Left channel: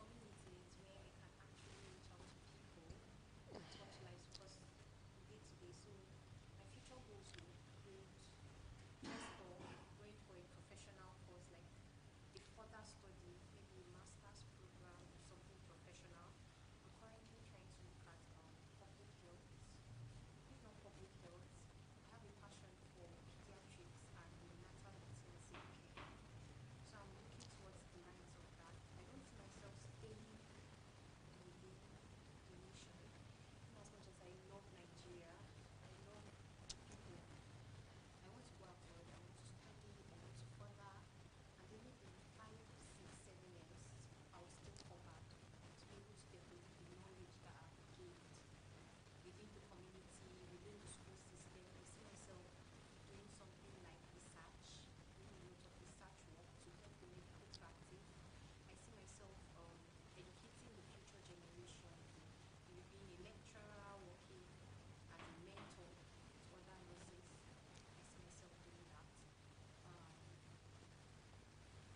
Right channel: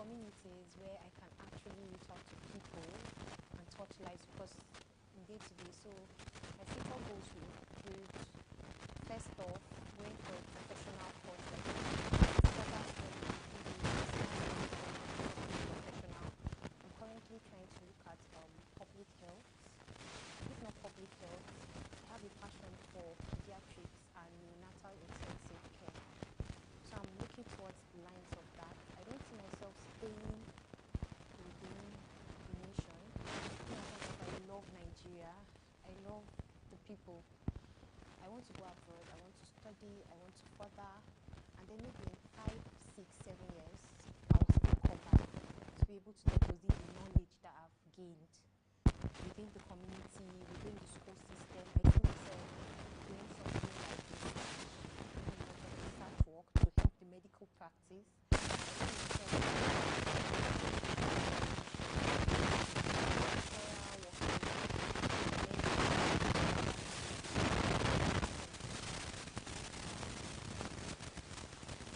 communities where I can actually reach out to people and touch lives because in day to day. So my future goals will include first off going for a professional course like further study professional. I'm currently trying to look at public health. If not public health, I have a passion for pediatrics and neonatal intensive care. So I'm looking towards the lines of that. I don't see myself staying within the nation. In as much as I love Nigeria, I love the people. I want to go abroad, I want to study, I want to further, and then maybe in 5, 6, 7 years, I'll still come back to be able to deposit the knowledge that I've gained within the community, within the school system. I see myself doing something like research, doing a lot of research work to help the medical practice.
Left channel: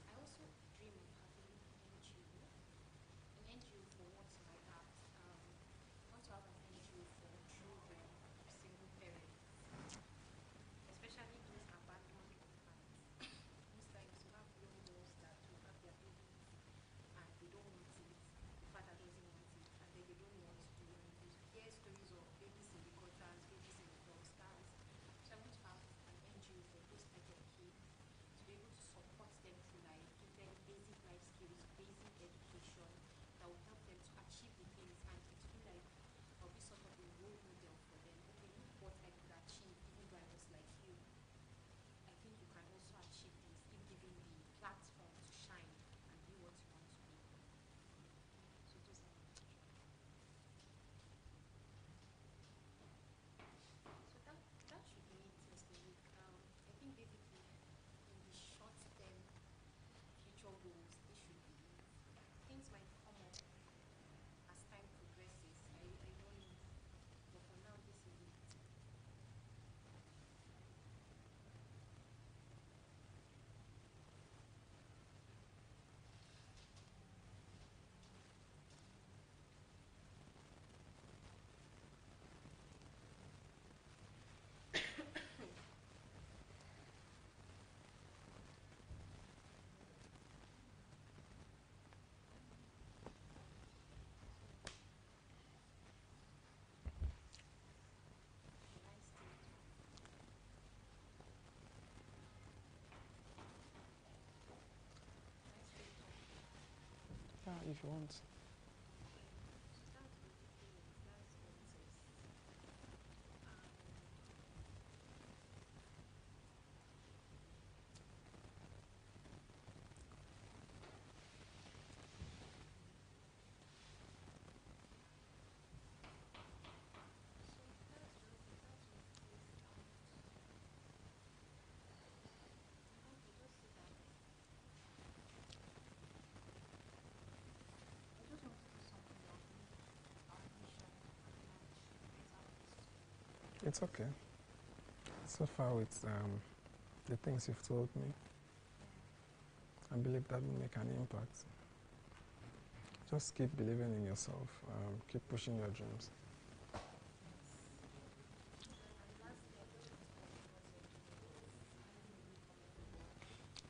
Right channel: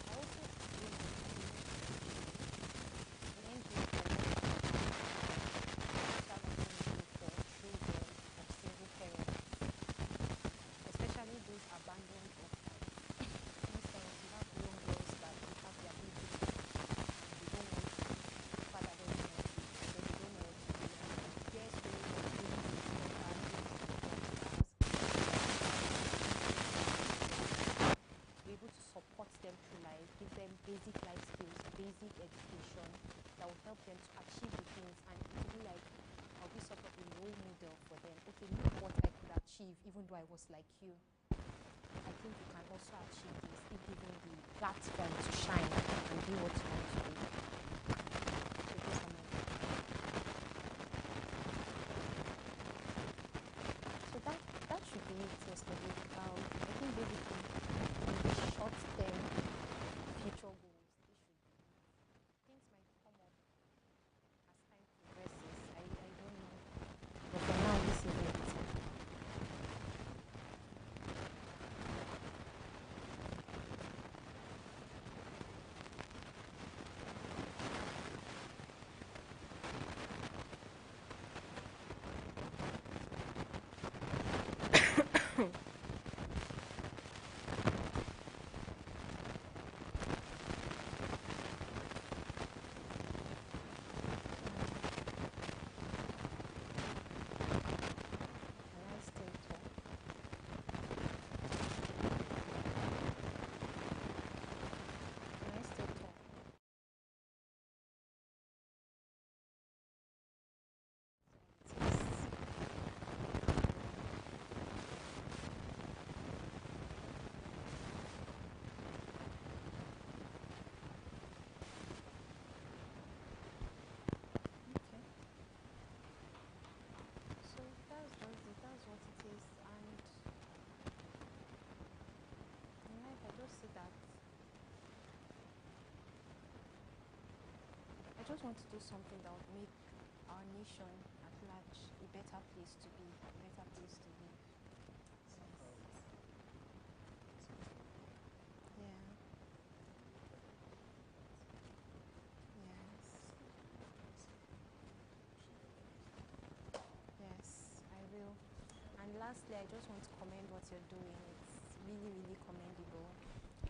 I see especially those abandoned orphans. For instance, you have young girls that they have their own business and they don't want to father them in it, or they don't know what to do. And their stories of to be able to support them through life, give them basic life skills, basic education that will help them to achieve the things, and it will be like I'll be sort of a role model for them. Okay, look what I could achieve even though I was like you. I think you can also achieve this if given the platform to shine and do what you want to do. So those are my So that should be it yesterday. I think basically in the short term future goals should be things might come up as time progresses. I don't know. But for now this is it. Can I still talk? Can I still talk? Yeah, if you want. That's basically it. That's what it is. Okay. So that's just it. That's what it is. And in life, I just see that I just want to do something that would make our nation at large a better place to be. It's okay. So far with the things you've told me, Yeah. I believe that will make an impact. Yes. Just keep believing in yourself. Keep pushing your dreams. Yes, I will. And lastly, I just want to commend what you're doing. It's really, really commendable.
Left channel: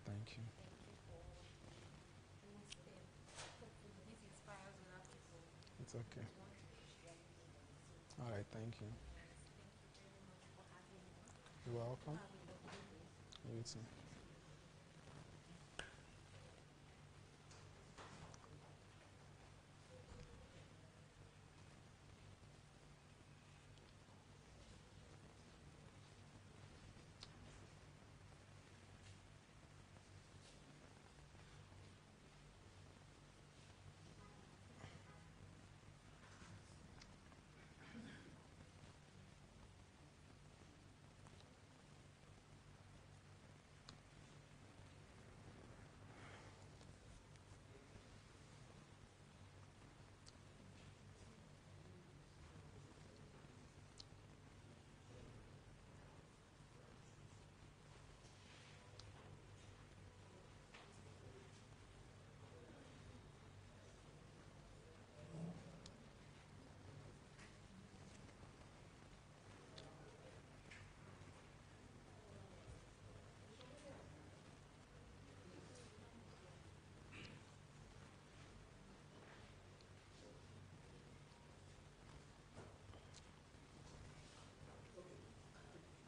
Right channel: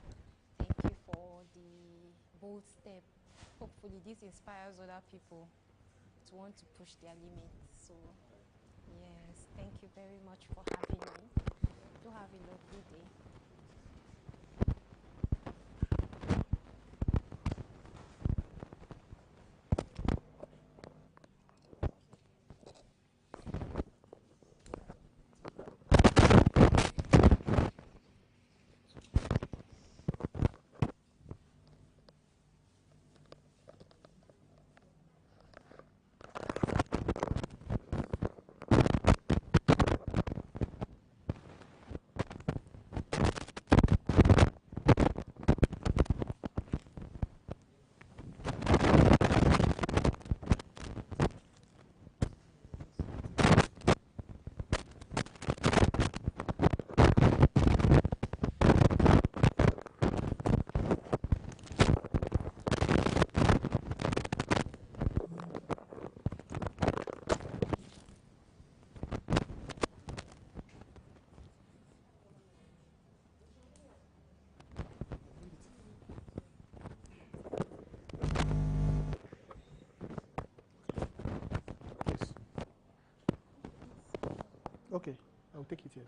Thank you. Thank you for the bold step. Hopefully, this inspires other people It's okay. to want to push their limits. So, All right, thank you. yes, thank you very much for having me. You're Do welcome. have a lovely day. You too. I'll take it here.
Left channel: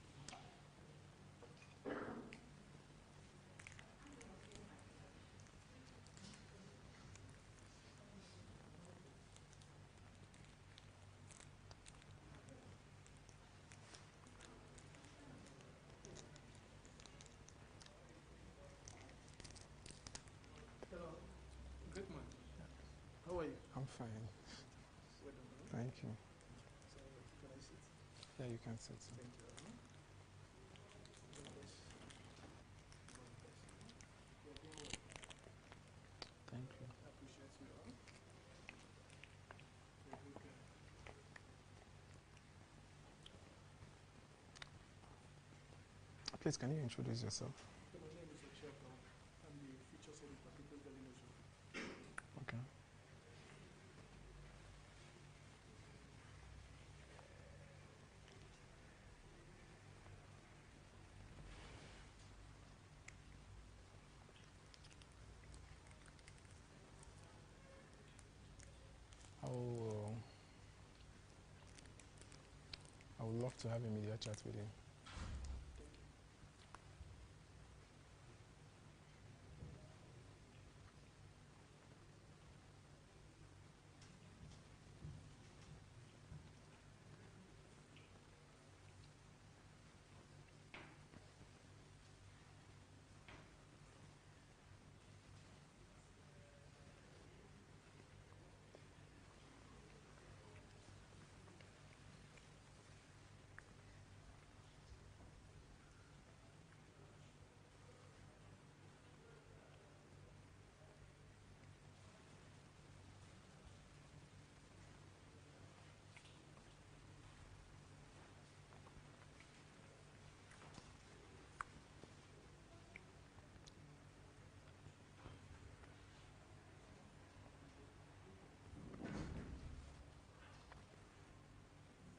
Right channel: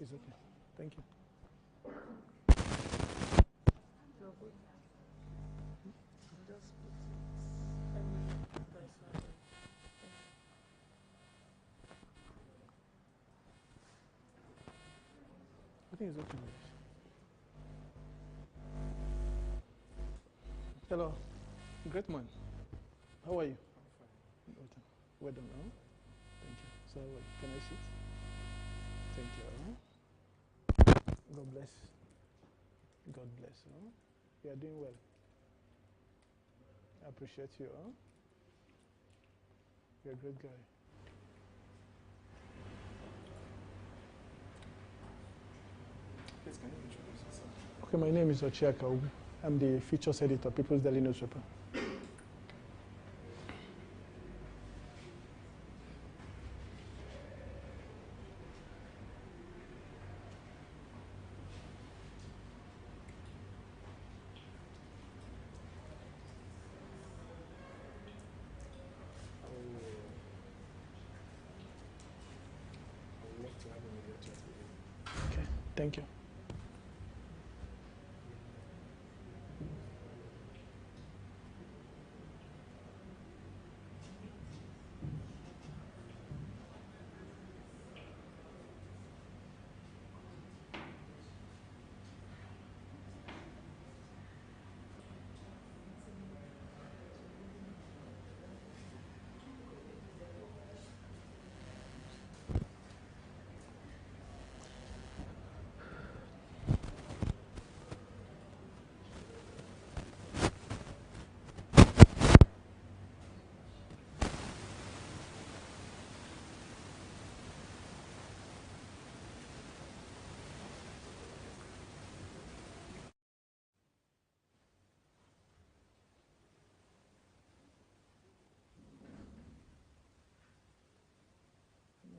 It's okay. Thank you. I think it's okay. Hello. Great man. How are you? I'm fine. Well done. Huh? Thank you. Thank you. So, can I sit? Yeah, you can sit. Thank you. God bless. God bless. You are doing well. Thank you. I appreciate you. You're a good guy. Please, can you introduce yourself? Okay, my name is Ochiaka Ogu. I'm the features editor, People's Daily Newspaper. Okay. I would love to have a media chat with you. Okay, thank you.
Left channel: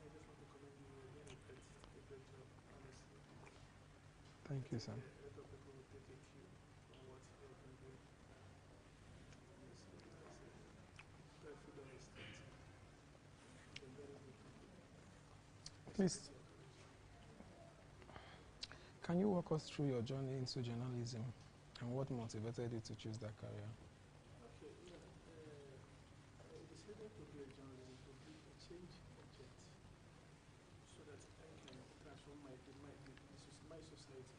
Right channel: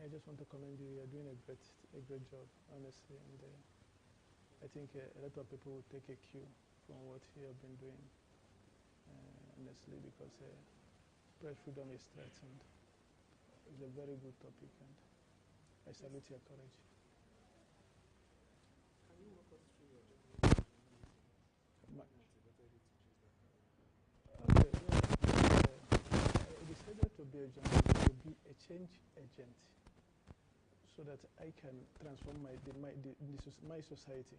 I just want to commend you. You're doing a great job, honestly. And, Thank you, I sir. think a lot of people will take a cue from what you have been doing, honestly, because press freedom is threatened. It's a very good topic. I Please. salute your courage. Can you walk us through your journey into journalism and what motivated you to choose that career? Okay, I decided to be a journalist, to be a change agent, so that I can transform my society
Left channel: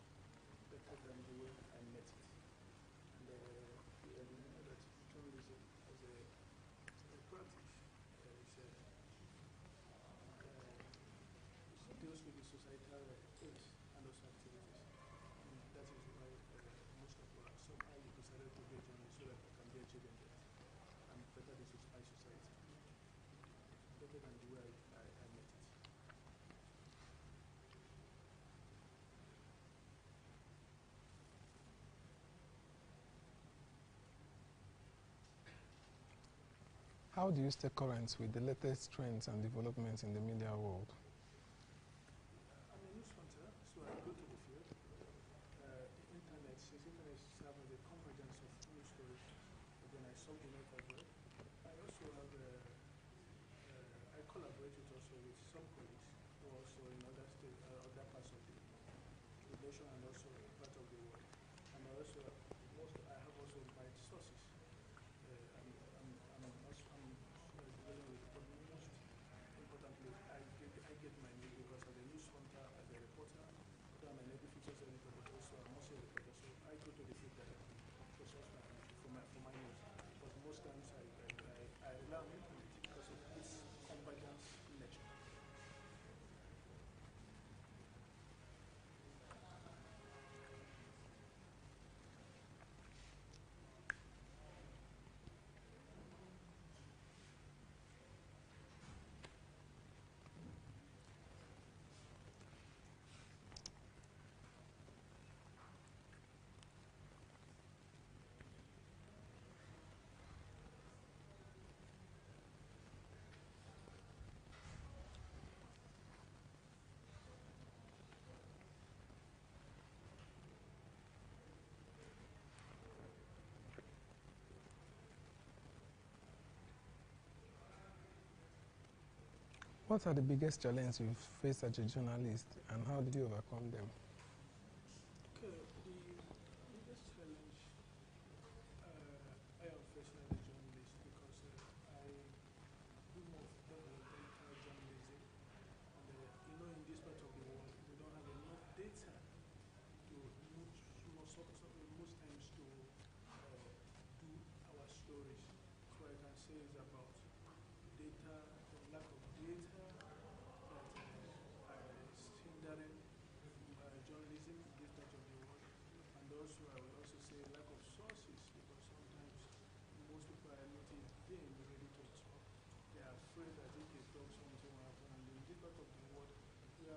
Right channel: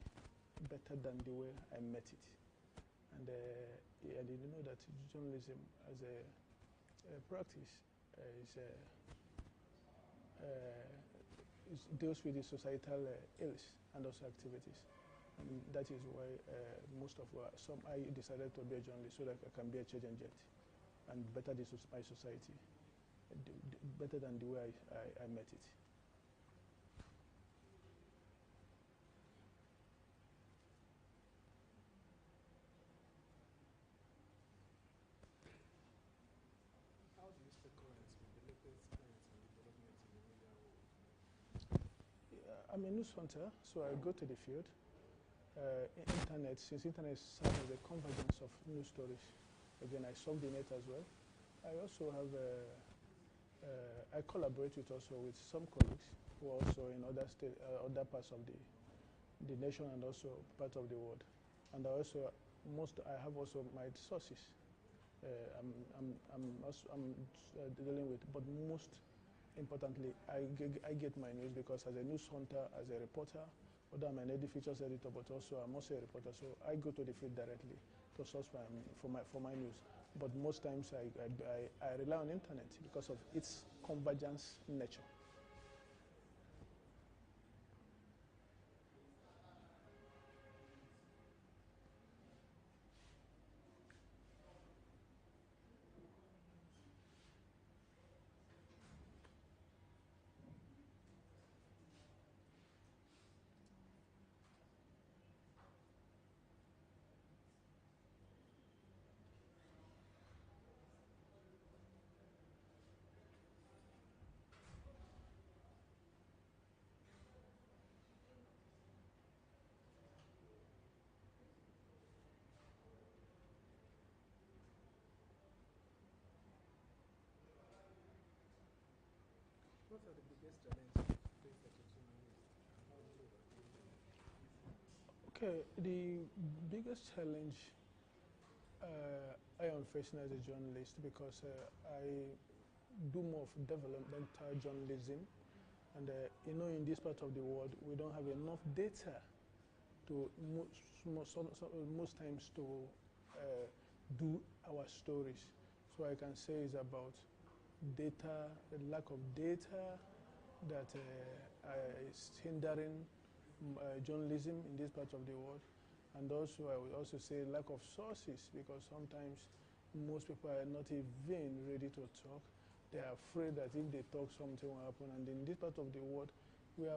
better than the way I met it. And I didn't know that journalism as a practice deals with the societal ills and also activities. And that is why I decided to be a journalist so that I can be a change agent and better my society, better than the way I met it. How do you stay current with the latest trends and developments in the media world? I'm a news hunter, so I go to the field. Since internet serves as a convergence of news stories, again, I solve the net as well. I also have I collaborate also with some colleagues who are also in other parts of the nation and also part of the world. And I have also my sources. I'm dealing with, but most importantly, I get my news because as a news hunter, as a reporter, although I'm an features editor, but also I'm also a reporter, so I go to the field directly to source for my news. But most times I rely on internet because of its convergence nature. What are the biggest challenges you've faced as a journalist, and how did you overcome them? Okay, the biggest challenge I am facing as a journalist, because I do more of developmental journalism, and in this part of the world, we don't have enough data to most times to do our stories. So I can say it's about data, the lack of data that is hindering journalism in this part of the world. And also, I would also say lack of sources, because sometimes most people are not even ready to talk. They are afraid that if they talk, something will happen. And in this part of the world, we are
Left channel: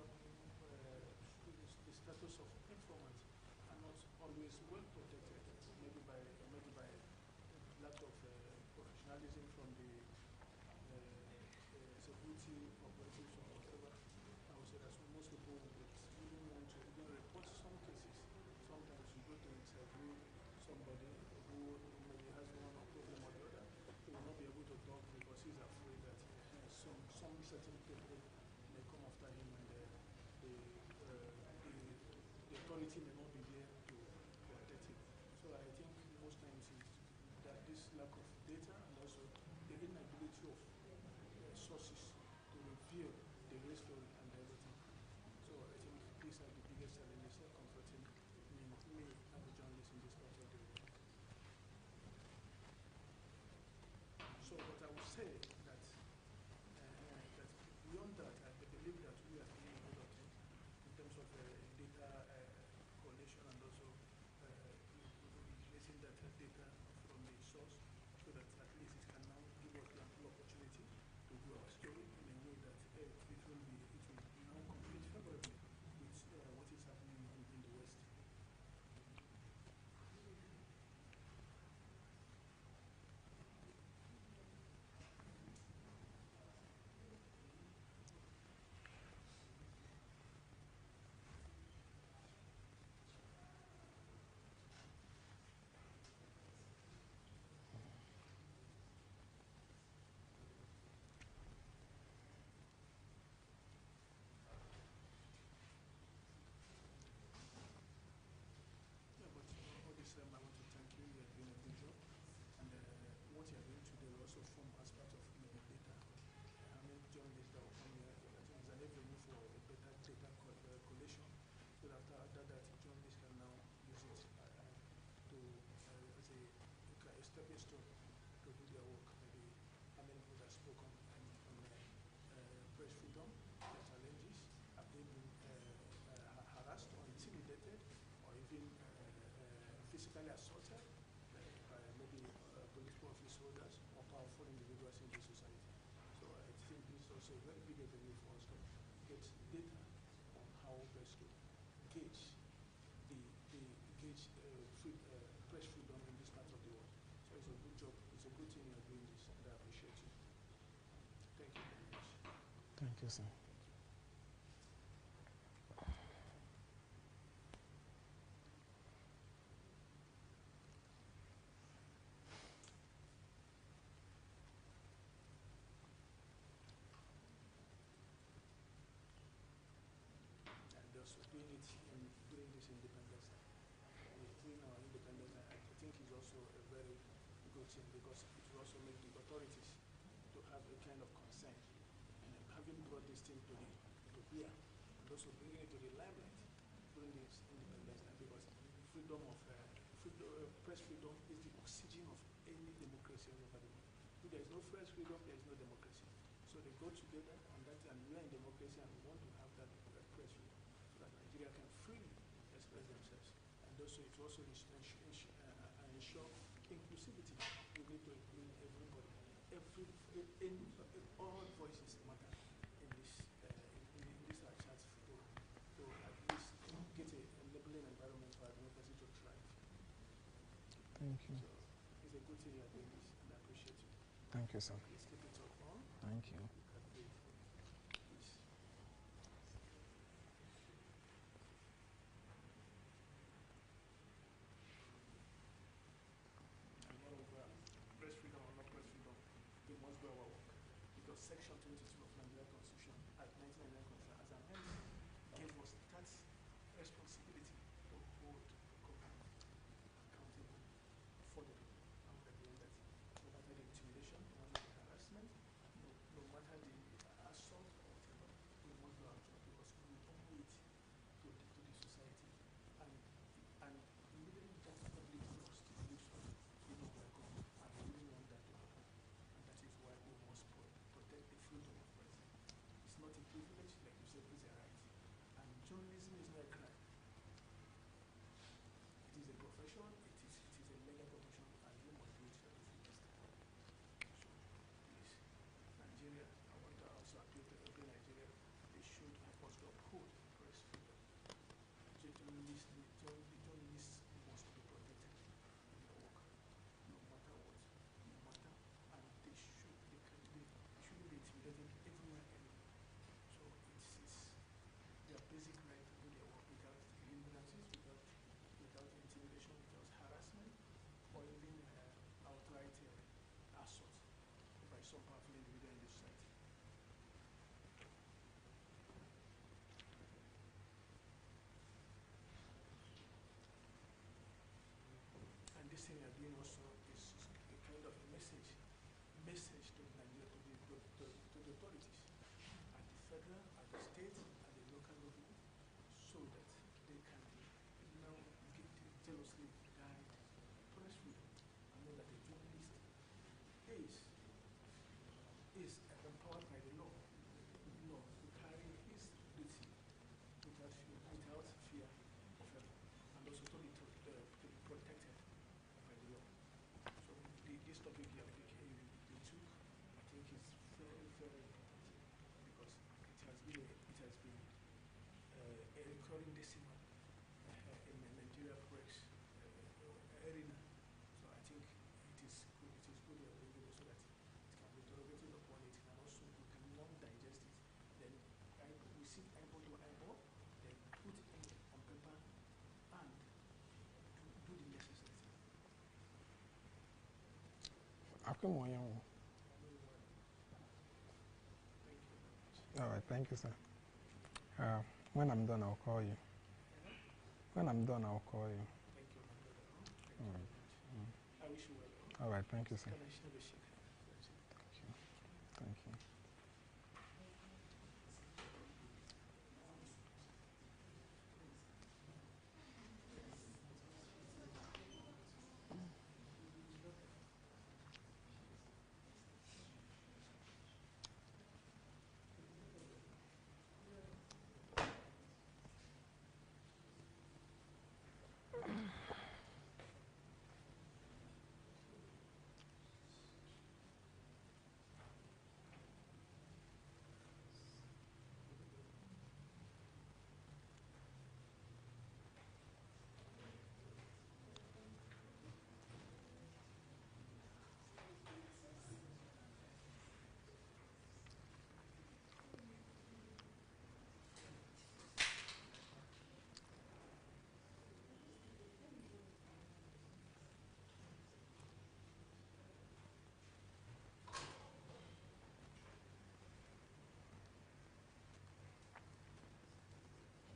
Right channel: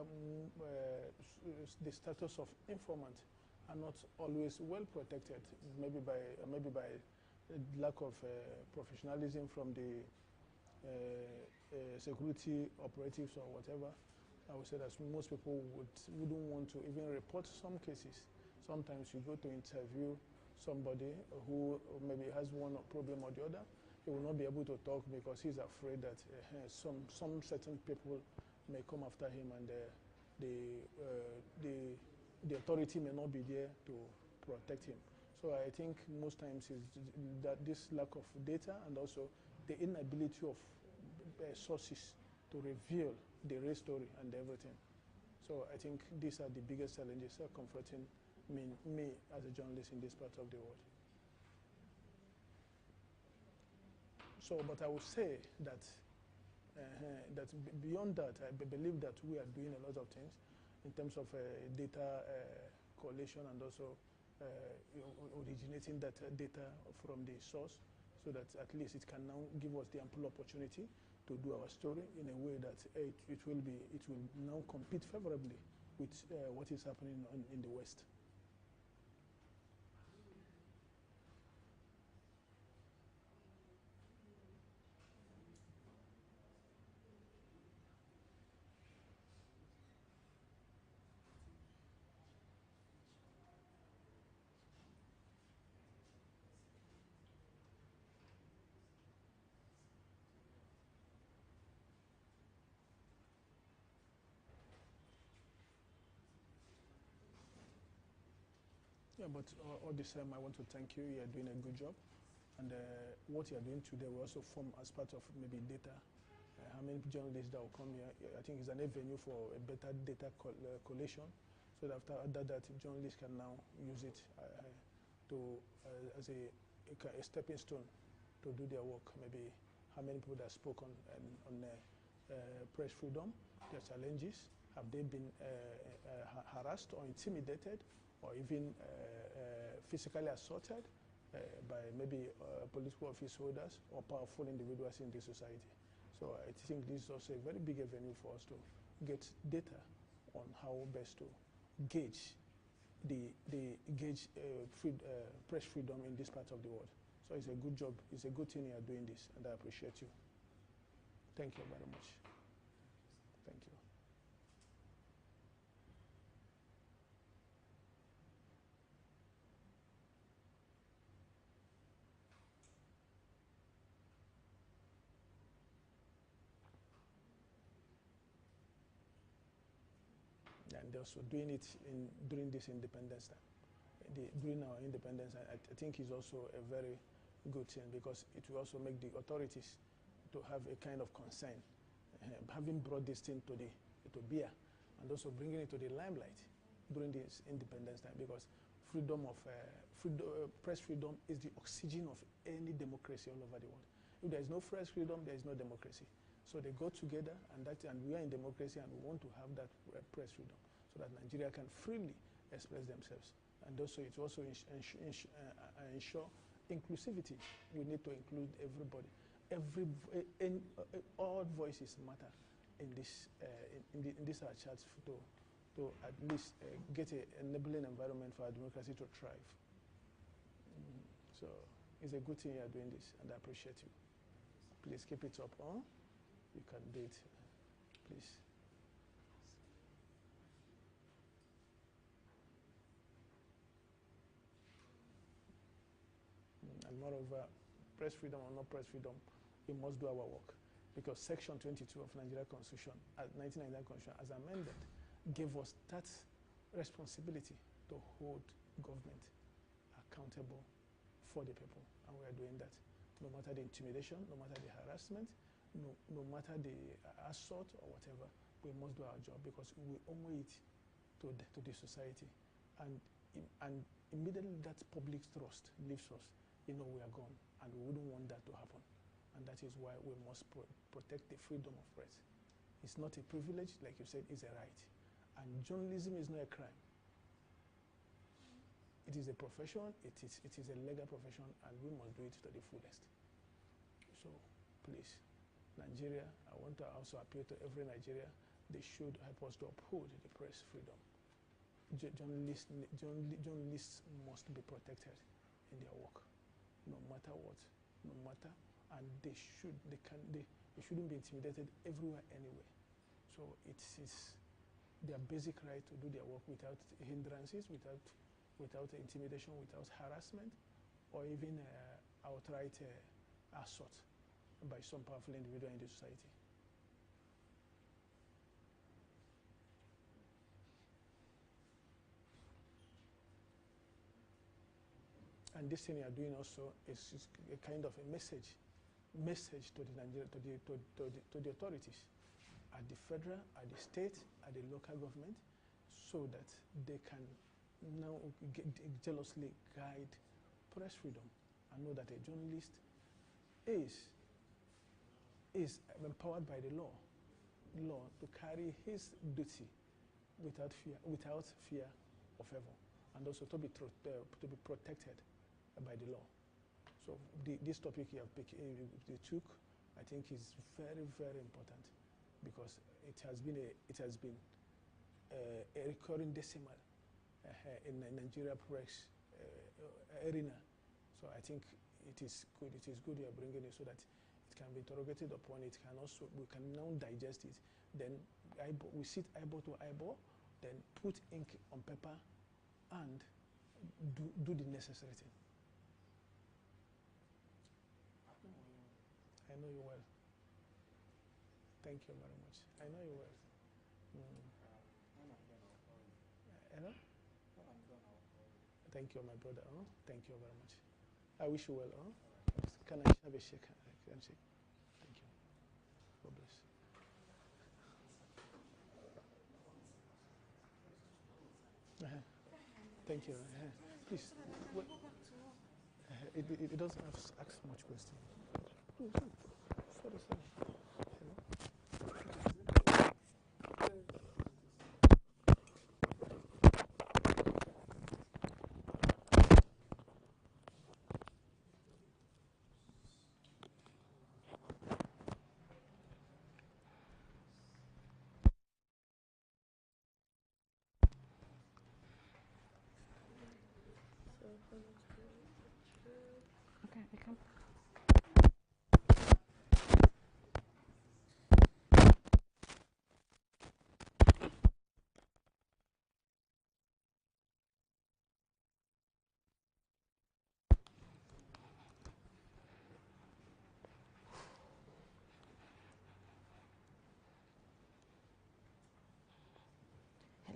the status of informant are not always well protected, maybe by lack of professionalism from the security operatives or whatever. I would say that most people wouldn't want to even report some cases. Sometimes you go to interview somebody who maybe has one problem or the other, he will not be able to talk because he's afraid that some certain people may come after him, and the authority may not be there to protect him. So I think most times is that this lack of data, and also the inability of sources to reveal the real story and everything. So I think these are the biggest challenges confronting me as a journalist in this part of the world. So, but I would say that beyond that, I believe that we are doing a lot of things in terms of data collation, and also originating that data from the source, so that at least it can now give us the ample opportunity to do our story in a way that it will now compete favorably with what is happening in the West. Yeah, but all the same, I want to thank you. You are doing a good job. And what you are doing today will also form as part of maybe data. How many journalists that will come here? I think it's an avenue for a better data collation, so that after that, journalists can now use it as a stepping stone to do their work. Maybe how many people that spoke on press freedom, the challenges, have they been harassed or intimidated, or even physically assaulted by maybe political office holders or powerful individuals in the society. So I think this is also a very big avenue for us to get data on how best to gauge press freedom in this part of the world. So it's a good job. It's a good thing you are doing this, and I appreciate you. Thank you very much. Thank you, sir. Thank you. And also doing it during this independence, during our independence, I think is also a very good thing, because it will also make the authorities to have a kind of concern, having brought this thing to beer, and also bringing it to the limelight during this independence time, because press freedom is the oxygen of any democracy all over the world. If there is no press freedom, there is no democracy. So they go together, and we are in democracy, and we want to have that press freedom, so that Nigeria can freely express themselves. And also, it also ensure inclusivity. We need to include everybody. All voices matter in this our chance to at least get a enabling environment for our democracy to thrive. Thank you. So it's a good thing you are doing this, and I appreciate you. Thank you, sir. Please keep it up, huh? Thank you. You can do it. Please. And moreover, press freedom or not press freedom, we must do our work. because Section 22 of Nigeria Constitution, 1999 Constitution, as amended, gave us that responsibility to hold government accountable for the people, and we are doing that. No matter the intimidation, no matter the harassment, no matter the assault or whatever, we must do our job because we owe it to the society. And immediately that public trust leaves us, we are gone, and we wouldn't want that to happen. And that is why we must protect the freedom of press. It's not a privilege, like you said, it's a right. And journalism is not a crime. It is a profession, it is a legal profession, and we must do it to the fullest. So, please, Nigeria, I want to also appeal to every Nigerian, they should help us to uphold the press freedom. Journalists must be protected in their work, no matter what, no matter, and they shouldn't be intimidated everywhere, anywhere. So it is their basic right to do their work without hindrances, without intimidation, without harassment, or even outright assault by some powerful individual in the society. And this thing you are doing also is a kind of a message to the authorities at the federal, at the state, at the local government, so that they can now jealously guide press freedom and know that a journalist is empowered by the law to carry his duty without fear of evil, and also to be protected by the law. So this topic you took, I think, is very, very important because it has been a recurring decimal in the Nigeria press arena. So I think it is good. It is good you are bringing it so that it can be interrogated upon. We can now digest it. Then we sit eyeball to eyeball. Then put ink on paper and do the necessary thing. I know you well. Thank you very much. All right, thank you, sir. When I'm done, I'll call you. When I'm done, I'll call you. Thank you, my brother. Thank you very much. I wish you well. All right, thank you, sir. Can I have a shake? Thank you. Thank you. God bless. Thank you. Please, wait. It doesn't have to ask much question. Sorry. Okay, we can.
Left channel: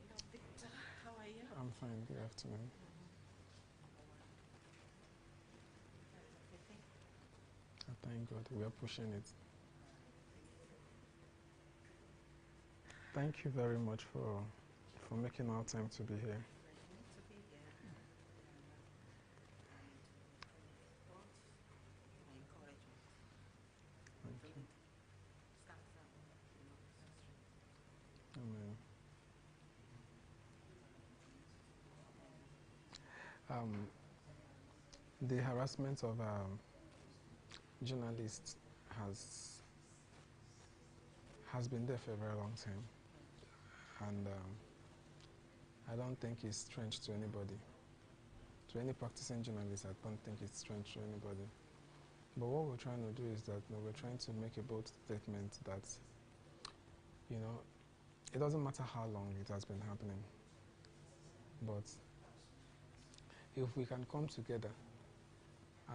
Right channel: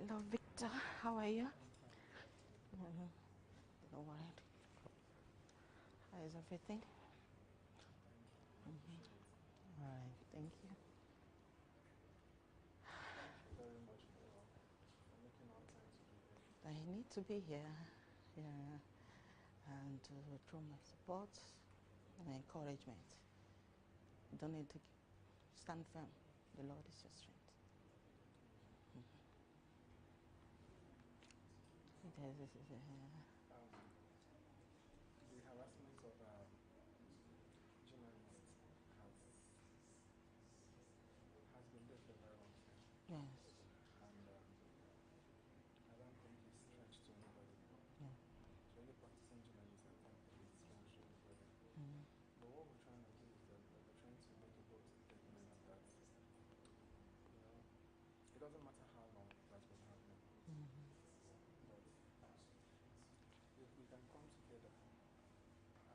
Hello, Victor. How are you? I'm fine. Good afternoon. All right. How is everything? Thank God. We are pushing it. All right. Thank you. Thank you very much for making our time to be here. I need to be here. Yeah. And to withdraw my support and encouragement. Don't need to stand firm. The Lord is your strength. Amen. The harassment of journalists has been there for a very long time. Yeah. And I don't think it's strange to anybody. To any practicing journalist, I don't think it's strange to anybody. But what we're trying to do is that we're trying to make a bold statement that, it doesn't matter how long it has been happening. But if we can come together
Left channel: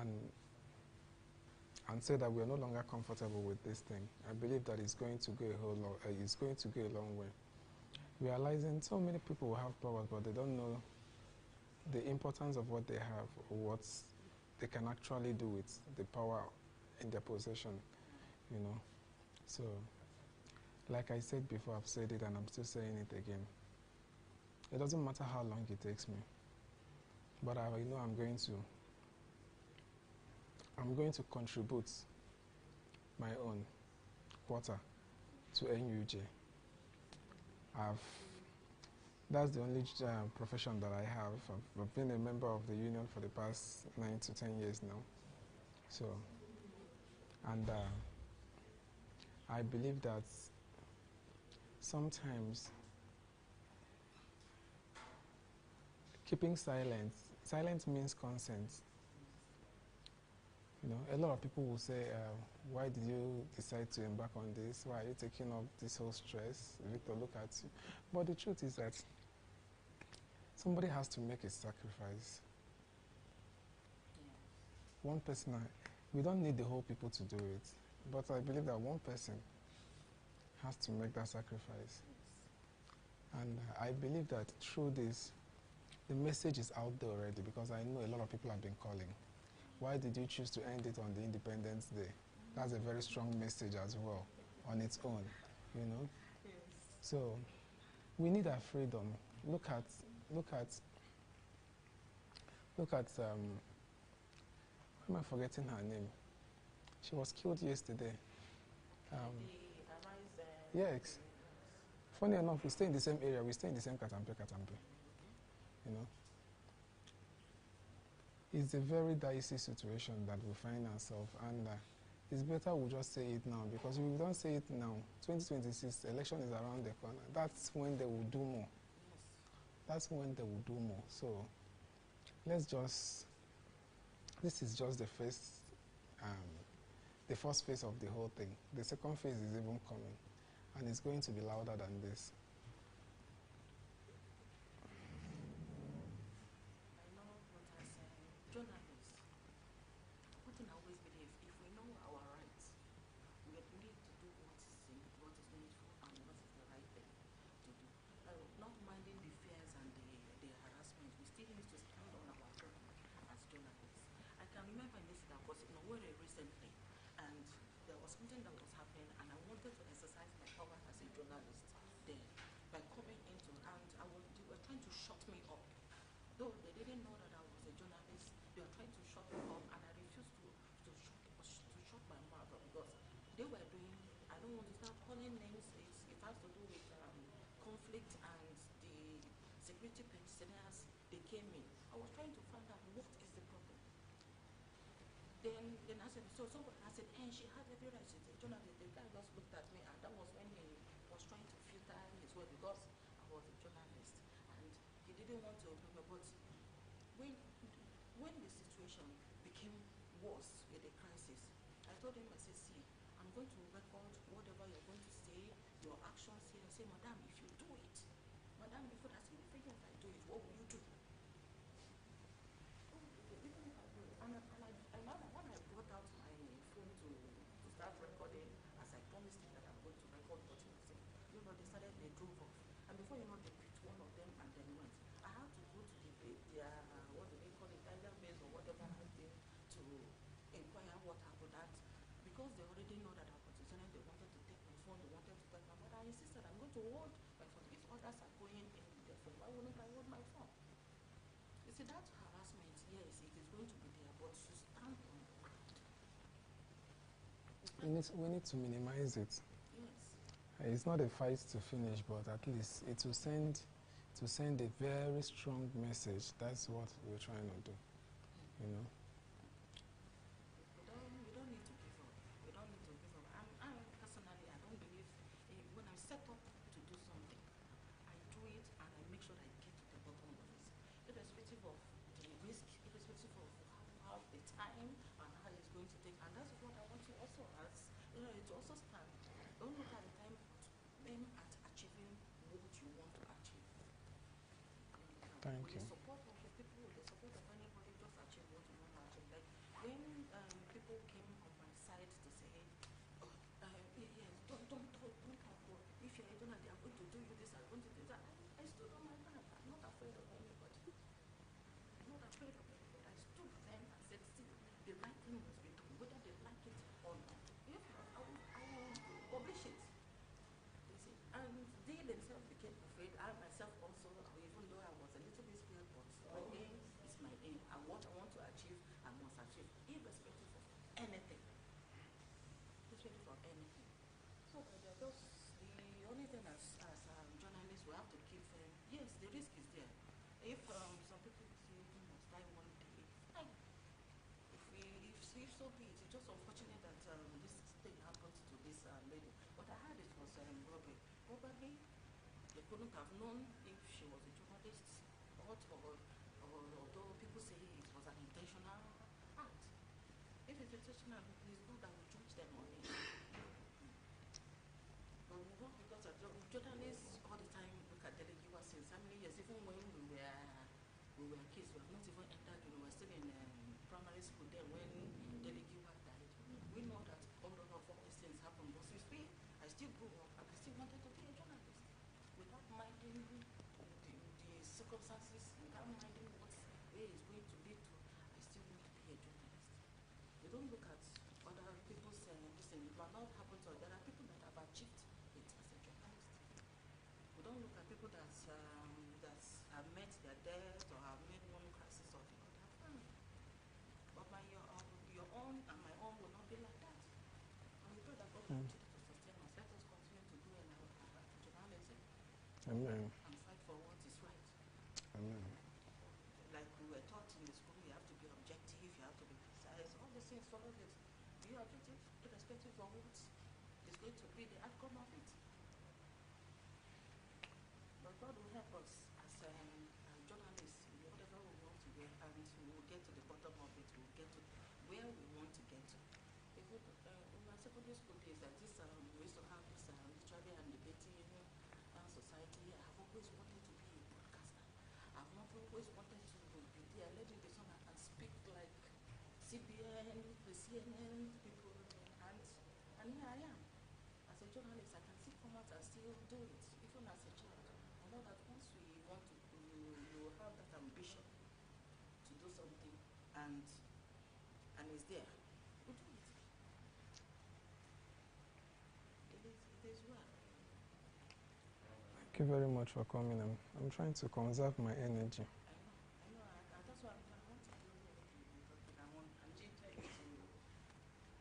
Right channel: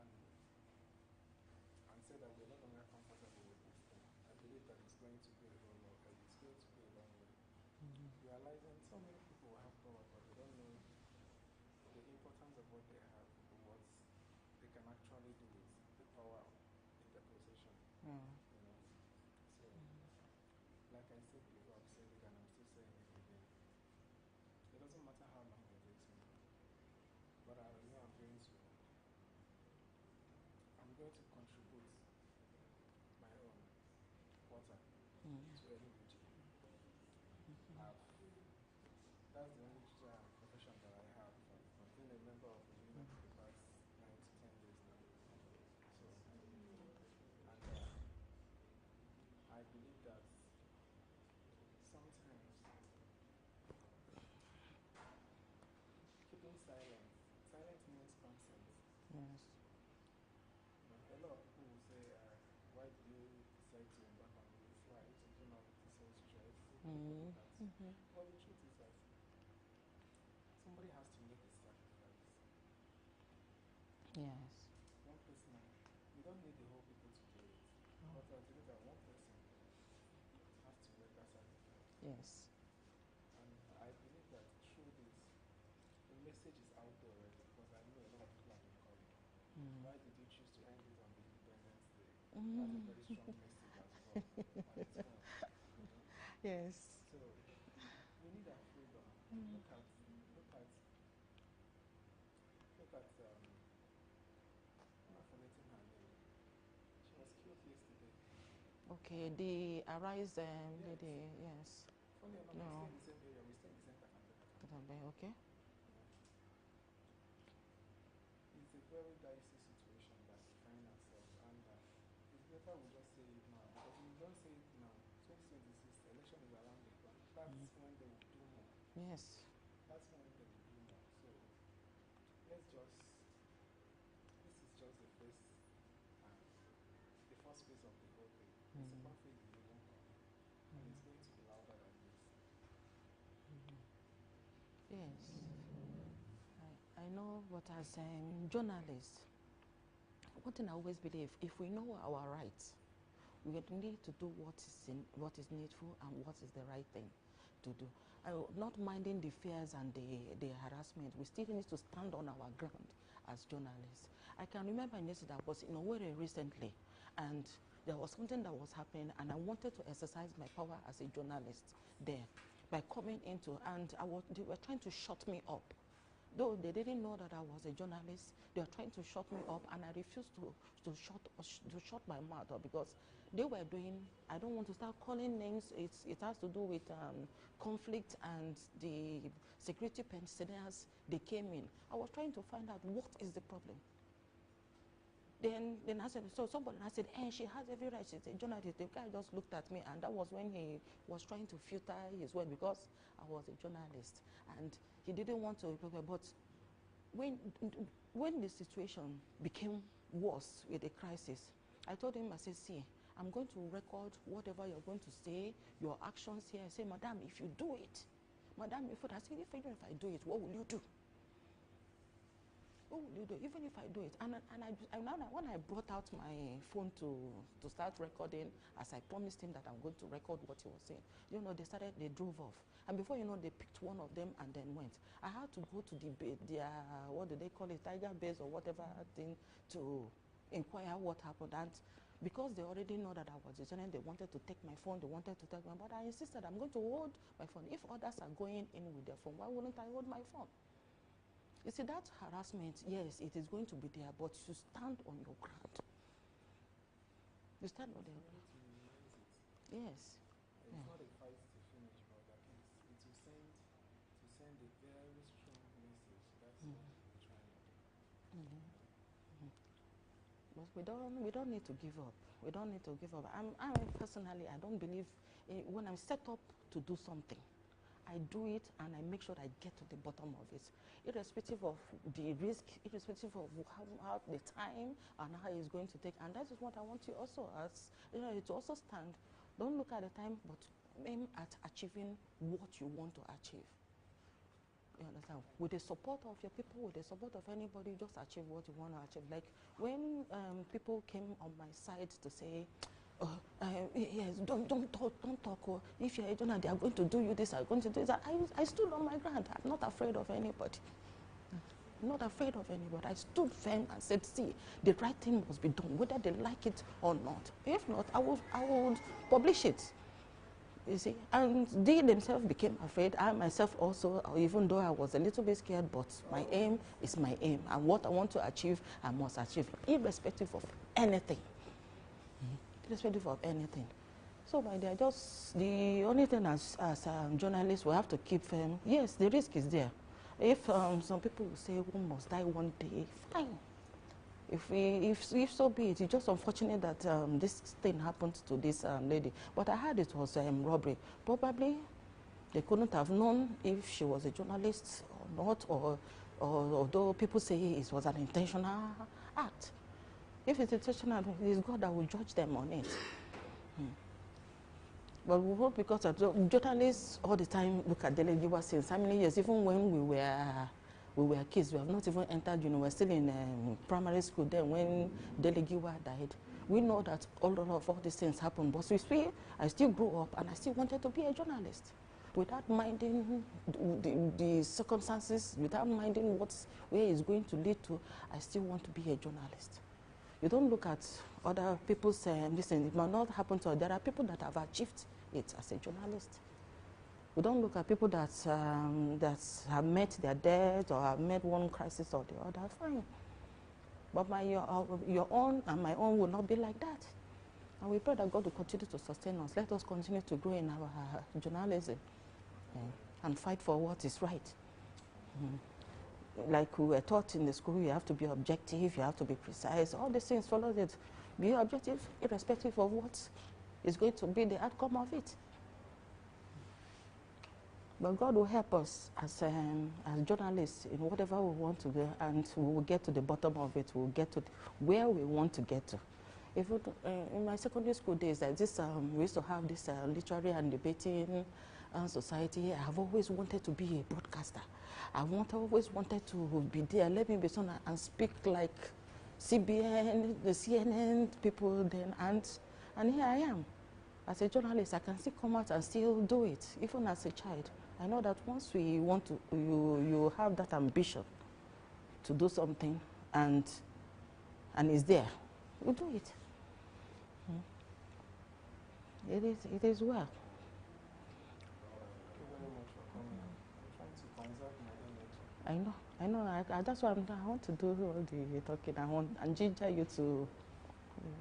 and and say that we are no longer comfortable with this thing, I believe that it's going to go it's going to go a long way. Realizing so many people will have powers, but they don't know the importance of what they have, or what they can actually do with the power in their possession, you know. So, like I said before, I've said it and I'm still saying it again. It doesn't matter how long it takes me, but I know I'm going to contribute my own quarter to NUJ. That's the only profession that I have. I've been a member of the union for the past 9 to 10 years now. So, and I believe that sometimes keeping silence means consent. Yes. You know, a lot of people will say, why did you decide to embark on this? Why are you taking up this whole stress? You need to look at you. But the truth is that somebody has to make a sacrifice. Yes. One person, we don't need the whole people to do it, but I believe that one person has to make that sacrifice. Yes. And I believe that through this, the message is out there already, because I know a lot of people have been calling. Why did you choose to end it on the Independence Day? That's a very strong message as well on its own, you know? Yes. So we need our freedom. Look at why am I forgetting her name? She was killed yesterday. Okay, the Arise. Yes. Yes. Funny enough, we stay in the same area. We stay in the same Katampe. Okay. You know, it's a very dicey situation that we find ourselves, and it's better we just say it now, because if we don't say it now, 2026 election is around the corner. That's when they will do more. Yes. That's when they will do more. So this is just the first phase of the whole thing. The second phase is even coming, and it's going to be louder than this. Yes. I know what I say. Journalists, one thing I always believe, if we know our rights, we need to do what is needful and what is the right thing to do. Not minding the fears and the harassment, we still need to stand on our ground as journalists. I can remember yesterday I was in Owerri recently, and there was something that was happening, and I wanted to exercise my power as a journalist there by coming into, and they were trying to shut me up. Though they didn't know that I was a journalist, they were trying to shut me up, and I refused to shut my mouth up, because they were doing, I don't want to start calling names, it has to do with conflict and the security pensioners, they came in. I was trying to find out what is the problem. Then I said, so somebody, I said, she has every right, she's a journalist. The guy just looked at me, and that was when he was trying to filter his word, because I was a journalist, and he didn't want to, but when the situation became worse with the crisis, I told him, I said, see, I'm going to record whatever you're going to say, your actions here. I said, madam, if you do it, madam, I said, if I do it, what will you do? What will you do, even if I do it? And when I brought out my phone to start recording, as I promised him that I'm going to record what he was saying, they drove off. And before you know, they picked one of them and then went. I had to go to their what do they call it, tiger base or whatever thing, to inquire what happened. And because they already know that I was a journalist, they wanted to take my phone, they wanted to take my, but I insisted I'm going to hold my phone. If others are going in with their phone, why wouldn't I hold my phone? You see, that harassment, yes, it is going to be there, but you stand on your ground. We need to minimize it. Yes. It's not a fight to finish, but at least it will send a very strong message. That's what we're trying to do. You know. We don't need to give up. We don't need to give up. I personally, I don't believe when I'm set up to do something, I do it and I make sure I get to the bottom of it, irrespective of the risk, irrespective of how the time and how it's going to take. And that is what I want you also to also stand. Don't look at the time, but aim at achieving what you want to achieve. You understand? Thank With the you. support of your people, with the support of anybody, just achieve what you want to achieve. Like when people came on my side to say, yes, don't talk. Oh, if you're a donor, they are going to do you this, are going to do that. I stood on my ground. I'm not afraid of anybody. I'm not afraid of anybody. I stood firm and said, see, the right thing must be done, whether they like it or not. If not, I would publish it. You see, and they themselves became afraid. I myself also, even though I was a little bit scared, but my aim is my aim. And what I want to achieve, I must achieve, irrespective of anything. Irrespective of anything. So, my dear, just the only thing as journalists, we have to keep firm. Yes, the risk is there. If some people will say we must die one day, fine. If so be it, it's just unfortunate that this thing happened to this lady. But I heard it was robbery. Probably they couldn't have known if she was a journalist or not, or although people say it was an intentional act. If it's intentional, it is God that will judge them on it. But we hope, because journalists all the time look at Delegiwa since how many years, even when we were kids, we have not even entered, we were still in primary school then when Delegiwa died. We know that all these things happened, but I still grew up and I still wanted to be a journalist without minding the circumstances, without minding where it's going to lead to. I still want to be a journalist. You don't look at other people's, listen, it might not happen to, there are people that have achieved it as a journalist. We don't look at people that have met their death or have met one crisis or the other, fine. But your own and my own will not be like that. And we pray that God will continue to sustain us. Let us continue to grow in our journalism. And fight for what is right. Like we were taught in the school, you have to be objective, you have to be precise. All these things follow it. Be objective, irrespective of what is going to be the outcome of it. But God will help us as journalists in whatever we want to do, and we will get to the bottom of it. We will get to where we want to get to. In my secondary school days, we used to have this literary and debating society. I have always wanted to be a broadcaster. I always wanted to be there. Let me be someone and speak like CBN, the CNN people then, and here I am. As a journalist, I can still come out and still do it, even as a child. I know that once we want to, you have that ambition to do something, and it's there, we do it. It is well. Thank you very much for coming. I'm trying to conserve my energy. I know. That's why I want to do all the talking. I want and ginger you to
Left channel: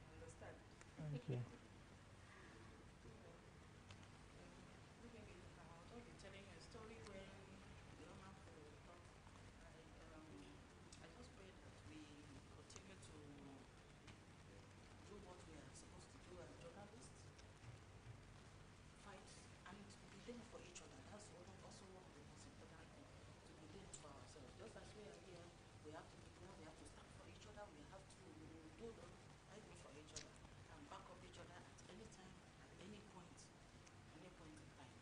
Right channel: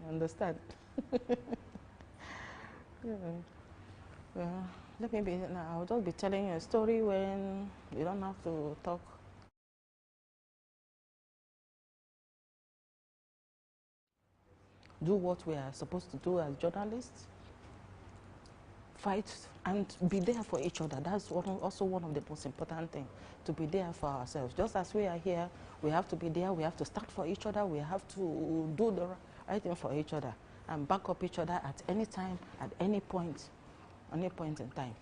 understand. Well, I'll just be telling you a story when you don't have to talk. I just pray that we continue to do what we are supposed to do as journalists. Fight and be there for each other. That's also one of the most important things, to be there for ourselves. Just as we are here, we have to be there. We have to stand for each other. We have to do the right thing for each other and back up each other at any time, at any point in time.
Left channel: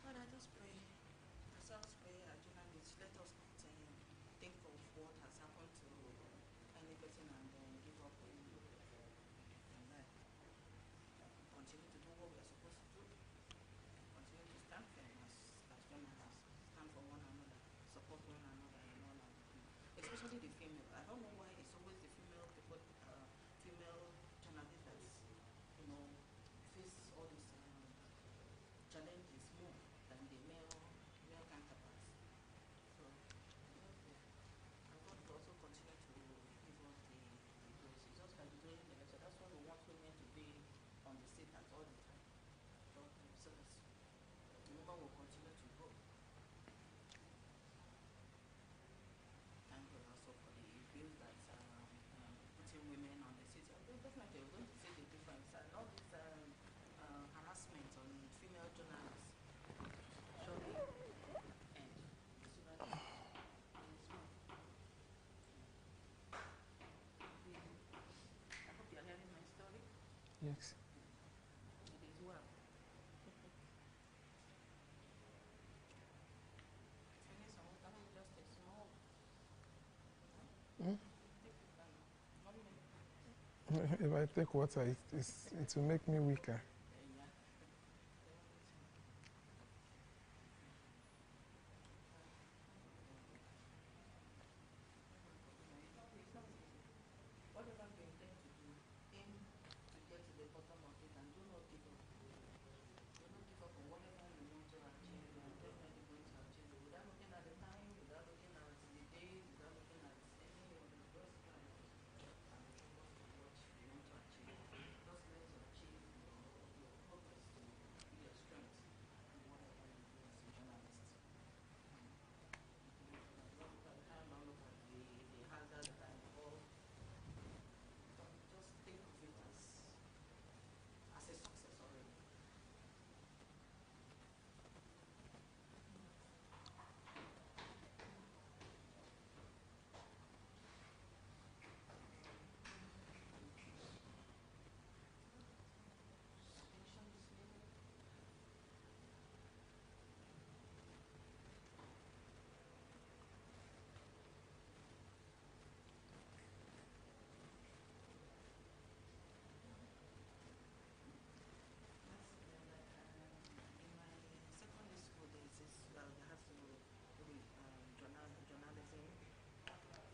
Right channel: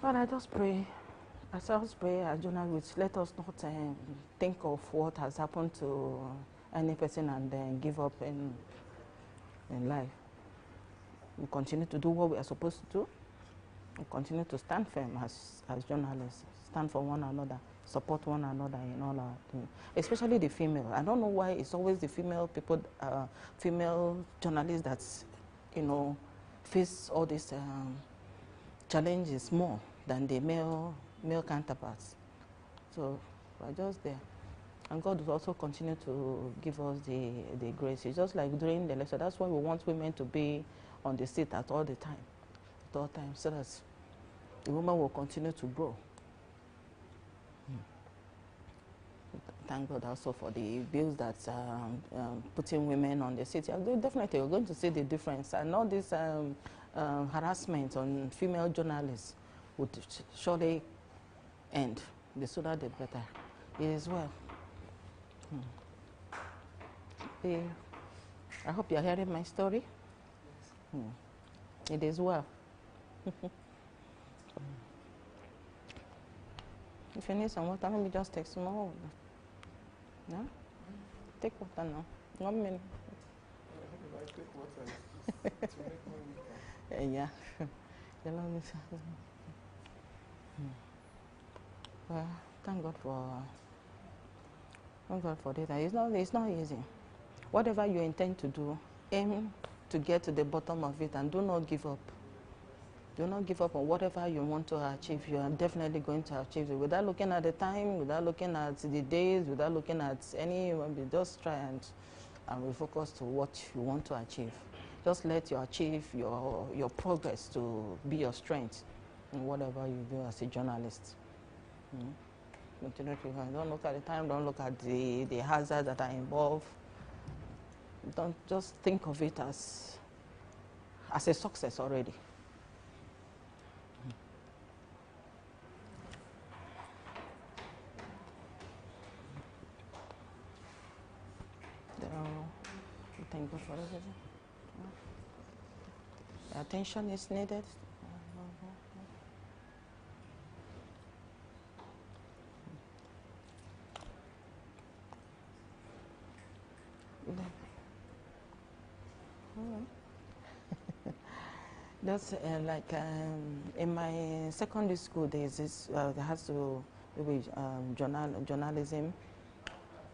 But I just pray, as journalists, let us not think of what has happened to any person and then give up in life. We continue to do what we are supposed to do. We continue to stand firm as journalists, stand for one another, support one another in all our things, especially the female. I don't know why it's always the female people, female journalists that, face all these challenges more than the male counterparts. So we're just there. And God will also continue to give us the grace. It's just like during the lecture. That's why we want women to be on the seat at all times, so that the woman will continue to grow. Thank God also for the bills that putting women on the seat. Definitely, we're going to see the difference. And all this harassment on female journalists would surely end. The sooner the better. It is well. I hope you're hearing my story. Yes. It is well. If you need some water, maybe just take some more. No? Hmm? Take water now. 1 minute. If I take water, it will make me weaker. Yeah. Well, thank God for data. It's not easy. Whatever you intend to do, aim to get to the bottom of it and do not give up. Do not give up on whatever you want to achieve. You are definitely going to achieve it without looking at the time, without looking at the days, without looking at any. Just try and refocus to what you want to achieve. Just let you achieve your progress to be your strength in whatever you do as a journalist. Don't look at the time. Don't look at the hazards that are involved. Don't just think of it as a success already. Thank God for everything. Attention is needed. That's like in my secondary school days, there has to be journalism.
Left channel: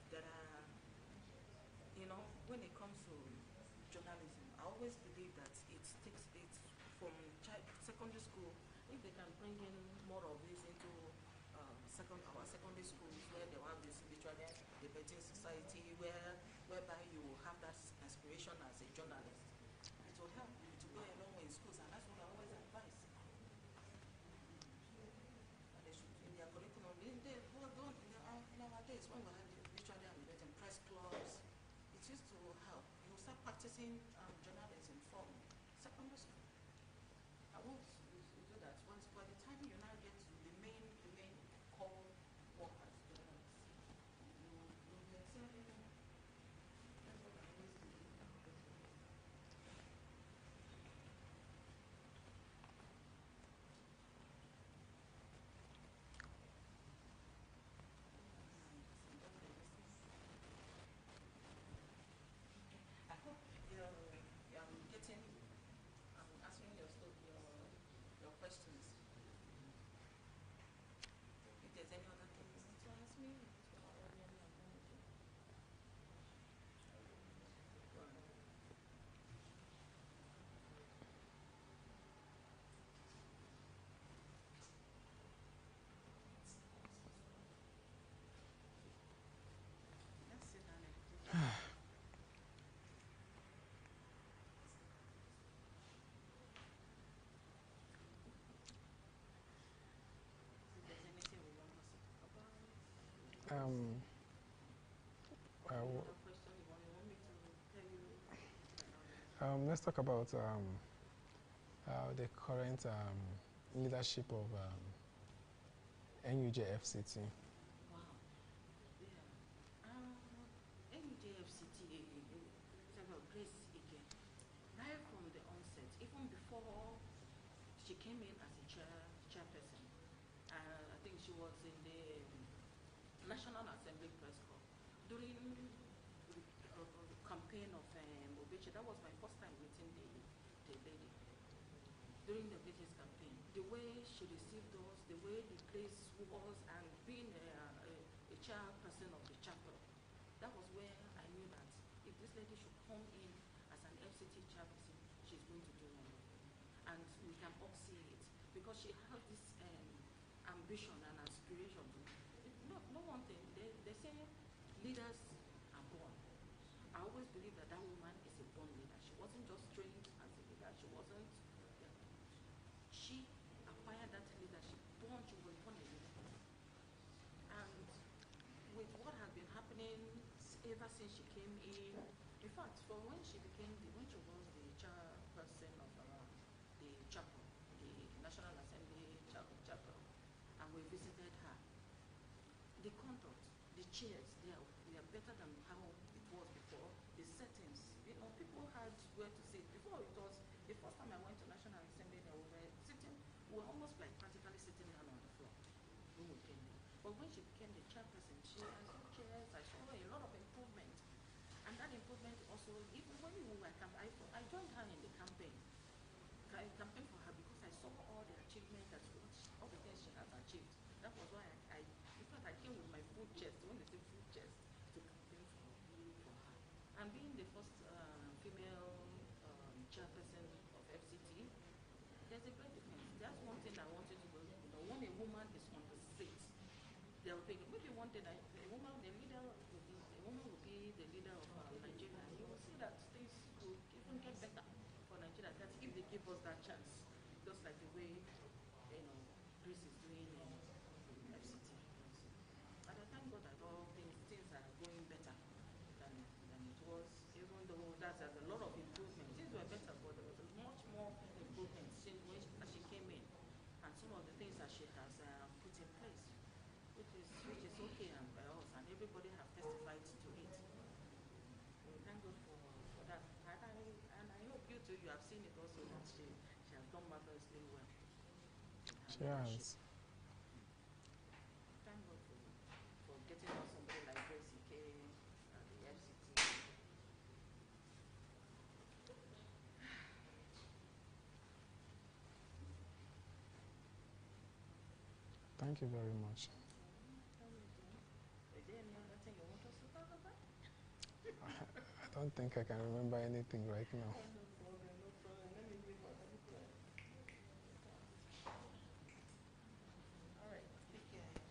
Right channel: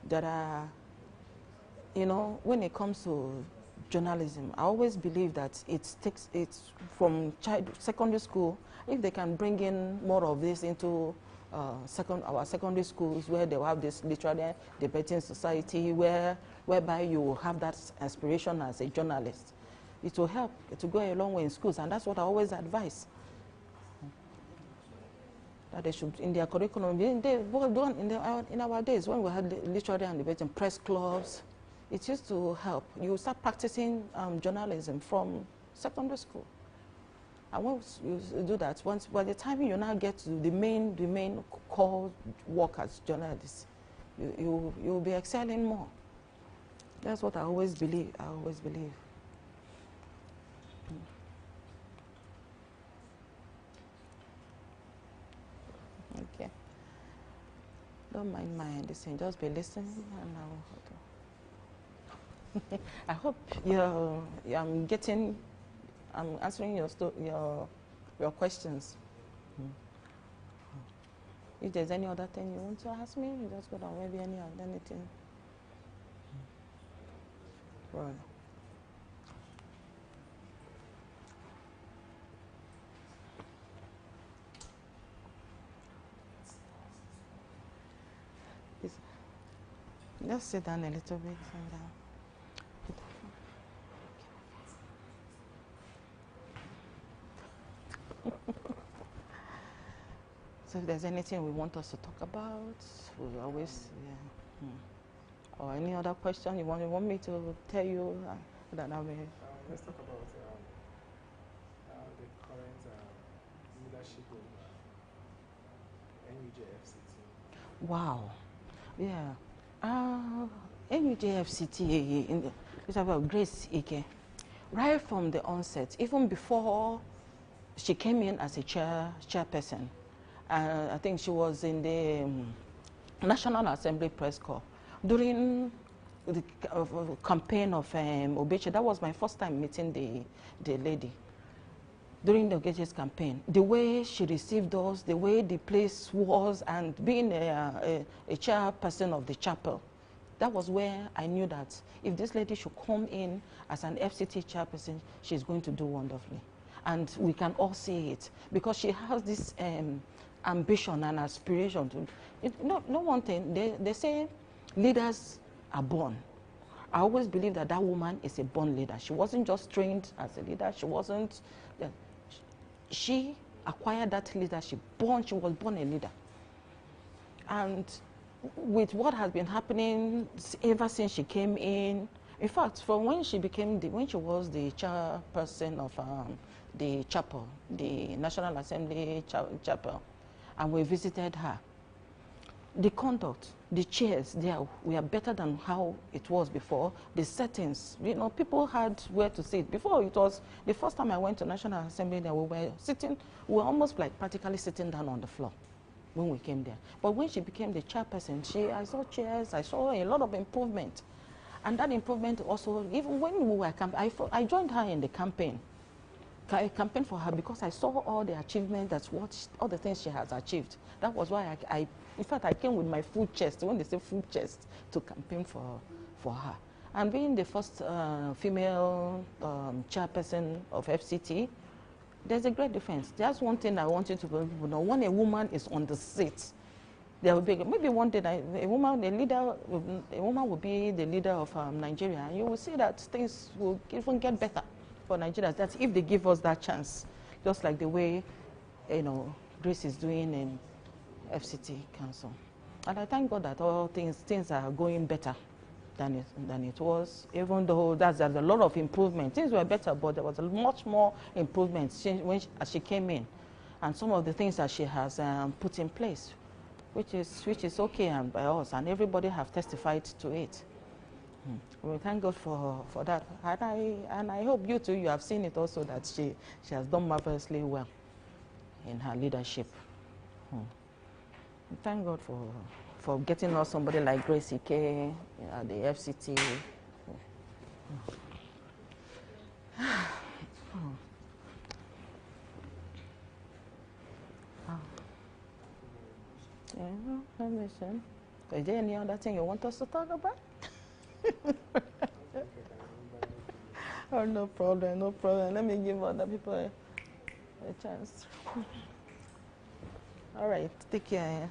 There are, when it comes to journalism, I always believe that it's from secondary school. If they can bring in more of this into our secondary schools, where they will have this literary debating society, whereby you will have that aspiration as a journalist, it will help. It will go a long way in schools, and that's what I always advise. That they should, in their curriculum, in our days when we had literary and debating press clubs, it used to help. You start practicing journalism from secondary school. And once you do that, by the time you now get to the main core work as journalists, you'll be excelling more. That's what I always believe. Okay. Don't mind my listening. Just be listening, and I hope I'm answering your questions. If there's any other thing you want to ask me, you just go down. Maybe anything. Right. Just sit down a little bit. So if there's anything we want us to talk about, we'll always, Or any other question you want me to tell you? Let's talk about the current leadership of NUJFCT. Wow. Yeah. NUJFCT, it's about Grace Ike. Right from the onset, even before she came in as a chairperson, I think she was in the National Assembly Press Corps during the campaign of Obeche. That was my first time meeting the lady during the Obeche's campaign. The way she received us, the way the place was, and being a chairperson of the chapel, that was where I knew that if this lady should come in as an FCT chairperson, she's going to do wonderfully. And we can all see it because she has this ambition and aspiration to. No one thing, they say leaders are born. I always believe that woman is a born leader. She wasn't just trained as a leader. She acquired that leadership. She was born a leader. And with what has been happening ever since she came in fact, from when she was the chairperson of the chapel, the National Assembly chapel, and we visited her, the conduct, the chairs there were better than how it was before. The settings, people had where to sit. Before, it was the first time I went to National Assembly that we were almost like practically sitting down on the floor. when we came there. But when she became the chairperson, I saw chairs, I saw a lot of improvement. And that improvement also, even when we were campaigning, I joined her in the campaign. I campaigned for her because I saw all the achievements, all the things she has achieved. That was why in fact, I came with my full chest, when they say full chest, to campaign for her. And being the first female chairperson of FCT, there's a great difference. That's one thing I want you to know. When a woman is on the seat, there will be, maybe one day a woman will be the leader of Nigeria, and you will see that things will even get better for Nigerians. That's if they give us that chance, just like the way, Grace is doing in FCT Council. And I thank God that all things are going better than it was, even though there's a lot of improvement. Things were better, but there was much more improvement as she came in, and some of the things that she has put in place, which is okay and by us, and everybody have testified to it. We thank God for that, and I hope you too, you have seen it also, that she has done marvelously well in her leadership. We thank God for getting us somebody like Grace Ike at the FCT. Thank you very much. Is there any other thing you want us to talk about? I don't think I can remember anything right now. Oh, no problem, no problem. Let me give other people a chance. All right, take care.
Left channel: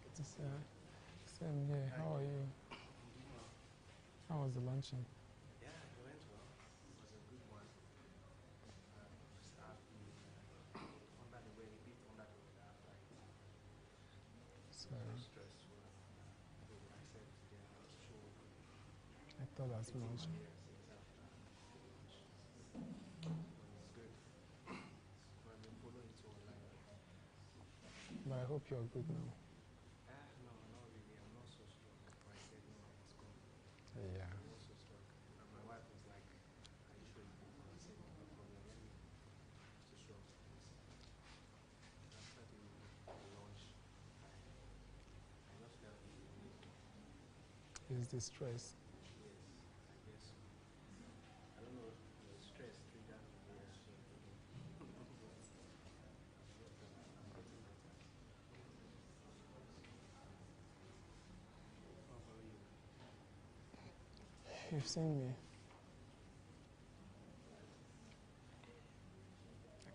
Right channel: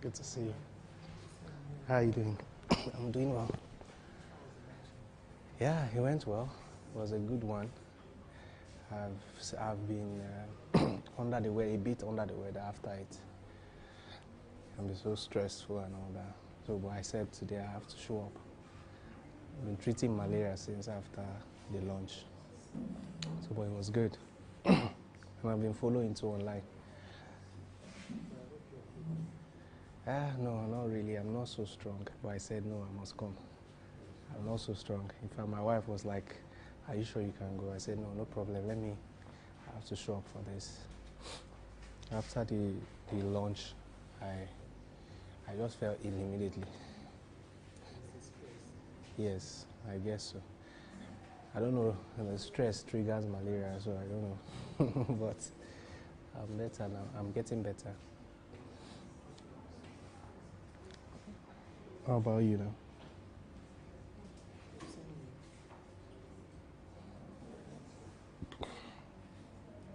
Good to see you. How are you doing? I'm doing well. How was the luncheon? Yeah, it went well. It was a good one. I've been under the weather, a bit under the weather after it. I'm so stressful and all that. So, but I said today I have to show up. I've been treating malaria since after the lunch. So, but it was good. And I've been following too online. But I hope you're good now. No, not really. I'm not so strong. But I said, no, I must come. Yeah. I'm not so strong. In fact, my wife was like, are you sure you can go? I said, no, no problem. I have to show up for this. After the lunch, I just felt ill immediately. Is the stress? Yes, I guess so. I don't know, the stress triggers malaria, so I don't know. But I'm better now. I'm getting better. How about you now? You've seen me. I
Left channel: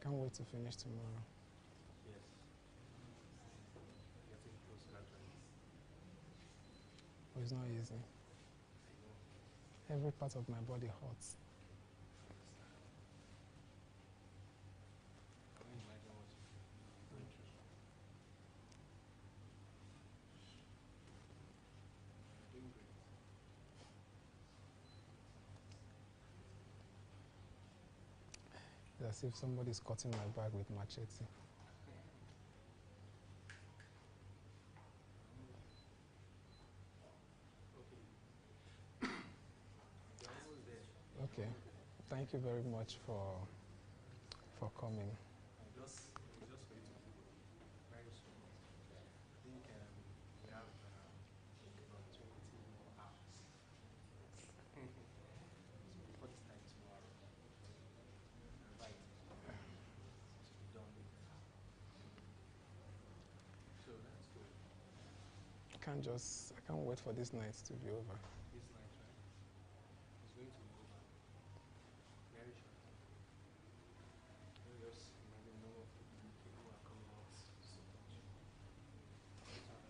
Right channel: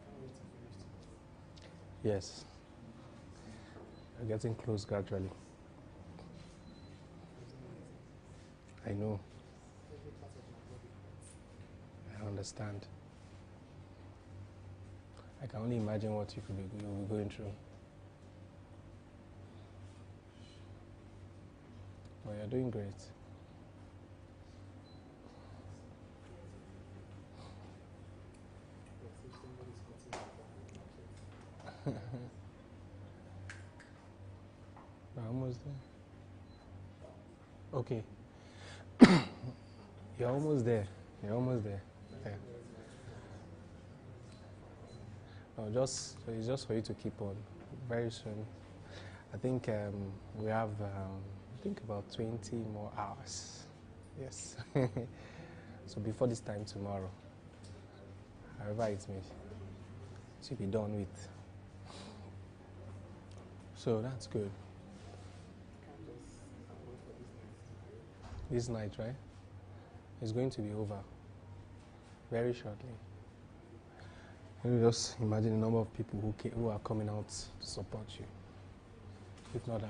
can't wait to finish tomorrow. Yes. We're getting close gradually. It's not easy. I know. Every part of my body hurts. I understand. I can only imagine what you'll be going through. But you're doing great. It's as if somebody's cutting my back with machete. We're almost there. Okay. You're almost there. You're Okay. almost there. Thank you very much for coming. It's just for you to keep on. Very soon. I think we have about 20 more hours. Yes. So before this time tomorrow, however it may, it should be done with. So that's good. I can't wait for this night to be over. This night, right? It's going to be over very shortly. Can you just imagine the number of people who are coming out to support you? If not,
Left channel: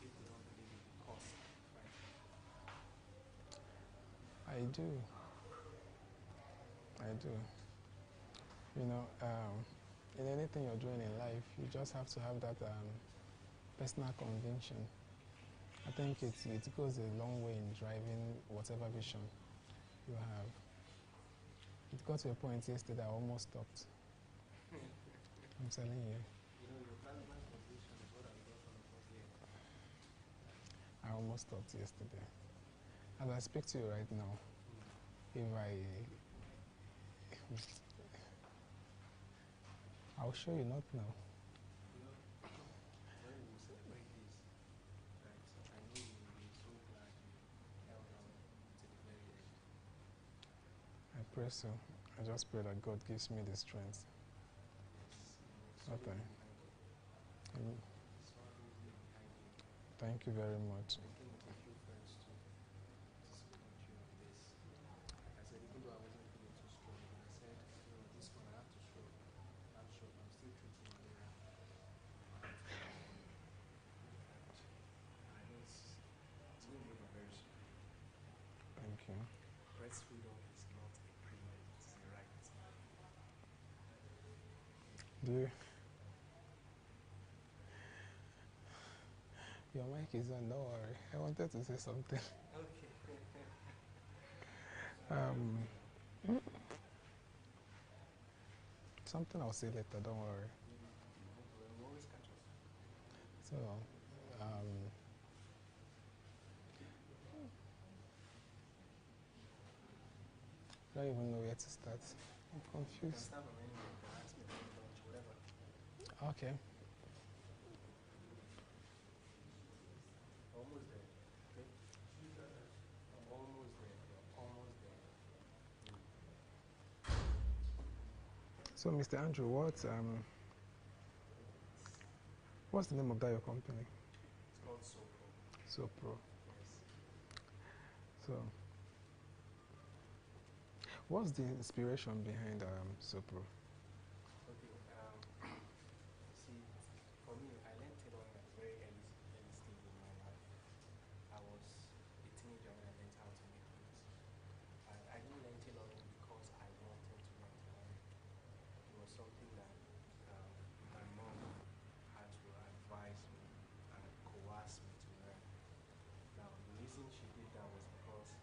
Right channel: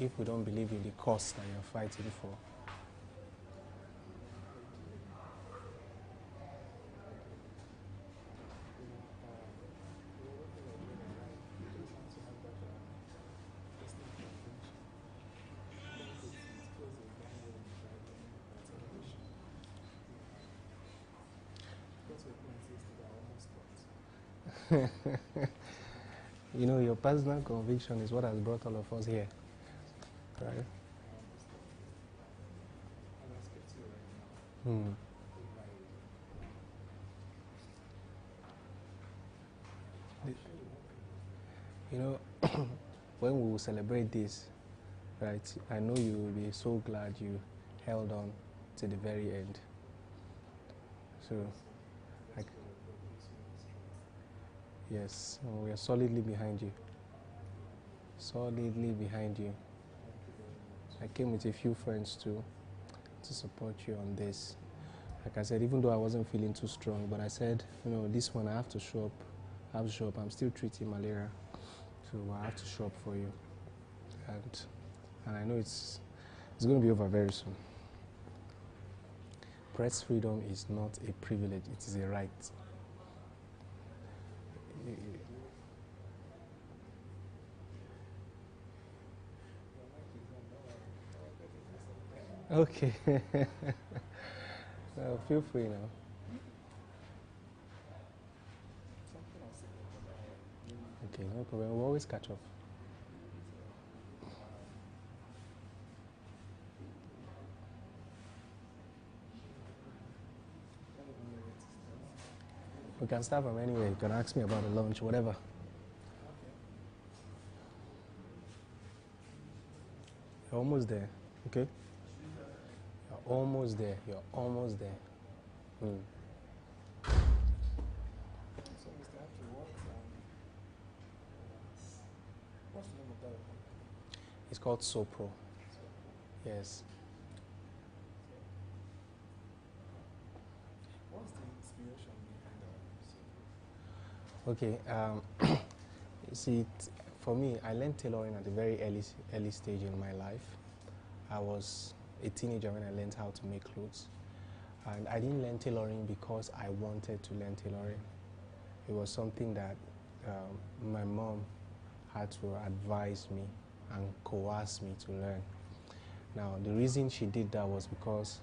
if we don't believe in the cause that you're fighting for. I do. You know, in anything you're doing in life, you just have to have that personal conviction. I think it goes a long way in driving whatever vision you have. It got to a point yesterday I almost stopped. I'm telling you. You know, your personal conviction is what has brought all of us here. Right? I almost stopped yesterday. As I speak to you right now, if I'll show you not now. You know, when we will celebrate this, right, I know you will be so glad you held on to the very end. So I just pray that God gives me the strength. Yes, we are solidly behind you. Solidly behind you. Thank you very much. I came with a few friends too to support you on this. Like I said, even though I wasn't feeling too strong, but I said, you know, this one I have to show up. I have to show up. I'm still treating malaria, so I have to show up for you. And I know it's going to be over very soon. Thank you. Press freedom is not a privilege; it is a right. Your mic is on, don't worry. I wanted to say something. Okay. Feel free now. Something I'll say later, don't worry. Okay, no problem. We'll always catch up. So, I don't even know where to start. We can start from anywhere. You can ask me about the lunch, whatever. Okay. You're almost there, okay? You're almost there. You're almost there. So, Mr. Andrew, what's the name of that your company? It's called SoPro. SoPro. Yes. So, what's the inspiration behind SoPro? Okay. You see, for me, I learned tailoring at a very early stage in my life. I was a teenager when I learned how to make clothes. And I didn't learn tailoring because I wanted to learn tailoring. It was something that my mom had to advise me and coerce me to learn. Now, the reason she did that was because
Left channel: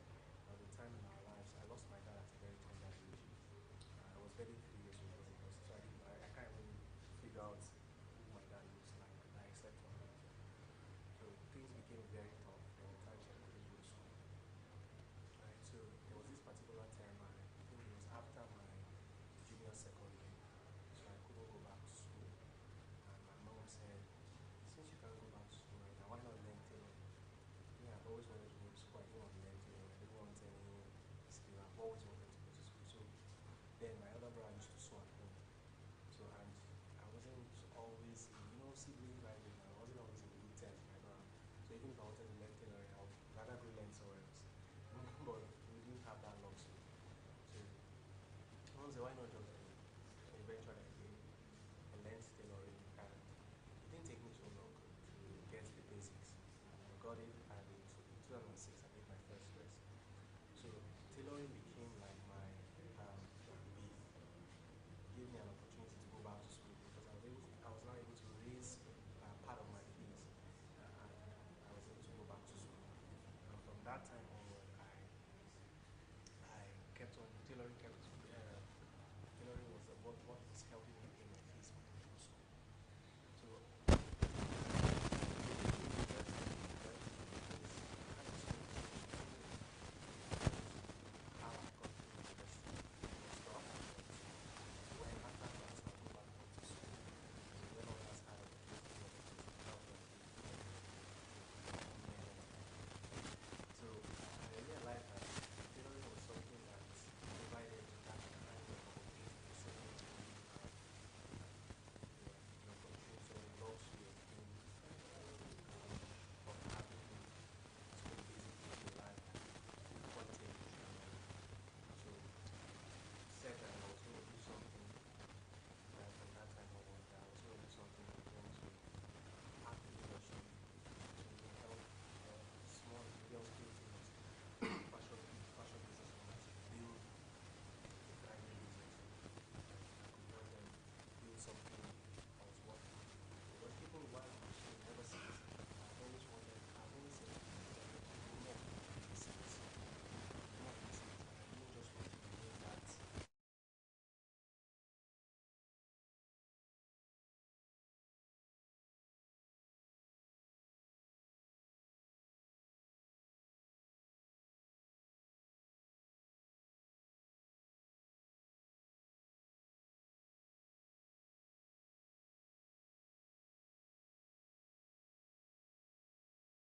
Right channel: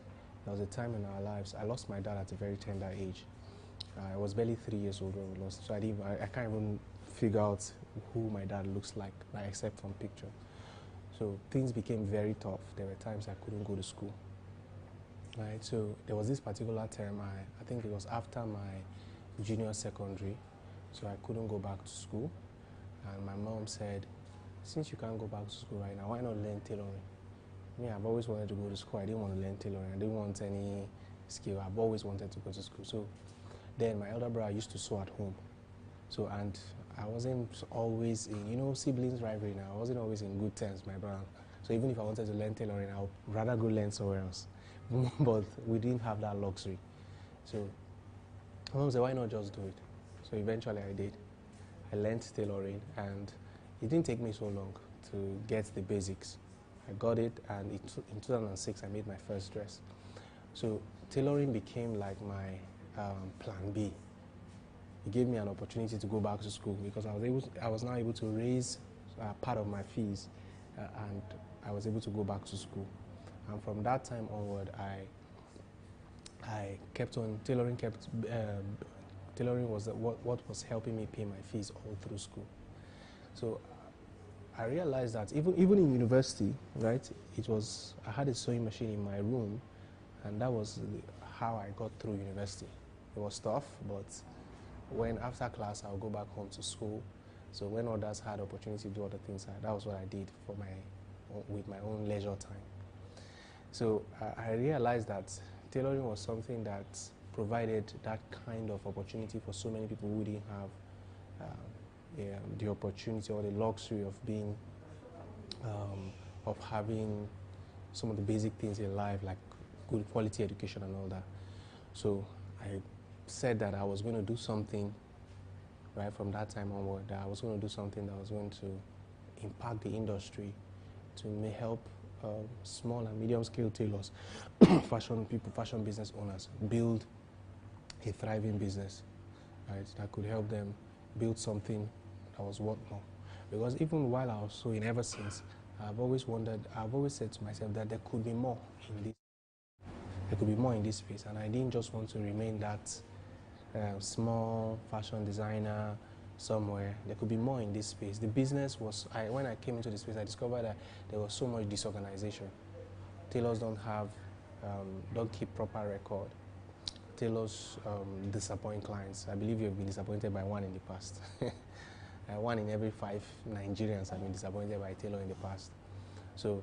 there was a time in our lives, I lost my dad at a very tender age. I was barely 3 years old when we lost, so I can't even figure out who my dad looks like, except from picture. So things became very tough. There were times I couldn't go to school. Right, so there was this particular term, I think it was after my junior secondary, so I couldn't go back to school. And my mom said, since you can't go back to school right now, why not learn tailoring? Me, I've always wanted to go to school. I didn't want to learn tailoring. I didn't want any skill. I've always wanted to go to school. So then my elder brother used to sew at home. So, and I wasn't always in, siblings rivalry now. I wasn't always in good terms, my brother. So even if I wanted to learn tailoring, I would rather go learn somewhere else. But we didn't have that luxury. So my mom said, why not just do it? So eventually I did. I learned tailoring, and it didn't take me so long to get the basics. I got it, and in 2006 I made my first dress. So tailoring became like my plan B. It gave me an opportunity to go back to school because I was now able to raise part of my fees, and I was able to go back to school. And from that time onward, I kept on tailoring. Tailoring was what was helping me pay my fees all through school. So I realized that even in university, right? I had a sewing machine in my room, and that was how I got through university. It was tough, but when after class I'll go back home to school. So when others had opportunity to do other things, that was what I did with my own leisure time. So I realized that tailoring was something that provided that kind of opportunity for so many people who didn't have the opportunity or the luxury of being, of having some of the basic things in life, like good quality education and all that. So I said that I was going to do something right from that time onward, that I was going to do something that was going to impact the industry, to help small and medium-scale tailors, fashion people, fashion business owners build a thriving business, right? That could help them build something that was worth more. Because even while I was sewing, ever since, I've always wondered, I've always said to myself that there could be more in this. There could be more in this space, and I didn't just want to remain that small fashion designer somewhere. There could be more in this space. The business was, when I came into the space, I discovered that there was so much disorganization. Tailors don't keep proper record. Tailors disappoint clients. I believe you've been disappointed by one in the past. One in every 5 Nigerians have been disappointed by a tailor in the past. So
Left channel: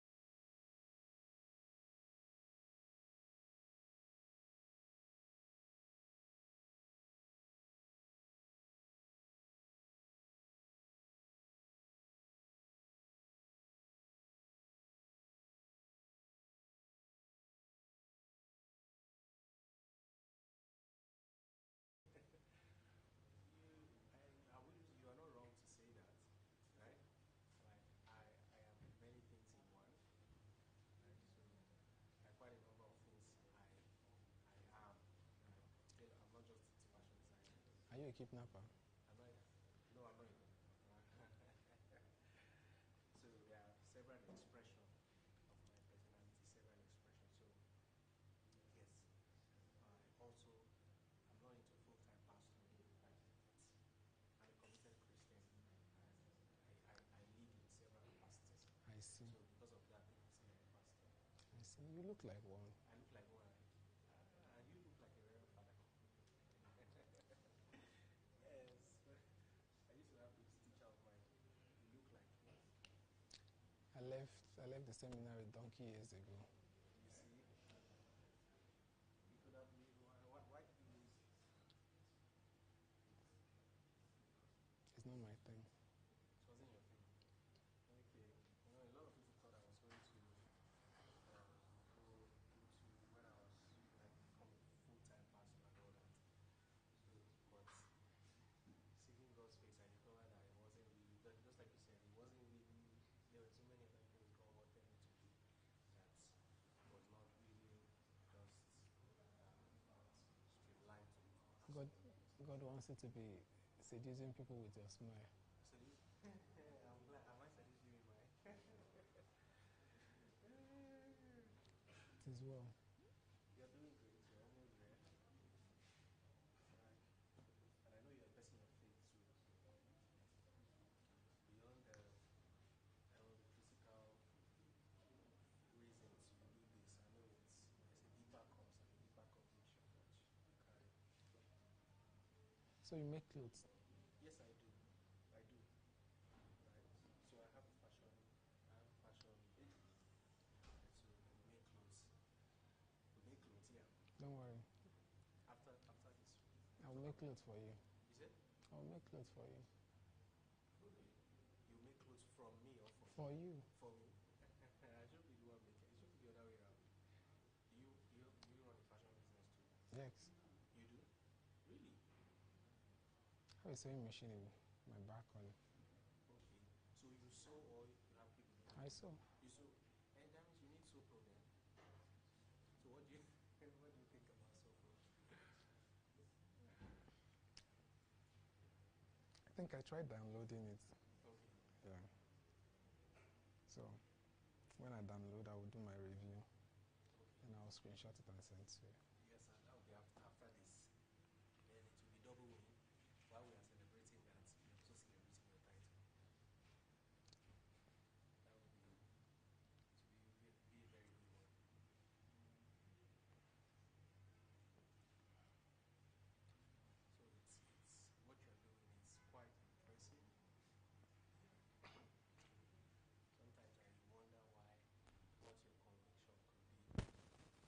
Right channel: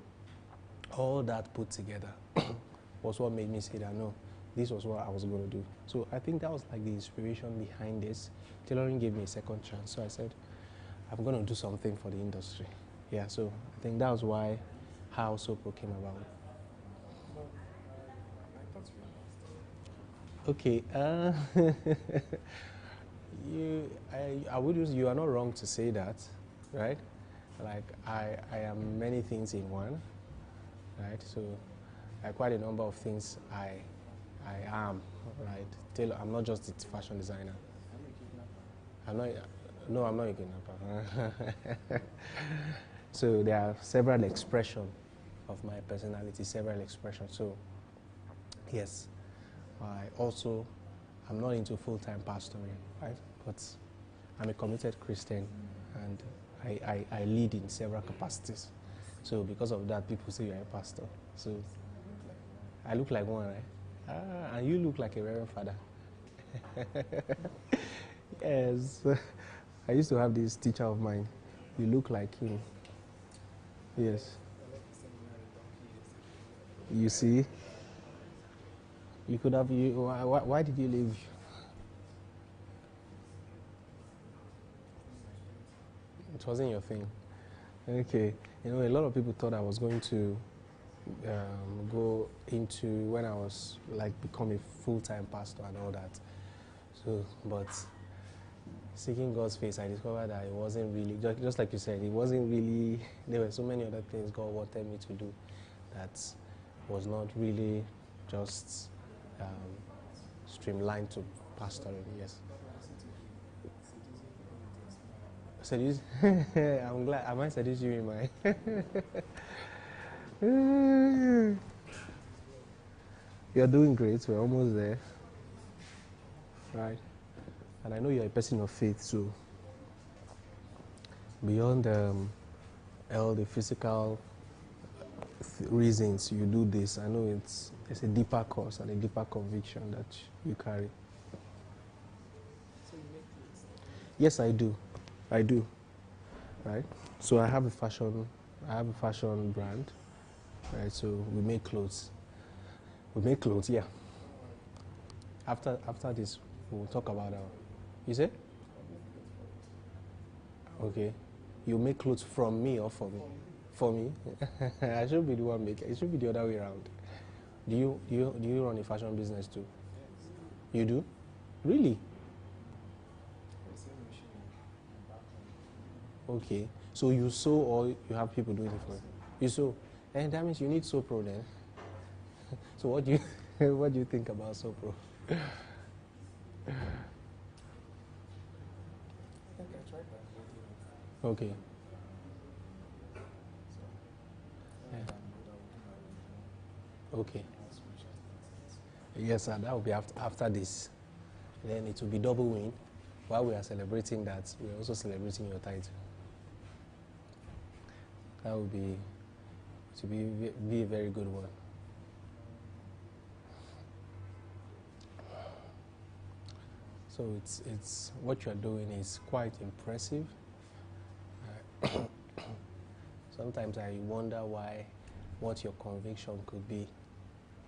all that put together was what made me say that no, this was what I was going to do. So I think that was like the inspiration behind this. Tailoring gave me a second chance. So I said, I'm going to do something for the industry. Yeah, so I think that was why how Sopro came about. Okay, I would use, you are not wrong to say that, right? Like I am many things in one, right? So quite a number of things I am, right? I'm not just a fashion designer. I'm not. No, I'm not a kidnapper. So there are several expressions of my personality, several expressions. So yes, I'm not into full-time pastoring, right? But I'm a committed Christian, and I lead in several capacities. So because of that, people say you're a pastor. So I look like one, right? And you look like a reverend father. Yes. I used to have this teacher of mine. You look like him. Yes. You see? You could have. Why did you leave? It wasn't your thing. Okay. You know, a lot of people thought I was going to go into when I was like become a full-time pastor and all that. So, but seeking God's face, I discovered that it wasn't really, just like you said, it wasn't really, there were so many other things God wanted me to do that was not really just streamlined to pastoring, yes. Seduce? I'm glad, am I seducing you in my... You're doing great, we're almost there, right? And I know you're a person of faith, so beyond all the physical reasons you do this, I know it's a deeper cause and a deeper conviction that you carry. So you make clothes? Yes, I do. I do. Right? So I have a fashion brand. Right? So we make clothes. We make clothes, yeah. After this, we'll talk about our. You say? Okay. You make clothes from me or for me? For me. I should be the one making. It should be the other way around. Do you run a fashion business too? Yes. You do? Really? The same machine in the back home. Okay. So you sew or you have people doing it for you? You sew. And that means you need Sopro then. So what do you what do you think about Sopro? I think I tried downloading it. Okay. So when I download, I will do my review. Okay. I'll screenshot and Yes, sir. That will be after this. Then it will be double win. While we are celebrating that, we are also celebrating your title. That will be be a very good one. So it's what you are doing is quite impressive. Sometimes I wonder what your conviction could be,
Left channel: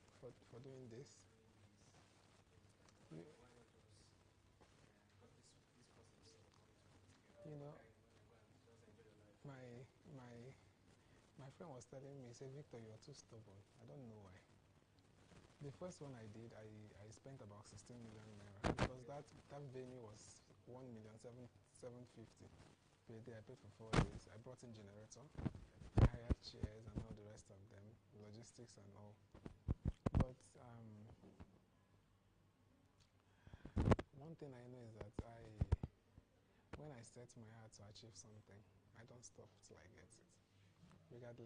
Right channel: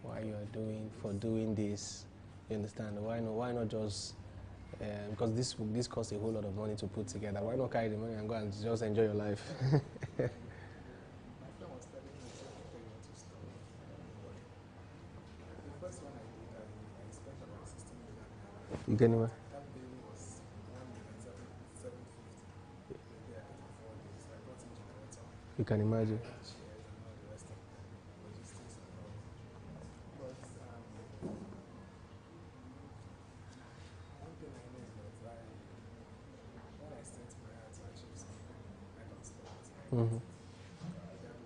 why you are doing this. You understand? Why not just because this costs a whole lot of money to put together. Why not carry the money and go and just enjoy your life? my friend was telling me it's only 32 stuff. I don't know why. The first one I did, I spent about 16 million naira. You get anywhere? That bill was 1,750,000. They are paid for 4 days. I brought in generator, You can imagine. chairs, and all the rest of them, logistics and all. But one thing I know is that when I set my heart to achieve something, I don't stop. I Mhm. either do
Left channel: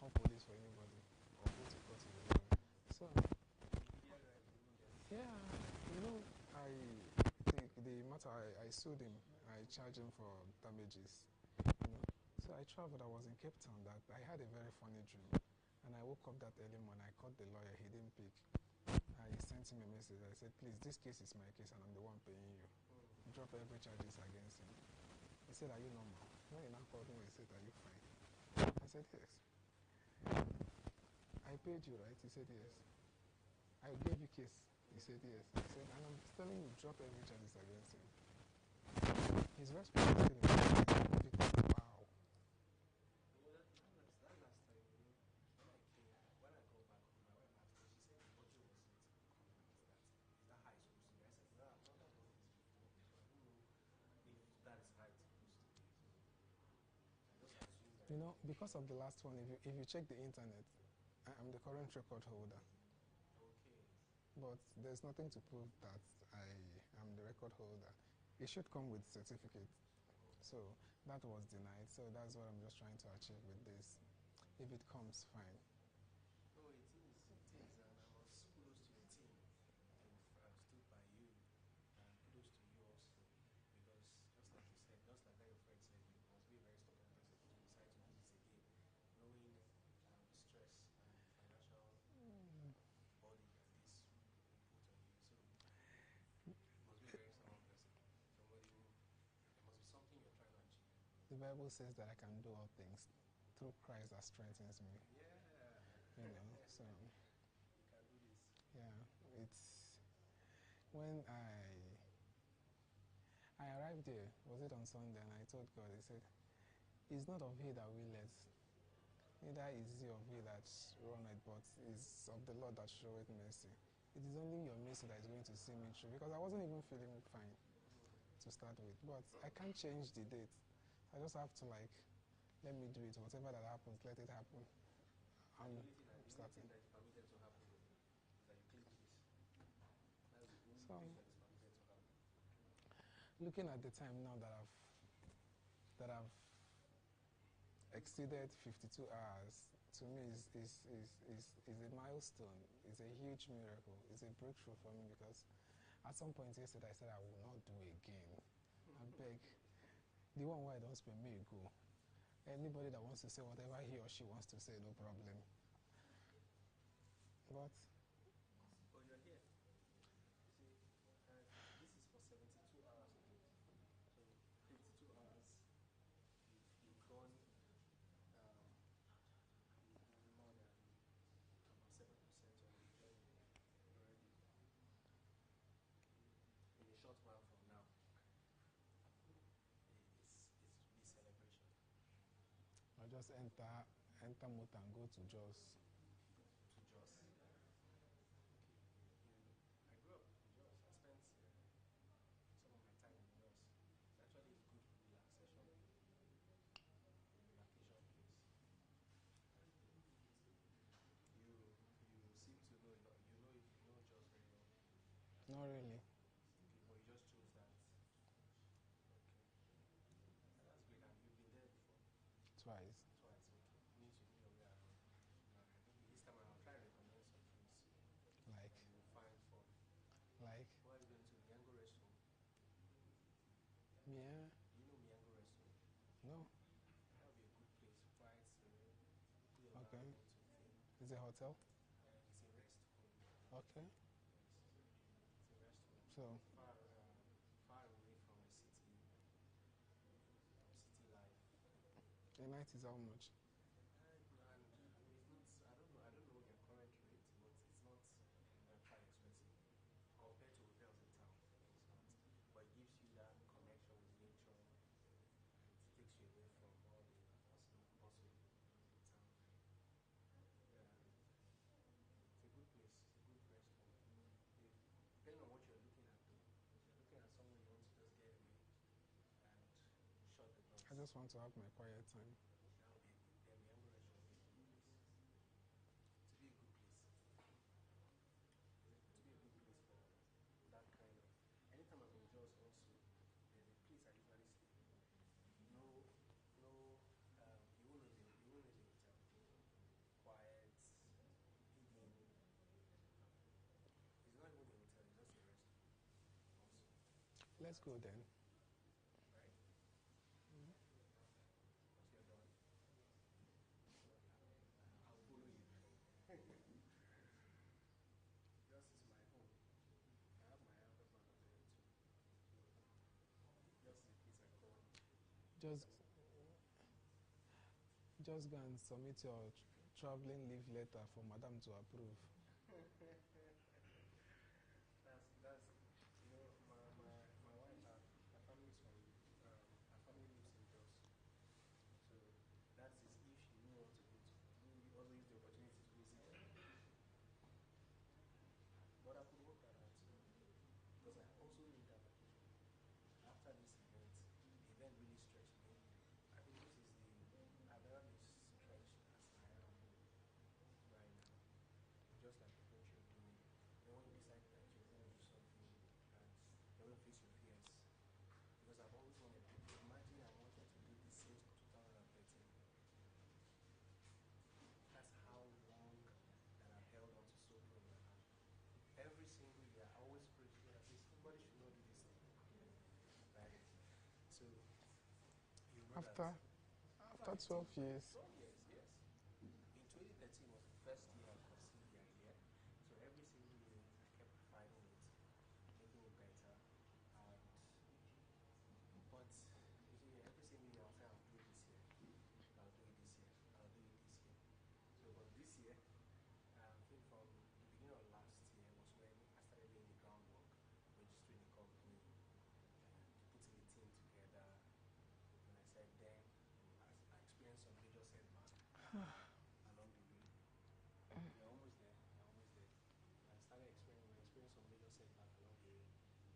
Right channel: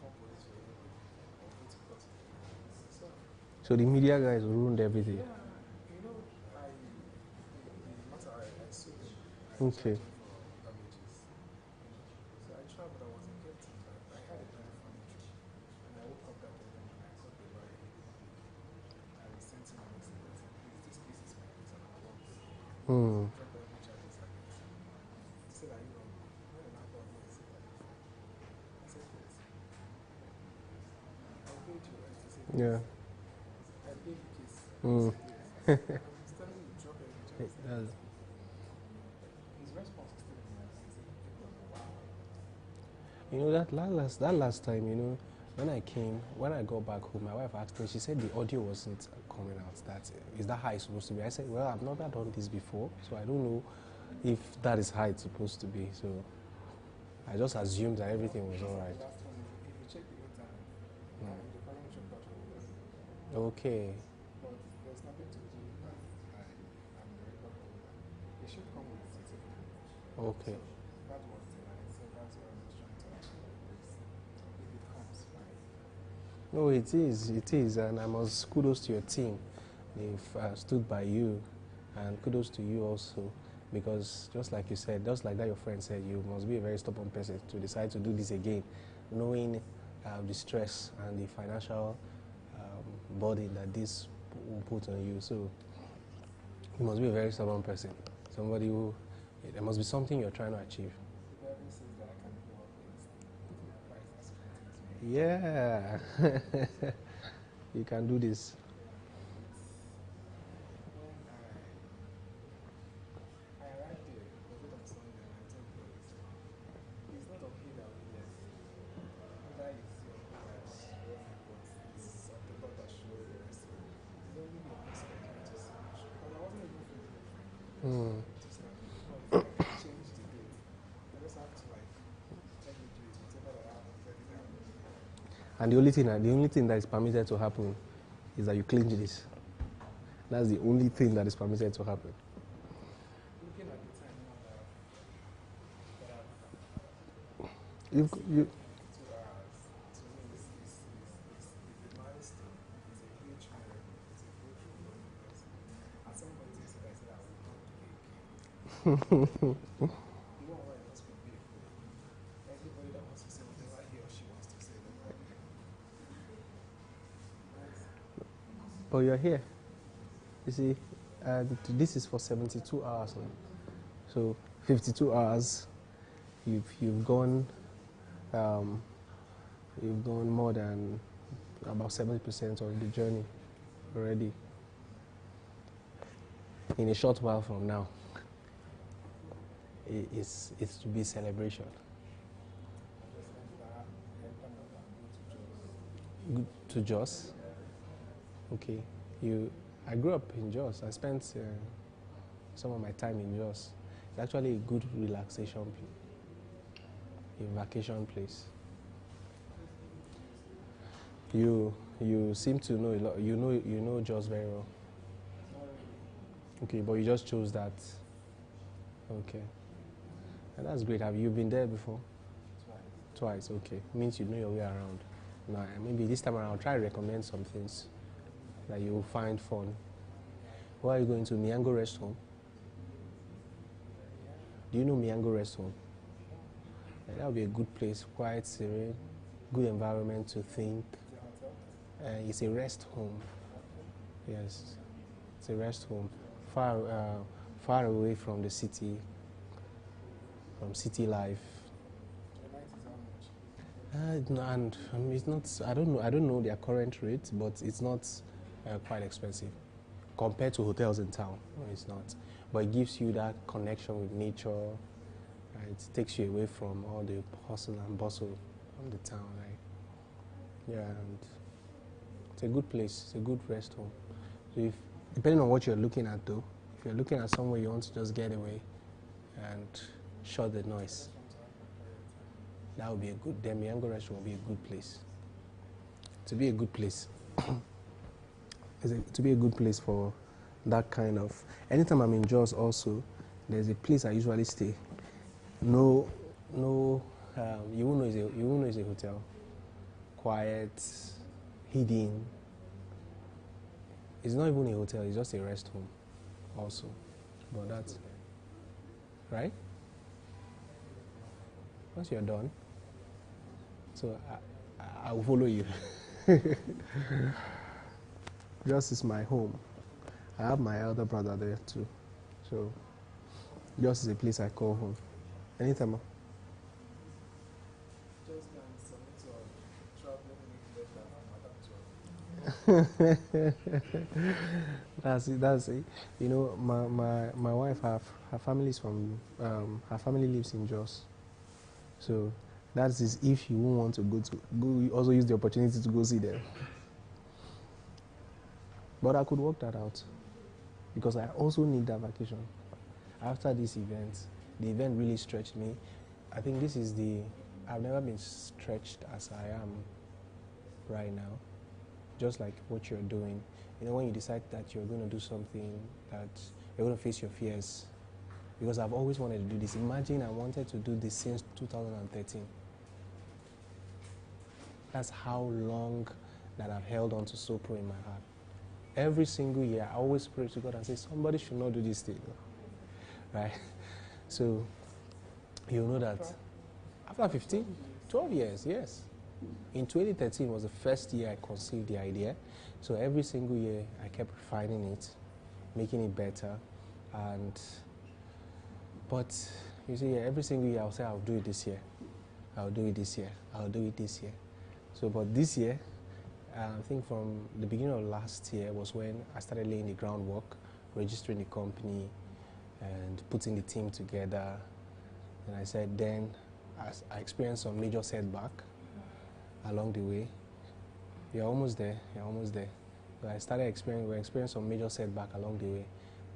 companies for everybody. Company to cut it. So, So the media guys ruined everything. yeah, you know, the matter I sued him. I Okay. charged him for damages. So I traveled. I was in Cape Town. I had a very funny trip. And I woke up that early and I called the lawyer. He didn't pick. And he sent him a message. I said, please, this case is my case and I will work with you. Hmm. Drop every charges against him. He said, are you wrong? When I now called him, I said, are you fine? I said, yes. I paid you, right? He said, Yeah. yes. I paid the case. Hmm. He said, yes. I'm telling you, drop every charge. That's, His response to you know that last time, you know, when I got back home, my wife asked me. She said the audio wasn't coming out. Is that how it's supposed to be? I said, well, I've never done this before, so I don't know if that is how it's supposed to be. So I just assumed that everything was all right. The last one, if you check the internet, the current record holder. Okay. But there's nothing to do with that. I'm the record holder. It should come with certificate. Okay. So that was denied. So that's what I'm just trying to achieve with this. If it comes, fine. No, it is, and I must kudos to your team. They've stood by you, and kudos to you also, because just like you said, just like that your friend said, you must be a very stubborn person to decide to do this again, knowing the stress and the financial burden that this will put on you. So you must be a very stubborn person, somebody who, there must be something you're trying to achieve. The Bible says that I can do all things through Christ that strengthens me. Yeah. You can do this. When I arrived there, was it on Sunday, and I told God, I said, it's not of he that willeth, neither is he of who that runneth, but it's of the Lord that showeth mercy. It is only your mercy that is going to see me through. Because I wasn't even feeling fine to start with. But I can't change the date. I just have to like, let me do it. Whatever that happens, let it happen. And the only thing that is permitted to happen is that you clinch this. That's the only thing that is permitted to happen. Looking at the time now that I've You, exceeded 52 hours, to me is a milestone. It's a huge miracle. It's a breakthrough for me because at some point yesterday I said I will not do it again. The one where it must be me a fool. Anybody that wants to say whatever he or she wants to say, no problem. but you're here. You see, this is for 72 hours now. So 52 hours, you've gone more than about 70% of the journey already. In a short while from now, it's to be celebration. I just enter motor and go to Jos. Good to Jos. Okay, I grew up in Jos. I spent some of my time in Jos. It's actually a good relaxation place, a vacation place. You seem to know a lot. You know Jos very well. Not really. Okay, but you just chose that. Okay, and that's great. Have you been there before? Twice. Twice. Okay, means you know your way around. Now maybe this time around, I'll try to recommend some things that you will find fun. Where are you going to? Miango Rest Home? Do you know Miango Rest Home? Yeah, that would be a good place, quiet, serene, good environment to think. Is it a hotel? It's a rest home. Yes, it's a rest home, far away from the city, from city life. The night is how much? No, and it's not. I don't know their current rate, but it's not quite expensive compared to hotels in town. No, it's not. But it gives you that connection with nature. It takes you away from all the hustle and bustle of the town. Yeah, and it's a good place. It's a good rest home. So if, depending on what you're looking at, though, if you're looking at somewhere you want to just get away and shut the noise, that would be a good. Then Miango Restaurant will be a good place. To be a good place. To be a good place for that kind of. Anytime I'm in Jos, also, there's a place I usually stay. No you won't know it's a hotel. Quiet, hidden. It's not even a hotel, it's just a rest home also. But that's right? Once you're done, so I will follow you. Just is my home. I have my elder brother there too. So just is a place I call home. Anytime. Just go and submit your traveling leave letter from Madam to That's it. You know, my wife, her family is from, her family lives in Jos. So that is if you won't want to go, you also use the opportunity to go see them. But I could work that out because I also need that vacation. After this event, the event really stretched me. I think this is I've never been stretched as I am right now. Just like what you're doing. You know, when you decide that you're going to do something, that you're going to face your fears. Because I've always wanted to do this. Imagine I wanted to do this since 2013. That's how long that I've held on to Sopro in my heart. Every single year, I always pray to God and say, somebody should not do this thing. Right? So, you know that after 15, 12 years, yes. In 2013 was the first year I conceived the idea. So every single year, I kept refining it, making it better. But you see, every single year I'll say, I'll do it this year. I'll do it this year. I'll do it this year. So, but this year, I think from the beginning of last year was when I started laying the groundwork, registering the company, and putting the team together. And I said, then I experienced some major setback along the way. You're almost there. You're almost there. So I started experiencing some major setback along the way.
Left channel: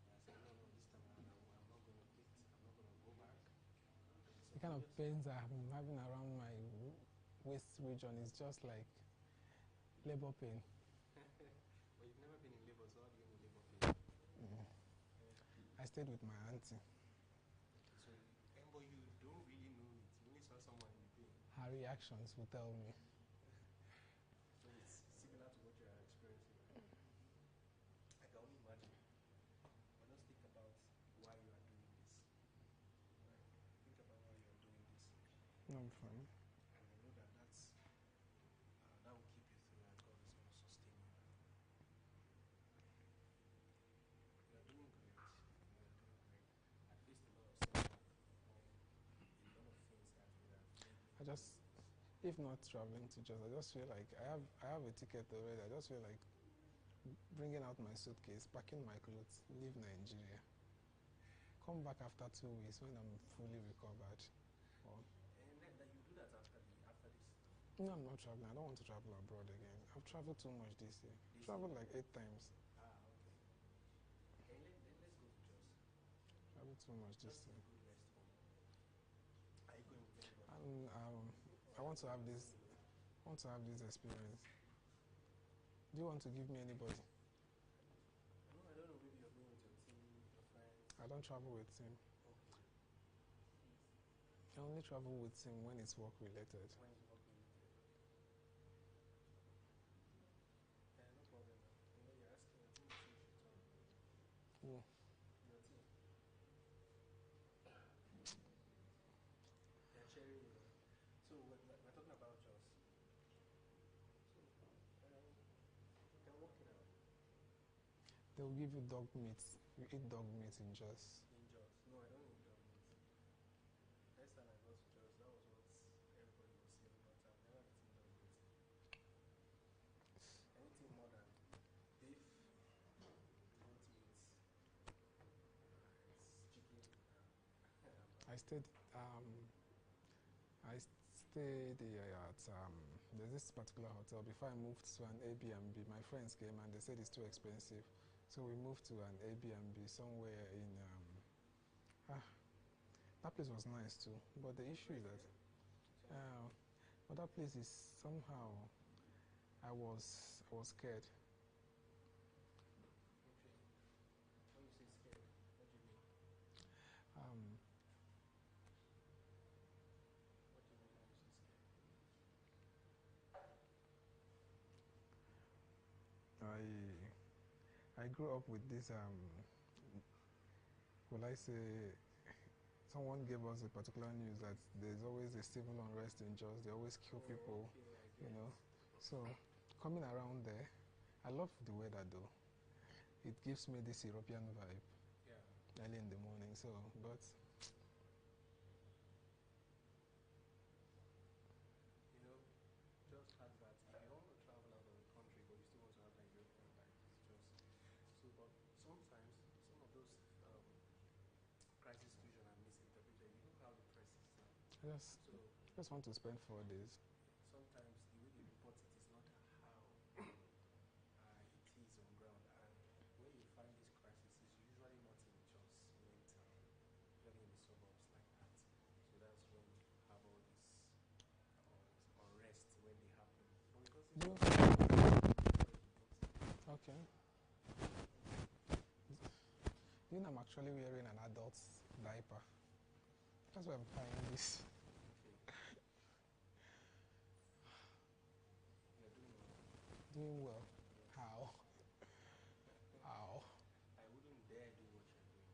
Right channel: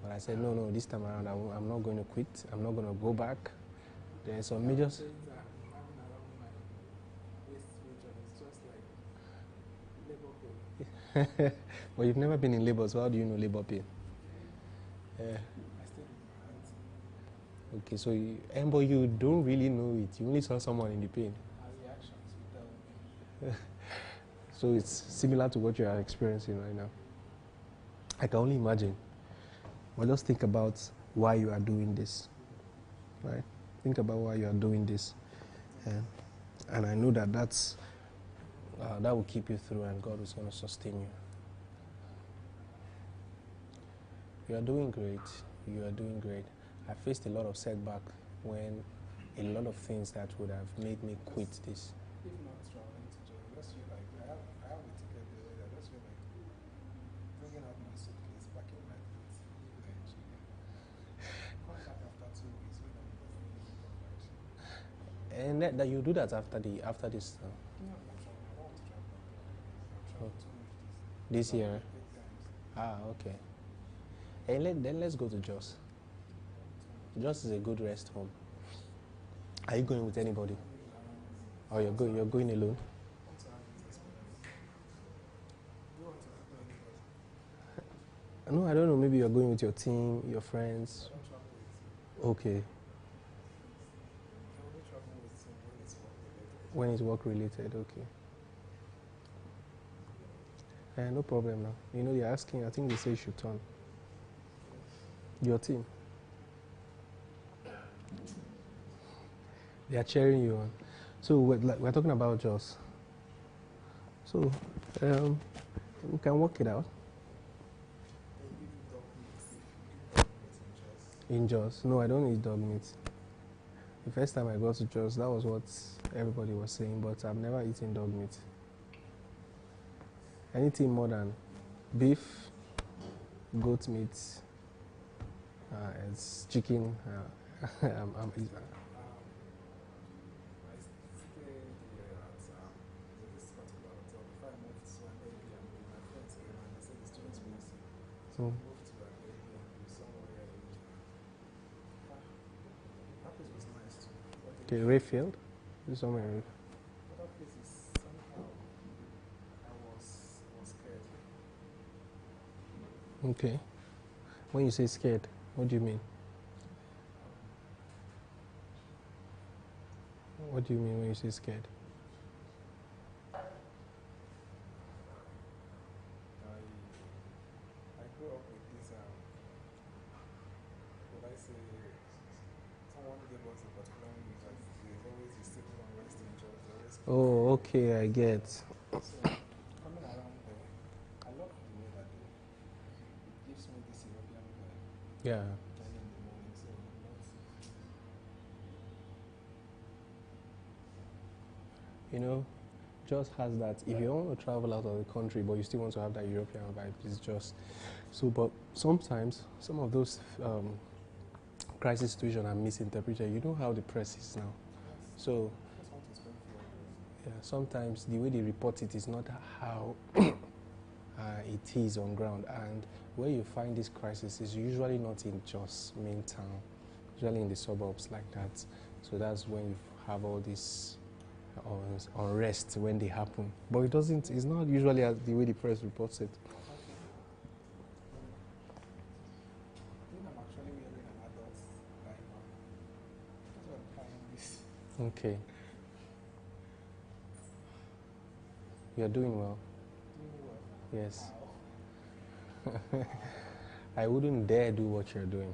But I said, no, this time around, I'm not going to quit. I'm not going to go back. There's some major... things that I'm having around my waist region is just like labor pain. But you've never been in labor, so how do you know labor pain? I stayed with my auntie. Okay, so but you don't really know it. You only saw someone in the pain. Her reactions will tell me. So it's similar to what you are experiencing right now. I can only imagine. But just think about why you are doing this, right? Think about why you are doing this. And I know that that will keep you through and God is going to sustain you. You are doing great. You are doing great. I faced a lot of setback when a lot of things that would have made me quit this. If not traveling to Jos, I just feel like I have a ticket there. I just feel like bringing out my suitcase, packing my clothes, leave Nigeria. Come back after 2 weeks when I'm bringing the conversion. And that you do that after this. No, I'm not traveling. I don't want to travel abroad again. I've traveled too much This year. Like 8 times. Okay. And then let's go to Jos. Jos is a good rest home. Are you going with anybody? Or you're going alone? I want to have this experience. Do you want to give me anybody? No, I don't know. Maybe you're going with your team, your friends. I don't travel with team. Okay. I only travel with team when it's work related. When it's work related, okay. No problem now. You know, they're asking, I think they say you should turn. Your team. They are cheering you on. So we're talking about Jos. So we can work it out. They give you dog meat. Dog meat in Jos. In Jos? No, I don't eat dog meat. The first time I got to Jos, that was what everybody was saying, but I've never eaten dog meat. Anything more than beef, goat meat, it's chicken. I stayed there at there's this particular hotel before I moved to an Airbnb. My friends came and they said it's too expensive, so I moved to an Airbnb somewhere in. That place was nice too. But the Okay, issue Rayfield? Somewhere. but that place is somehow I was scared. Okay. When you say scared, what do you mean? What do you mean when you say scared? I grew up with this, will I say, someone gave us a particular news that there's always a civil unrest in Jos. They always keep Oh, okay, I get. So, coming around there, I love the weather though. It gives me this European vibe Yeah. early in the morning. So, but You know, just has that. If you want to travel out of the country, but you still want to have that European vibe, it's just so. But sometimes some of those crisis situations are misinterpreted. You know how the press is now. yes, So just want to spend 4 years. yeah, sometimes the way they report it is not how it is on ground. And where you find this crisis is usually not in just main town, usually in the suburbs like that. So that's when you have all this unrest when they happen. But it doesn't. It's not usually as the way the press reports it. Okay. I'm actually wearing an adult's diaper. That's why I'm carrying this. Okay. You are doing well. Doing well. Yes. How? I wouldn't dare do what you're doing.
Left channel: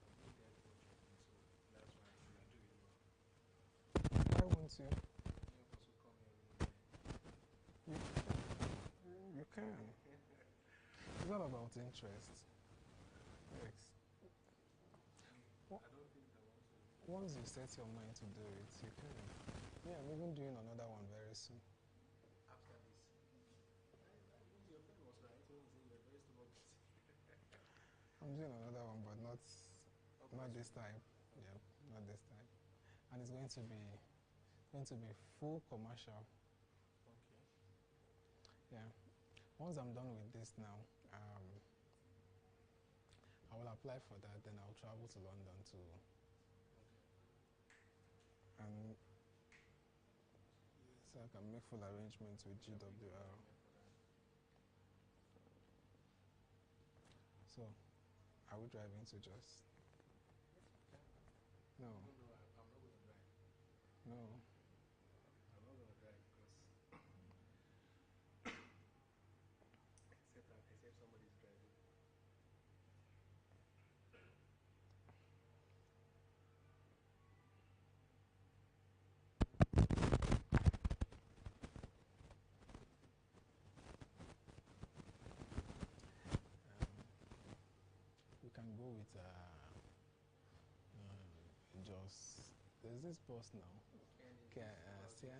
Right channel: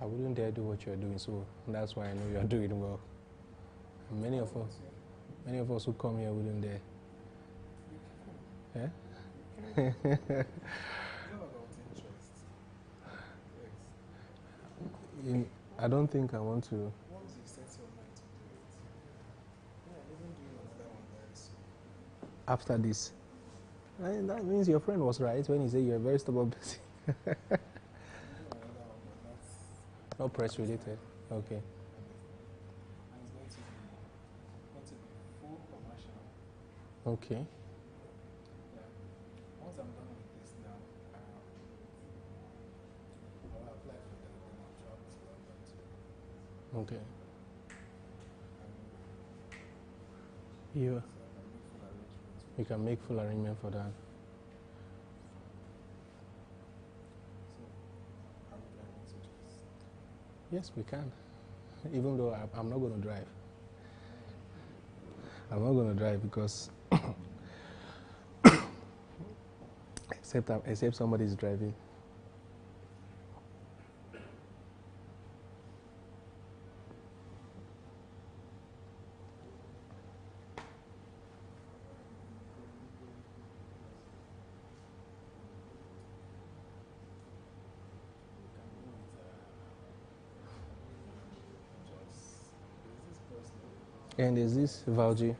I wouldn't dare do what you're doing, so that's why I know you're doing well. Many of us who come here wouldn't dare. Yeah? What about interest? Yes. I don't think I want to. Once you set your mind to do it, you do it. Yeah, even doing another one very soon. After this. That means your friend was right when he said you're a very stubborn person. I'm doing another one, but Not press this related. time. Okay. Understand. And it's going to be full commercial. Okay. Yeah. Once I'm done with this now, I will apply for that, then I'll travel to London too. Okay. And You, so I can make full arrangements with you can make full arrangement for that. So, are we driving to just? Yes, we can. Even though I'm not going to drive. I'm not going to drive because except somebody's driving. We can go with just. There's this bus now. And there's this Valji. The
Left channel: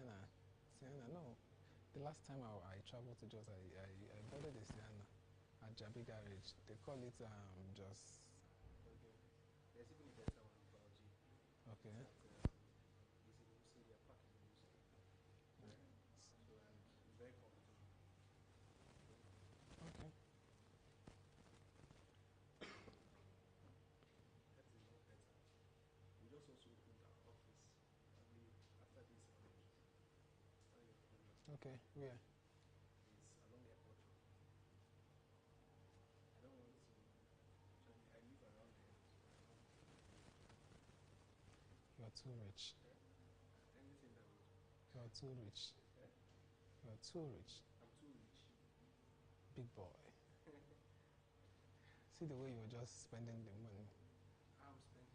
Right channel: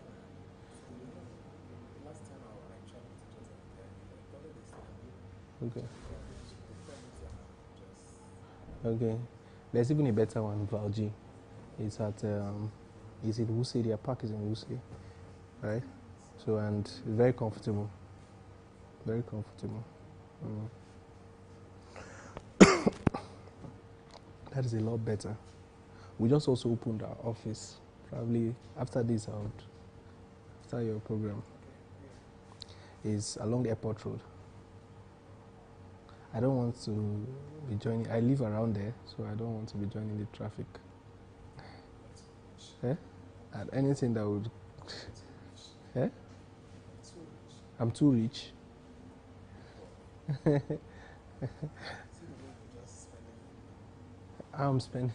last time I traveled to Jos, I followed this Okay. they call it just. Okay. There's even a better one, Valji. It's at is it Wuse? Their park is in Wuse, right? So and it's very comfortable. Very comfortable. That is a lot better. We just also opened our office. Probably after this after your program. Okay. Yeah. Is along the airport road. I don't want to be joining. I live around there, so I don't want to be joining the traffic. You're too rich. And anything that would. You're too rich. Eh? You're too rich. I'm too rich. Big boy. See the way you're just spending the money. I'm spending.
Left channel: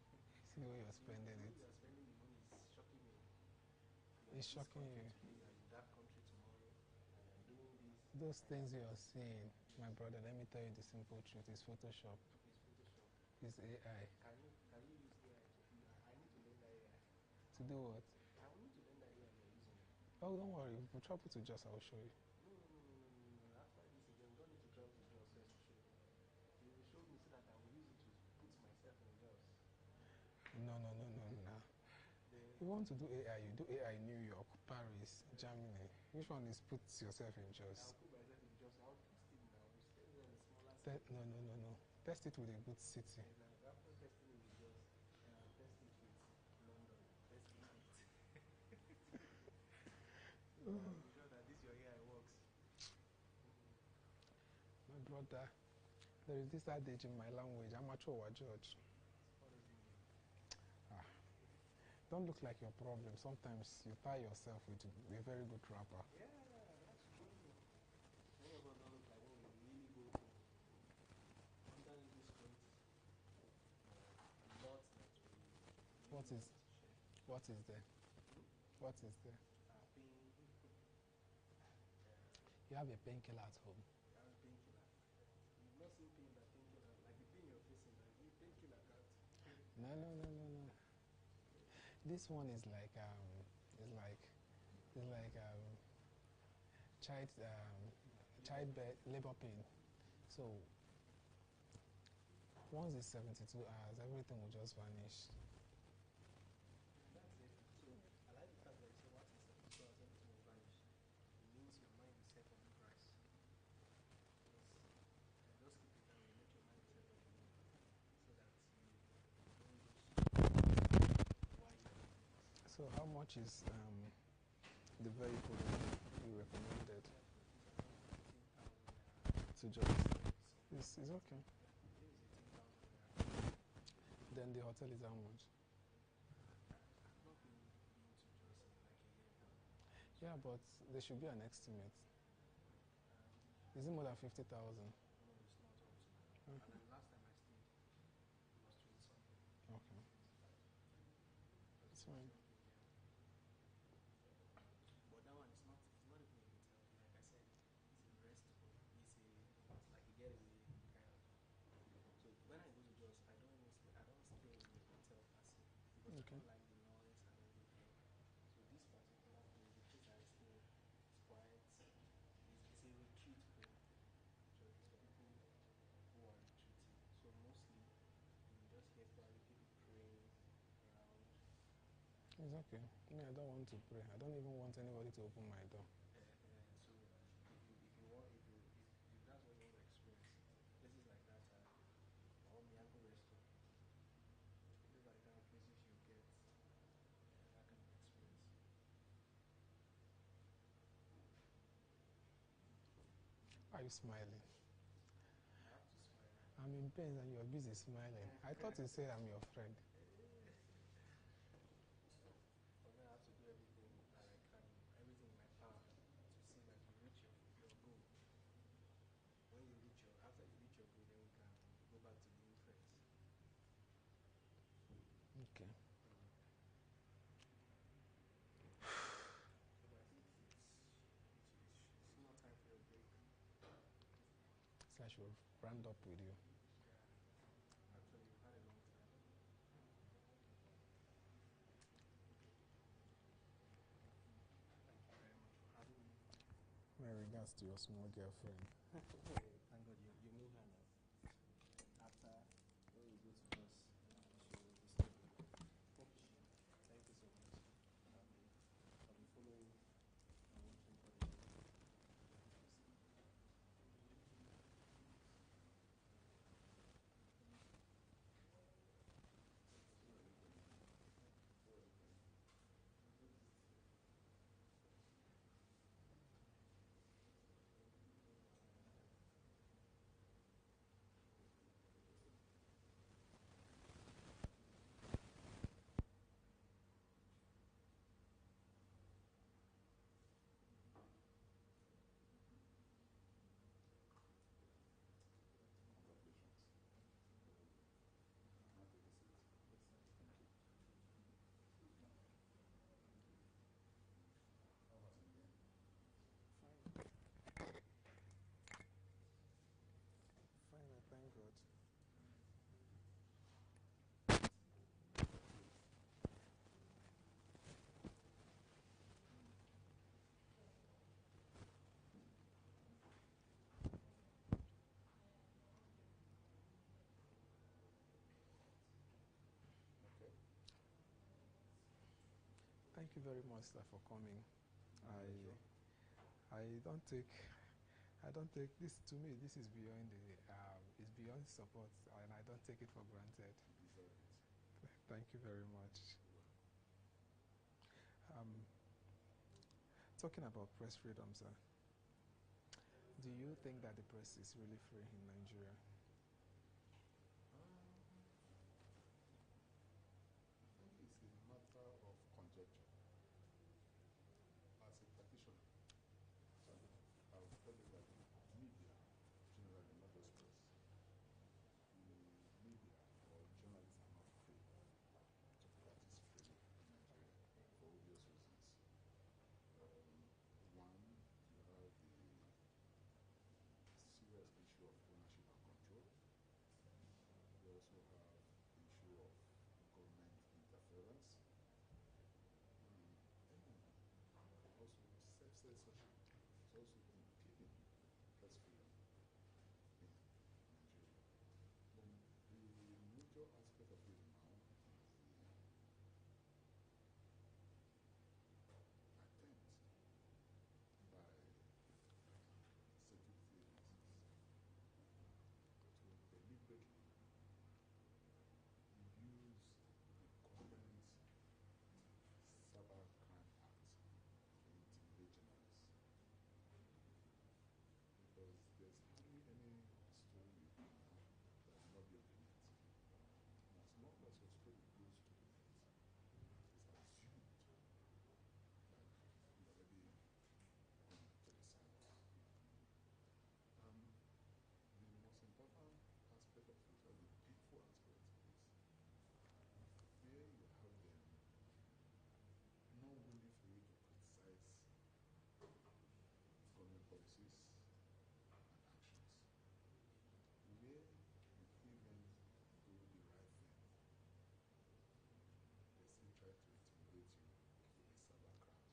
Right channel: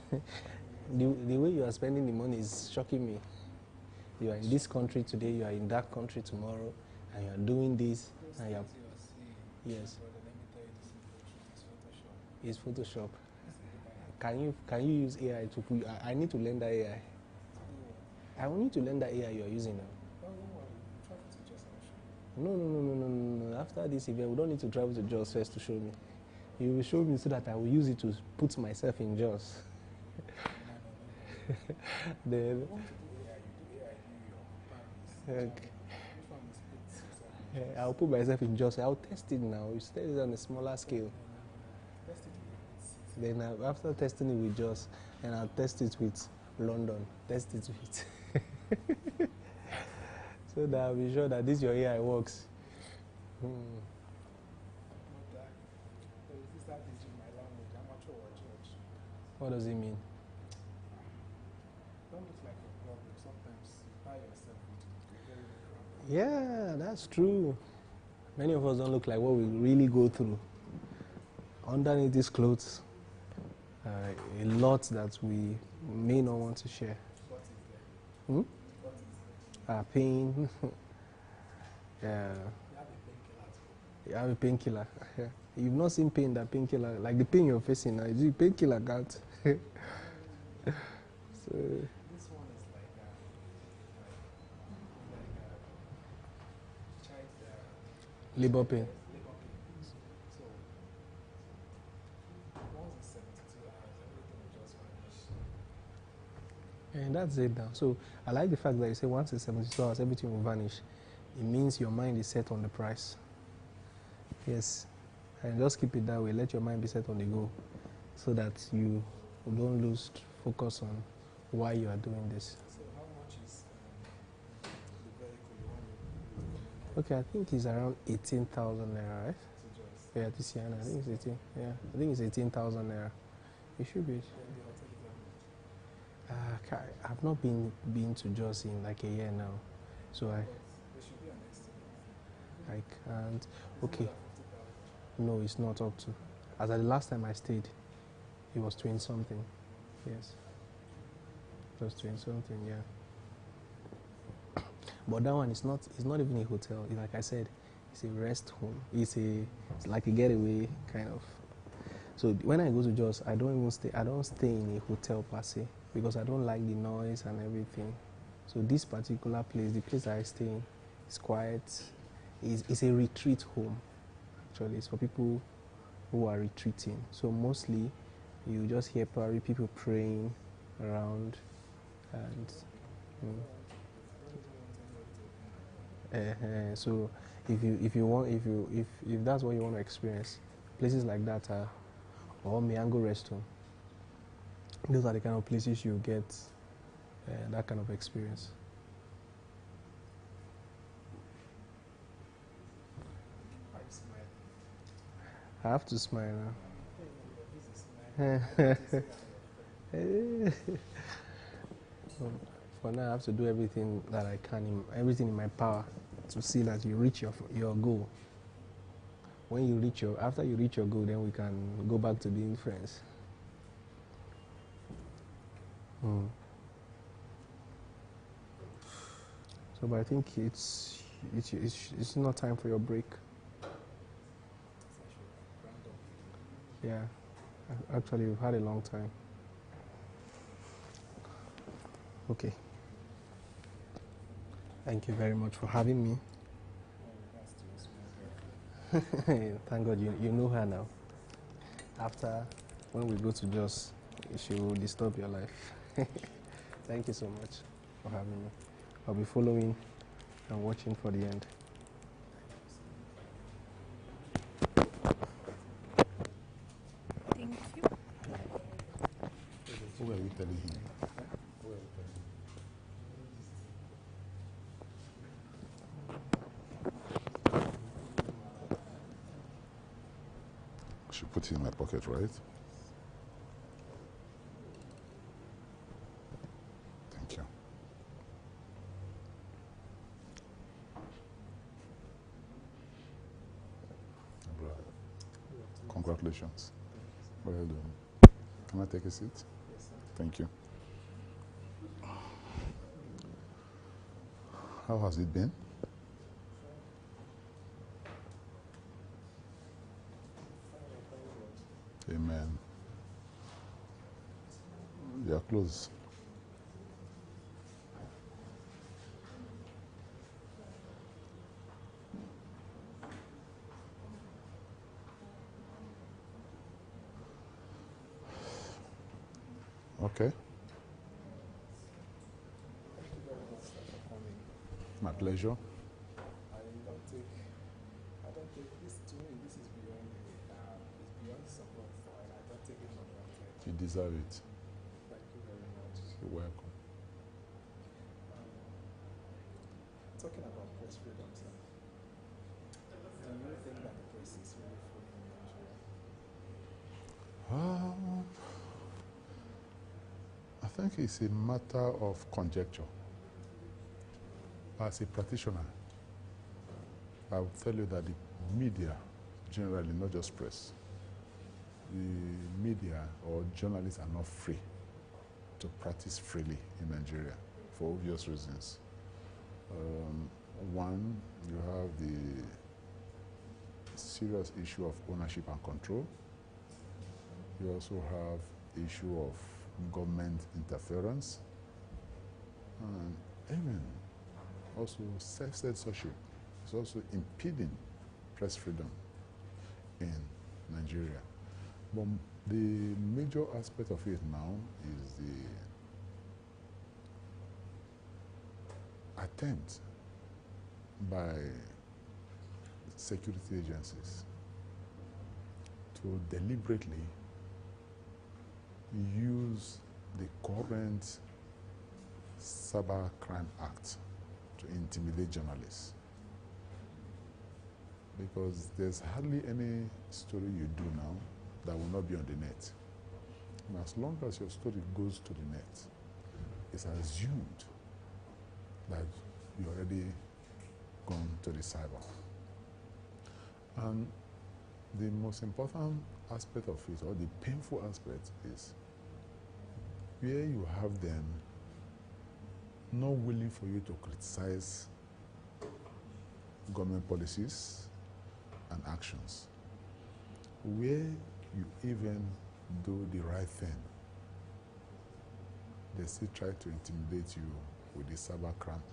The way you are spending the money is shocking me. You are in this country today, you are in that country tomorrow, and you are doing this. Those And you are, things you're seeing, yes, my brother, let me tell you the simple truth, it's Photoshop. it's Photoshop. It's AI. Can you use AI to put? I need to learn that AI. To do what? I will need to learn that AI you are using now. Oh, don't worry. We travel to Jos, I will show you. No. After this event, we don't need to travel to Jos first to show me. You will show me so that I will use it to put myself in Jos. No. Then, You want to do AI, you do AI in New York, Paris, Okay. Germany. Which one is put yourself in Jos? I'll put myself in Jos. I'll test it now. You test it on a smaller scale. No. Test it with a good city. Then after testing it with Jos, and I'll test it with London. Test it with. So that I'll be sure that this your AI works. But there is this adage in my language. George. What does it mean? Don't look like a problem. Sometimes you tie yourself into a very big crap. Yeah, that's true. Many of us don't look like what we really go through. Underneath these clothes, a lot that we may not want to share. What is there? Hmm? What is there? Pain. Yeah. You have a painkiller at home. You have a painkiller. You've not seen pain, that painkiller, like the pain you're facing now, is it painkiller can't? So This one is like child labor pain. labor pain. So once it's 72 hours, everything will just vanish. And that's it now. So I like the fact that you say once it's 72 hours, everything will vanish. It means your mind is set on the price. Yes. And just keep it that way. Let your mind be set on the goal so that you don't lose focus on why you are doing this. So how much is the vehicle you recommended Okay, I think it's around 18,000 naira, right? to just Yeah, this year, I think it's 18. Yeah, I think it's 18,000 naira. It should be. then the hotel is how much? I've not been to Jos in like a year now, so But there should be an estimate. I can't. Is Okay, it more than 50,000? no, it's not up to. As at the last time I stayed, it was 20 something. Yes, it was 20 something. Yeah. But that one is not. It's not even a hotel. It's like I said, it's a rest home. It's like a getaway kind of. So when I go to Jos, I don't even stay. I don't stay in a hotel per se because I don't like the noise and everything. So this particular place, the place I stay in, is quiet. It's a retreat home. Actually, it's for people who are retreating. So mostly, you just hear probably people praying around, and so if that's what you want to experience, places like that are or Miango Rest Home. Those are the kind of places you get that kind of experience. Why are you smiling? I have to smile now. I'm in pain and you're busy smiling. I thought you say I'm your friend. For now, I have to do everything that I can, everything in my power, to see that you reach your goal. When you after you reach your goal, then we can go back to being friends. So, but I think it's not time for your break. So I should round up with you. Yeah, actually, we've had a long time. Okay. Thank you very much for having me. My regards to your small girlfriend. Thank God you know her now. After, when we go to Jos, she will disturb your life. Thank you so much for having me. I'll be following and watching for the end. Thank you. Who were we telling him? I should put it in my pocket, right? Thank you. Congratulations. Well done. Can I take a seat? Yes, sir. Thank you. How has it been? Amen. You are close. Okay. Thank you very much, sir, for coming. My pleasure. I don't take this, to me, this is beyond it's beyond support, and I don't take it for granted. You deserve it. Thank you very much. You're welcome. Talking about press freedom, sir, do you think that the press is really free in Nigeria? I think it's a matter of conjecture. As a practitioner, I will tell you that the media, generally, not just press, the media or journalists are not free to practice freely in Nigeria for obvious reasons. One, you have the serious issue of ownership and control. You also have issue of government interference, and even also self-censorship is also impeding press freedom in Nigeria. But the major aspect of it now is the attempt by security agencies to deliberately use the current Cyber Crime Act to intimidate journalists. Because there's hardly any story you do now that will not be on the net. And as long as your story goes to the net, it's assumed that you're already gone to the cyber. And the most important aspect of it, or the painful aspect, is where you have them not willing for you to criticize government policies and actions, where you even do the right thing, they still try to intimidate you with the Cyber Crime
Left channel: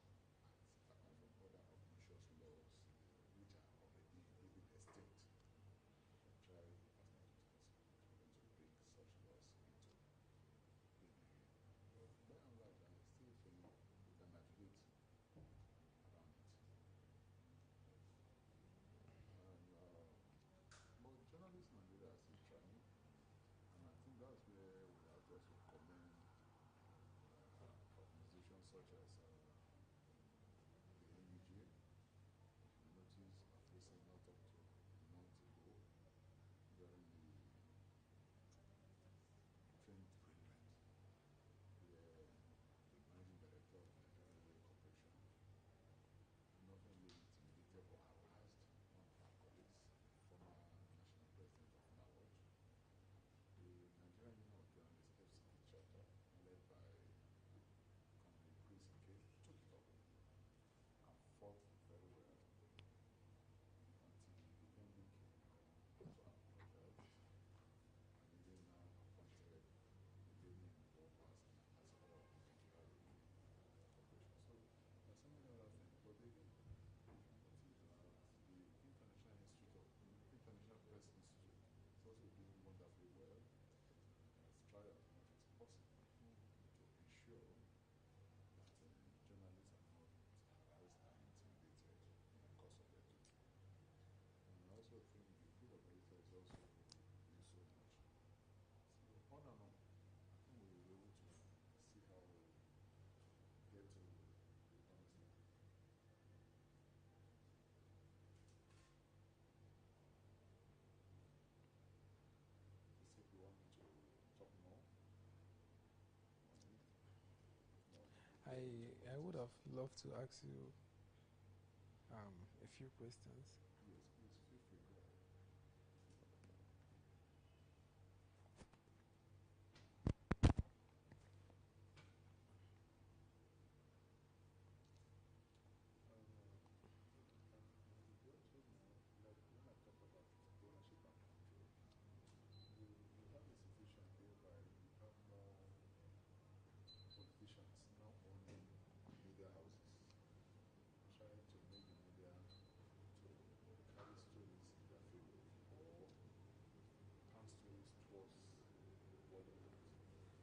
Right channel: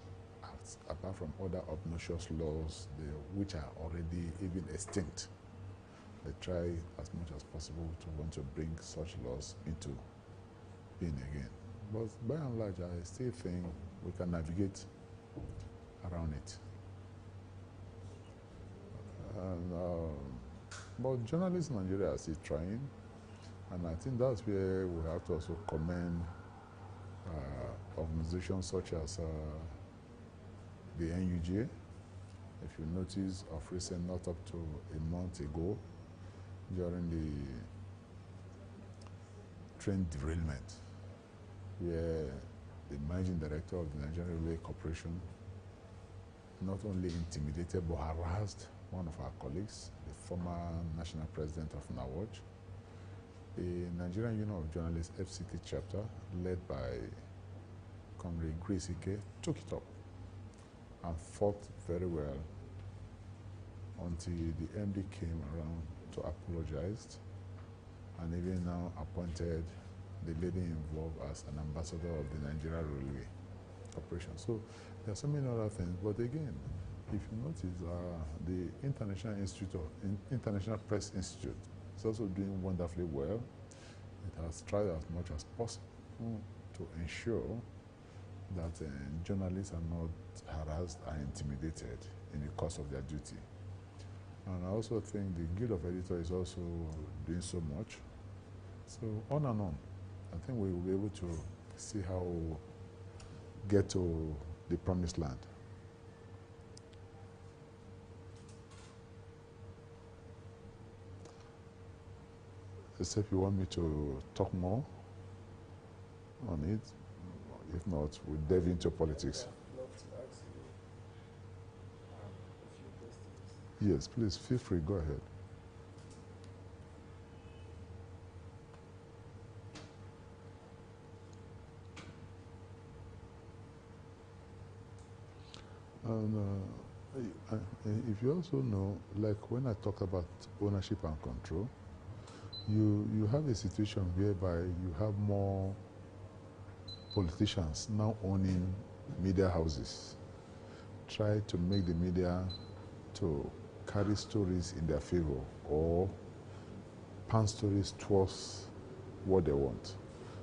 Act, apart from other obnoxious laws which are already even extinct. They try as much as possible to want to bring such laws into being again. But by and large, I still think we can navigate around it. And, but journalists in Nigeria are still trying, and I think that's where we have to also commend organizations such as the NUJ. If you notice, of recent, not up to a month ago, during the train derailment, where the managing director of the Nigerian Railway Corporation not only intimidated but harassed one of our colleagues, the former national president of NAWOJ. The Nigerian Union of Journalists FCT chapter, led by Comrade Chibuike, took it up and fought very well until the MD came around to apologize, and even now appointed the lady involved as an ambassador of the Nigeria Railway Corporation. So there are so many other things, but again, if you notice, the International Press Institute is also doing wonderfully well. It has tried as much as possible to ensure that journalists are not harassed and intimidated in the course of their duty. And I also think the Guild of Editors is also doing so much. So on and on. I think we will be able to see how we get to the promised land. Except you want me to talk more on it. If not, we'll delve into politics. I'd love to ask you a few questions. Yes, please, feel free, go ahead. And if you also know, like when I talk about ownership and control, you have a situation whereby you have more politicians now owning media houses, try to make the media to carry stories in their favor or pan stories towards what they want.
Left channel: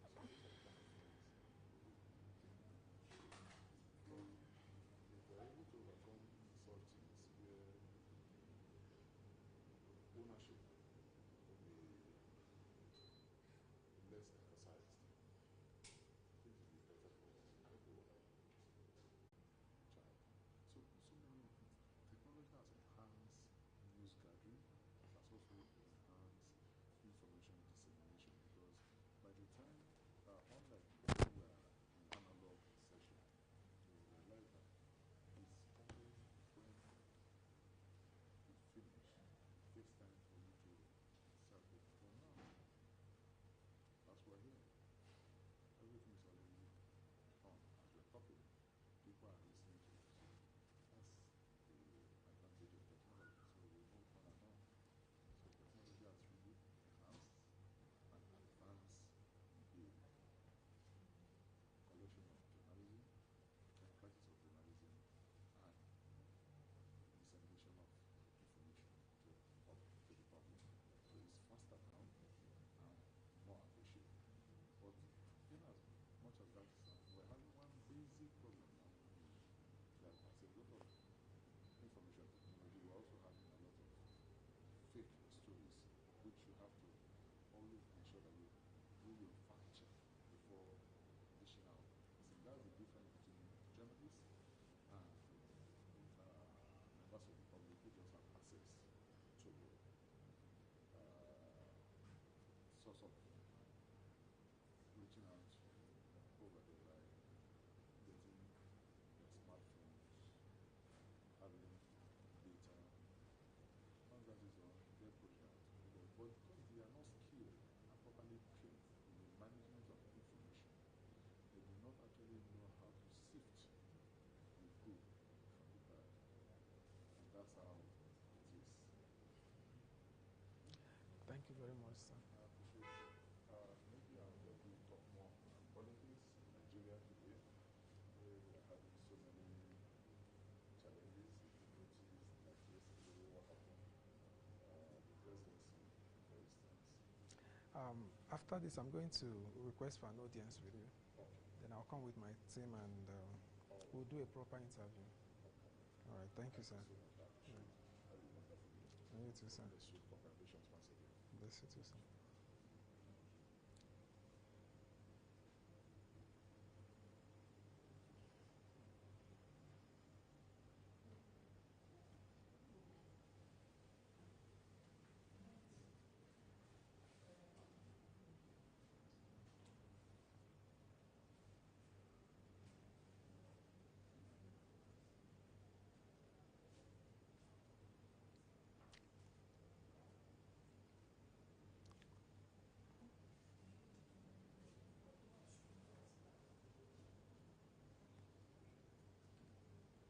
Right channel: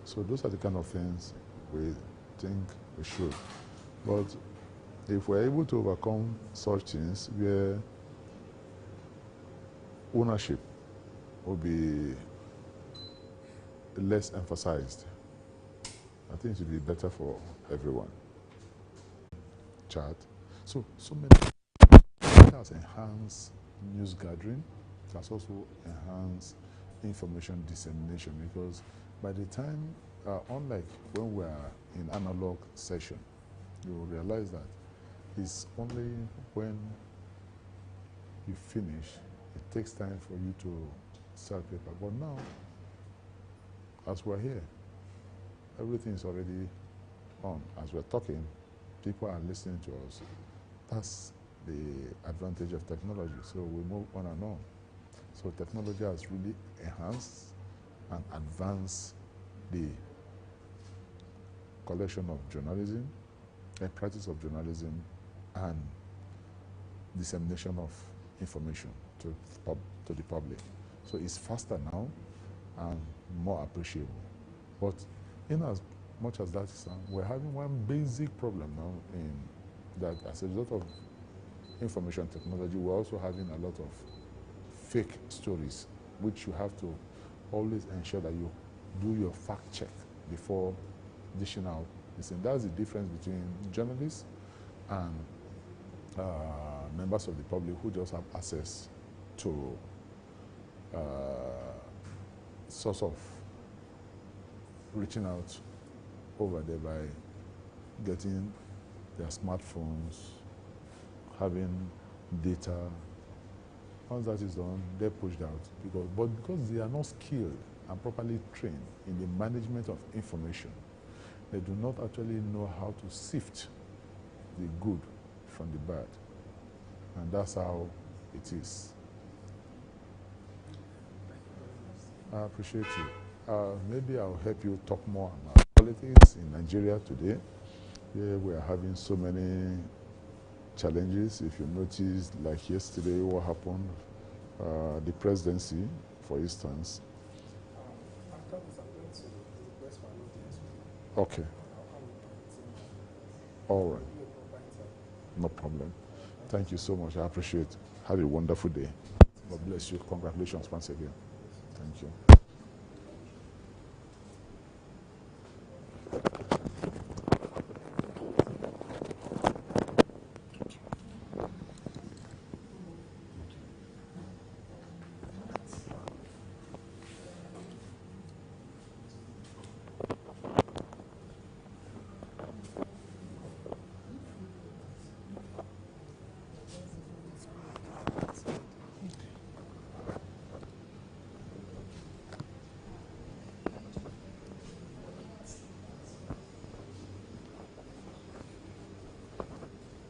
So those are the kind of things we think we should. But if we're able to overcome such things where ownership will be less emphasized, I think it will be better for everyone. Chat. So many. It has enhanced news gathering. It has also enhanced information dissemination, because by the time, unlike when we are in analog session, you will realize that it's only when you finish, it takes time for you to start paper. But now, as we're here, everything is already on. As we're talking, people are listening to us. That's the advantage of technology. So we move on and on. So technology has really enhanced and advanced the collection of journalism, the practice of journalism, and dissemination of information to the public. So it's faster now and more appreciable. But in as much as that is, we're having one basic problem now in that as a result of information technology, we're also having a lot of fake stories, which you have to always ensure that you do your fact check before dishing out. That's the difference between journalists and members of the public who just have access to source of reaching out over there by getting their smartphones, having data. Once that is done, they're pushed out. But because they are not skilled and properly trained in the management of information, they do not actually know how to sift the good from the bad. And that's how it is. Thank you very much. I appreciate you. Maybe I'll help you talk more about politics in Nigeria today. Yeah, we are having so many challenges. If you notice, like yesterday, what happened, the presidency, for instance. After this, I'm going to request for an audience with you. Okay. And I'll come with my team. All right. Do a proper interview. No problem. Thank you so much. I appreciate it. Have a wonderful day. God bless you. Congratulations once again. Thank you.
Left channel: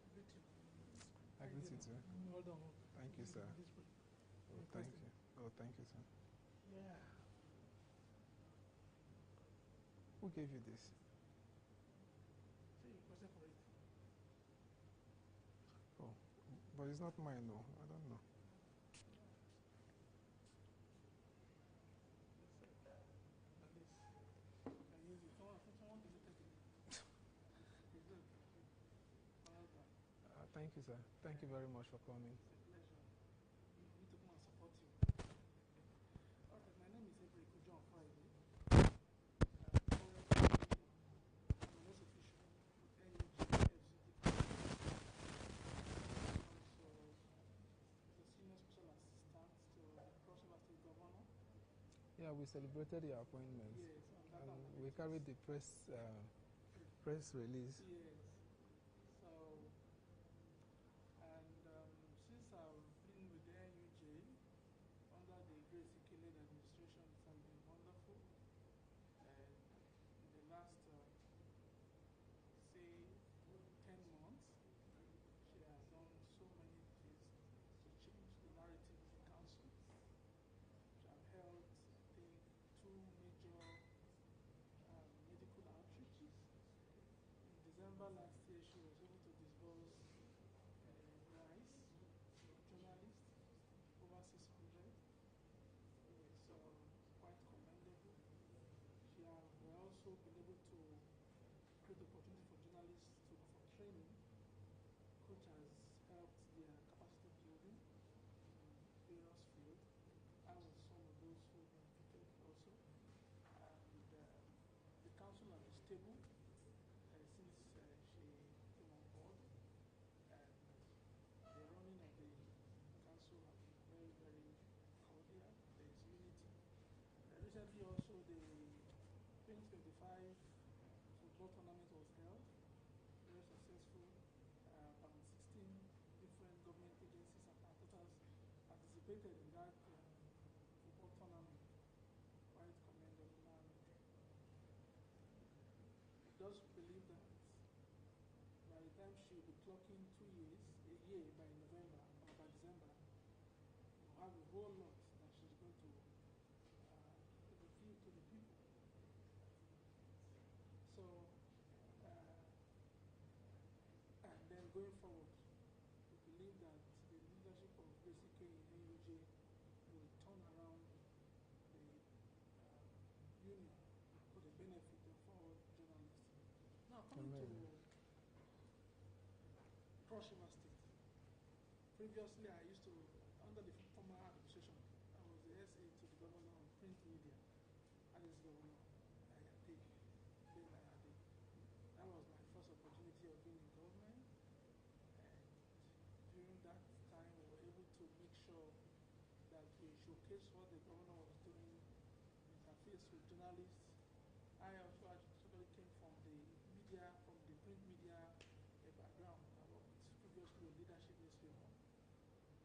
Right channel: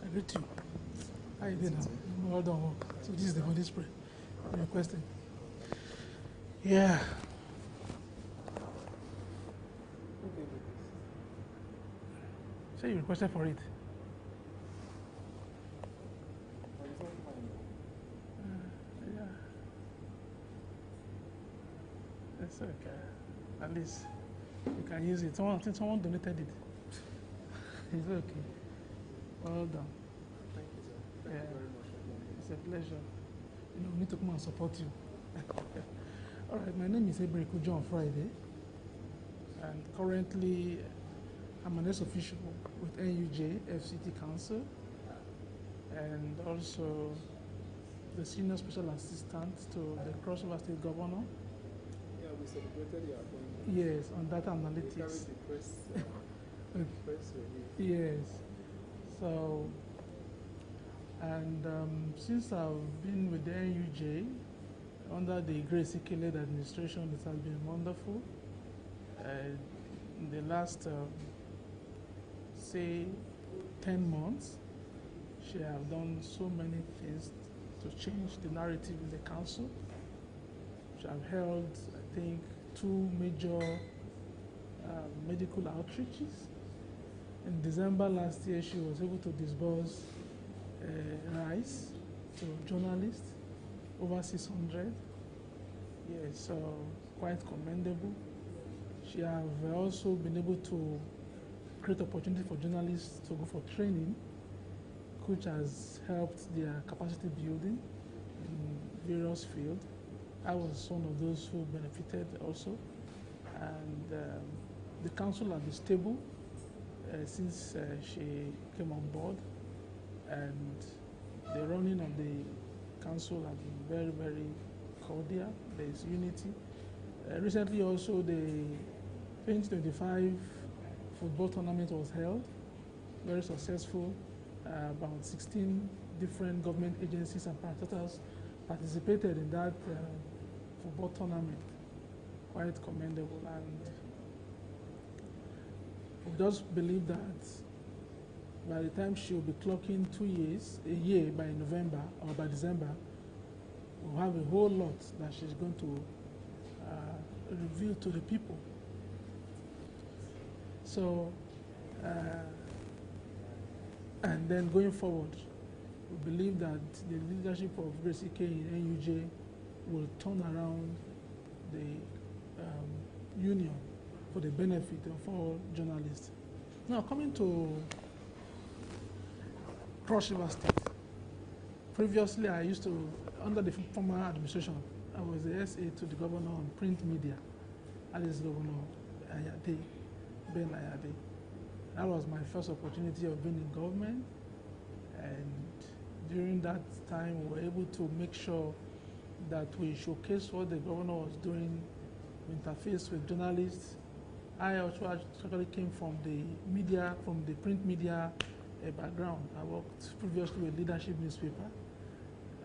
I greet you. How you doing now? Well done work. So this is the Holy Spirit you're requesting. Yeah. Who gave you this? Say you requested for it. But it's not mine. Yeah. It's okay. At least you can use it. I think someone donated it. It's okay. Well done. Thank you, sir. Thank you very much for coming. It's a pleasure. You know, we need to come and support you. All right, my name is Ebreko John Friday. And currently, I'm an ex-official with NUJ FCT Council. And also the Senior Special Assistant to the Crossover State Governor. Yeah, we celebrated your appointment. Yes, on data We analytics. carried the press release. Yes. So, and since I've been with the NUJ under the Grace Ike-led administration, it has been wonderful. In the last, say, 10 months, she have done so many things to change the narrative in the council. She have held, I think, 2 major medical outreaches. In December last year, she was able to disburse rice to journalists, over 600. Yes, so quite commendable. She have also been able to create opportunity for journalists to go for training, which has helped their capacity building in various fields. I was one of those who benefited also. And the council has been stable since she came on board, and the running of the council has been very, very cordial. There is unity. Recently also the 2025 football tournament was held, very successful. About 16 different government agencies and parastatals participated in that football tournament. Quite commendable, and we just believe that by the time she'll be clocking 2 years, a year by November or by December, we'll have a whole lot that she's going to reveal to the people. So, and then going forward, we believe that the leadership of Grace Ike in NUJ will turn around the union for the benefit of all journalists. Now, coming to Cross River State. Previously, I used to, under the former administration, I was the SA to the governor on print media. That is Governor Ayade, Ben Ayade. That was my first opportunity of being in government, and during that time we were able to make sure that we showcase what the governor was doing, interface with journalists. I also actually came from the media, from the print media background. I worked previously with Leadership newspaper,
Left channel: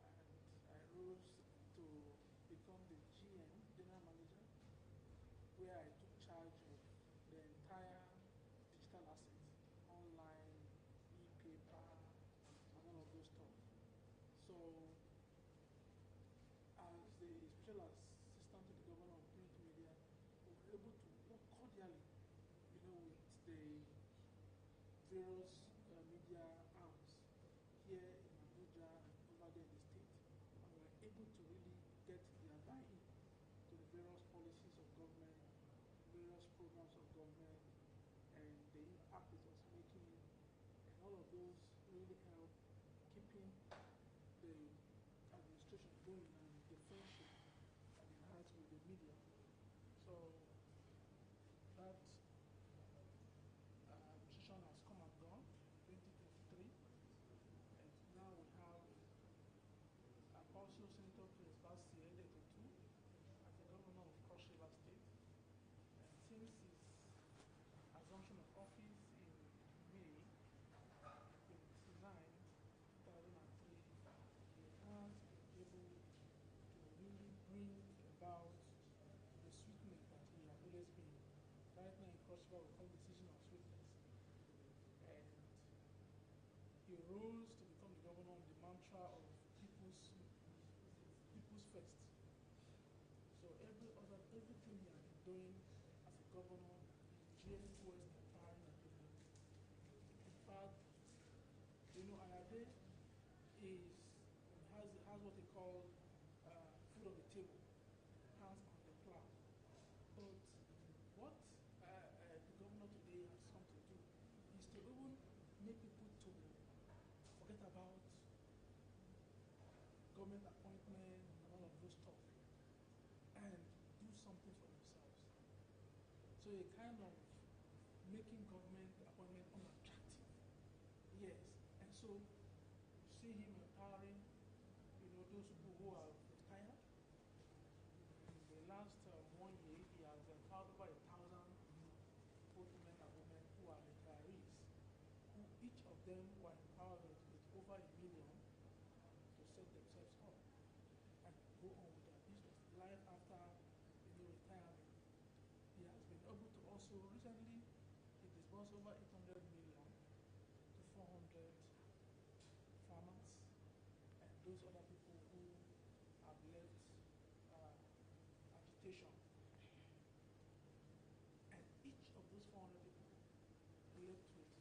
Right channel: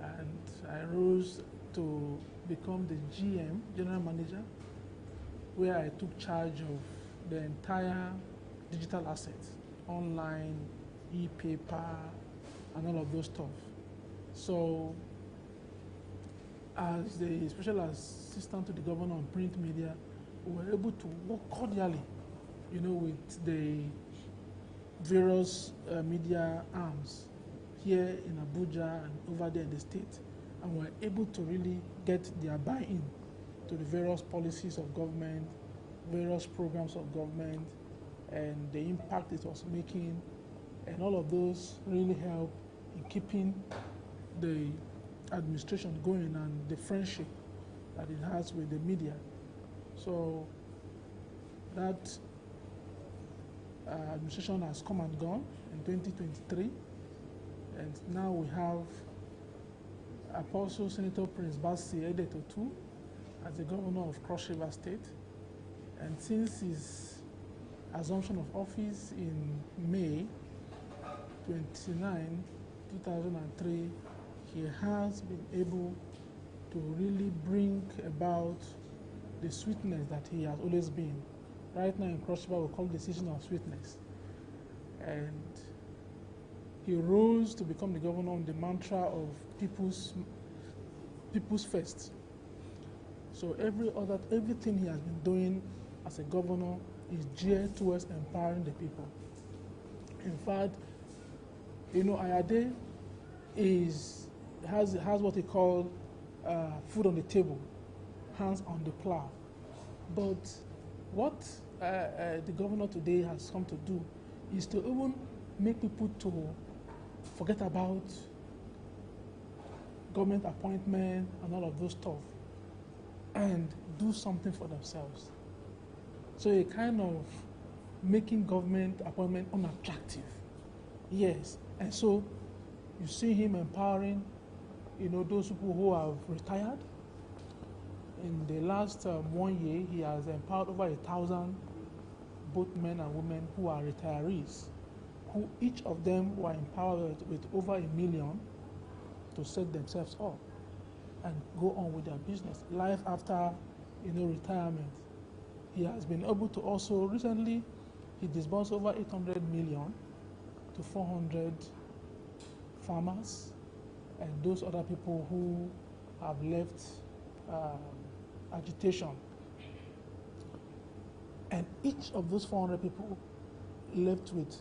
and I rose to become the GM, General Manager, where I took charge of the entire digital assets, online, e-paper, and all of those stuff. So, as the special assistant to the governor on print media, we were able to work cordially, with the various media arms here in Abuja and over there in the state, and we're able to really get their buy-in to the various policies of government, various programs of government, and the impact it was making, and all of those really help in keeping the administration going and the friendship that it has with the media. So that administration has come and gone in 2023, and now we have Apostle Senator Prince Basi Edetotu as the governor of Cross River State. And since his assumption of office in May 29, 2003, he has been able to really bring about the sweetness that he has always been. Right now in Cross River, we call it the season of sweetness. And he rose to become the governor on the mantra of people's first. So everything he has been doing as a governor is geared towards empowering the people. In fact, Ayade has what he called food on the table, hands on the plow. But what the governor today has come to do is to even make people to forget about government appointment and all of those stuff and do something for themselves. So a kind of making government appointment unattractive. Yes, and so you see him empowering, those people who have retired. In the last 1 year, he has empowered over 1,000, both men and women who are retirees, who each of them were empowered with over $1 million to set themselves up and go on with their business. Life after, retirement. He has been able to also, recently, he disbursed over 800 million to 400 farmers and those other people who have left agitation. And each of those 400 people left with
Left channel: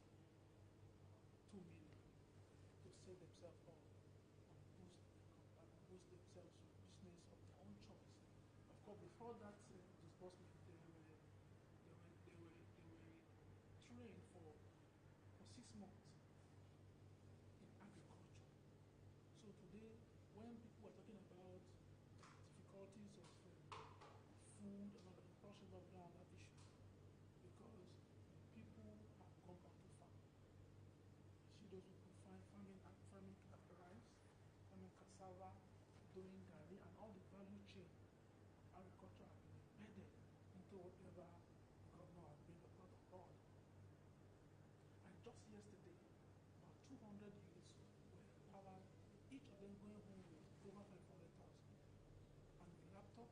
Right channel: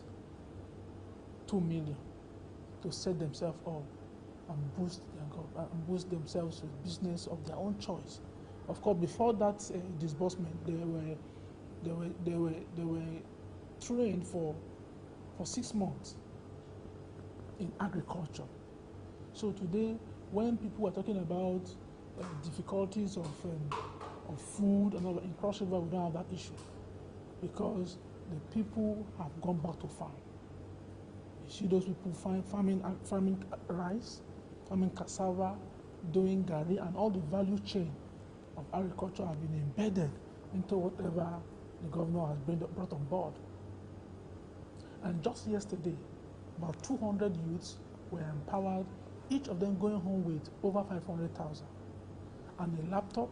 2 million to set themselves up and boost themselves with business of their own choice. Of course, before that disbursement, they were trained for 6 months in agriculture. So today, when people are talking about difficulties of food and all that, in Cross River, we don't have that issue because the people have gone back to farm. You see those people farming rice, farming cassava, doing gari, and all the value chain of agriculture have been embedded into whatever the governor has brought on board. And just yesterday, about 200 youths were empowered, each of them going home with over 500,000 and a laptop,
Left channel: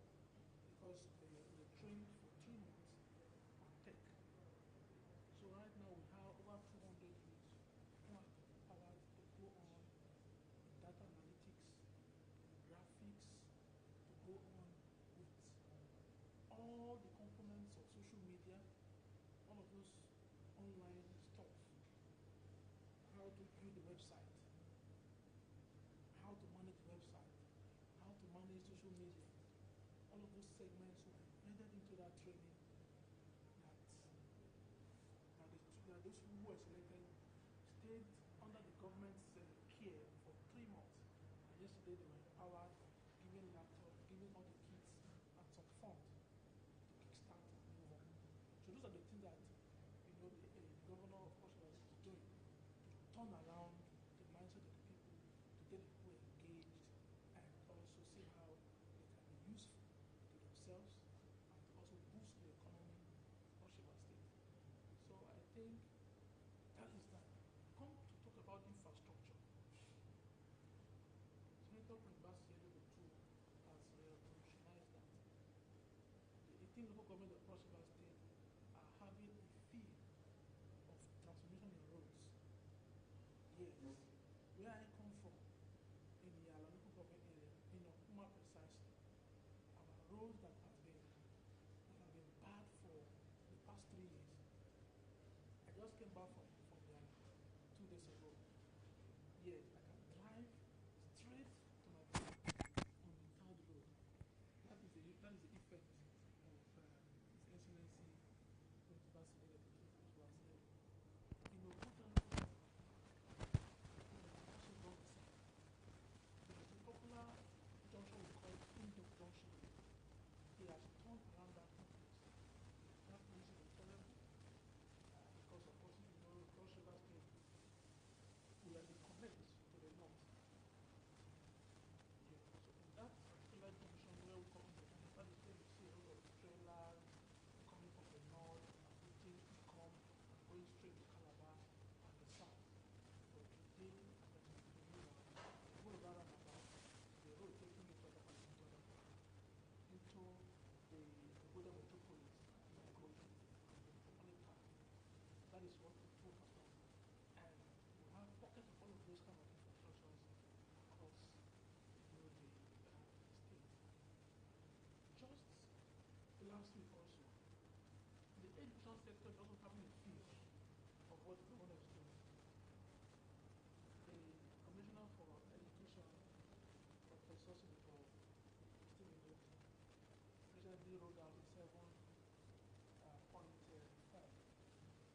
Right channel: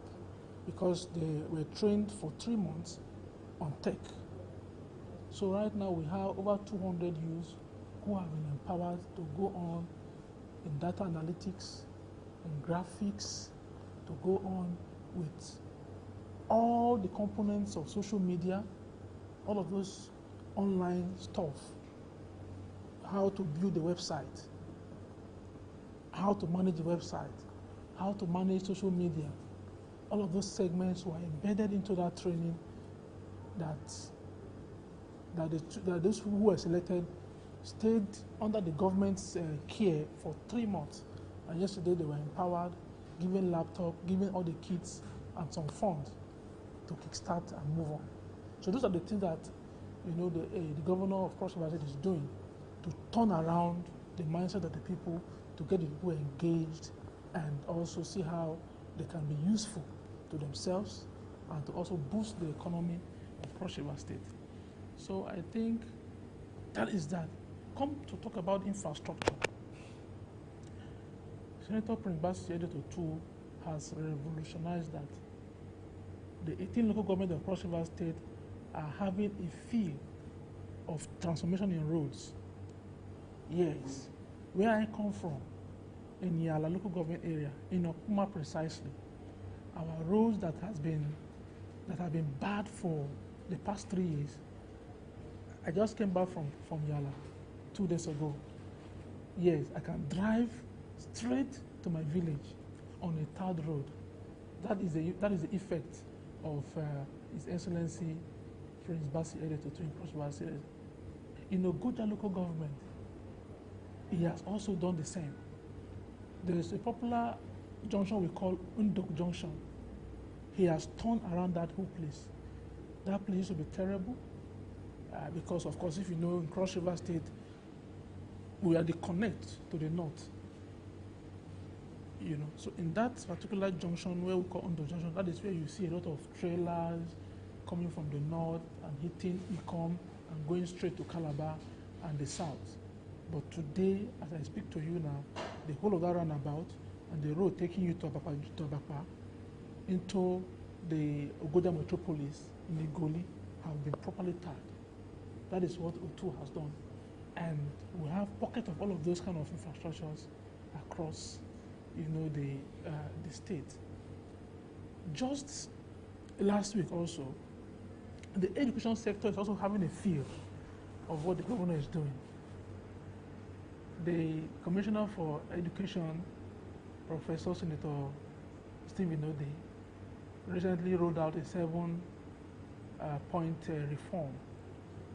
because they were trained for 3 months on tech. So right now we have over 200 youths who have been empowered to go on in data analytics, in graphics, to go on with all the components of social media, all of those online stuff, how to build the website, how to manage the website, how to manage social media. All of those segments were embedded into that training that those people who were selected stayed under the government's care for 3 months. And yesterday they were empowered, given laptop, given all the kits and some funds to kickstart and move on. So those are the things that the governor of Cross River State is doing to turn around the mindset of the people, to get the people engaged, and also see how they can be useful to themselves and to also boost the economy of Cross River State. So I think that is that. Come to talk about infrastructure. Senator Prince Bassey Editor 2 has revolutionized that. The 18 local governments of Cross River State are having a feel of transformation in roads. Yes, where I come from, in Yala local government area, in Okuma precisely, our roads that have been bad for the past 3 years. I just came back from Yala 2 days ago. Yes, I can drive straight to my village on a third road. That is the effect of His Excellency Prince Bassey Editor to Cross River State. In Ogoja local government, he has also done the same. There is a popular junction we call Undok Junction. He has turned around that whole place. That place used to be terrible because, of course, if you know, in Cross River State, we are the connect to the north. So in that particular junction where we call Undok Junction, that is where you see a lot of trailers coming from the north and hitting Ikom and going straight to Calabar and the south. But today, as I speak to you now, the whole of that roundabout and the road taking you to Abapa into the Ogoja metropolis in Igoli have been properly tarred. That is what O2 has done. And we have pockets of all of those kind of infrastructures across, the state. Just last week also, the education sector is also having a feel of what the governor is doing. The Commissioner for Education, Professor Senator Stephen Ode, recently rolled out a 7-point reform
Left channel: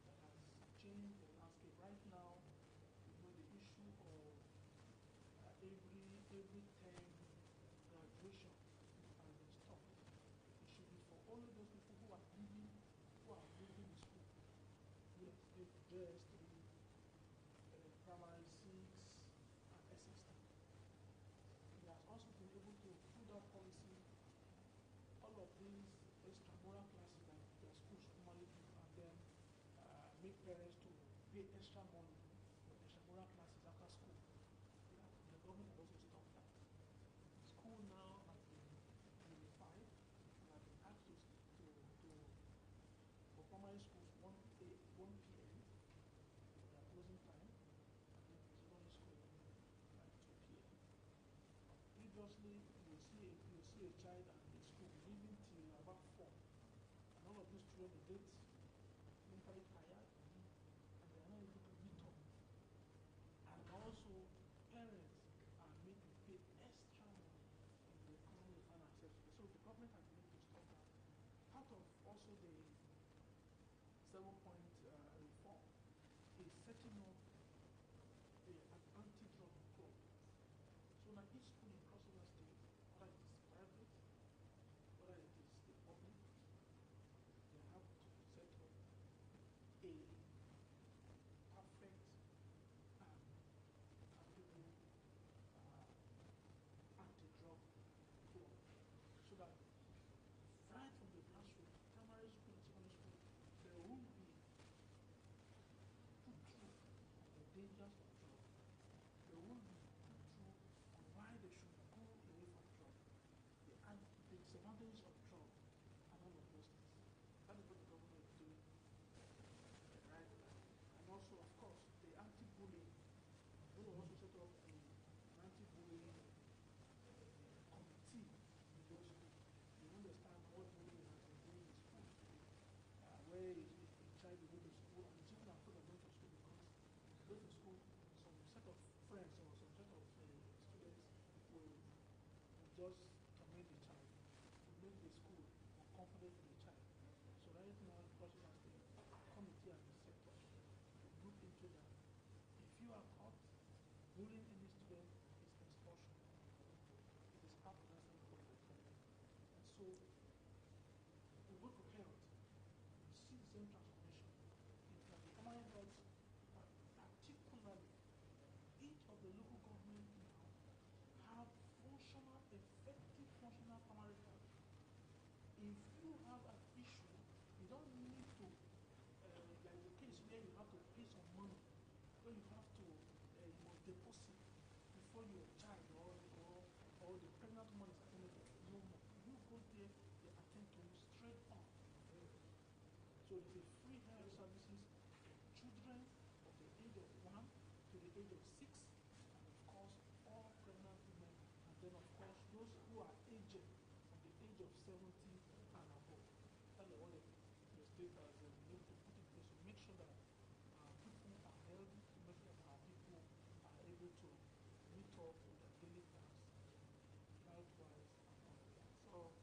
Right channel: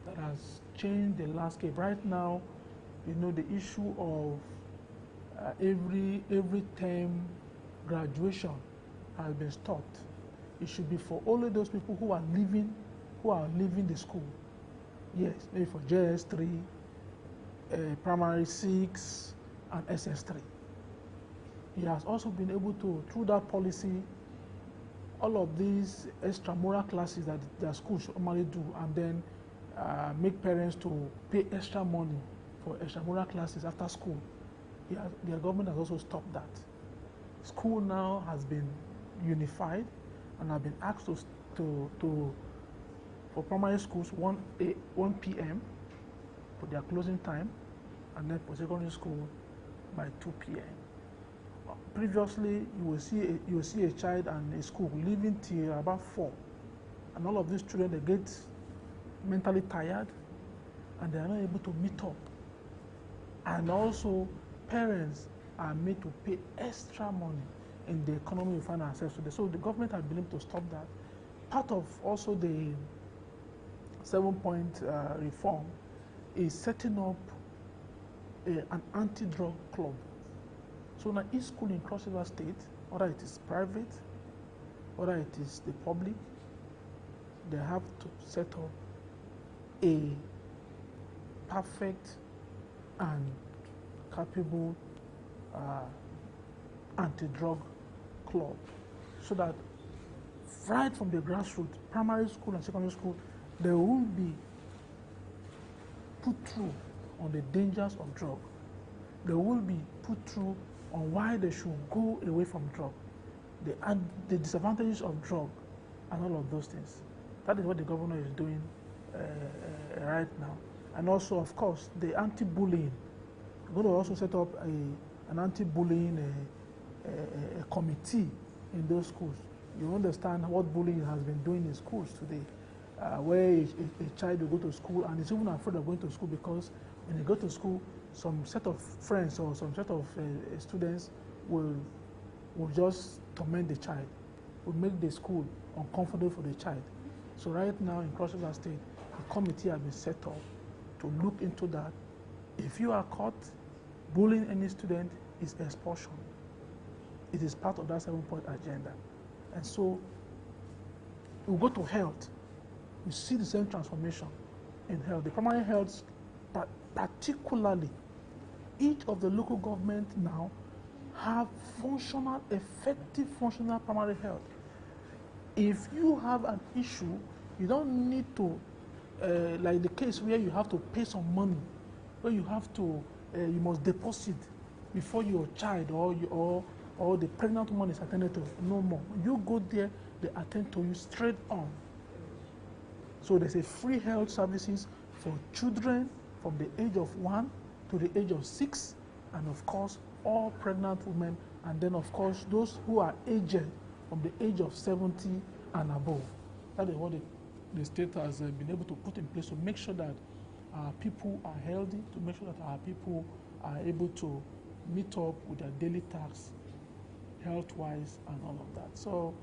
that has changed the landscape. Right now, the issue of every term graduation has been stopped. It should be for only those people who are leaving the school. Yes, maybe for JS3, primary 6, and SS3. He has also been able to, through that policy, all of these extramural classes that their school should normally do, and then make parents to pay extra money for extramural classes after school. Their government has also stopped that. School now has been unified and have been asked for primary schools 1 p.m. for their closing time, and then for secondary school by 2 p.m. Previously, you will see a child and a school leaving till about 4, and all of these children, they get mentally tired and they are not able to meet up. And also, parents are made to pay extra money in the economy we find ourselves today. So the government has been able to stop that. Part of also the 7-point reform is setting up an anti-drug club. So now each school in Cross River State, whether it is private, whether it is the public, they have to set up a perfect and capable anti-drug club, so that right from the grassroots, primary school and secondary school, they will be put through on the dangers of drug. They will be put through on why they should go away from drug, the disadvantages of drug, and all of those things. That is what the governor is doing right now. And also, of course, the anti-bullying. We're going to also set up an anti-bullying committee in those schools. You understand what bullying has been doing in schools today, where a child will go to school and is even afraid of going to school because when they go to school, some set of friends or some set of students will just torment the child, will make the school uncomfortable for the child. So right now in Cross River State, a committee has been set up to look into that. If you are caught bullying any student, it's expulsion. It is part of that 7-point agenda. And so we go to health. We see the same transformation in health. The primary health, particularly, each of the local government now have functional, effective functional primary health. If you have an issue, you don't need to, like the case where you have to pay some money, where you have to, you must deposit before your child or the pregnant woman is attended to. No more. You go there, they attend to you straight on. So there's a free health services for children from the age of 1 to the age of 6, and of course, all pregnant women, and then of course, those who are aged from the age of 70 and above. That is what the state has been able to put in place to make sure that our people are healthy, to make sure that our people are able to meet up with their daily tasks, health-wise and all of that. So,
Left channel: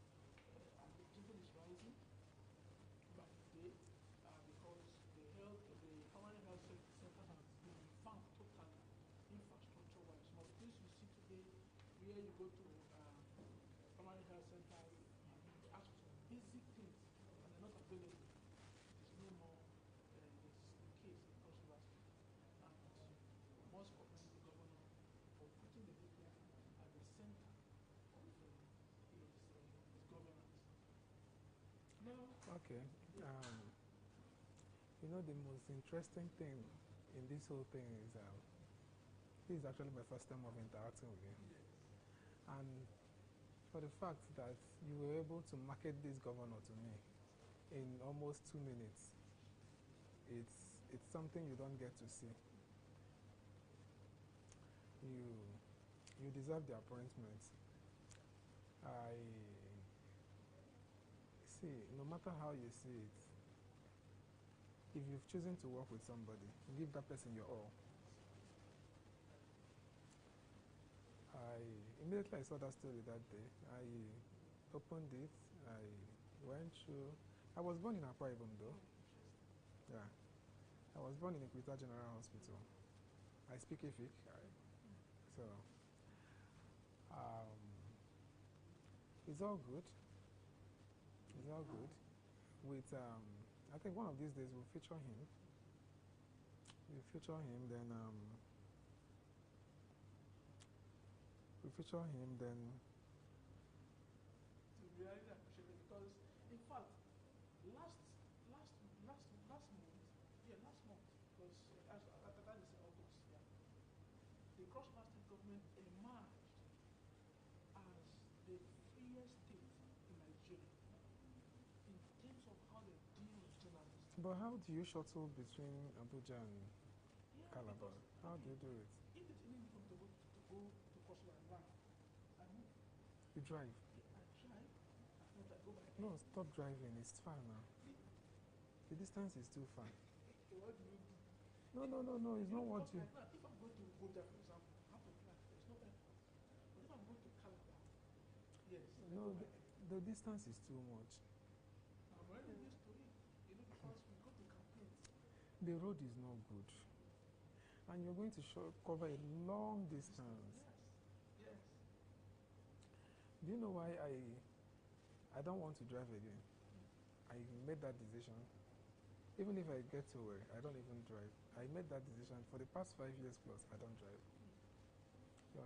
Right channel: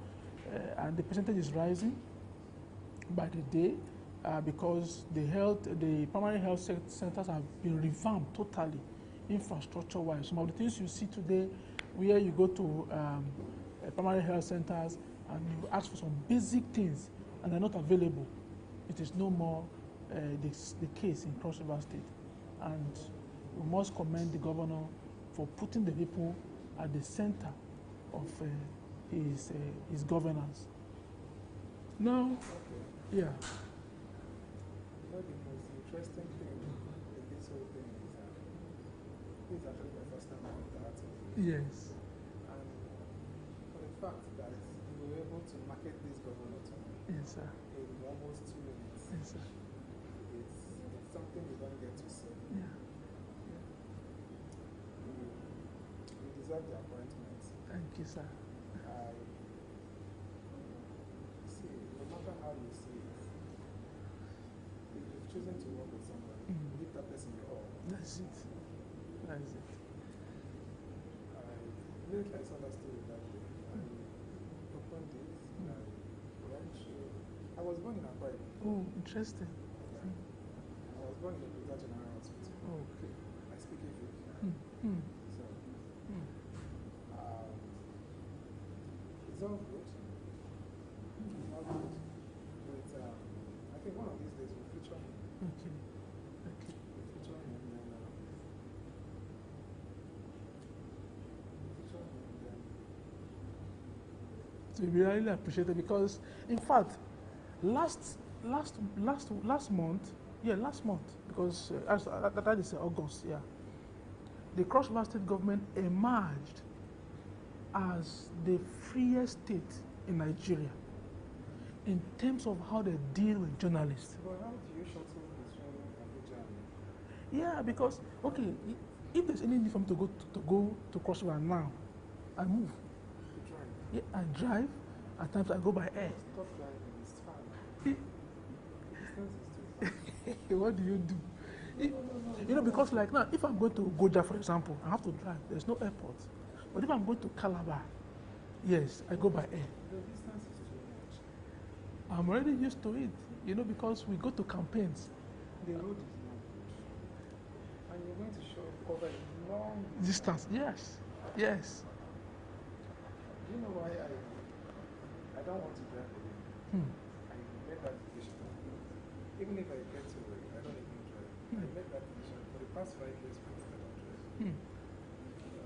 and the percentage is rising by the day because the primary health centers have been revamped totally, infrastructure-wise. Some of the things you see today, where you go to primary health centers and you ask for some basic things and they're not available, it is no more the case in Cross River State. And we must commend the governor for putting the people at the center of his governance. Now, okay. Yeah. You know, the most interesting thing in this whole thing is this is actually my first time having the art of it. Yes. And for the fact that you were able to market this governor to me Yes, sir. in almost 2 minutes, Yes, sir. it's something you don't get to see. Yeah. You deserve the appointment. Thank you, sir. I see, no matter how you see it, if you've chosen to work with somebody, give that person your all. That's it. That's it. Immediately I saw that story that day, I opened it, I went through. I was born in Akwa Ibom. Oh, interesting. I was born in the Brigadier General Hospital. Okay. I speak Efik. So, it's all good. It's all good. But I think one of these days we'll feature him. Okay. Okay. We'll feature him, then So we really appreciate it because, in fact, last month, because that is August, yeah. The Cross River State government emerged as the freest state in Nigeria in terms of how they deal with journalists. But how do you shuttle between Abuja and Yeah, because okay, if there's any need for me to go to Cross River now, I move. you drive? Yeah, I drive. At times I go by air. Stop driving, it's far now. The distance is too far. What do you do? You know, because like now, if I'm going to Goja, for example, I have to drive. There's no airport. But if I'm going to Calabar, yes, I go by air. The distance is too much. I'm already used to it, you know, because we go to campaigns. The road is not good. And you're going to cover a long Distance, yes, yes. Do you know why I don't want to drive again? I made that decision. Even if I get to work, I don't even drive. I made that decision for the past 5 years plus I don't drive. You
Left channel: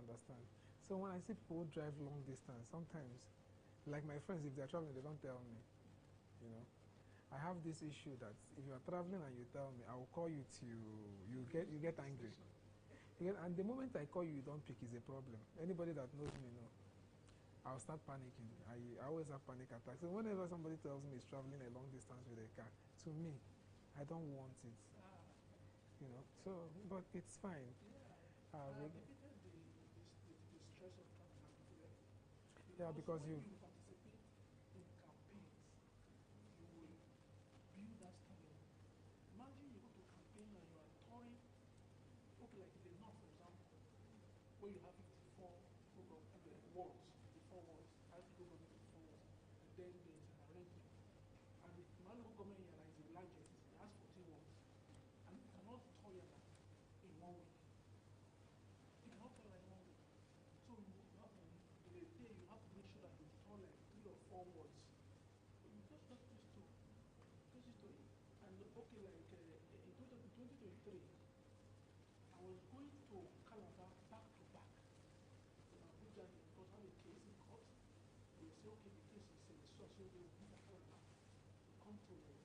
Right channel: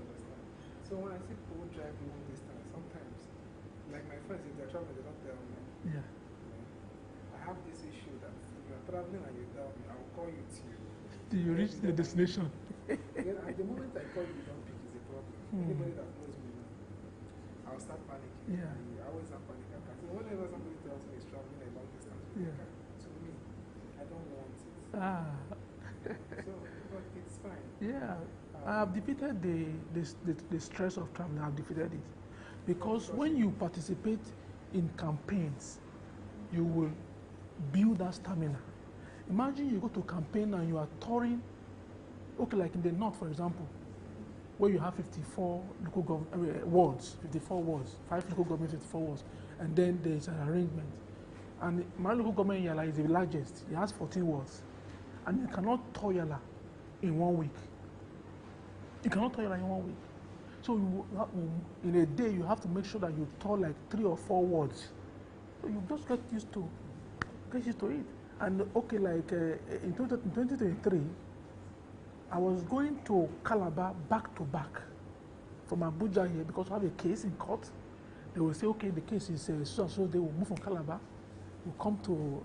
understand? So when I see people drive long distance, sometimes Like my friends, if they're traveling, they don't tell me. Yeah. I have this issue that if you're traveling and you tell me, I will call you till Till you reach the destination. Yeah, and the moment I call you, you don't pick is a problem. Anybody that knows me knows. I'll start panicking. Yeah. I always have panic attacks. So whenever somebody tells me he's traveling a long distance with Yeah. a car, to me, I don't want it. Ah. So, but it's fine. Yeah. I have defeated the stress of traveling. I've defeated it. Because when you participate in campaigns, you will build that stamina. Imagine you go to a campaign and you are touring, okay, like in the north, for example, where you have 54 local wards, 54 wards, 5 local government, 54 wards, and then there's an arrangement. And my local government Yala is the largest. It has 14 wards. And you cannot tour Yala in 1 week. You cannot tour Yala in 1 week. So in a day, you have to make sure that you tour like 3 or 4 wards. So you just get used to it. And okay, like in 2023, I was going to Calabar back to back from Abuja here because I have a case in court. They will say, okay, the case is so and so. They will move from Calabar, we'll come to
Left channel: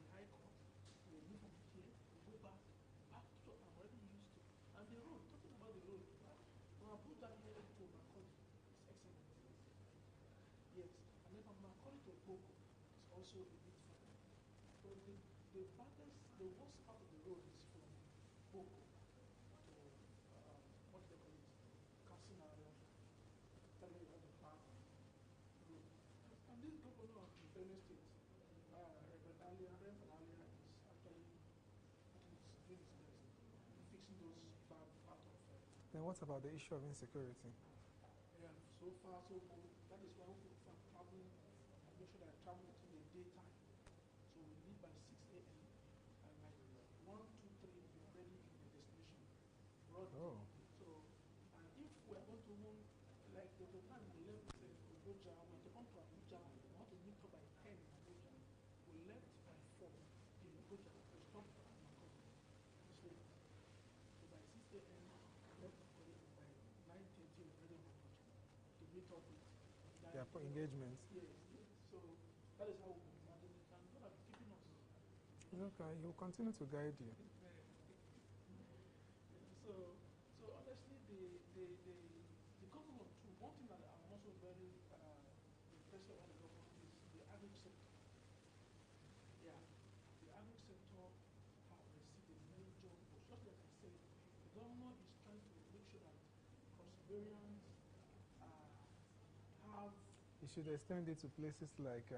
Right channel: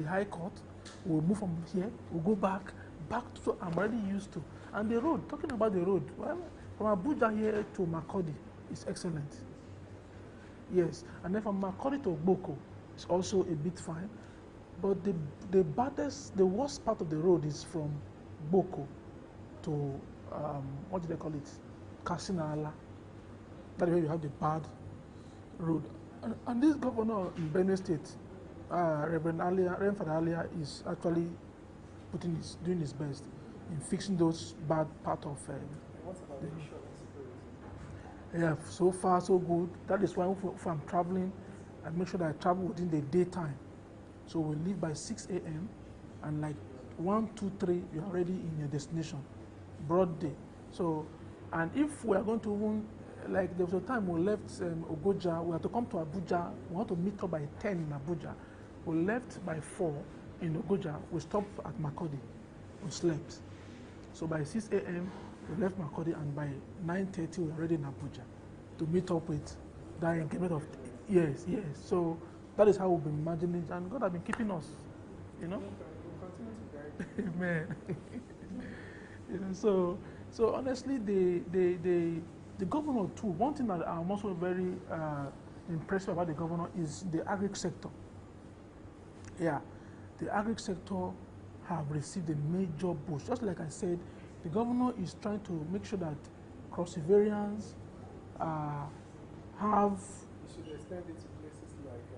the High Court, we'll move from here, we'll go back to, so I'm already used to. And the road, talking about the road, well, from Abuja here to Makurdi is excellent. Yes, and then from Makurdi to Boko is also a bit fine. But the worst part of the road is from Boko to, what do they call it? Kasinala. That is where you have the bad road. And this governor in Benue State, Reverend Father Alia, is actually doing his best in fixing those bad part of. And what about the issue of insecurity? Yeah, so far so good. That is why if I'm traveling, I make sure that I travel within the daytime. So we leave by 6 a.m. and like 1, 2, 3, you're already in your destination, broad day. So, and if we are going to even, like there was a time we left Ogoja, we had to come to Abuja, we want to meet up by 10 in Abuja. We left by 4 in Ogoja, we stopped at Makurdi, we slept. So by 6 a.m. we left Makurdi and by 9:30 we were already in Abuja to meet up with that engagement of, yes. So that is how we've been managing it, and God has been keeping us, you know. We'll continue to guide. Amen. You know, so honestly, the governor too. One thing that I'm also very impressed about the governor is the agri sector. Yeah, the agri sector have received a major boost. Just like I said, the governor is trying to make sure that crossivarians have. You should extend it to places like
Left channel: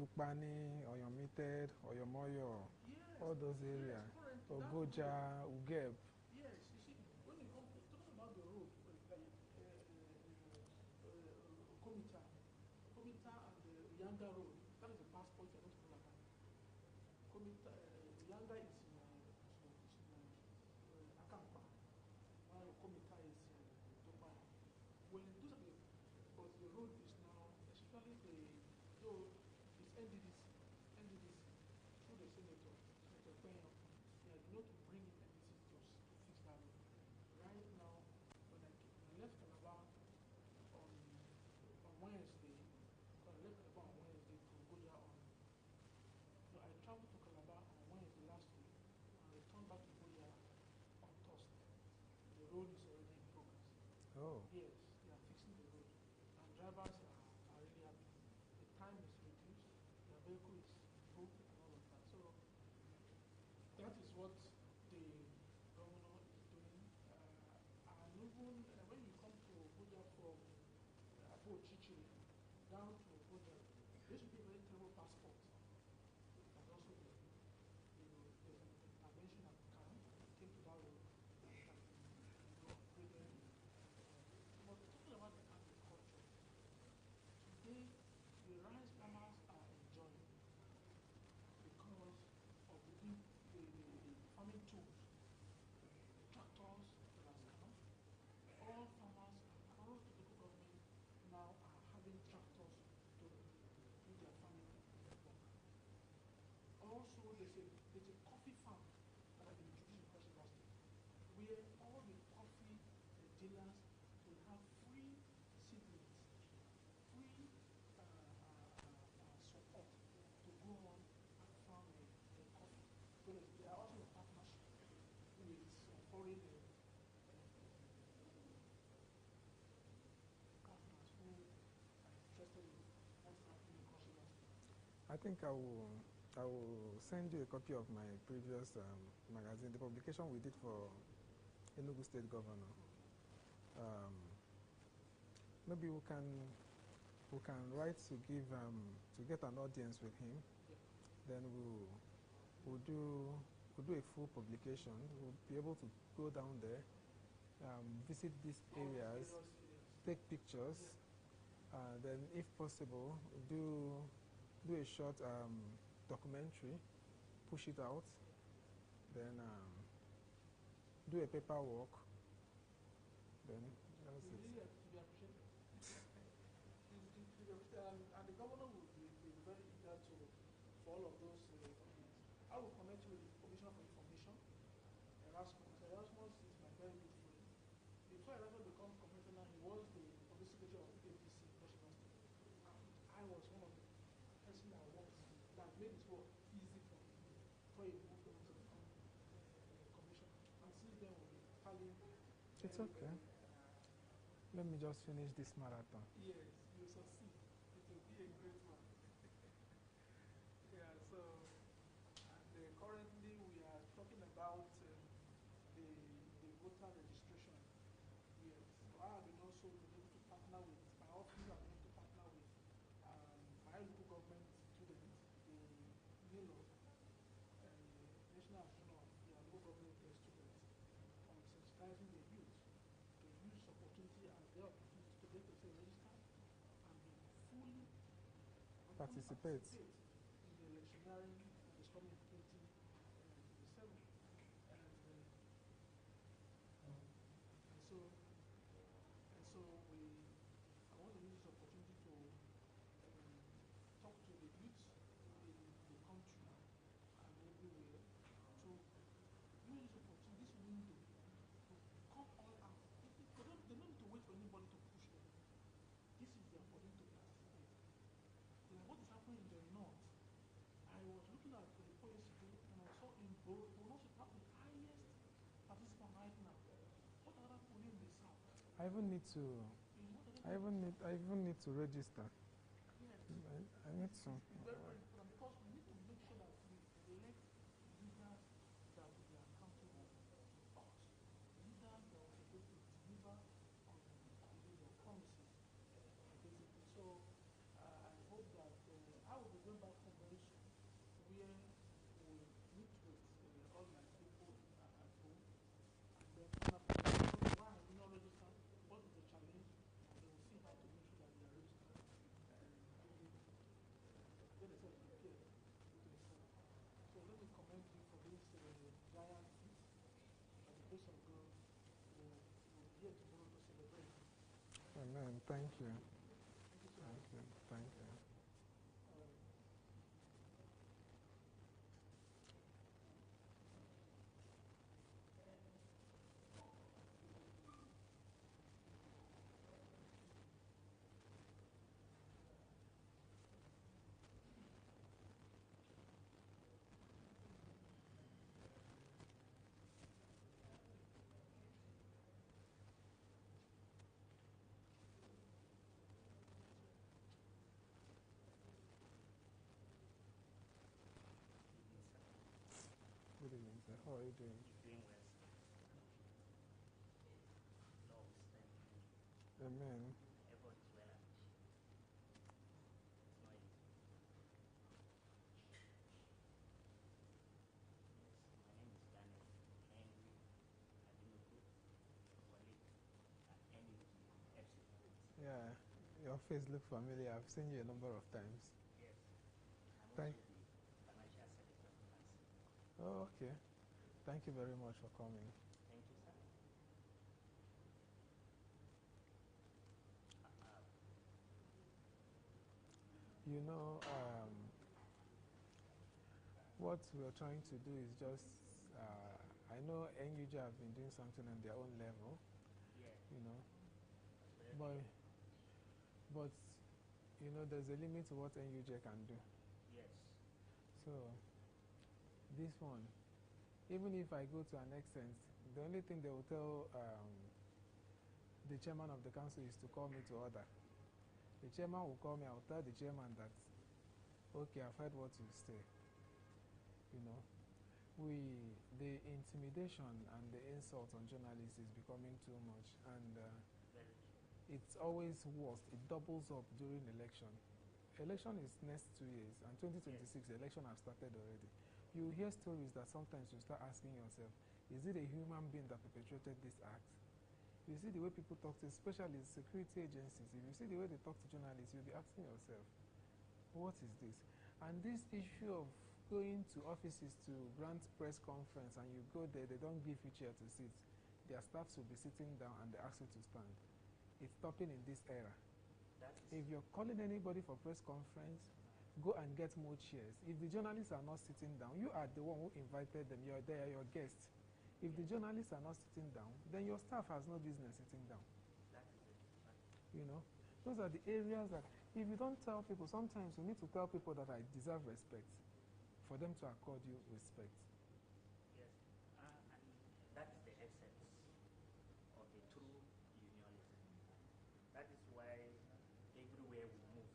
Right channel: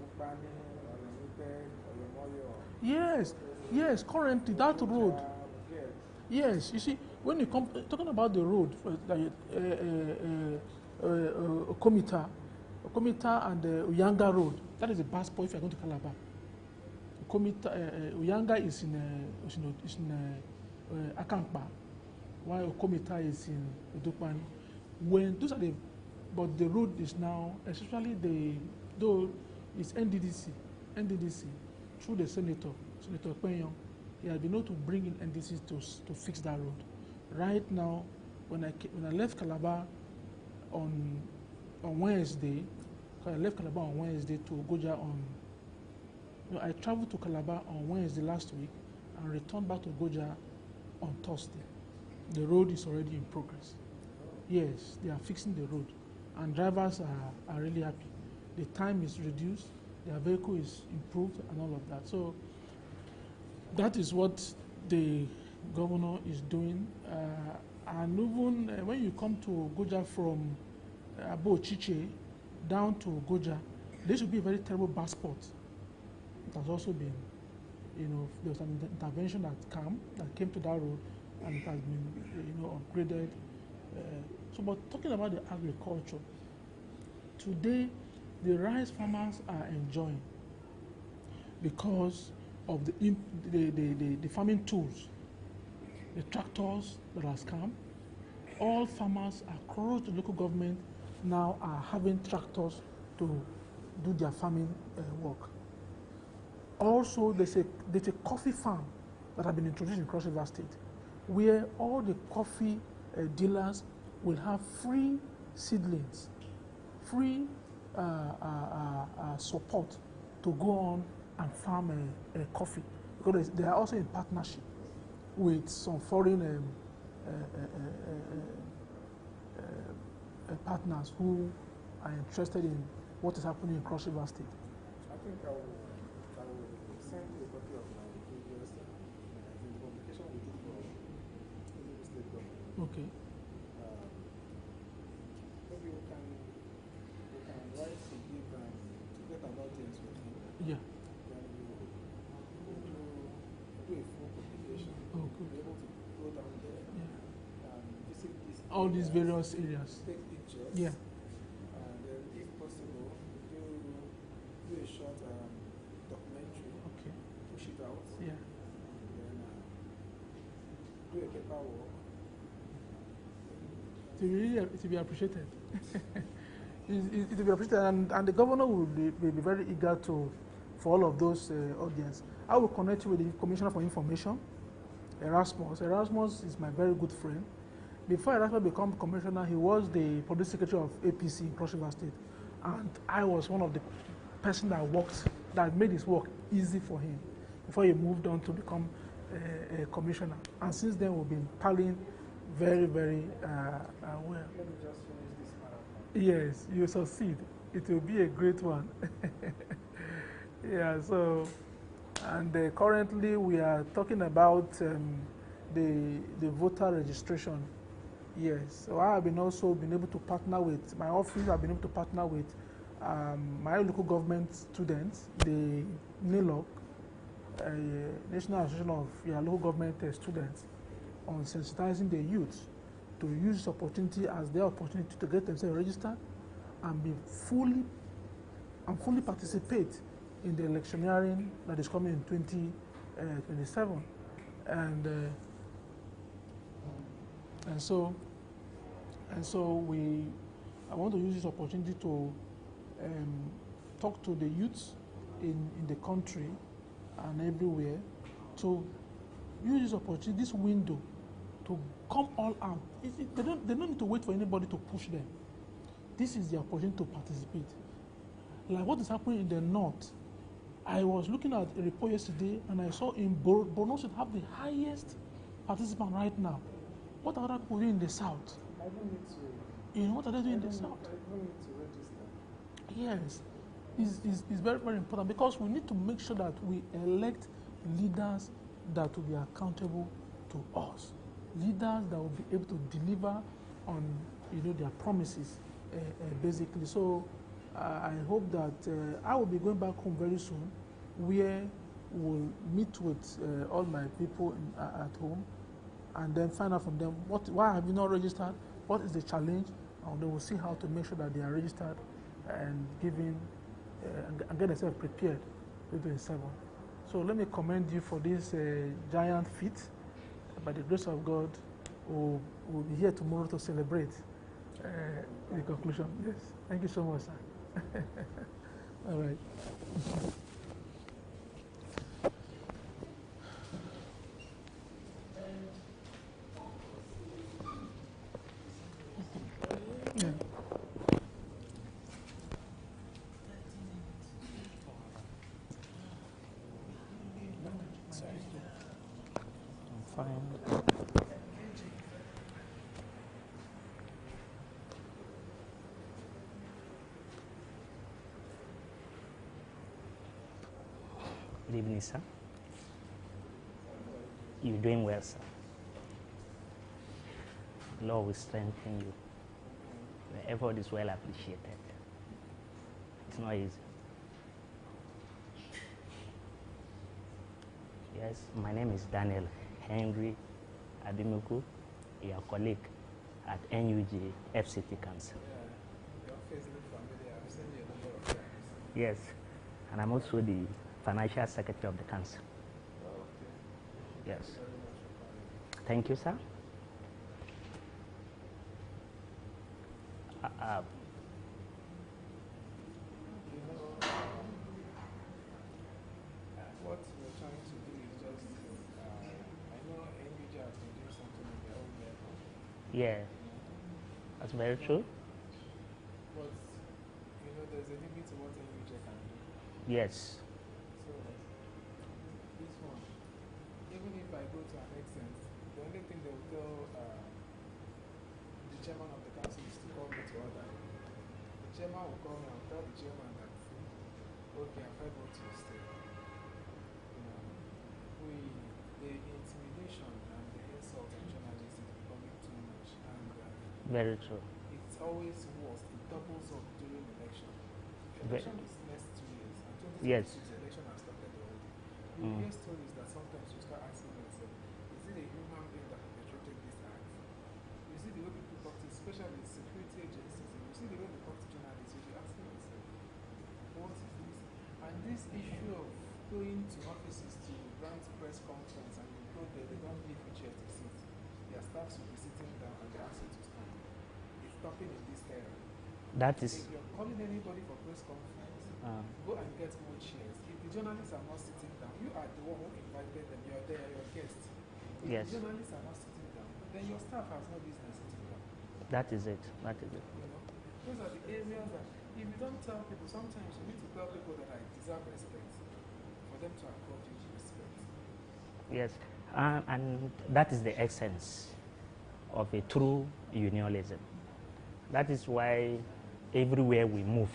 Bukbani, Oyomited, Oyomoyo. Yes, currently that road. Yes, you see, when you come, talking about the road, Komita and Uyanga Road, that is a bus point if you're going to Calabar. Komita, Uyanga is in Akankpa, while Komita is in Udupani. When those are but the road is now, especially though it's NDDC, through the Senator Penyong, he has been able to bring in NDC to fix that road. Right now, when I left Calabar on Wednesday, because I left Calabar on Wednesday to Goja I traveled to Calabar on Wednesday last week and returned back to Goja on Thursday. The road is already in progress. Oh. Yes, they are fixing the road, and drivers are really happy. The time is reduced, their vehicle is improved, and all of that. So that is what the governor is doing. And even when you come to Goja from Abo Chiche down to Goja, there should be a very terrible bus spot. It has also been, there was an intervention that came to that road, and it has been, upgraded. But talking about the agriculture, today the rice farmers are enjoying because of the farming tools, the tractors that has come. All farmers across the local government now are having tractors to do their farming work. Also, there's a coffee farm that have been introduced in Cross River State, where all the coffee dealers will have free seedlings free support to go on and farm coffee, because they are also in partnership with some foreign partners who are interested in what is happening in Cross River State. I think I will send you a copy of my previous magazine, the publication we did for Livinus State Government. Okay. Maybe we can write to give to get an audience with him. Yeah. Then we'll do a full publication. Oh, We'll good. be able to go down there, Yeah. visit All these various areas. take pictures. Yeah. And then, if possible, do a short documentary. Okay. Push it out. Yeah. Then do a paperwork. To be appreciated. It will be appreciated, and the governor will be very eager for all of those audience. I will connect you with the Commissioner for Information, Erasmus. Erasmus is my very good friend. Before Erasmus became commissioner, he was the public secretary of APC in Cross River State, and I was one of the person that made his work easy for him before he moved on to become a commissioner. And since then, we've been palling very, very well. Let me just finish this marathon. Yes, you succeed. It will be a great one. Yeah, so, and currently we are talking about the voter registration. Yes, so I have also been able to partner with, my office have been able to partner with my local government students, the NILOC, National Association of Local Government Students, on sensitizing the youth to use this opportunity as their opportunity to get themselves registered and be fully participate in the electioneering that is coming in 2027. And so I want to use this opportunity to talk to the youths in the country and everywhere to use this opportunity, this window, to come all out. They don't need to wait for anybody to push them. This is the opportunity to participate. Like what is happening in the north. I was looking at a report yesterday and I saw in Borno State have the highest participant right now. What are other people doing in the south? I even need to. What are they doing in the south? I even need to register. Yes, it's very, very important, because we need to make sure that we elect leaders that will be accountable to us, leaders that will be able to deliver on their promises, basically. So I hope that I will be going back home very soon, where we'll meet with all my people at home, and then find out from them why have you not registered, what is the challenge, and then we'll see how to make sure that they are registered and giving and get themselves prepared to 2027. So let me commend you for this giant feat. By the grace of God, we'll be here tomorrow to celebrate the conclusion. Yes, thank you so much, sir. All right. Yeah. I'm fine. Good evening, sir. You're doing well, sir. Lord will strengthen you. The effort is well appreciated. It's not easy. Yes, my name is Daniel Henry Abimuku, your colleague at NUG FCT Council. Yeah, your face looks familiar. I've seen you a number of times. Yes, and I'm also the financial secretary of the council. Oh, okay. Yes. Thank you very much for coming. Thank you, sir. What we're trying to do is just, I know NUJ has been doing something on their own level. Yeah, that's very true. But know, there's a limit to what NUJ can do. Yes. So, this one, even if I go to an extent, the only thing they will tell the chairman of the council is to call me to order. The chairman will call me, I'll tell the chairman that, okay, I've heard what you said. You know, the intimidation and the insult on journalists is becoming too much. And Very true. it's always worse. It doubles up during election. Election is next 2 years, and 2026 Yes. election has started already. You hear stories that sometimes you start asking yourself, is it a human being that perpetrated this act? You see the way people talk to, especially security agencies, and you see the way they talk to journalists, you'll be asking yourself, what is this? And this issue of going to offices to grant press conference and you go there, they don't give you chair to sit. Their staffs will be sitting down and they ask you to stand. It's stopping in this era. That is. If you're calling anybody for press conference, go and get more chairs. If the journalists are not sitting down, you are the one who invited them, you are there, your guest. If Yes. the journalists are not sitting down, then your staff has no business sitting down. That is it. That is it. You know, those are the areas that if you don't tell people, sometimes you need to tell people that I deserve respect for them to accord you respect. Yes. And that is the essence of a true unionism. That is why everywhere we move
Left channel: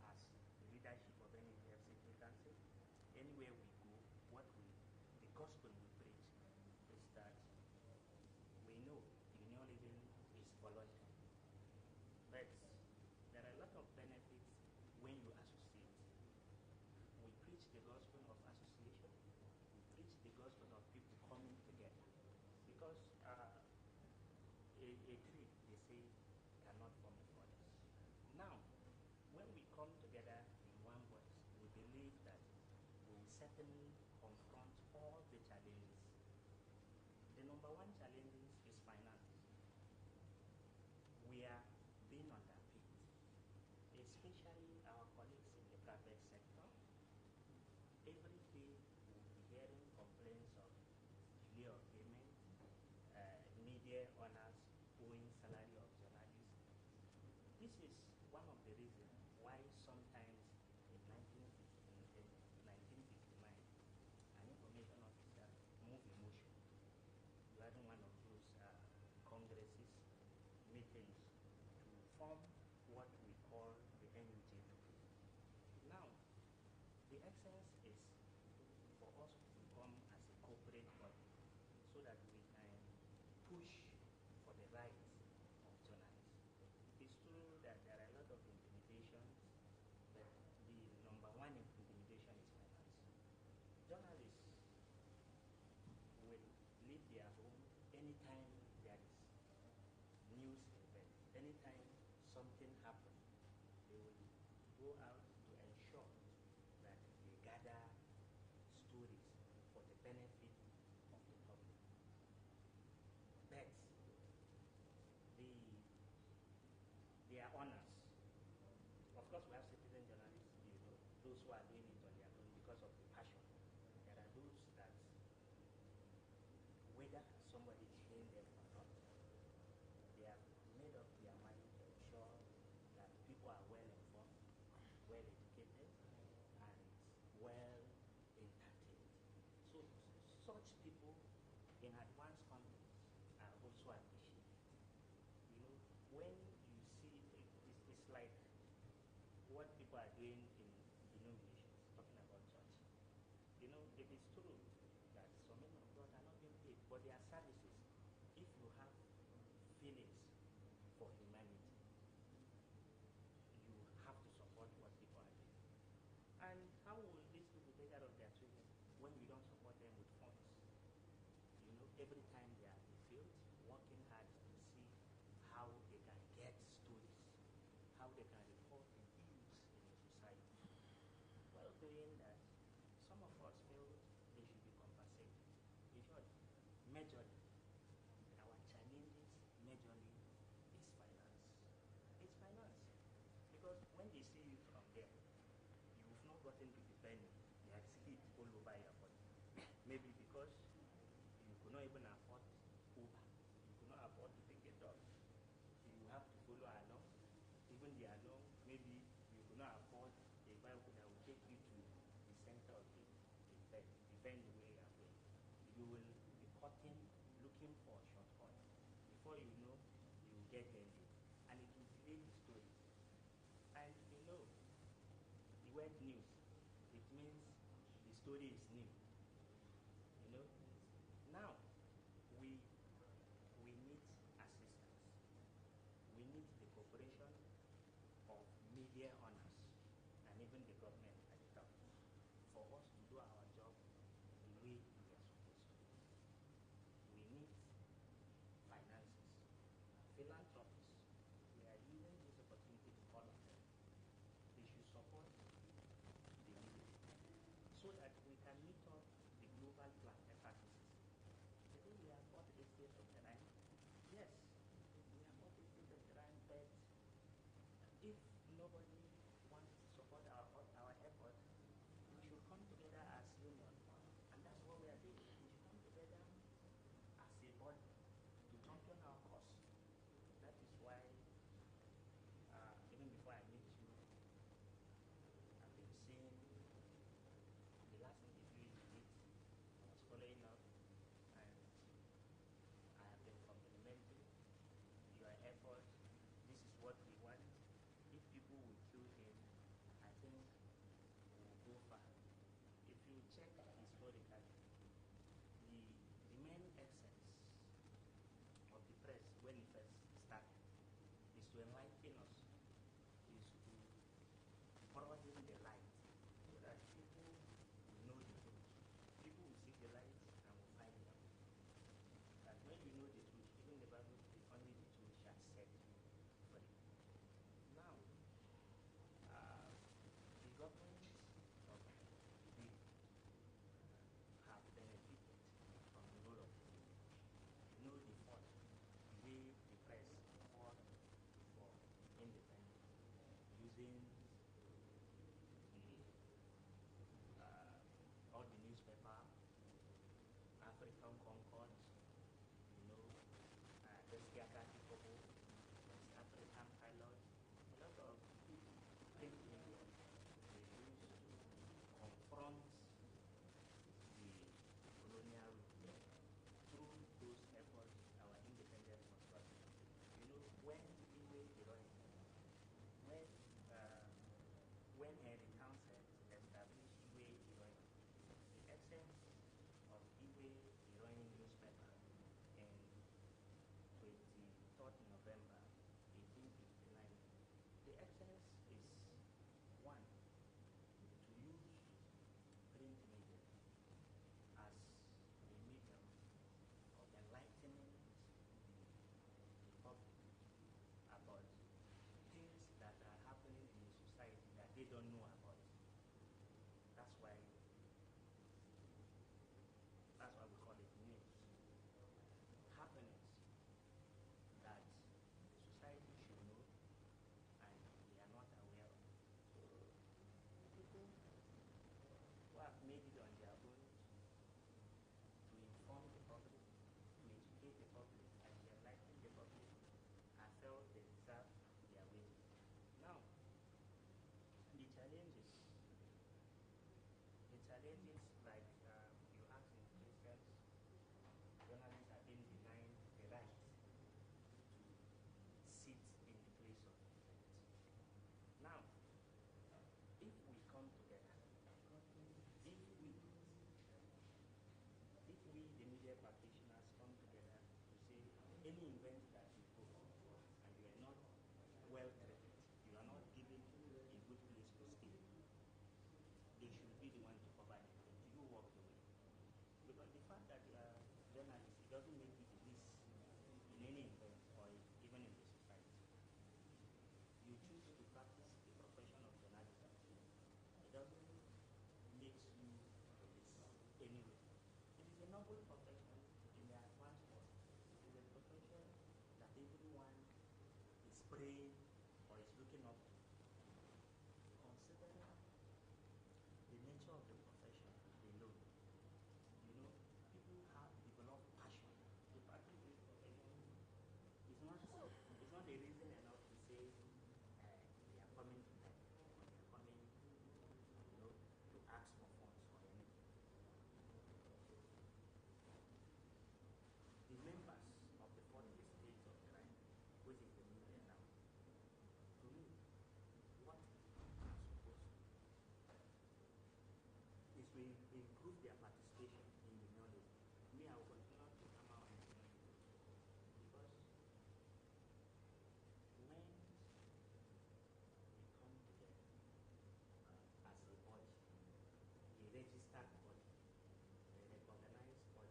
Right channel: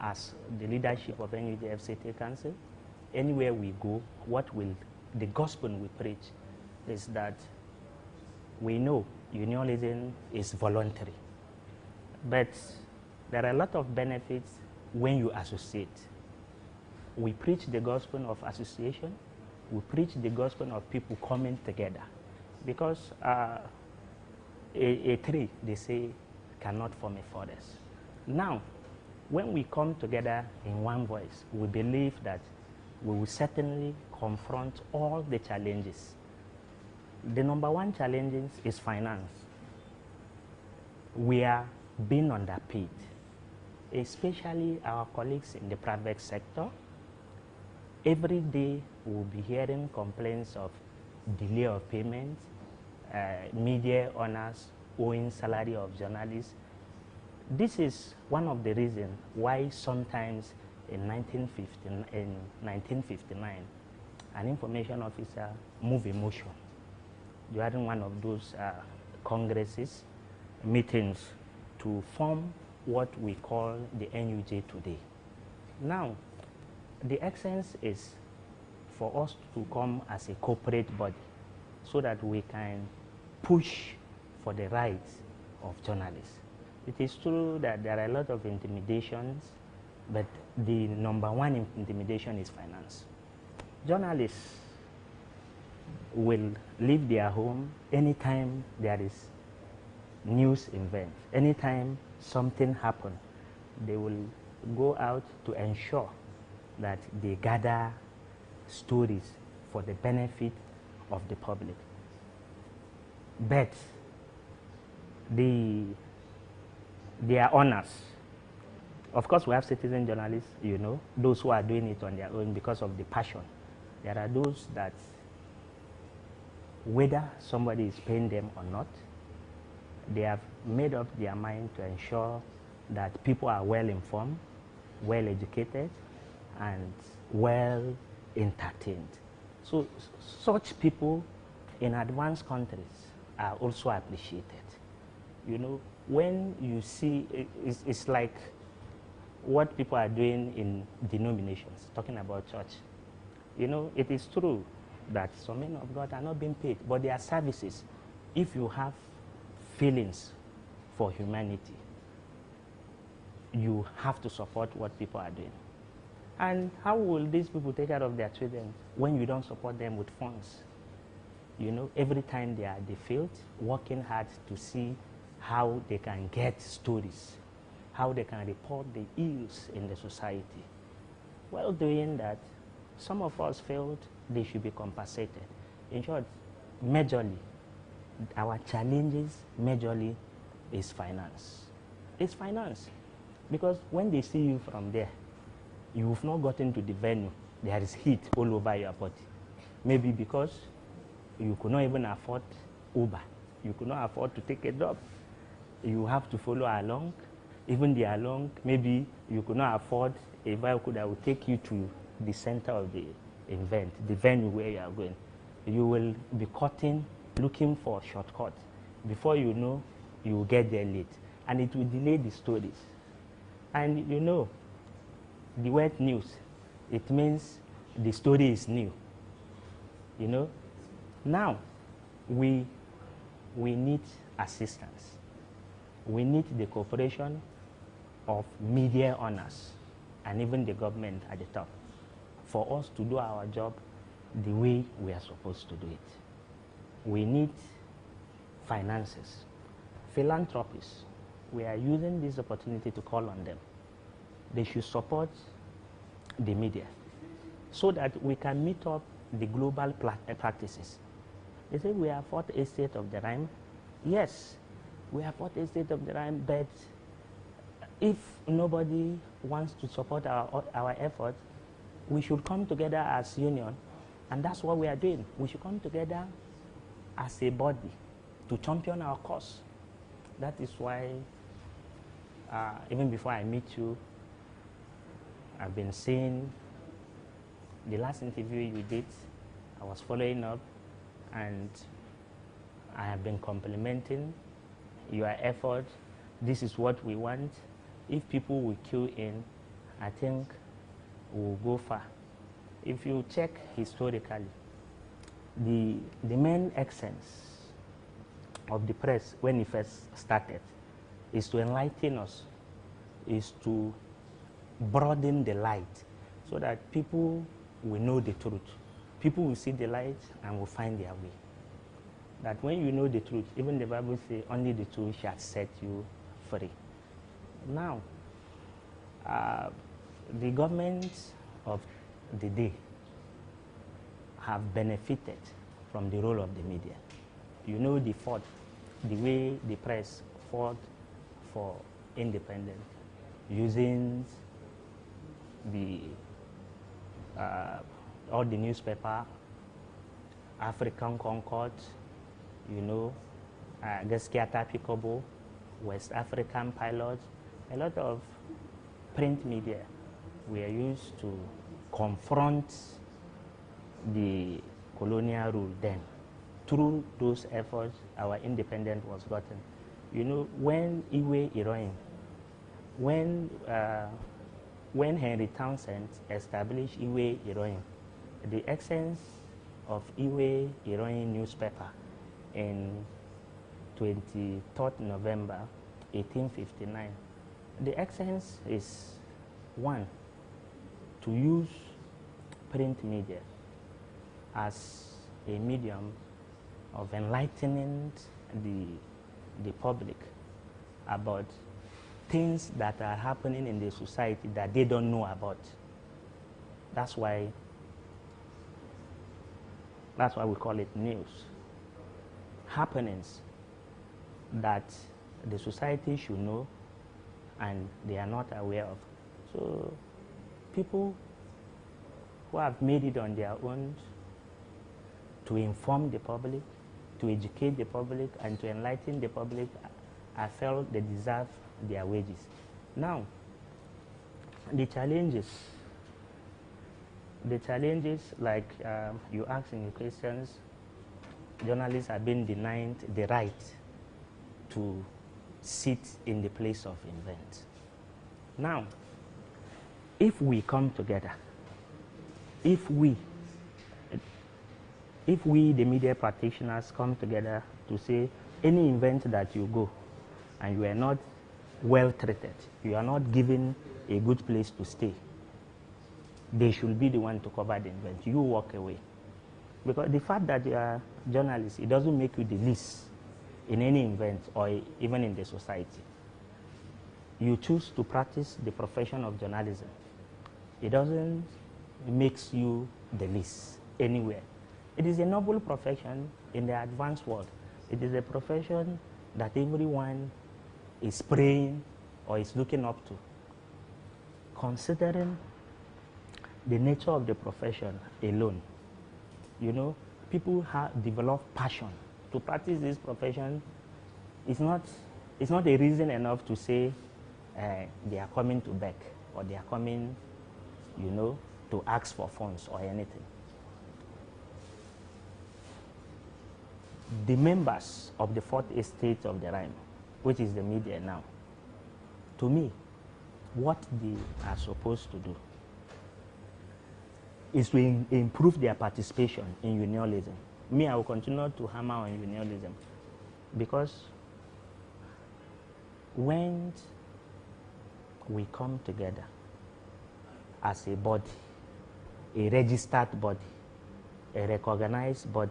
as the leadership of NUJ FCT Council, anywhere we go, the gospel we preach is that we know unionism is voluntary, but there are a lot of benefits when you associate. We preach the gospel of association, we preach the gospel of people coming together, because a tree, they say, cannot form a forest. Now, when we come together in one voice, we believe that we will certainly confront all the challenges. The number one challenge is finance. We are being underpaid, especially our colleagues in the private sector. Every day we'll be hearing complaints of delay of payment, media owners owing salary of journalists. This is one of the reasons why sometimes in 1959, an information officer moved a motion during one of those congresses, meetings, to form what we call the NUJ today. Now, the essence is for us to come as a corporate body so that we can push for the rights of journalists. It is true that there are a lot of intimidations, but the number one intimidation is finance. Journalists will leave their home anytime there is news event, anytime something happens, they will go out to ensure that they gather stories for the benefit of the public. But their honors, of course we have citizen journalists, you know, those who are doing it on their own because of the passion. There are those that, whether somebody is paying them or not, they have made up their mind to ensure that people are well informed, well educated, and well entertained. So such people in advanced countries are also appreciated. You know, when you see, it's like what people are doing in denominations, talking about church. You know, it is true that some men of God are not being paid, but their services, if you have feelings for humanity, you have to support what people are doing. And how will these people take care of their children when you don't support them with funds? You know, every time they are at the field, working hard to see how they can get stories, how they can report the ills in the society. While doing that, some of us felt they should be compensated. In short, majorly, our challenges majorly is finance. It's finance. Because when they see you from there, you've not gotten to the venue, there is heat all over your body. Maybe because you could not even afford Uber. You could not afford to take a job. You have to follow along. even they are long, maybe you could not afford a vehicle that will take you to the center of the event, the venue where you are going. You will be cutting, looking for shortcuts. Before you know, you will get there late. And it will delay the stories. And you know, the word news, it means the story is new. You know? Now, we need assistance. We need the cooperation of media owners and even the government at the top for us to do our job the way we are supposed to do it. We need finances, philanthropists. We are using this opportunity to call on them. They should support the media so that we can meet up the global practices. They say we are fourth estate of the rhyme. Yes, we are fourth estate of the rhyme, but if nobody wants to support our effort, we should come together as union, and that's what we are doing. We should come together as a body to champion our cause. That is why, even before I meet you, I've been saying the last interview you did, I was following up, and I have been complimenting your effort. This is what we want. If people will queue in, I think we'll go far. If you check historically, the main essence of the press when it first started is to enlighten us, is to broaden the light so that people will know the truth. People will see the light and will find their way. That when you know the truth, even the Bible says, only the truth shall set you free. Now, the governments of the day have benefited from the role of the media. You know the way the press fought for independence, using all the newspaper, African Concord, you know, Gaskiata Pikobo, West African Pilot, a lot of print media were used to confront the colonial rule then. Through those efforts, our independence was gotten. You know, when Iwe Iroyin, when Henry Townsend established Iwe Iroyin, the essence of Iwe Iroyin newspaper in 23rd November 1859, the essence is one, to use print media as a medium of enlightening the public about things that are happening in the society that they don't know about. That's why we call it news. Happenings that the society should know and they are not aware of. So people who have made it on their own to inform the public, to educate the public, and to enlighten the public, I felt they deserve their wages. Now, the challenges like you asked in your questions, journalists have been denied the right to sit in the place of invent. Now, if we come together, if we, the media practitioners, come together to say, any event that you go and you are not well treated, you are not given a good place to stay, they should be the one to cover the event. You walk away. Because the fact that you are journalists, it doesn't make you the least in any event or even in the society. You choose to practice the profession of journalism. It doesn't make you the least anywhere. It is a noble profession in the advanced world. It is a profession that everyone is praying or is looking up to. Considering the nature of the profession alone, you know, people have developed passion to practice this profession. It's not a reason enough to say they are coming to beg, or they are coming, you know, to ask for funds or anything. The members of the fourth estate of the rhyme, which is the media now, to me, what they are supposed to do is to improve their participation in unionism. Me, I will continue to hammer on unionism, because when we come together as a body, a registered body, a recognized body,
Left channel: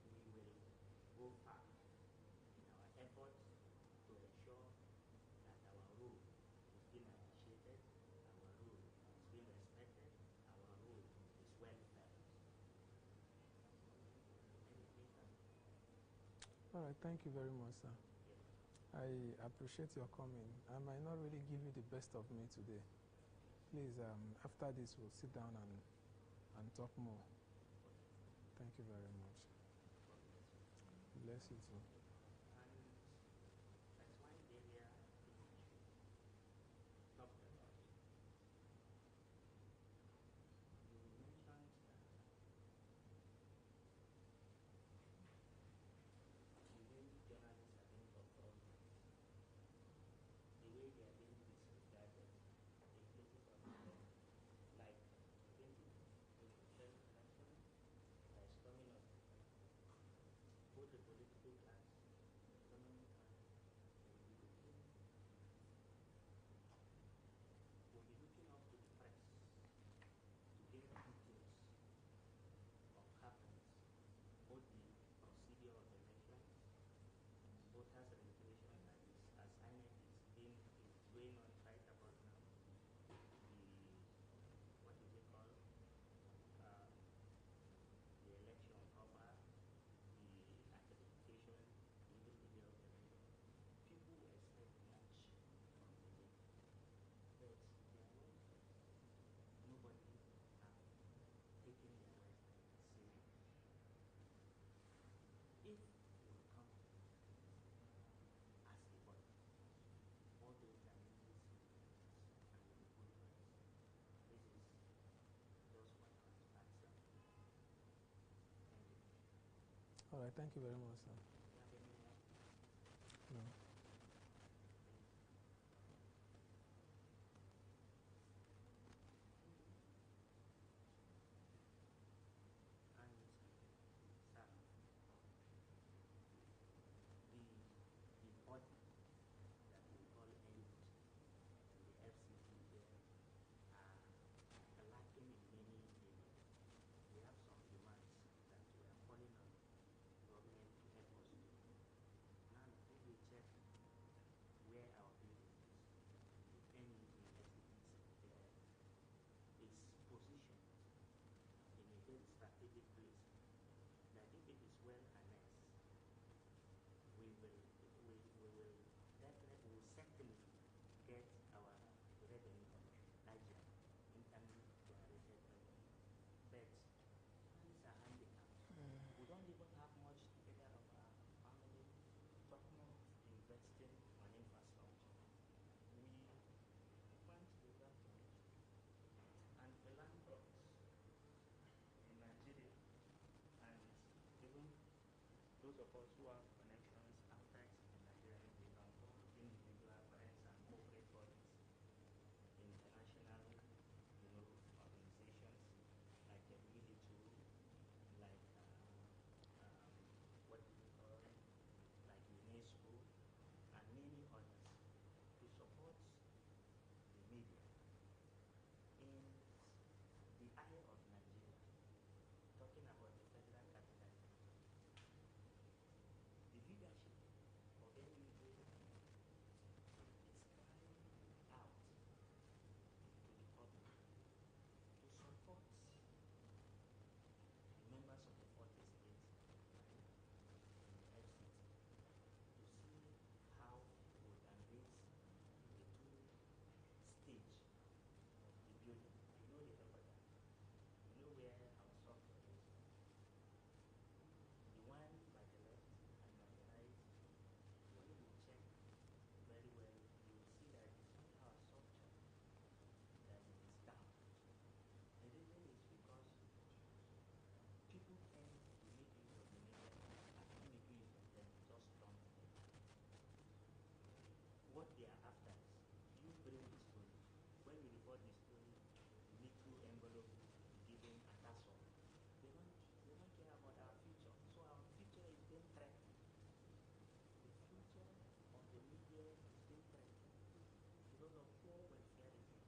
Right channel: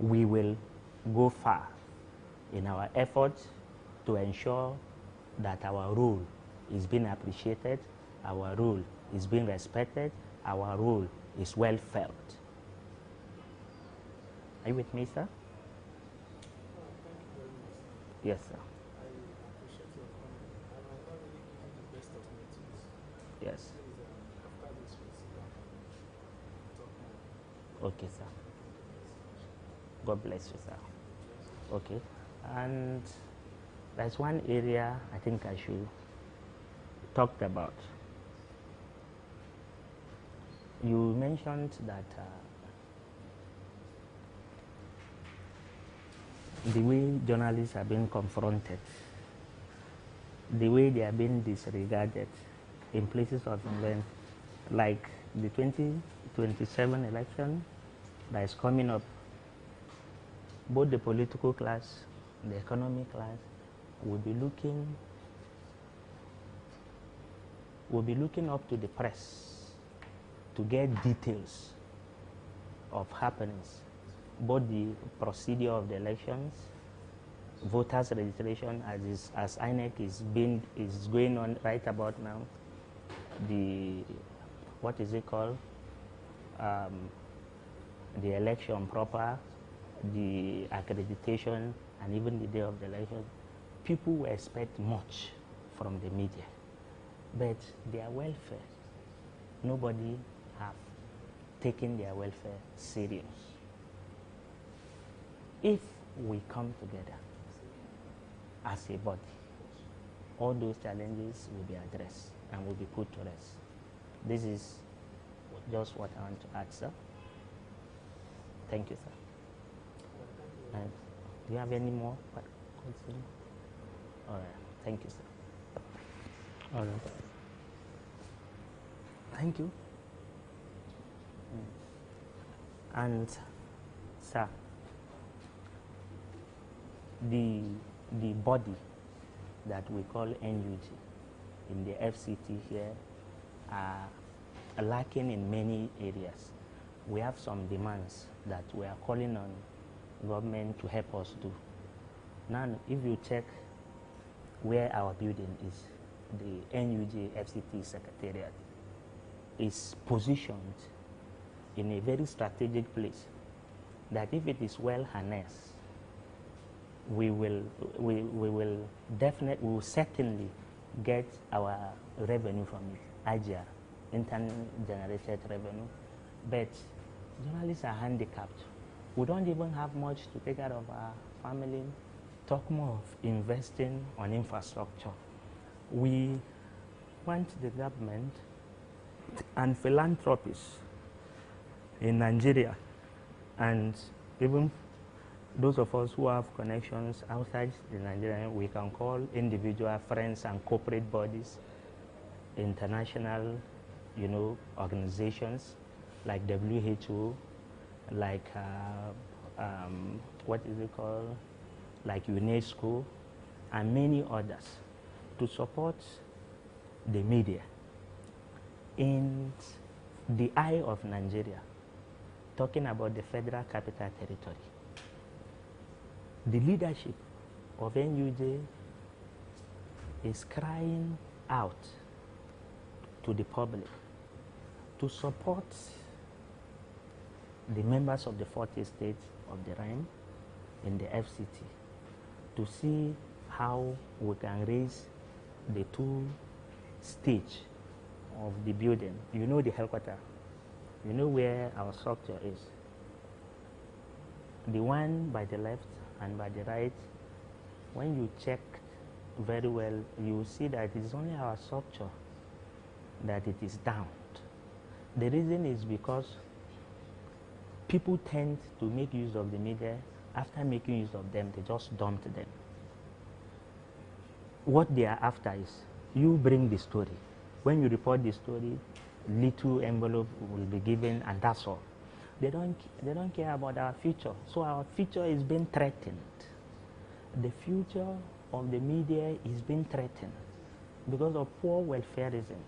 we will go far in our efforts to ensure that our role is being appreciated, our role is being respected, our role is well felt. Are you with me, sir? Thank you very much, sir. Yes, sir. I appreciate your comment. I might not really give you the best of my tools. Yes. Please, after this, we'll sit down and talk more. Okay, sir. Thank you very much. God bless you, sir. Bless you. Okay. And there's one area I think I should talk about. You mentioned that the way journalists are being confronted, the way they are being disregarded in places of event, like the 2027 election that is coming up, both the political class, the economic class will be looking up to the press to get details of happenings, both the procedure of the elections, voters registration as INEC is going on right about now, the what is it called, the election proper, the accreditation, and even the day of the election. People will expect much from the media, but their welfare, nobody have taken their welfare serious. If we come together as a body, all those challenges will be addressed and will be put to rest. This is just what I want to add, sir. Thank you, sir. All right, thank you very And much. do you have any more questions? All right. Thank you, sir. All right. Thank you. And, sir, the body that we call NUG in the FCT here are lacking in many areas. We have some demands that we are calling on government to help us do. Now, if you check where our building is, the NUJ FCT Secretariat is positioned in a very strategic place that if it is well harnessed, we will certainly get our revenue from it, IGR, internal generated revenue. But journalists are handicapped. We don't even have much to take care of our family. Talk more of investing on infrastructure. We want the government and philanthropists in Nigeria, and even those of us who have connections outside the Nigeria, we can call individual friends and corporate bodies, international, organizations like WHO, like what is it called, like UNESCO, and many others, to support the media in the eye of Nigeria, talking about the Federal Capital Territory. The leadership of NUJ is crying out to the public to support the members of the 40 states of the Rhine in the FCT to see how we can raise the two stage of the building. You know the headquarters. You know where our structure is. The one by the left and by the right, when you check very well, you see that it is only our structure that it is down. The reason is because people tend to make use of the media. After making use of them, they just dump them. What they are after is you bring the story. When you report the story, little envelope will be given, and that's all. They don't care about our future. So our future is being threatened. The future of the media is being threatened because of poor welfareism,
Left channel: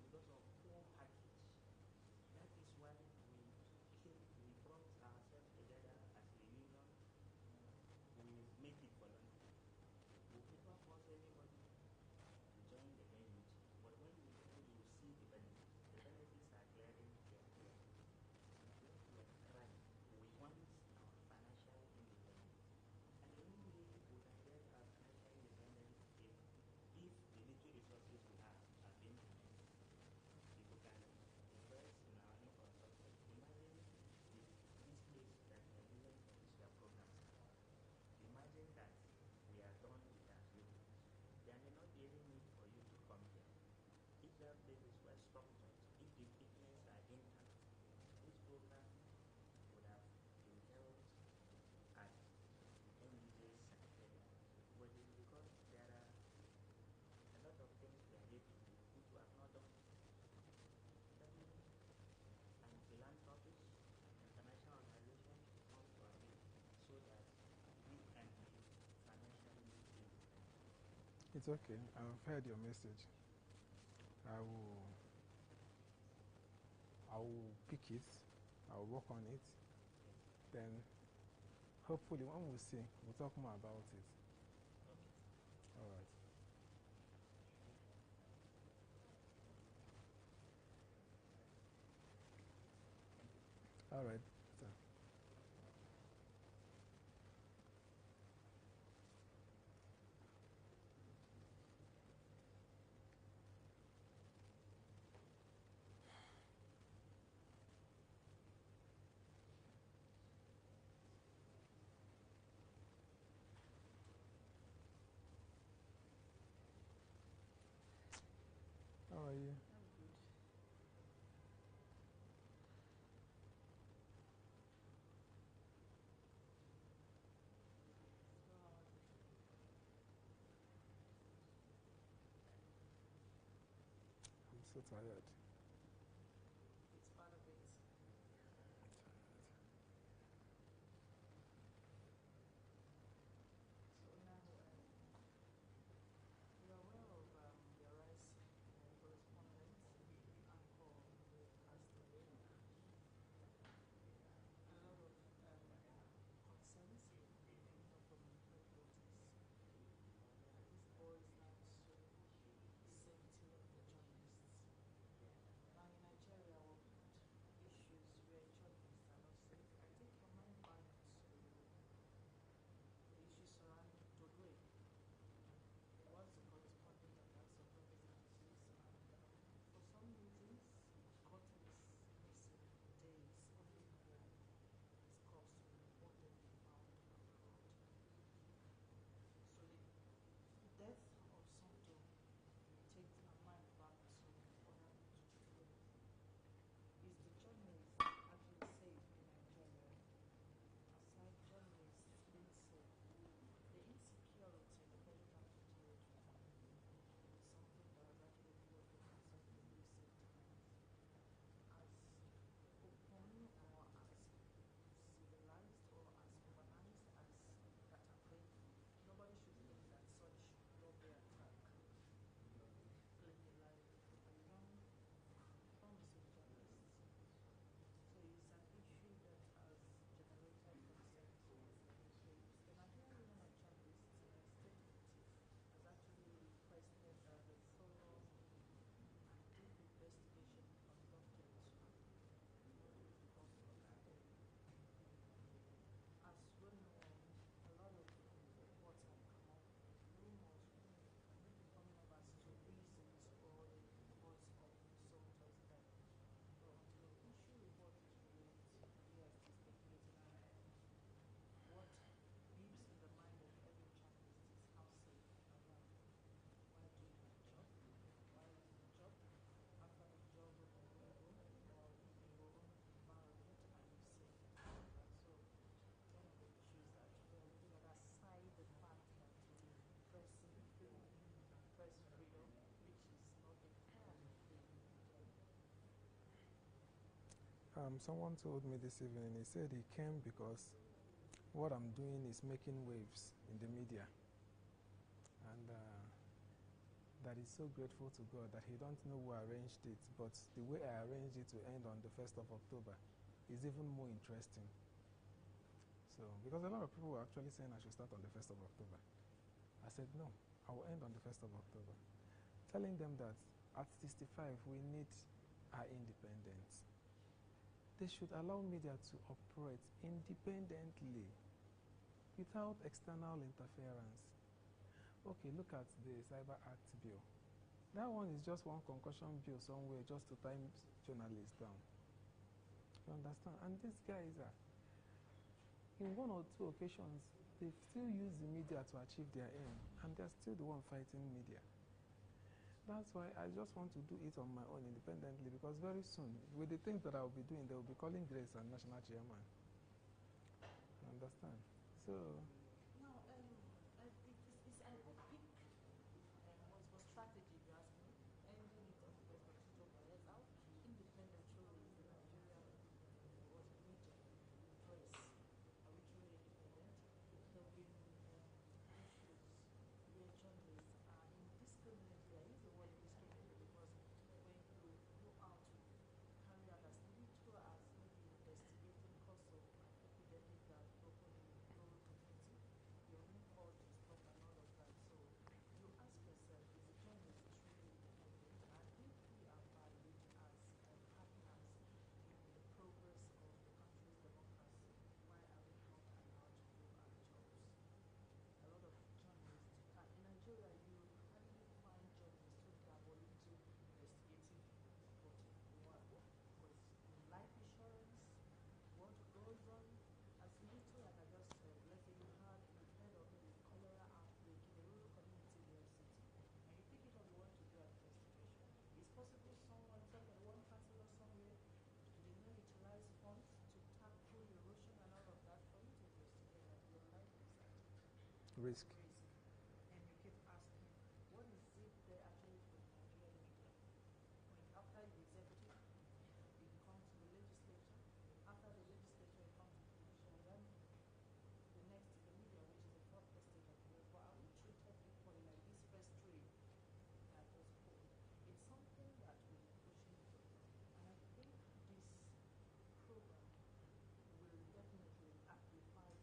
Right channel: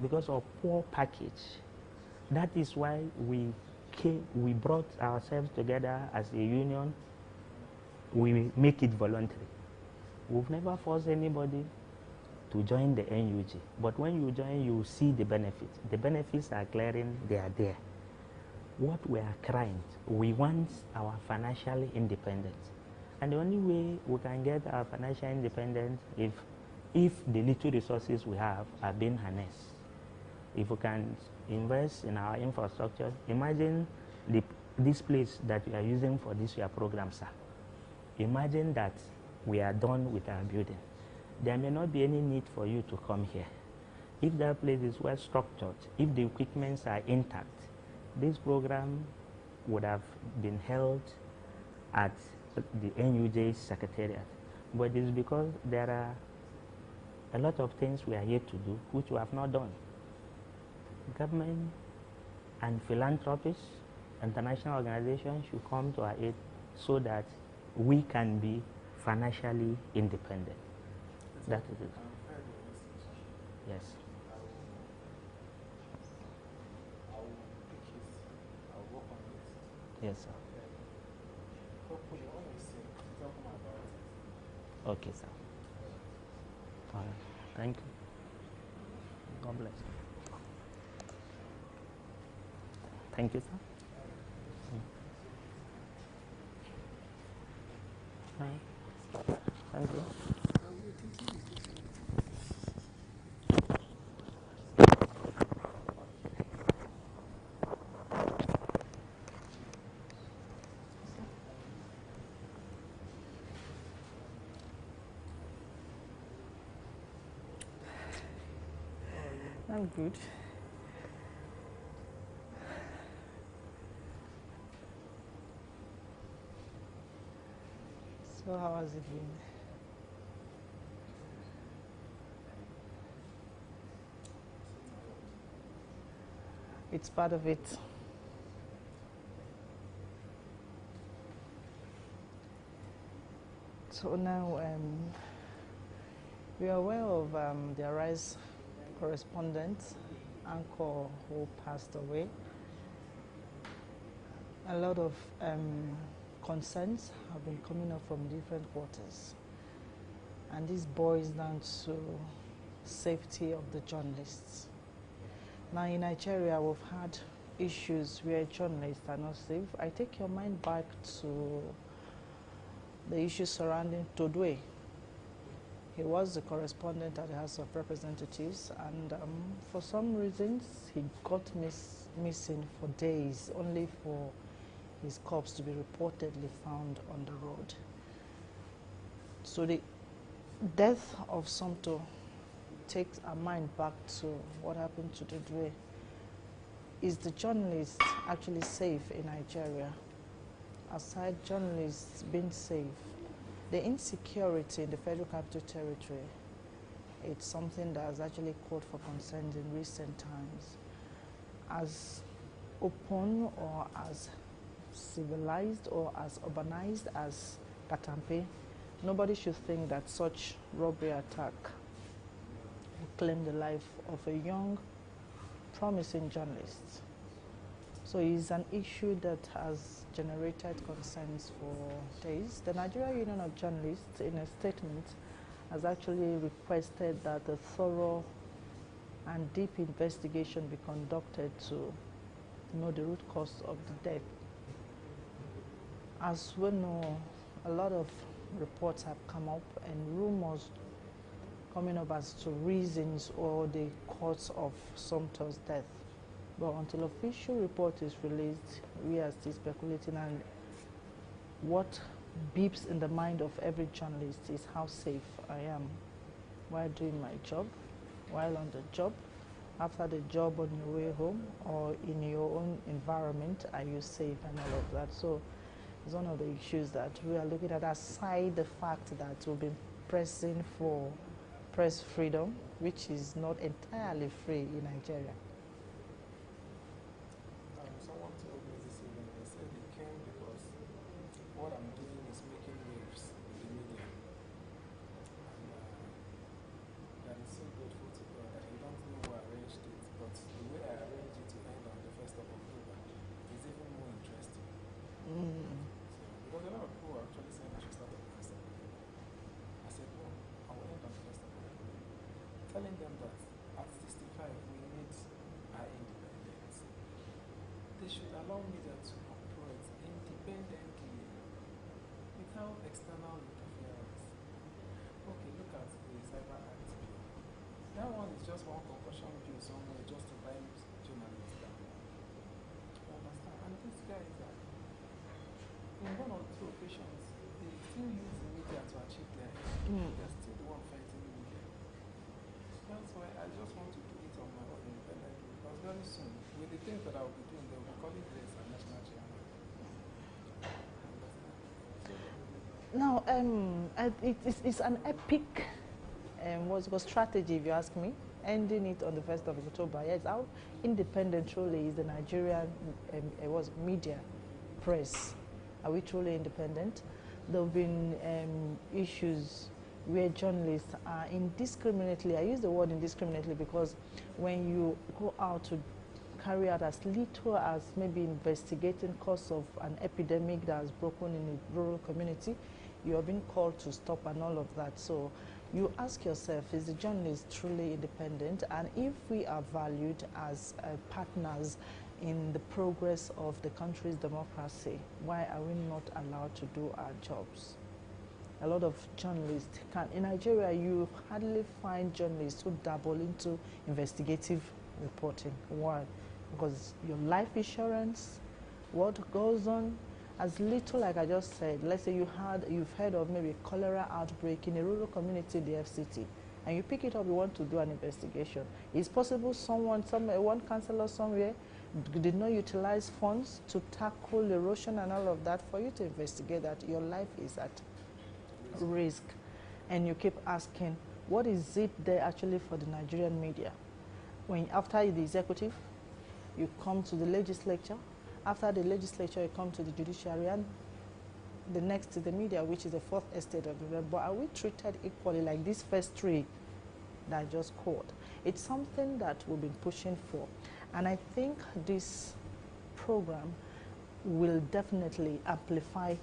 because of poor package. That is why we brought ourselves together as a union. We make it voluntary. We've never forced anybody to join the NUG, but when you join, you see the benefits. The benefits are glaring, they are there. What we are crying, we want our financial independence. And the only way we can get our financial independence if the little resources we have are being harnessed. If we can invest in our infrastructure, imagine this place that we are using for this year program, sir. Imagine that we are done with our building. There may not be any need for you to come here. If that place is well structured, if the equipments are intact, this program would have been held at the NUJ's secretariat. But it's because there are a lot of things we are here to do which we have not done. Government and philanthropists, international organizations should come to our aid so that we can be financially independent. That is it. I've heard your message. Yes. I will pick it. I will work on it. Yes, sir. Then hopefully when we see, we talk more about it. Okay, sir. All right. Thank you. God bless. Thank you, sir. All right. Thank you. I'm good. So how has it been? It's part of it. So now we are aware of the Arise correspondent, Anchor, who passed away. A lot of concerns have been coming up from different quarters, and this boils down to safety of the journalists. Now in Nigeria, we've had issues where journalists are not safe. I take your mind back to the issues surrounding Todwe. He was the correspondent at the House of Representatives, and for some reasons he got missing for days, only for his corpse to be reportedly found on the road. So the death of Somto takes our mind back to what happened to Todwe. Is the journalist actually safe in Nigeria? Aside journalists being safe, the insecurity in the Federal Capital Territory, it's something that has actually called for concerns in recent times. As open or as civilized or as urbanized as Katampe, nobody should think that such robbery attack will claim the life of a young, promising journalist. So it's an issue that has generated concerns for days. The Nigeria Union of Journalists, in a statement, has actually requested that a thorough and deep investigation be conducted to know the root cause of the death. As we know, a lot of reports have come up and rumors coming up as to reasons or the cause of Somto's death. But until official report is released, we are still speculating, and what beeps in the mind of every journalist is how safe I am while doing my job, while on the job, after the job on your way home, or in your own environment, are you safe and all of that. So it's one of the issues that we are looking at, aside the fact that we've been pressing for press freedom, which is not entirely free in Nigeria. Someone told me this evening, they said he came because what I'm doing is making waves in the media. And that is so grateful to God that he don't know who arranged it, but the way I arranged it to end on the 1st of October is even more interesting. So, because a lot of people were actually saying I should start on the 1st of October. I said, no, I will end on the 1st of October. Telling them that at 65 we need our independence. They should allow media to operate independently without external interference. Okay, look at the Cyber Act bill. That one is just one concussion bill somewhere just to bind journalists down. You understand? And these guys are, in one or two occasions, they still use the media to achieve their aim. They're still the one fighting the media. So that's why I just want to do it on my own independently, because very soon, with the things that I'll be doing, they'll be calling this a national chairman. Understand? So, Now, it's an epic strategy, if you ask me, ending it on the 1st of October. Yes, how independent truly is the Nigerian media, press? Are we truly independent? There have been issues where journalists are indiscriminately, I use the word indiscriminately because when you go out to carry out as little as maybe investigating cause of an epidemic that has broken in a rural community, you are being called to stop and all of that. So you ask yourself, is the journalist truly independent? And if we are valued as partners in the progress of the country's democracy, why are we not allowed to do our jobs? A lot of journalists in Nigeria, you hardly find journalists who dabble into investigative reporting. Why? Because your life insurance, what goes on, as little, like I just said, let's say you've heard of maybe cholera outbreak in a rural community in the FCT, and you pick it up, you want to do an investigation. It's possible one councillor somewhere did not utilize funds to tackle erosion and all of that for you to investigate that. Your life is at risk. And you keep asking, what is it there actually for the Nigerian media? When after the executive, you come to the legislature. After the legislature, you come to the judiciary, and the next is the media, which is the fourth estate of the realm. But are we treated equally like these first three that I just called? It's something that we've been pushing for. And I think this program will definitely amplify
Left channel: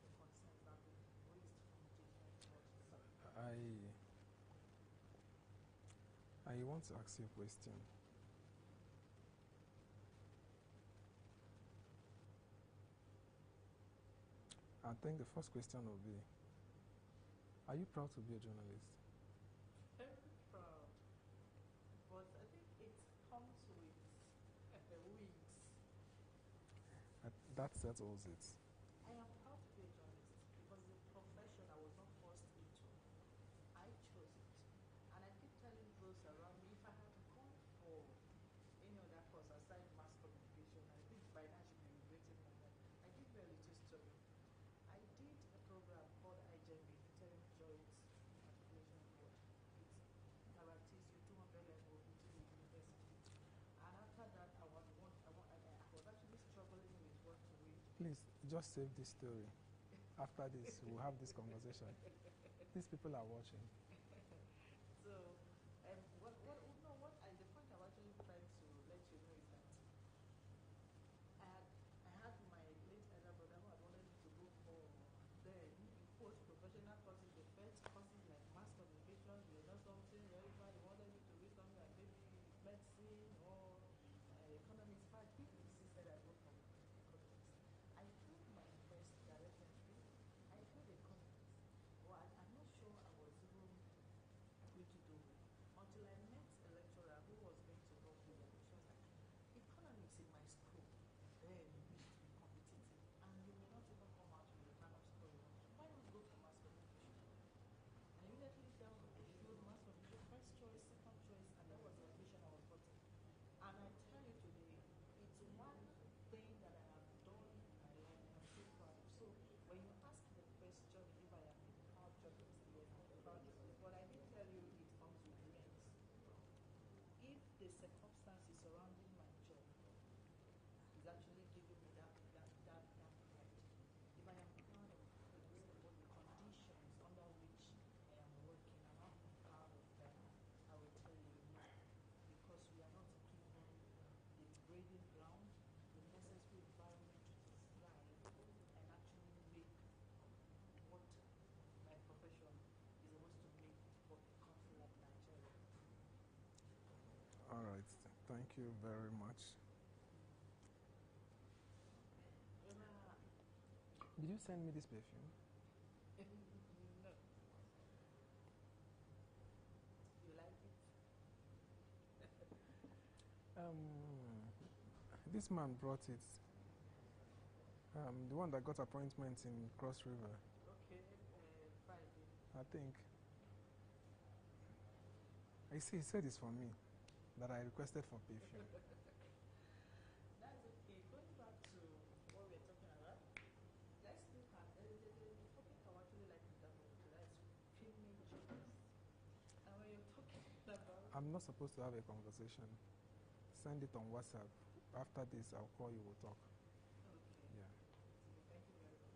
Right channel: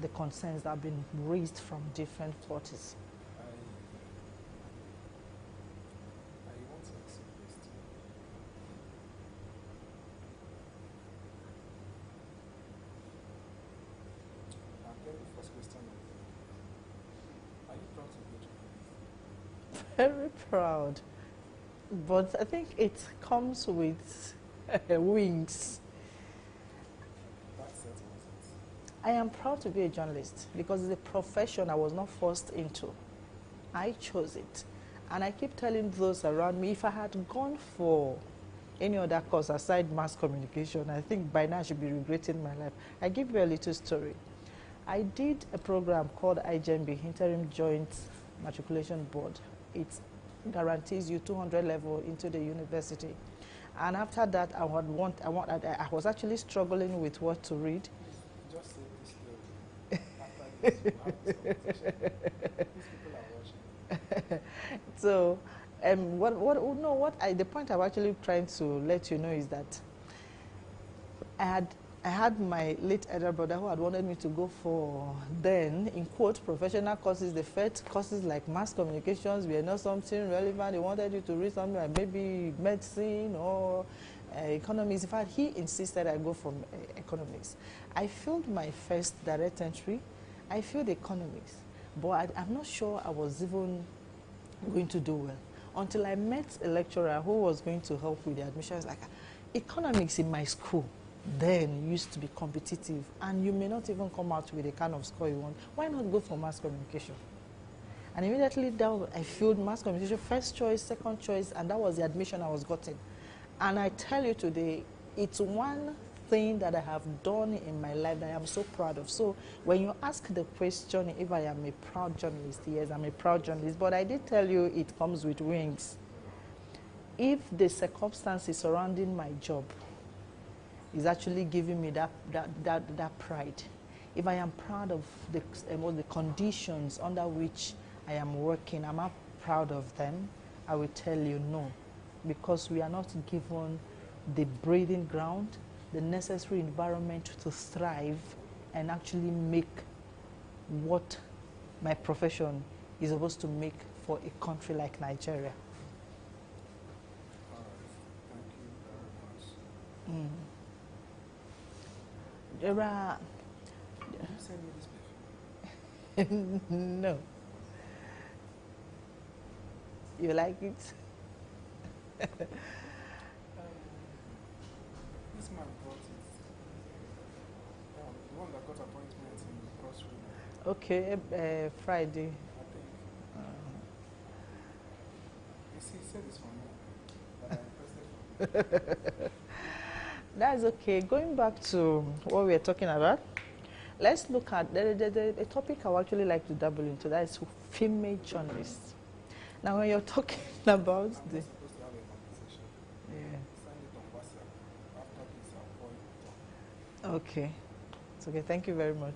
the concerns that have been raised from different parties. I want to ask you a question. I think the first question will be, are you proud to be a journalist? Very proud. But I think it comes with wings. That settles it. I am proud to be a journalist because it's a profession I was not forced into. I chose it. And I keep telling those around me, if I had gone for any other course aside mass communication, I think by now I should be regretting my life. I give you a little story. I did a program called IJMB, Interim Joint Matriculation Board. It guarantees you 200 level into the university. And after that, I was actually struggling with what to read. Please, just say this story. After this, we'll have this conversation. These people are watching. So, the point I'm actually trying to let you know is that I had my late elder brother who had wanted me to go for, then, in quote, professional courses. The first courses like mass communications were not something relevant. They wanted you to read something like maybe medicine or economics. In fact, he insisted I go for economics. I failed my first direct entry. I failed economics. But I'm not sure I was even going to do well until I met a lecturer who was going to help with the admission. I was like, economics in my school. then used to be competitive, and you may not even come out with the kind of score you want. Why not go for mass communication? And immediately down, I filled mass communication, first choice, second choice, and that was the admission I was gotten. And I tell you today, it's one thing that I have done in my life that I am so proud of. So when you ask the question if I am a proud journalist, yes, I'm a proud journalist, but I did tell you it comes with wings. If the circumstances surrounding my job is actually giving me that pride, if I am proud of the conditions under which I am working, am I proud of them? I will tell you no, because we are not given the breathing ground, the necessary environment to thrive and actually make what my profession is supposed to make for a country like Nigeria. All right. Thank you very much. There are Did you send me this before? no. You like it? This man brought it. The one that got appointments in the grocery now, Okay, Friday. I think. You see, he said this for me, that I requested for. That's okay. Going back to what we are talking about, let's look at the topic I would actually like to dabble into. That is female journalists. Now, when you're talking about I'm the not supposed to have a conversation. Send it on WhatsApp. After this, I'll call you to talk. okay, it's okay. Thank you very much.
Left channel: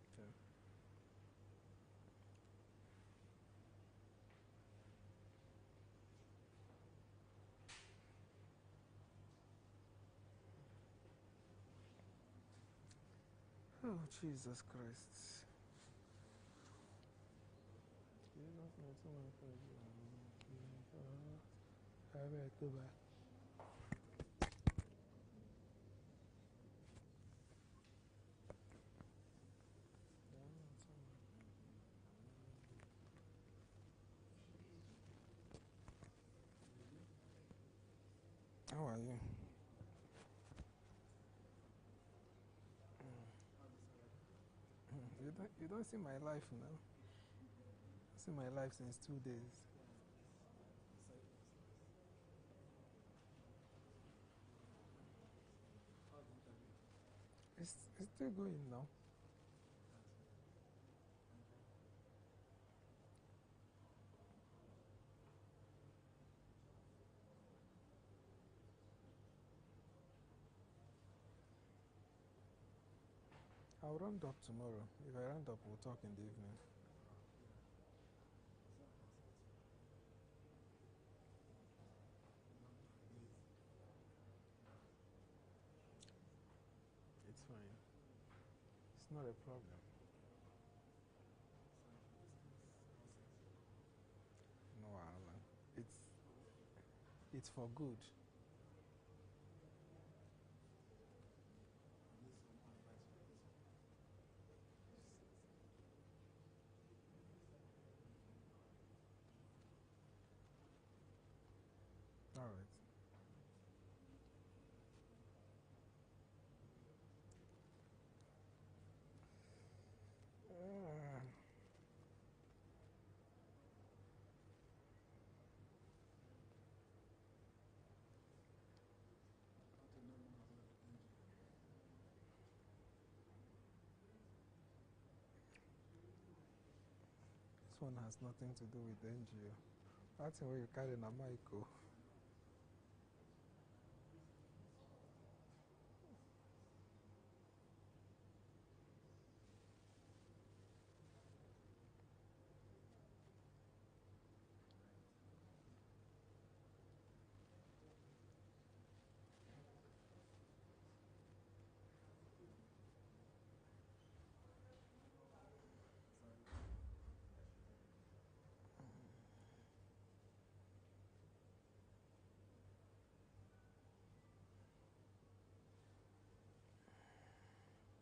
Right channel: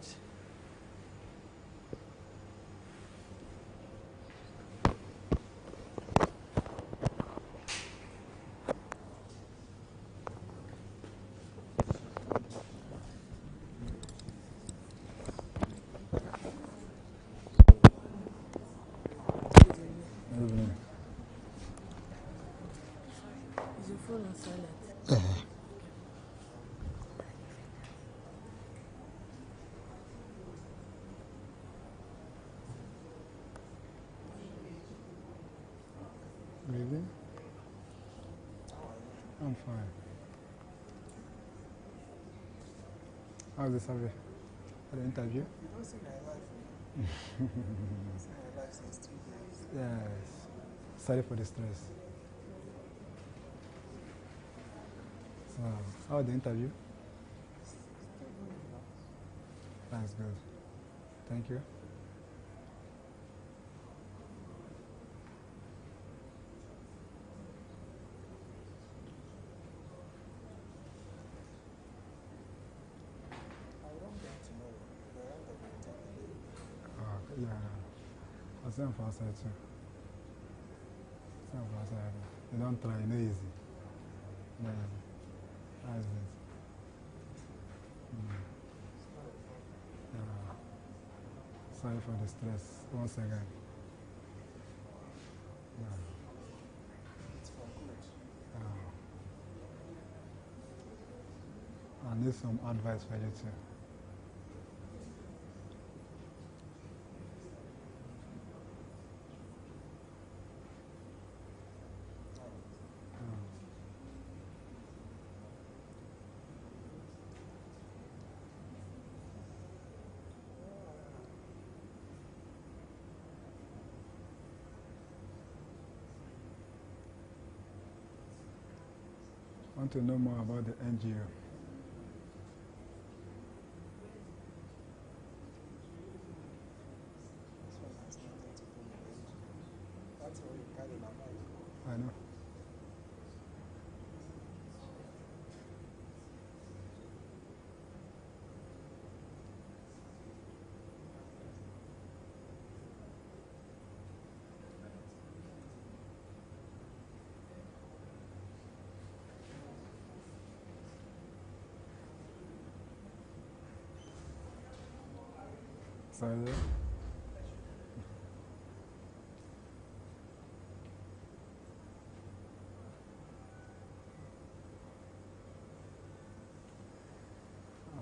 Is your phone on silent? Really? How are you? I'm fine. How's the survey? The interview? You don't see my life, you know? You see my life since 2 days. Yes. Sorry for the stress. So, how was the interview? It's still going now. That's good. Thank you. I'll round up tomorrow. If I round up, we'll talk in the evening. Yeah. I'll send for outside too. Send for outside. You don't try, no easy. Yeah. That's it. It's not a problem. Yeah. Sorry for the stress once again. Yeah. It's for good. I need some advice for you too. Want to know more about the NGO? This one has nothing to do with NGO. That's where you carry my mind go. I know. Sorry.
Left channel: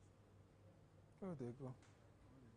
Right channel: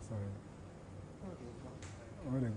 Sorry. Where they go?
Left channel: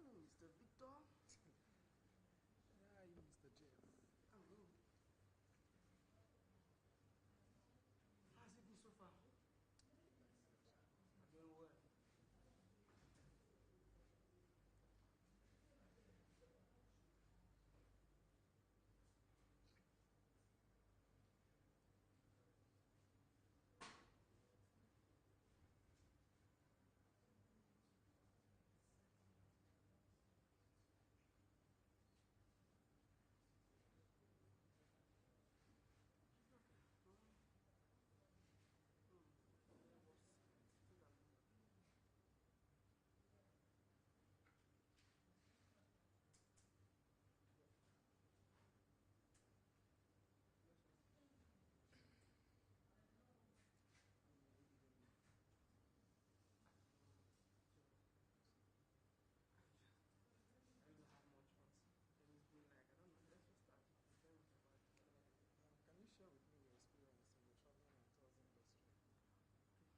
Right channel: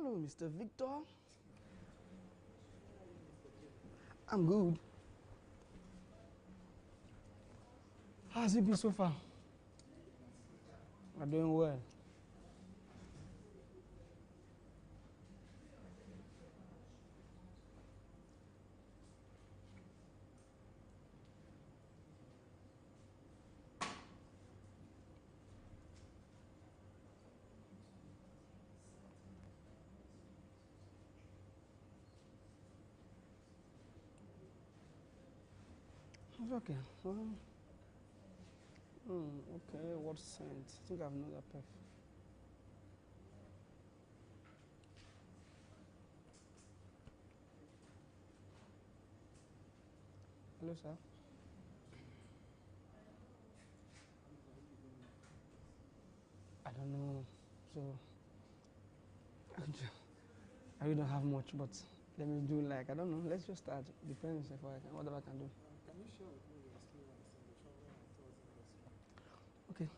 Hello, Mr. Victor. I'm good. How's it been so far? I'm doing well. It's okay. Okay, what scent? I think I've known that perfume. Hello, sir. I don't know. So, I really don't have much, but let me do like, I don't know. Let's just start. Depends if I can, whatever I can do. Can you share with me your experience in the travel and tours industry? Okay.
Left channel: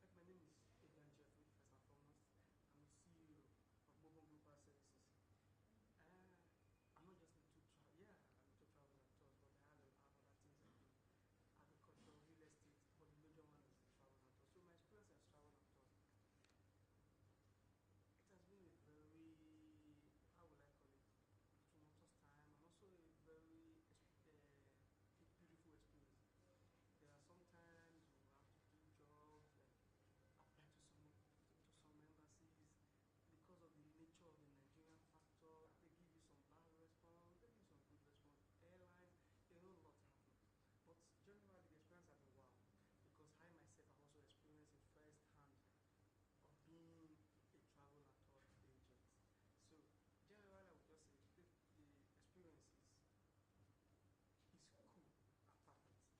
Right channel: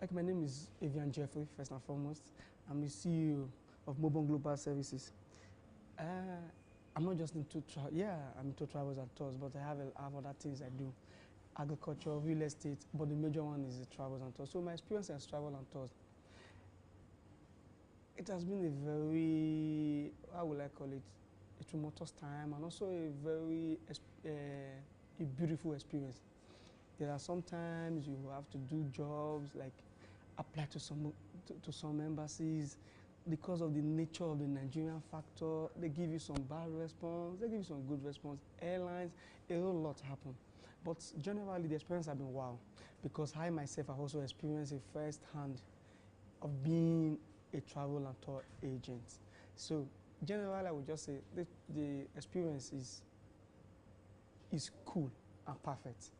Like, my name is Evian Jeffrey, first and foremost. I'm the CEO of Mobile Global Services. I'm not just into travel. Yeah, I'm into travels and tours, but I have other things I do. Agriculture, real estate, but the major one is the travels and tours. So my experience as travel and tours, it has been a very, how will I call it, a tumultuous time, and also a very a beautiful experience. There are sometimes you have to do jobs like apply to some embassies. Because of the nature of the Nigerian factor, they give you some bad response, they give you some good response. Airlines, a whole lot happen. But generally, the experience has been wow, because I myself have also experienced a first hand of being a travel and tour agent. So generally, I would just say the experience is cool and perfect.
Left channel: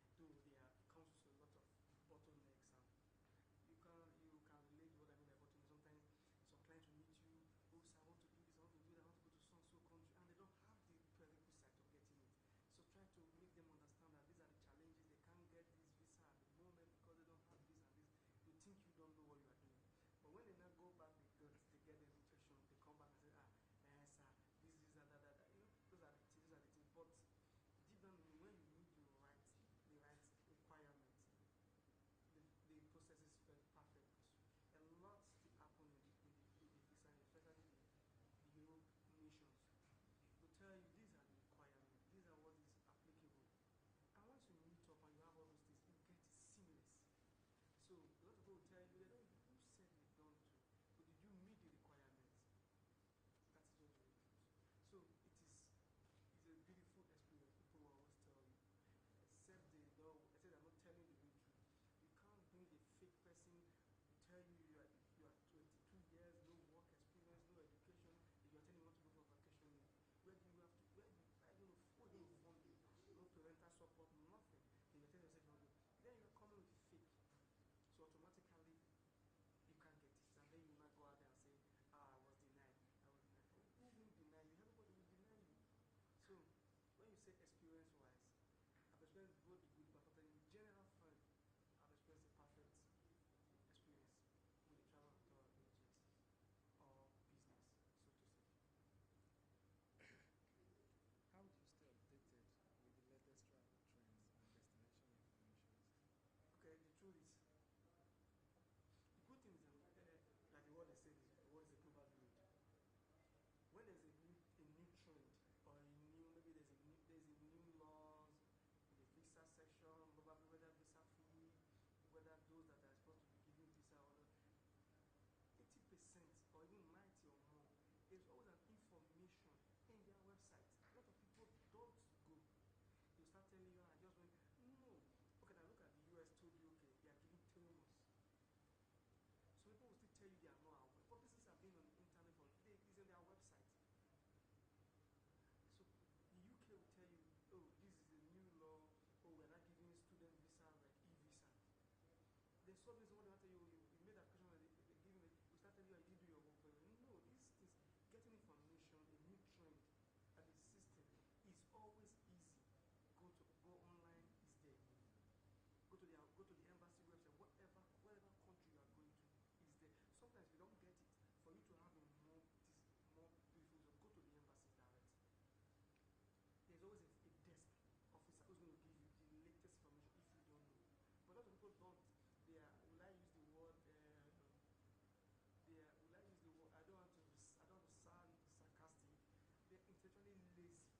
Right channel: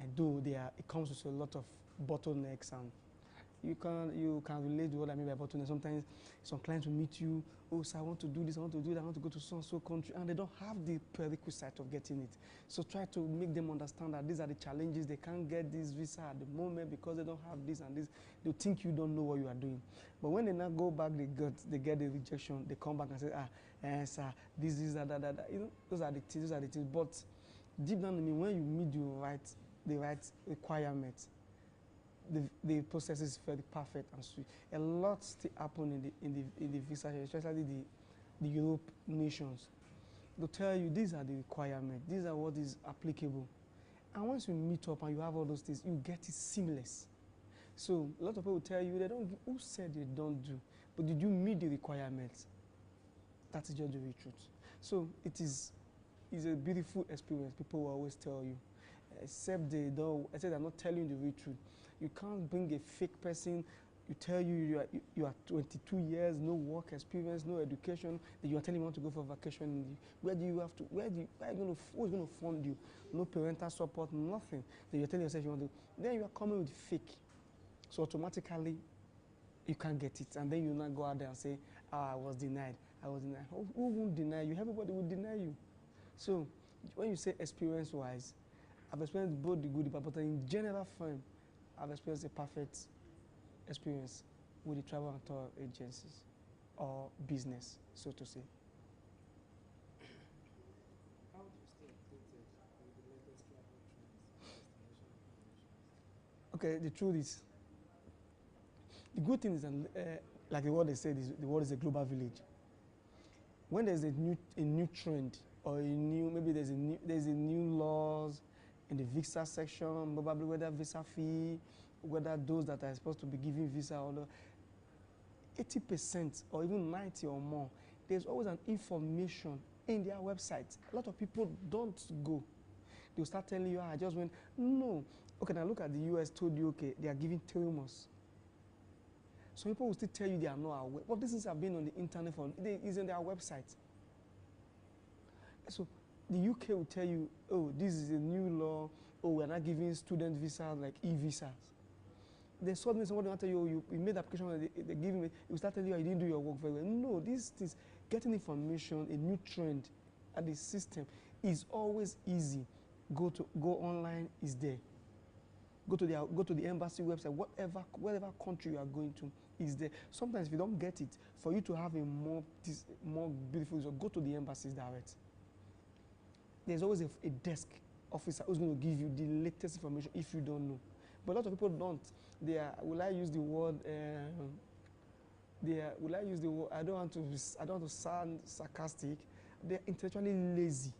And though it comes with a lot of bottlenecks, and you can relate to what I mean by bottlenecks. Sometimes some clients will meet you, oh, sir, I want to do this, I want to do that, I want to go to so and so country, and they don't have the prerequisite of getting it. So try to make them understand that these are the challenges. They can't get this visa at the moment because they don't have this and this. They think you don't know what you are doing. But when they now go back, they get the rejection. They come back and say, sir, this, that. You know, those are the things. But deep down in me, when you meet the right requirements, the process is very perfect and sweet. A lot still happen in the visa, especially the Europe nations. They'll tell you these are the requirements, these are what is applicable. And once you meet up and you have all those things, you get it seamless. So a lot of people will tell you they don't. Who said they don't do? But did you meet the requirements? That is just the real truth. So it is a beautiful experience. People will always tell you, except they're not telling the real truth. You can't bring a fake person. You tell you are 22 years, no work experience, no education. That you are telling you want to go for vacation. Who's going to fund you? No parental support, nothing. Then you're telling yourself you want to. Then you are coming with fake. So automatically, you can't get it, and then you now go out there and say, I was denied. Who won't deny you? Everybody will deny you. So when you say experience-wise, I've experienced both the good and the bad, but in general form, I've experienced a perfect experience with the travel and tour agencies or business, so to say. How do you stay updated with the latest travel trends and destination recommendations? Okay, the truth is, the good thing is that, like the word they said, the world is a global village. When there's a new trend, or maybe there's a new laws in the visa section, probably whether visa fee, whether those that are supposed to be giving visa or not, 80% or even 90 or more, there's always an information in their website. A lot of people don't go. They'll start telling you, I just went. No. Okay, now look at the US told you, okay, they are giving 3 months. Some people will still tell you they are not aware. But these things have been on the internet it's on their website. So the UK will tell you, oh, this is a new law. Oh, we're not giving student visas like e-visas. Then suddenly somebody will tell you, oh, you made the application, they give me, it will start telling you, you didn't do your work very well. No, these things, getting information, a new trend at the system is always easy. Go online, is there. Go to the embassy website, whatever country you are going to, is there. Sometimes if you don't get it, for you to have a more beautiful result, go to the embassies direct. There's always a desk officer who's going to give you the latest information if you don't know. But a lot of people don't. They are, will I use the word, I don't want to sound sarcastic. They're intellectually lazy.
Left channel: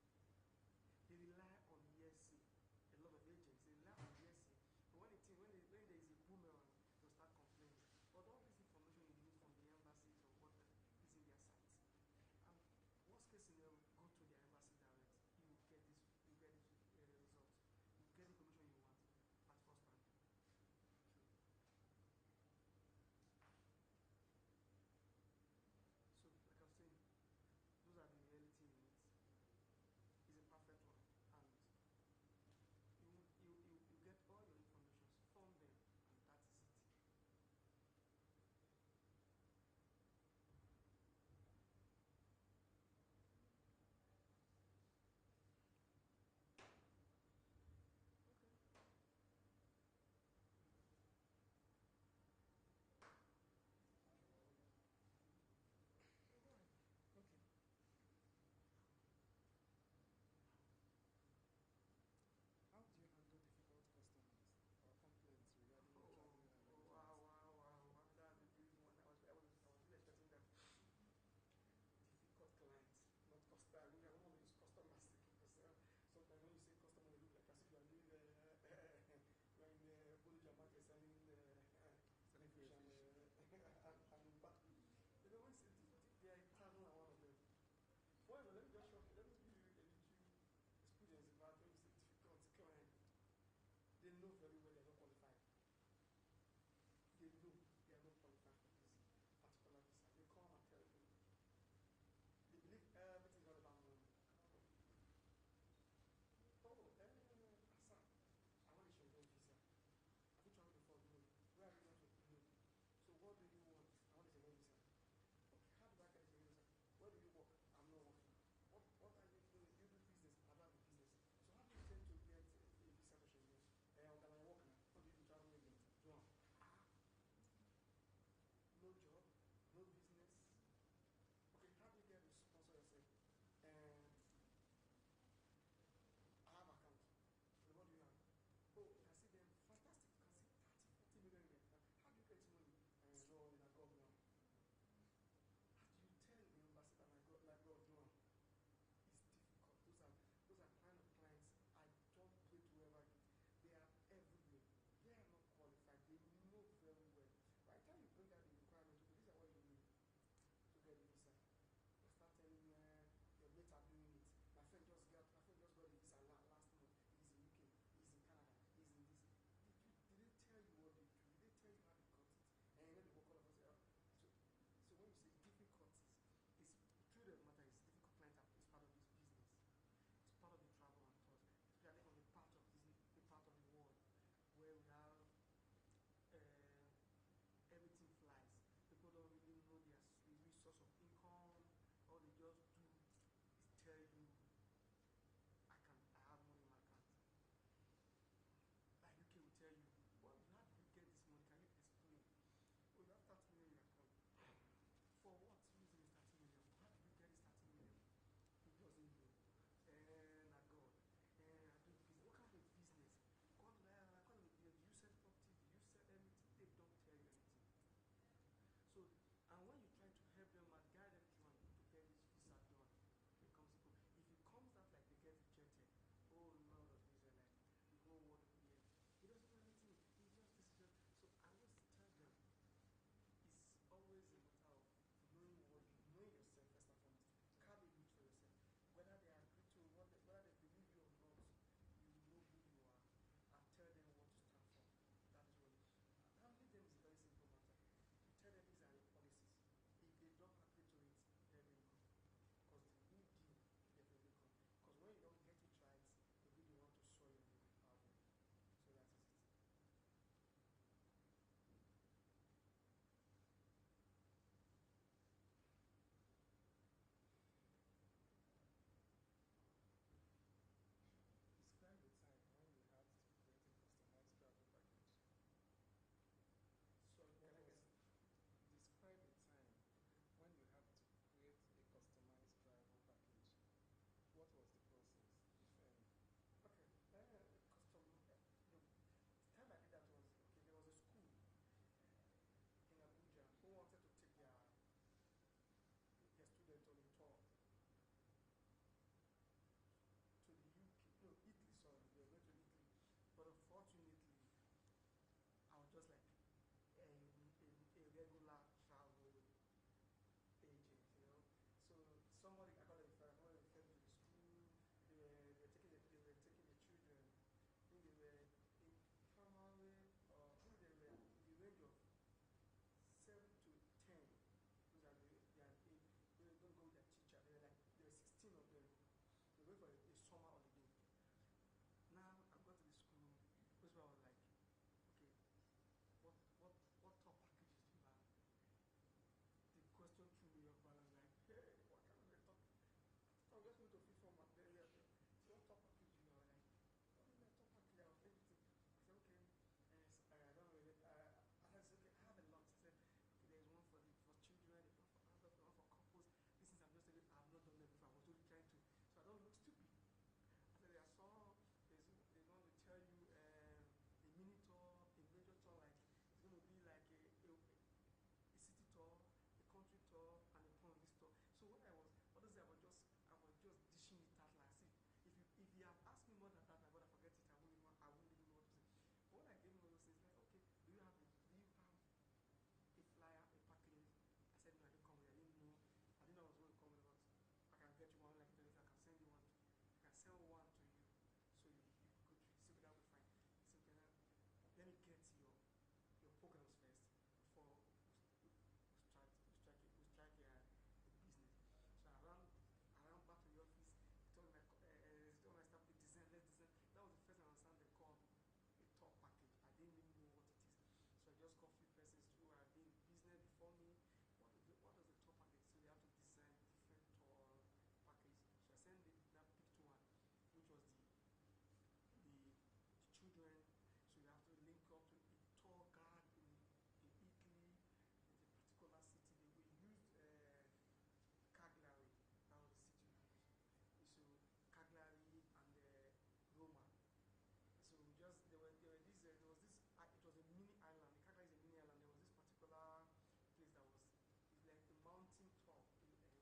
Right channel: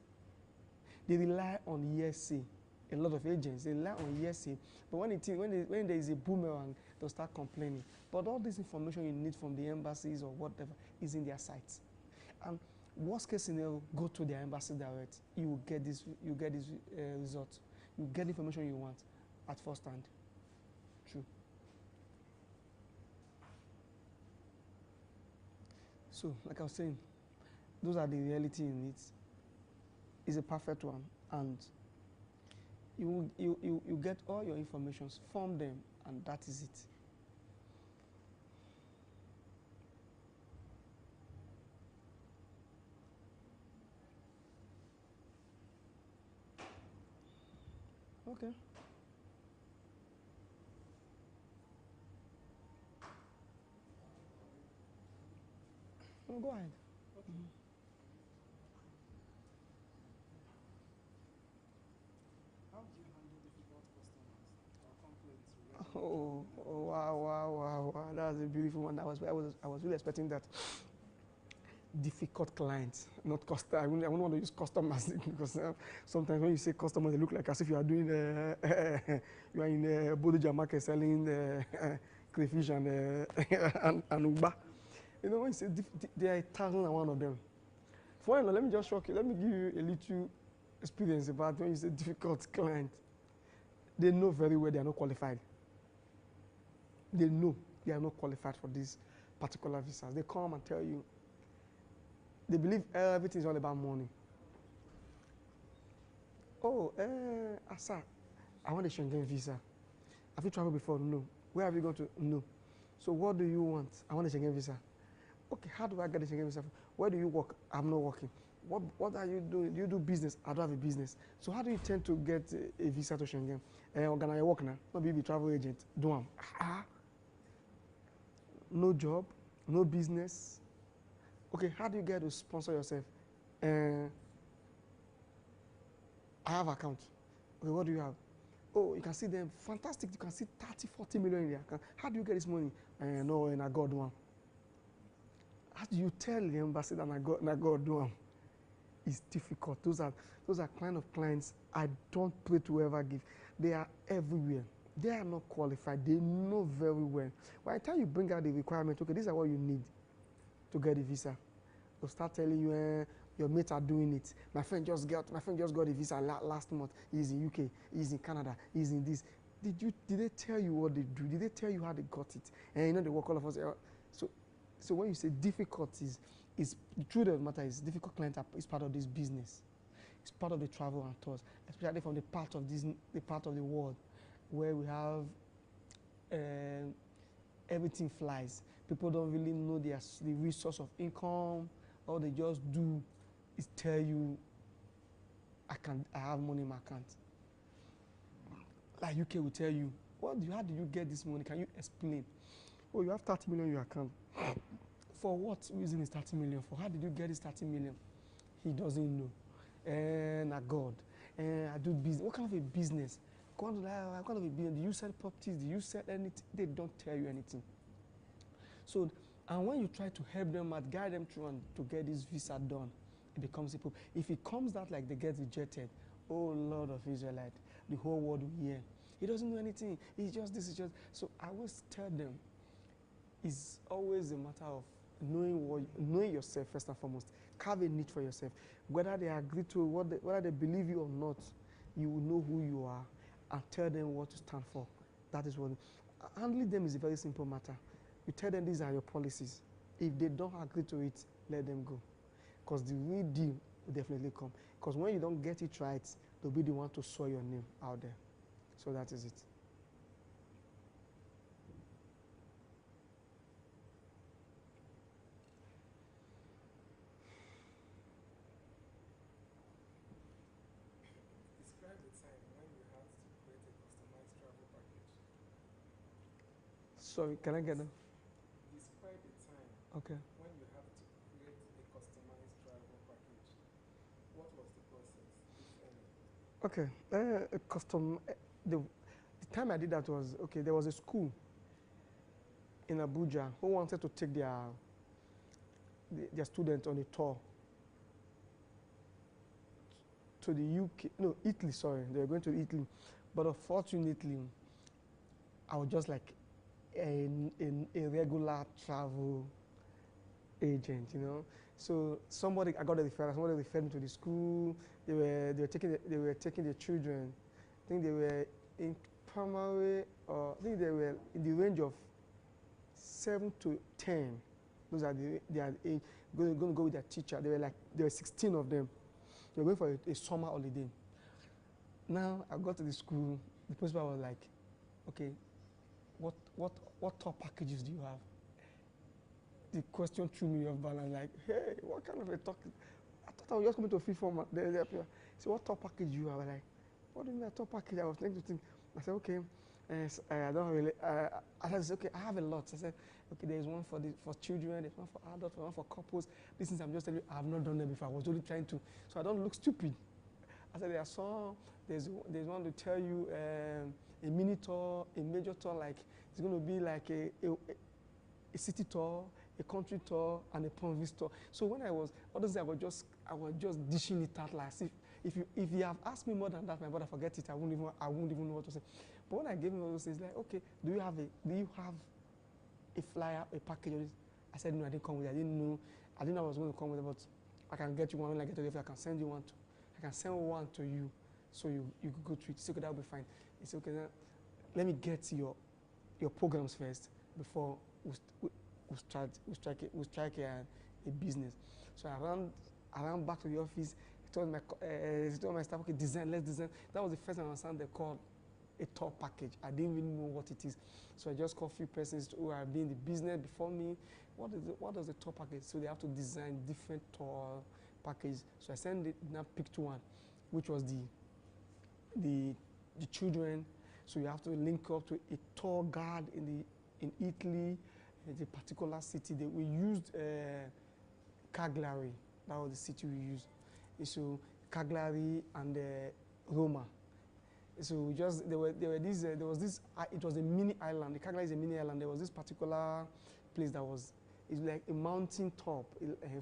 They rely on hearsay. A lot of agents, they rely on hearsay. But when there is a boomerang, they'll start complaining. But all this information you need from the embassies or whatever is in their sites. And worst case scenario, go to their embassy direct. You will get this result. You get the information you want at first hand. True. So, like I was saying, those are the reality in it. It's a perfect one, and you get all your informations, form them, and that is it. Okay. No, go ahead. Okay. How do you handle difficult customers or complaints? Wow. That's a beautiful one. I was really expecting that. Difficult clients, not customer. I wouldn't want to use customers because sometimes when you say customers, they look like as if you are doing you are in a Bodija market selling crayfish and uba. You know, when you say there are 1,001 of them. For let me just shock you. Let me give you a little experience about when you say difficult client. They know very well they are not qualified. They know they are not qualified for these particular visas. They come and tell you. They believe everything is all about money. Oh, sir, I want a Schengen visa. Have you traveled before? No. Where have you gone to? No. So what do you want? I want a Schengen visa. Okay, how do I get a Schengen visa? Where do you work? I'm not working. What are you doing? Do you do business? I don't have a business. So how do you tend to get a visa to Schengen? Organize your work now. Maybe be a travel agent. Do one. No job, no business. Okay, how do you get to sponsor yourself? I have account. Okay, what do you have? Oh, you can see them. Fantastic. You can see 30, 40 million in their account. How do you get this money? No, and I got one. How do you tell the embassy that I got one? It's difficult. Those are kind of clients I don't pray to ever give. They are everywhere. They are not qualified. They know very well. By the time you bring out the requirement, okay, these are what you need to get a visa. They'll start telling you, your mates are doing it. My friend just got a visa last month. He's in UK. He's in Canada. He's in this. Did they tell you what they do? Did they tell you how they got it? And you know they work all of us. So when you say difficulties, the truth of the matter is difficult clients is part of this business. It's part of the travel and tours, especially from the part of the world where we have everything flies. People don't really know the real source of income. All they just do is tell you, I have money in my account. Like UK will tell you, how did you get this money? Can you explain? Oh, you have 30 million in your account. For what reason is 30 million for? How did you get this 30 million? He doesn't know. God. I do business. What kind of a business? What kind of a business? Do you sell properties? Do you sell anything? They don't tell you anything. So, and when you try to help them out, guide them through and to get this visa done, it becomes a problem. If it comes out like they get rejected, oh Lord of Israelite, the whole world will hear. He doesn't know anything. It's just this. So I always tell them, it's always a matter of knowing yourself first and foremost. Carve a niche for yourself. Whether they agree to whether they believe you or not, you will know who you are and tell them what to stand for. That is what. Handling them is a very simple matter. You tell them these are your policies. If they don't agree to it, let them go. Because the real deal will definitely come. Because when you don't get it right, they'll be the one to soil your name out there. So that is it. Describe the time when you had to create a customized travel package. Sorry, can I get them? Okay. When you have to create a customized travel package, what was the process, if any? Okay. The time I did that was, okay, there was a school in Abuja who wanted to take their students on a tour to the UK, no, Italy, sorry. They were going to Italy. But unfortunately, I was just like a regular travel agent, you know. So I got a referral. Somebody referred me to the school. They were taking the children. I think they were in primary, or I think they were in the range of 7 to 10. Those are their age. Going to go with their teacher. There were 16 of them. They were going for a summer holiday. Now I got to the school. The principal was like, "Okay, what tour packages do you have?" The question threw me off balance. Like, "Hey, what kind of a talk? I thought I was just coming to a free format." So what tour package do you have? I'm like, "What do you mean a tour package?" I was trying to think. I said, "Okay, I don't really." I said, "Okay, I have a lot." I said, "Okay, there is one for children, there's one for adults, one for couples." These things I'm just telling you, I have not done them before. I was only trying to, so I don't look stupid. I said, there's one to tell you a mini tour, a major tour, like it's going to be like a city tour, a country tour, and a province tour. So when I was just dishing it out like if you have asked me more than that, my brother, forget it. I won't even know what to say. But when I gave him all those things, like, "Okay, do you have a flyer, a package?" I said, "No, I didn't come with it. I didn't know I was going to come with it, but I can get you one when I get to the office. I can send you one to. I can send one to you, so you could go to it." He said, "Okay, that'll be fine." He said, "Okay, now let me get your programs first before we strike a business." So I ran back to the office. He told my staff, "Okay, let's design." That was the first time I understand they called a tour package. I didn't even know what it is. So I just called a few persons who have been in the business before me. What does the tour package? So they have to design different tour package. So I picked one, which was the children. So you have to link up to a tour guide in Italy, the particular city that we used. Cagliari, that was the city we used. So Cagliari and Roma. So there was this. It was a mini island. The Cagliari is a mini island. There was this particular place it's like a mountain top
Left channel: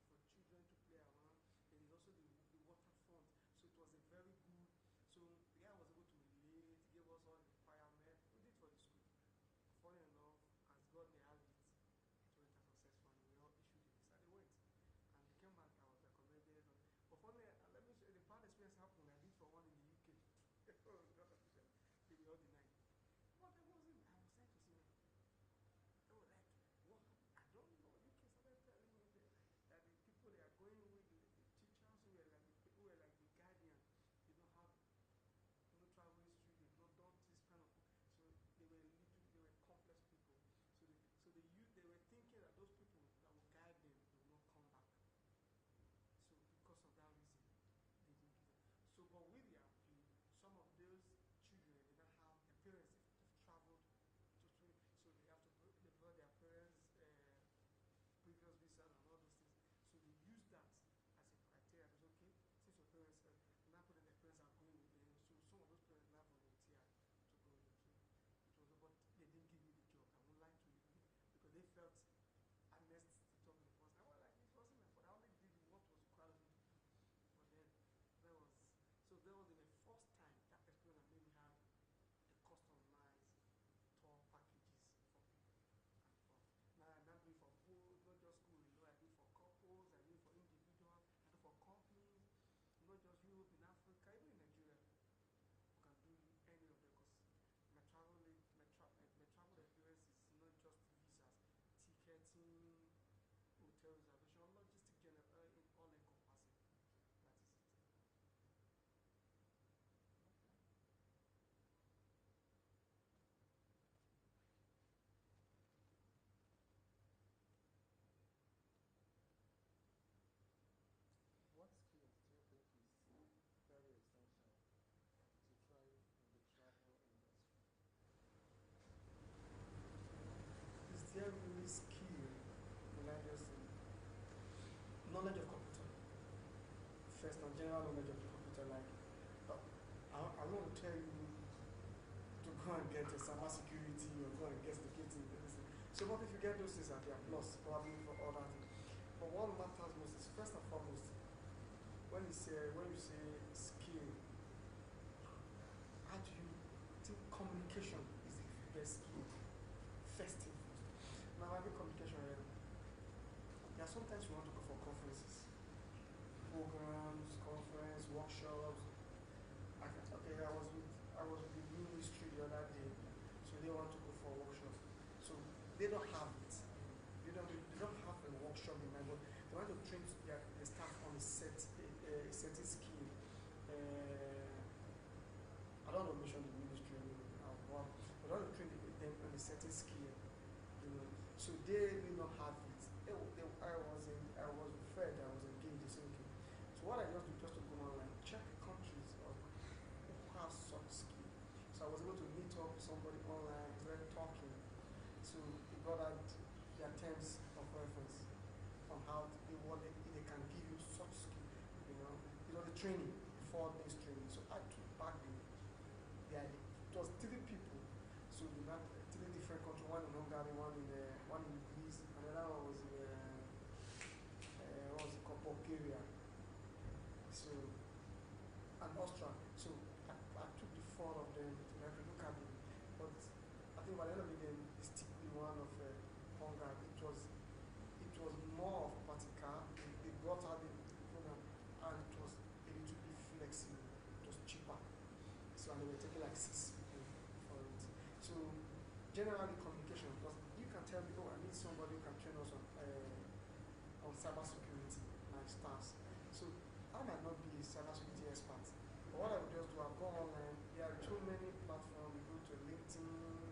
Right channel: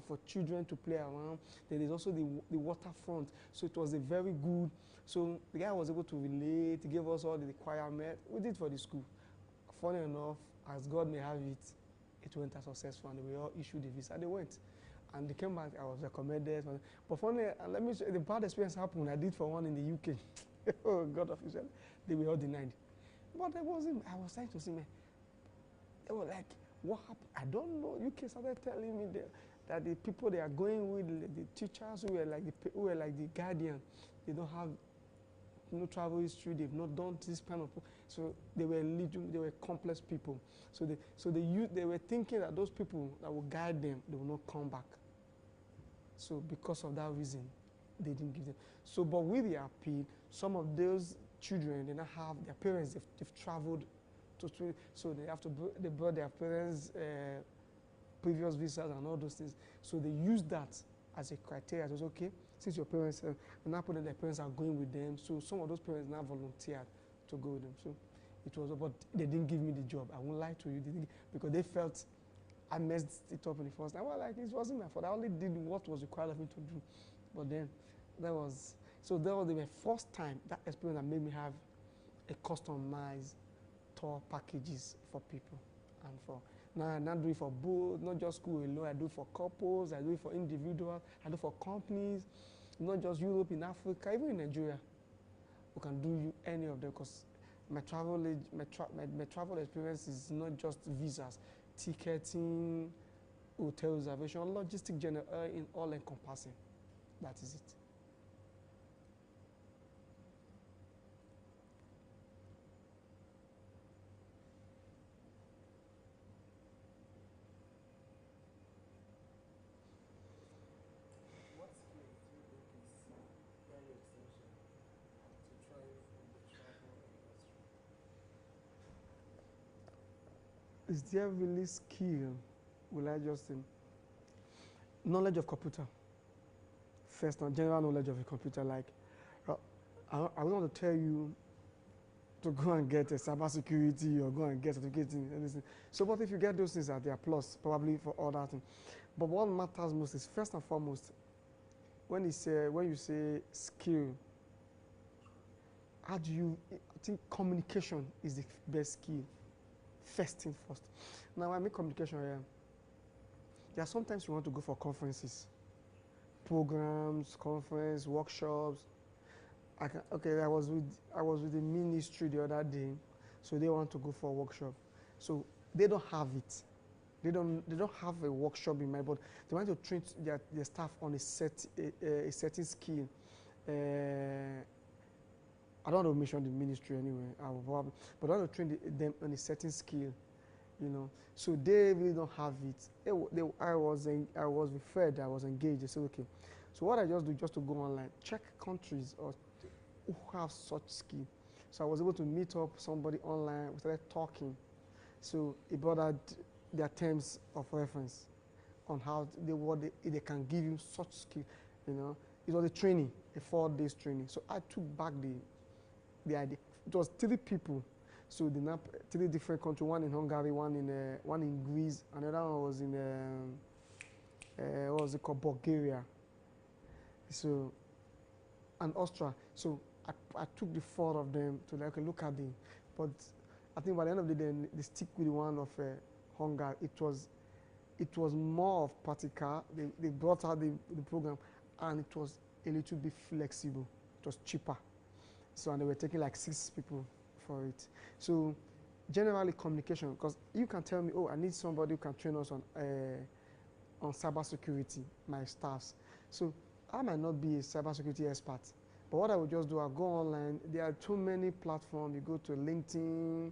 for children to play around. Then there's also the waterfront. So it was a very good. So the guy was able to relate. He gave us all the requirements. We did for the school. Funny enough, as God may have it, it went as successful, and we all issued the visa. They went, and they came back. I was recommended. But funny, let me show you, the bad experience happened. I did for one in the UK. Oh, God official, they were all denied. But I was trying to see me. They were like, "What happened?" I don't know. UK started telling me that the people they are going with, the teachers who were like the guardian, they don't have no travel history. They've not done this kind of. So they were complex people. So they were thinking that those people that will guide them, they will not come back. So because of that reason, they didn't give them. So, but with the appeal, some of those children, they now have their parents. They've traveled so they brought their parents' previous visas and all those things. So they used that as a criteria. It was okay, since your parents now put that their parents are going with them. So some of those parents now volunteered to go with them. So it was, but they didn't give me the job. I won't lie to you, because they felt I messed it up in the first time. Well, like, it wasn't my fault. I only did what was required of me to do. But then that was the first time, that experience that made me have a customized tour packages for people, and for now I not do it for both, not just school alone. I do it for couples, I do it for individuals, I do it for companies, not just Europe, in Africa, even in Nigeria. We can do any of them, because my travel experience is not just visas, ticketing, hotel reservation, logistic general, in all encompassing. That is it. What skills do you think is very essential to thrive in the travel industry? Is there really skill? will I just say? Knowledge of computer. First, now, general knowledge of a computer. Like, I want to tell you to go and get a cybersecurity or go and get certificate in anything. So, but if you get those things at their plus, probably for all that thing. But what matters most is first and foremost, when you say skill, how do you? I think communication is the best skill. First thing first. Now, I mean communication here. There are sometimes you want to go for conferences, programs, conference, workshops. I was with the ministry the other day, so they want to go for a workshop. So they don't have it. They don't have a workshop in mind, but they want to train their staff on a certain skill. I don't want to mention the ministry anyway, but I want to train them on a certain skill, you know. So they really don't have it. I was referred, I was engaged. I said, okay. So what I just do, just to go online, check countries or who have such skill. So I was able to meet up somebody online. We started talking. So it brought out their terms of reference on how they can give you such skill. You know, it was a training, a 4 days training. So I took back the idea. It was 3 people. So the 3 different countries, one in Hungary, one in Greece, another one was in what was it called, Bulgaria. So, and Austria. So I took the 4 of them to like look at them. But I think by the end of the day, they stick with one of Hungary. It was more of practical. They brought out the program, and it was a little bit flexible. It was cheaper. So, and they were taking like 6 people for it. So generally communication, because you can tell me, oh, I need somebody who can train us on cybersecurity, my staffs. So I might not be a cybersecurity expert, but what I would just do, I'll go online. There are too many platforms. You go to LinkedIn,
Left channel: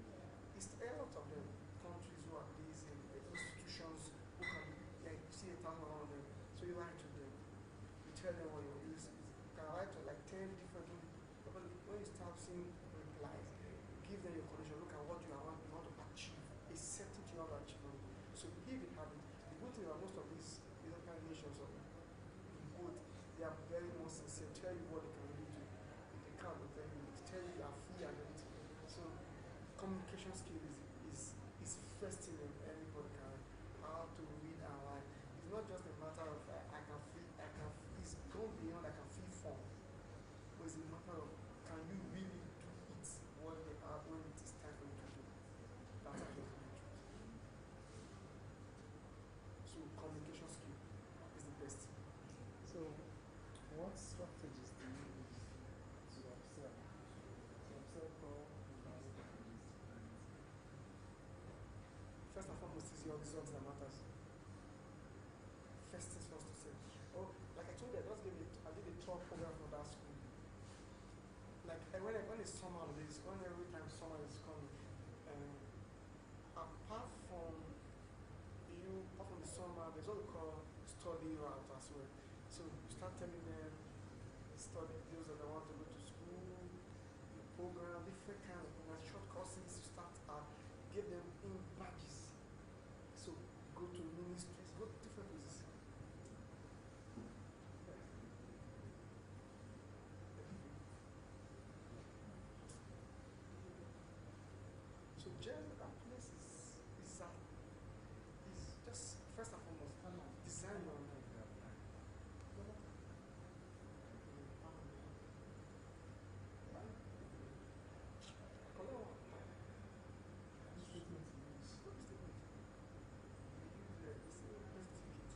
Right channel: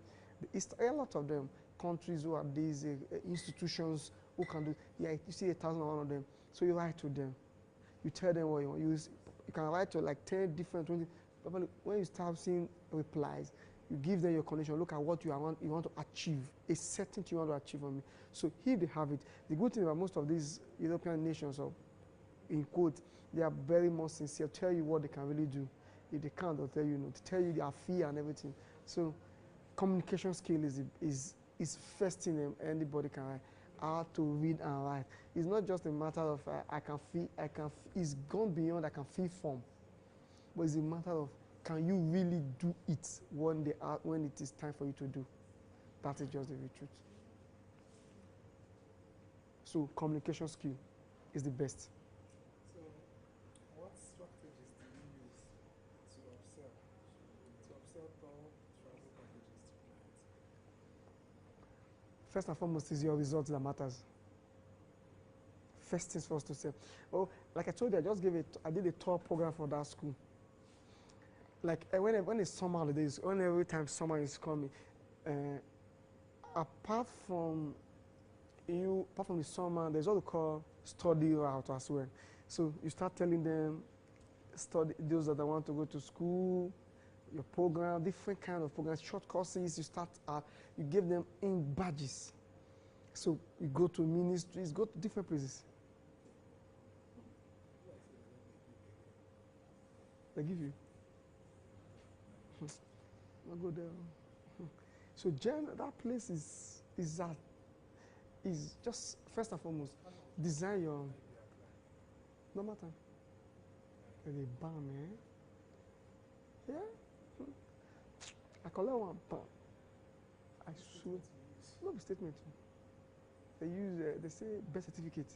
it's a lot of them. Countries who have these institutions who can do, yeah, you see 1,000 of them. So you write to them. You tell them what you want. You can write to like 10 different, 20. When you start seeing replies, you give them your condition. Look at what you want to achieve, a certain thing you want to achieve on me. So if they have it, the good thing about most of these European nations, or in quote, they are very much sincere. Tell you what they can really do. If they can't, they'll tell you no. They tell you their fear and everything. So communication skill is first thing anybody can write. How to read and write. It's not just a matter of it's gone beyond I can feel form. But it's a matter of, can you really do it when it is time for you to do? That is just the truth. So communication skill is the best. So what strategies do you use to upsell? To upsell all value packages to clients? First and foremost is your result that matters. First things first to say. Oh, like I told you, I did a tour program for that school. Like when it's summer holidays, every time summer is coming, apart from the summer, there's what we call study route as well. So you start telling them, study those that want to go to school, your program, different kind of programs, short courses. You give them in badges. So you go to ministries, go to different places. They give you. I'll go there. So that place is just first and foremost, design your no matter. Maybe bam, yeah. I collect one bam. I should not the statement. They use they say birth certificate.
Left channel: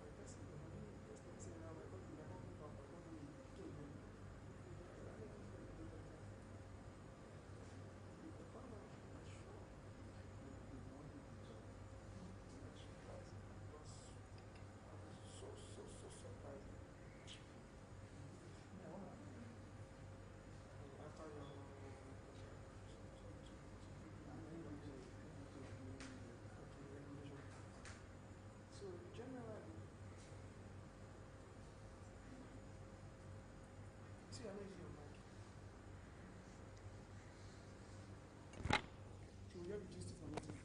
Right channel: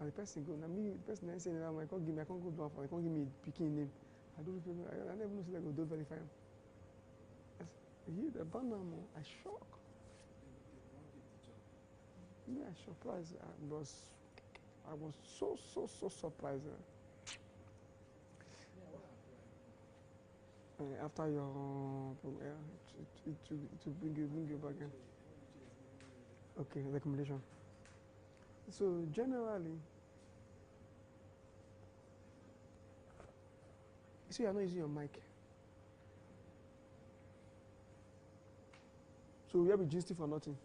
And the person go, now me, person I say, I can't go back, I can't give me a picking name. I don't even know, I never know so I go do verify. The banner, I shock. Yeah, surprised. I was so surprised. After your to bring you back in. Okay, recommendation. So generally, you see, you're not using your mic. So we have been gisting for nothing.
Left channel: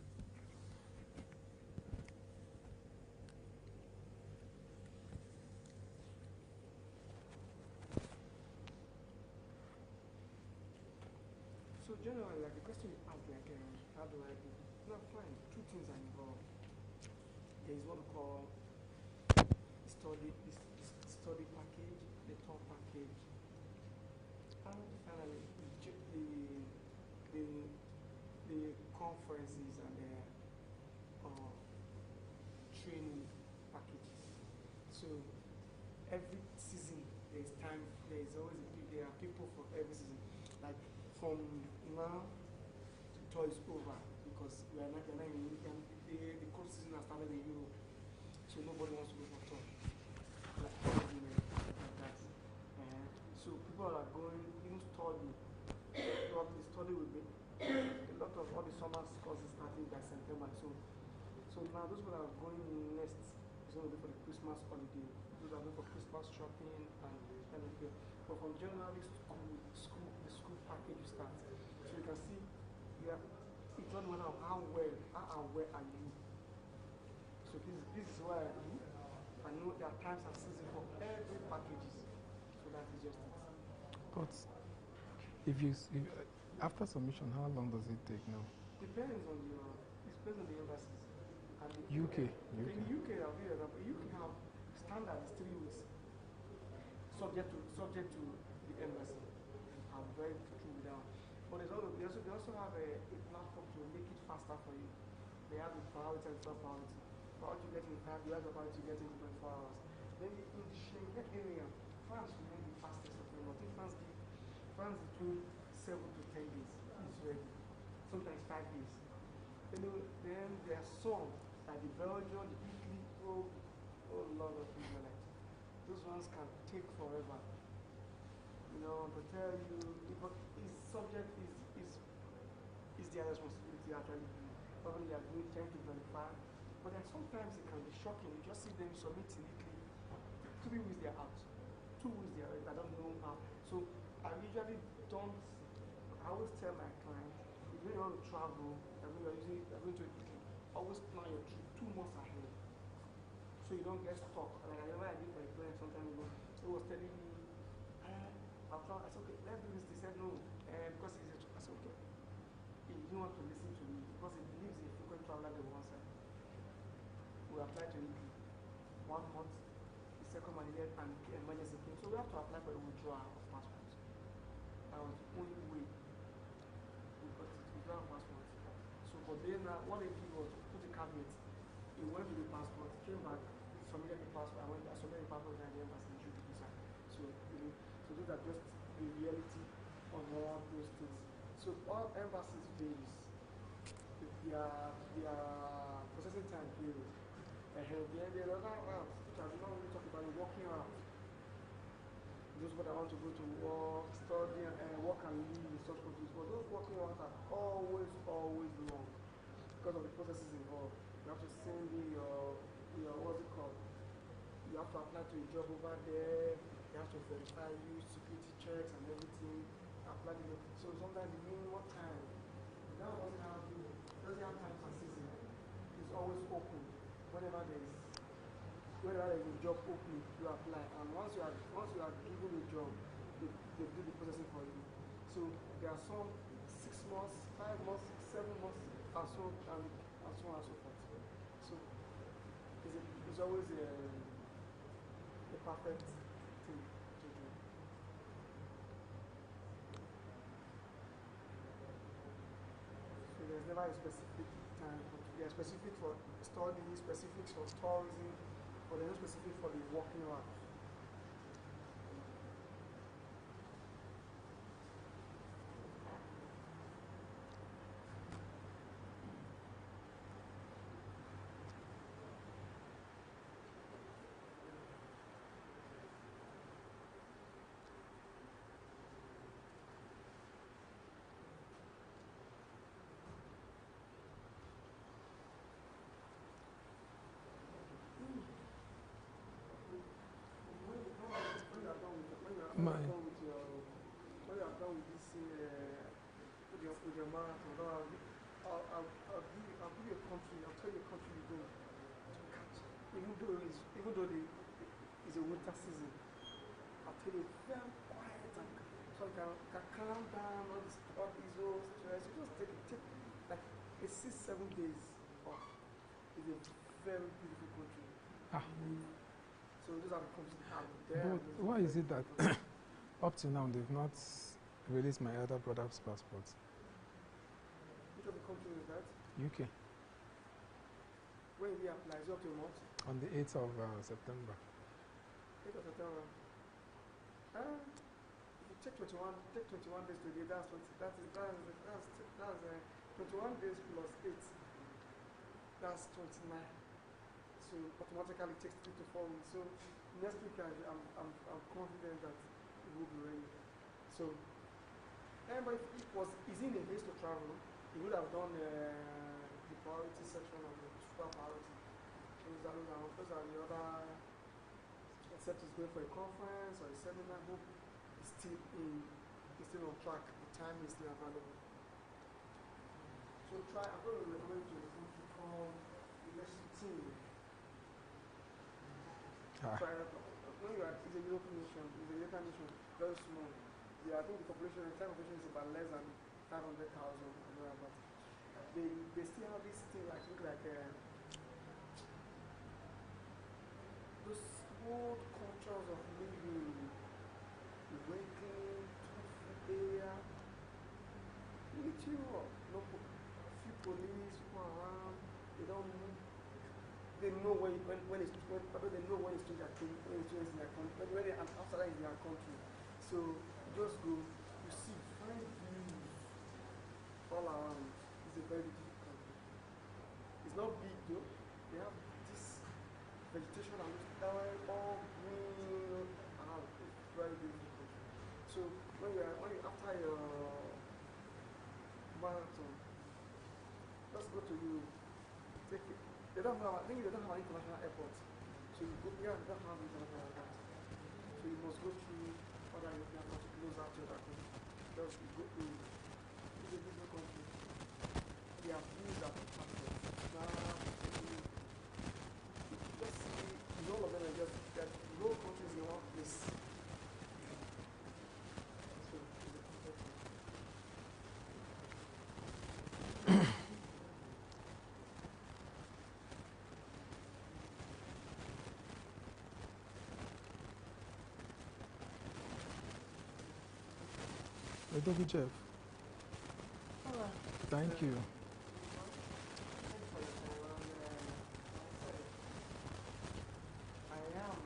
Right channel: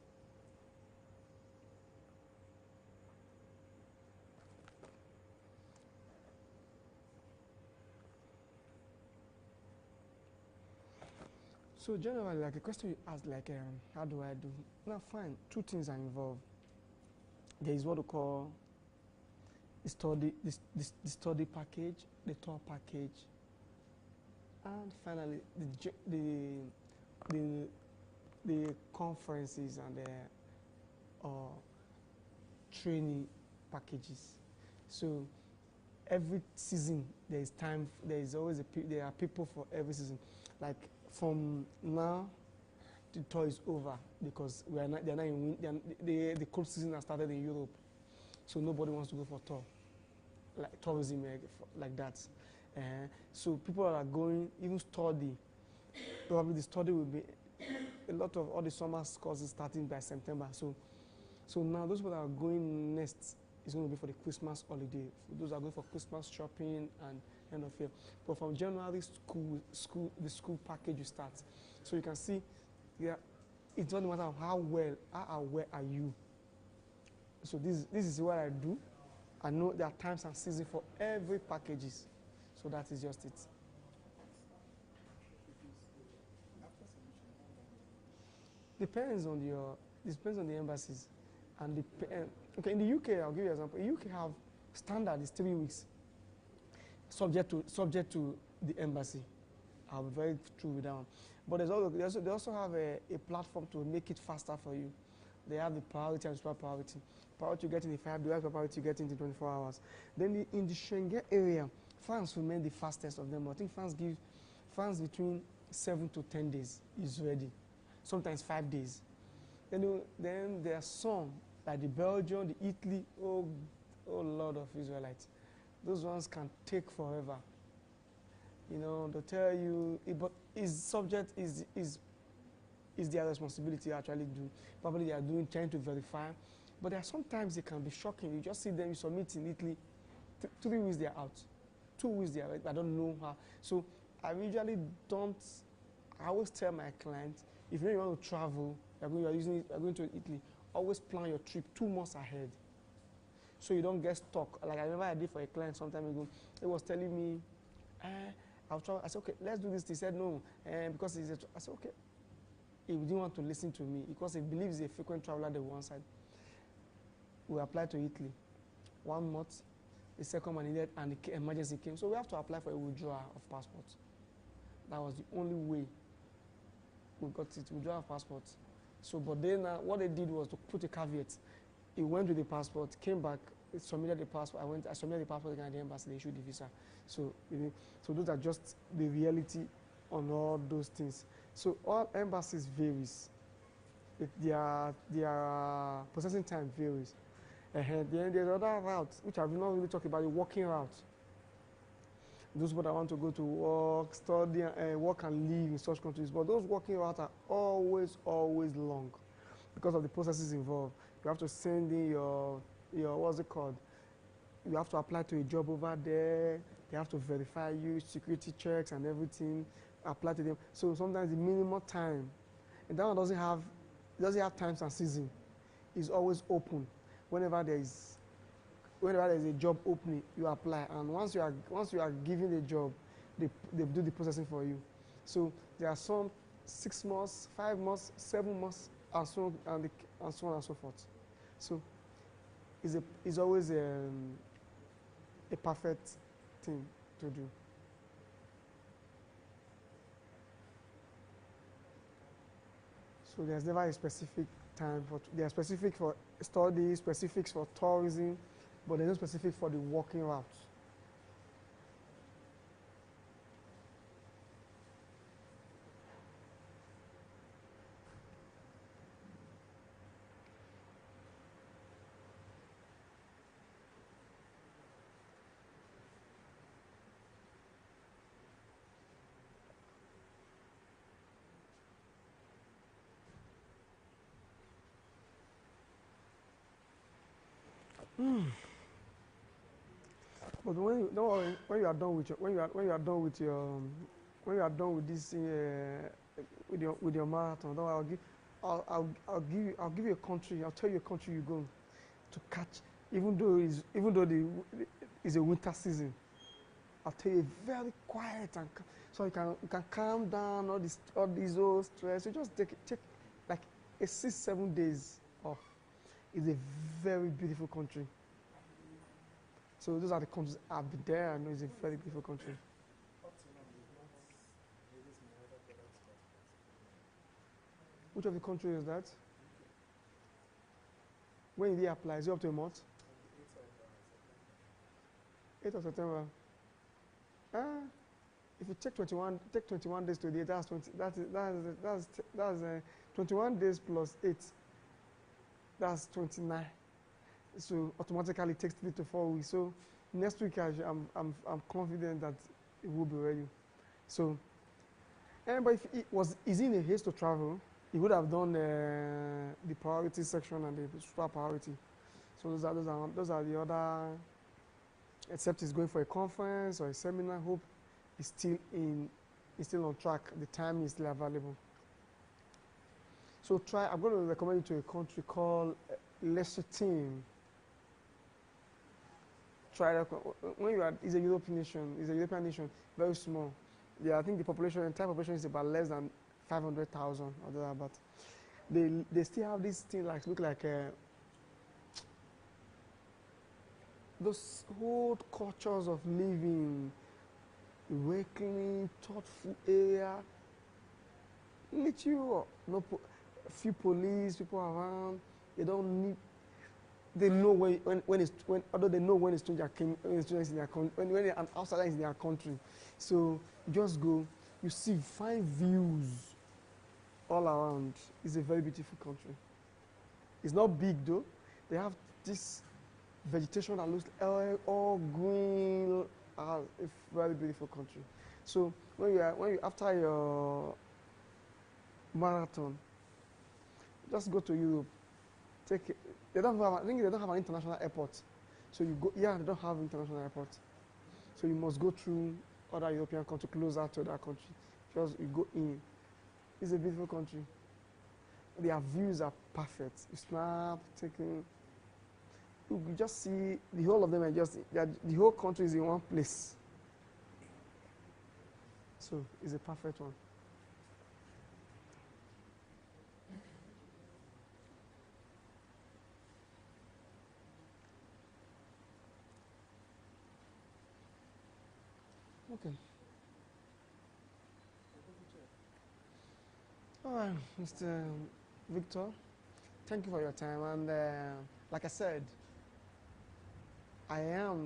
So generally, like a question you asked, like, how do I do? Now, fine. Two things are involved. There is what we call the study package, the tour package, and finally the conferences and the training packages. So every season there is time. There is always there are people for every season. Like from now, the tour is over because we are not. They're not in. The cold season has started in Europe, so nobody wants to go for tour, like tourism like that. So people are going even study. Probably the study will be a lot of all the summer courses starting by September. So now those people that are going next is going to be for the Christmas holiday. Those are going for Christmas shopping and end of year. But from January, the school package will start. So you can see, yeah, it doesn't matter how aware are you. So this is what I do. I know there are times and seasons for every packages. So that is just it. But if after submission, how long does it take now? Depends on the embassies and the UK. Okay, in the UK, I'll give you an example. In UK have standard is 3 weeks, subject to the embassy. I'm very true with that one. But they also have a platform to make it faster for you. They have the priority and extra priority. Priority to get in the 5 days, priority to get in the 24 hours. Then in the Schengen area, France remain the fastest of them. I think France between 7 to 10 days is ready. Sometimes 5 days. Then there are some like the Belgium, the Italy, oh Lord of Israelites. Those ones can take forever. You know, they'll tell you, but is their responsibility to actually do. Probably they are trying to verify. But there are sometimes it can be shocking. You just see them, you submit in Italy, 3 weeks they are out. 2 weeks they are out. I don't know how. So I usually don't, I always tell my client, if you want to travel, you're going to Italy, always plan your trip 2 months ahead. So you don't get stuck. Like I remember I did for a client some time ago. He was telling me, I'll travel. I said, okay, let's do this. He said, no, because I said, okay. He didn't want to listen to me because he believes he's a frequent traveler on one side. We applied to Italy. 1 month, the second one needed, and the emergency came. So we have to apply for a withdrawal of passport. That was the only way we got it, withdrawal of passport. So, but then what they did was to put a caveat. He went with the passport, came back, submitted the passport. I submitted the passport again at the embassy, they issued the visa. So those are just the reality on all those things. So all embassies varies. Their processing time varies. Then there's other routes, which I've not really talked about, the working route. Those people that want to go to work, study, work and live in such countries. But those working routes are always long because of the processes involved. You have to send in your what's it called? You have to apply to a job over there. They have to verify you, security checks and everything. Apply to them. So sometimes the minimum time, and that one doesn't have times and season. It's always open. Whenever there is a job opening, you apply, and once you are given the job, they do the processing for you. So there are some 6 months, 5 months, 7 months, and so on and so forth. So it's always a perfect thing to do. So there's never a specific time, but they are specific for study, specifics for tourism, but they're not specific for the working route. But when you are done with this with your marathon, I'll give you a country. I'll tell you a country you're going to catch, even though it's a winter season. I'll tell you very quiet and so you can calm down all these old stress. You just take like a 6-7 days off. It's a very beautiful country. So those are the countries I'll be there. I know it's Why a very is it beautiful that country. up to now they've not released my elder brother's passport? Which of the countries is that? UK. When did he apply? Is it up to a month? On the 8th of September. 8th of September. If you check 21 days to the 8, that's 21 days plus 8. That's 29. So automatically it takes 3 to 4 weeks. So next week I'm confident that it will be ready. So but if is he in a haste to travel, he would have done the priority section and the super priority. So those are the other. Except he's going for a conference or a seminar. Hope is still on track. The time is still available. So I'm going to recommend you to a country called Lesotho. Try that. When you are, it's a European nation. It's a European nation, very small. Yeah, I think the entire population is about less than 500,000 or thereabout. They still have this thing like look like those old cultures of living, waking, thoughtful air, little, few police people around. They don't need. They know although they know when a stranger is in their country, when an outsider is in their country. So just go, you see fine views all around. It's a very beautiful country. It's not big though. They have this vegetation that looks all green. It's a very beautiful country. So when you after your marathon, just go to Europe. I think they don't have an international airport. So you go. Yeah, they don't have international airport. So you must go through other European countries closer to that country. Just you go in. It's a beautiful country. Their views are perfect. Snap, taking. You just see the whole of them are the whole country is in one place. So it's a perfect one. Adobe Jeff. Thank you. Victor, thank you for your time. And like I said, I am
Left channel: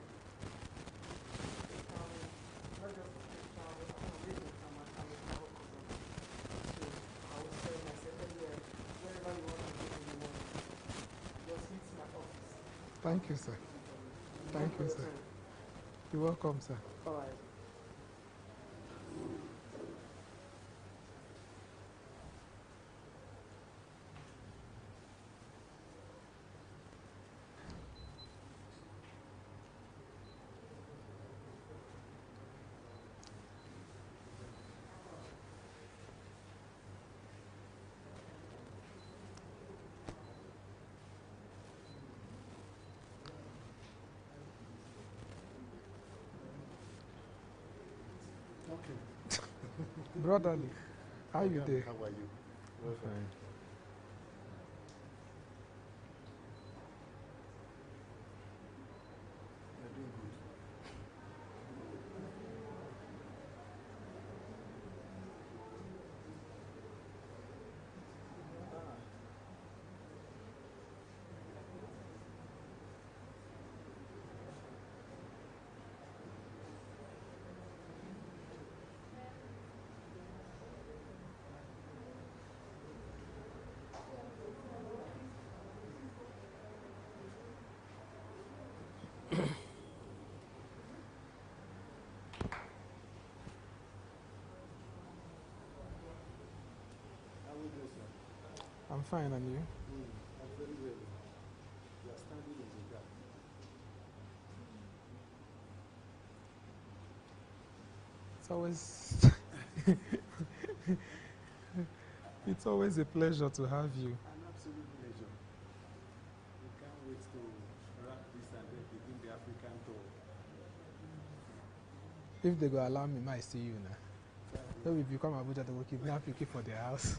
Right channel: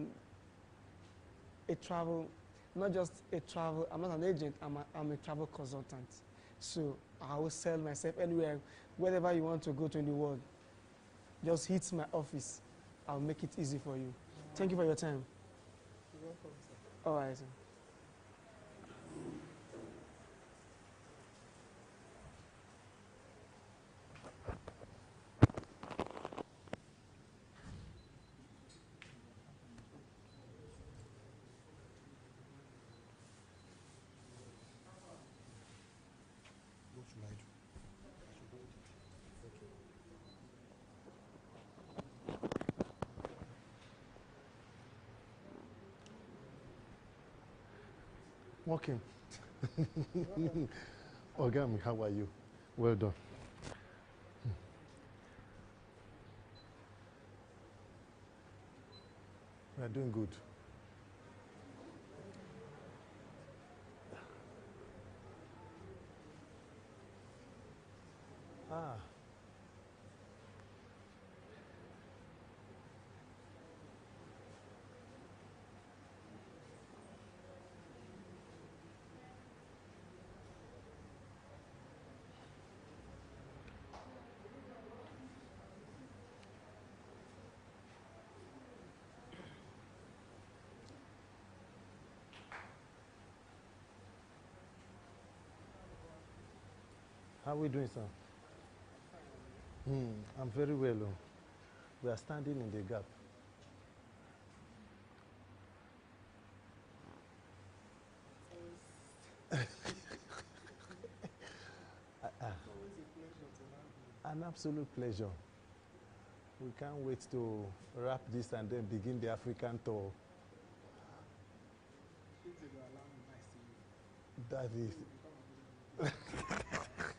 not just a travel, I'm not an agent, I'm a travel consultant. So I will sell myself anywhere, wherever you want to go to in the world. Just hit my office. I'll make it easy for you. Thank you for your time. You're welcome, sir. All right, sir. Walking. Brother, how are you? Well done. You're doing good. How are we doing, sir? I'm fine, and you? I'm very well. We are standing in the gap. It's always it's always a pleasure to have you. An absolute pleasure. We can't wait to wrap this and then begin the African tour. If they go allow me, might see you now. That So is, if you come Abuja, they will kidnap you, keep for their house.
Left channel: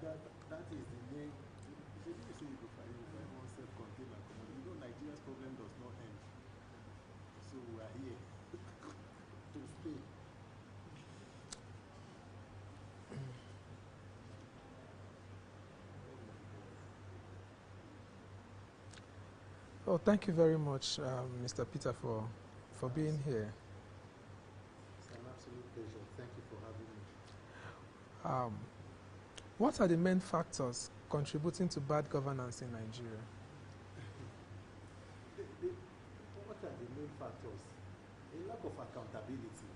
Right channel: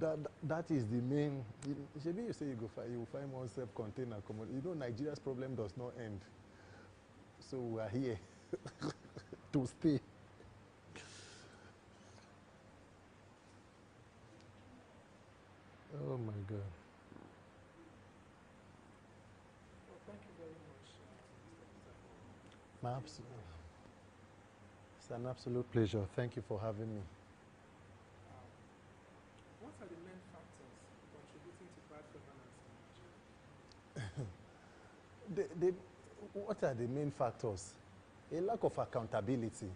that is the main. Maybe you say you will find one self-contained accommodation. You know, Nigeria's problem does not end. So we are here to stay. Oh my God. Oh, thank you very much, Mr. Peter, for being here. It's an absolute pleasure. Thank you for having me. What are the main factors contributing to bad governance in Nigeria? What are the main factors? A lack of accountability.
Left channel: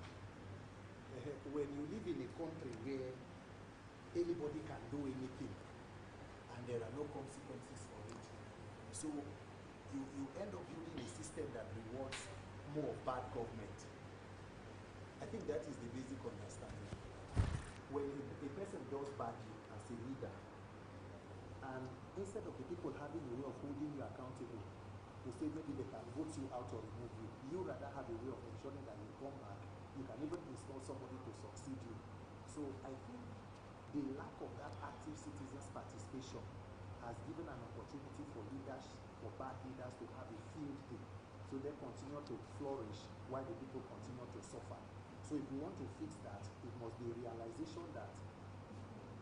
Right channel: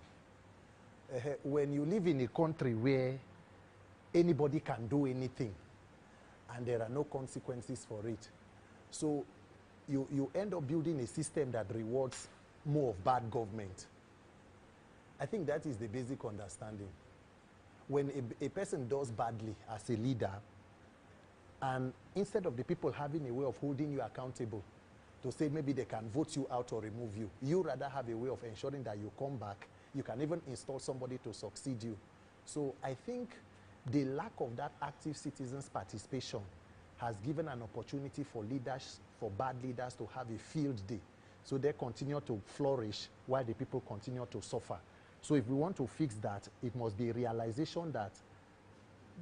When you live in a country where anybody can do anything and there are no consequences for it, so you end up building a system that rewards more of bad government. I think that is the basic understanding. When a person does badly as a leader, and instead of the people having a way of holding you accountable to say maybe they can vote you out or remove you, you rather have a way of ensuring that you come back. You can even install somebody to succeed you. So I think the lack of that active citizens' participation has given an opportunity for leaders, for bad leaders, to have a field day. So they continue to flourish while the people continue to suffer. So if we want to fix that, it must be a realization that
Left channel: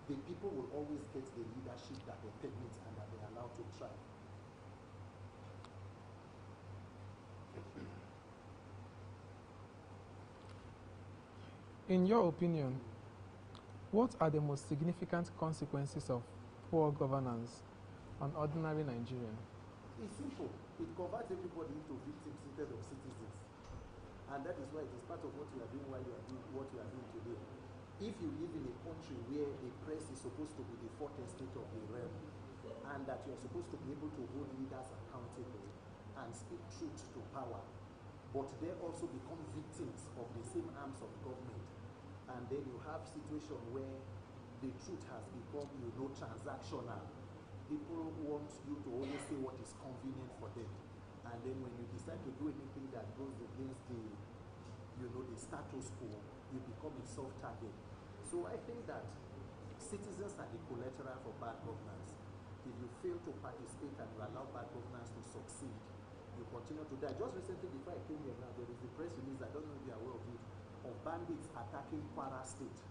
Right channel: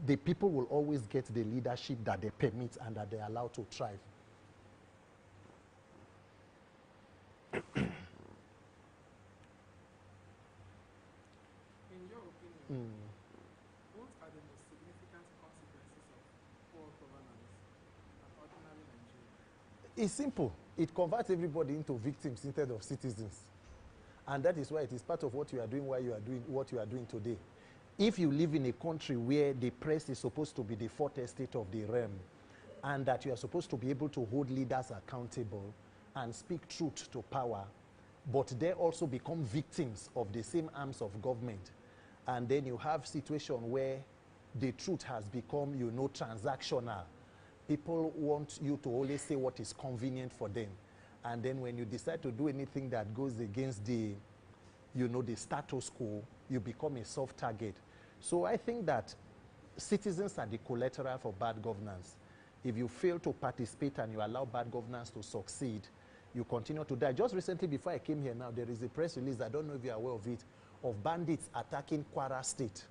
the people will always get the leadership that they permit and that they're allowed to thrive. In your opinion, what are the most significant consequences of poor governance on ordinary Nigerians? It's simple. It converts everybody into victims instead of citizens. And that is why it is part of what you are doing while you are doing what you are doing today. If you live in a country where the press is supposed to be the fourth estate of the realm, and that you are supposed to be able to hold leaders accountable and speak truth to power, but they also become victims of the same arms of government, and then you have situation where the truth has become, transactional. People want you to always say what is convenient for them. And then when you decide to do anything that goes against the status quo, you become a soft target. So I think that citizens are the collateral for bad governance. If you fail to participate and you allow bad governance to succeed, you continue to die. Just recently, before I came here now, there is a press release, I don't know if you're aware of it, of bandits attacking Kwara State.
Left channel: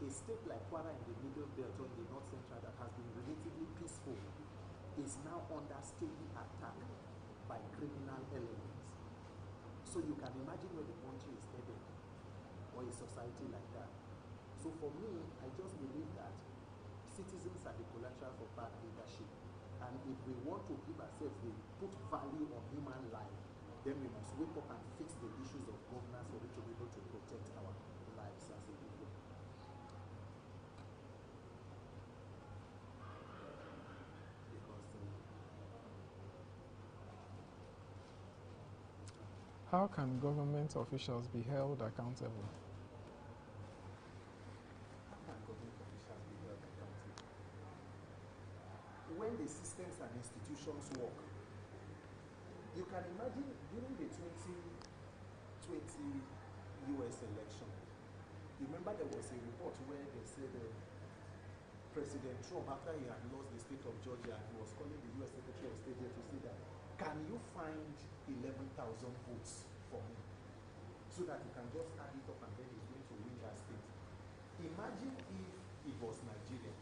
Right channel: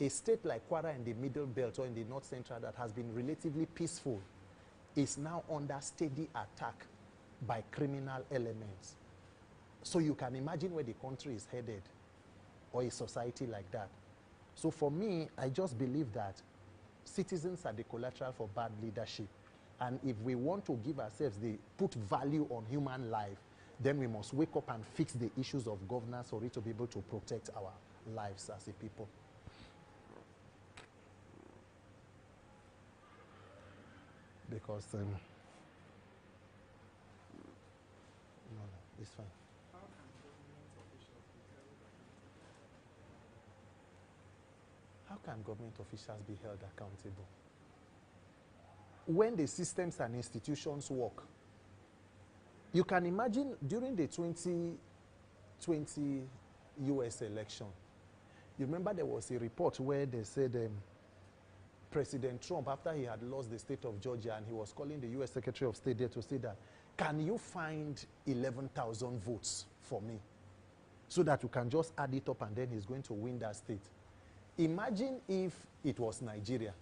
A state like Kwara in the Middle Belt or in the North Central that has been relatively peaceful is now under steady attack by criminal elements. So you can imagine where the country is headed, or a society like that. So for me, I just believe that citizens are the collateral for bad leadership. And if we want to give ourselves put value on human life, then we must wake up and fix the issues of governance for it to be able to protect our lives as a people. Because it's fine. How can government officials be held accountable? How can government officials be held accountable? When the systems and institutions work, you can imagine during the 2020 US election, you remember there was a report where they said President Trump, after he had lost the state of Georgia, and he was calling the US Secretary of State there to say that, can you find 11,000 votes for me so that you can just add it up and then he's going to win that state? Imagine if it was Nigeria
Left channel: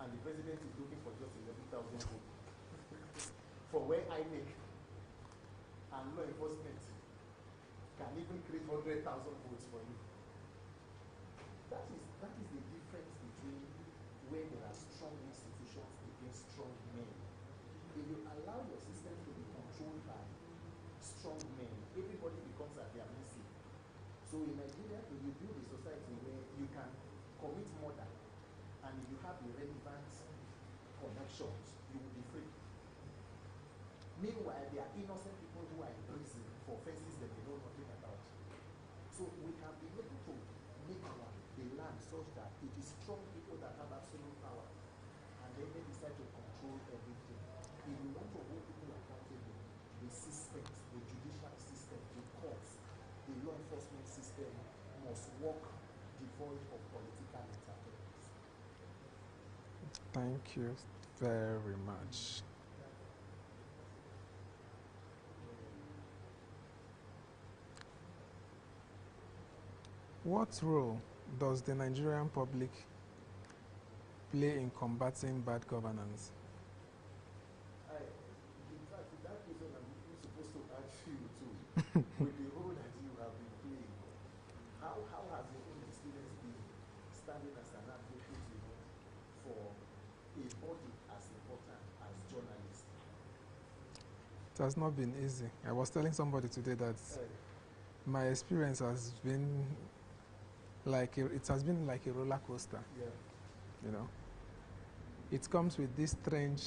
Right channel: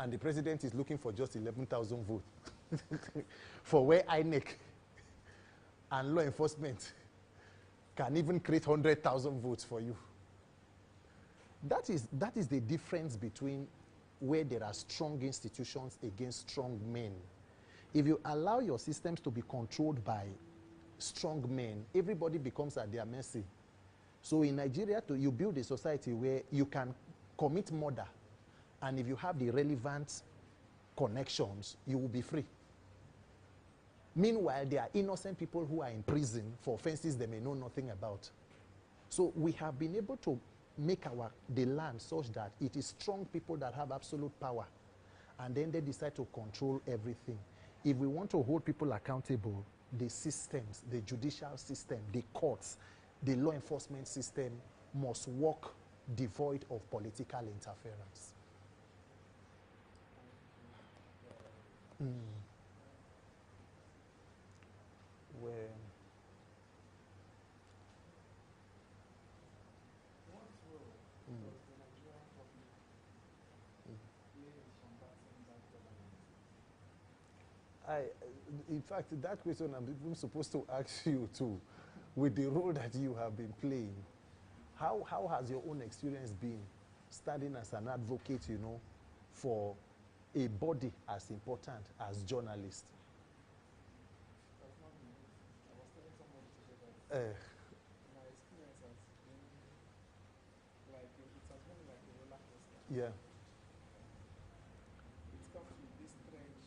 and the president is looking for just 11,000 votes for where INEC and law enforcement can even create 100,000 votes for you. That is the difference between where there are strong institutions against strong men. If you allow your systems to be controlled by strong men, everybody becomes at their mercy. So in Nigeria, you build a society where you can commit murder, and if you have the relevant connections, you will be free. Meanwhile, there are innocent people who are in prison for offenses they may know nothing about. So we have been able to make the land such that it is strong people that have absolute power, and then they decide to control everything. If we want to hold people accountable, the systems, the judicial system, the courts, the law enforcement system must work devoid of political interference. Thank you very much. What role does the Nigerian public play in combating bad governance? In fact, that question I'm even supposed to ask you too, with the role that you have been playing. How has your own experience been standing as an advocate, you know, for a body as important as journalists? It has not been easy. I was telling somebody today that my experience has been like it has been like a roller coaster. Yeah. You know, it comes with this strange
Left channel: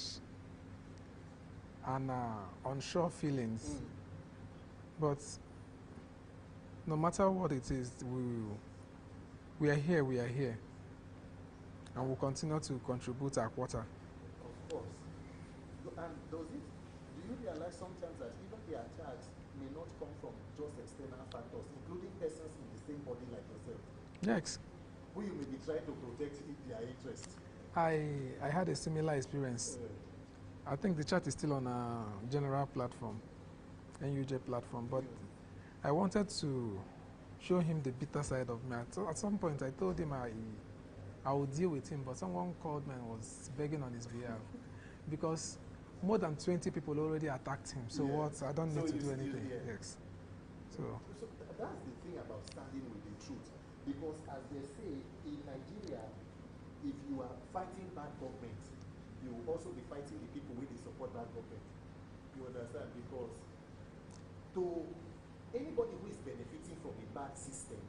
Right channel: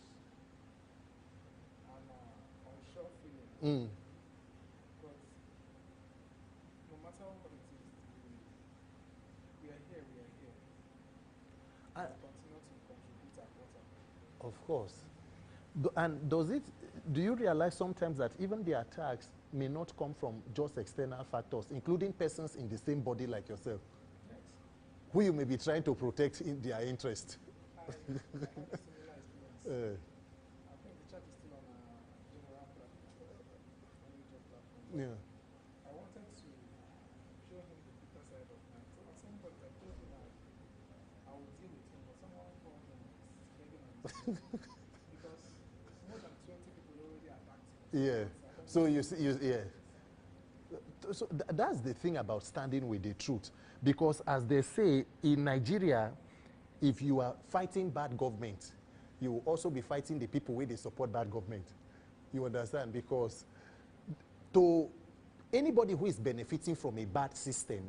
and unsure feelings. But no matter what it is, we are here. And we'll continue to contribute our quota. Of course. Do you realize sometimes that even the attacks may not come from just external factors, including persons in the same body like yourself? Yes. Who you may be trying to protect in their interest. I had a similar experience. I think the chat is still on a general platform, NUJ platform, but I wanted to show him the bitter side of me. At some point, I told him I would deal with him, but someone called me and was begging on his behalf because more than 20 people already attacked him. So what? I don't know. So that's the thing about standing with the truth, because as they say in Nigeria, if you are fighting bad government, you will also be fighting the people where they support bad government. You understand? Because to anybody who is benefiting from a bad system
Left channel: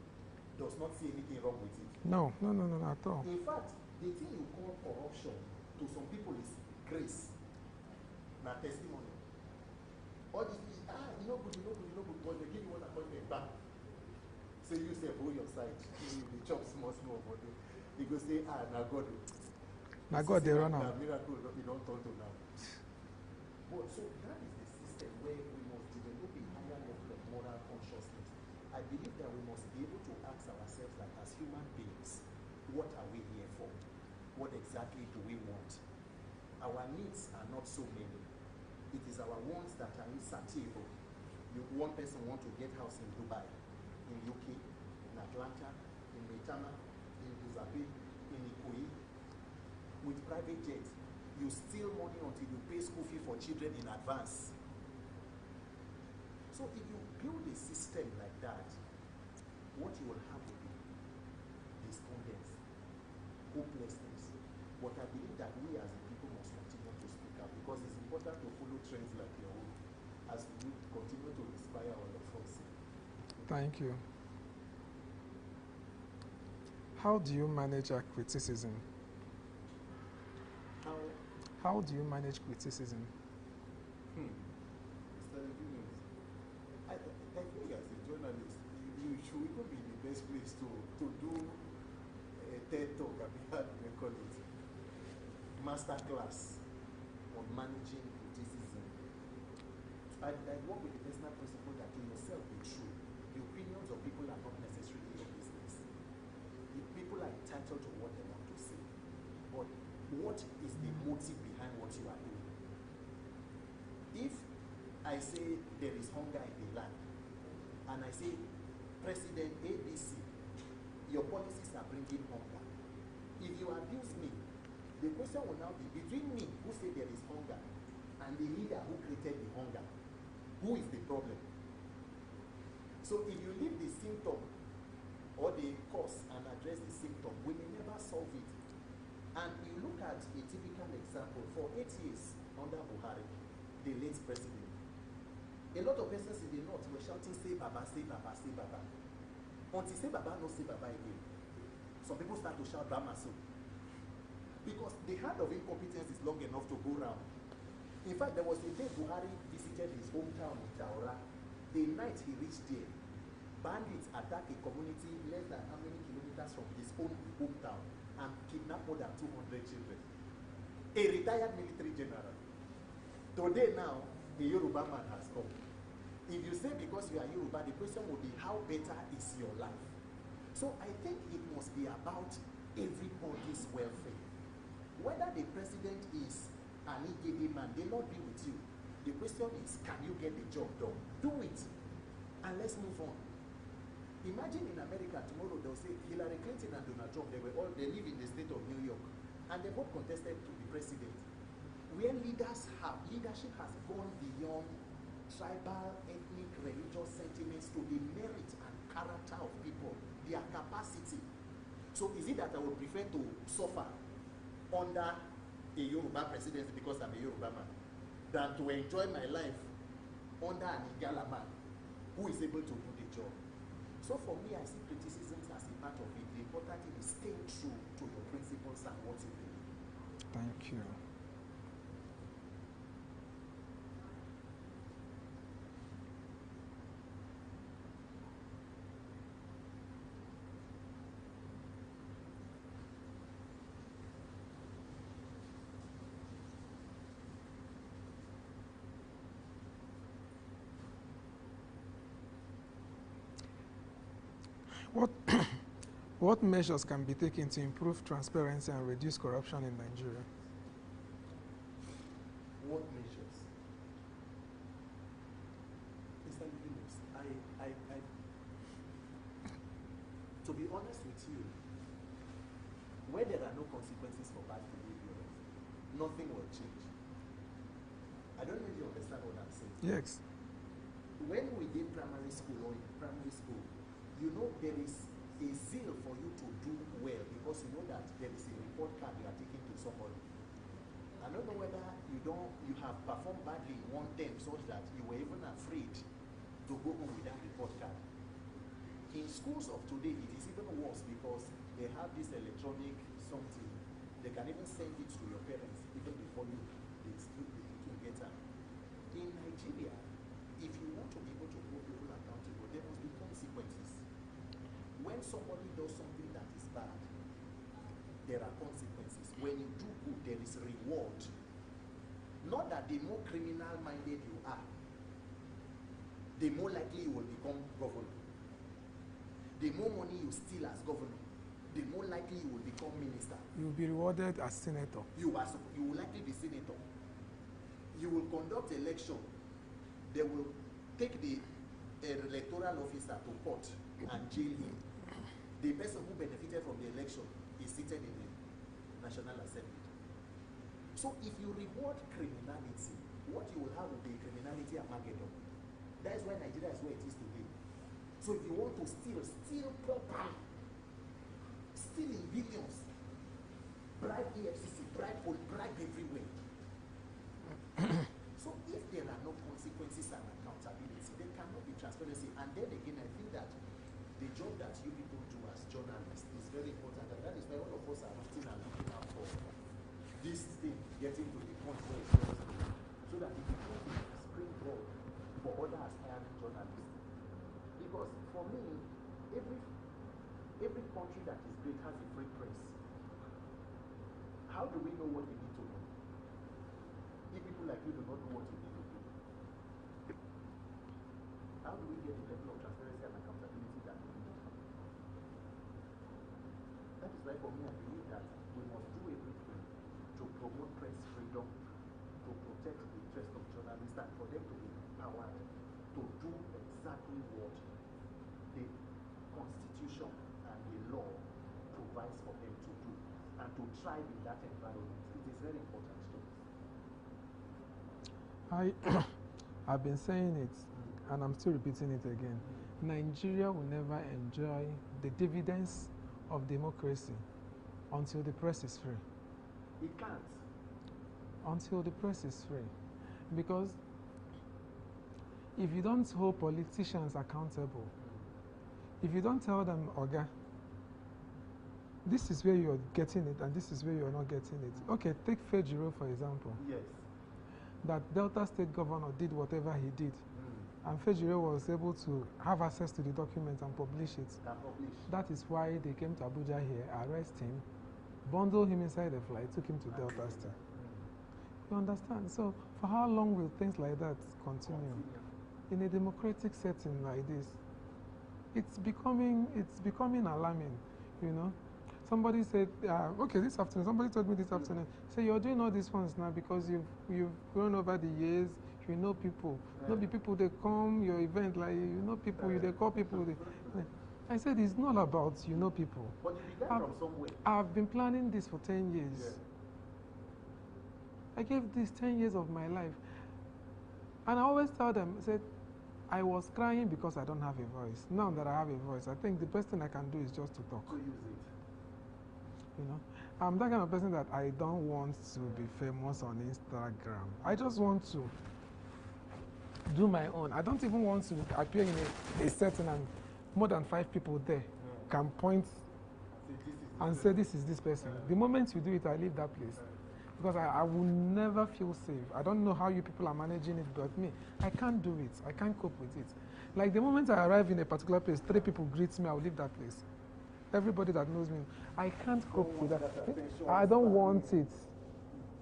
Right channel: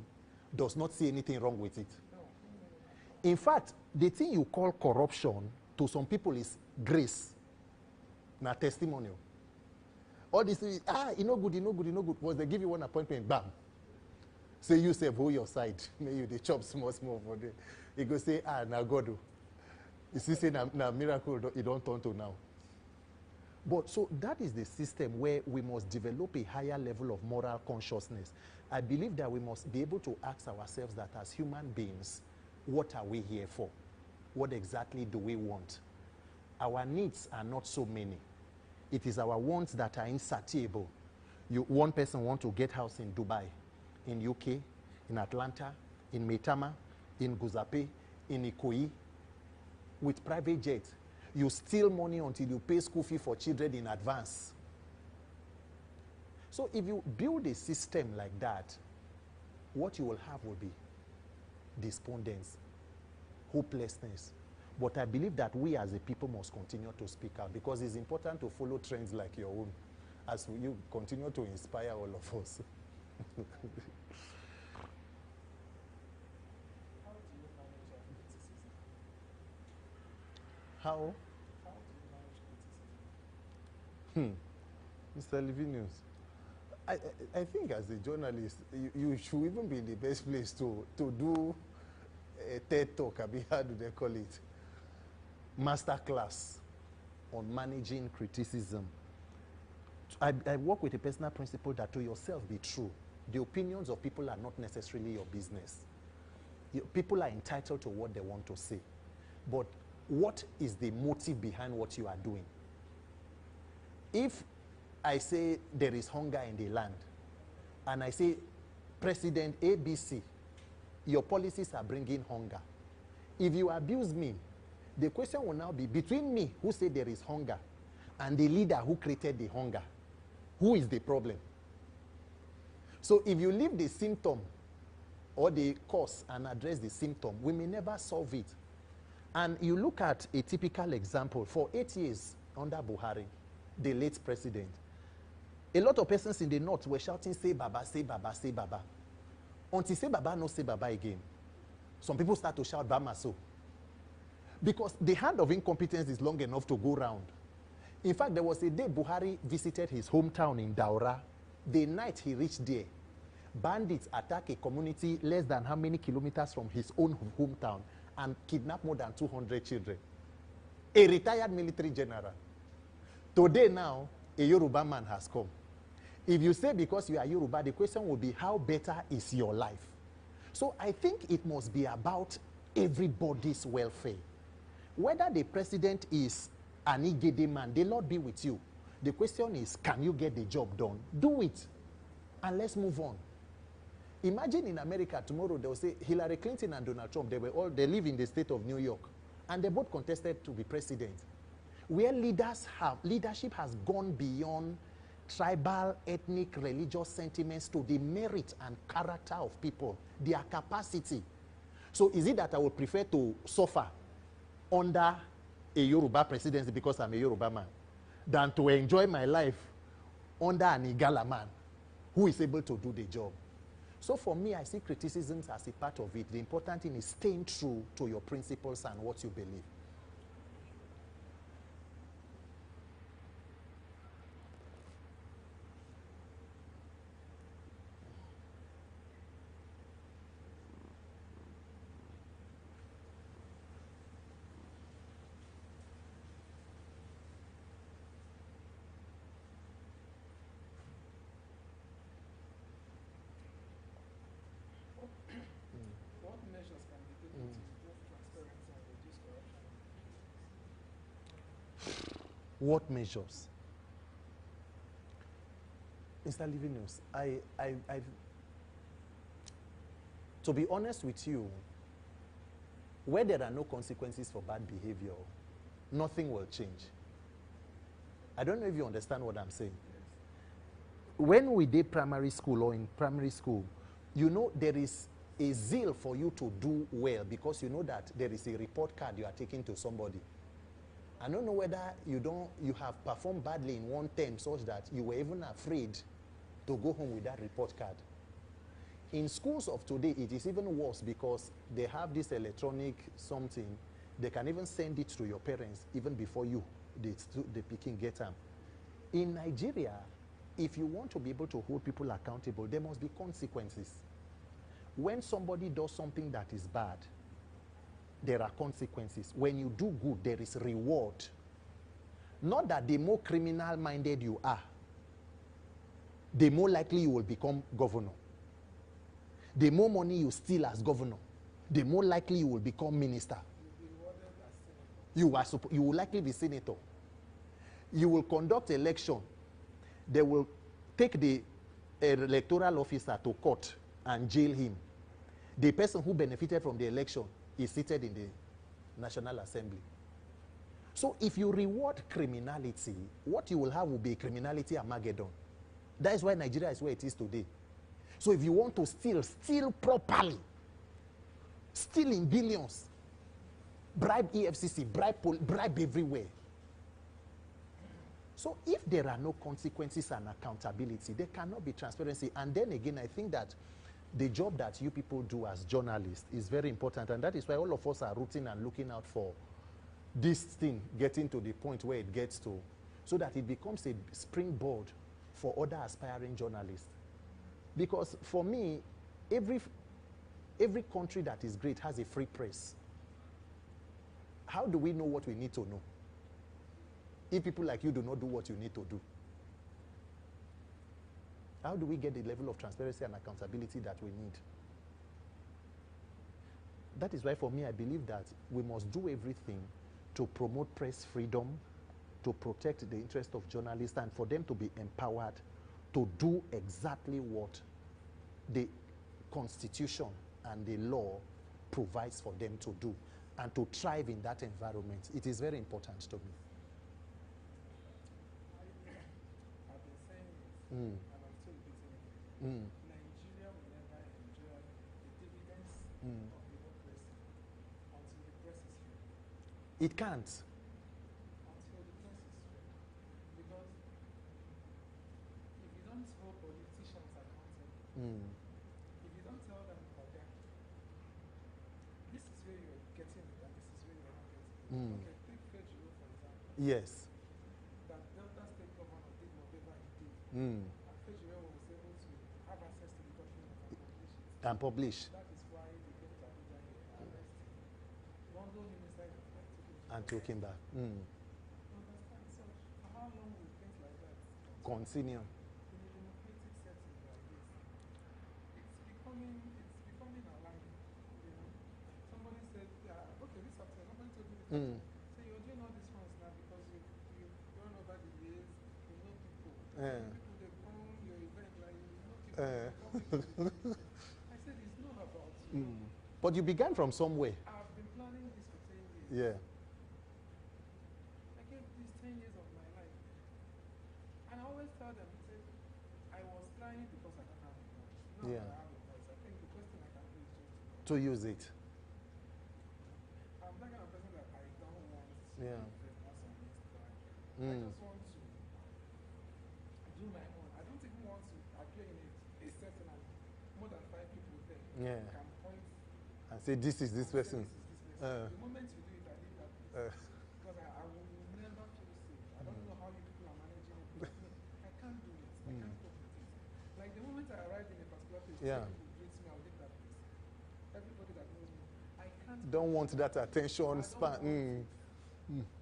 does not see anything wrong with it. No, at all. In fact, the thing you call corruption to some people is grace, not testimonial. All these things, you know good. Once they give you one appointment, bam. Say you say, hold your side. You they chop small for them. You go say, now God do. Now miracle, it don't turn to now. But so that is the system where we must develop a higher level of moral consciousness. I believe that we must be able to ask ourselves that as human beings, what are we here for? What exactly do we want? Our needs are not so many. It is our wants that are insatiable. One person wants to get house in Dubai, in UK, in Atlanta, in Maitama, in Guzape, in Ikoyi, with private jet. You steal money until you pay school fee for children in advance. So if you build a system like that, what you will have will be despondence, hopelessness. But I believe that we as a people must continue to speak out, because it's important to follow trends like your own as you continue to inspire all of us. Thank you. How do you manage our criticism? How do you manage criticism? Mr. Livinus, I think as a journalist, you should even be in the best place to do a TED talk, how do they call it? Master class on managing criticism. I work with a personal principle that to yourself be true. The opinions of people are not necessarily your business. People are entitled to what they want to say. But what is the motive behind what you are doing? If I say there is hunger in the land, and I say, President ABC, your policies are bringing hunger. If you abuse me, the question will now be between me, who said there is hunger, and the leader who created the hunger, who is the problem? So if you leave the symptom or the cause and address the symptom, we may never solve it. And you look at a typical example. For 8 years under Buhari, the late president, a lot of persons in the north were shouting, say Baba, say Baba, say Baba. Until say Baba, no say Baba again. Some people start to shout Bamaso. Because the hand of incompetence is long enough to go round. In fact, there was a day Buhari visited his hometown in Daura. The night he reached there, bandits attacked a community less than how many kilometers from his own hometown and kidnapped more than 200 children. A retired military general. Today now, a Yoruba man has come. If you say because you are Yoruba, the question will be how better is your life? So I think it must be about everybody's welfare. Whether the president is an Igede man, they'll not be with you. The question is, can you get the job done? Do it, and let's move on. Imagine in America tomorrow, they'll say Hillary Clinton and Donald Trump, they live in the state of New York, and they both contested to be president. Where leadership has gone beyond tribal, ethnic, religious sentiments to the merit and character of people, their capacity. So is it that I would prefer to suffer under a Yoruba presidency because I'm a Yoruba man than to enjoy my life under an Igala man who is able to do the job? So for me, I see criticisms as a part of it. The important thing is staying true to your principles and what you believe. Thank you. What measures can be taken to improve transparency and reduce corruption in Nigeria? What measures? Mr. Livinus, to be honest with you, where there are no consequences for bad behavior, nothing will change. I don't know if you understand what I'm saying. Yes. When we did primary school or in primary school, you know there is a zeal for you to do well because you know that there is a report card you are taking to somebody. I don't know whether you have performed badly in one term such that you were even afraid to go home with that report card. In schools of today, it is even worse because they have this electronic something. They can even send it to your parents even before the picking get them. In Nigeria, if you want to be able to hold people accountable, there must be consequences. When somebody does something that is bad, there are consequences. When you do good, there is reward. Not that the more criminal-minded you are, the more likely you will become governor. The more money you steal as governor, the more likely you will become minister. You will be rewarded as senator. You will likely be senator. You will conduct election. They will take the electoral officer to court and jail him. The person who benefited from the election is seated in the National Assembly. So if you reward criminality, what you will have will be a criminality Armageddon. That is why Nigeria is where it is today. So if you want to steal properly, steal in billions, bribe EFCC, bribe everywhere. So if there are no consequences and accountability, there cannot be transparency. And then again, I think that the job that you people do as journalists is very important, and that is why all of us are rooting and looking out for this thing getting to the point where it gets to, so that it becomes a springboard for other aspiring journalists. Because for me, every country that is great has a free press. How do we know what we need to know if people like you do not do what you need to do? How do we get the level of transparency and accountability that we need? That is why for me, I believe that we must do everything to promote press freedom, to protect the interest of journalists, and for them to be empowered to do exactly what the Constitution and the law provides for them to do, and to thrive in that environment. It is very important to me. I've been saying it, and I'm still repeating it again. Nigeria will never enjoy the dividends of democracy until the press is free. It can't. Until the press is free. Because if you don't hold politicians accountable, if you don't tell them, Oga, this is where you're getting it and this is where you're not getting it. Okay, take Fejiro for example. Yes. That Delta State governor did whatever he did. And Fejiro was able to have access to the document and publish it. And publish. That is why they came to Abuja here, arrest him, bundle him inside a flight, took him to Delta State. You understand? So for how long will things like that continue? In a democratic setting like this, it's becoming alarming, you know. Somebody said, okay, this afternoon, somebody told me this afternoon, say you're doing all these ones now because you've grown over the years, you know people. Not the people, they come, your event, like, you know people, they call people. I said, it's not about you know people. But you began from somewhere. I've been planning this for 10 years. Yeah. I gave this 10 years of my life. And I always tell them, I said, I was crying because I don't have a voice. Now that I have a voice, I think the best thing I can do is just to talk. To use it. You know, I'm that kind of person that I don't want to be famous on Instagram. I just want to do my own. I don't even want to appear in a setting and more than 5 people there can point and say this is this person. Say this is this person. The moment you do it, I leave that place. Because I will never feel safe. I don't know how you people are managing it, but me, I can't do it. I can't cope with it. Like the moment I arrive in a particular place, 3 people greet me, I'll leave that place. Everybody that knows me, I can't cope with that. That attention. I don't want it.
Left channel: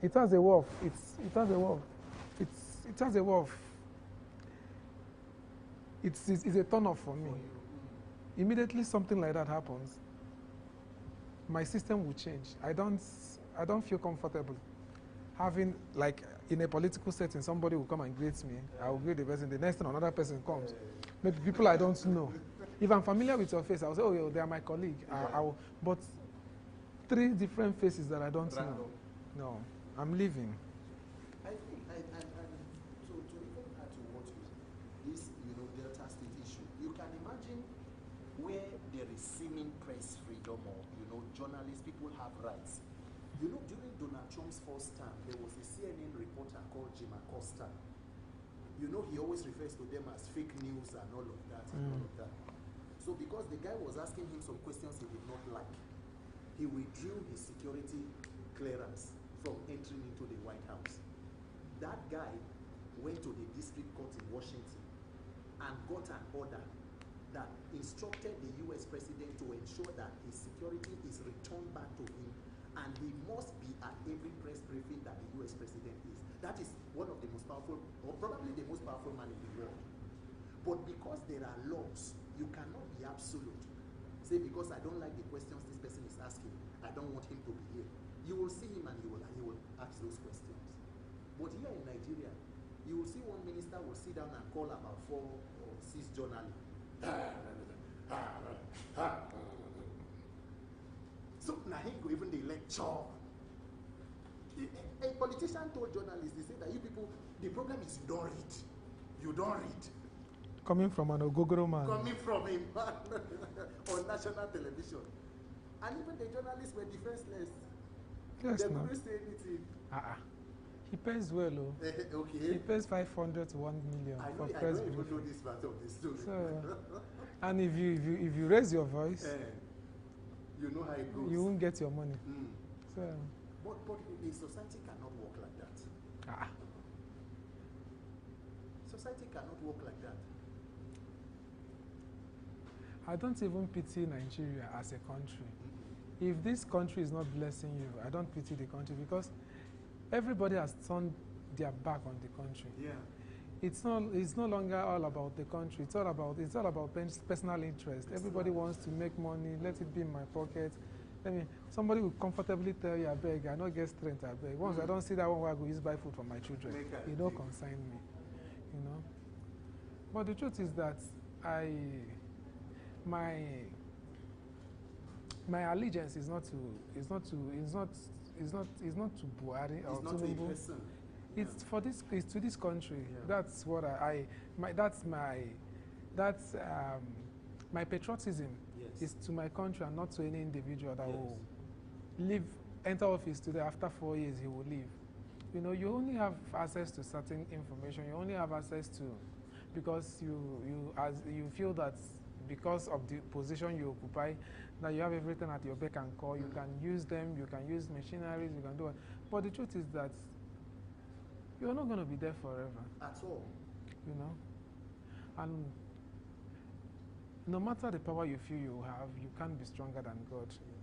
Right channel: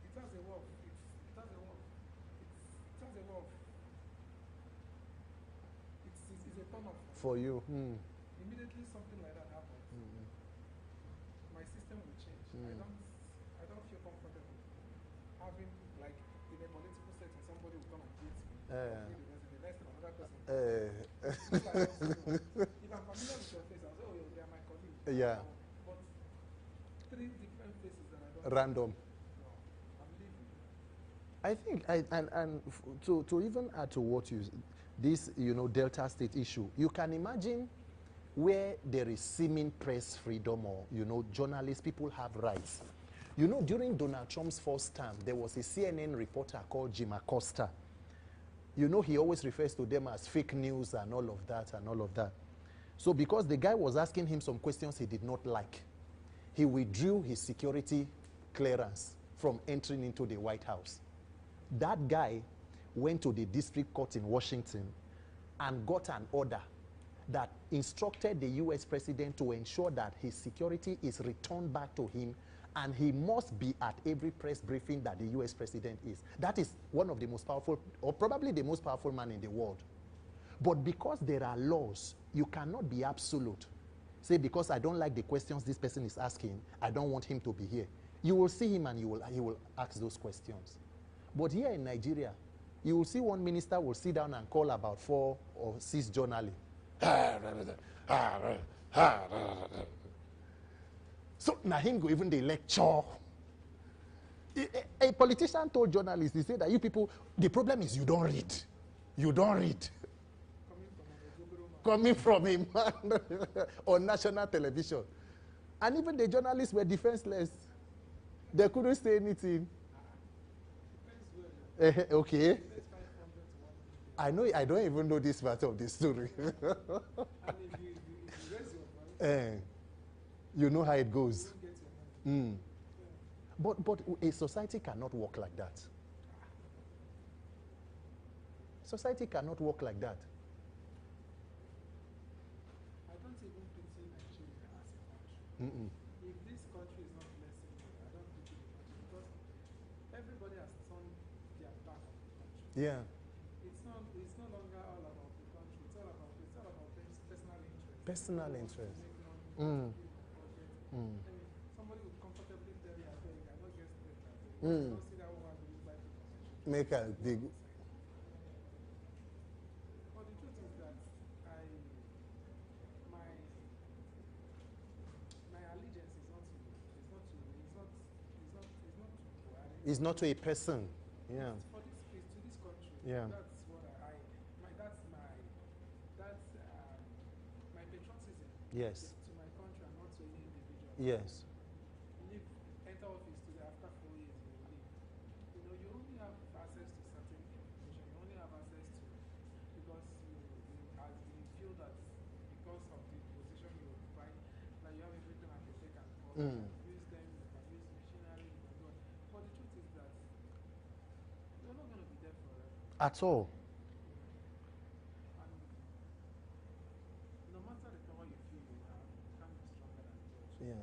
It has a wolf. It has a wolf. It has a wolf. It's a turn off for me. For you. Immediately something like that happens, my system will change. I don't feel comfortable having, like, in a political setting, somebody will come and greet me. I will greet the person. The next time, another person comes. Maybe people I don't know. If I'm familiar with your face, I'll say, oh, they are my colleague. But 3 different faces that I don't know. Random. No, I'm leaving. I think, and to even add to what you, this, Delta State issue, you can imagine where there is seeming press freedom or, journalists, people have rights. During Donald Trump's first term, there was a CNN reporter called Jim Acosta. He always refers to them as fake news and all of that and all of that. So because the guy was asking him some questions he did not like, he withdrew his security clearance from entering into the White House. That guy went to the district court in Washington and got an order that instructed the US president to ensure that his security is returned back to him, and he must be at every press briefing that the US president is. That is one of the most powerful, or probably the most powerful man in the world. But because there are laws, you cannot be absolute. Say, because I don't like the questions this person is asking, I don't want him to be here. You will see him and he will ask those questions. But here in Nigeria, you will see one minister will sit down and call about 4 or 6 journalists. So now him go even the lecture. A politician told journalists, he said that you people, the problem is you don't read. You don't read. Coming from an Ogogoro man. Coming from a man on national television. And even the journalists were defenseless. Yes, they couldn't say anything. He pays well, though. Okay. He pays 500 to 1 million. I know. I don't even know this part of the story. So, and if you raise your voice, you know how it goes. You won't get your money. So, but a society cannot work like that. Society cannot work like that. I don't even pity Nigeria as a country. If this country is not blessing you, I don't pity the country, because everybody has turned their back on the country. Yeah. It's no longer all about the country. It's all about personal interest. Everybody wants to make money. Let it be in my pocket. Somebody will comfortably tell you, I beg, I don't get strength, I beg. Once I don't see that one where I go use buy food for my children, you don't consign me. But the truth is that my allegiance is not to Buhari. It's not to a person. Yeah. It's to this country. Yeah. That's what my patriotism is to my country and not to any individual that will enter office today. After 4 years, he will leave. You only have access to certain information. You only have access to, because you feel that because of the position you occupy, that you have everything at your beck and call. You can use them. You can use machineries. You can do it. But the truth is that you're not going to be there forever. At all. And no matter the power you feel you have, you can't be stronger than God. Yeah.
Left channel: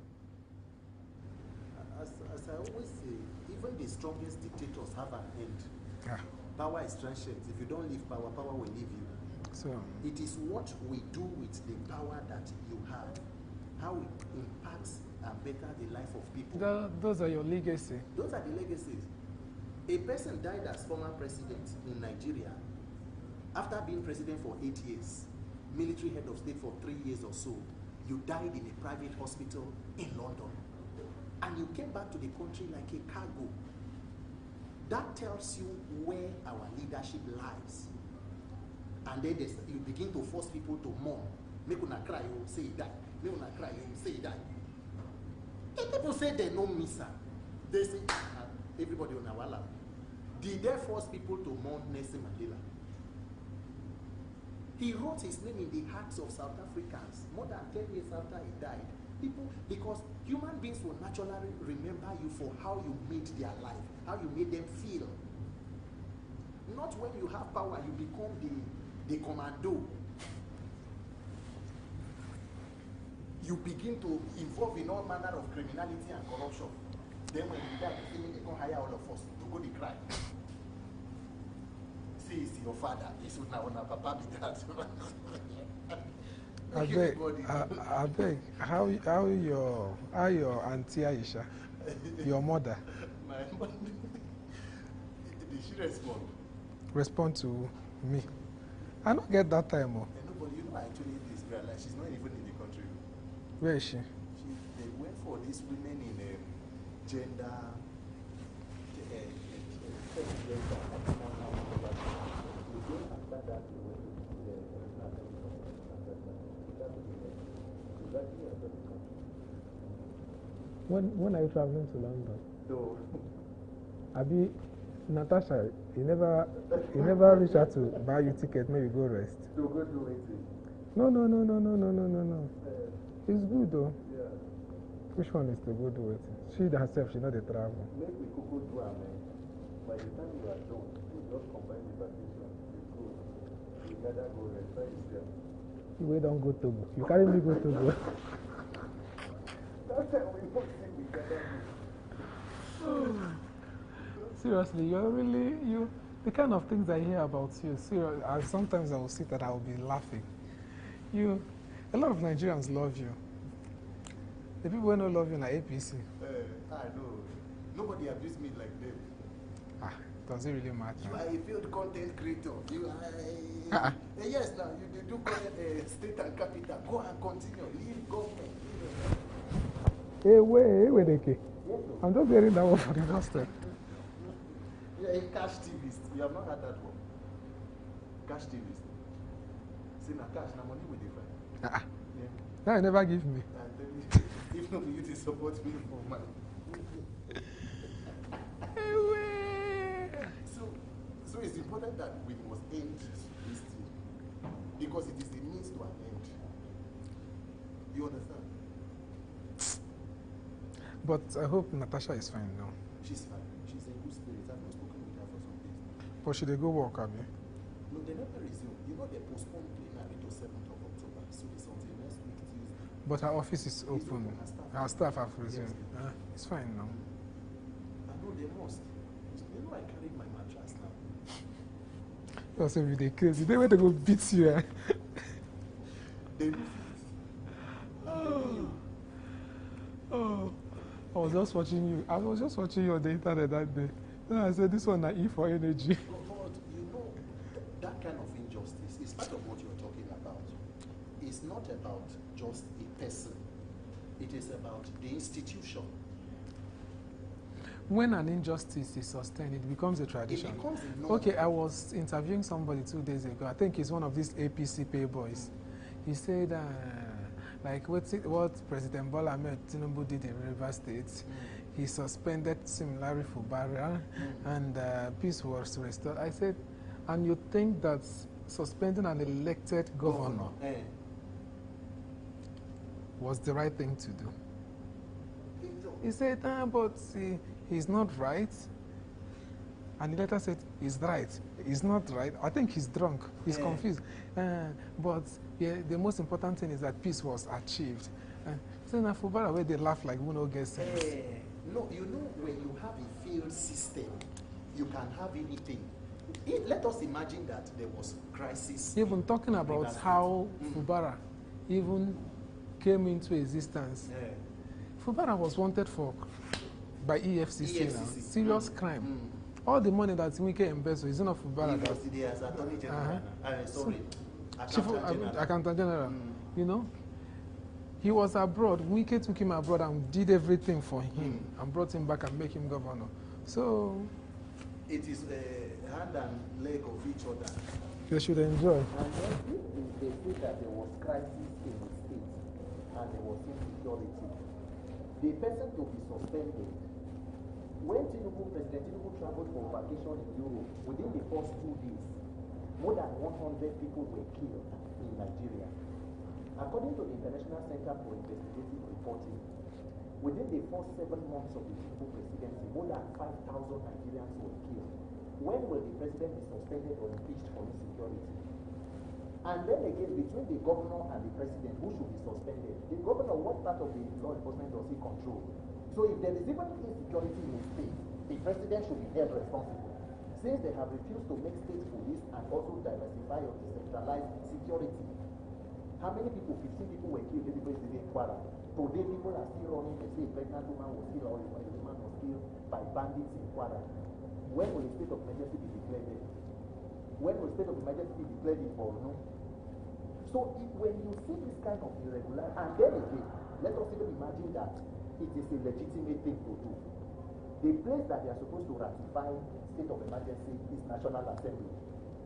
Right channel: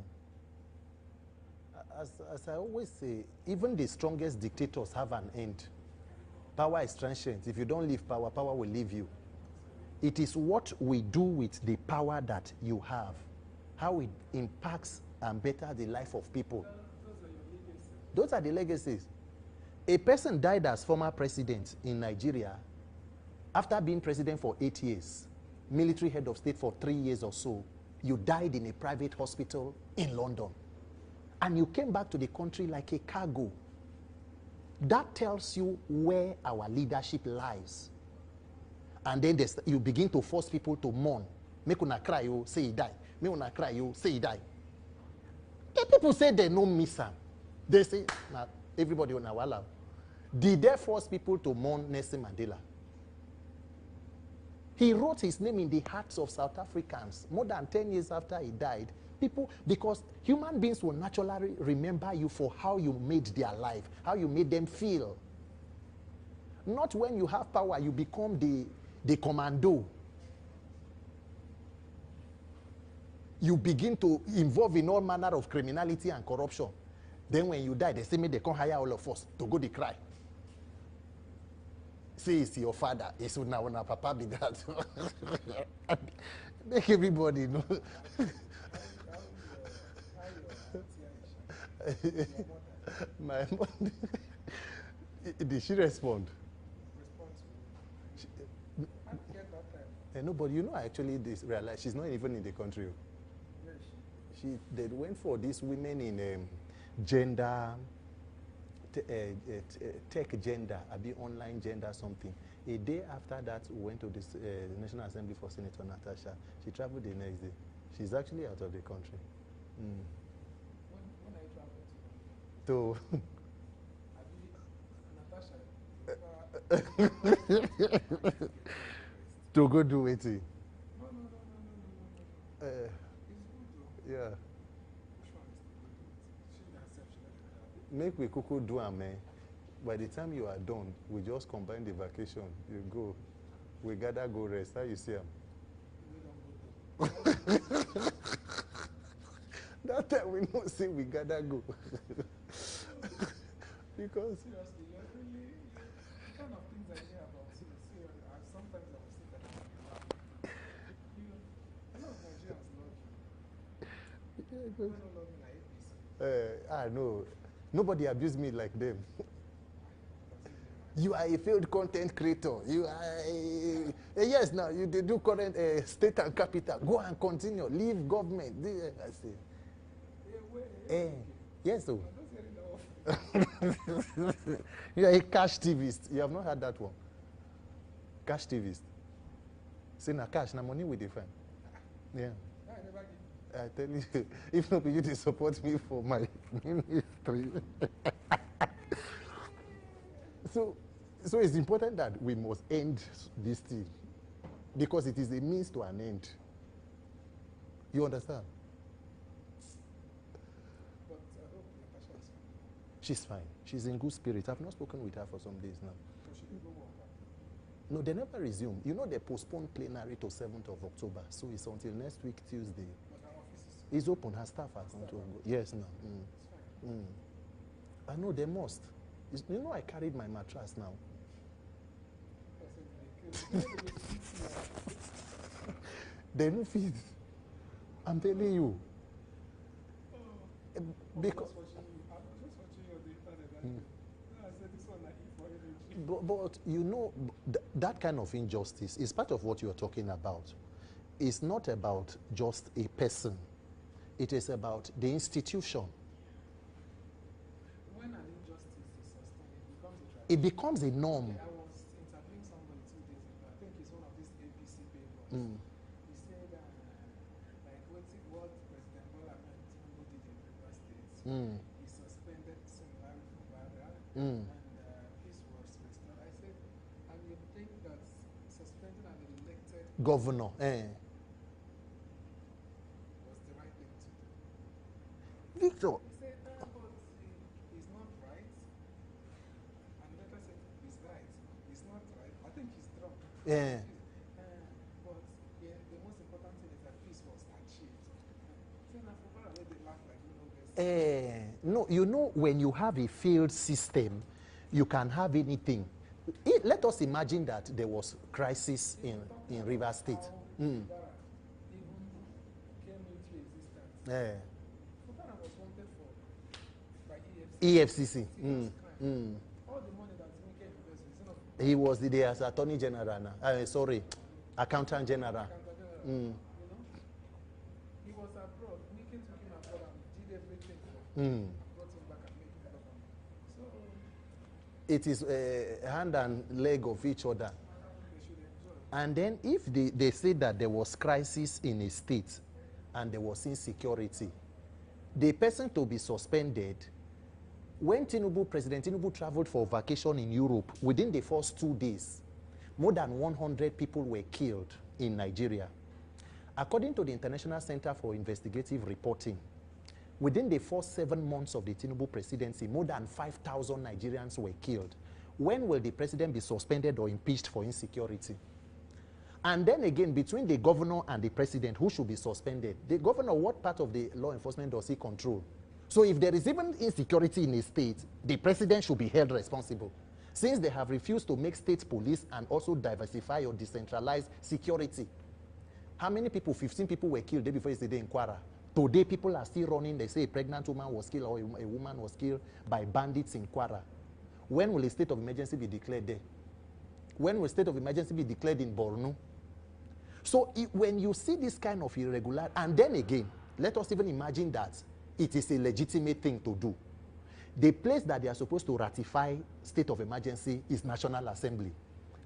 As I always say, even the strongest dictators have an end. Yeah. Power is transient. If you don't leave power, power will leave you. So, It is what we do with the power that you have, how it impacts and betters the life of people. those are your legacy. Those are the legacies. A person died as former president in Nigeria after being president for 8 years, military head of state for 3 years or so. You died in a private hospital in London. And you came back to the country like a cargo. That tells you where our leadership lies. And then you begin to force people to mourn. Make una cry, you say he died. Make una cry, you say he died. The people say they no miss him. They say, nah, everybody on our lap. Did they force people to mourn Nelson Mandela? He wrote his name in the hearts of South Africans more than 10 years after he died. People, because human beings will naturally remember you for how you made their life, how you made them feel. Not when you have power, you become the commando. You begin to involve in all manner of criminality and corruption. Then when you die, they say, they can't hire all of us to go to cry. See, it's your father. It's now papa be that. Make everybody know. I beg, how your auntie Aisha, your mother? My mother. Did she respond? Respond to me. I don't get that time. No, but you know, I actually realized she's not even in the country. Where is she? They went for these women in gender, tech gender, online gender something. A day after that, we went to the National Assembly for Senator Natasha. She traveled the next day. She's actually out of the country. When are you traveling to London? So, Abi, Natasha, you never reach out to buy you ticket, no, you go rest. To go do it. No. It's good though. Yeah. Which one is to go do it? She herself, she know the travel. Make we cocoa do a man. By the time you are done, we just combine the vacation. You go, we gather go rest. How you see her? We don't go Togo. You carry me go Togo. That time we don't say we gather go. Because seriously, the kind of things I hear about you. Sometimes I will sit and I will be laughing. A lot of Nigerians love you. The people who don't love you like APC. I know. Nobody abused me like them. Does it really matter? You are a failed content creator. You are yes, now you do current state and capital. Go and continue. Leave government. Yes, sir. I'm just hearing that one for the first time. You are a cash TVist. You have not had that one. Cash TVist. See, now cash, now money with the friend. Yeah. That you never give me. I tell you, if not you to support me for my ministry. So it's important that we must end this thing because it is a means to an end. You understand? But I hope Natasha is fine now. She's fine. She's in good spirit. I've not spoken with her for some days now. But should they go work, Abi? No, they never resume. You know, they postponed plenary to 7th of October. So it's until next week, Tuesday. But her office is open. It's open. Her staff have yes. It's fine now. I know they must. You know, I carried my mattress now. That's every day crazy. They went to go beat you. They don't feel. I'm telling you. I was just watching you. I was just watching you on the internet that day. Then I said, this one I eat for energy. But you know, that kind of injustice is part of what you're talking about. It's not about just a person. It is about the institution. When an injustice is sustained, it becomes a tradition. It becomes a norm. Okay, I was interviewing somebody 2 days ago. I think he's one of these APC pay boys. He said, like what President Bola Ahmed Tinubu did in River State, he suspended similarly for Barra, and peace was restored. I said, and you think that suspending an elected governor was the right thing to do? Victor. He said, but he's not right. And the letter said, he's right. He's not right. I think he's drunk. He's confused. But yeah, the most important thing is that peace was achieved. So now Fubara where they laugh like we no get sense. No, you know, when you have a failed system, you can have anything. Let us imagine that there was crisis. Even talking in about Rivers State. how Fubara even came into existence. Fubara was wanted for by EFCC. EFCC. Now. Serious crime. All the money that Wike embezzled is not Fubara. He was the as Attorney General. Accountant General. Accountant General. You know, he was abroad. Wike took him abroad and did everything for him and brought him back and make him governor. So it is hand and leg of each other. They should enjoy. And then if they say that there was crisis in a state and there was insecurity, the person to be suspended, when President Tinubu traveled for vacation in Europe, within the first 2 days, more than 100 people were killed in Nigeria. According to the International Center for Investigative Reporting, within the first 7 months of the Tinubu presidency, more than 5,000 Nigerians were killed. When will the president be suspended or impeached for insecurity? And then again, between the governor and the president, who should be suspended? The governor, what part of the law enforcement does he control? So if there is even insecurity in a state, the president should be held responsible. Since they have refused to make state police and also diversify or decentralize security. How many people? 15 people were killed day before yesterday in Kwara. Today, people are still running. They say a pregnant woman was killed or a woman was killed by bandits in Kwara. When will a state of emergency be declared there? When will a state of emergency be declared in Borno? So when you see this kind of irregular, and then again, let us even imagine that it is a legitimate thing to do. The place that they are supposed to ratify state of emergency is National Assembly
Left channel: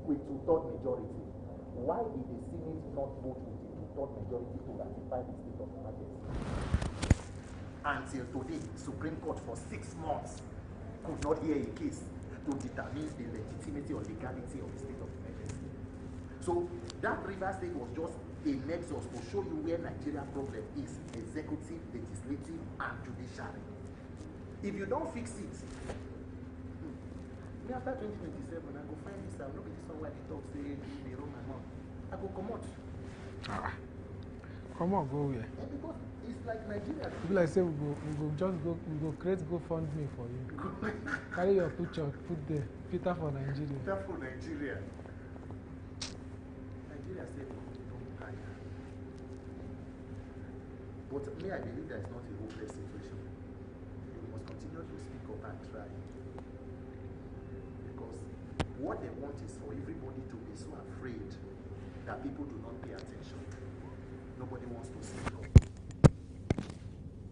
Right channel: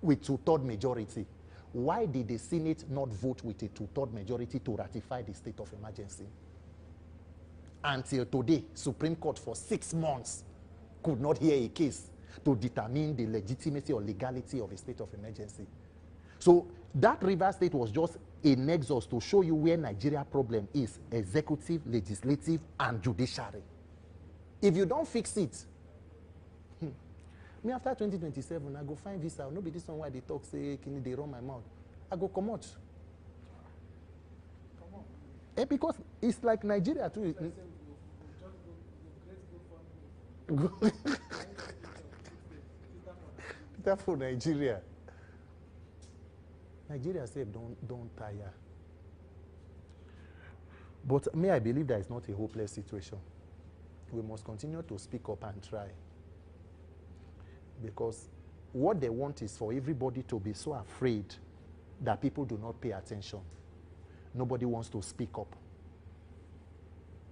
with 2/3 majority. Why did the Senate not vote with a 2/3 majority to ratify the state of emergency? Until today, Supreme Court for 6 months could not hear a case to determine the legitimacy or legality of a state of emergency. So that Rivers State was just a nexus to show you where Nigeria problem is: executive, legislative, and judiciary. If you don't fix it, me after 2027, I go find this out. Nobody this one why they talk, say they run my mouth. I go come out. Come on, go here. Because it's like Nigeria too. Like say we go create GoFundMe for you. Carry your picture, put there. Peter for Nigeria. Peter for Nigeria. Nigeria said don't tire. But me, I believe that it's not a hopeless situation. We must continue to speak up and try. Because what they want is for everybody to be so afraid that people do not pay attention. Nobody wants to speak up.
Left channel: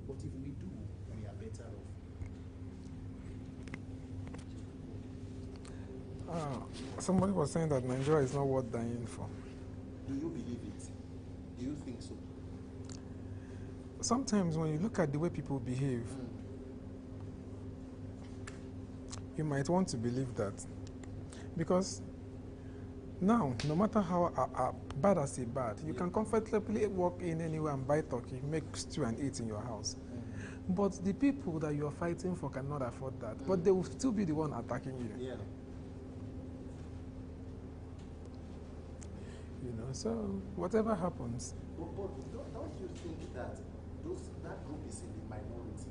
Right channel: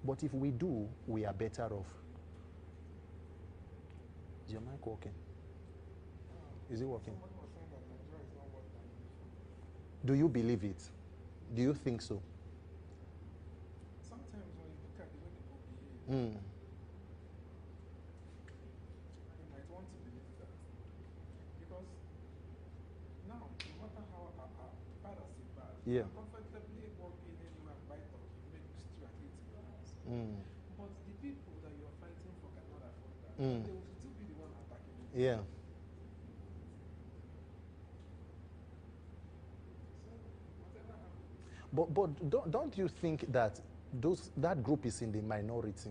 But if we do, we are better off. Is your mic okay? Somebody was saying that Nigeria is not worth dying for. Do you believe it? Do you think so? Sometimes when you look at the way people behave, you might want to believe that. Because now, no matter how bad as a bad, you can comfortably walk in anywhere and buy turkey, make stew and eat in your house. But the people that you are fighting for cannot afford that. But they will still be the one attacking you. Yeah. You know, so whatever happens. But don't you think that that group is in the minority?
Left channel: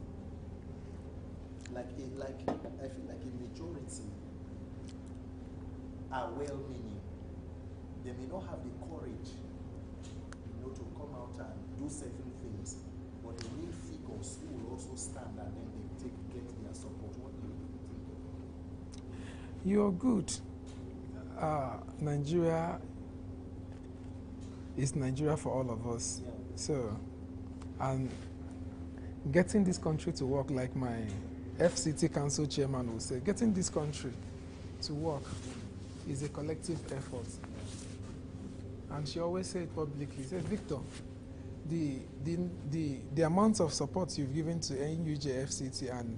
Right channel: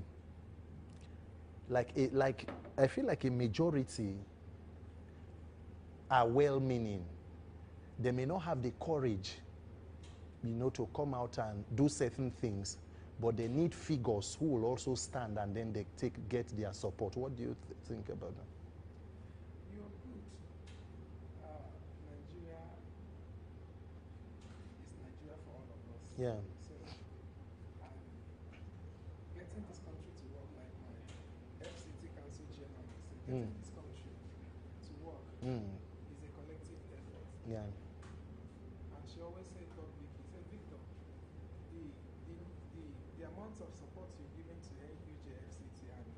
Like I feel like a majority are well-meaning. They may not have the courage, to come out and do certain things, but they need figures who will also stand and then they get their support. What do you think about that? You're good. Nigeria is Nigeria for all of us. Yeah. So, and getting this country to work, like my FCT Council chairman will say, getting this country to work is a collective effort. Yeah. And she always said publicly, said, Victor, the amount of support you've given to NUJ FCT, and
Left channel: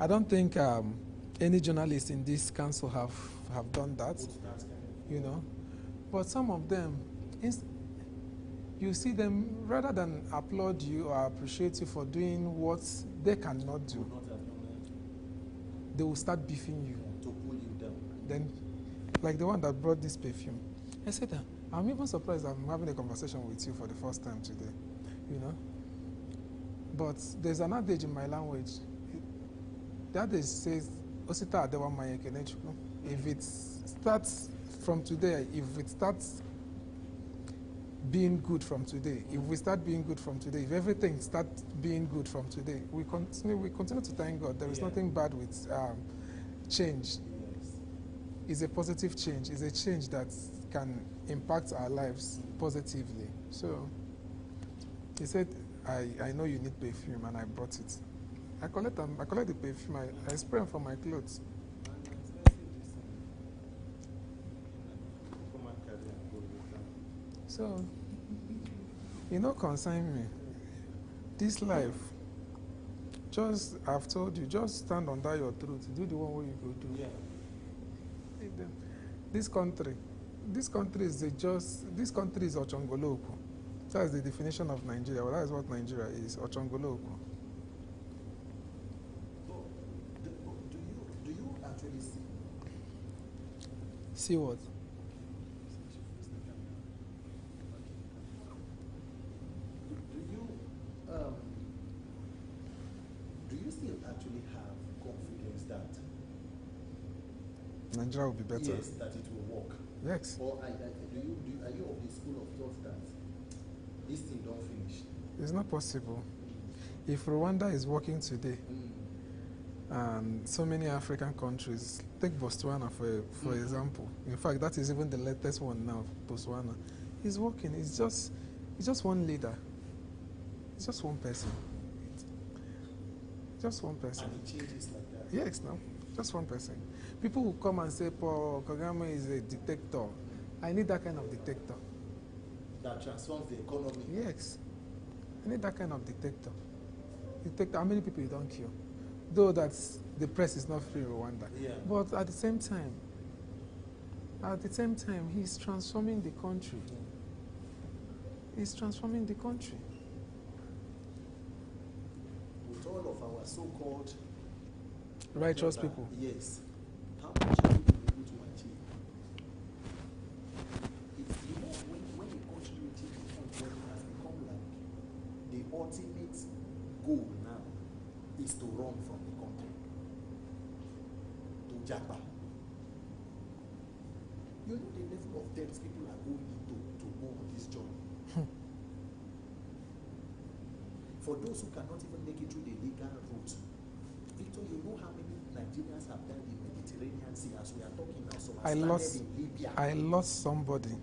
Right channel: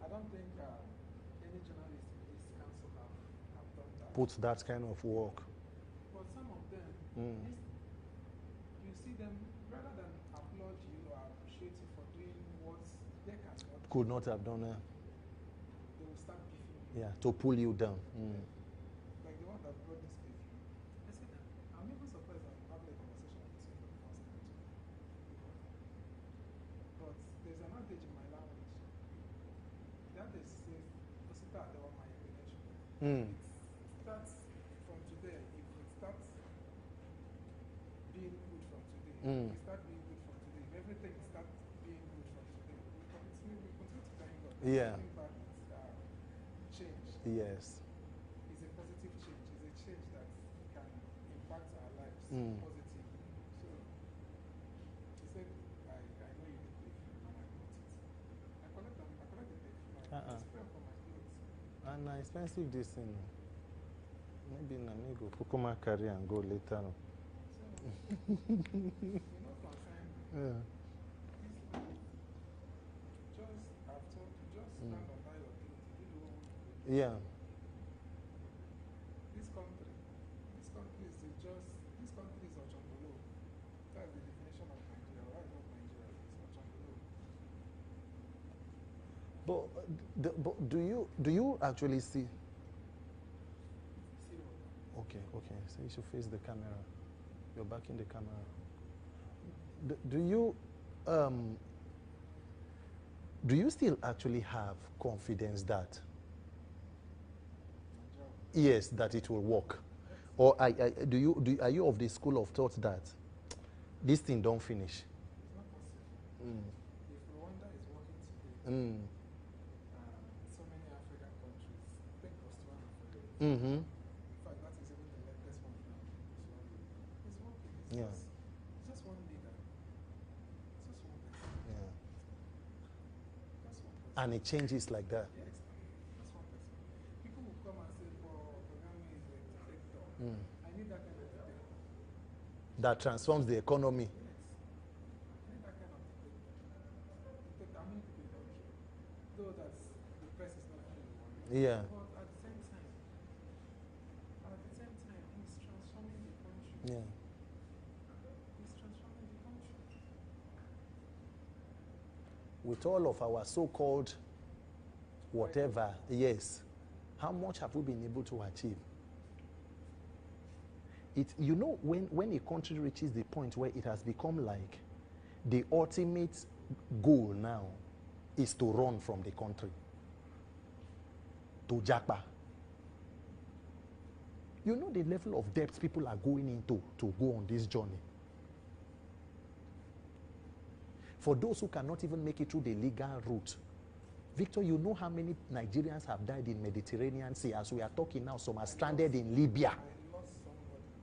I don't think any journalist in this council have done that. Put that kind of work. You know? But some of them, you see them, rather than applaud you or appreciate you for doing what they cannot do. Could not have done that. They will start beefing you. Yeah, to pull you down. Then, like the one that brought this perfume. I said, I'm even surprised I'm having a conversation with you for the first time today, you know. But there's an adage in my language. The adage says, "Osita adewa maye kenechukwu." If it starts from today, if it starts being good from today, if we start being good from today, if everything starts being good from today, we continue to thank God. There is nothing bad with change. Yes. It's a positive change. It's a change that can impact our lives positively. So he said, I know you need perfume, and I bought it. I collect the perfume. I spray them for my clothes. And expensive this thing. Maybe I need to Kukuma carry and go later. So, you know, consign me. This life, just I've told you, just stand under your truth. Do the one way you go do. Yeah. This country is Ochongoloku. That's the definition of Nigeria. Well, that is what Nigeria is, Ochongoloku. But do you actually see? See what? Okay. So you should face the camera. You're back in the camera. Do you still actually have confidence that Nigeria will be better? Yes, that it will work. Yes. Or are you of the school of thought that this thing don't finish? It's not possible. If Rwanda is working today, and so many African countries, take Botswana for example. In fact, that is even the latest one now. Botswana is working. It's just one leader. It's just one person. Just one person. And it changes like that. Yes, no, just one person. People will come and say, Paul Kagame is a dictator. I need that kind of dictator. That transforms the economy. Yes. I need that kind of dictator. How many people you don't kill? Though the press is not free in Rwanda. Yeah. But at the same time, he's transforming the country. Yeah. He's transforming the country. With all of our so-called righteous people. Yes. How much have we been able to achieve? You know, when a country reaches the point where it has become like the ultimate goal now is to run from the country, to Japa. You know the level of depth people are going into to go on this journey. For those who cannot even make it through the legal route, Victor, you know how many Nigerians have died in Mediterranean Sea? As we are talking now, some are stranded in Libya. I lost somebody,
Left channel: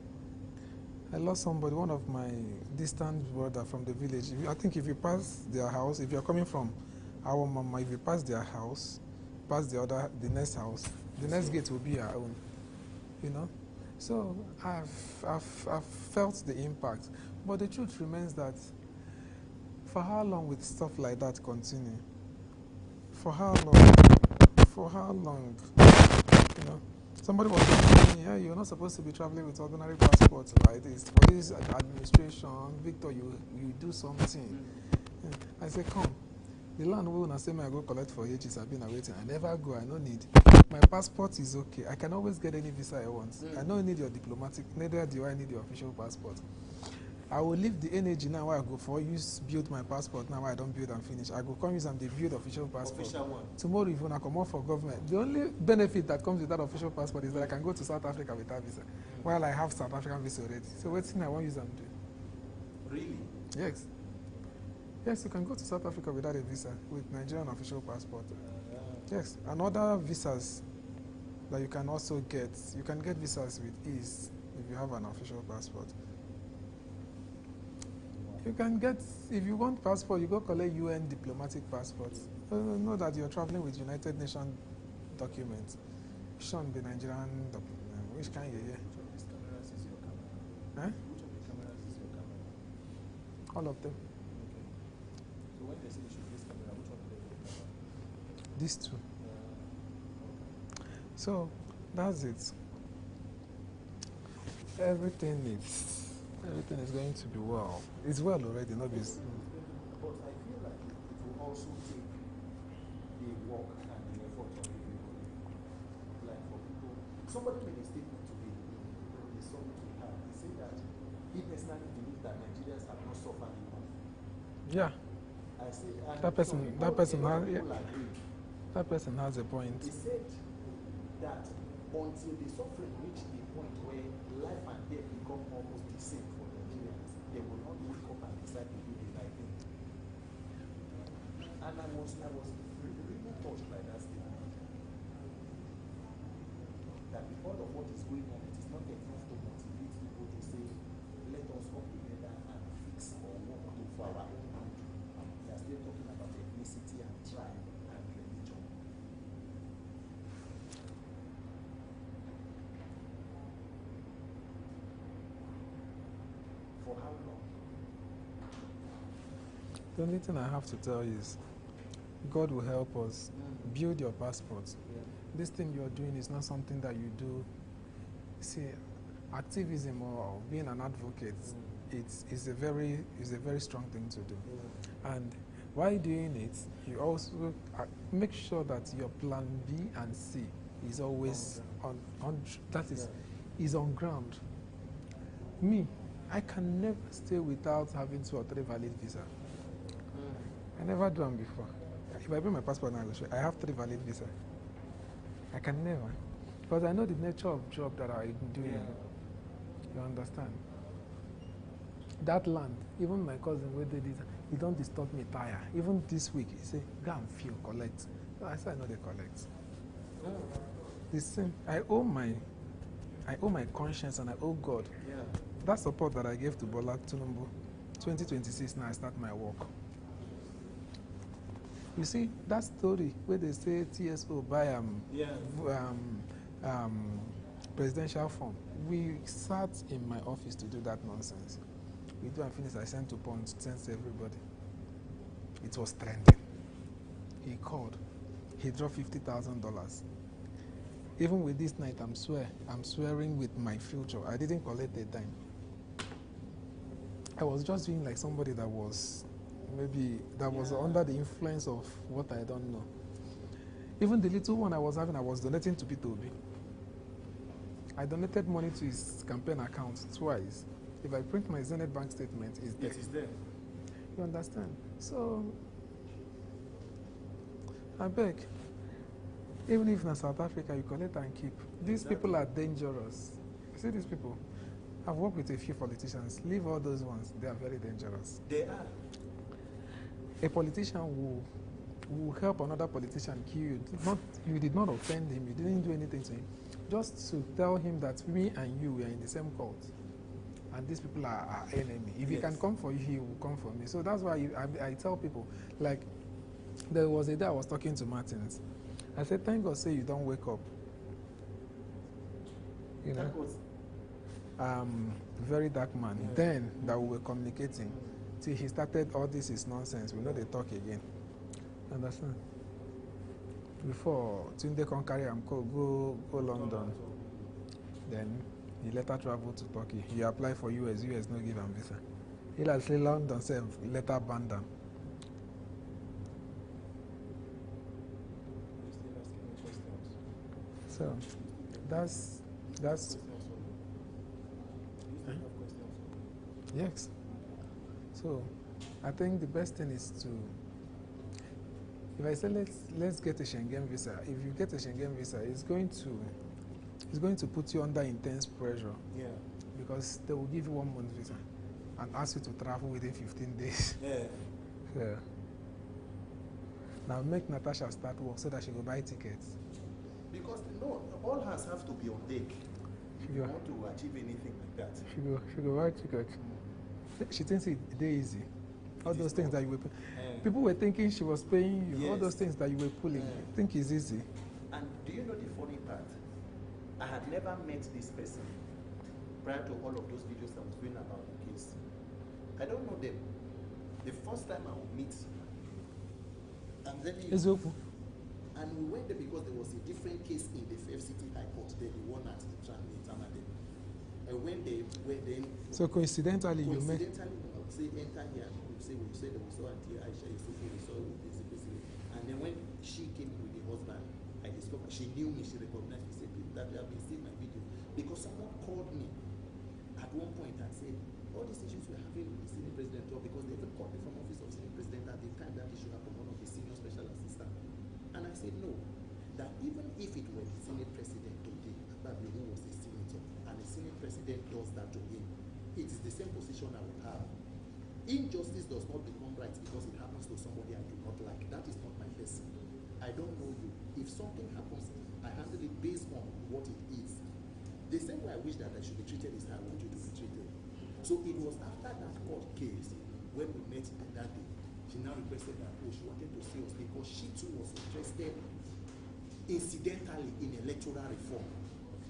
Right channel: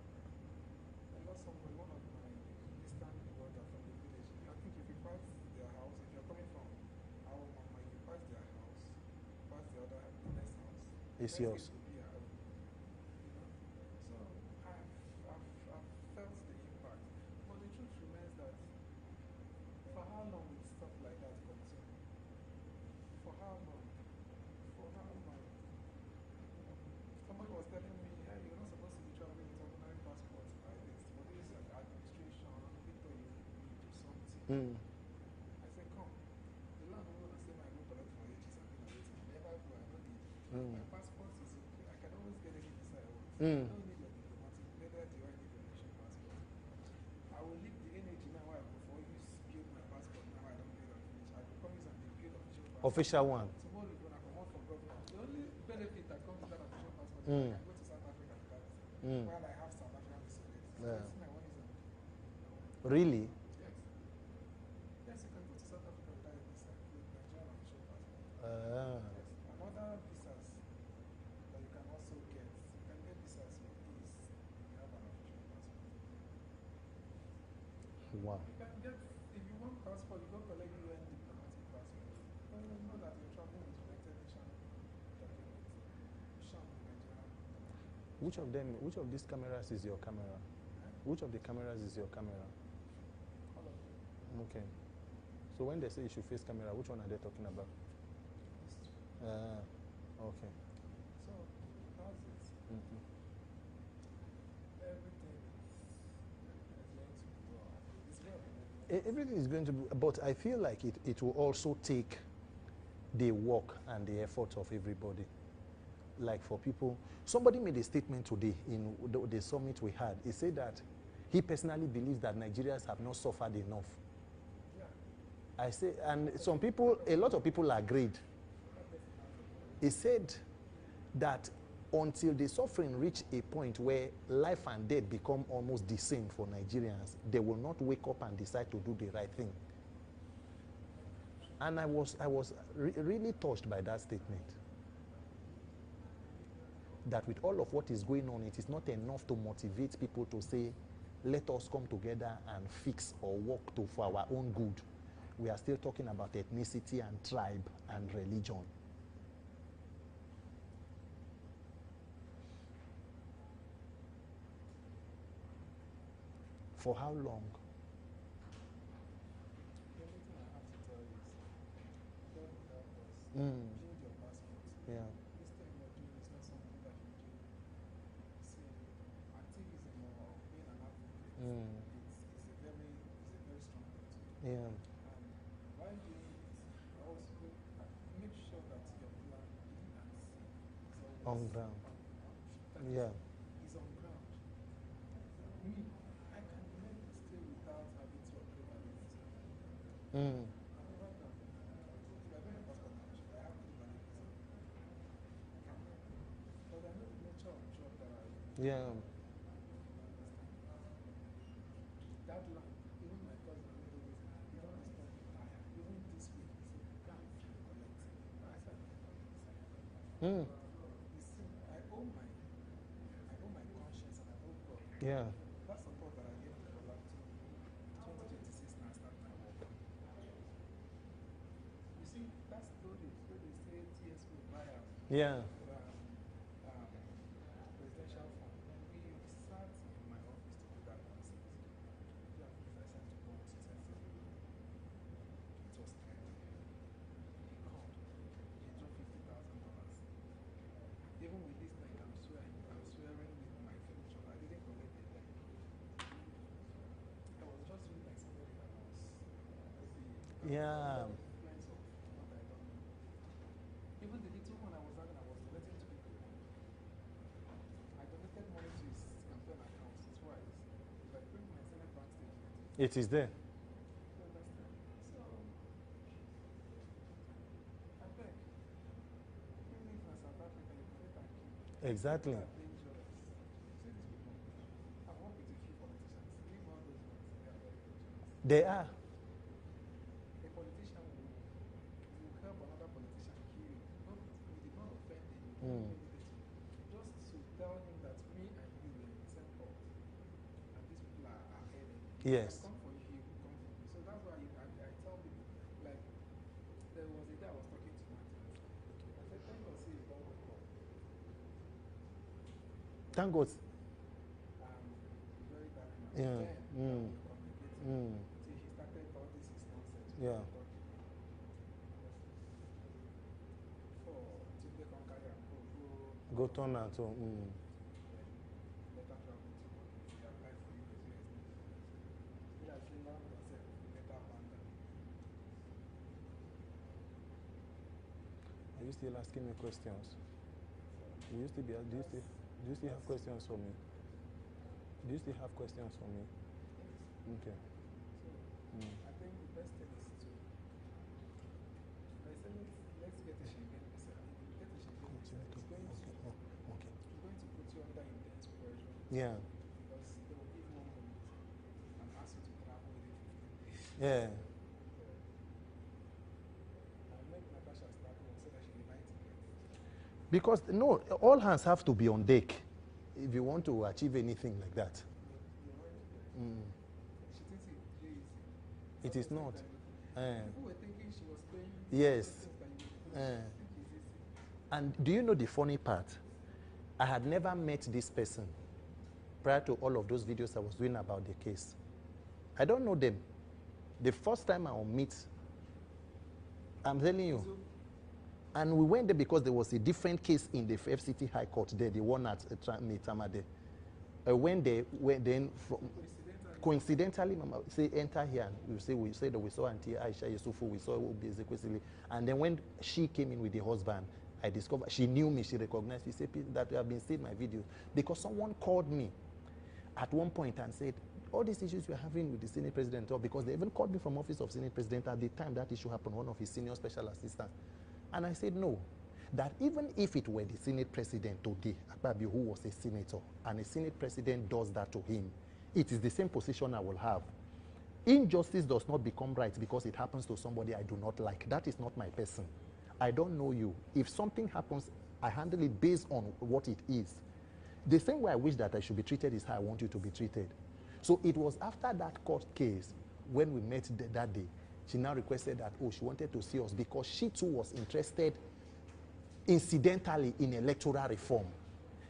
one of my distant brother from the village. I think if you pass their house, if you're coming from our mama, if you pass their house, pass the next house, the next gate will be our own. You know? So I've felt the impact. But the truth remains that for how long will stuff like that continue? For how long? For how long? You know? Somebody was telling me, yeah, you're not supposed to be traveling with ordinary passports like this. For this administration, Victor, you do something. I say, come. The land will not say I go collect for ages. I've been waiting. I never go. I don't need. My passport is okay. I can always get any visa I want. I don't need your diplomatic. Neither do I need your official passport. I will leave the energy now where I go for use build my passport now where I don't build and finish. I go come use and they build official passport. Official one. Tomorrow if I come out for government, the only benefit that comes with that official passport is that I can go to South Africa with that visa. While I have South African visa already. So what thing I want use and do? Really? Yes. Yes, you can go to South Africa without a visa with Nigerian official passport. Yes. And other visas that you can also get. You can get visas with ease if you have an official passport. You can get, if you want passport, you go collect UN diplomatic passport. Know that you're traveling with United Nations documents. Shouldn't be Nigerian document. Which of these cameras is your camera? Eh? Which of the cameras is your camera? All of them. Okay. So when they say you should face camera, which one are they talking about? These two. Okay. So that's it. Everything is going to be well. It's well already, not this. Everything is going to be, but I feel like it will also take the work and the effort of everybody. like for people, somebody made a statement today in the summit we had. He said that he personally believes that Nigerians have not suffered enough. Yeah. I say, and That person- some people, that person a lot of has- people yeah. agreed. That person has a point. He said that until the suffering reach a point where life and death become almost the same for Nigerians, they will not wake up and decide to do the right thing. And I was really touched by that statement. That with all of what is going on, it is not enough to motivate people to say, let us come together and fix or work for our own good. We are still talking about ethnicity and tribe and religion. For how long? The only thing I have to tell you is, God will help us. Build your passport. Yeah. This thing you're doing is not something that you do. See, activism or being an advocate, it's a very strong thing to do. Yeah. And while doing it, you also make sure that your plan B and C is always is on ground. Me, I can never stay without having 2 or 3 valid visa. I never done before. If I bring my passport now, I have 3 valid visa. I can never, because I know the nature of job that I do. Yeah. You understand? That land, even my cousin where they did, he don't disturb me tire. Even this week, he say, go and feel, collect. So I say, I know they collect. The same. I owe my conscience and I owe God. Yeah. That support that I gave to Bola Tinubu, 2026 now I start my work. You see, that story where they say TSO buy presidential form, we sat in my office to do that nonsense. We do and finish, I sent to Punch, sent to everybody. It was trending. He called. He dropped $50,000. Even with this night, I'm swearing with my future. I didn't collect a dime. I was just doing like somebody that was was under the influence of what I don't know. Even the little one I was having, I was donating to P2B. I donated money to his campaign account twice. If I print my Zenith bank statement, It is there. You understand? So, I beg, even if in South Africa you collect and keep, these people are dangerous. See these people? I've worked with a few politicians. Leave all those ones. They are very dangerous. They are. A politician will help another politician kill you. You did not offend him. You didn't do anything to him. Just to tell him that me and you are in the same cult. And these people are our enemy. If he can come for you, he will come for me. So that's why I tell people, like, there was a day I was talking to Martins. I said, thank God say you don't wake up. Thank God. Very dark man. Then that we were communicating. Till he started, all this is nonsense. We know they talk again. Understand? Before Tunde can carry him go London. Then he later traveled to Turkey. He applied for US no give him visa. He like say London self later banned them. Are you still asking me questions? So that's questions for me. Do you still have questions for me? yes. Okay. So I think the best thing is to, if I say let's get a Schengen visa, if you get a Schengen visa, it's going to put you under intense pressure. Yeah. Because they will give you 1 month visa and ask you to travel within 15 days. Yeah. Now make Natasha start work so that she will buy tickets. Because no, all hands have to be on deck if you want to achieve anything like that. She go buy tickets. She thinks it's easy. All those things that you were people were thinking she was paying you. All those things that you were pulling. Think it's easy. And do you know the funny part? I had never met this person prior to all of those videos I was doing about the case. I don't know them. The first time I will meet, I'm telling you. And we went there because there was a different case in the FCT High Court there, the one at Tama there. When they went then. So coincidentally, Mama, say enter here and we say that we saw Auntie Aisha Yusufu, we saw basically. And then when she came in with the husband, I discovered she knew me, she recognized me, she said that I've been seeing my video. Because someone called me at one point and said, all these issues we're having with the Senate President, or because they even called me from office of Senate President at the time that issue happened, one of his senior special assistants. And I said no, that even if it were the Senate President today, Akpabio, who was a senator, and a Senate President does that to him, it is the same position I will have. Injustice does not become right because it happens to somebody I do not like. That is not my person. I don't know you. If something happens, I handle it based on what it is. The same way I wish that I should be treated is how I want you to be treated. So it was after that court case, when we met that day, she now requested that, oh, she wanted to see us because she too was interested incidentally in electoral reform.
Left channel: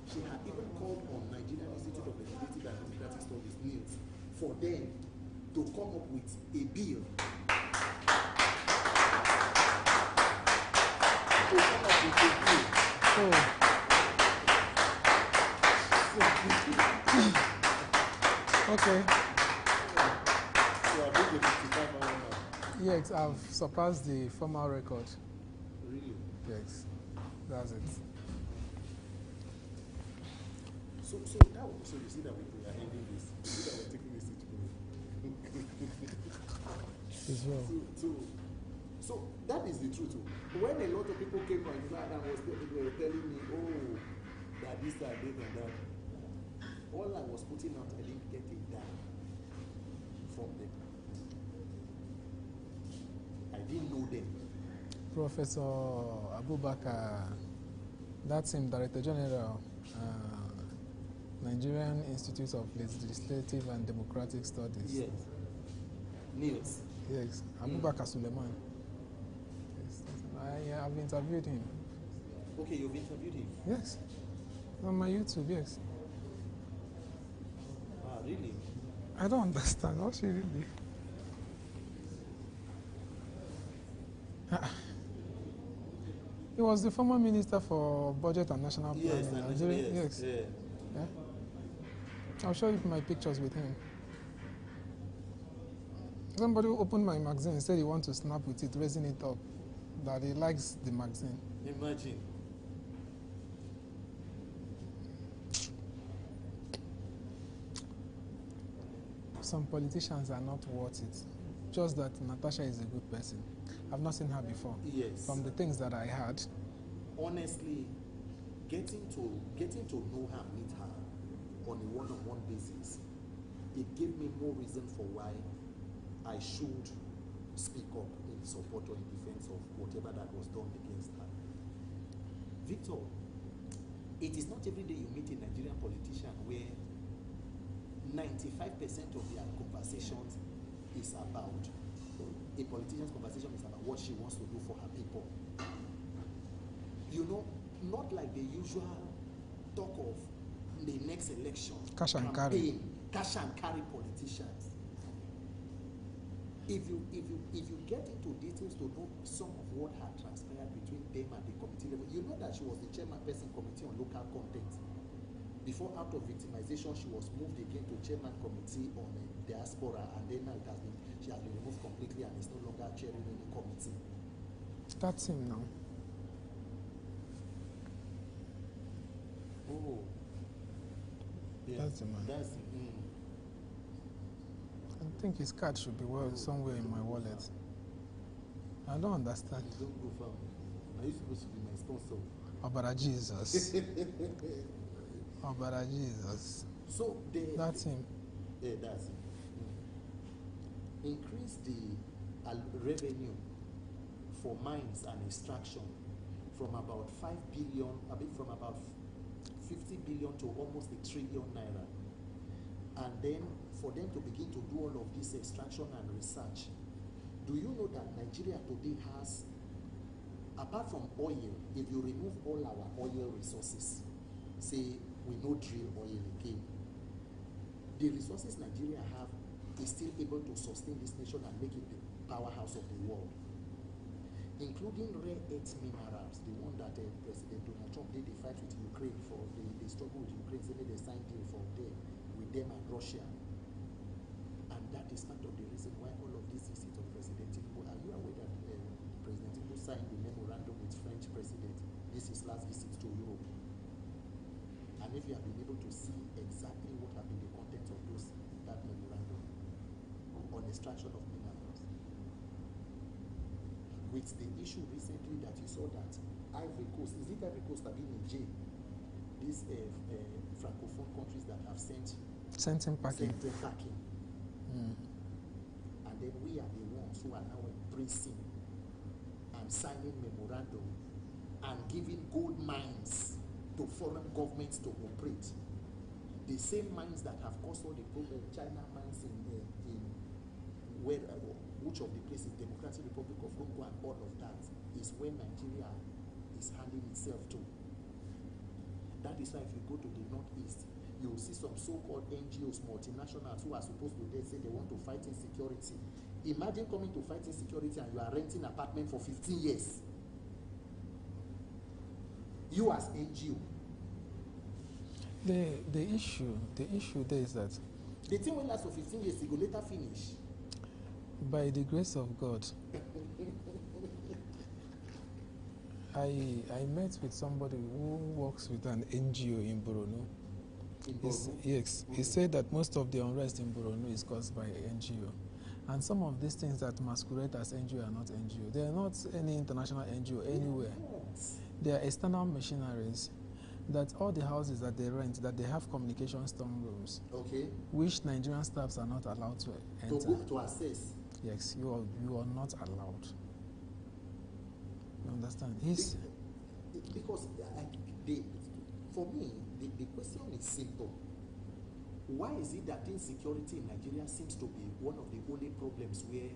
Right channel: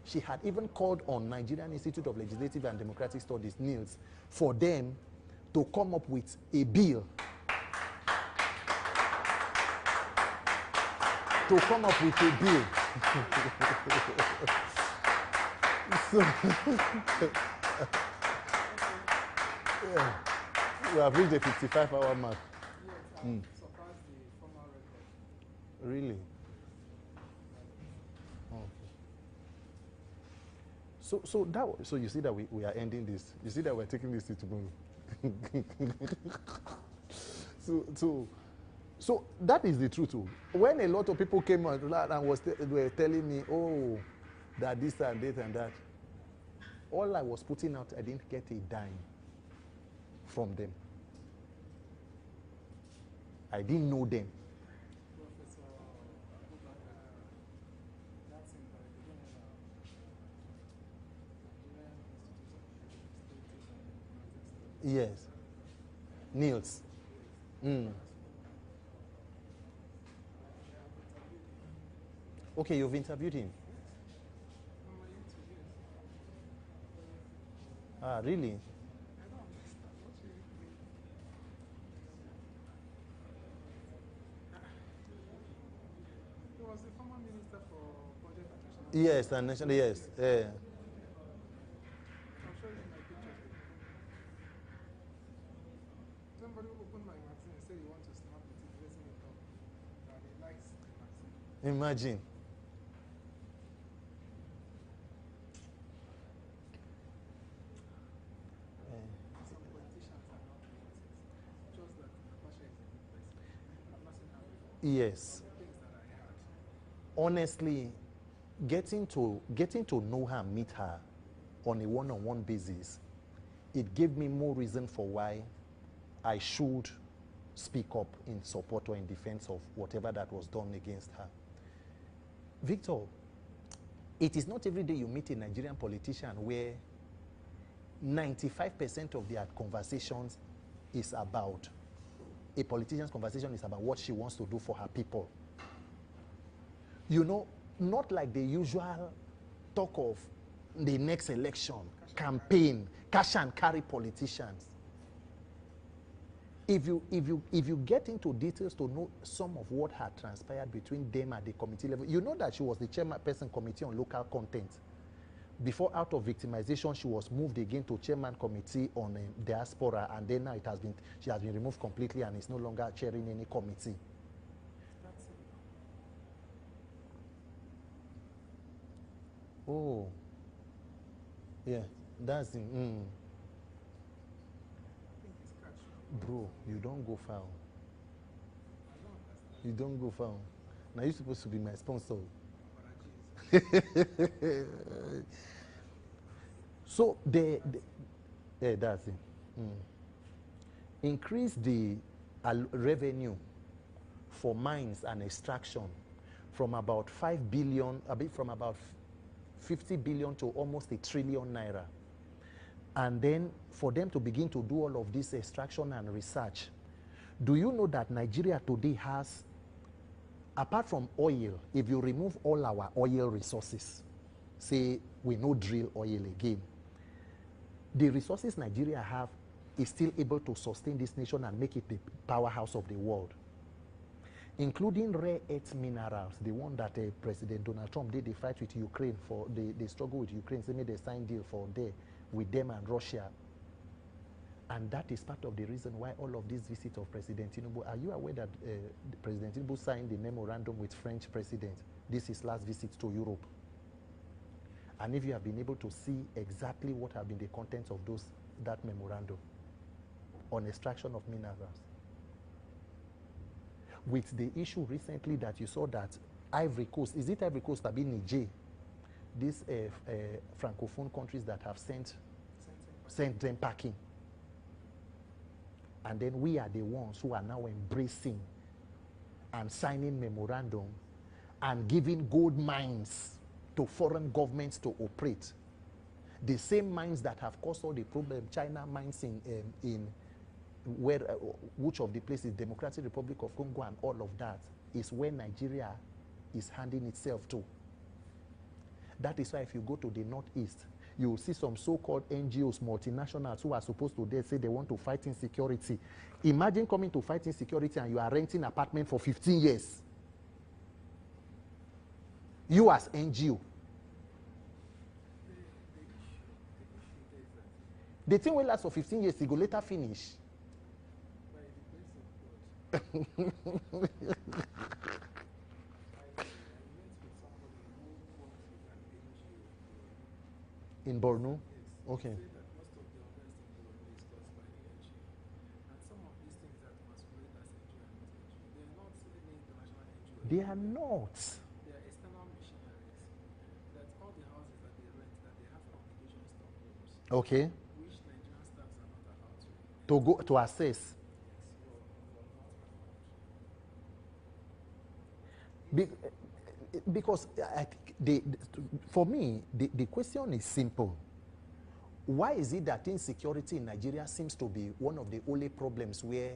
She had even called on Nigerian Institute of Legislative and Democratic Studies, NILS, for them to come up with a bill Okay. Yeah. You have reached the 55-hour mark. Yes, I've surpassed the formal record. Really? Yes, that's it. So you see that we are ending this. You see that we're taking this to go. So that is the truth too. When a lot of people came out and were telling me, oh, that this and that and that, all I was putting out, I didn't get a dime from them. I didn't know them. Professor Abubakar, that's him, Director General, Nigerian Institute of Legislative and Democratic Studies. Yes. NILS. Yes. Abubakar Suleiman. Yes. I have interviewed him. Okay, you've interviewed him? Yes. On my YouTube, yes. Ah, really? I don't understand. What's he really? He was the former Minister for Budget and National Planning. Yes, and national, yes. Yeah. Yeah. I'll show you my pictures with him. Somebody opened my magazine and said he wants to snap with it, raising it up, that he likes the magazine. Imagine. Some politicians are not worth it. Just that Natasha is a good person. I've not seen her before. Yes. From the things that I heard. Honestly, getting to know her, meet her on a one-on-one basis, it gave me more reason for why I should speak up in support or in defense of whatever that was done against her. Victor, it is not every day you meet a Nigerian politician where 95% of their conversations is about, a politician's conversation is about what she wants to do for her people. You know, not like the usual talk of the next election, campaign, cash and carry politicians. If you get into details to know some of what had transpired between them at the committee level, you know that she was the chairperson committee on local content. Before, out of victimization, she was moved again to chairman committee on diaspora, and then now she has been removed completely and is no longer chairing any committee. That's him now. Oh. Yeah, That's the man. That's him. I think his card should be well somewhere in my wallet. I don't understand. You don't go far. Now you're supposed to be my sponsor. Obara Jesus. Obara Jesus. So that's him. Yeah, that's him. Increase the revenue for mines and extraction from about 5 billion, from about 50 billion to almost 1 trillion naira. And then for them to begin to do all of this extraction and research. Do you know that Nigeria today has, apart from oil, if you remove all our oil resources, say we no drill oil again, the resources Nigeria have is still able to sustain this nation and make it the powerhouse of the world, including rare earth minerals, the one that President Donald Trump did the fight with Ukraine for, the struggle with Ukraine, they made a sign deal for there with them and Russia. And that is part of the reason why all of these visits of President Tinubu, are you aware that President Tinubu signed the memorandum with French president? This is his last visit to Europe. And if you have been able to see exactly what have been the contents of that memorandum on extraction of minerals. With the issue recently that you saw that Ivory Coast, is it Ivory Coast, I mean Niger, these Francophone countries that have sent them packing. And then we are the ones who are now embracing and signing memorandum and giving gold mines to foreign governments to operate. The same mines that have caused all the problem, China mines in where, which of the places, Democratic Republic of Congo and all of that, is where Nigeria is handing itself to. That is why if you go to the Northeast, you will see some so-called NGOs, multinationals, who are supposed to say they want to fight insecurity. Imagine coming to fight insecurity and you are renting an apartment for 15 years. You as NGO. The issue there is that the thing will last for 15 years, it will later finish. By the grace of God, I met with somebody who works with an NGO in Borno. In Borno? Yes. Okay. He said that most of the unrest in Borno is caused by NGO. And some of these things that masquerade as NGO are not NGO. They are not any international NGO anywhere. They are not. They are external machineries. That all the houses that they rent, that they have communication storm rooms. Okay. Which Nigerian staffs are not allowed to enter. To go to access. Yes, you are not allowed. You understand? Because for me, the question is simple. Why is it that insecurity in Nigeria seems to be one of the only problems where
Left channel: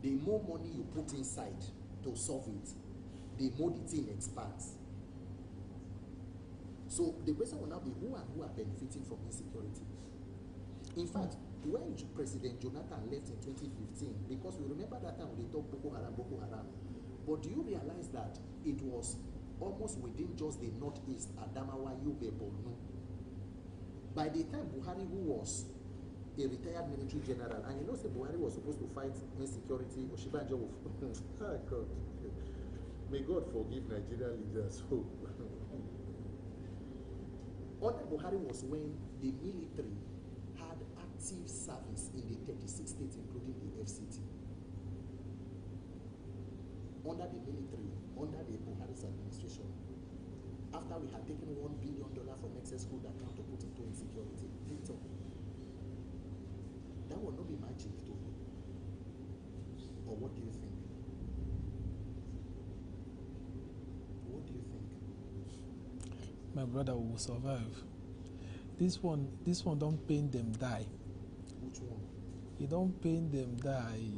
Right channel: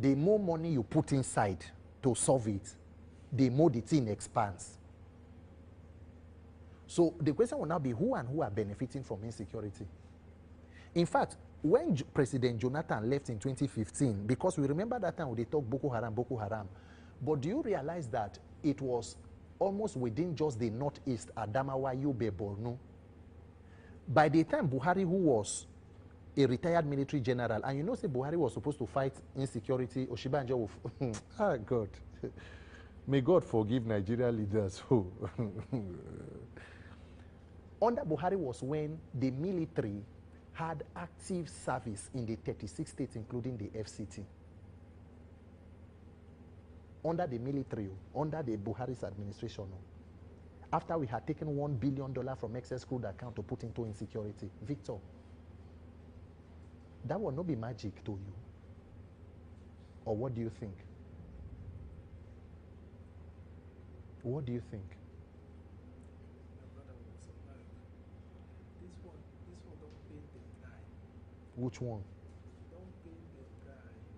the more money you put inside to solve it, the more the thing expands? So the question will now be who and who are benefiting from insecurity? In fact, when President Jonathan left in 2015, because we remember that time when they talked Boko Haram, but do you realize that it was almost within just the Northeast, Adamawa, Yobe, Borno? By the time Buhari, who was a retired military general, and you know, say Buhari was supposed to fight insecurity, Oshibanjo, God. May God forgive Nigeria leaders who. Under Buhari was when the military had active service in the 36 states, including the FCT. Under the military, under the Buhari's administration, after we had taken $1 billion from excess crude account to put into insecurity, Victor, that will not be magic to you. Or what do you think? What do you think? My brother will survive. This one don't pain them die. Which one? It don't pain them die.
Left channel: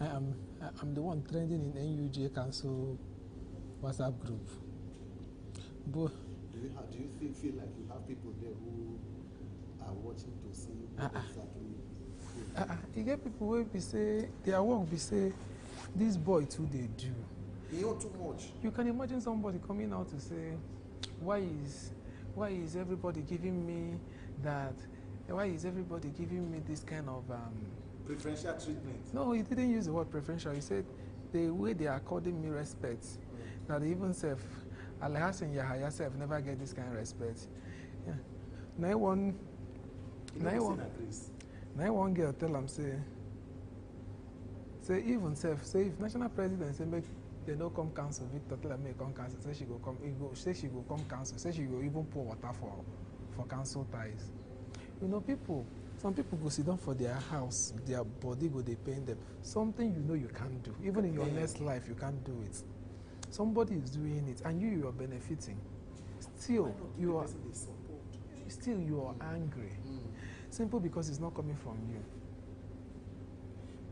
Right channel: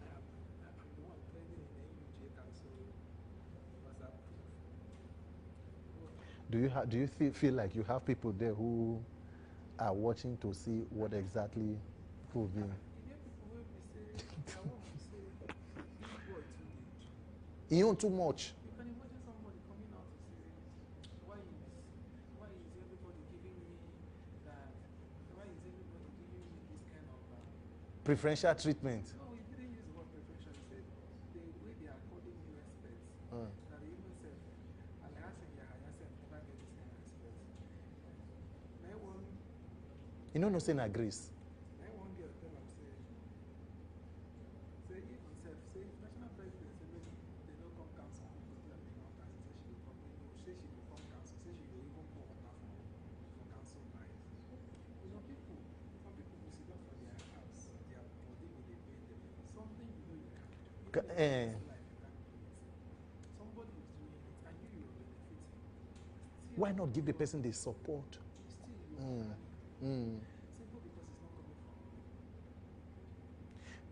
I'm the one trending in NUJ Council WhatsApp group. But do you feel like you have people there who are watching to see what exactly food? You get people who be say their work be say this boy too they do. He own too much. You can imagine somebody coming out to say, why is everybody giving me that? Why is everybody giving me this kind of preferential treatment? No, he didn't use the word preferential. He said the way they are according me respect. That even self, Alhassan Yahya self never get this kind of respect. Yeah. Now one. You know, Hussein agrees. Now one girl tell him say even self say if national president say make they don't come council, Victor tell her make come council. Say she go come. Say she go come council. Say she go even pour water for council ties. You know, some people go sit down for their house, their body go they pain them. Something you know you can't do. Even in your next life, you can't do it. Somebody is doing it, and you are benefiting. Still, why not give the person the support? Still, you are angry. Simple because it's not coming from you.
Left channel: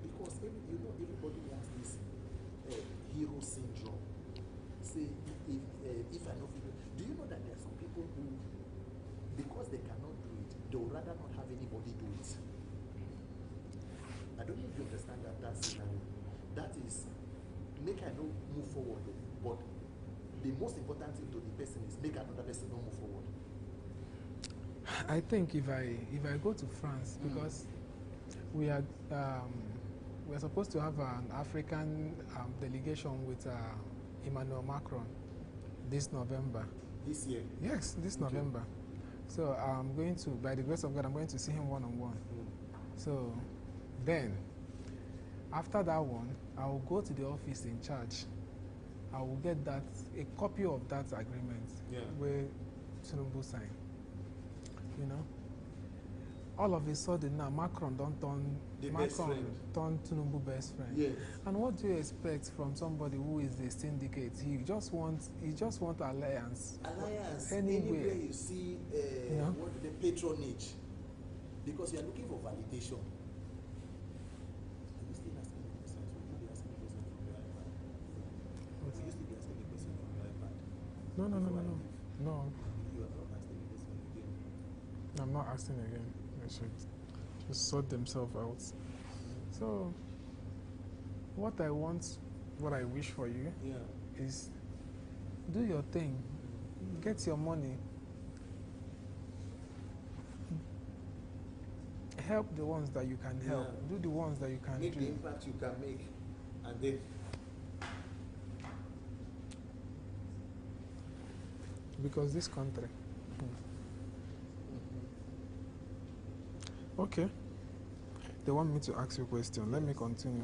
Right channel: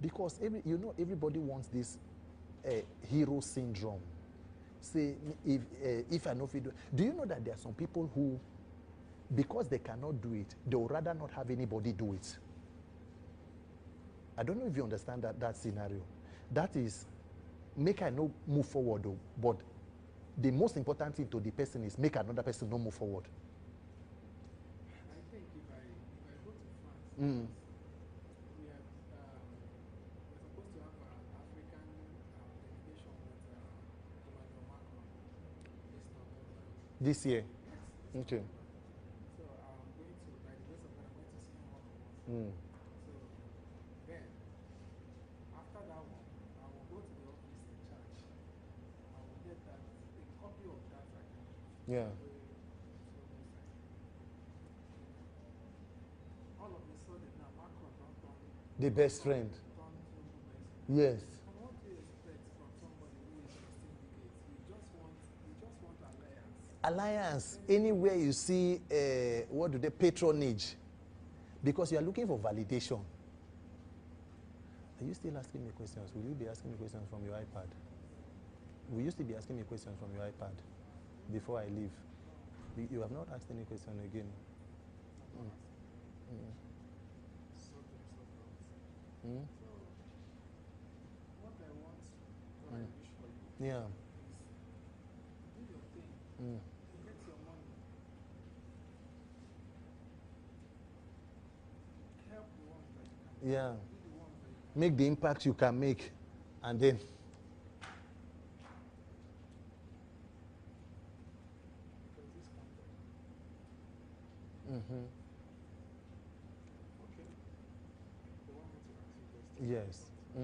Because everybody wants this hero syndrome. Say, if I know, do you know that there are some people who, because they cannot do it, they would rather not have anybody do it? I don't know if you understand that scenario. That is, make I no move forward, though, but the most important thing to the person is make another person no move forward. I think if I go to France, because we are we're supposed to have an African delegation with Emmanuel Macron this November. This year? Yes, this November. So I'm going to, by the grace of God, I'm going to see him one-on-one. So then, after that one, I will go to the office in charge. I will get a copy of that agreement where Tinubu signed. You know, all of a sudden now Macron don't turn best friend. Turn Tinubu best friend. Yes. And what do you expect from somebody who is the syndicate? He just wants alliance. Alliance. Anywhere you see what do they patronage? Because you are looking for validation. Are you still asking me questions? Will you be asking me questions from your iPad? Will you still be asking me questions from your iPad? No, before I leave? No. You have not asked any question again. I'm not asking again. They should just sort themselves out. So, what I want, what I wish for you is do your thing. Get your money. Help the ones that you can help. Do the ones that you can make the impact you can make, and then because this country. Okay. They want me to ask you a question. Let me continue.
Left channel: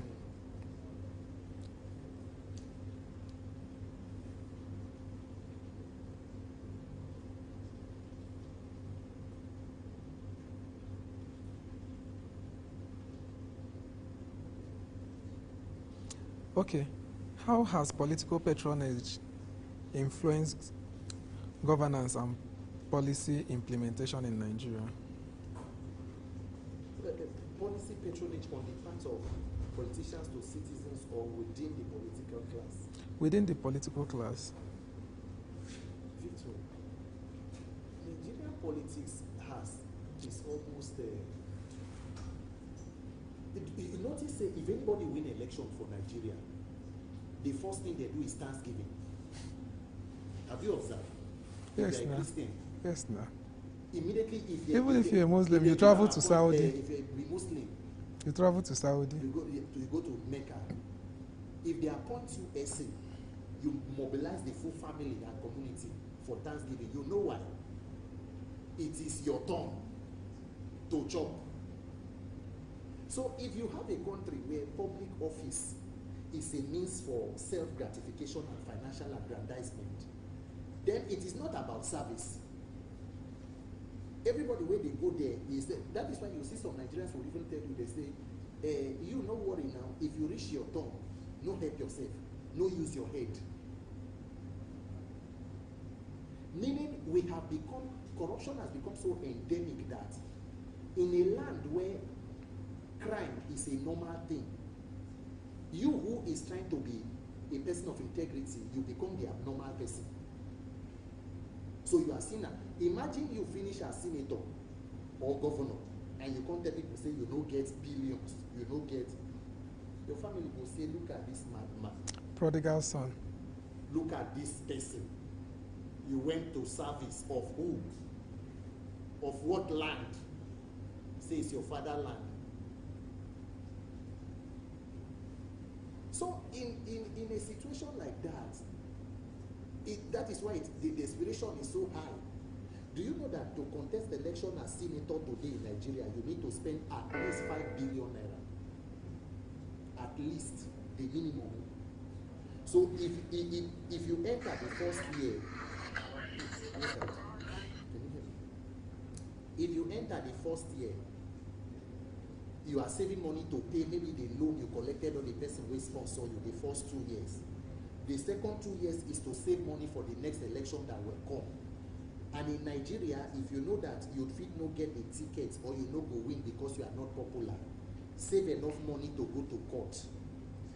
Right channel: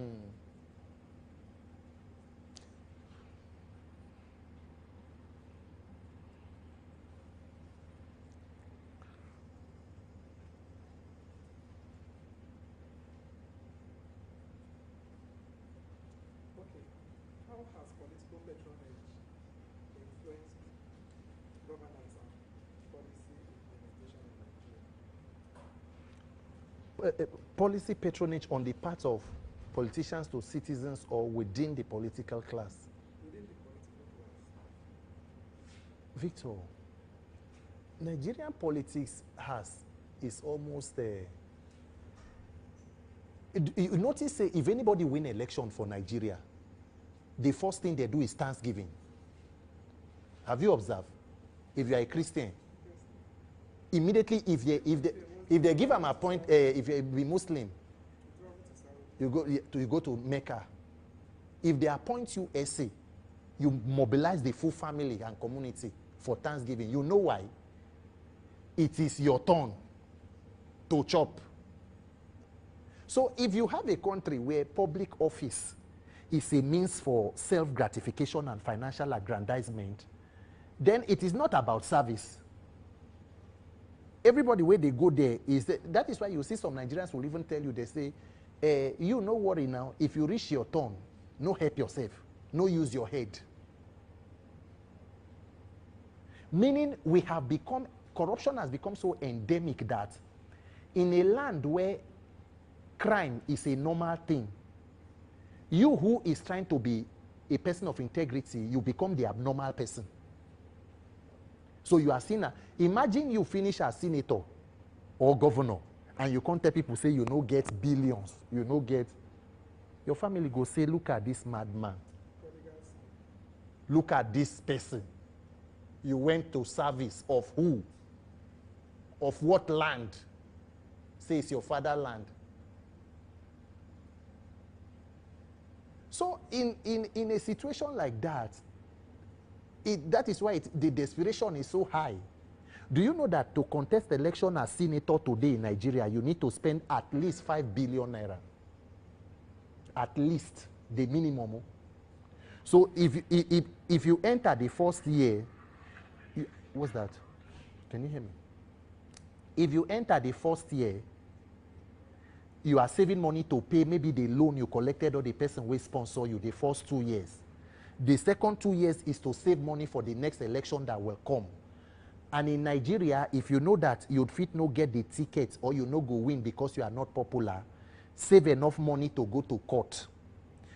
Okay. How has political patronage influenced governance and policy implementation in Nigeria? Policy patronage on the part of politicians to citizens or within the political class? Within the political class. Victor, Nigerian politics is almost you notice if anybody win election for Nigeria, the first thing they do is Thanksgiving. Have you observed? If you are a Christian. Yes, no. Immediately, if you're a Muslim, you travel to Saudi. If you are a Muslim, you travel to Saudi. You go to Mecca. If they appoint you SA, you mobilize the full family and community for Thanksgiving. You know why? It is your turn to chop. So if you have a country where public office is a means for self-gratification and financial aggrandizement, then it is not about service. Everybody where they go there is that is why you see some Nigerians will even tell you, they say, you no worry now, if you reach your turn, no help yourself, no use your head. Meaning corruption has become so endemic that in a land where crime is a normal thing, you who is trying to be a person of integrity, you become the abnormal person. So you are seen. Imagine you finish as senator or governor, and you can't tell people, say you no get billions, you no get. Your family go say, look at this madman. Prodigal son. Look at this person. You went to service of who? Of what land? Say it's your fatherland. So in a situation like that, that is why the desperation is so high. Do you know that to contest election as senator today in Nigeria, you need to spend at least 5 billion naira? At least the minimum. So if you enter the first year, what's that? Can you hear me? If you enter the first year, you are saving money to pay maybe the loan you collected or the person will sponsor you the first 2 years. The second 2 years is to save money for the next election that will come. And in Nigeria, if you know that you'd fit no get the ticket or you no go win because you are not popular, save enough money to go to court,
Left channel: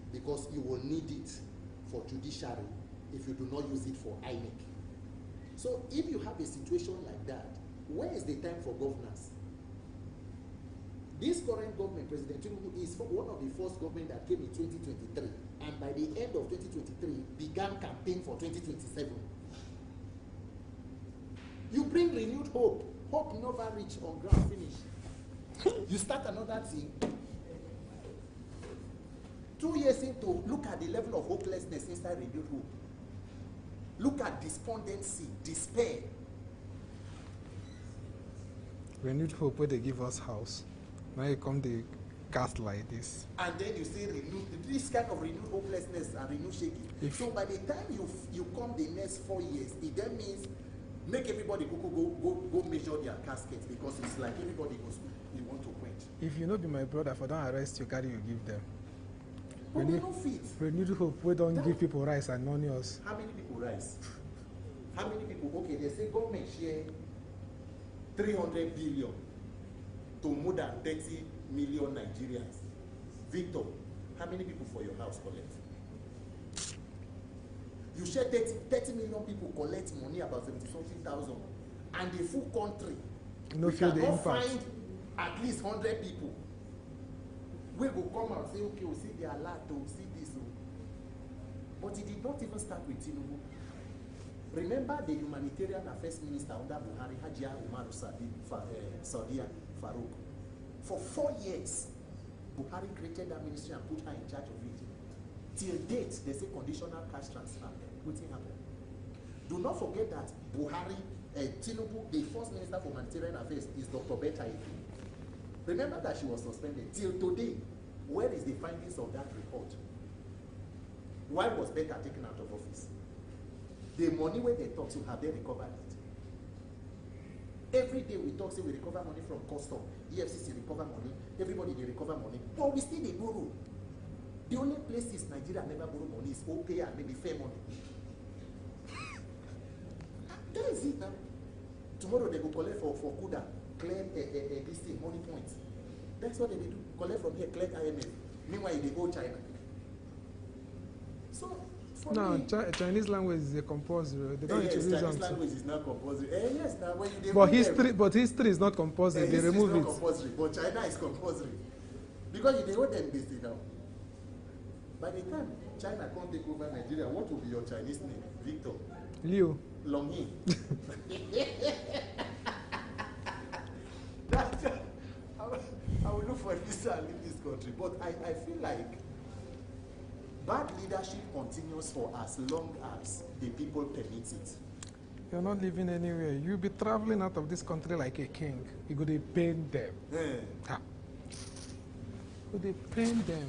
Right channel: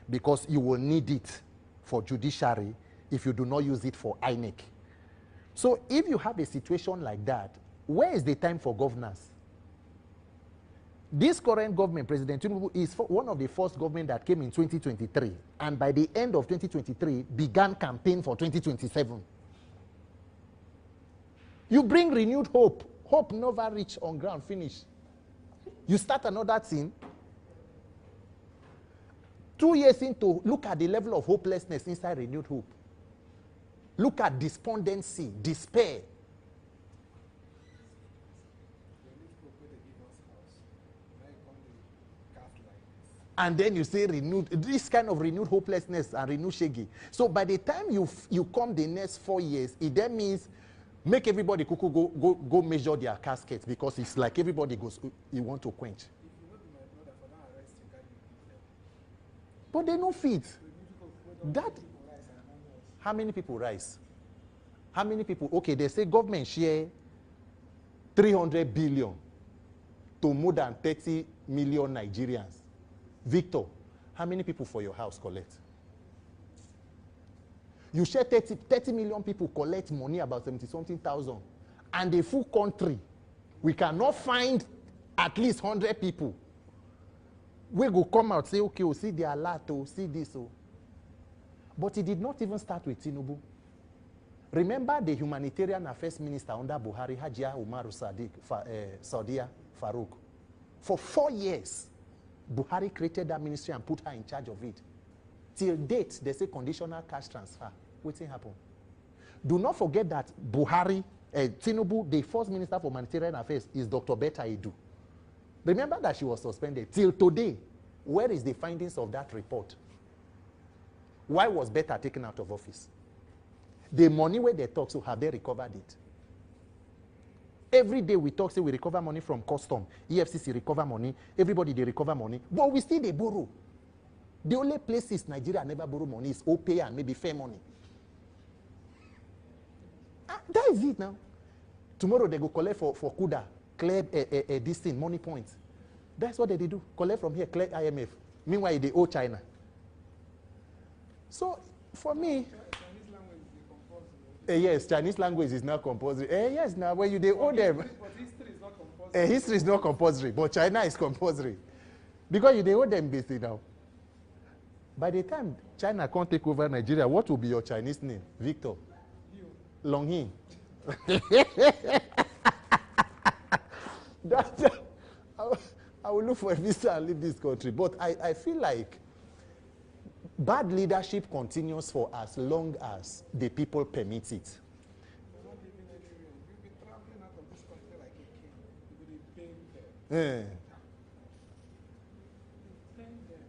because you will need it for judiciary if you do not use it for INEC. So if you have a situation like that, where is the time for governance? This current government, President Tinubu, is one of the first government that came in 2023, and by the end of 2023 began campaign for 2027. You bring renewed hope Hope never reach on ground, finish. You start another thing. 2 years into, look at the level of hopelessness inside renewed hope. Look at despondency, despair. Renewed hope where they give us house. Now you come the cast like this. And then you say renewed, this kind of renewed hopelessness and renewed shaggy. So by the time you come the next 4 years, it then means make everybody go measure their caskets, because it's like everybody goes, you want to quench. If you know be my brother, for don't arrest you, carry you give them. But they don't fit. Renewed hope, we don't give people rice and money us. How many people rice? How many people? Okay, they say government share 300 billion to more than 30 million Nigerians. Victor, how many people for your house collect? You share 30 million people collect money, about 70-something thousand. And the full country, we cannot find at least 100 people. We go come out, say, okay, we'll see the alert, oh, see this. Oh. But it did not even start with Tinubu. Remember the humanitarian affairs minister under Buhari, Hajia Umaru Saudia Farouk. For 4 years, Buhari created that ministry and put her in charge of it. Till date, they say conditional cash transfer. What's happened? Do not forget that Buhari, Tinubu, the first minister for humanitarian affairs, is Dr. Betta Edu. Remember that she was suspended. Till today, where is the findings of that report? Why was Betta taken out of office? The money where they talk, so have they recovered it? Every day we talk, say we recover money from custom. EFCC recover money. Everybody, they recover money. But we still they borrow. The only places Nigeria never borrow money is OPay and maybe fair money. That is it now. Tomorrow they go collect for Kuda, clear this thing, money points. That's what they do. Collect from here, clear IMF. Meanwhile, they owe China. So, for me... Chinese language is a compulsory. Yes, Chinese language is not compulsory. Yes, now when you... But history is not compulsory. History is not compulsory, but China is compulsory. Because they owe them basically now. By the time China can't take over Nigeria, what will be your Chinese name? Victor? Liu. Longhi. I will look for a visa and leave this country. But I feel like bad leadership continues for as long as the people permit it. You're not living anywhere. You'll be traveling out of this country like a king. You're going to pain them. You're going to pain them.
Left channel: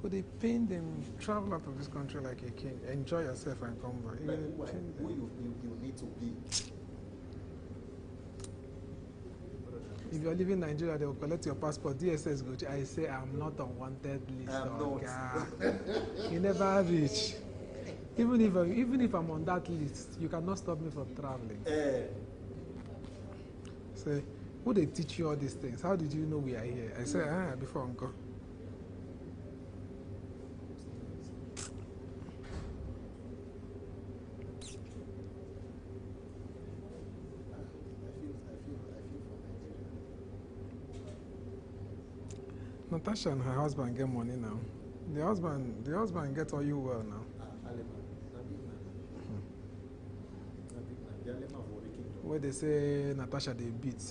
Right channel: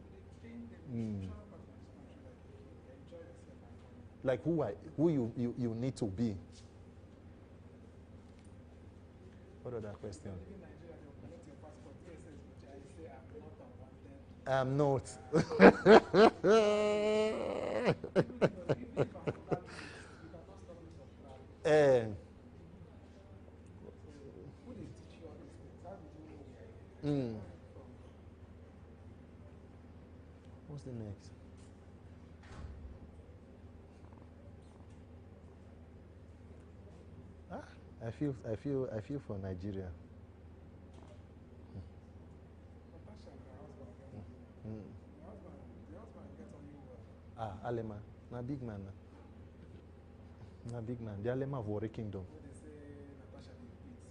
Could they pain them, travel out of this country like a king, enjoy yourself and come back? Like who you need to be. If you're leaving Nigeria, they will collect your passport. DSS go to, I say I'm not on wanted list. I'm not. You never reach. Even if I'm on that list, you cannot stop me from traveling. Say, who they teach you all these things? How did you know we are here? I say, before uncle. What's the next? I feel for Nigeria. Natasha and her husband get money now. The husband gets all you well now. Aleman, na big man. Na big man. The Aleman of Warri Kingdom. Where they say Natasha they beat.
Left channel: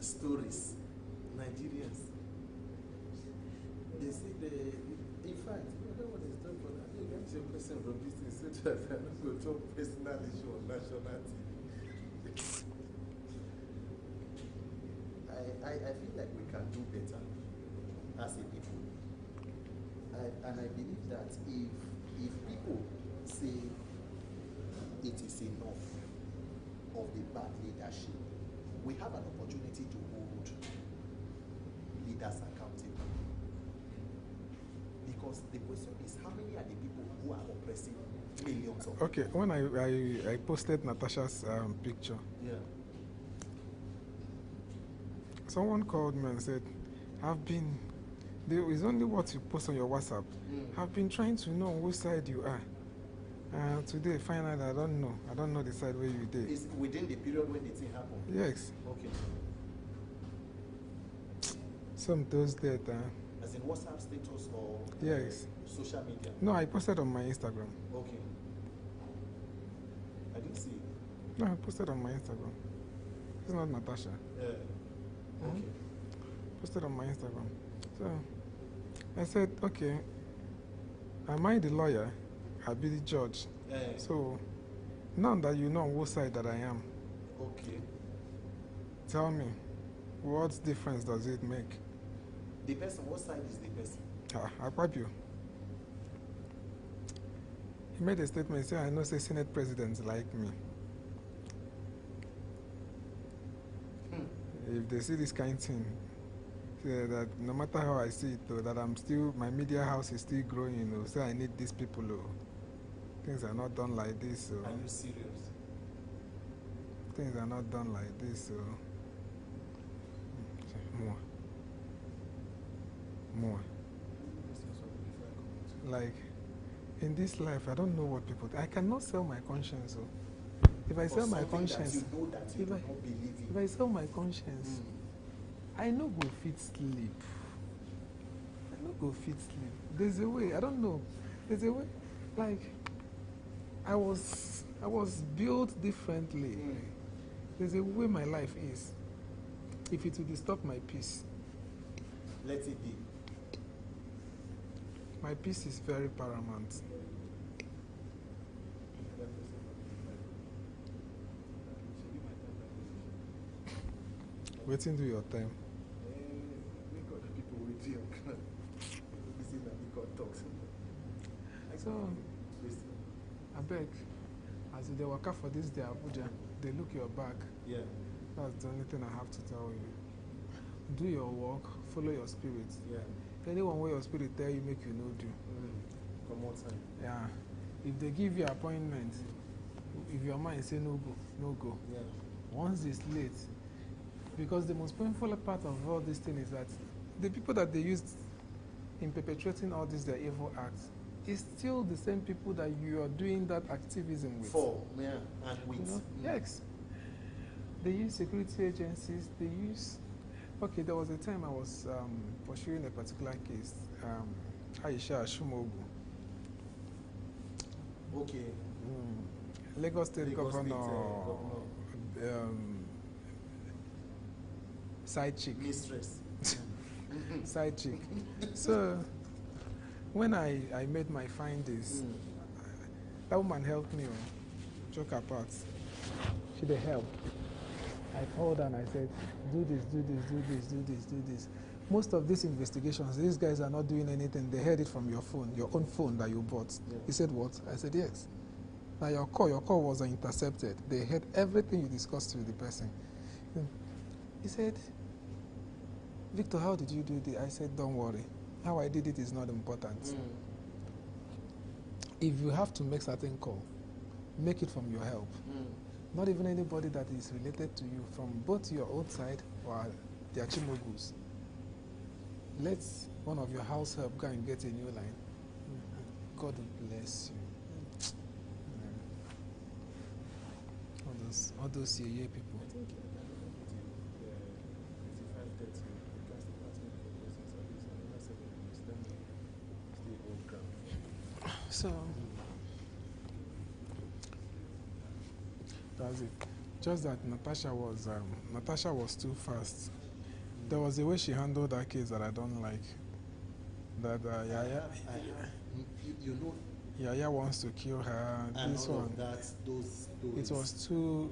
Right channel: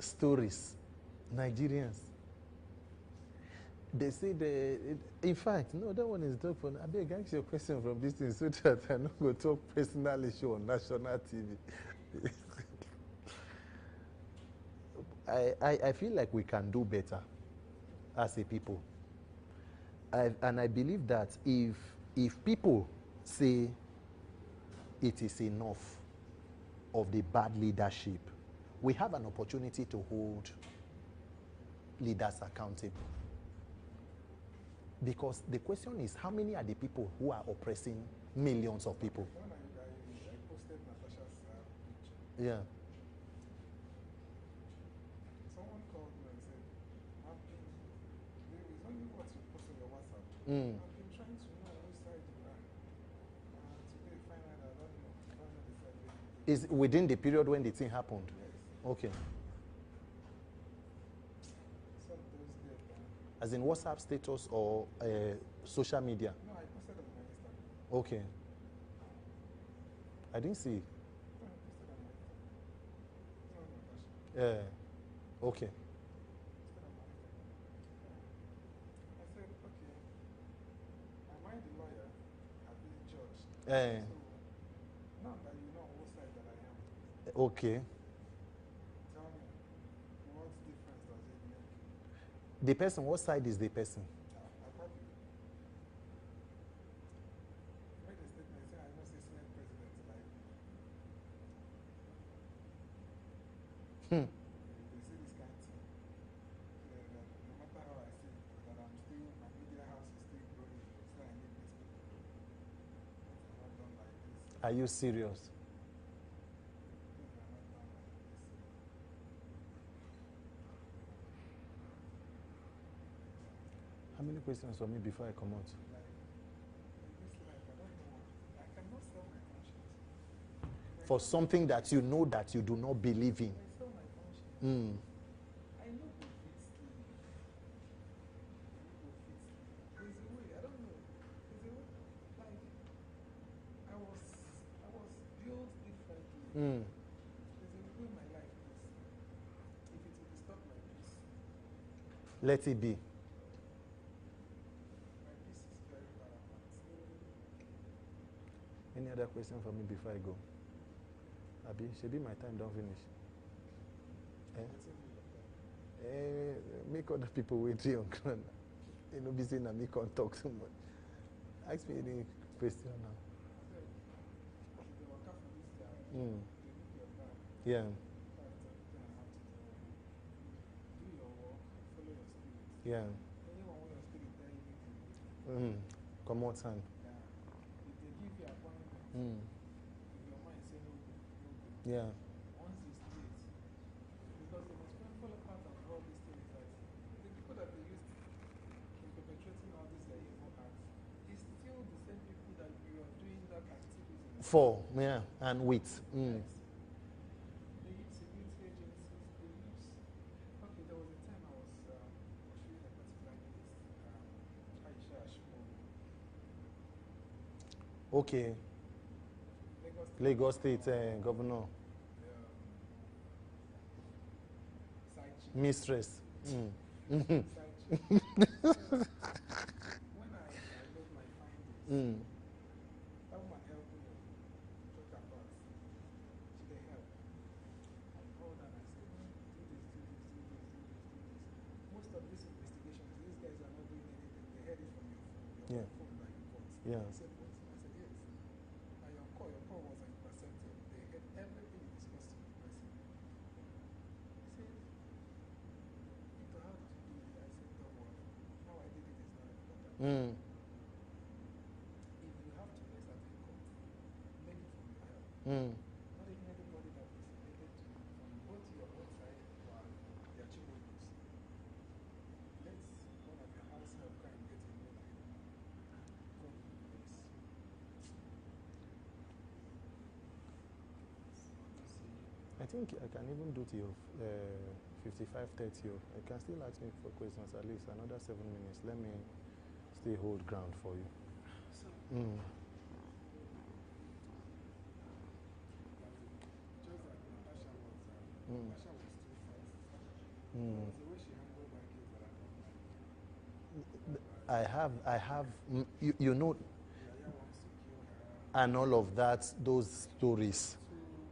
Stories, Nigerians. They say in fact, no, that one is done for. I beg, answer your question from this thing so that I not go talk personal issue on national TV. I feel like we can do better as a people. And I believe that if people say it is enough of the bad leadership, we have an opportunity to hold leaders accountable. Because the question is, how many are the people who are oppressing millions of people? Okay, when I posted Natasha's picture, someone called me and said, it's only what you post on your WhatsApp. I've been trying to know which side you are. Today, finally, I don't know. I don't know the side where you did. Is within the period when the thing happened? Yes. Okay. Some those that. As in WhatsApp status or yes. social media? No, I posted on my Instagram. Okay. I didn't see it. No, I posted on my Instagram. It's not Natasha. Yeah. Okay. Posted on my Instagram. So I said, okay, am I the lawyer? I'll be the judge. So now that you know on what side that I am, Okay. tell me, what difference does it make? The person, what side is the person? Akpabio. He made a statement saying, I know say Senate presidents like me. If they see this kind of thing, say that no matter how I see it, though, that I'm still, my media house is still growing, you know, so I need these people, things are not done like this. Are you serious? Things are not done like this, more. How many questions for me before I come out? Like, in this life, I don't know what people, I cannot sell my conscience. If I for sell something my conscience, that you know that you do not believe in. If I sell my conscience, I no go fit sleep. I no go fit sleep. There's a way, I don't know. There's a way, like, I was built differently. There's a way my life is. If it will disturb my peace, let it be. My peace is very paramount. Any other question for me before I go? Abi, should be my time don't finish. Waiting to your time. Make other people wait till your ground. You know, be saying that me can't talk so much. Ask me any question now. I beg, as they work out for this day, Abuja, they look your back. Yeah. That's the only thing I have to tell you. Do your work, follow your spirit. Yeah. Anyone where your spirit tell you, make you no do. Come on, time. Yeah. If they give you appointment, if your mind say no go, no go. Yeah. Once it's late, because the most painful part of all this thing is that the people that they used in perpetrating all these their evil acts is still the same people that you are doing that activism with. For, yeah, and with. Yes. They use security agencies, they use... Okay, there was a time I was pursuing a particular case, Aisha Shumogu. Okay. Lagos State Governor. Side chick. Mistress. Side chick. So, when I made my findings, that woman helped me, joke apart. She did help. I called her and I said, do this, do this, do this, do this, do this. Most of these investigations, these guys are not doing anything. They heard it from your phone, your own phone that you bought. Yeah. He said, what? I said, yes. Now your call was intercepted. They heard everything you discussed with the person. He said, Victor, how did you do this? I said, don't worry. How I did it is not important. If you have to make certain call, make it from your help. Not even anybody that is related to you from both your own side or the Achimogus. Let one of your house help go and get a new line. God will bless you. All those people. I think I can even do till 55:30. You can still ask me for questions at least another 7 minutes. Let me still hold ground for you. So, that's it. Just that Natasha was too fast. There was a way she handled that case that I don't like. That I have. You know. Yaya wants to kill her. And all of that, those stories. It was too.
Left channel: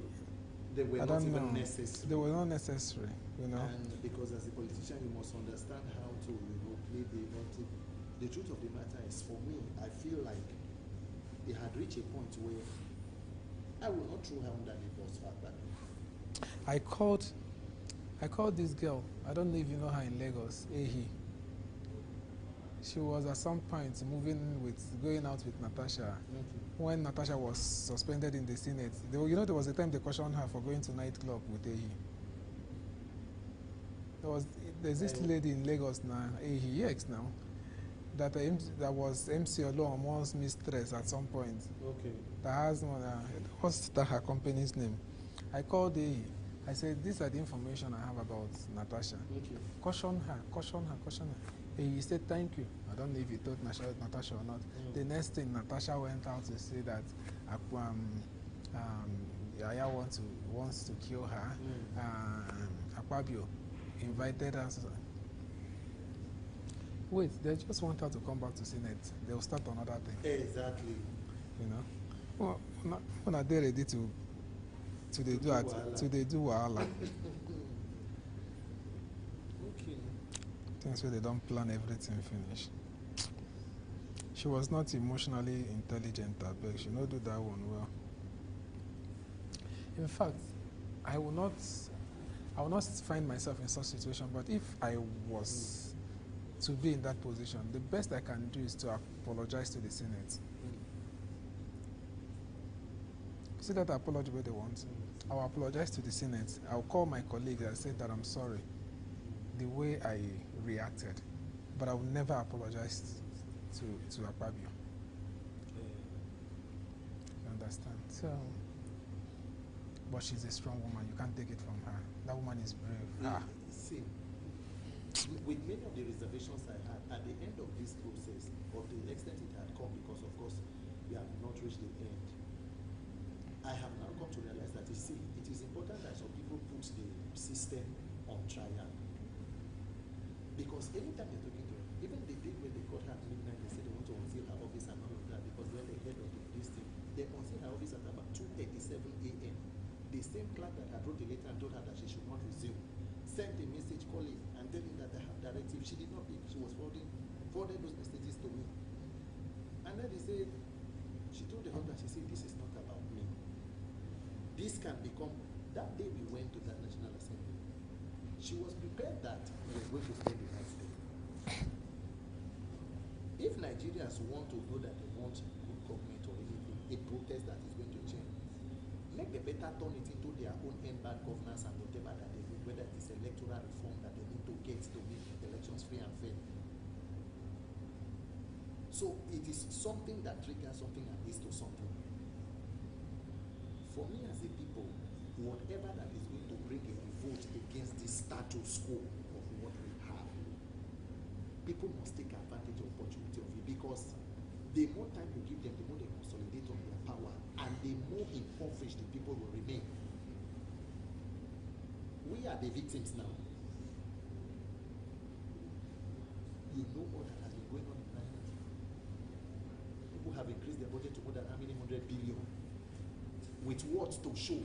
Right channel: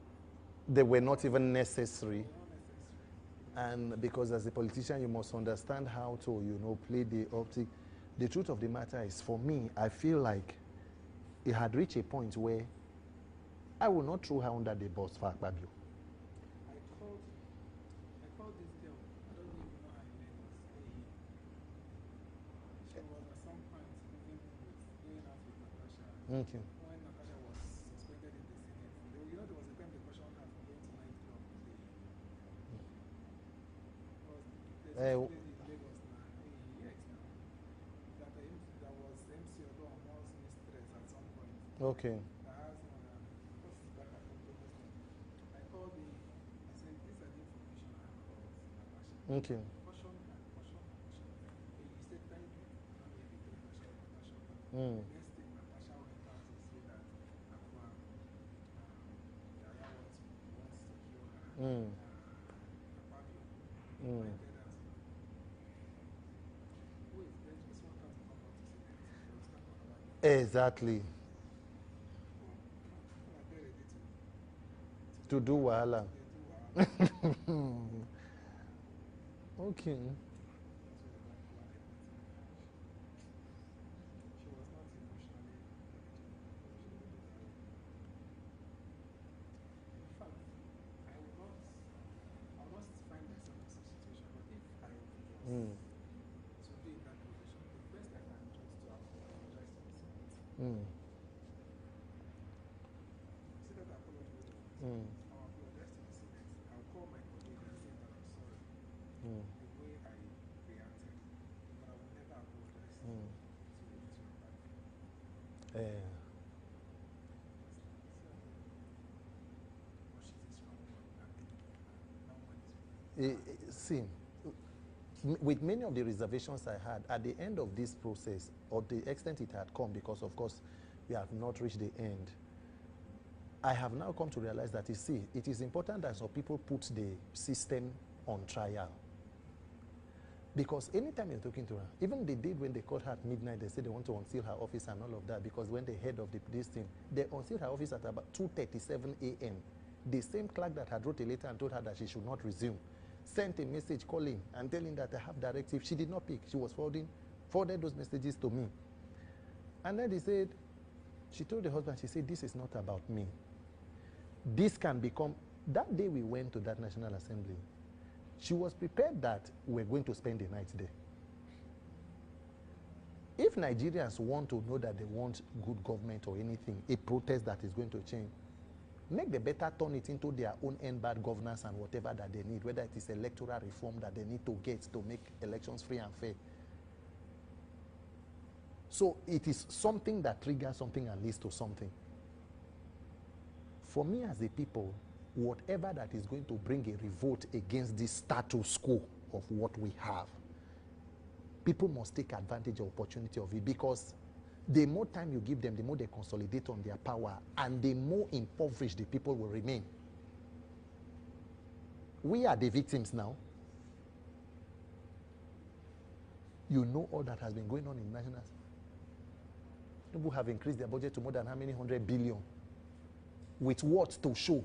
They were not even necessary. They were not necessary. You know. And because as a politician, you must understand how to, play the optic. The truth of the matter is, for me, I feel like it had reached a point where I will not throw her under the bus for Akpabio. I called this girl. I don't know if you know her in Lagos, Ehi. She was at some point going out with Natasha. Okay. When Natasha was suspended in the Senate, there was a time they questioned her for going to nightclub with Ehi. There's this lady in Lagos now, Ehi, EX now, that was MC Olomo's mistress at some point. Okay. That has what's her company's name? I called Ehi. I said, these are the information I have about Natasha. Okay. Caution her. And he said, thank you. I don't know if he told Natasha or not. The next thing, Natasha went out to say that Aya wants to kill her. Akpabio invited us. Wait, they just want her to come back to Senate. They'll start another thing. Exactly. You know, well, when are they ready to do wahala? To they do wahala? Okay. Things where they don't plan everything finish. She was not emotionally intelligent, but she not do that one well. In fact, I will not find myself in such situation. But if I was to be in that position, the best I can do is to apologize to the Senate. See that apology where they want. I'll apologize to the Senate. I'll call my colleagues and say that I'm sorry the way I reacted, but I will never apologize to Akpabio. You understand? So, but she's a strong woman. You can't take it from her. That woman is brave. See, with many of the reservations I had, at the end of this process, of the extent it had come, because of course we have not reached the end, I have now come to realize that, you see, it is important that some people put the system on trial. Because anytime you're talking to her, even the day when they caught her at midnight, they said they want to unseal her office and all of that, because when they heard of this thing, they unsealed her office at about 2:37 a.m. The same clerk that had wrote a letter and told her that she should not resume sent a message calling and telling that I have directive. She did not pick. She was forwarded those messages to me. And then they said, she told the husband, she said, this is not about me. This can become, that day we went to that National Assembly, she was prepared that we were going to spend the night there. If Nigerians want to know that they want good government or anything, a protest that is going to change, make the better turn it into their own end bad governance and whatever that they need, whether it is electoral reform that they need to get to make elections free and fair. So it is something that triggers something and leads to something. For me as a people, whatever that is going to bring a revolt against this status quo of what we have, people must take advantage of opportunity of it, because the more time you give them, the more they consolidate on their power, and the more impoverished the people will remain. We are the victims now. You know all that has been going on in national. People have increased their budget to more than how many 100 billion? With what to show?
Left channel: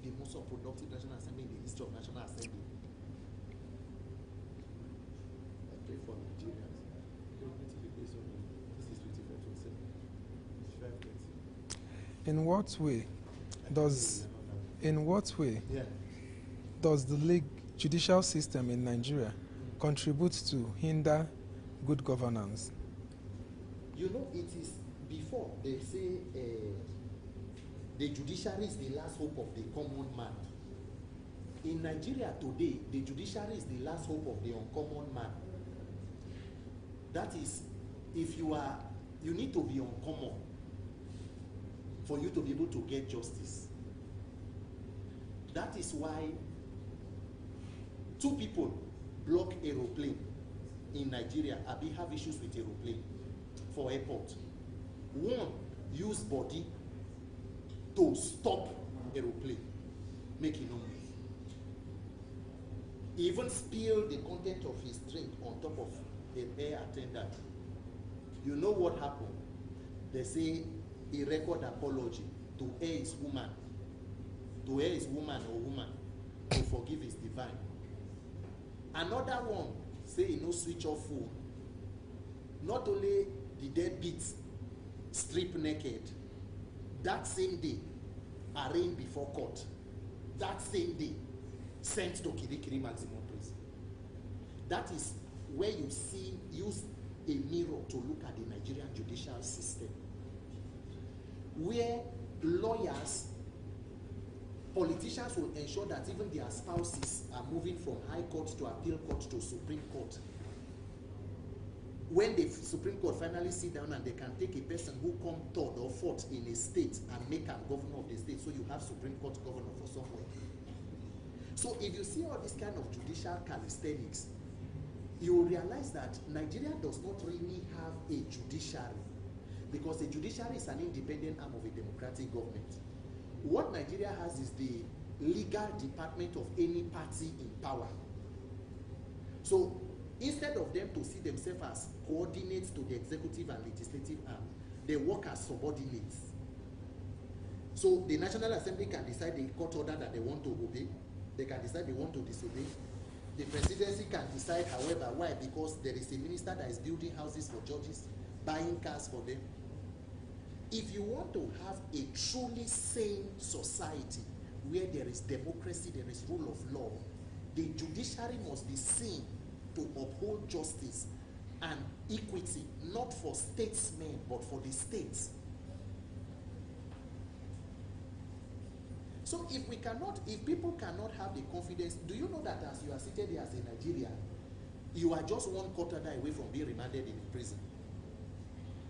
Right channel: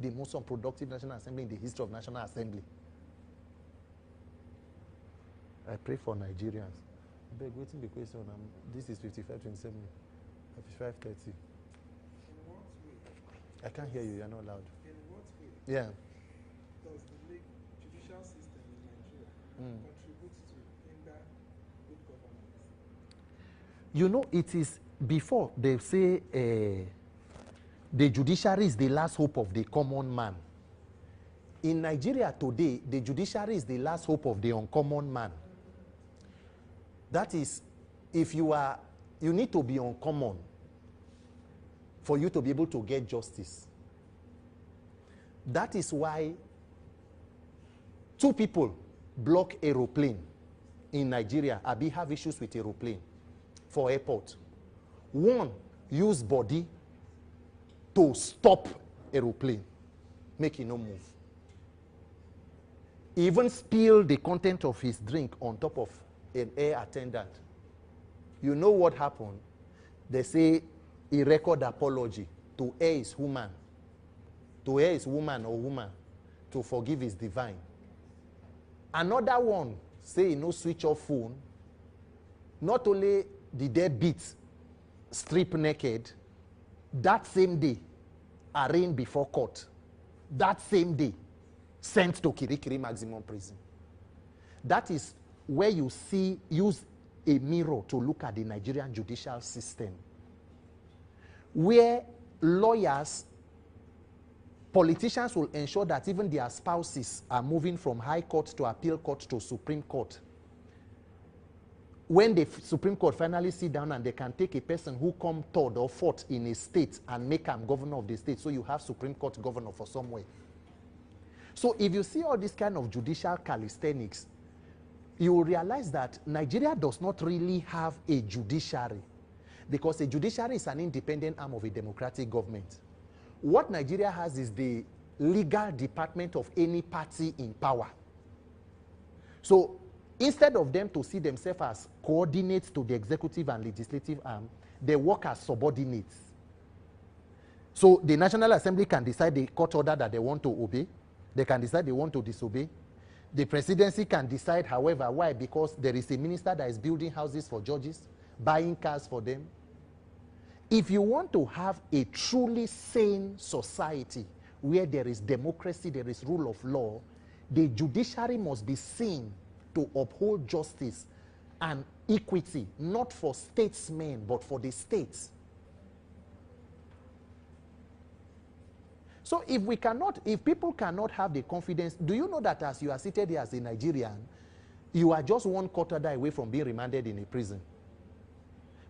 The most unproductive National Assembly in the history of National Assembly. I pray for Nigerians. Waiting the question. This is 55:27, 55:30. In what way does the judicial system in Nigeria contribute to hinder good governance? You know, it is before they say the judiciary is the last hope of the common man. In Nigeria today, the judiciary is the last hope of the uncommon man. That is, if you need to be uncommon for you to be able to get justice. That is why 2 people block aeroplane in Nigeria. Abi have issues with aeroplane for airport. 1 use body to stop aeroplane, make it no move. He even spill the content of his drink on top of an air attendant. You know what happened? They say he record apology to air his woman. To air his woman or woman to forgive his divine. Another one say he no switch off phone. Not only did they beat strip naked, that same day arraigned before court. That same day sent to Kirikiri maximum prison. That is where you see, use a mirror to look at the Nigerian judicial system, where lawyers, politicians will ensure that even their spouses are moving from high court to appeal court to Supreme Court. When the Supreme Court finally sit down and they can take a person who come 3rd or 4th in a state and make him governor of the state, so you have Supreme Court governor for somewhere. So if you see all this kind of judicial calisthenics, you will realize that Nigeria does not really have a judiciary. because a judiciary is an independent arm of a democratic government. What Nigeria has is the legal department of any party in power. So instead of them to see themselves as coordinates to the executive and legislative arm, they work as subordinates. So the National Assembly can decide the court order that they want to obey. They can decide they want to disobey. The presidency can decide, however. Why? Because there is a minister that is building houses for judges, buying cars for them. If you want to have a truly sane society where there is democracy, there is rule of law, the judiciary must be seen to uphold justice and equity, not for statesmen, but for the states. So if people cannot have the confidence, do you know that as you are seated here as a Nigerian, you are just one court order away from being remanded in a prison?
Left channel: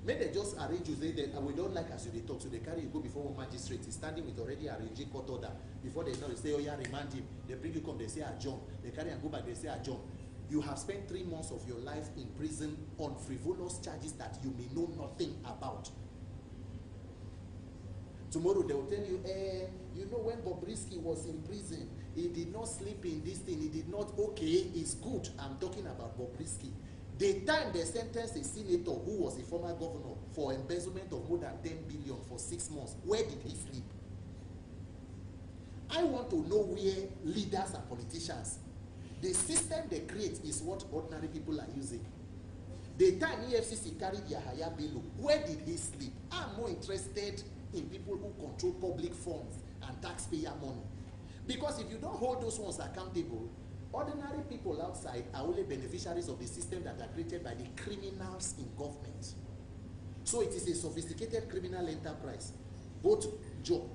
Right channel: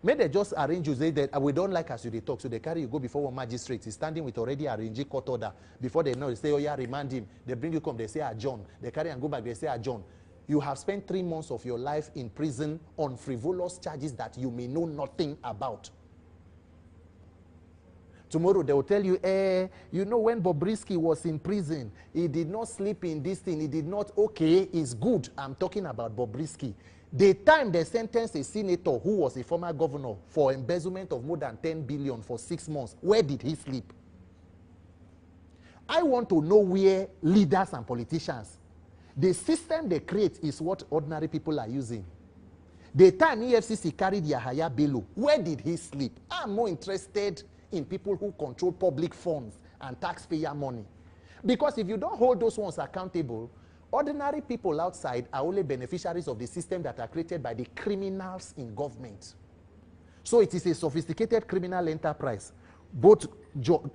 May they just arrange you, say that we don't like as you they talk, so they carry you go before one magistrate. He's standing with already arranging court order. Before they know, they say, oh yeah, remand him. They bring you come, they say adjourn. They carry and go back, they say adjourn. You have spent 3 months of your life in prison on frivolous charges that you may know nothing about. Tomorrow they will tell you, you know when Bobrisky was in prison, he did not sleep in this thing, he did not, okay, it's good. I'm talking about Bobrisky. The time they sentenced a senator who was a former governor for embezzlement of more than 10 billion for 6 months, where did he sleep? I want to know where leaders and politicians, the system they create is what ordinary people are using. The time EFCC carried Yahaya Bello, where did he sleep? I'm more interested in people who control public funds and taxpayer money. Because if you don't hold those ones accountable, ordinary people outside are only beneficiaries of the system that are created by the criminals in government. So it is a sophisticated criminal enterprise. Both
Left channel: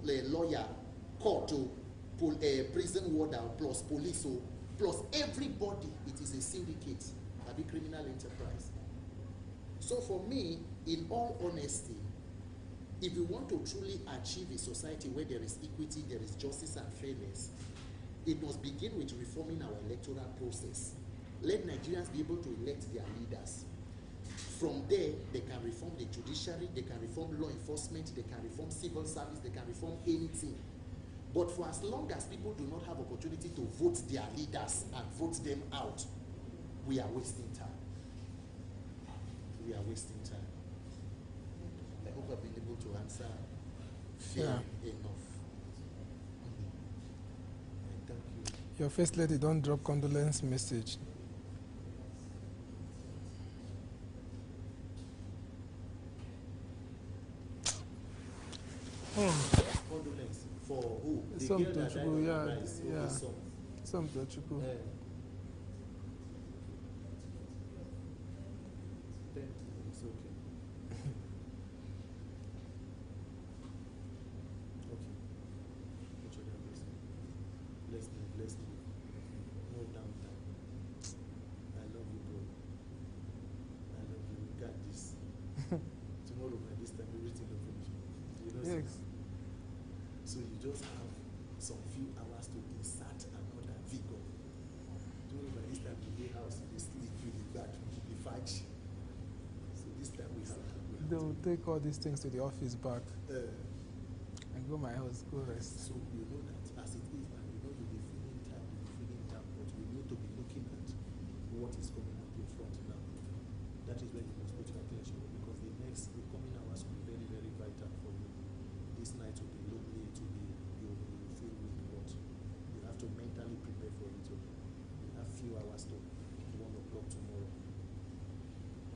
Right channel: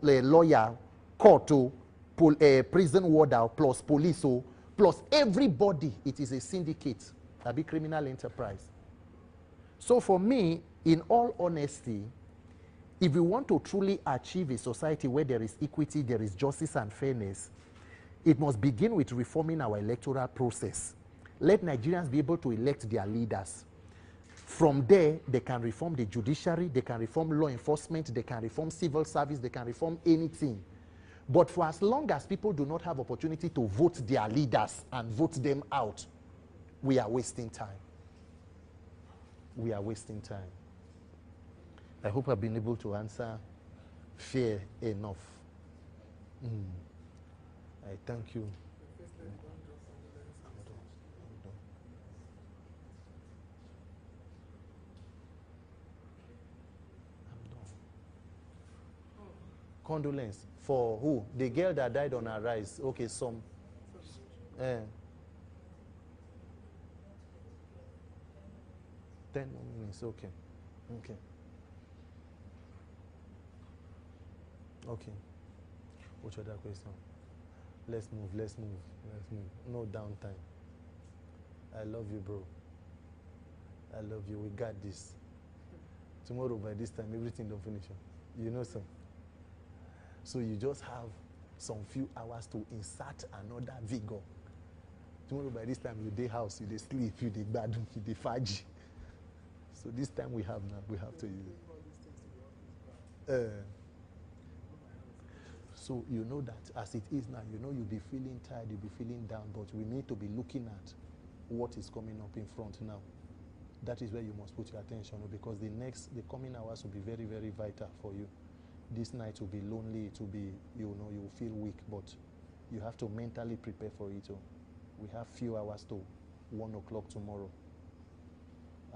lawyer, court, prison warder, plus police, plus everybody, it is a syndicate, a big criminal enterprise. So for me, in all honesty, if we want to truly achieve a society where there is equity, there is justice and fairness, it must begin with reforming our electoral process. Let Nigerians be able to elect their leaders. From there, they can reform the judiciary, they can reform law enforcement, they can reform civil service, they can reform anything. But for as long as people do not have opportunity to vote their leaders and vote them out, we are wasting time. We are wasting time. I hope I've been able to answer fair enough. I thank you. Your First Lady, don't drop condolence message. Condolence for who? The girl that died on her rise. Okay, some. Some Tochukwu. 10 minutes, okay. Okay. Which other question? Let's move. No downtime. I love you, bro. I love you. We got this. Tomorrow by this time, everything don't finish. You know, Yes. So you just have some few hours to insert another vigor. Tomorrow by this time, you dey house, you dey sleep, you dey bad, you dey fudge. So this time we have They will take all these things to the office back and go my house, go rest. So you know that as it is now, you know you'll be feeling tired, you'll be feeling down, but we need to be looking at what is coming up in front now. That is where you must put your attention, because the coming hours will be very, very vital for you. This night will be lonely, it will be, you know, you will feel weak, but you have to mentally prepare for it. We have few hours to 1 o'clock tomorrow.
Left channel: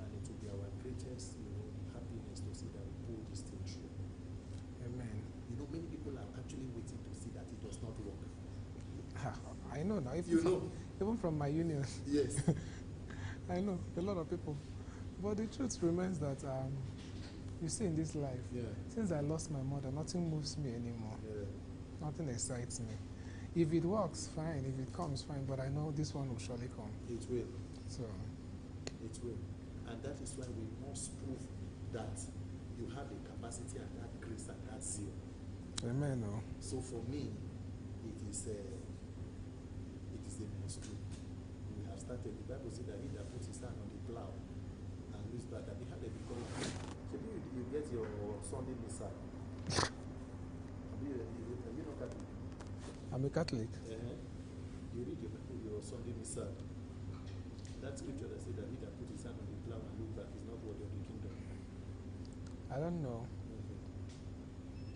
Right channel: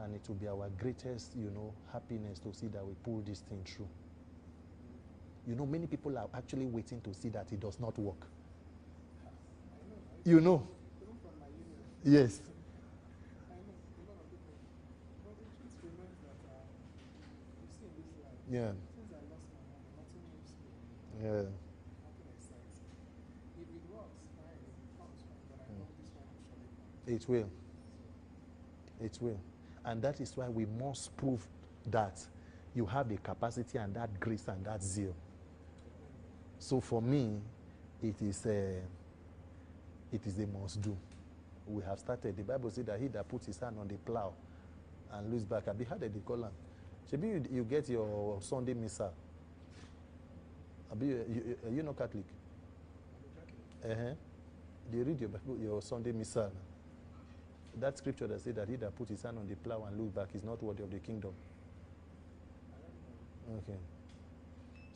And it will be our greatest, you know, happiness to see that we pull this thing through. Amen. You know, many people are actually waiting to see that it does not work. I know now. You know? Even from my union. Yes. I know, a lot of people. But the truth remains that, you see in this life, since I lost my mother, nothing moves me anymore. Nothing excites me. If it works, fine. If it comes, fine. But I know this one will surely come. It will. So, it will. And that is why we must prove that you have the capacity and that grace and that zeal. Amen. So for me, it is a must do. We have started. The Bible says that he that puts his hand on the plow and looks back, and how did they call him? Maybe you get your Sunday Missal. Are you not Catholic? I'm a Catholic. They read your Bible, your Sunday Missal. That scripture that said that he that put his hand on the plow and look back is not worthy of the kingdom. I don't know. Okay.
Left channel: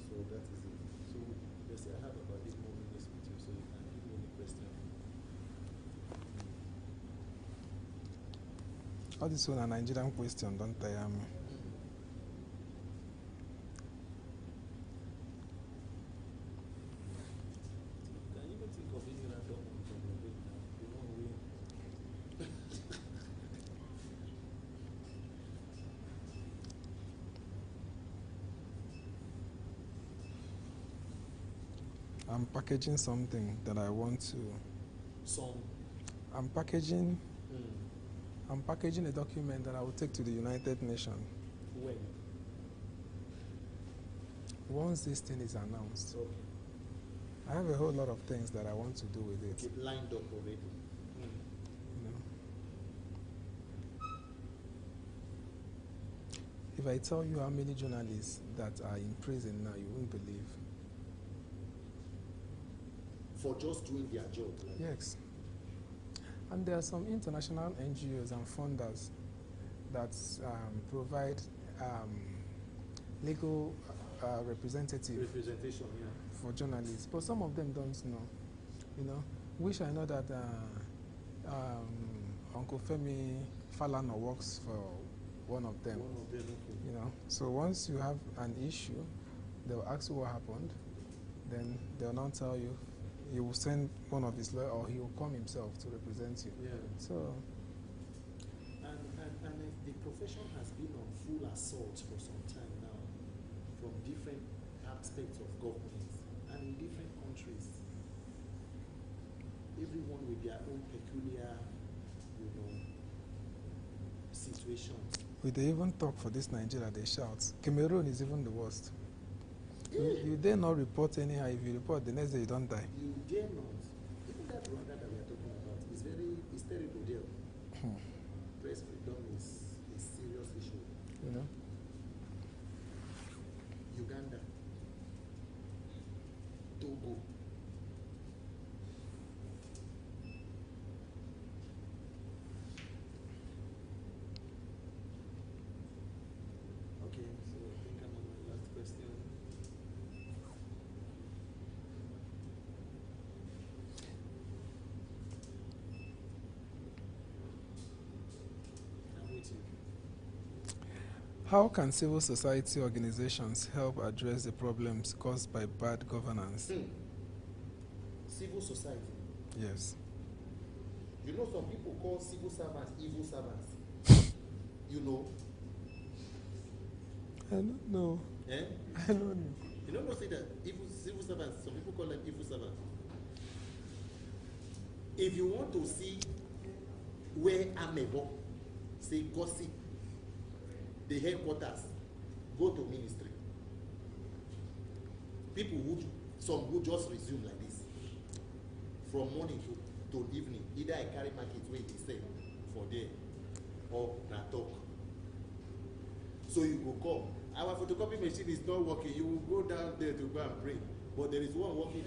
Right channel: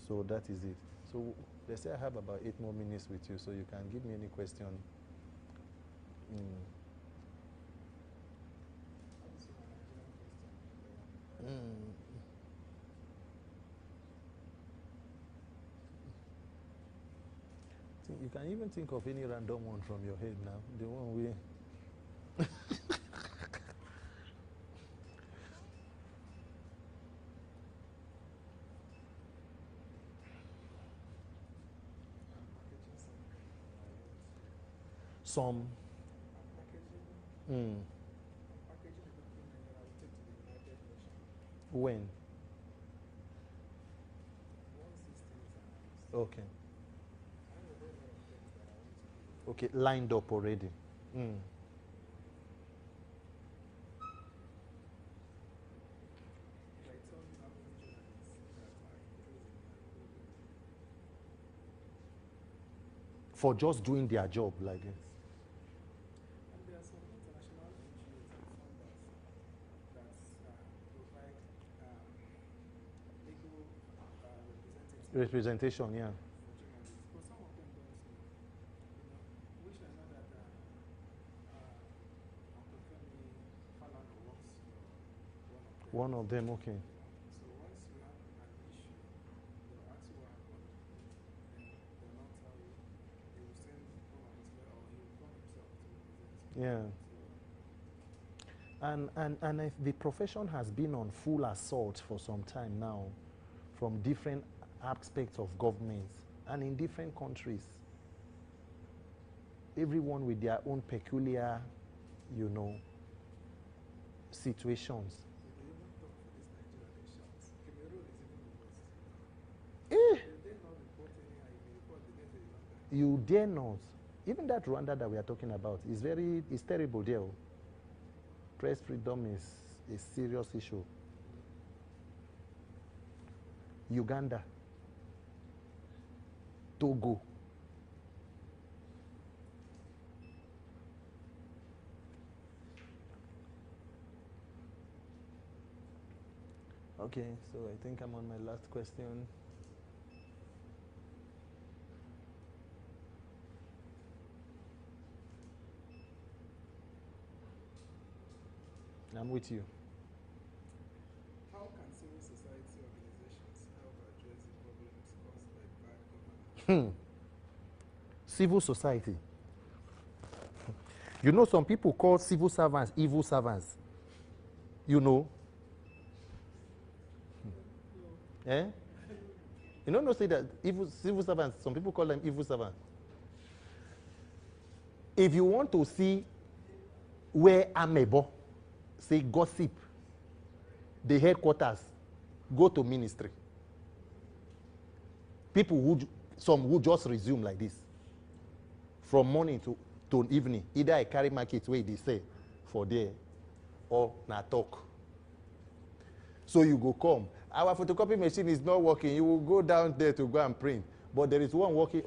So that is it. So they say I have about 8 more minutes with you, so you can give me any question. All this one a Nigerian question, don't tire me. You can even think of any random one from your head now. The one we. I'm packaging something that I want to. I'm packaging. I'm packaging a document that I will take to the United Nations. When? Once this thing is announced. Okay. I have a whole lot of things that I want to do with it. Okay, lined up already. You know. If I tell you how many journalists that are in prison now, you won't believe. For just doing their job like that? Yes. And there are some international NGOs and funders that provide legal representation, yeah, for journalists. But some of them don't know. You know, wish I know that Uncle Femi Falana works for one of them. One of them, okay. You know, so once you have an issue, they'll ask you what happened. Then they'll now tell you. He will send one of his lawyers, or he will come himself to represent you. Yeah. So, and if the profession has been on full assault for some time now, from different aspects of government and in different countries. Everyone with their own peculiar, you know, situations. We they even talk for this Nigeria, they shout. Cameroon is even the worst. You dare not report anyhow. If you report, the next day you don't die. You dare not. Even that Rwanda that we are talking about is it's terrible there. Press freedom is a serious issue. You know? Uganda, Togo. Okay, so I think I'm on my last question. I'm with you. How can civil society organizations help address the problems caused by bad governance? Civil society? Yes. You know, some people call civil servants evil servants. You know? I don't know. Eh? I don't know. You don't know, say that civil servants, some people call them evil servants. If you want to see where amebo, say gossip, the headquarters, go to ministry. People who just resume like this. From morning to evening. Either I carry market where they say for there or na talk. So you go come. Our photocopy machine is not working. You will go down there to go and print. But there is one working.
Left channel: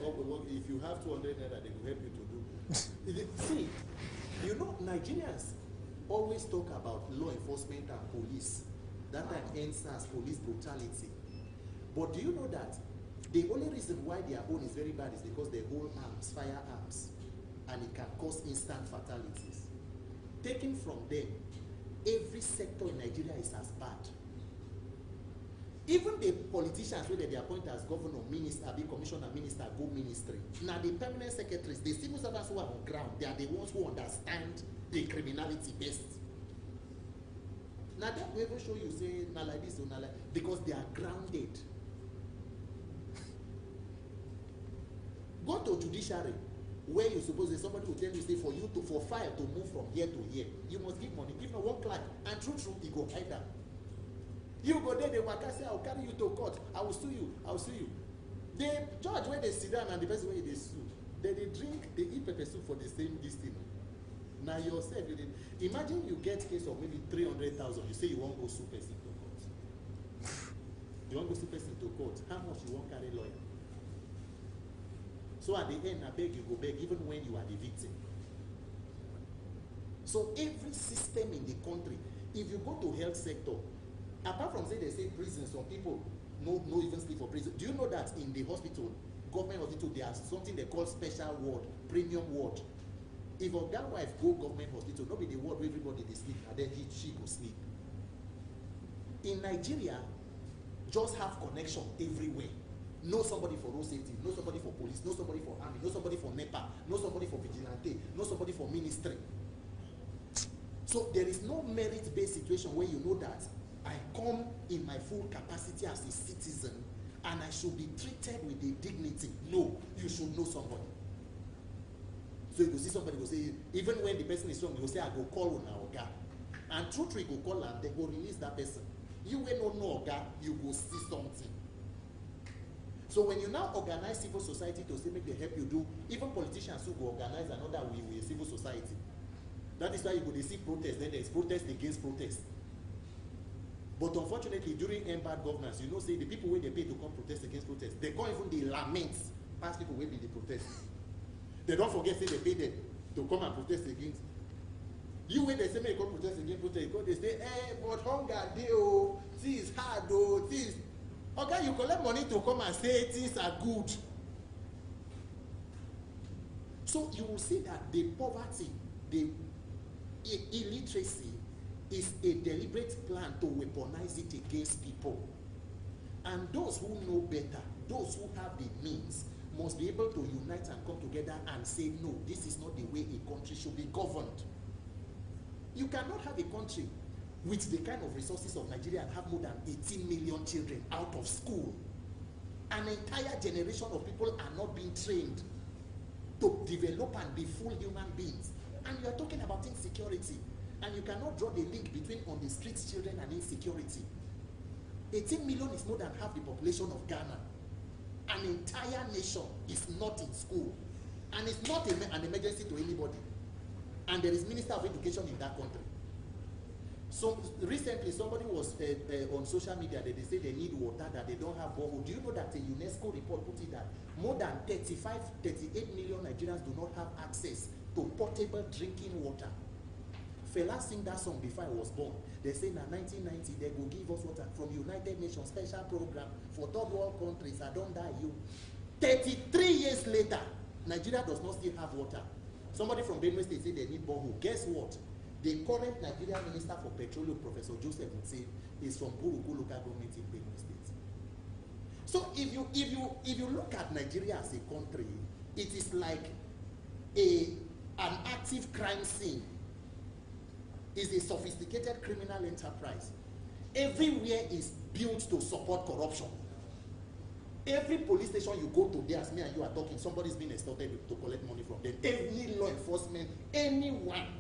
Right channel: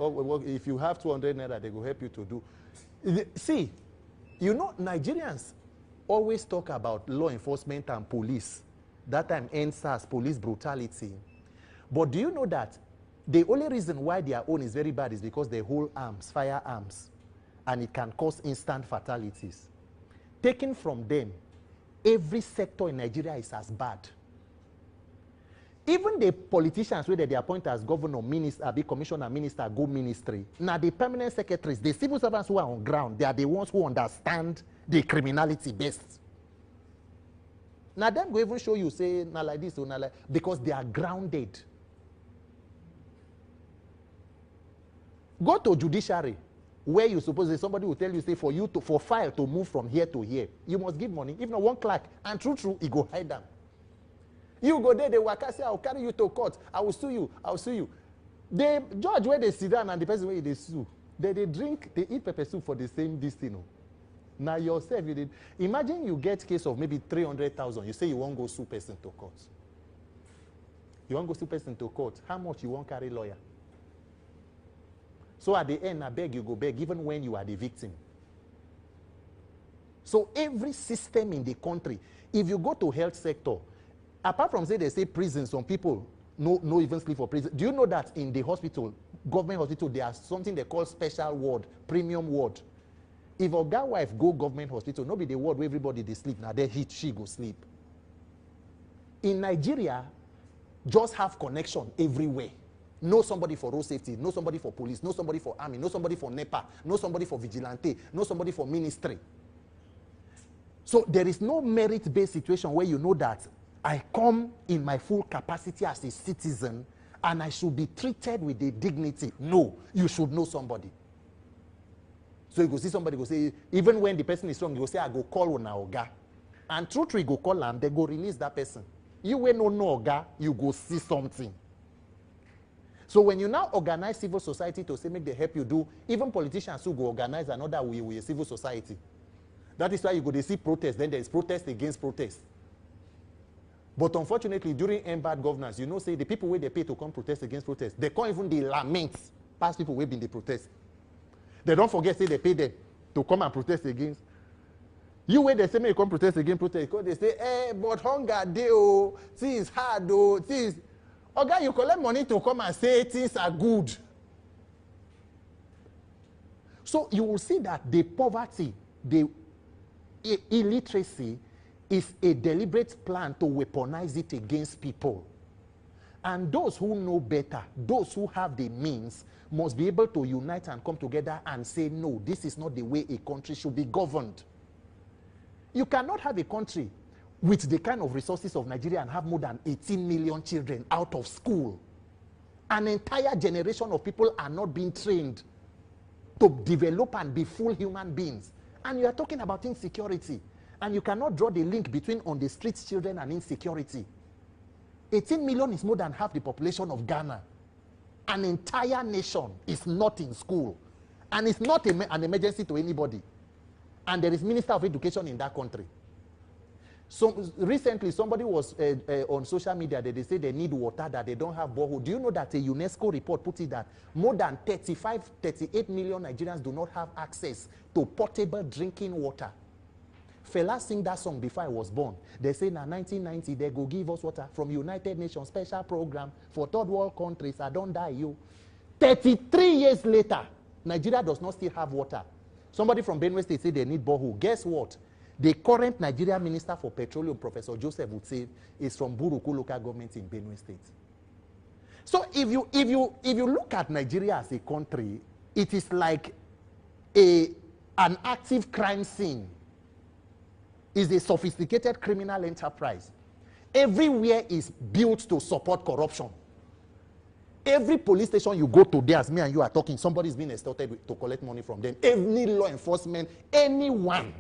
If you have 200 naira, they will help you to do. See, you know, Nigerians always talk about law enforcement and police. That time NSAS, police brutality. But do you know that the only reason why their own is very bad is because they hold arms, firearms, and it can cause instant fatalities. Taken from them, every sector in Nigeria is as bad. Even the politicians, whether they appoint as governor, minister, be commissioner, minister, go ministry. Now the permanent secretaries, the civil servants who are on ground, they are the ones who understand the criminality best. Now them go even show you, say, not like this or not like, because they are grounded. Go to judiciary, where you suppose somebody will tell you, say, for file to move from here to here, you must give money. If not one clerk, and true, he go hide them. You go there, they work, say, I will carry you to court. I will sue you. I will sue you. The judge where they sit down and the person where they sue, they eat pepper soup for the same destiny. Now yourself, imagine you get case of maybe 300,000. You say you won't go sue person to court. You want to go sue person to court. How much you want carry lawyer? So at the end, I beg you go beg, even when you are the victim. So every system in the country, if you go to health sector, apart from say they say prison, some people no even sleep for prison. Do you know that in the hospital, government hospital, there's something they call special ward, premium ward. If a guy wife go government hospital, no be the ward where everybody they sleep, now then she go sleep. In Nigeria, just have connection everywhere. Know somebody for road safety, know somebody for police, know somebody for army, know somebody for NEPA, know somebody for vigilante, know somebody for ministry. So there is no merit-based situation where you know that I come in my full capacity as a citizen and I should be treated with a dignity. No, you should know somebody. So you go see somebody, go say, even when the person is wrong, you go say, I go call on Oga. And true, go call them, they go release that person. You will no Oga, you go see something. So when you now organize civil society to say make they help you do, even politicians who go organize another way with a civil society. That is why you go to see protest, then there's protest against protest. But unfortunately, during bad governance, you know, say the people where they pay to come protest against protest, they can't even the lament past people who been the protest. They don't forget, say they pay them to come and protest against. You where they say may come protest against protest, they say, but hunger day, oh, things hard, oh, things. Okay, you collect money to come and say things are good. So you will see that the poverty, the illiteracy is a deliberate plan to weaponize it against people. And those who know better, those who have the means, must be able to unite and come together and say, no, this is not the way a country should be governed. You cannot have a country with the kind of resources of Nigeria and have more than 18 million children out of school. An entire generation of people are not being trained to develop and be full human beings. And you are talking about insecurity. And you cannot draw the link between on the streets children and insecurity. 18 million is more than half the population of Ghana. An entire nation is not in school. And it's not an emergency to anybody. And there is Minister of Education in that country. So recently, somebody was on social media that they say they need water, that they don't have borehole. Do you know that a UNESCO report put it that more than 38 million Nigerians do not have access to portable drinking water? Fela sing that song before I was born. They say now 1990 they go give us water from United Nations special program for third world countries. I don't die you. 33 years later, Nigeria does not still have water. Somebody from Benue State say they need borehole. Guess what? The current Nigerian Minister for Petroleum, Professor Joseph would say, is from Buruku local government in Benue State. So if you look at Nigeria as a country, it is like an active crime scene. Is a sophisticated criminal enterprise. Everywhere is built to support corruption. Every police station you go to, there, as me and you are talking, somebody is being extorted to collect money from them. Any law enforcement, anyone,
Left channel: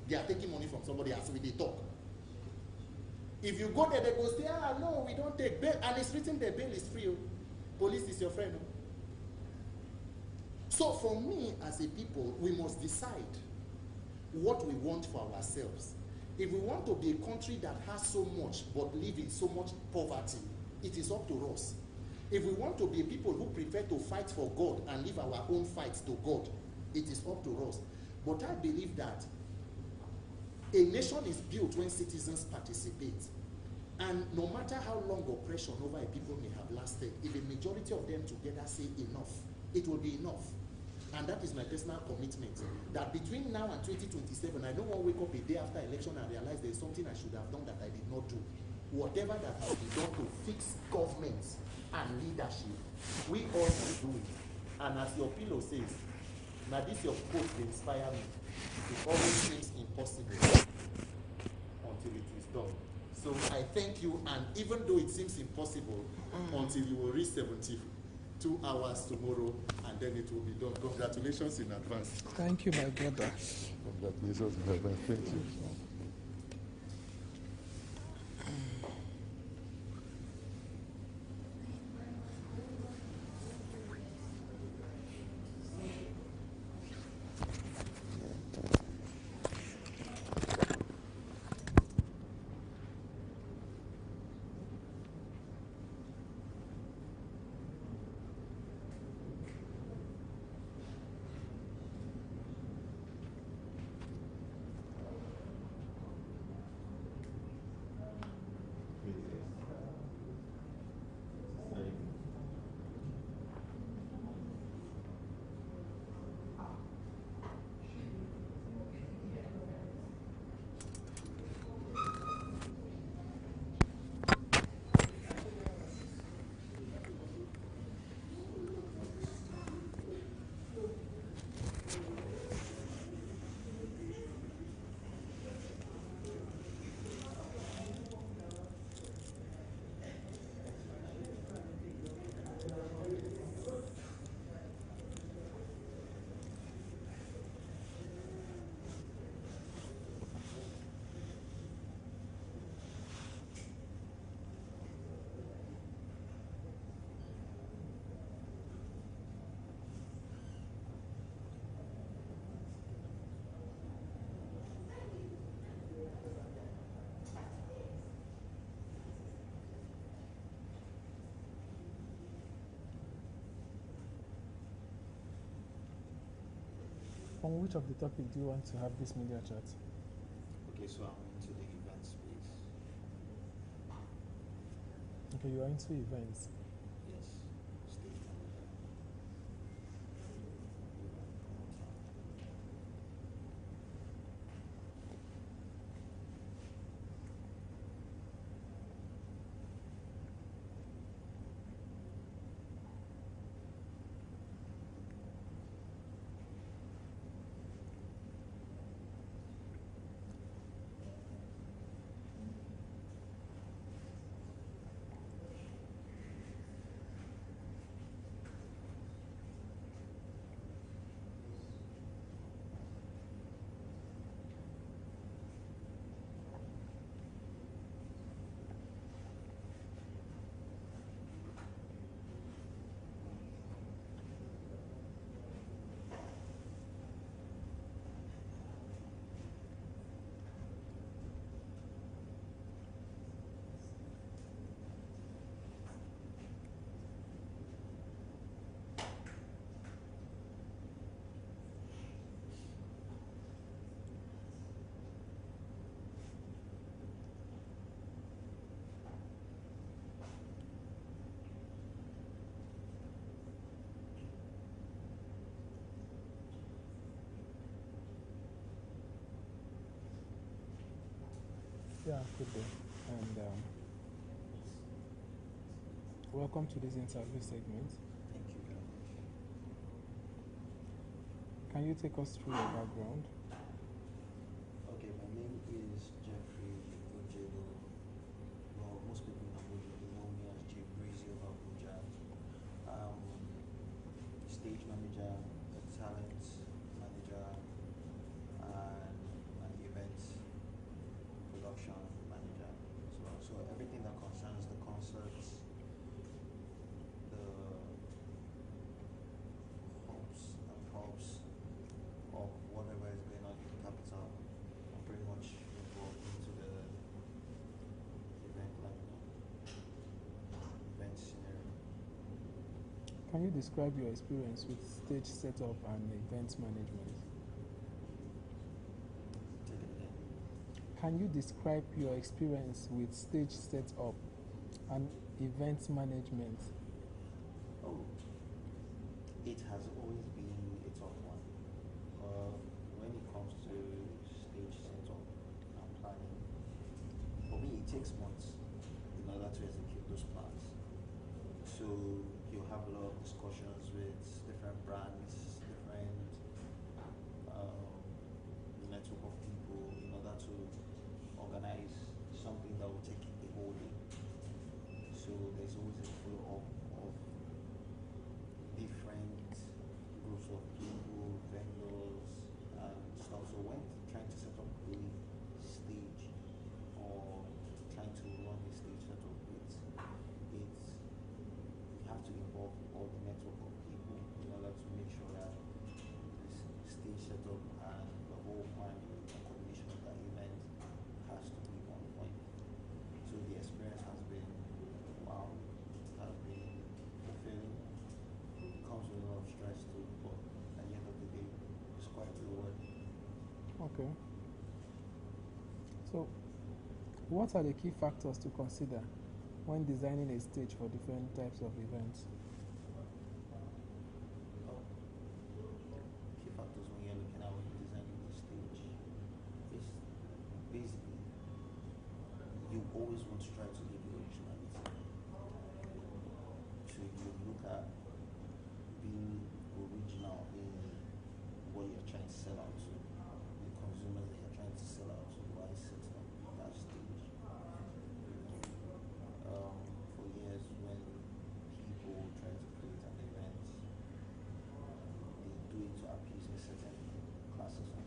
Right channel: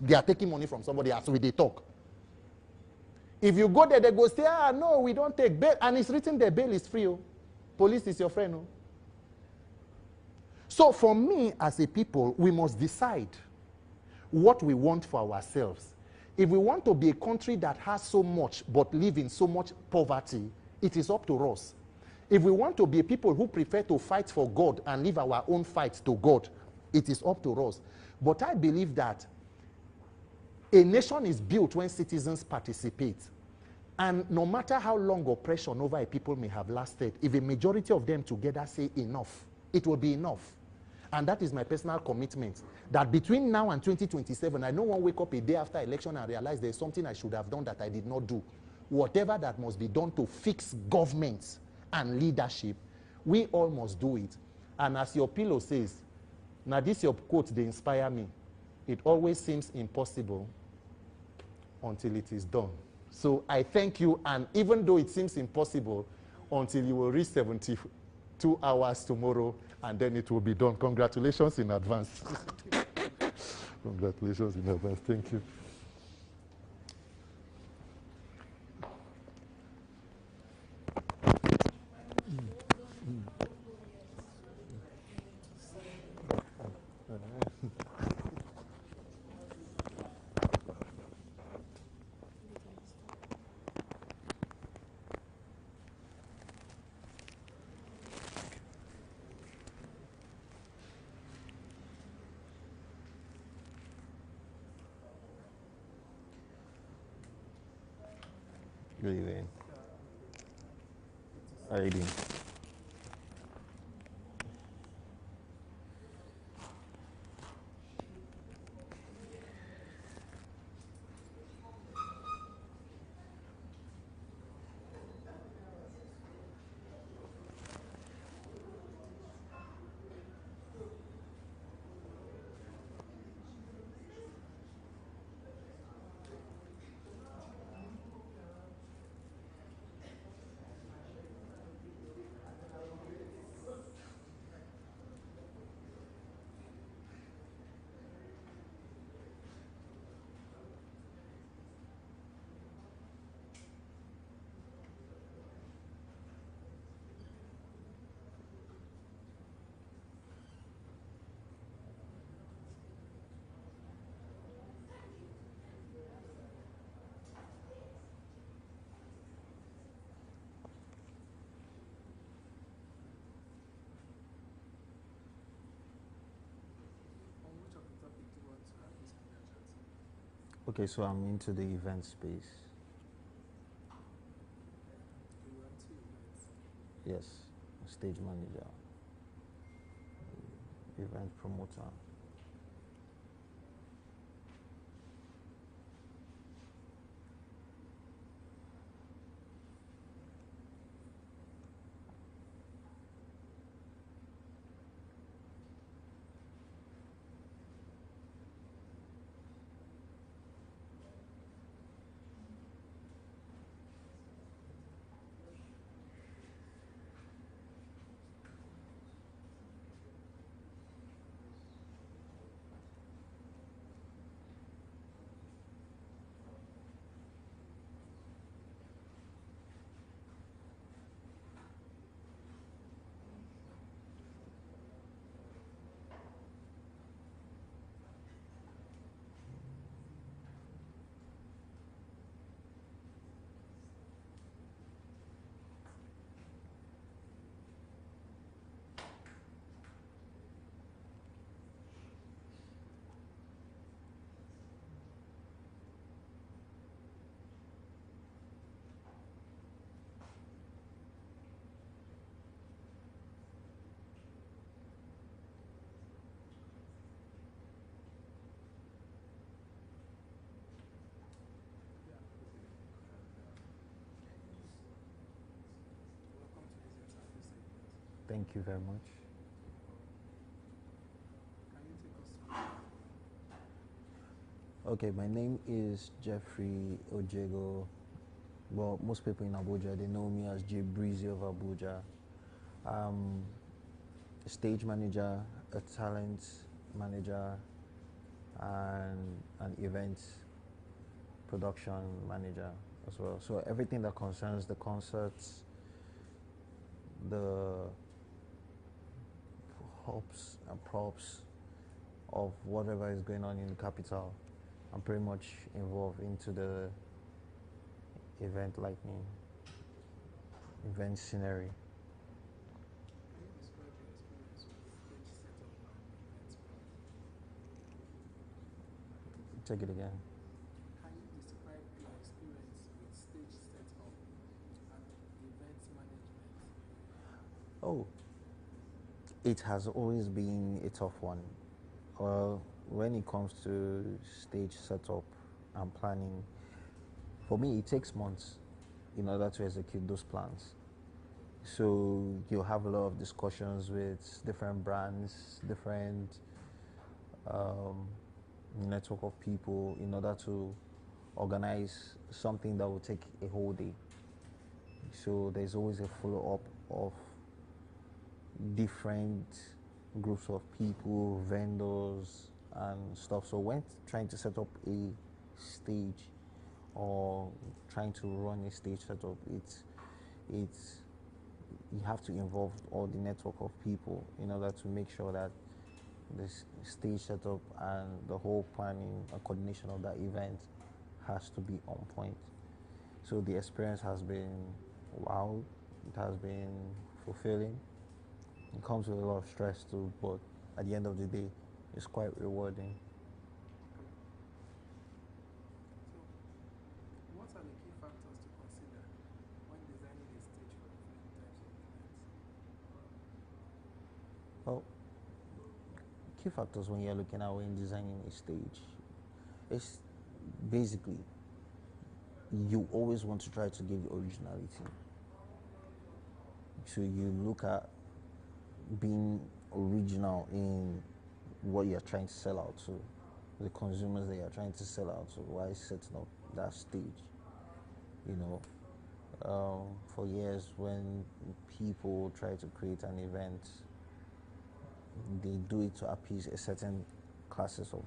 they are taking money from somebody as we they talk. If you go there, they go say, no, we don't take bail. And it's written there, bail is free. Oh. Police is your friend. Oh. So for me, as a people, we must decide what we want for ourselves. If we want to be a country that has so much but live in so much poverty, it is up to us. If we want to be a people who prefer to fight for God and live our own fights to God, it is up to us. But I believe that a nation is built when citizens participate. And no matter how long oppression over a people may have lasted, if a majority of them together say enough, it will be enough. And that is my personal commitment, that between now and 2027, I don't want to wake up a day after election and realize there's something I should have done that I did not do. Whatever that must be done to fix governments and leadership, we all must do it. And as your pillow says, now this your quote, they inspire me. It always seems impossible until it is done. So I thank you, and even though it seems impossible, until you will reach 72 hours tomorrow, and then it will be done. Congratulations in advance. Thank you, my brother. Congratulations in advance. Thank you. How are you doing? On which of the topic do you want to have this media chat? Okay, so I'm into the event space. Okay, you are into events. Yes, stage manager, event promoter. Yeah, good day. And welcome to this interview segment. Thank you very much. Can you take us through your background? Okay, my name is Jeffrey Ojego. Well, most people in Abuja, they know me as J Breezy of Abuja. A stage manager, a talent manager, and an event production manager as well. So everything that concerns the concerts, the hopes and props of whatever is going on in the capital, I'm pretty much involved into the event lightning, event scenery. Can you describe your experience with stage setup and event management? Take it again. Can you describe your experience with stage setup and event management? Oh, it has always been a tough one. When it comes to stage setup and planning, for me, it takes months in order to execute those plans. So you'll have a lot of discussions with different brands, different network of people in order to organize something that will take a whole day. So there's always a follow-up of different groups of people, vendors, and stuff. So when trying to set up a stage or trying to run a stage setup, it's you have to involve all the network of people in order to make sure that the stage setup and the whole planning and coordination of that event has to be on point. So the experience has been wow, it has been fulfilling. It comes with a lot of stress too, but at the end of the day, it's quite rewarding. Okay. So, what are the key factors to consider when designing a stage for different types of events? Well, key factors when you're looking at when designing a stage is basically you always want to try to give originality. So you look at being original in what you're trying to sell out to, the consumers that you're trying to sell out to, while setting up that stage. You know, for years when people try to create an event, they do it to appease a certain classes of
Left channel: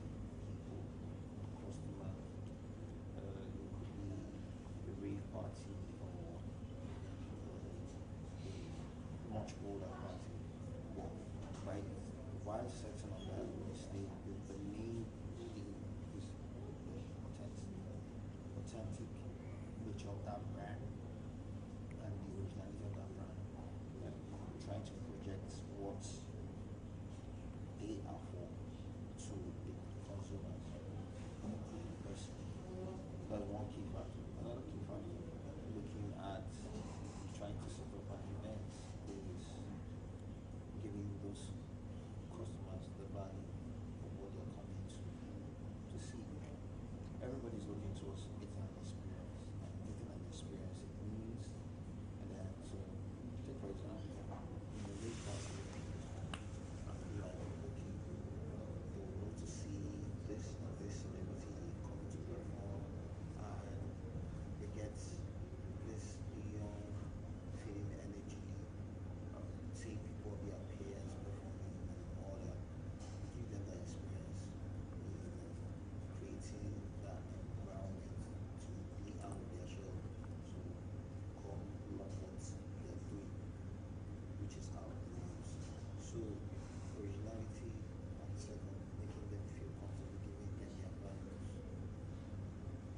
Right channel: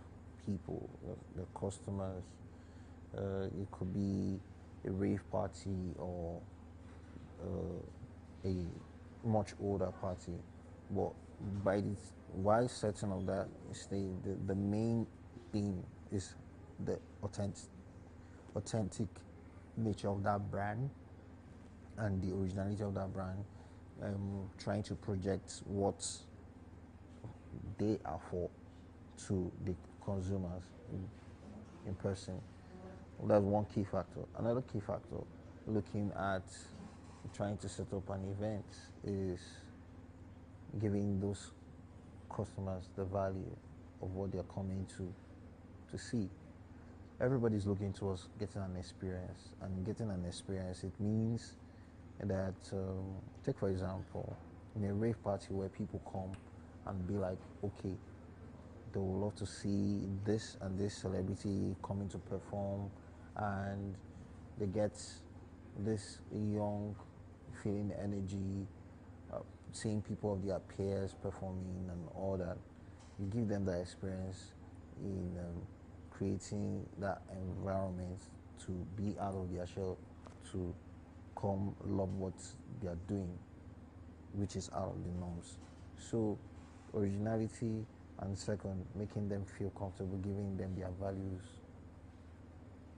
people, the customers. It could be a rave party or a much older party. But by this, while setting up that stage, the main theme is the authentic nature of that brand and the originality of that brand, trying to project what they are for to the consumers in person. That's one key factor. Another key factor, looking at trying to set up an event, is giving those customers the value of what they're coming to see. Everybody's looking towards getting an experience, and getting an experience, it means that, take for example, in a rave party where people come and be like, okay, they would love to see this and this celebrity coming to perform, and they get this young feeling energy, seeing people of their peers performing and all that. You give them that experience in creating that environment to be out of their shell, to come love what they are doing, which is out of the norms. So originality, and second, making them feel comfortable, giving them their values,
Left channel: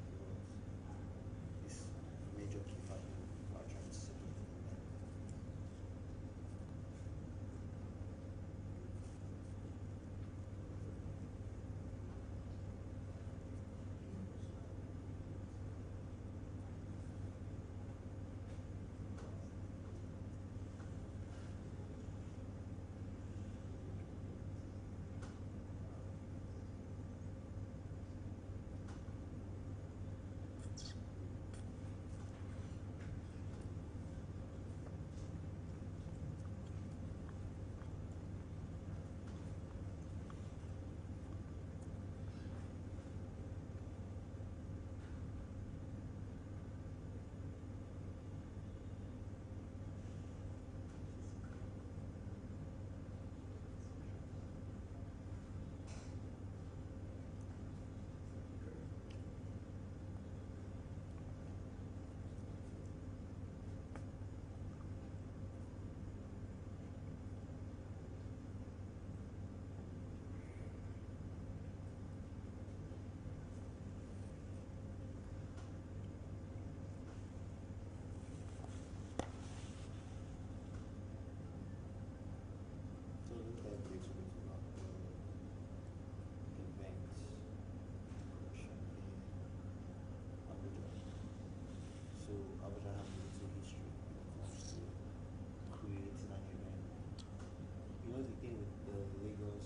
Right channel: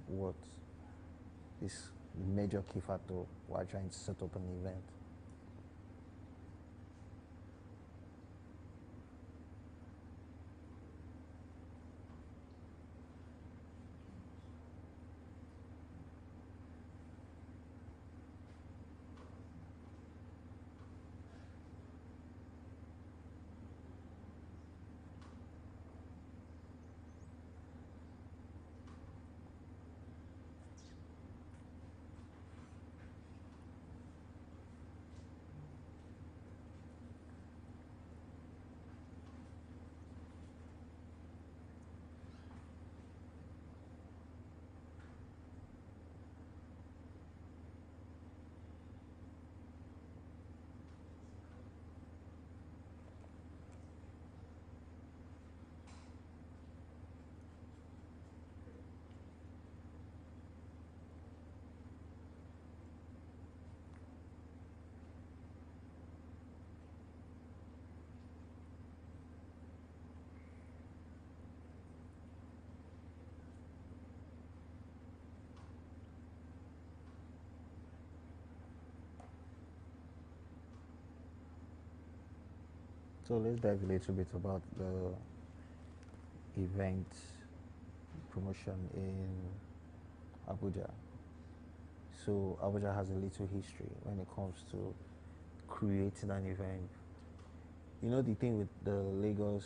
what is a major key factor while trying to set up an event. So let's dive a little bit about the event promotion in Abuja. So Abuja has a little history when it comes to creating an event. You know, the thing with the Lagos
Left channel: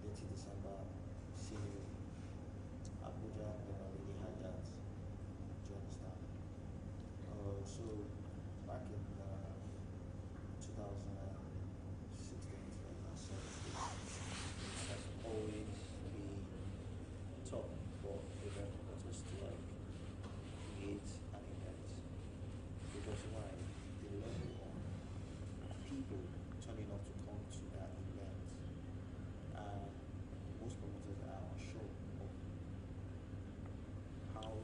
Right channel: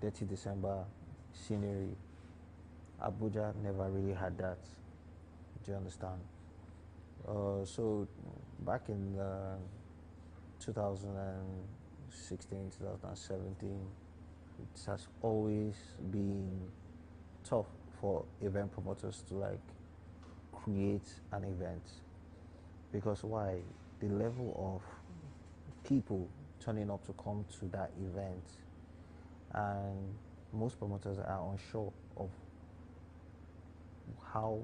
Dirty December scenery, Abuja never really had that. Do you understand? So back in 2016, 2017, it has always been tough for event promoters to like create an event, because why? The level of people turning up to come to that event, and most promoters are unsure of how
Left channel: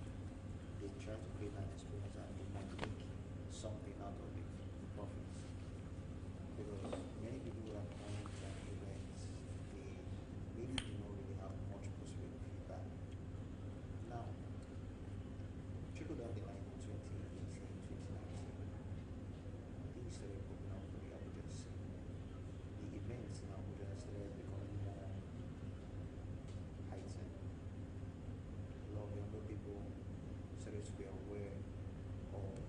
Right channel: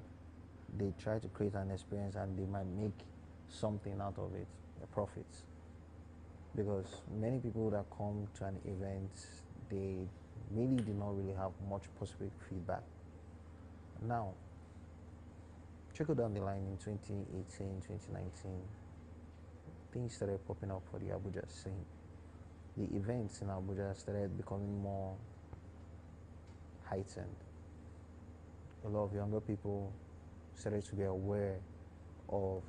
they try to create an experience, and they might make something out of it, a profit. Because many people that come to an event, they maybe do not really have much positive feedback. Now, trickle down the line in 2018, 2019, things started popping up for the Abuja scene. The events in Abuja started becoming more heightened. A lot of younger people started to be aware of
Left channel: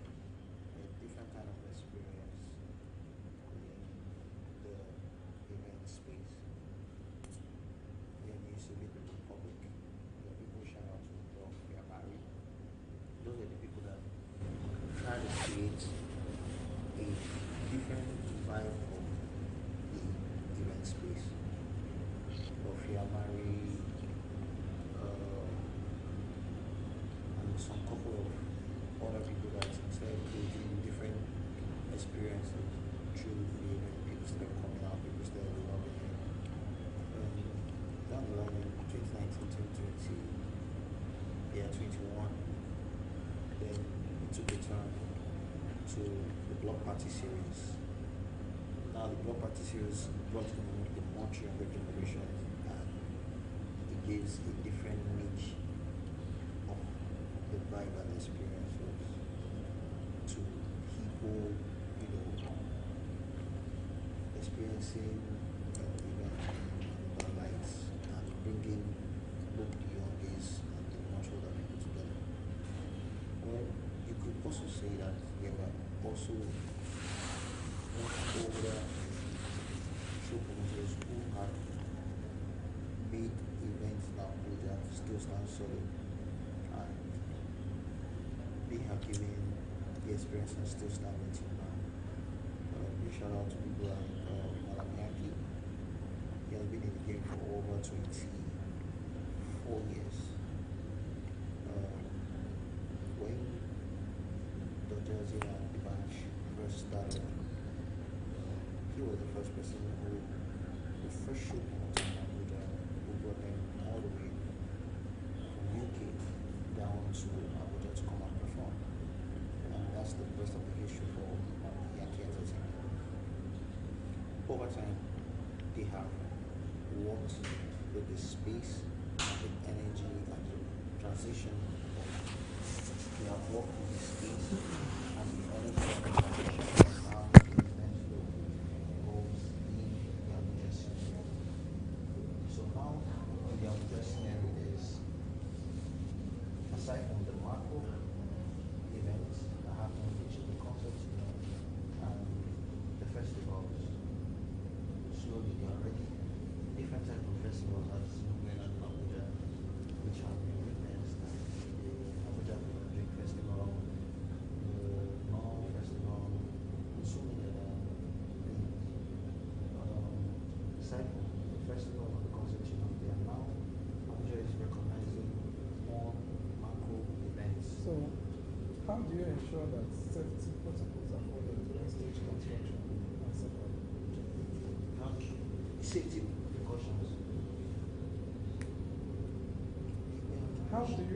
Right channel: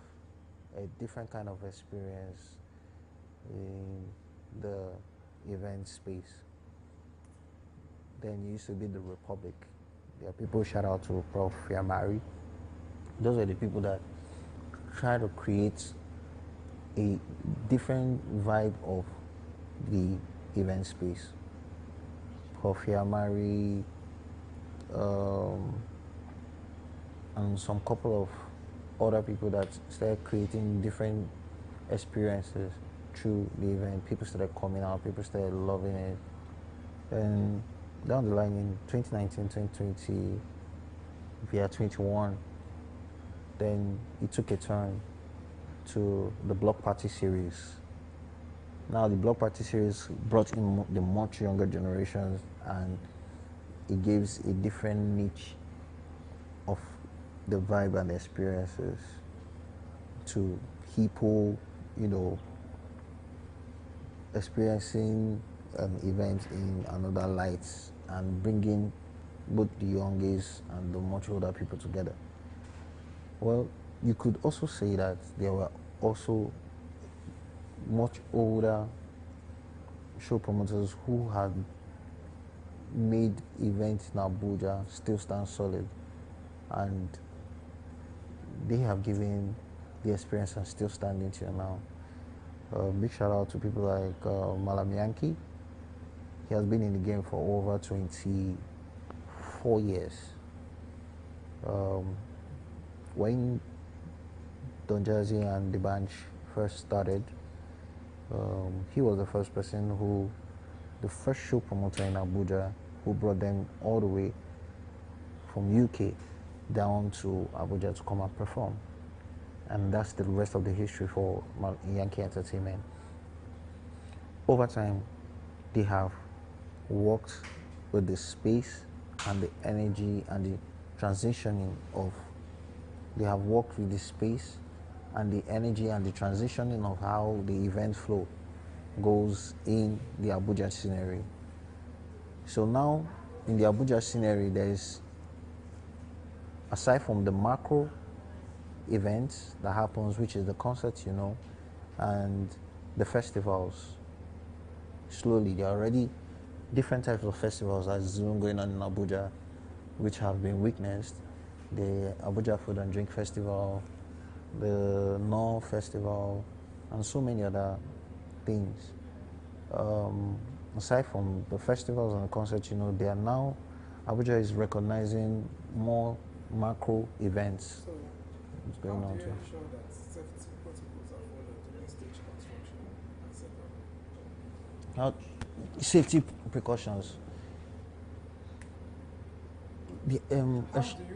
a different kind of experience in the event space. Then it used to be the Republic. Yeah, people shout out to Prof. Yamari. Those are the people that try to create a different vibe of the event space. Prof. Yamari, and some couple of other people that started creating different experiences through the event. People started coming out, people started loving it. And down the line in 2019, 2020, yeah, 21, then it took a turn to the Block Party series. Now the Block Party series brought in the much younger generations, and it gives a different niche of the vibe and experiences to people, you know, experiencing an event in another light and bringing both the youngest and the much older people together. Well, you could also say that there were also much older show promoters who had made events in Abuja still stand solid, and they have given the experience and still standing till now. Big shout out to people like Malam Yankee. He has been in the game for over 24 years. When Don Jazzy and the Banj first started, he was the first person the first show promoter in Abuja, who brought them all the way from UK down to Abuja to come and perform. And that's the rest of the history for Yankee Entertainment. Over time, they have worked with the space and the energy and the transitioning of, they have worked with the space and the energy and the transitioning of how the event flow goes in the Abuja scenery. So now, in the Abuja scenery, there is, aside from the macro events that happens, which is the concerts, you know, and the festivals, slowly there are already different types of festivals as going on in Abuja, which have been witnessed. The Abuja Food and Drink Festival, the North Festival, and so many other things. Aside from the festivals and the concerts, you know, they are now, Abuja is recognizing more macro events. So, how do you ensure that safety protocols are followed during stage construction and setup? How safety precautions. How do you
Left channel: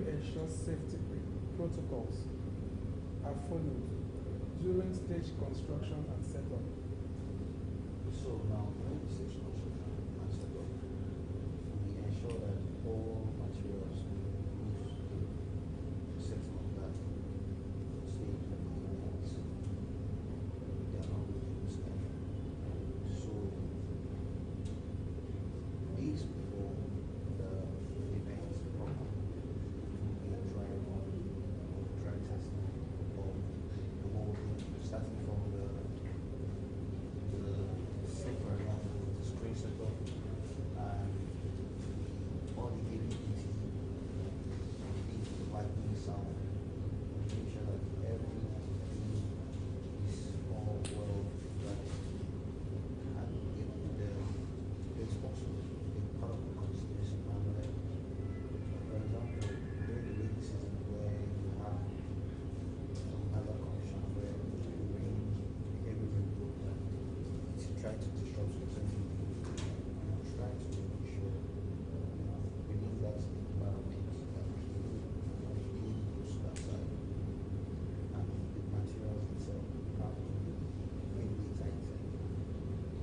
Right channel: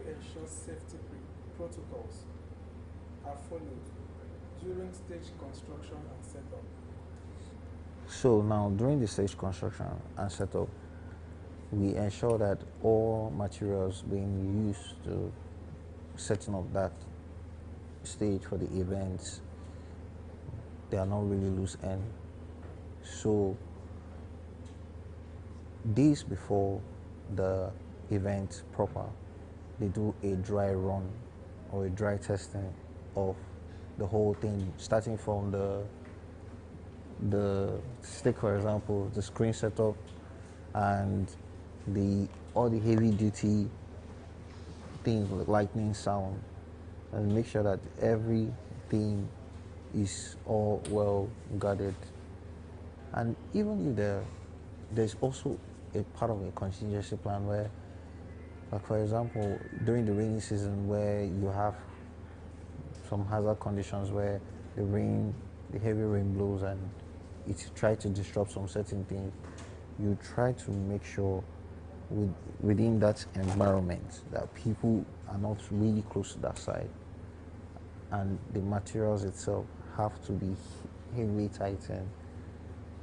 ensure safety protocols are followed during stage construction and setup? So now, during the stage construction and setup, we ensure that all materials being used to setting up that stage for the events, they are not really loose end. So days before the event proper, they do a dry run or a dry testing of the whole thing, starting from the stick, for example, the screen setup and all the heavy duty things like lightning, sound, and make sure that everything is all well guarded. And even if there's also a part of a contingency plan where, like for example, during the rainy season where you have some hazard conditions where the heavy rain blows and it tries to disrupt some certain things, you try to make sure within that environment that people are not really close to that side, and the materials itself have to be heavily tightened,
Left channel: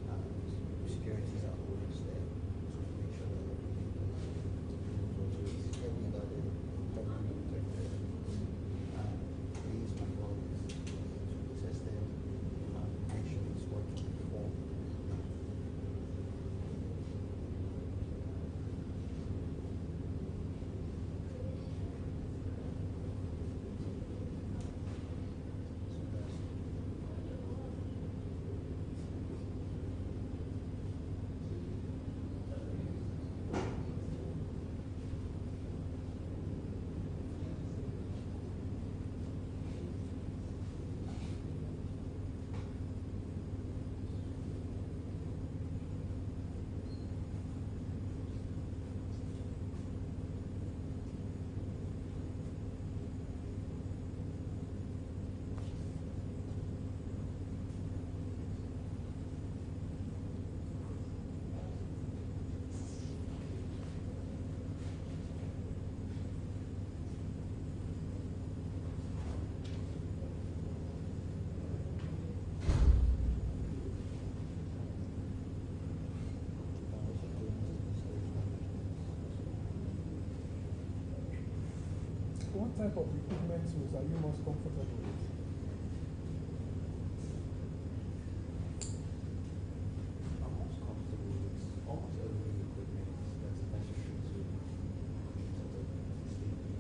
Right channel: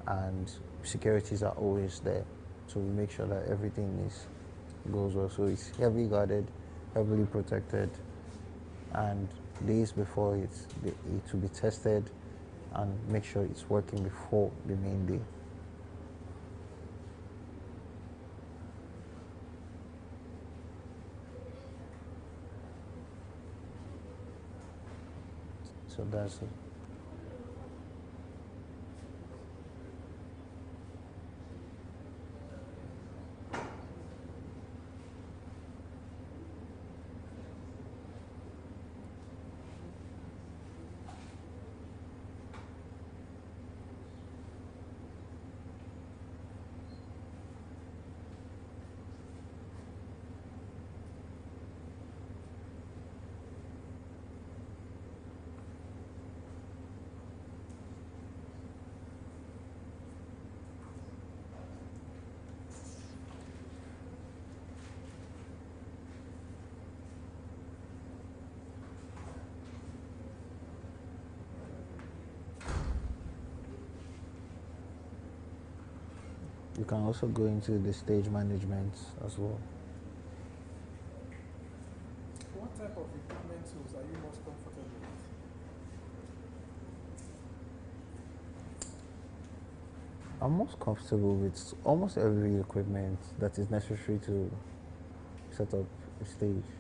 and securities are always there to make sure that everything goes well. So it's heavily guarded, heavily protected, and days before it will be tested and make sure it's working before the main day. So that's it. You can also go into the stage management as well. What type of equipment tools are you most comfortable with? I'm most comfortable with almost every equipment that is necessary to set up a stage.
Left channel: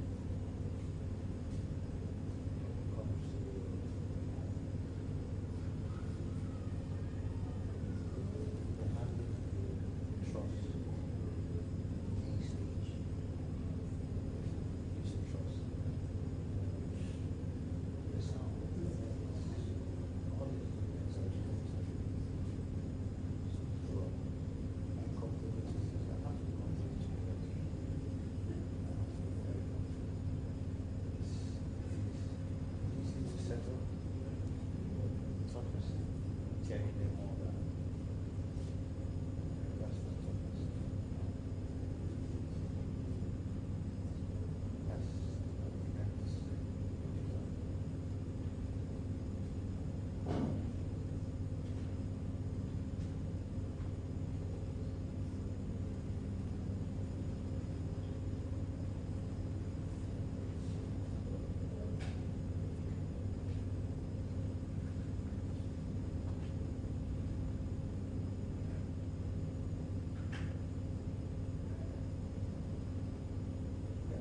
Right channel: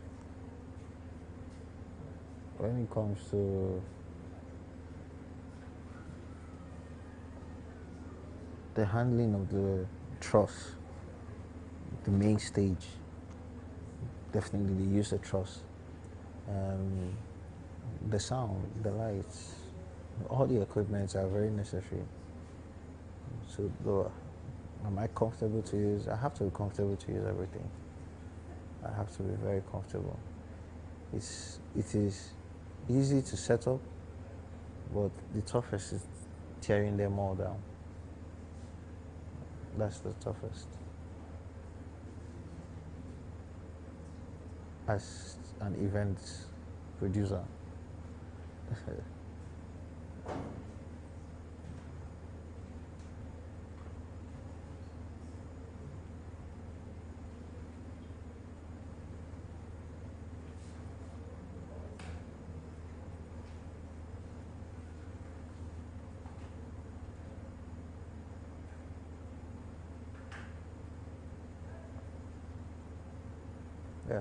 When it comes to the handling of the truss, the main stage, definitely use the truss. The sound, the lights, all the equipments are very necessary. So, am I comfortable to use? I have to be comfortable to use everything. I have to be very comfortable. It is easy to set up, but the toughest is tearing them all down. That's the toughest. As an event producer. Yeah.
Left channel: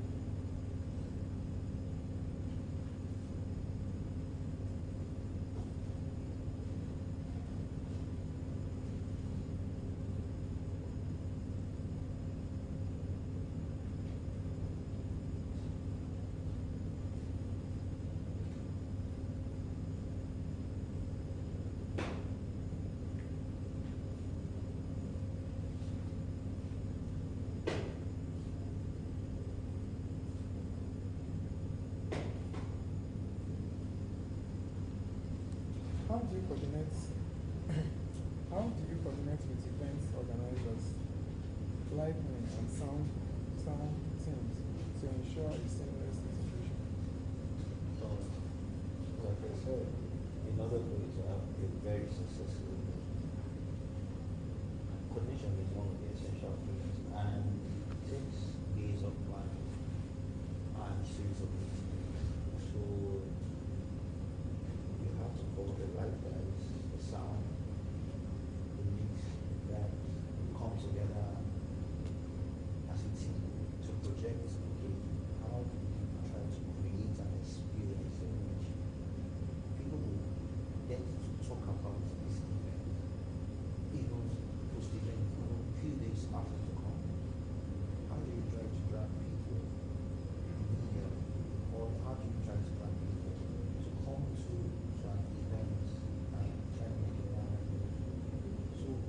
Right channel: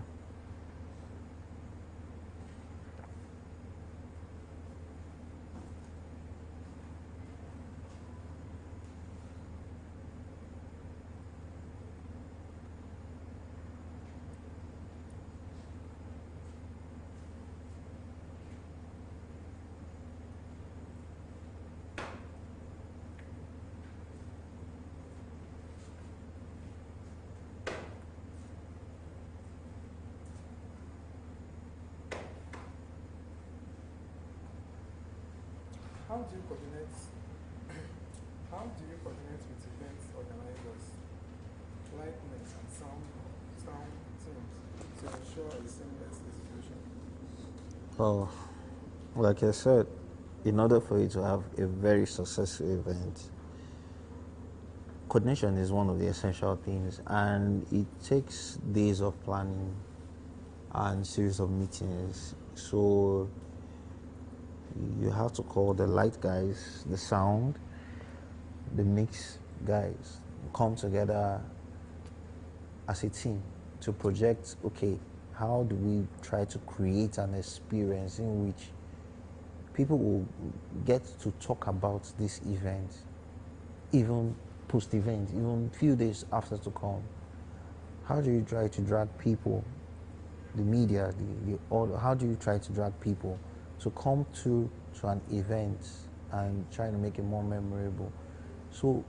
How do you coordinate? How do you coordinate with events organizers, lighting and sound teams to ensure a seamless execution? Well, like I said, in order for you to have a very successful event, coordination is one of the essential things, and it takes days of planning and series of meetings. So you have to call the light guys, the sound, the mix guys, come together as a team to project, okay, how do we try to create an experience in which people will get to talk about this event, even post-event, even few days after to come. How do you try to drag people, the media, how do you try to drag people to come to an event and try to make it more memorable? So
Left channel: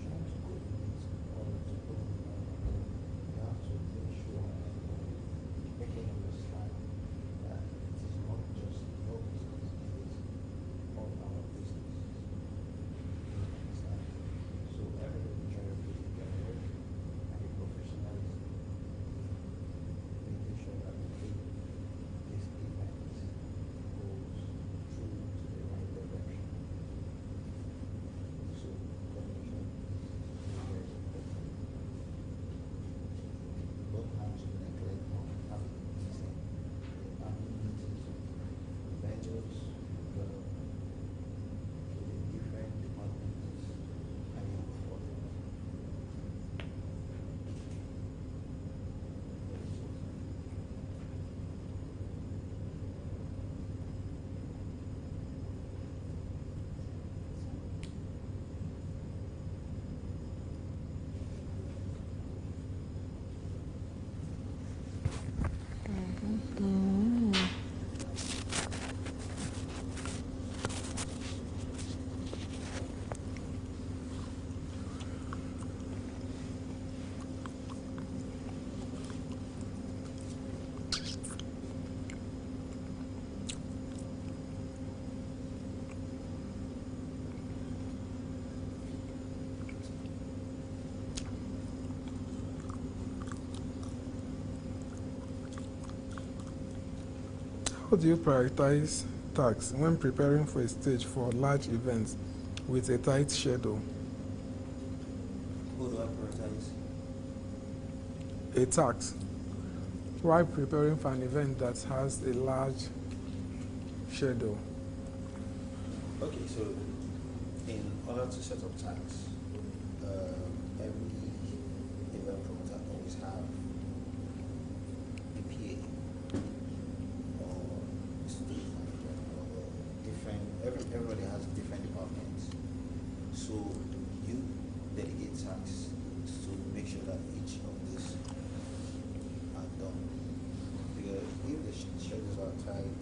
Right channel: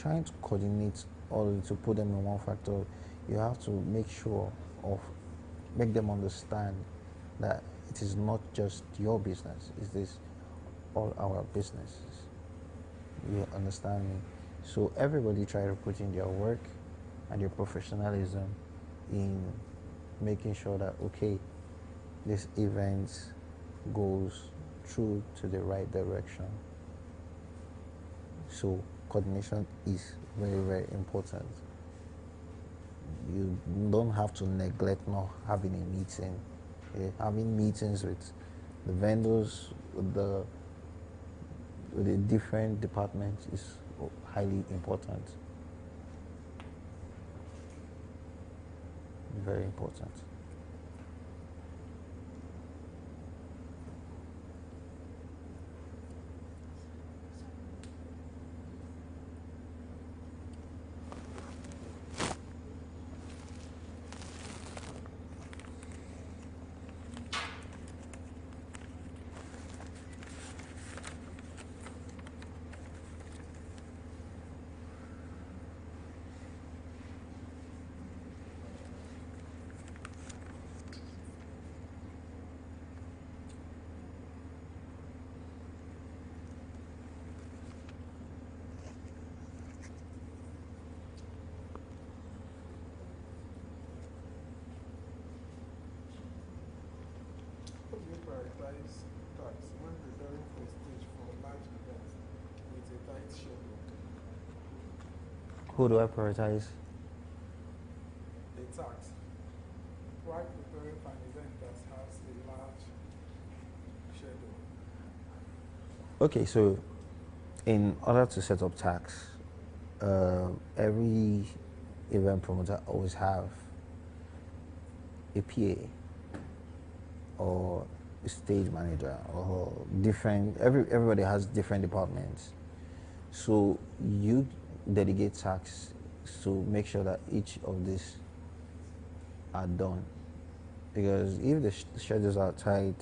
trying to coordinate all to put them in one factor, you have to make them understand that it is not just your business, it is all our businesses. You understand me? So everybody try to put in their work and their professionalism in making sure that, okay, this event goes through to the right direction. So coordination is very, very important. You don't have to neglect not having a meeting. Having meetings with the vendors, with the different departments is highly important. Very important. How do you prioritize tasks when preparing for a stage for large events with a tight schedule? Who do I prioritize? A task while preparing for an event that has a large schedule. Okay, so in order to set up tasks, every event promoter always have a PA or a stage manager or everybody has different departments. So you delegate tasks to make sure that each of these are done. Because if the schedules are tight,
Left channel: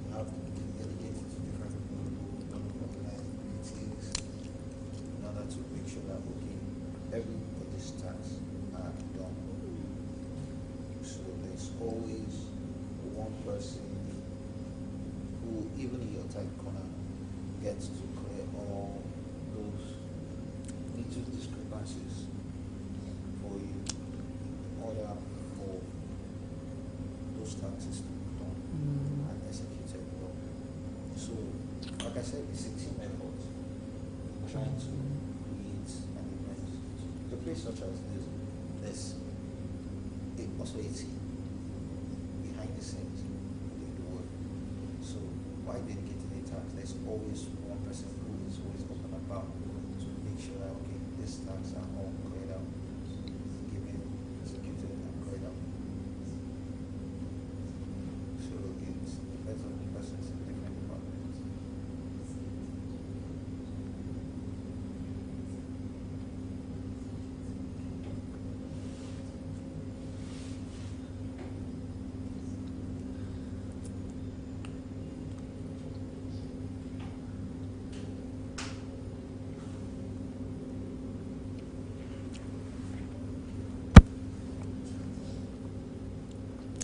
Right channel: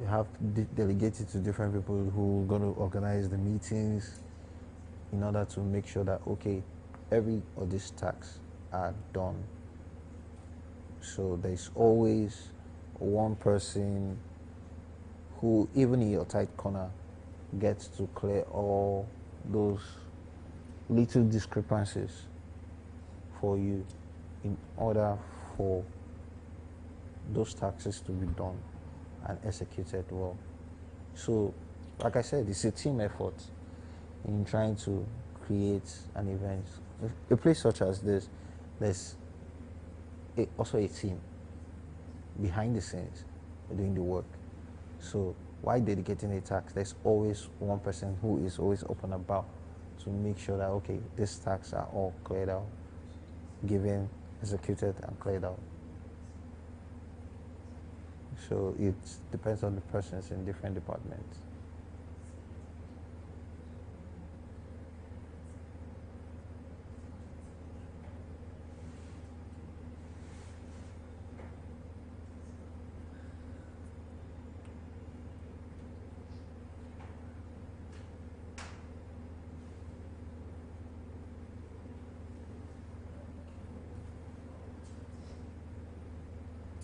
you have to delegate it to different people who are going to organize the meetings in order to make sure that, okay, every of these tasks are done. So there's always one person who, even in your tight corner, gets to clear all those little discrepancies for you in order for those taxes to be done and executed well. So, like I said, it's a team effort in trying to create an event. So a place such as this, there's also a team behind the scenes doing the work. So while dedicating a task, there's always one person who is always up and about to make sure that, okay, these tasks are all cleared out, given, executed, and cleared out. So it depends on the persons in different departments.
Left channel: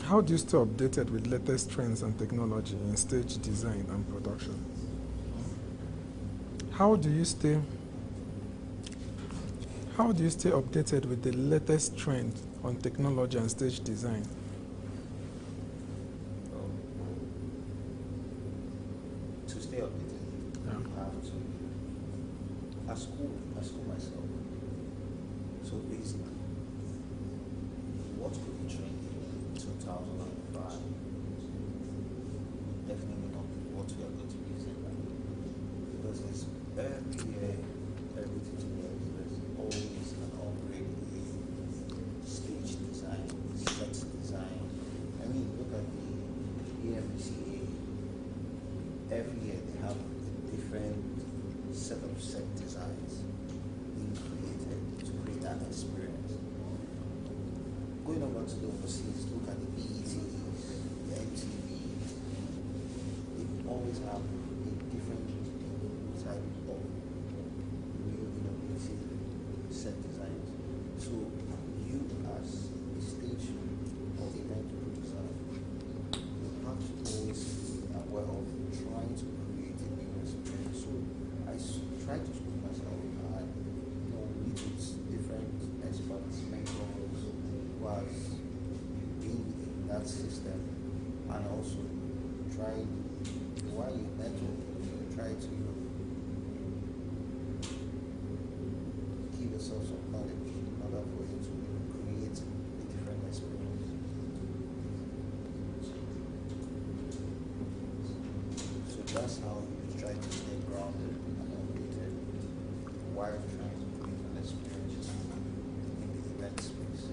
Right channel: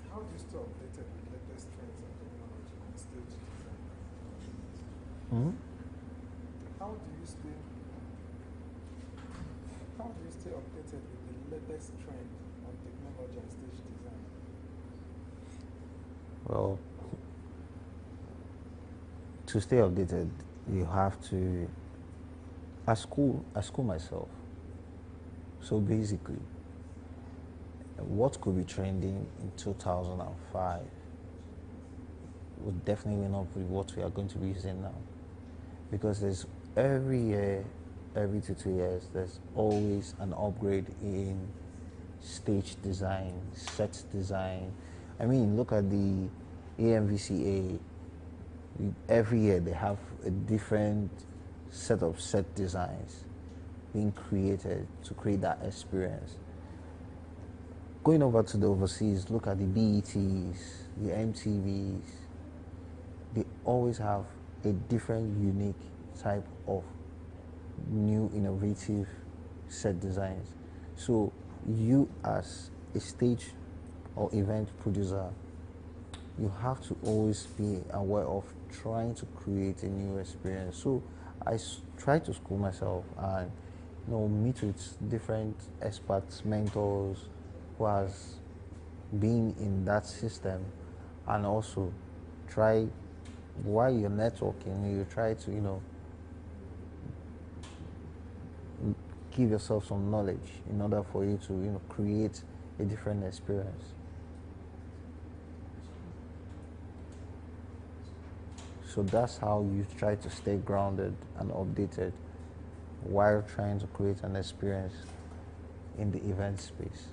How do you stay updated with latest trends and technology in stage design and production? How do you stay updated with the latest trend on technology and stage design? Well, to stay updated, you have to, I school myself. So basically, what could be trending in 2005 would definitely not be what we are going to be using now. Because there's every year, every 2 years, there's always an upgrade in stage design, set design. I mean, look at the AMVCA. Every year they have a different set of set designs being created to create that experience. Going over to the overseas, look at the BETs, the MTVs. They always have a different, unique type of new, innovative set designs. So you, as a stage or event producer, you have to always be aware of trying to create a new experience. So I try to school myself and meet with different experts, mentors who has been in that system, and also try, while you're networking, you try to give yourself some knowledge in order for you to create a different experience. So that's how you try to stay grounded and updated while trying to create an experience in the event space.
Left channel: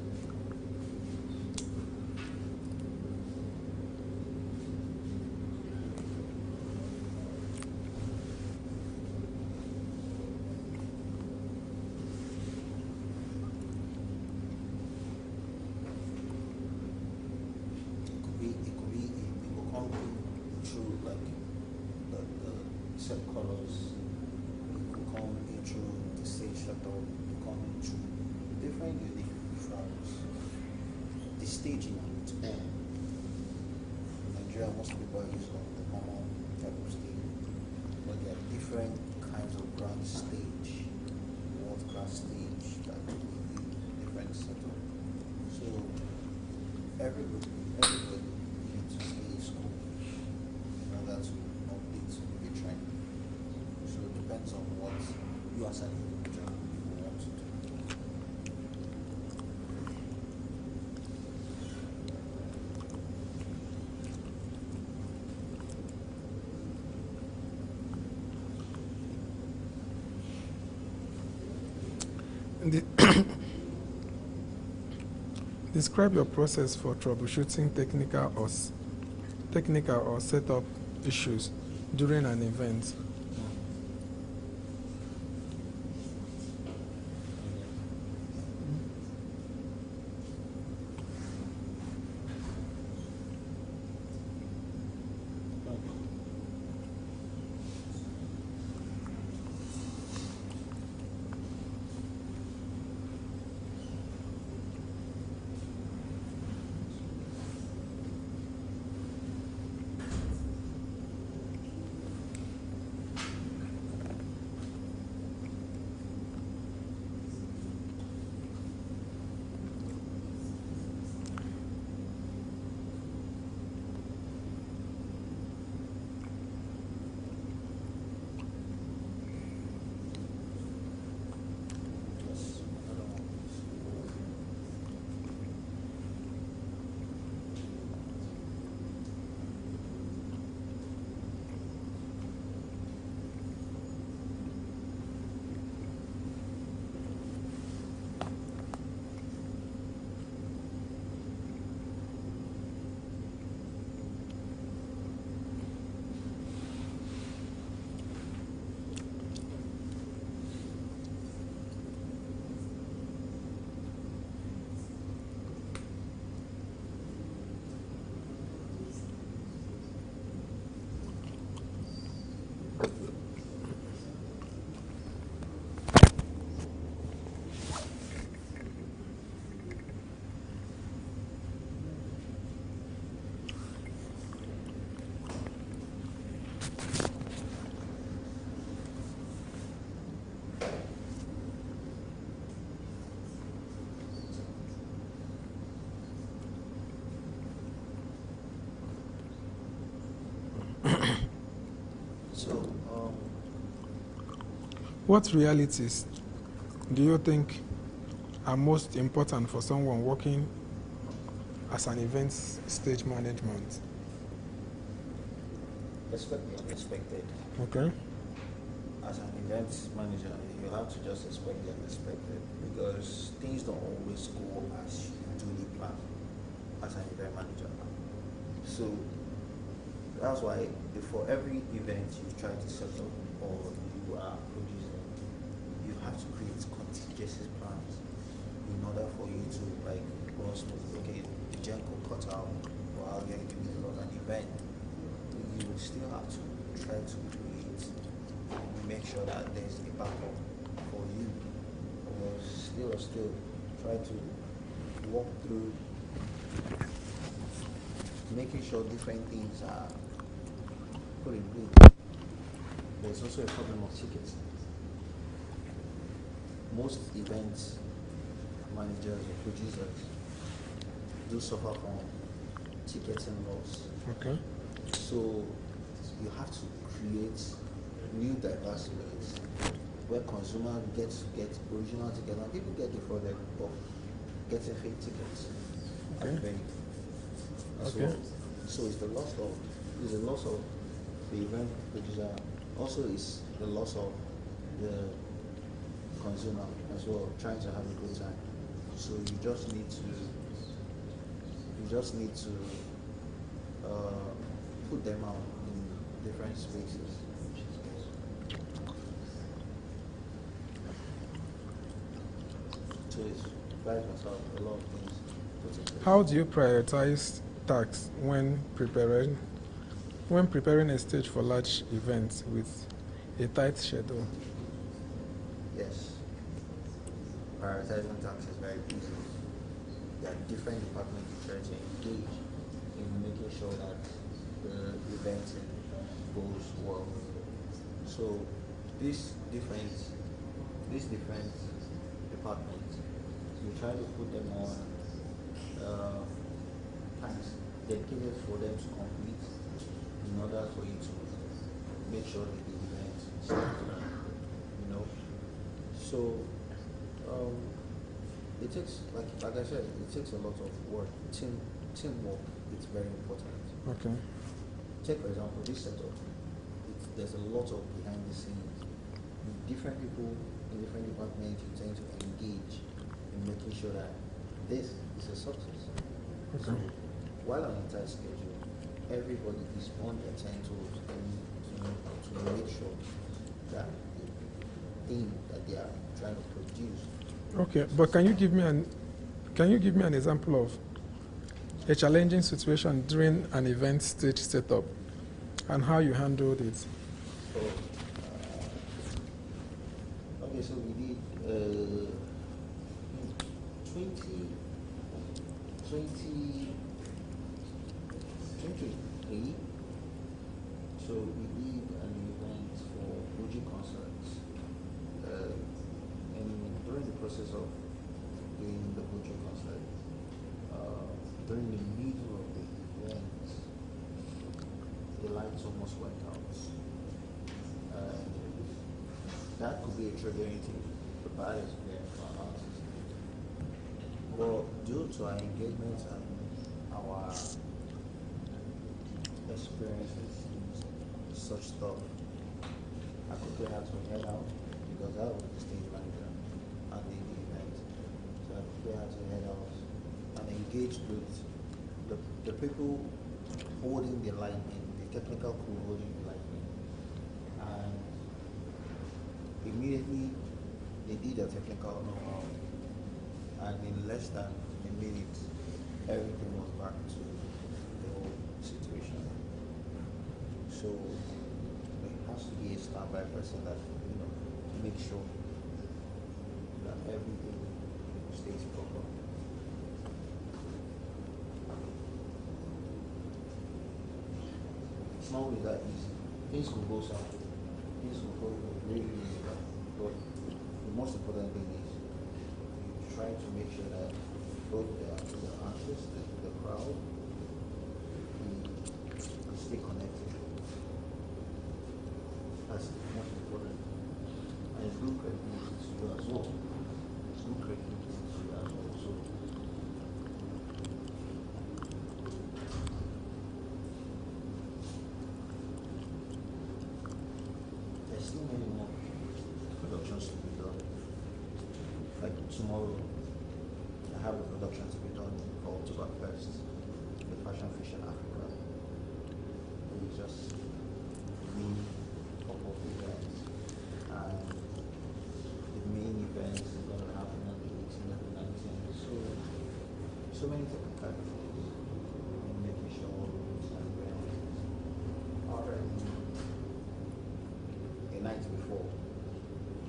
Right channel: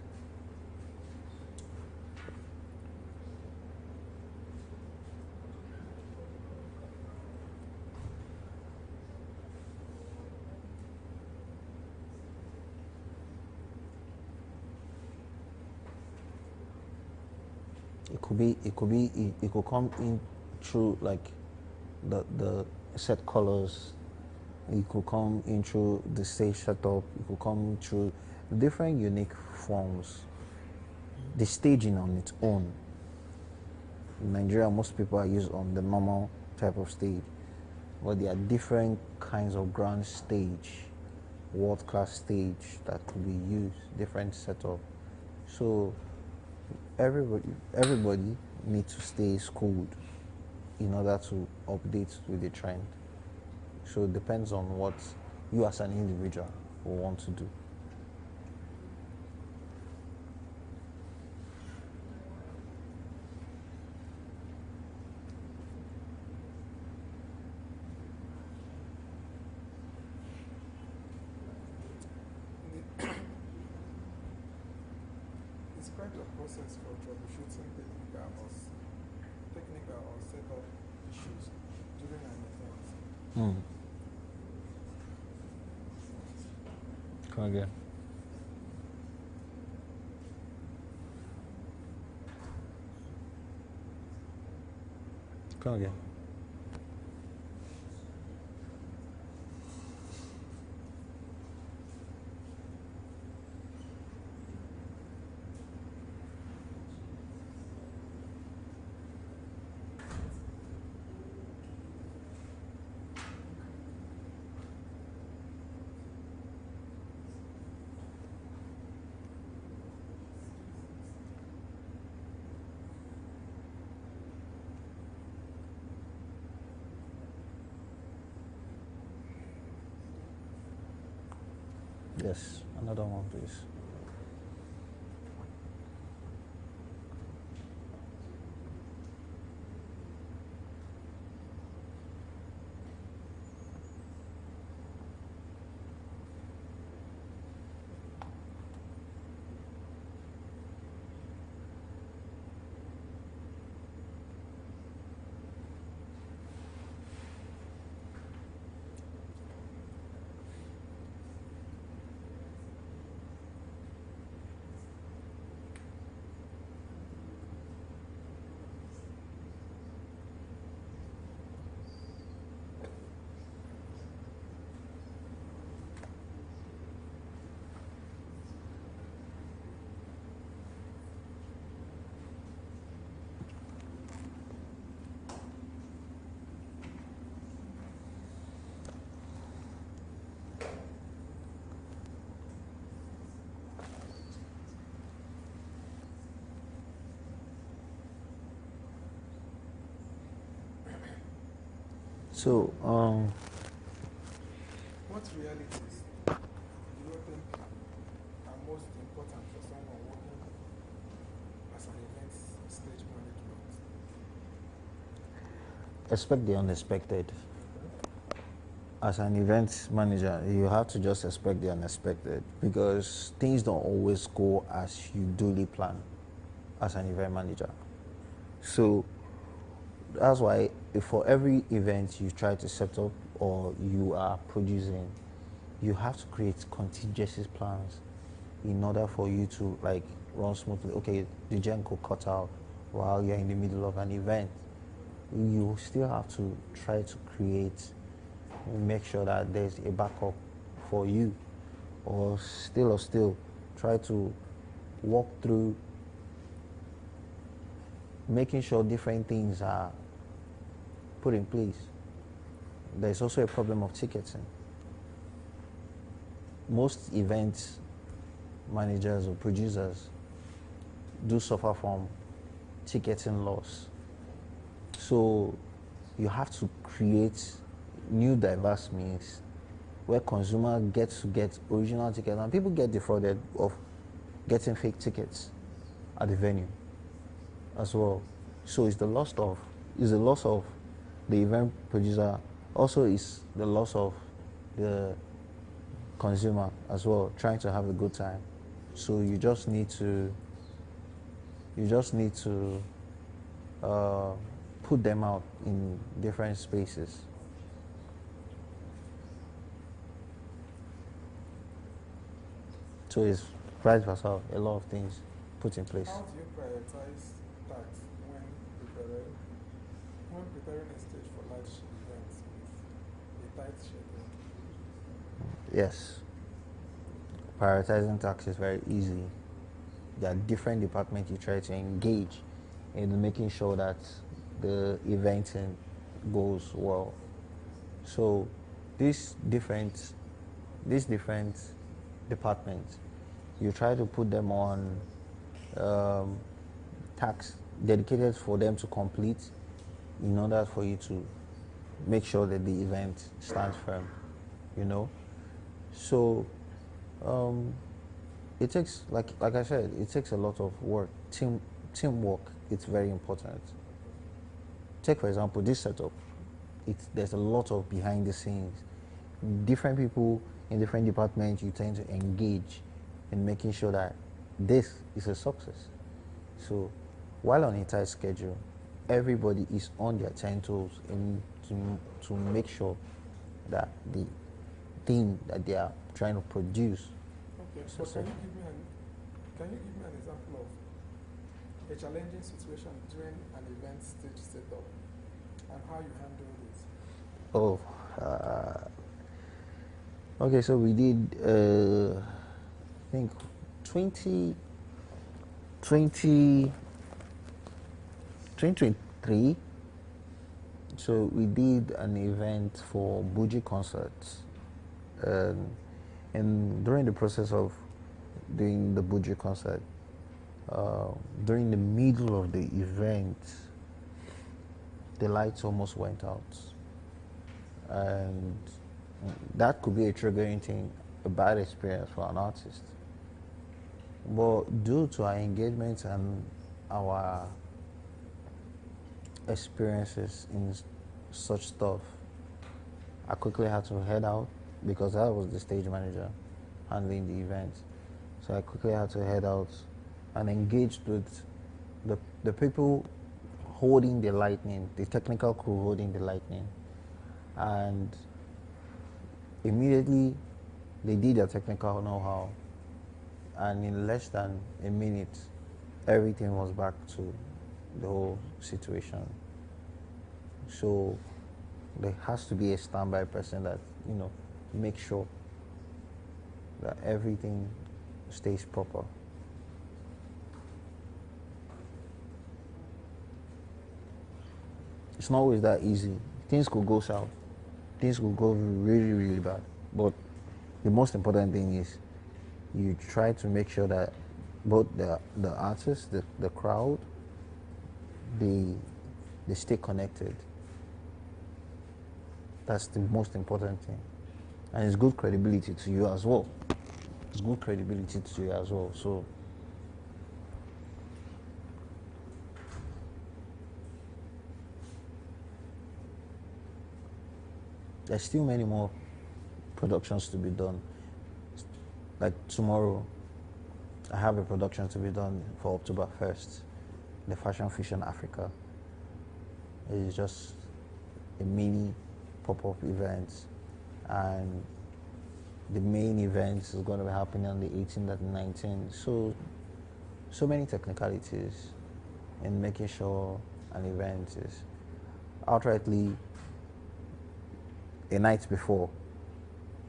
It could come in through like the set colors. It could come in through the stage setup. It could come in through different unique forms. The staging on its own. In Nigeria, most people are used on the normal type of stage, but there are different kinds of grand stage, world-class stage that could be used, different setup. So everybody need to stay schooled in order to update with the trend. So it depends on what you as an individual will want to do. Describe your process for troubleshooting technical or setup issues during an event. Come again. Come again. Yes, another one, please. So, What realities do you think are most important for someone working as an event stage management? expect the unexpected. Okay. As an event manager, you have to just expect the unexpected because things don't always go as you duly plan as an event manager. So that's why for every event you try to set up or you are producing, you have to create contingency plans in order for you to like run smoothly. Okay, the gen could cut out while you're in the middle of an event. You still have to try to create, make sure that there's a backup for you, or still try to walk through making sure different things are put in place. There's also a problem of ticketing. Most event managers or producers do suffer from ticketing loss. Okay. So you have to create new diverse means where consumer gets to get original tickets, and people get defrauded of getting fake tickets at the venue as well. So it's the loss of the event producer, also is the loss of the consumer as well, trying to have a good time. So you just need to put them out in different spaces. So it's vice versa, a lot of things put in place. How do you prioritize tasks when preparing a stage for large events with a tight schedule? Yes. Prioritizing tasks is very easy. There are different departments you try to engage in making sure that the eventing goes well. So these different departments, you try to put them on tasks dedicated for them to complete in order for you to make sure that the event stands firm, you know. So it takes, like I said, it takes a lot of work. Teamwork, it's very important. Okay. Take, for example, this setup. There's a lot of behind the scenes. Different people in different departments, you tend to engage in making sure that this is a success. Okay. So while on a tight schedule, everybody is on their 10 toes to make sure that the thing that they are trying to produce. Okay, but can you give me an example of a challenging situation during an event stage setup and how you handled it? Oh, okay. So we did, I think, 2023. So we did an event for Buji concerts, and during the process of doing the Buji concert, during the middle of the event, the lights almost went out, and that could be a triggering thing, a bad experience for an artist. But due to our engagement and our experiences in such stuff, I quickly had to head out because I was the stage manager handling the event. So I quickly had to head out and engage with the people holding the lightning, the technical crew holding the lightning. And immediately they did their technical know-how, and in less than a minute, everything was back to the whole situation. So there has to be a standby person that, makes sure that everything stays proper. It's not always that easy. Things could go south. Things could go really, really bad. But the most important thing is you try to make sure that both the artists, the crowd, they stay connected. That's the most important thing. And it's good credibility to you as well. It's good credibility to you as well. So there's still many more productions to be done. Like tomorrow, I have a production to be done for October 1st, the Fashion Fusion Africa. It's just a mini pop-up event, and the main event is going to be happening on the 18th and 19th. So many technicalities in making sure an event is outrightly a night before.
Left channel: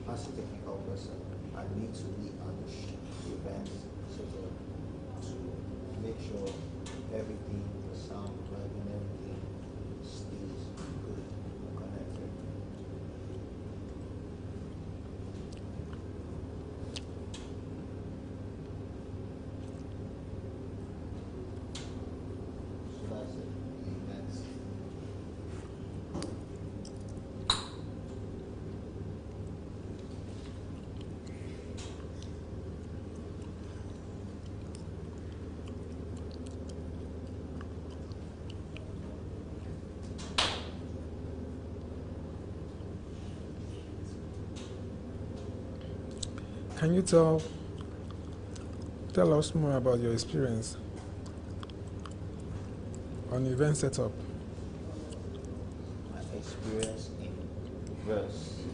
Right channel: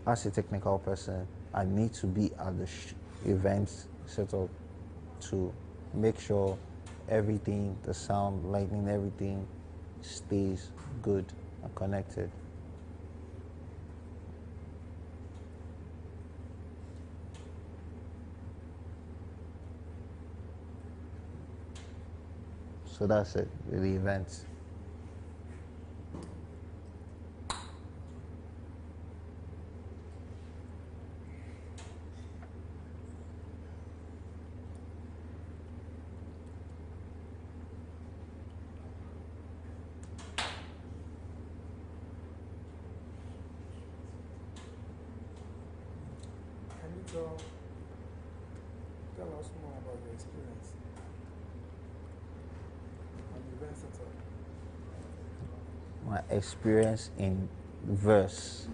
As a technical person, I need to be at the event setup to make sure everything, the sound, lighting, everything stays good and connected. So that's it with the events. Can you tell us more about your experience on event setup? My experience in verse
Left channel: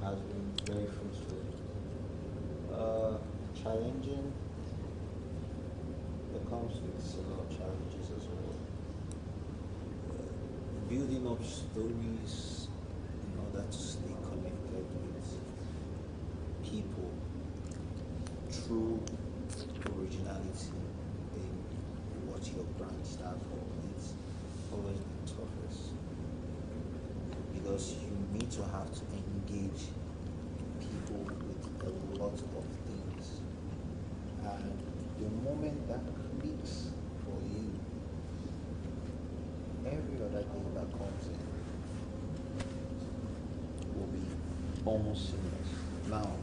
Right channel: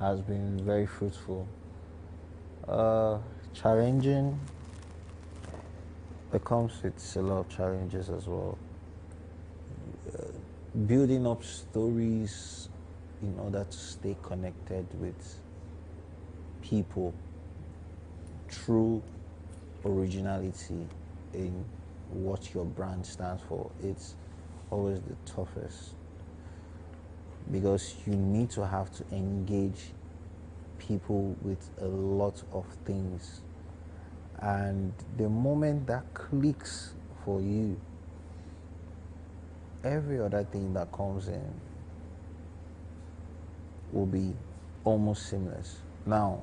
has been very fruitful. Challenging. It comes with a lot of challenges as well. Building up stories in order to stay connected with people, true originality in what your brand stands for. It's always the toughest because you need to have to engage people with a lot of things, and the moment that clicks for you every other thing that comes in will be almost seamless. Now,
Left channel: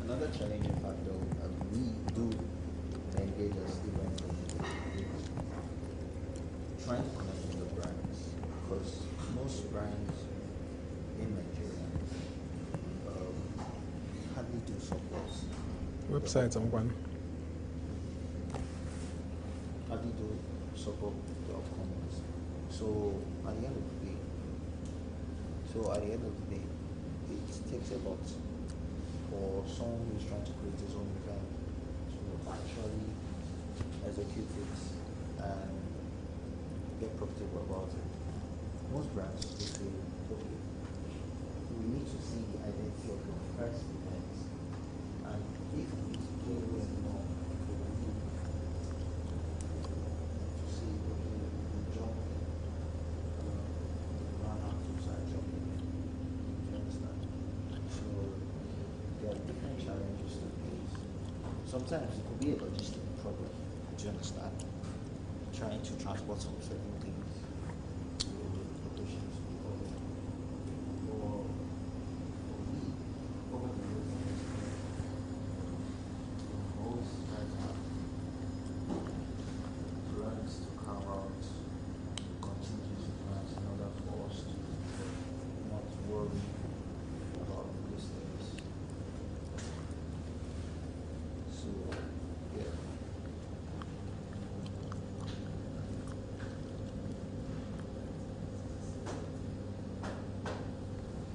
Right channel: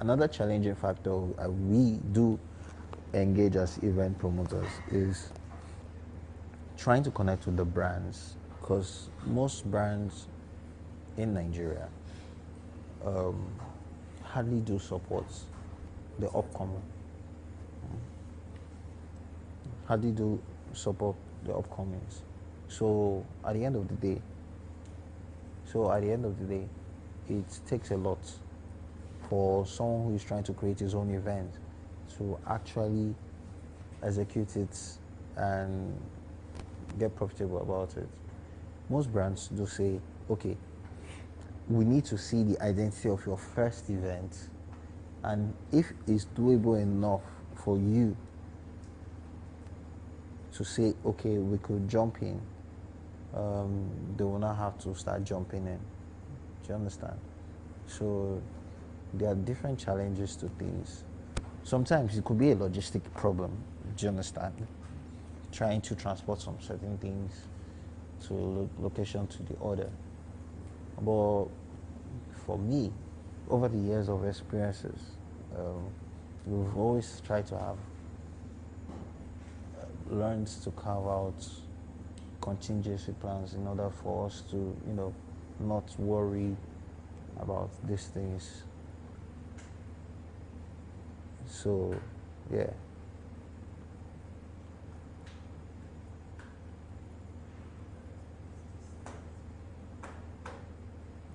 another challenging factor we do engage as event promoters is trying to connect with the brands, because most brands in Nigeria hardly do support Website the and upcoming, one. hardly do support the upcomings. So at the end of the day, it takes a lot for someone who is trying to create his own event to actually execute it and get profitable about it. Most brands do say, okay, we need to see the identity of your first event, and if it's doable enough for you to say, okay, we could jump in, they will not have to start jumping in. Do you understand? So there are different challenges to things. Sometimes it could be a logistic problem. Do you understand? Trying to transport some certain things to location to the other. But for me, over the years of experiences, we've always tried to have learned to carve out contingency plans in order for us to, not worry about these things. So, yeah.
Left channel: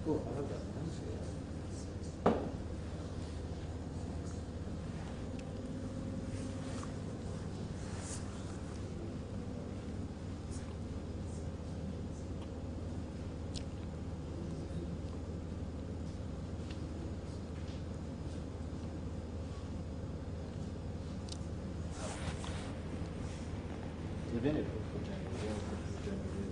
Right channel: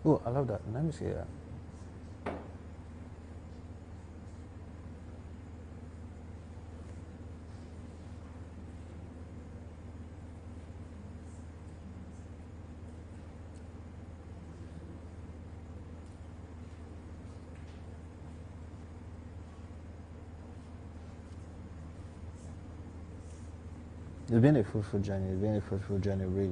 Oh, I love that. Let me see that. It's been a fruitful journey. Really.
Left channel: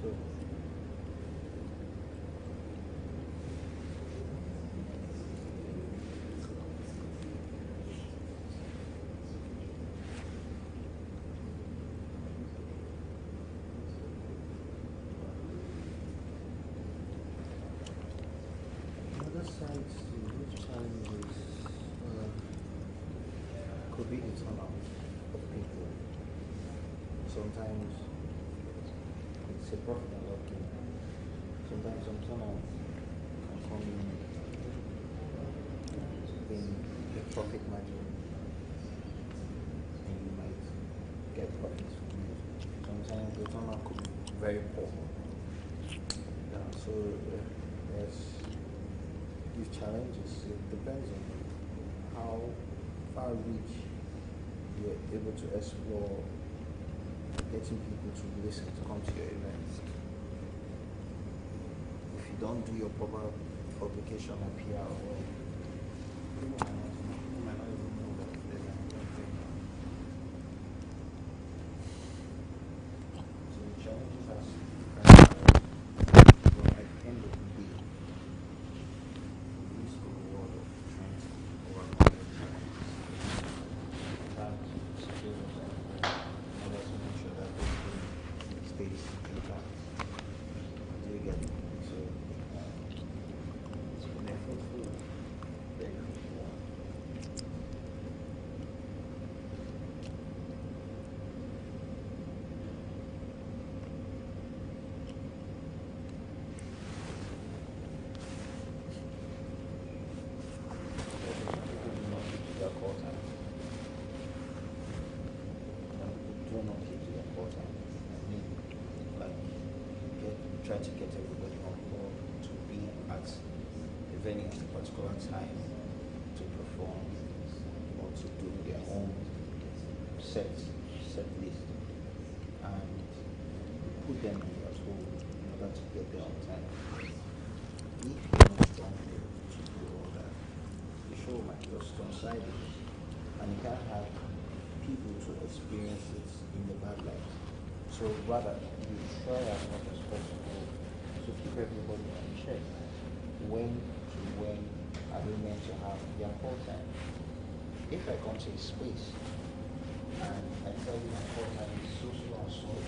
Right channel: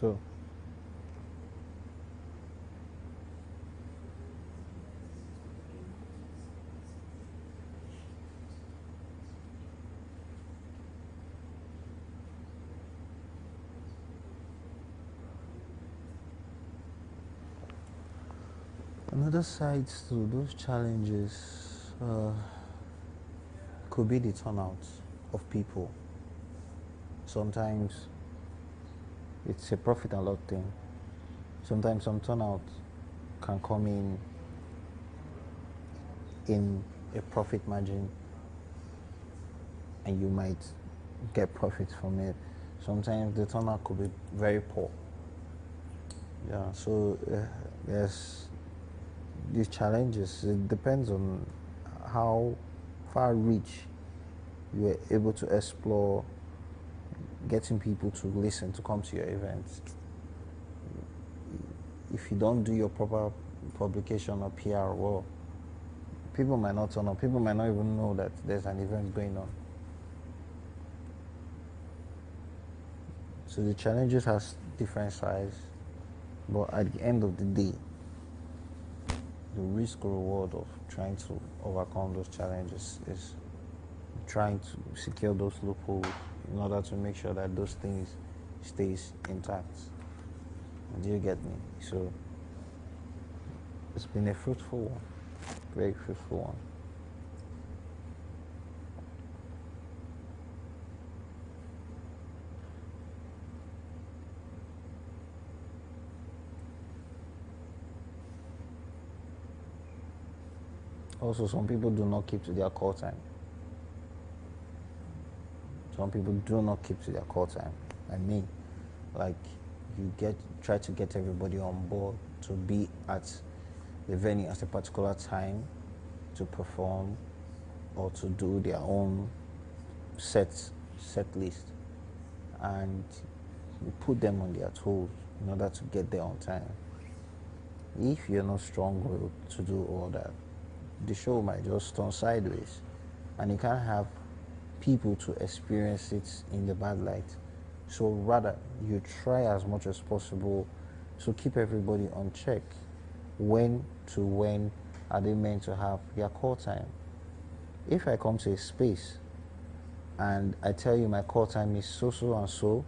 So, another side to those challenges could be the turnout of people. Sometimes it's a profit and loss thing. Sometimes some turnout can come in a profit margin, and you might get profits from it. Sometimes the turnout could be very poor. Yeah, so there's these challenges. It depends on how far reach you're able to explore getting people to listen, to come to your events. If you don't do your proper publication or PR, well, people might not turn up. People might not even know that there's an event going on. So the challenges has different sides, but at the end of the day, the risk or reward of trying to overcome those challenges is trying to secure those loopholes in order to make sure that those things stays intact. Do you get me? So it's been a fruitful one, very fruitful one. Also, some people do not keep to their call time. Some people do not keep to their call time. I mean, like, try to get everybody on board to be at the venue at a particular time to perform, or to do their own set list, and you put them on their toes in order to get there on time. If you're not strong to do all that, the show might just turn sideways, and you can't have people to experience it in the bad light. So rather, you try as much as possible to keep everybody on check. When are they meant to have their call time? If I come to a space and I tell you my call time is so and so,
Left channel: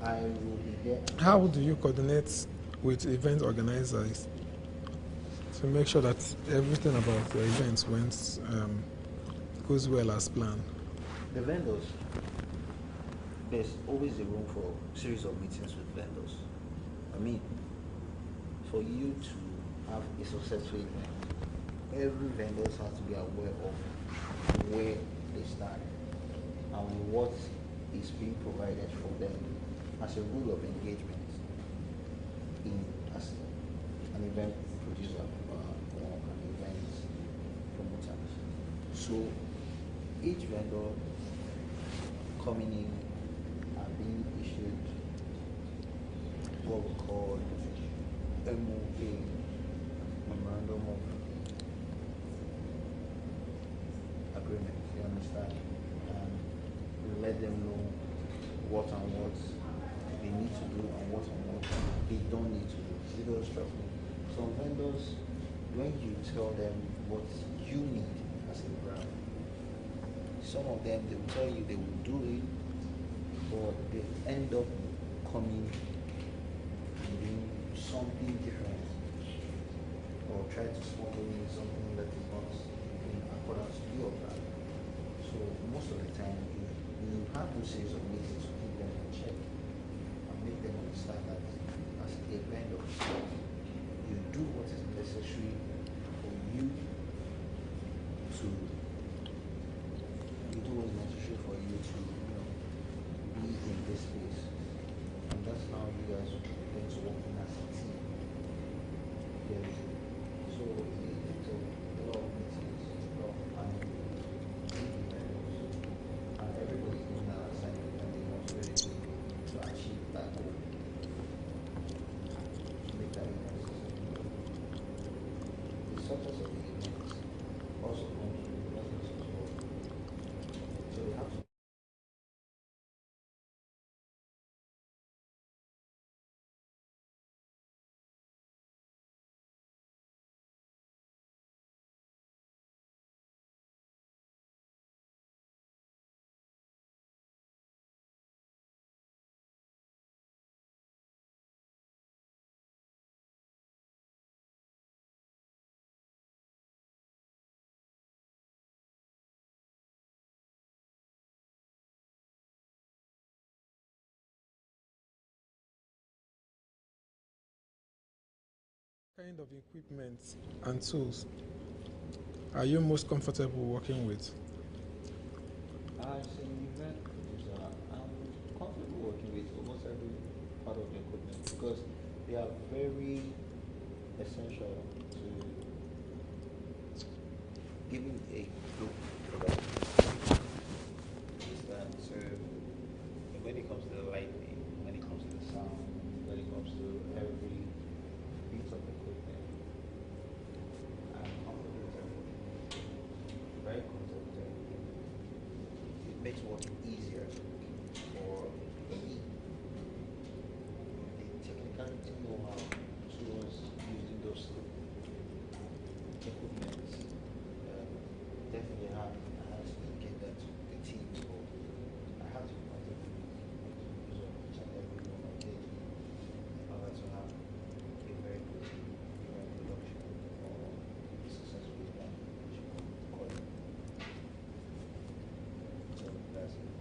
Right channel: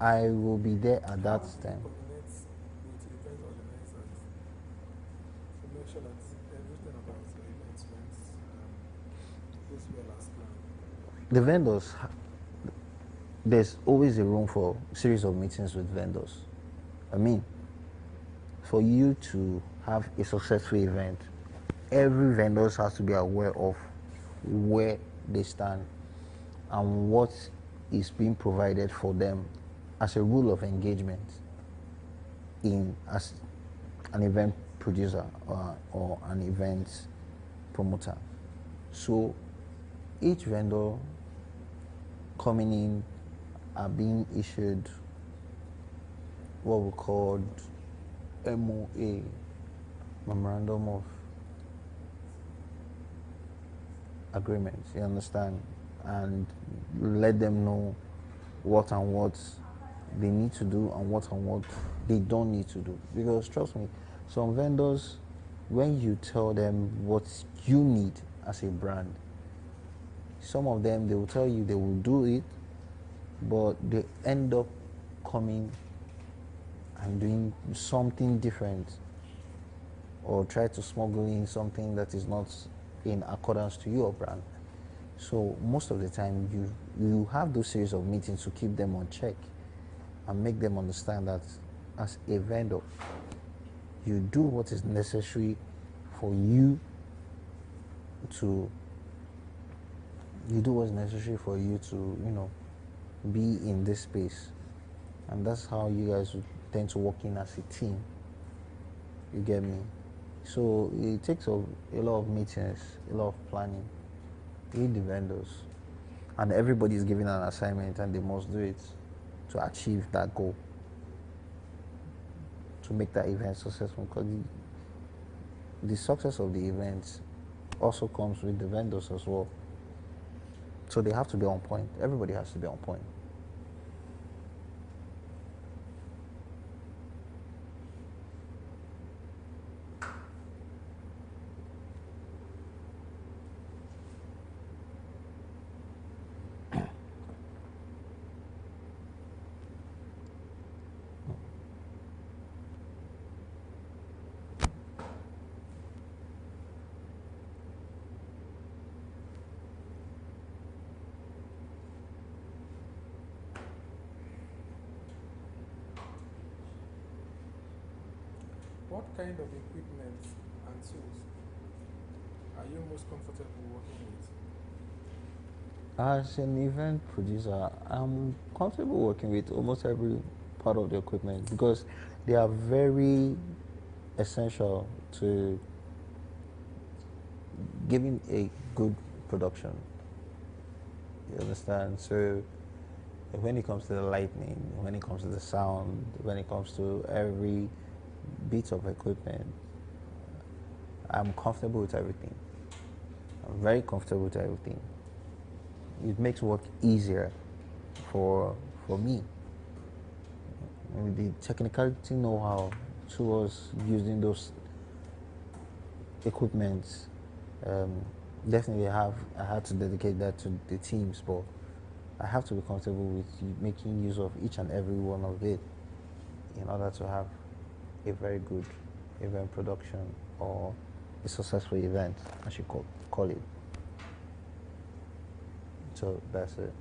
I will be there at How that do you time. coordinate with event organizers to make sure that everything about your events goes well as planned? The vendors, there's always a room for series of meetings with vendors. I mean, for you to have a successful event, every vendor has to be aware of where they stand and what is being provided for them as a rule of engagement as an event producer or an event promoter. So each vendor coming in are being issued what we call MOA, Memorandum of Agreement, you understand? And let them know what and what they need to do and what they don't need to do. Because trust me, some vendors, when you tell them what you need as a brand, some of them, they will tell you they will do it, but they end up coming and doing something different, or try to smuggle in something that is not in accordance to your brand. So most of the time, you have those series of meetings to keep them on check and make them understand that as a vendor, you do what is necessary for you to be in this space. And that's how you guys would tend to work in as a team. You get me? So it takes a lot of meetings, a lot of planning with the vendors. And everybody is given an assignment and they must do it to achieve that goal, to make that event successful. Because the success of the event also comes with the vendors as well. So they have to be on point. Everybody has to be on point. What kind of equipment and tools are you most comfortable working with? As an event producer, I'm comfortable working with almost every part of the equipment because they are very essential to giving a good production. You understand? So when it comes to the lighting, when it comes to the sound, when it comes to every bit of equipment, I'm comfortable with everything. I'm very comfortable with everything. It makes work easier for me. And the technicality know-how towards using those equipments, definitely I had to dedicate that to the teams, but I have to be comfortable with making use of each and every one of it in order to have a very good event production or a successful event, I should call it. So that's it.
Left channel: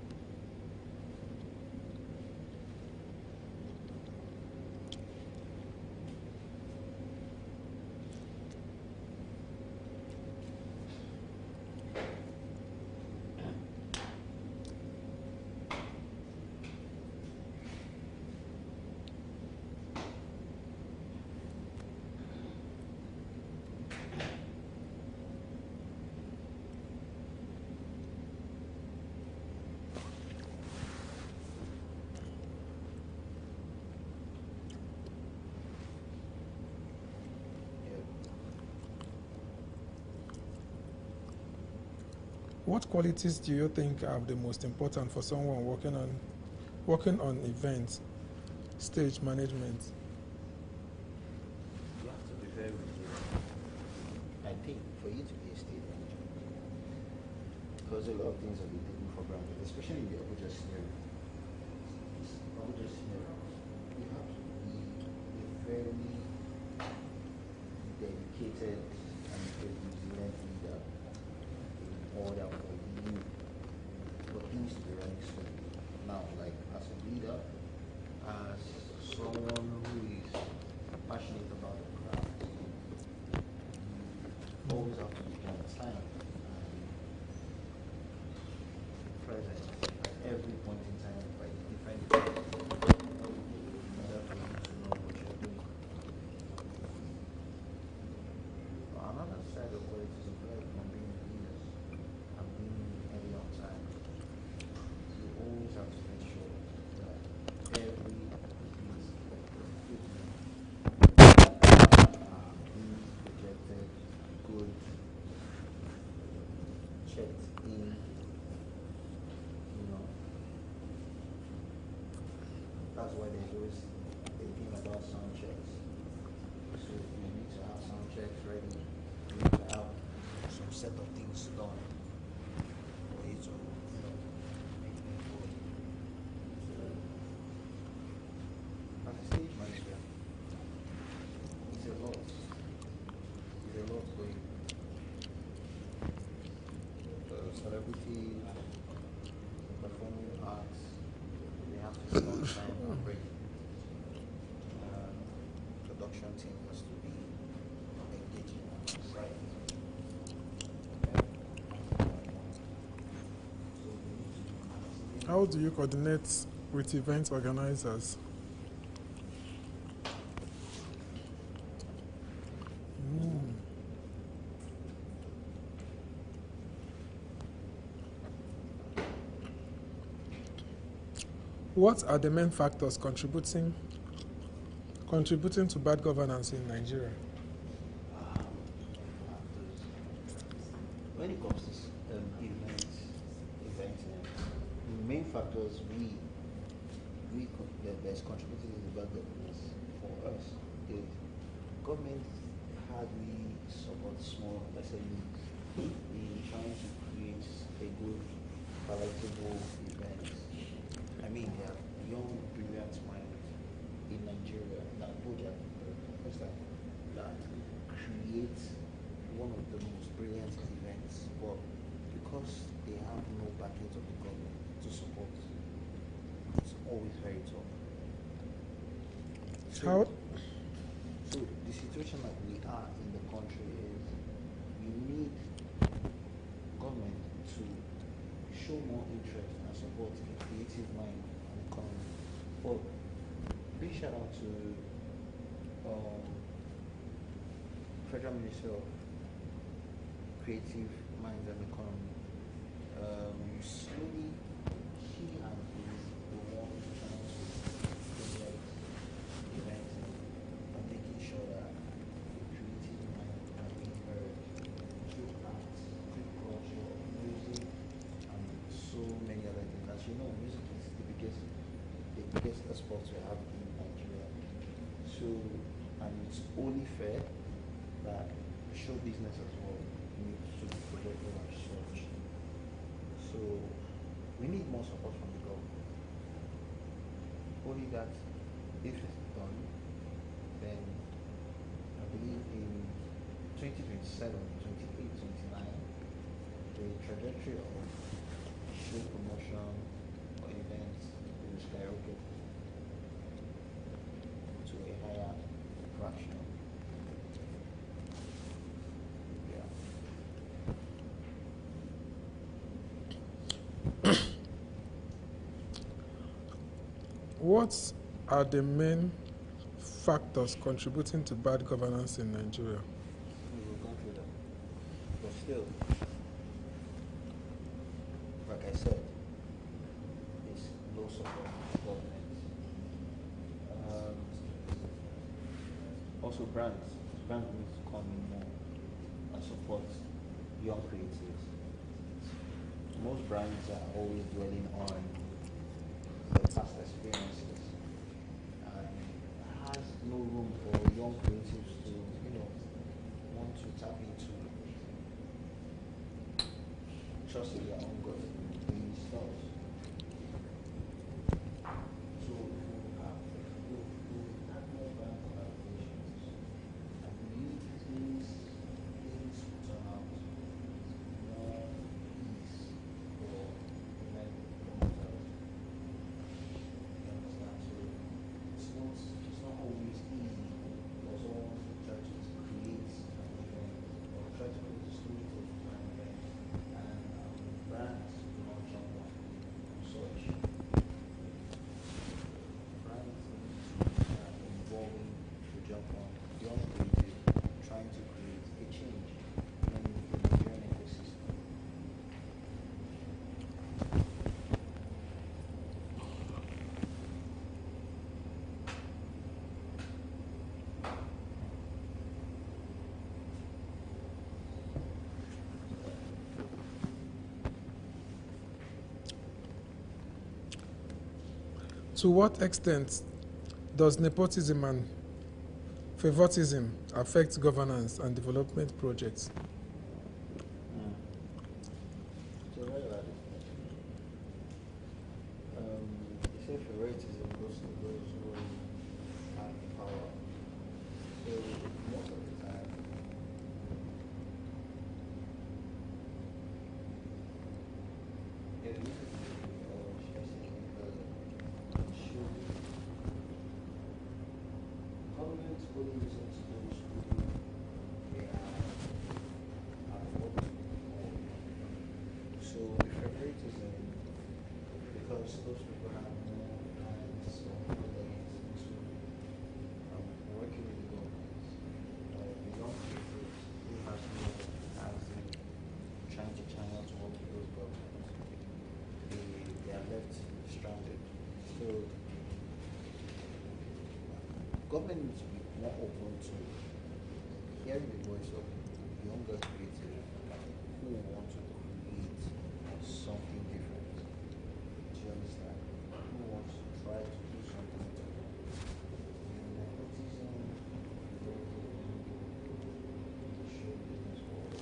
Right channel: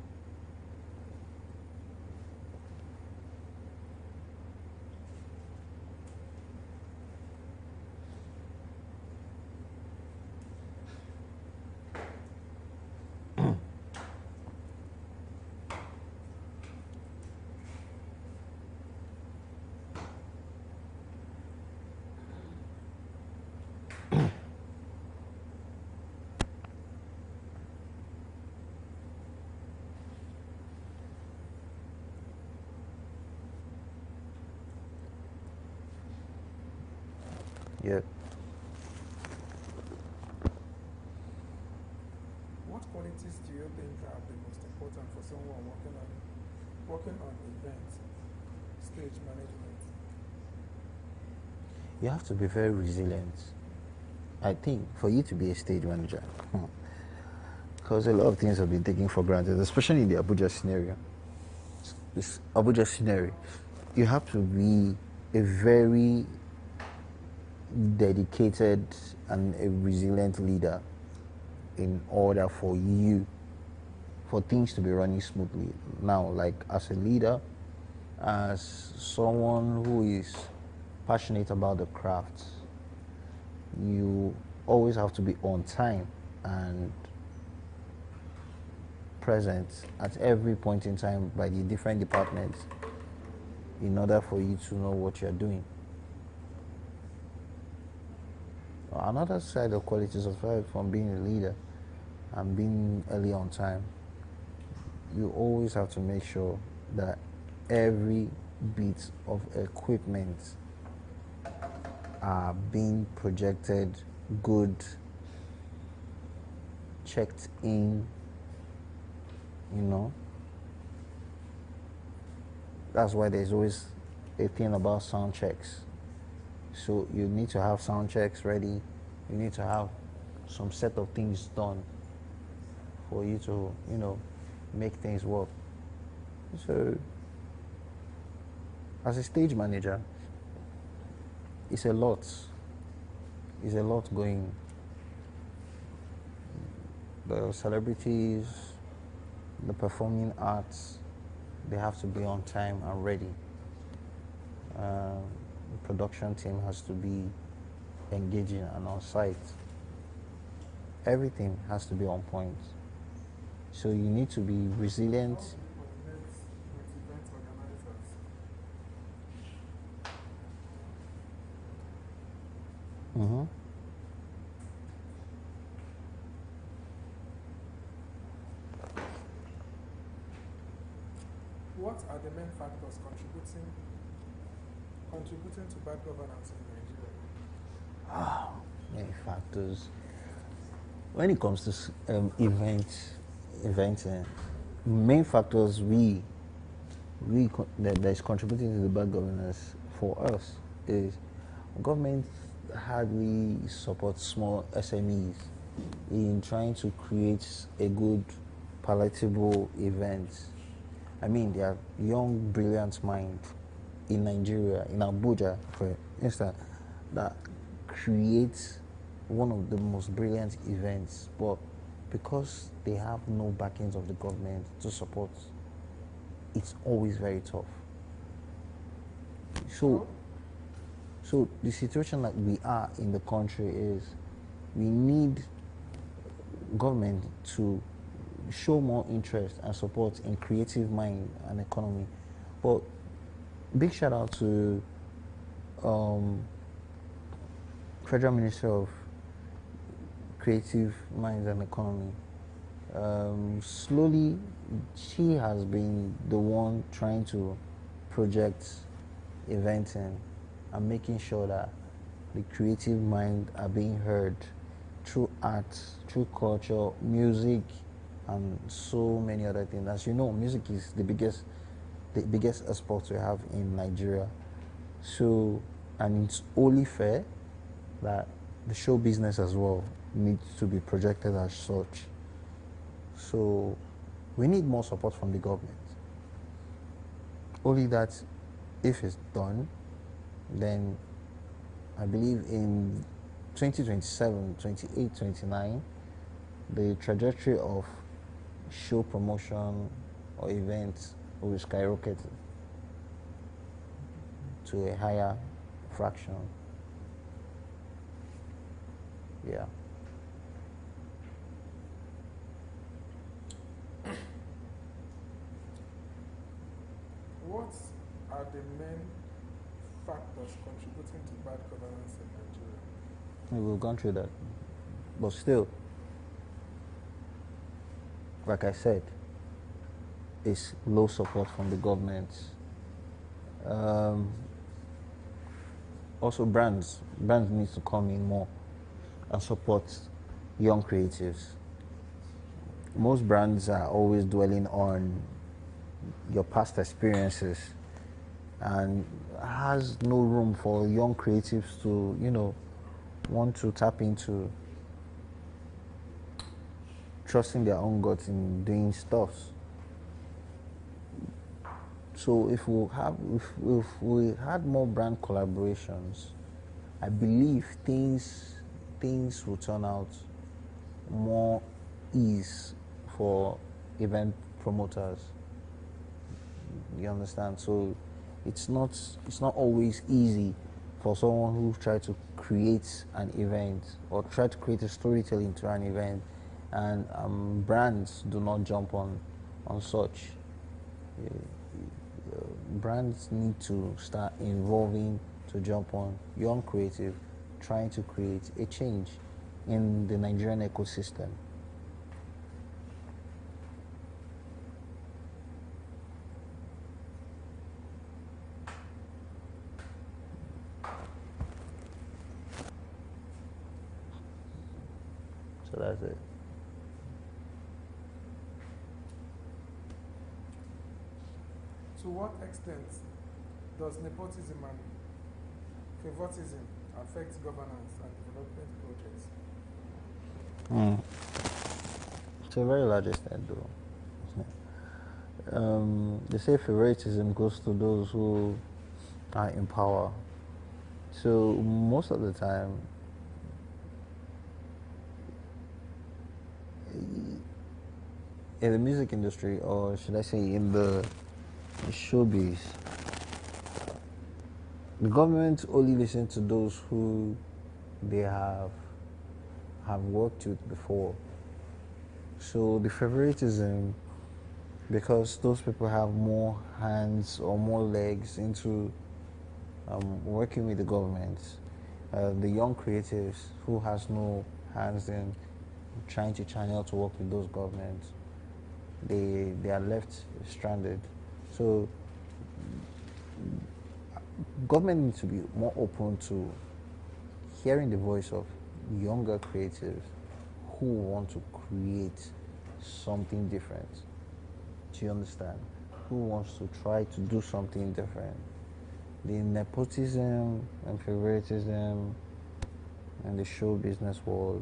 Yep. What qualities do you think are the most important for someone working on events, stage management? You have to be very resilient. I think for you to be a stage manager, because a lot of things have been taken for granted, especially in the Abuja scenario. This Abuja scenario, you have to be a very dedicated and a resilient leader in order for things to be running smoothly. Now, like as a leader, as someone who is passionate about the craft, you always have to be on time and present at every point in time by the different departments in order for you to know what you're doing. Another side of qualities aside from being a leader and being early on time, you always have to make sure that every bit of equipment are being projected good, checked in, That's why there's always a thing about sound checks. So you need to have sound checks ready. You need to have some set of things done for you to, make things work. So as a stage manager, it's a lot. It's a lot going. The celebrities, the performing arts, they have to be on time and ready. Production team has to be engaging and on site. Everything has to be on point. So you need to be resilient. How do you coordinate with event organizers? Mm-hmm. What are the main factors contributing to bad governance in Nigeria? Many factors. When it comes to eventing, main factors that is contributing to the bad governance for us is government hardly supports small SMEs in trying to create a good, palatable event. I mean, there are young, brilliant minds in Nigeria, in Abuja, for instance, that create one of the most brilliant events, but because they have no backings of the government to support, it's always very tough. So the situation that we are in the country is we need government to show more interest and support in creative mind and economy. But big shout out to Federal Minister of Creative Minds and Economy. Slowly, she has been the one trying to project eventing and making sure that the creative minds are being heard through art, through culture, music, and so many other things. As you know, music is the biggest export we have in Nigeria. So, and it's only fair that the show business as well needs to be projected as such. So, we need more support from the government. Only that, if it's done, then I believe in 2027, 28, 29, the trajectory of show promotion or events will skyrocket to a higher fraction. Yeah. What are the main factors contributing to bad governance in Nigeria? We've gone through that. But still, like I said, it's low support from the government. also brands need to come in more and support young creatives. Most brands are always dwelling on your past experiences and has no room for young creatives to, want to tap into trusting their own guts in doing stuff. So if we had more brand collaborations, I believe things will turn out more ease for event promoters. You understand? So it's not always easy for someone who try to create an event or try to create a storytelling to an event, and brands do not jump on such. Brands need to start involving to jump on young creative, trying to create a change in the Nigerian ecosystem. So that's it. To what extent does nepotism and favoritism affect governance and development projects? To a very large extent, though. They say favoritism goes to those who are in power. So most of the time, in the music industry, or should I say in the showbiz, the government only listens to those who they have worked with before. So the favoritism, because those people have more hands or more legs into working with the government, the young creatives who has no hands in trying to channel to work with those governments, they are left stranded. So government needs to be more open to hearing the voice of younger creatives who want to create something different. Do you understand? Who wants to try to do something different? The nepotism and favoritism in the show business world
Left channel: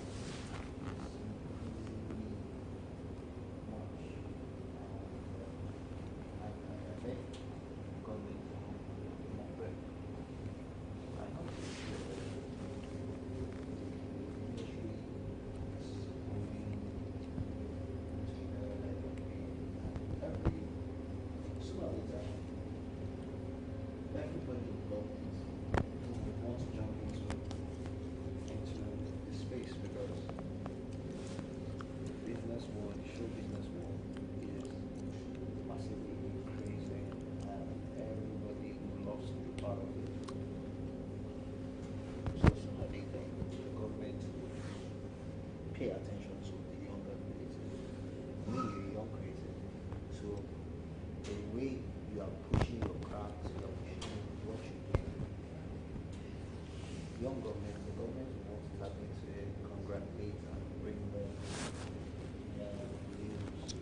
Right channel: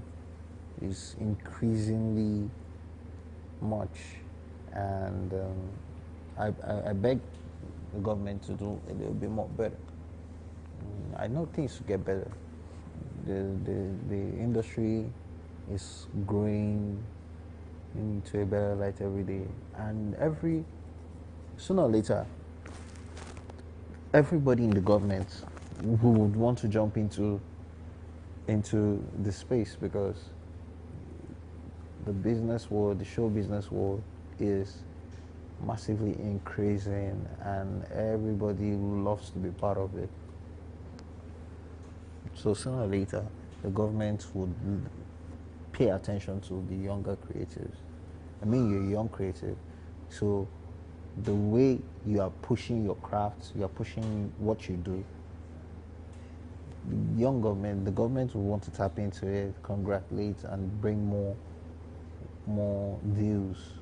is increasingly much, and I beg the government to do a little bit more better. I know things should get better. The industry is growing into a better light every day, and sooner or later, everybody in the government who would want to jump into the space, because the business world, the show business world, is massively increasing, and everybody loves to be part of it. So sooner or later, the government would pay attention to the younger creatives. I mean, you're a young creative, so the way you are pushing your craft, you are pushing what you do, the government will want to tap into it, congratulate, and bring more views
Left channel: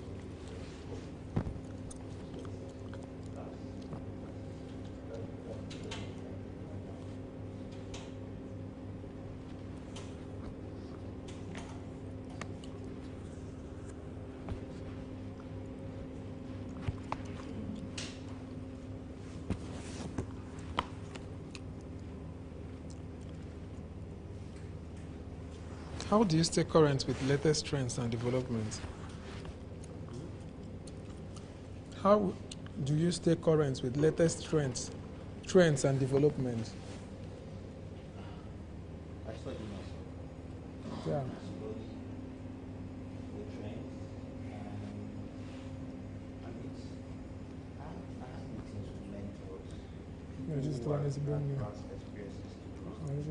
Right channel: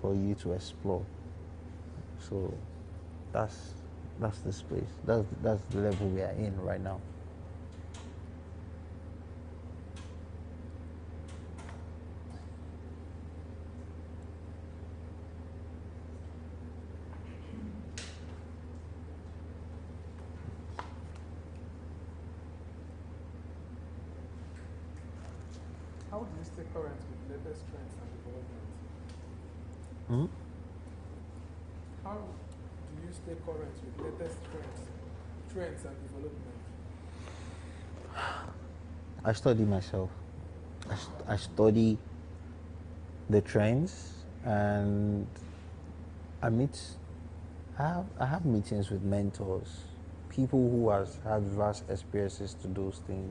for you to explore. So that's the space. That's the level we are in right now. How do you stay current with latest trends and developments? How do you stay current with latest trends and developments? I study myself. I study the trends, and I have meetings with mentors, people who have had vast experiences to those things.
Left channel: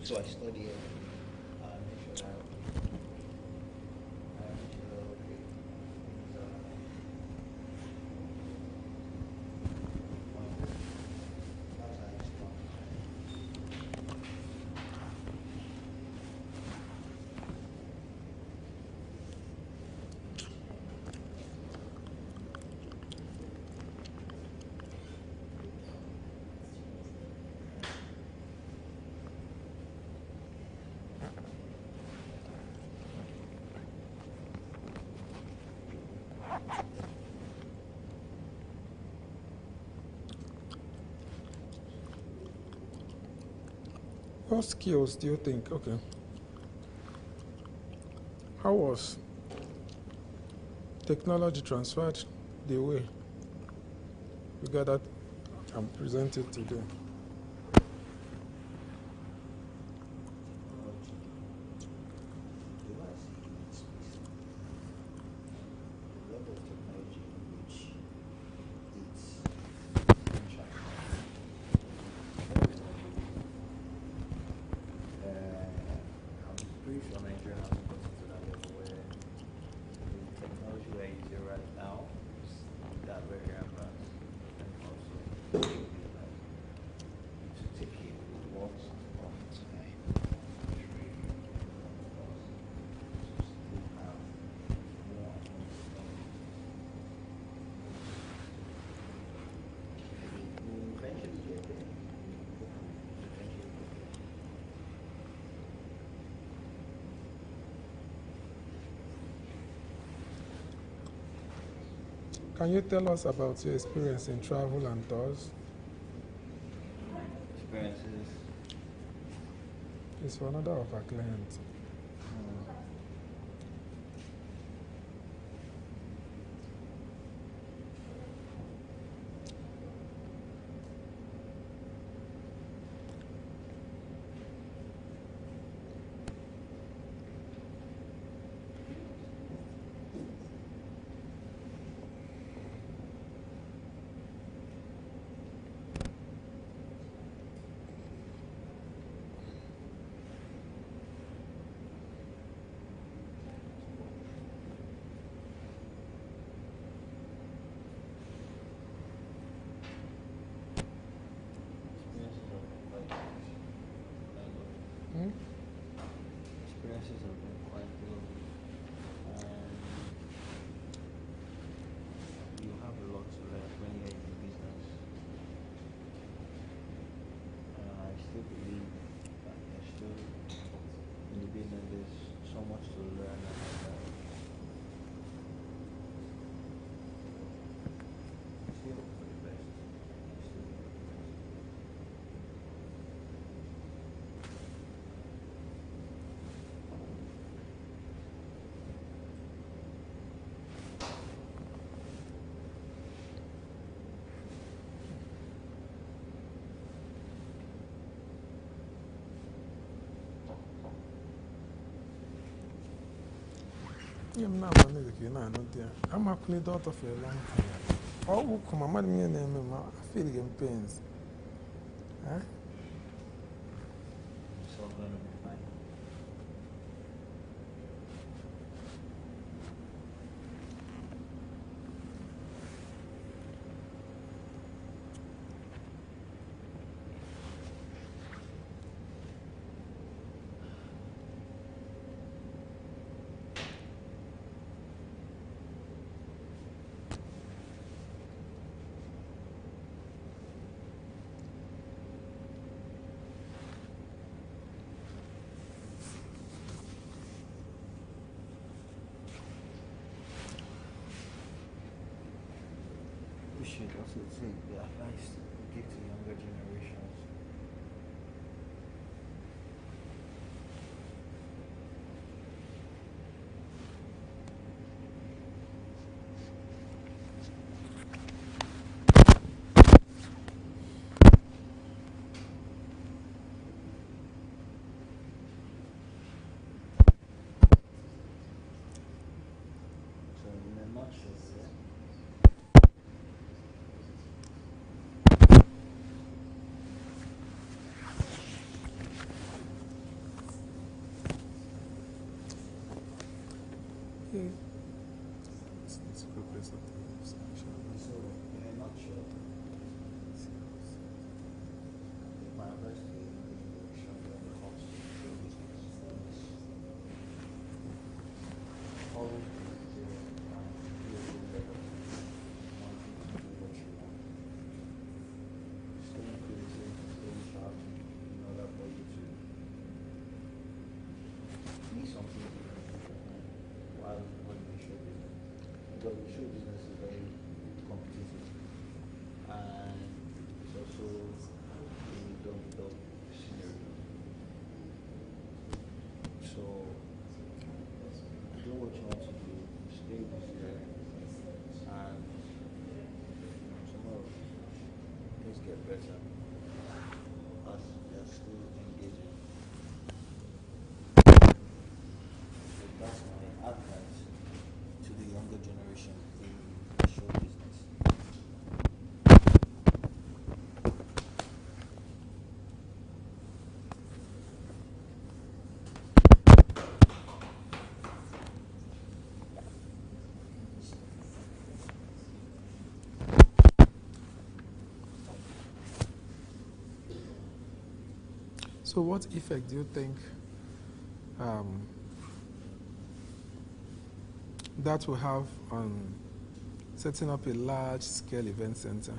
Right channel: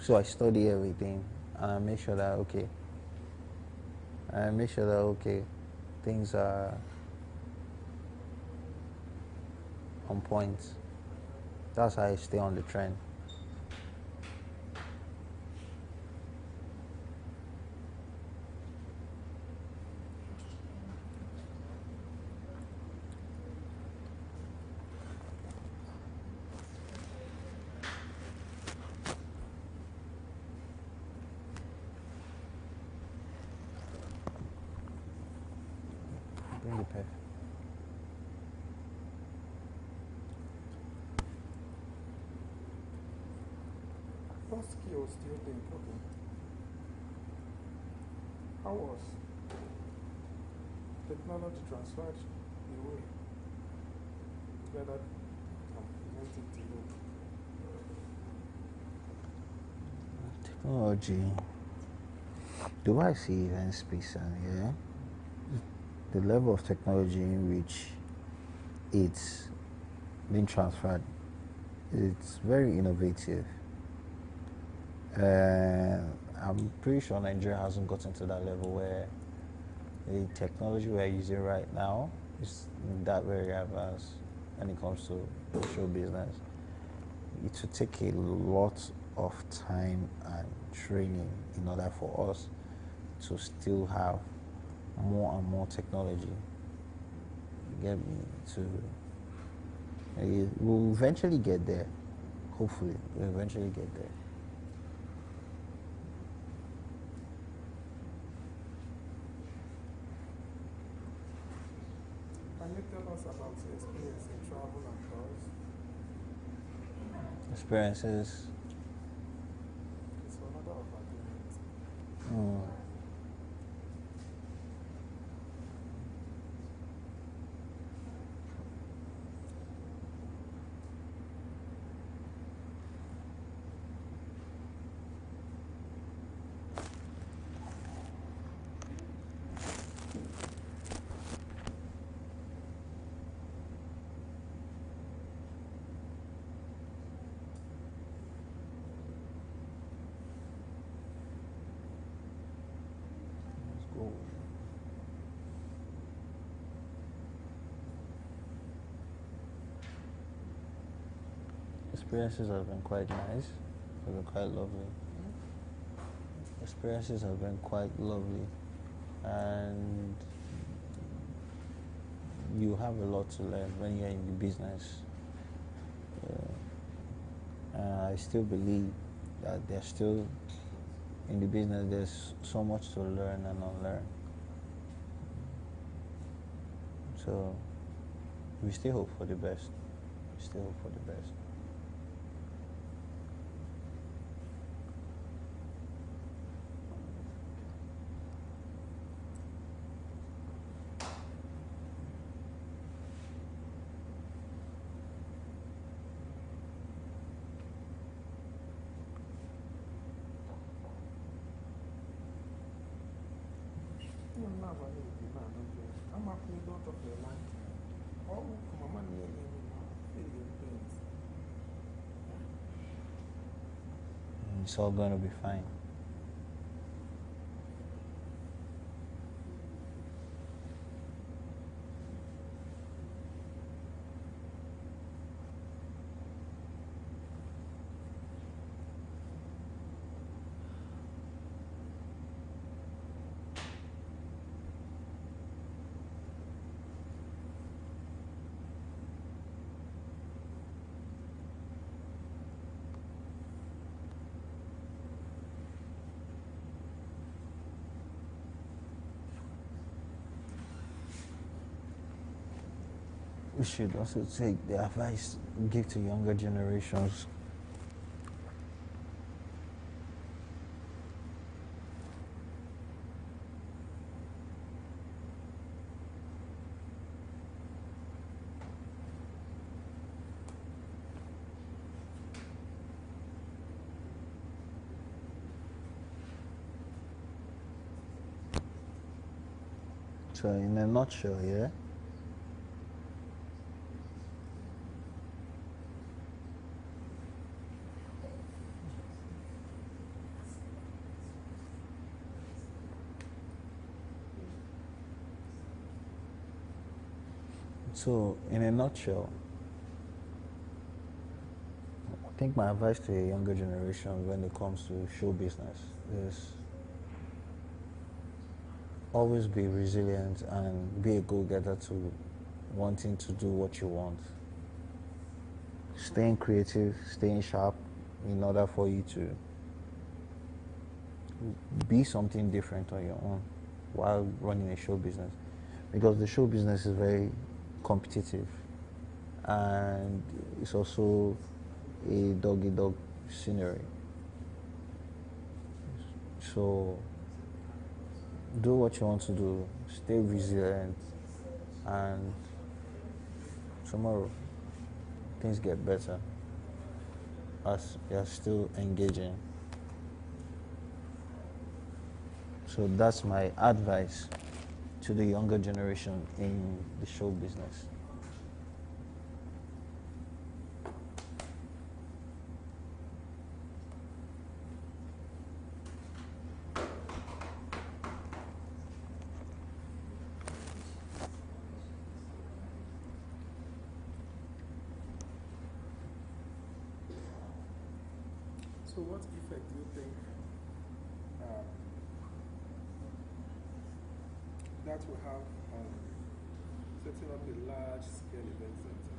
So I study everything, and I make sure that, okay, and make sure that okay, things are on point. That's how I stay on the trend. Okay. What skills do you think? Okay. How was technology transferred the way you gathered and presented today? Technology. Do I see event space and yeah? The level of technology in which it's been transferred, it's very innovative. I'm pretty sure Nigeria hasn't gotten to that level where the technology we're using right now is that very advanced when it comes to show business. It will take a lot of time and training in order for us to still have more and more technology. Get to, we'll eventually get there. Hopefully, we'll eventually get there. Can you tell us about your experience in travel and tours? Experiences. It's for another of our clients. Experiences have been quite nice. Have been quite lovely. Experiences have been quite lovely, and you have a lot to learn when you're in the business. I still believe that there's still in the business there's so much to learn and unlearn. So we still hope for the best. We still hope for the best. I'm not going to I'm actually daughter for a long time. Oh, come on, madam, I feel in pains. Huh? It's all gonna be fine. We should also take the advice we give to younger generations. So in a nutshell, yeah, So, in a nutshell, I think my advice to a younger generation when it comes to show business is always be resilient and be a go-getter to wanting to do what you want. Staying creative, staying sharp in order for you to be something different on your own while running a show business. Because the show business is very competitive and it's also a dog-eat-dog scenery. So do what you want to do, stay resilient, and tomorrow things get better as you're still engaging. So that's my advice to the younger generation in the show business. So what effect do you think that will have on setting up a large-scale event center?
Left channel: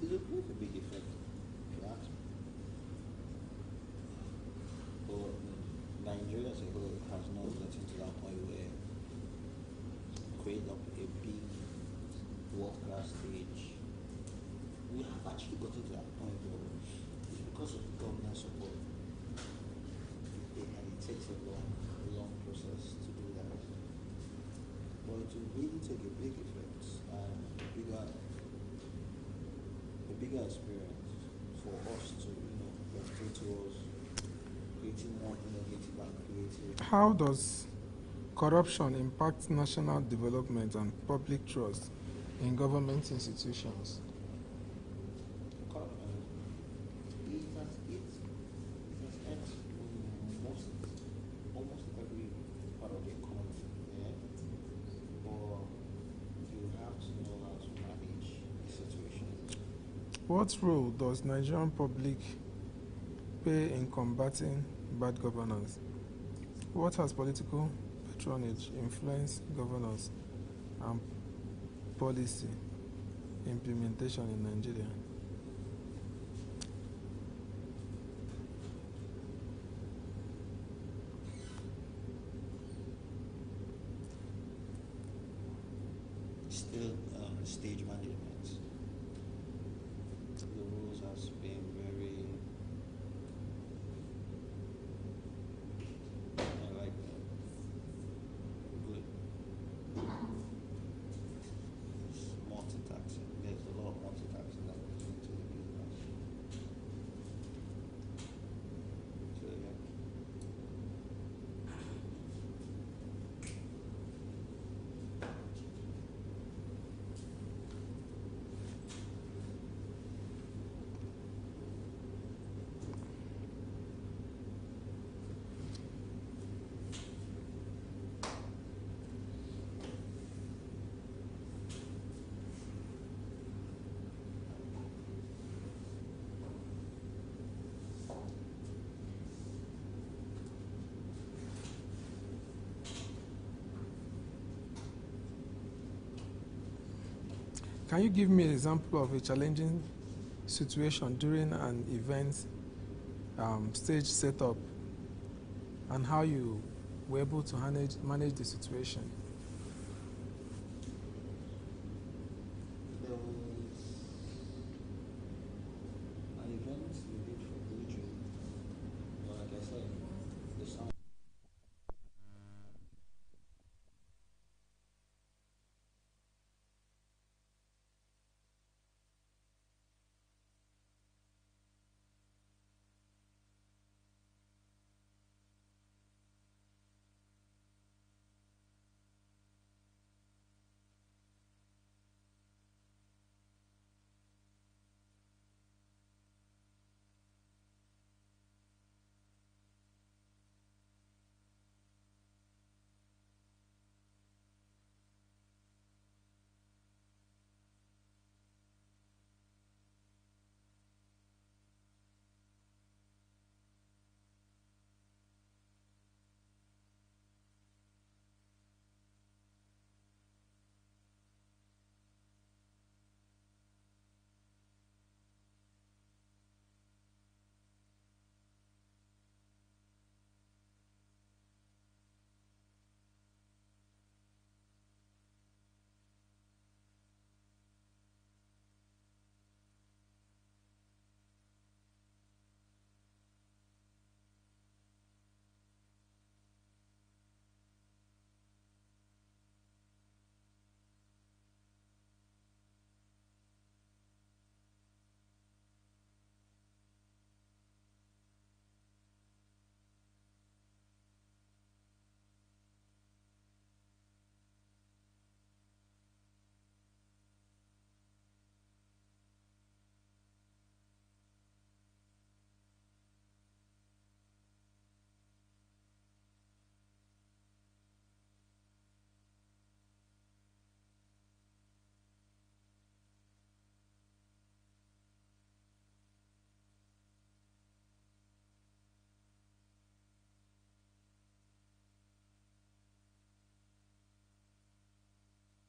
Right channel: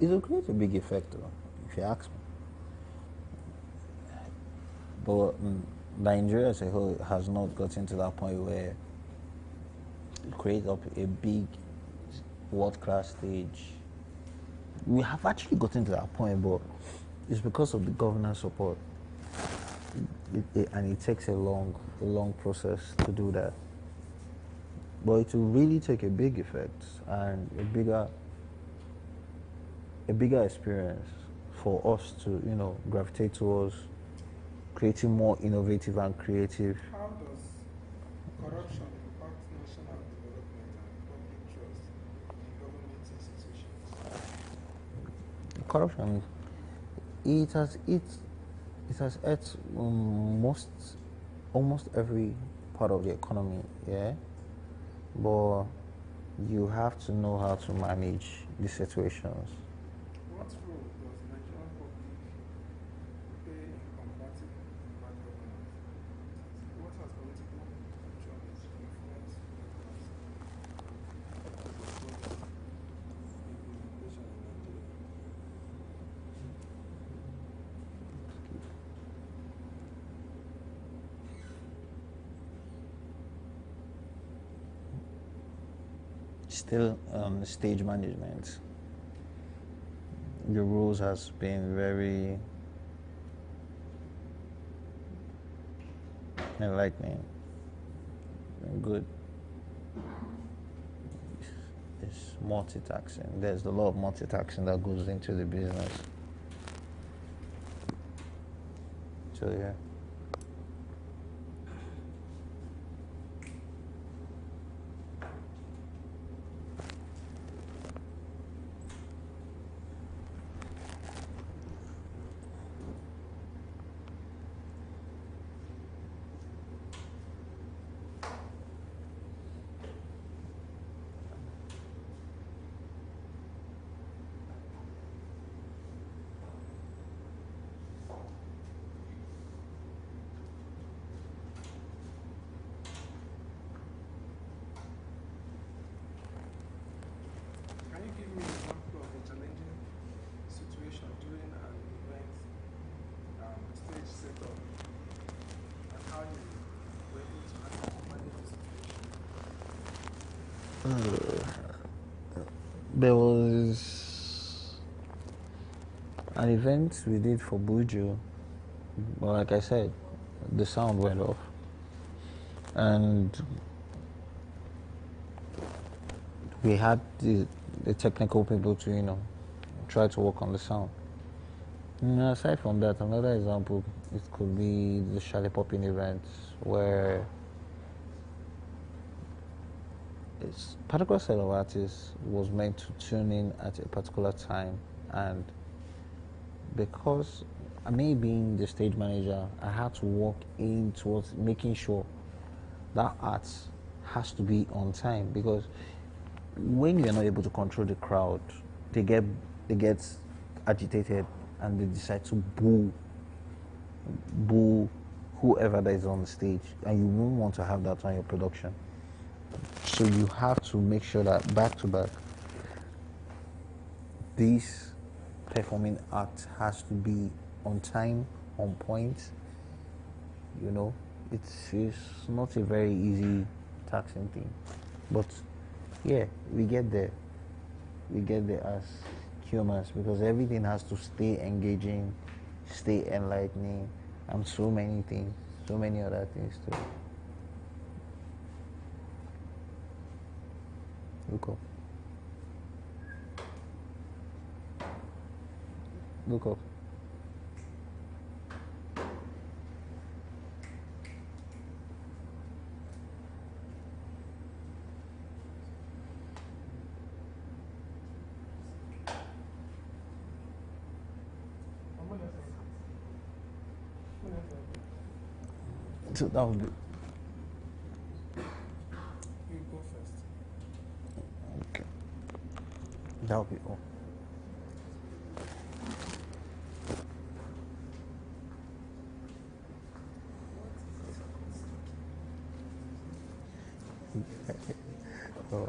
It will create a big effect, though, if you ask me. But Nigeria as a whole has not gotten to that point where it creates up a big world-class stage. We have actually gotten to that point, but it's because of the governance support. And it takes a long process to do that. But it will really take a big effect and a bigger experience for us to, gravitate towards creating more innovative and creative. How does corruption impact national development and public trust in government institutions? Corruption, it has hurt almost every part of the economy, yeah. But you have to know how to manage the situations. What role does Nigerian public play in combating bad governance? What has political patronage influenced governance and policy implementation in Nigeria? Still, stage management. The rules has been very enlightening and good. It's multitasking. There's a lot of multitasking that goes into the business. So yeah. Can you give me an example of a challenging situation during an event stage setup and how you were able to manage the situation? There was an event we did for Buju, but like I said, the sound went off. And we had the technical people to, try to work on the sound. And aside from that, another example, it could be the Charlie Popping events where a particular set of artists was meant to tune in at a particular time, and because me being the stage manager, I had to work in towards making sure that art has to be on time, because when you're not able to control the crowd, they get agitated and they decide to boo whoever that is on the stage, and you won't want to have that on your production. So you have to make sure that back to back, this performing act has to be on time, on point. You know, it's not a very easy, taxing thing, but yeah, we get there. We get there as humans, because everything has to stay engaging, stay enlightening, and so many things, so many other things too. Look up. Look up. So that was good. You go first. Okay. That would be all. Oh,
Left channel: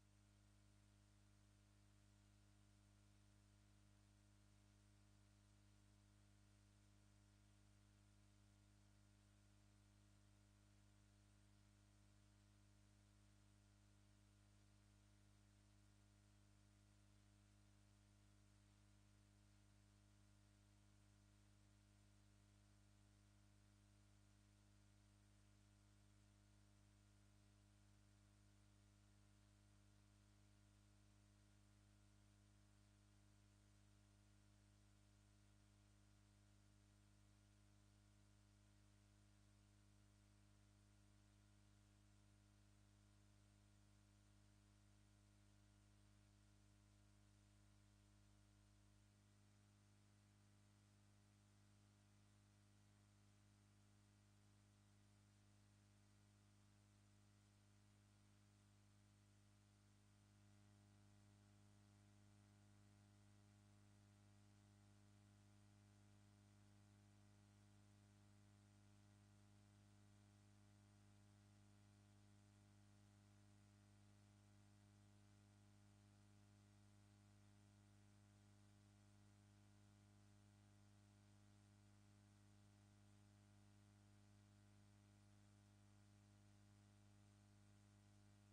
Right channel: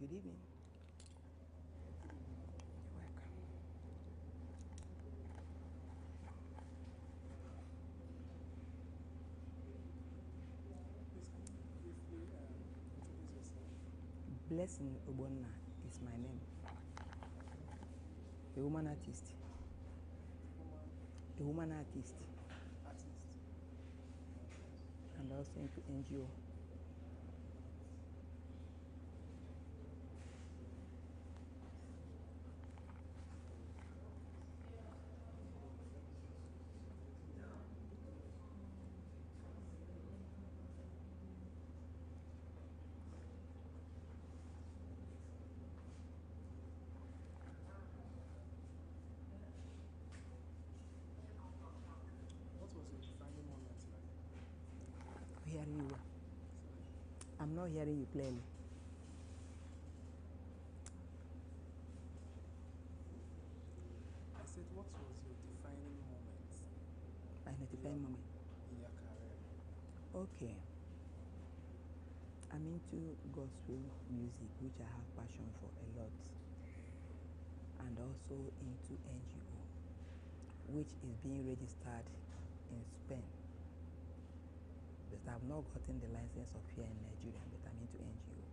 Good evening. Blessing Obonna is my name. A woman artist. A woman artist. And also into NGO. Hearing you. I'm not hearing you clearly. I said, what was your defining moment? My defining moment. In your career? Okay. I'm into gospel music, which I have passion for a lot. And also into NGO, which is being registered in Spain. But I've not gotten the license of here in Nigeria, but I'm into NGO.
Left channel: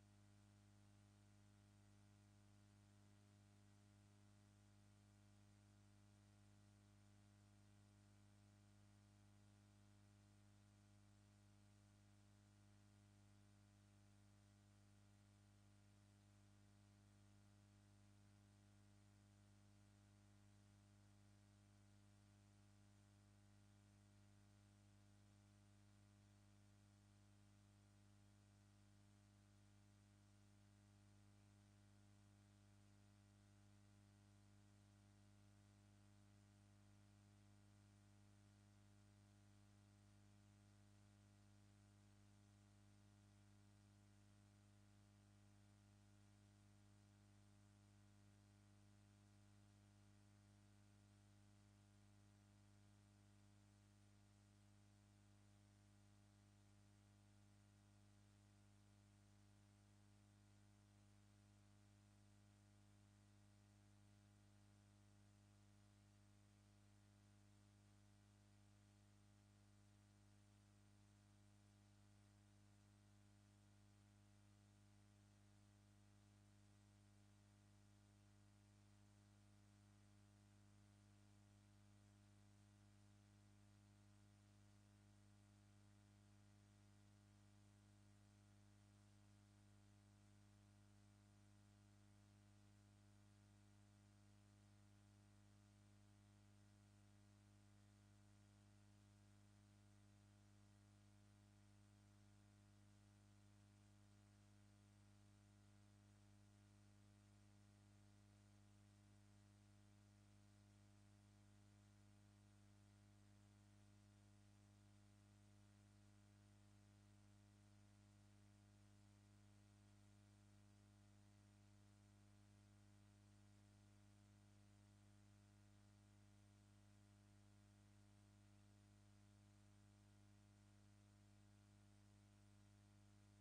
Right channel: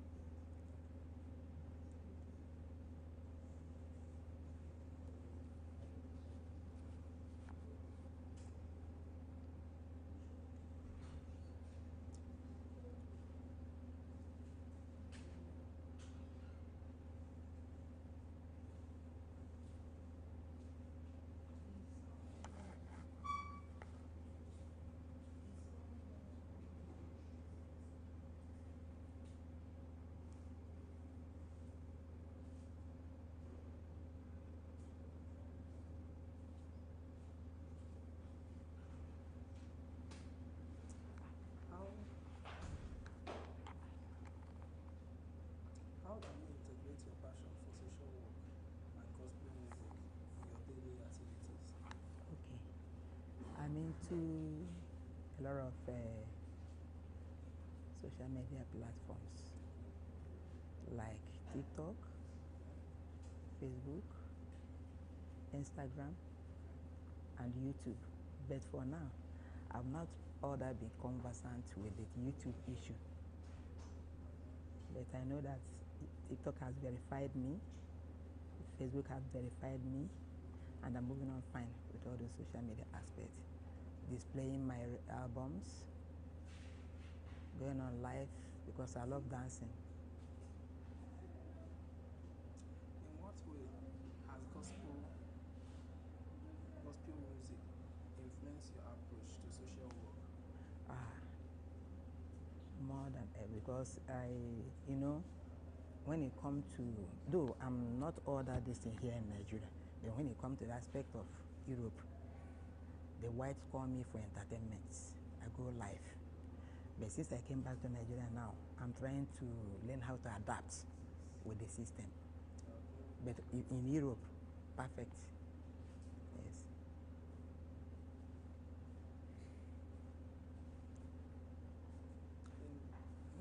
How do you integrate your passion for social work and gospel music in your daily activities? Okay. I'm into a lot of social media platforms like TikTok, Facebook, Instagram, and YouTube. But for now, I've not all that been conversant with the YouTube issue. But I know that TikTok has verified me, Facebook has verified me, and I'm moving on fine with all those social media aspects. Displaying my albums, going on live because I love dancing. In what way has gospel music influenced your approach to social work? More than ever, because when it comes to, though I'm not all that distant here in Nigeria, but when it comes to the aspect of Europe, the whites call me for entertainment. I go live. But since I came back to Nigeria now, I'm trying to learn how to adapt with the system. But in Europe, perfect. Yes.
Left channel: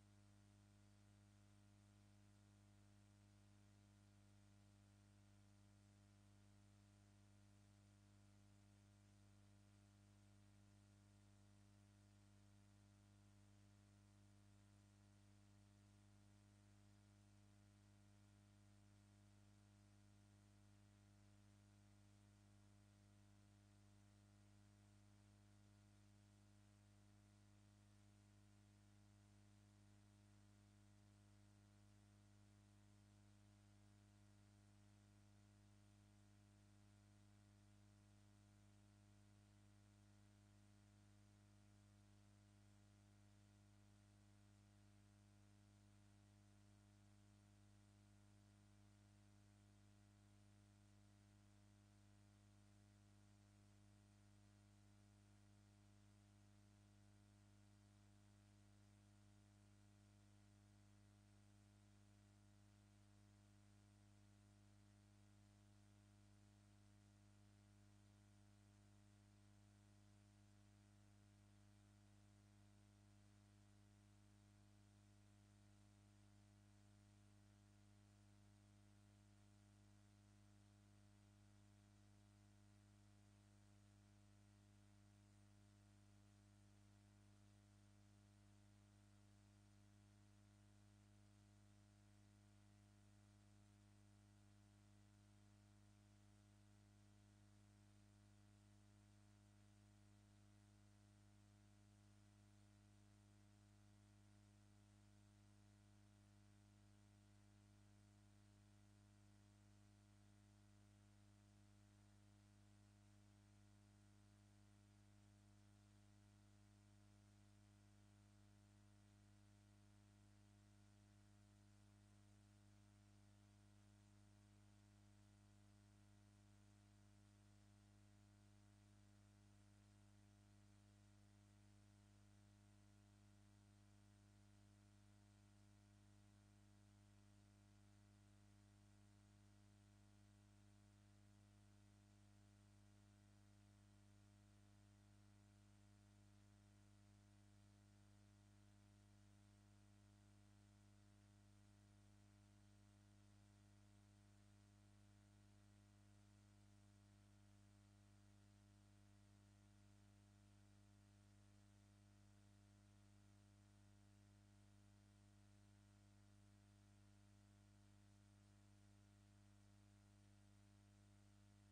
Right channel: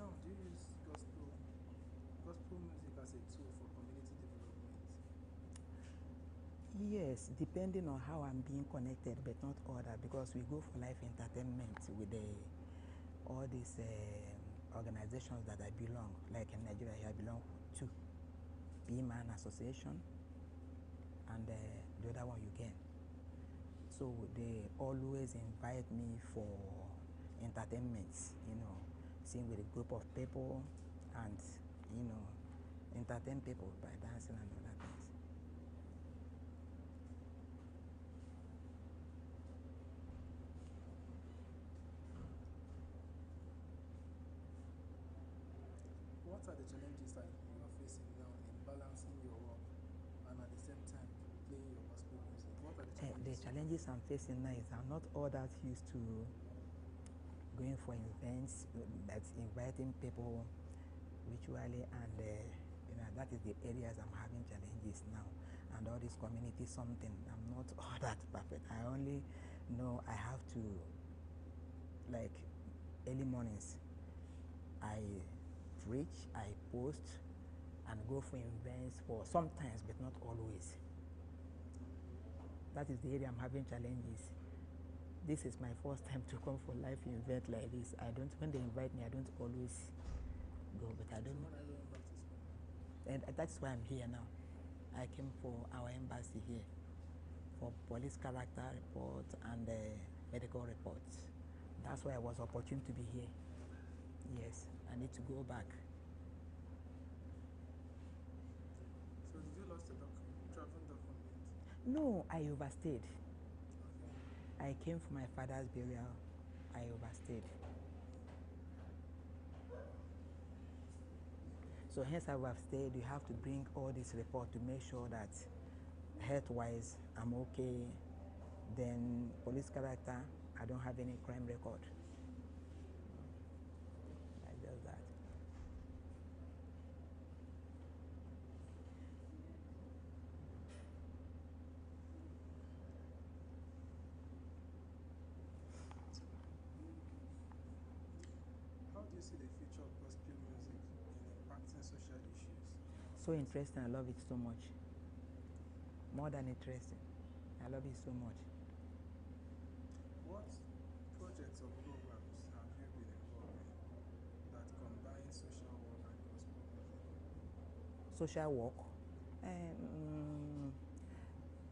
Now, do you use gospel music as a tool for community development? Yes, depending on how I'm being connected, but not all that, because we go for live entertainment with all these organizations that I belong, like in Nigeria I belong to, B-Man Association, and the other one you can. So they always invite me for entertainments, seeing with a group of people and, entertain people by dancing and other things. What are the challenges that you are facing now in balancing your work and at the same time playing your gospel music? What are the challenges? The challenges I'm facing now is I'm not all that used to going for events, that's inviting people virtually, and that is the areas I'm having challenges now. And all this community something, I'm not all that perfect. I only know I have to, like, early mornings, I preach, I post, and go for events for sometimes, but not always. That is the area I'm having challenges. This is my first time to come for live event like this. I don't, when they invite me, I don't always go, but I don't know. And that's why I'm here now. I came for our embassy here for police character report and medical reports. That's why I was opportune to be here. Yes, I need to go back. So did you lost a travel document? No, I overstayed. I came for my father's burial. I overstayed. So hence I overstayed. You have to bring all this report to make sure that health-wise I'm okay. Then police character, I don't have any crime record. Like just that. How do you see the future of gospel music in impacting social issues? So interesting. I love it so much. More than interesting. I love it so much. What projects or programs have you been involved in that combine social work and gospel music? Social work?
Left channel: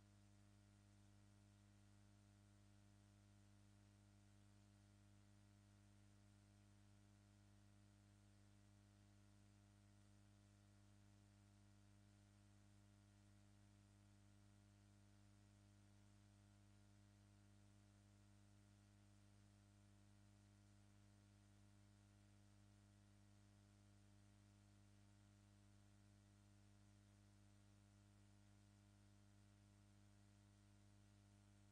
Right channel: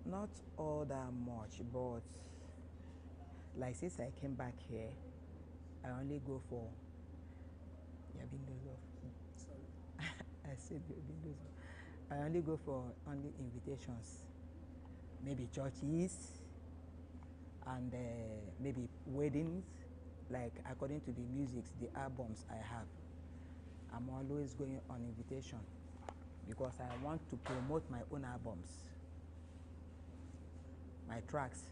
Not all that much, but like since I came back here, I only go for Sorry? I said I only go for only invitations, maybe churches and maybe weddings, like according to the music, the albums I have. I'm always going on invitation because I want to promote my own albums, my tracks.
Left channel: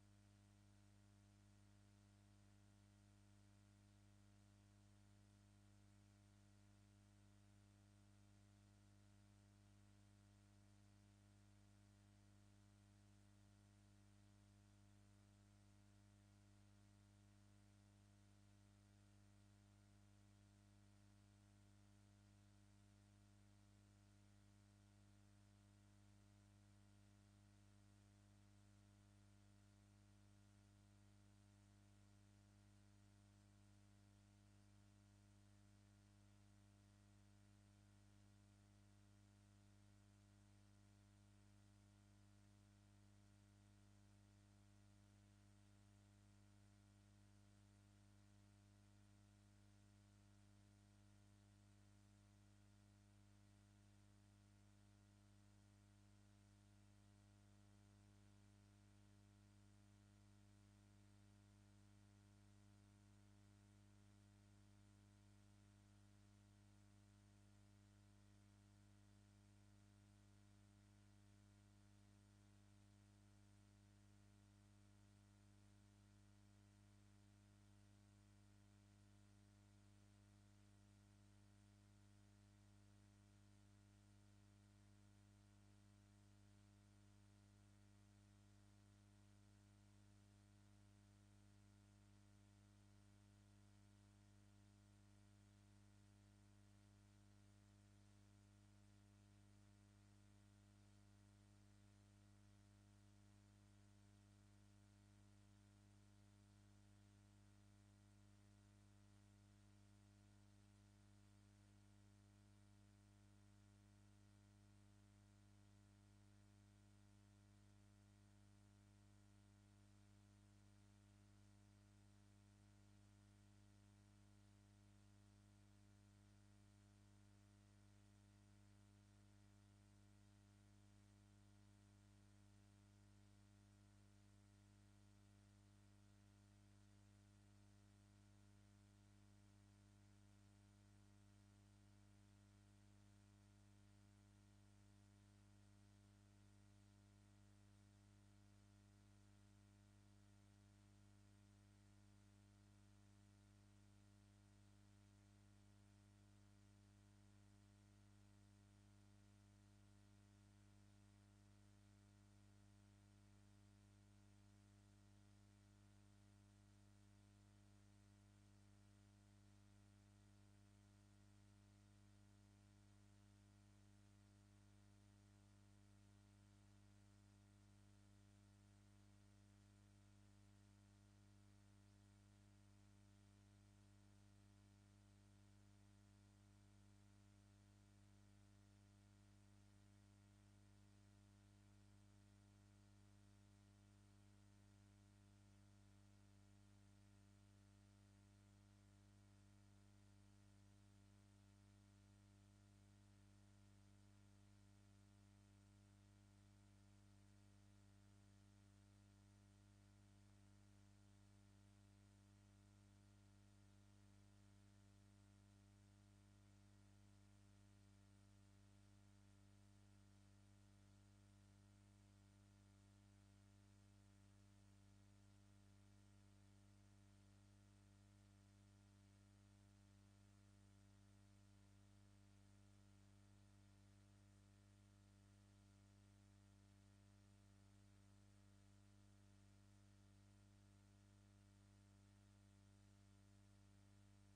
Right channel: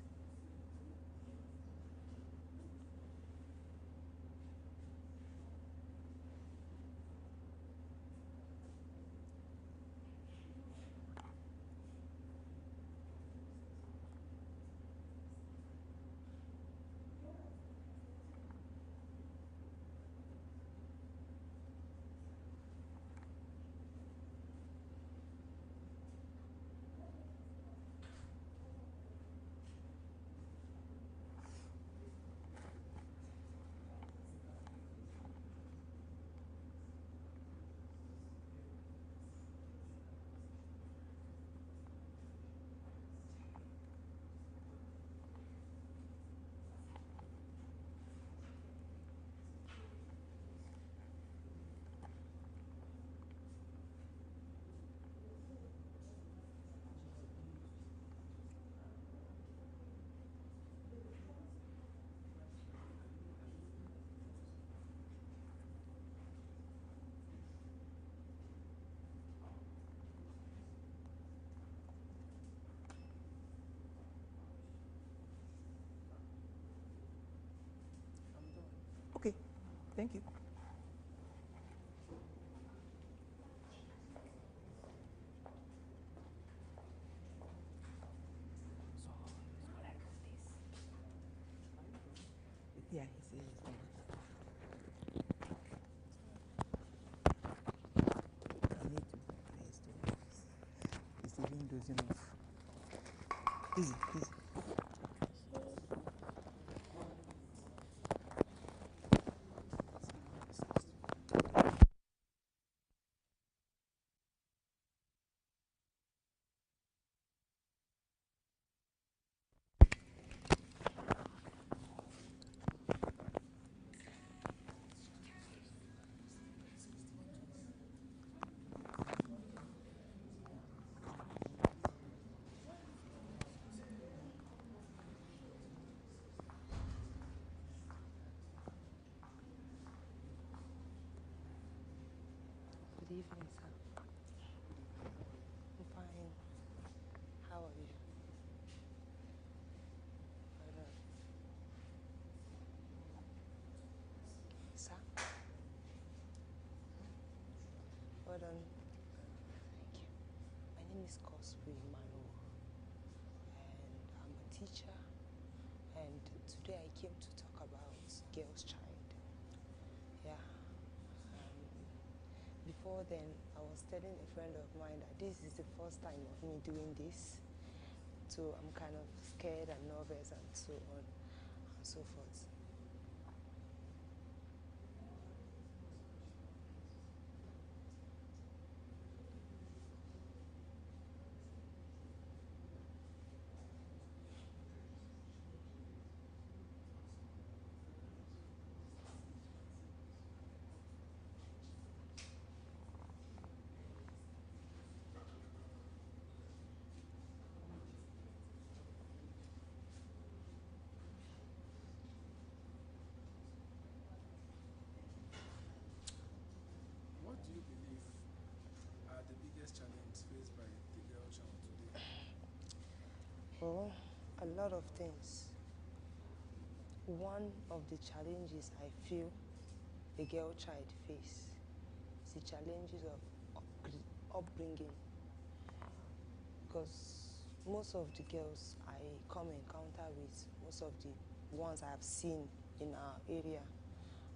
I'm done. Okay, thank you. Yeah, he says it's fine. I need to place to it's even dozing off. Easy, easy. Good evening, sir. I'm fine. How are you? Sir? Well done. Thank you. My name is Cosby Emmanuel, and I'm a teacher. And today I came to talk about Girl's Child. Yeah. Before before then, I was telling a friend of mine that this is the first time of me doing this. So I'm kind of scared and nervous and so on and so forth. What do you believe are the biggest challenges faced by the girl child today? Well, a lot of things. One of the challenges I feel a girl child face is the challenges of upbringing. Because most of the girls I come encounter with, most of the ones I've seen in our area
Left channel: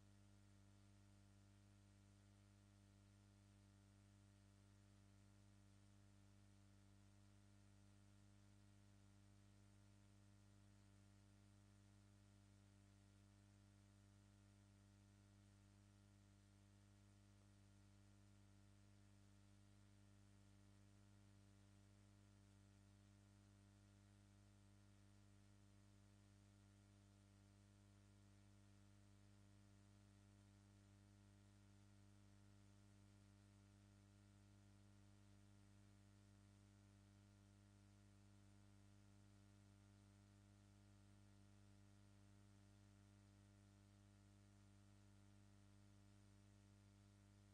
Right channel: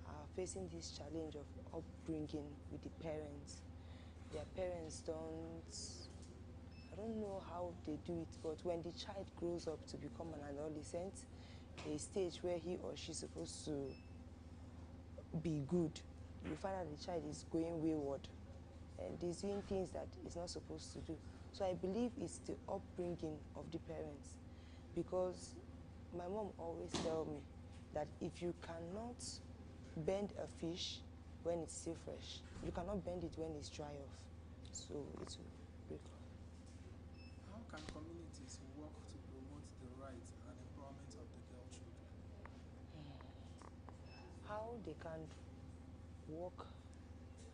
are facing this challenge of upbringing with the parents. Their parents I don't know how they do it, but when the child grows up to become an adolescent, a stage where he or she's supposed to be good, you find that the child is going wayward and is doing things that it's not supposed to do. So I believe it's the upbringing of the parents, because my mom always tells me that if you cannot bend a fish when it's still fresh, you cannot bend it when it's dry off. So it will break off. How can communities work to promote the rights and empowerment of the girl children? How they can work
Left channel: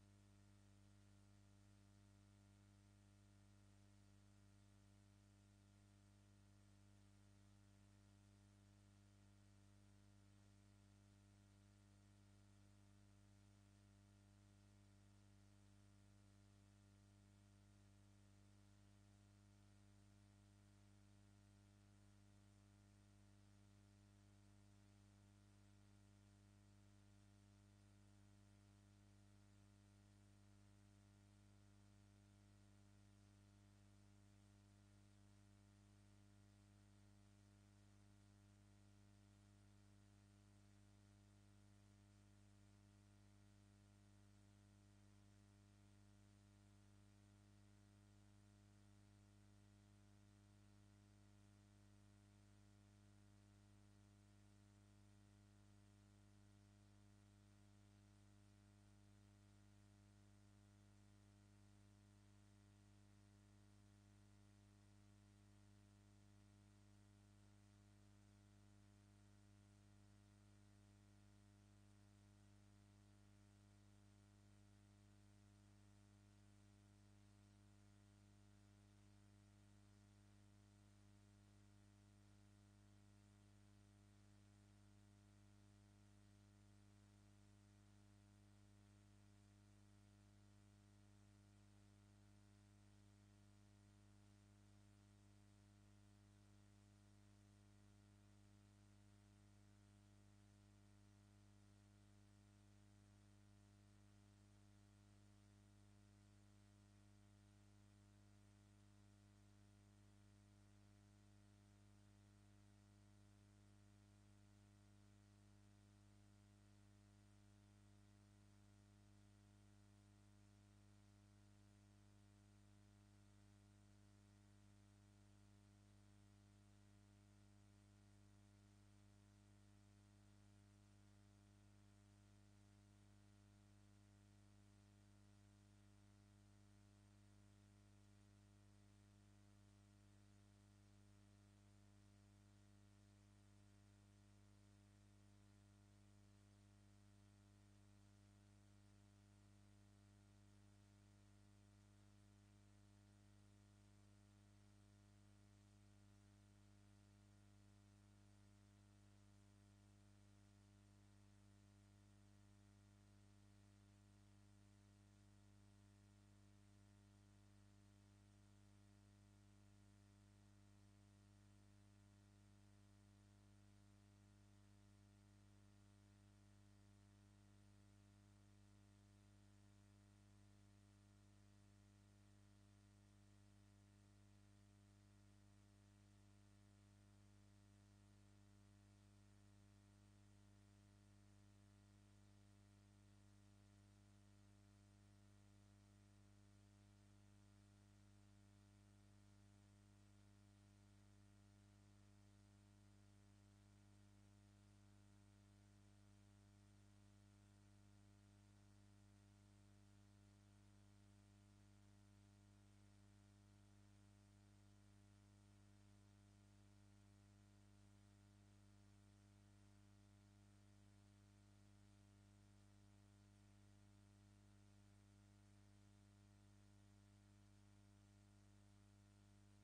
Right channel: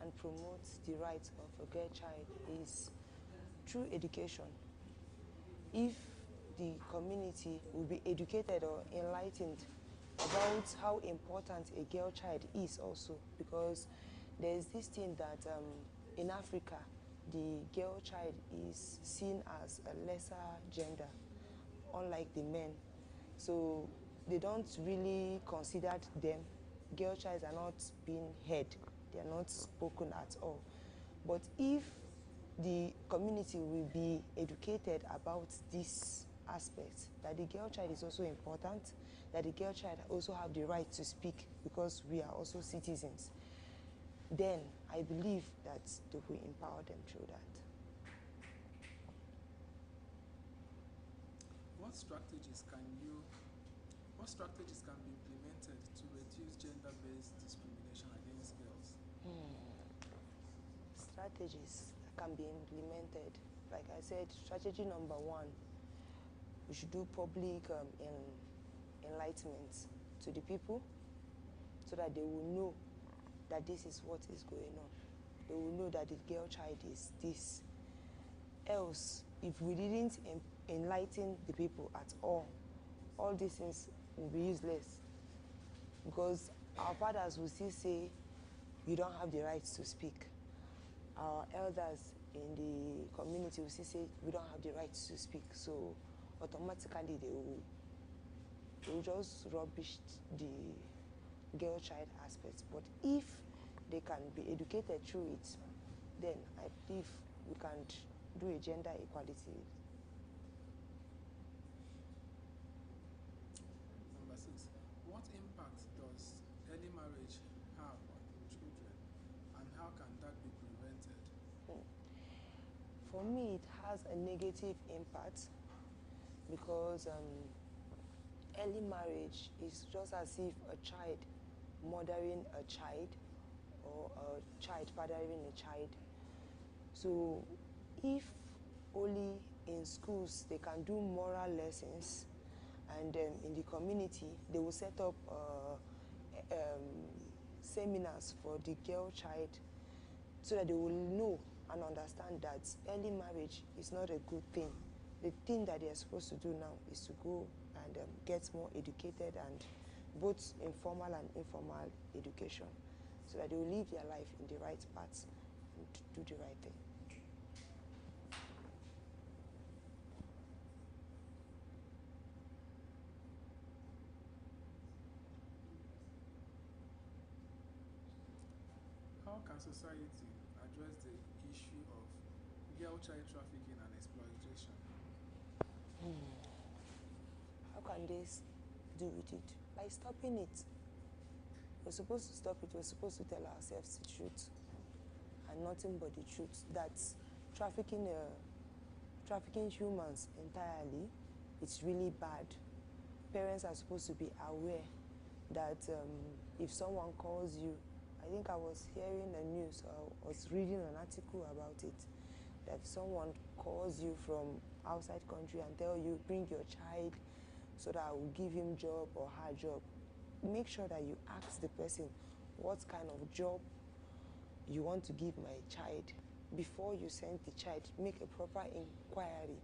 and promote the rights of a girl child is through education. If the community will be educated or enlightened about how important a girl child is also, because there's this thing that in Africa, the girl child is seen as a lesser gender, unlike the men. So they don't really consider them. Girl childs are not being heard. They are not spoken at all. But if the community will be educated about this aspect, that the girl child is also important, that the girl child also have the right to speak because we are also citizens, then I believe that they will empower them through that. What strategies can be implemented to reduce gender-based discrimination against girls? Strategies that can be implemented. Like I said, strategy number one, we should do public enlightenment to the people so that they will know that this is what is going on. They will know that the girl child is this. Else, if we didn't enlighten the people at all these things will be useless, because our fathers will still say, you don't have the right to speak. Our elders in the community will still say, we don't have the right to speak. So automatically they will just rubbish the girl child aspect. But if they can be educated through it, then I believe we can do a gender equality. Number 6, what impact does early marriage have on children, and how can that be prevented? For me, it has a negative impact, because early marriage is just as if a child mothering a child or a child fathering a child. So if only in schools they can do moral lessons, and in the community they will set up seminars for the girl child, so that they will know and understand that early marriage is not a good thing. The thing that they are supposed to do now is to go and get more educated, and both informal and informal education, so that they will live their life in the right path and do the right thing. How can society address the girl child trafficking and exploitation? How can they do with it? By stopping it. We're supposed to stop it. We're supposed to tell ourselves the truth and nothing but the truth. That trafficking humans entirely, it's really bad. Parents are supposed to be aware that if someone calls you, I think I was hearing the news, I was reading an article about it, that if someone calls you from outside country and tell you, bring your child so that I will give him job or her job, make sure that you ask the person what kind of job you want to give my child. Before you send the child, make a proper inquiry.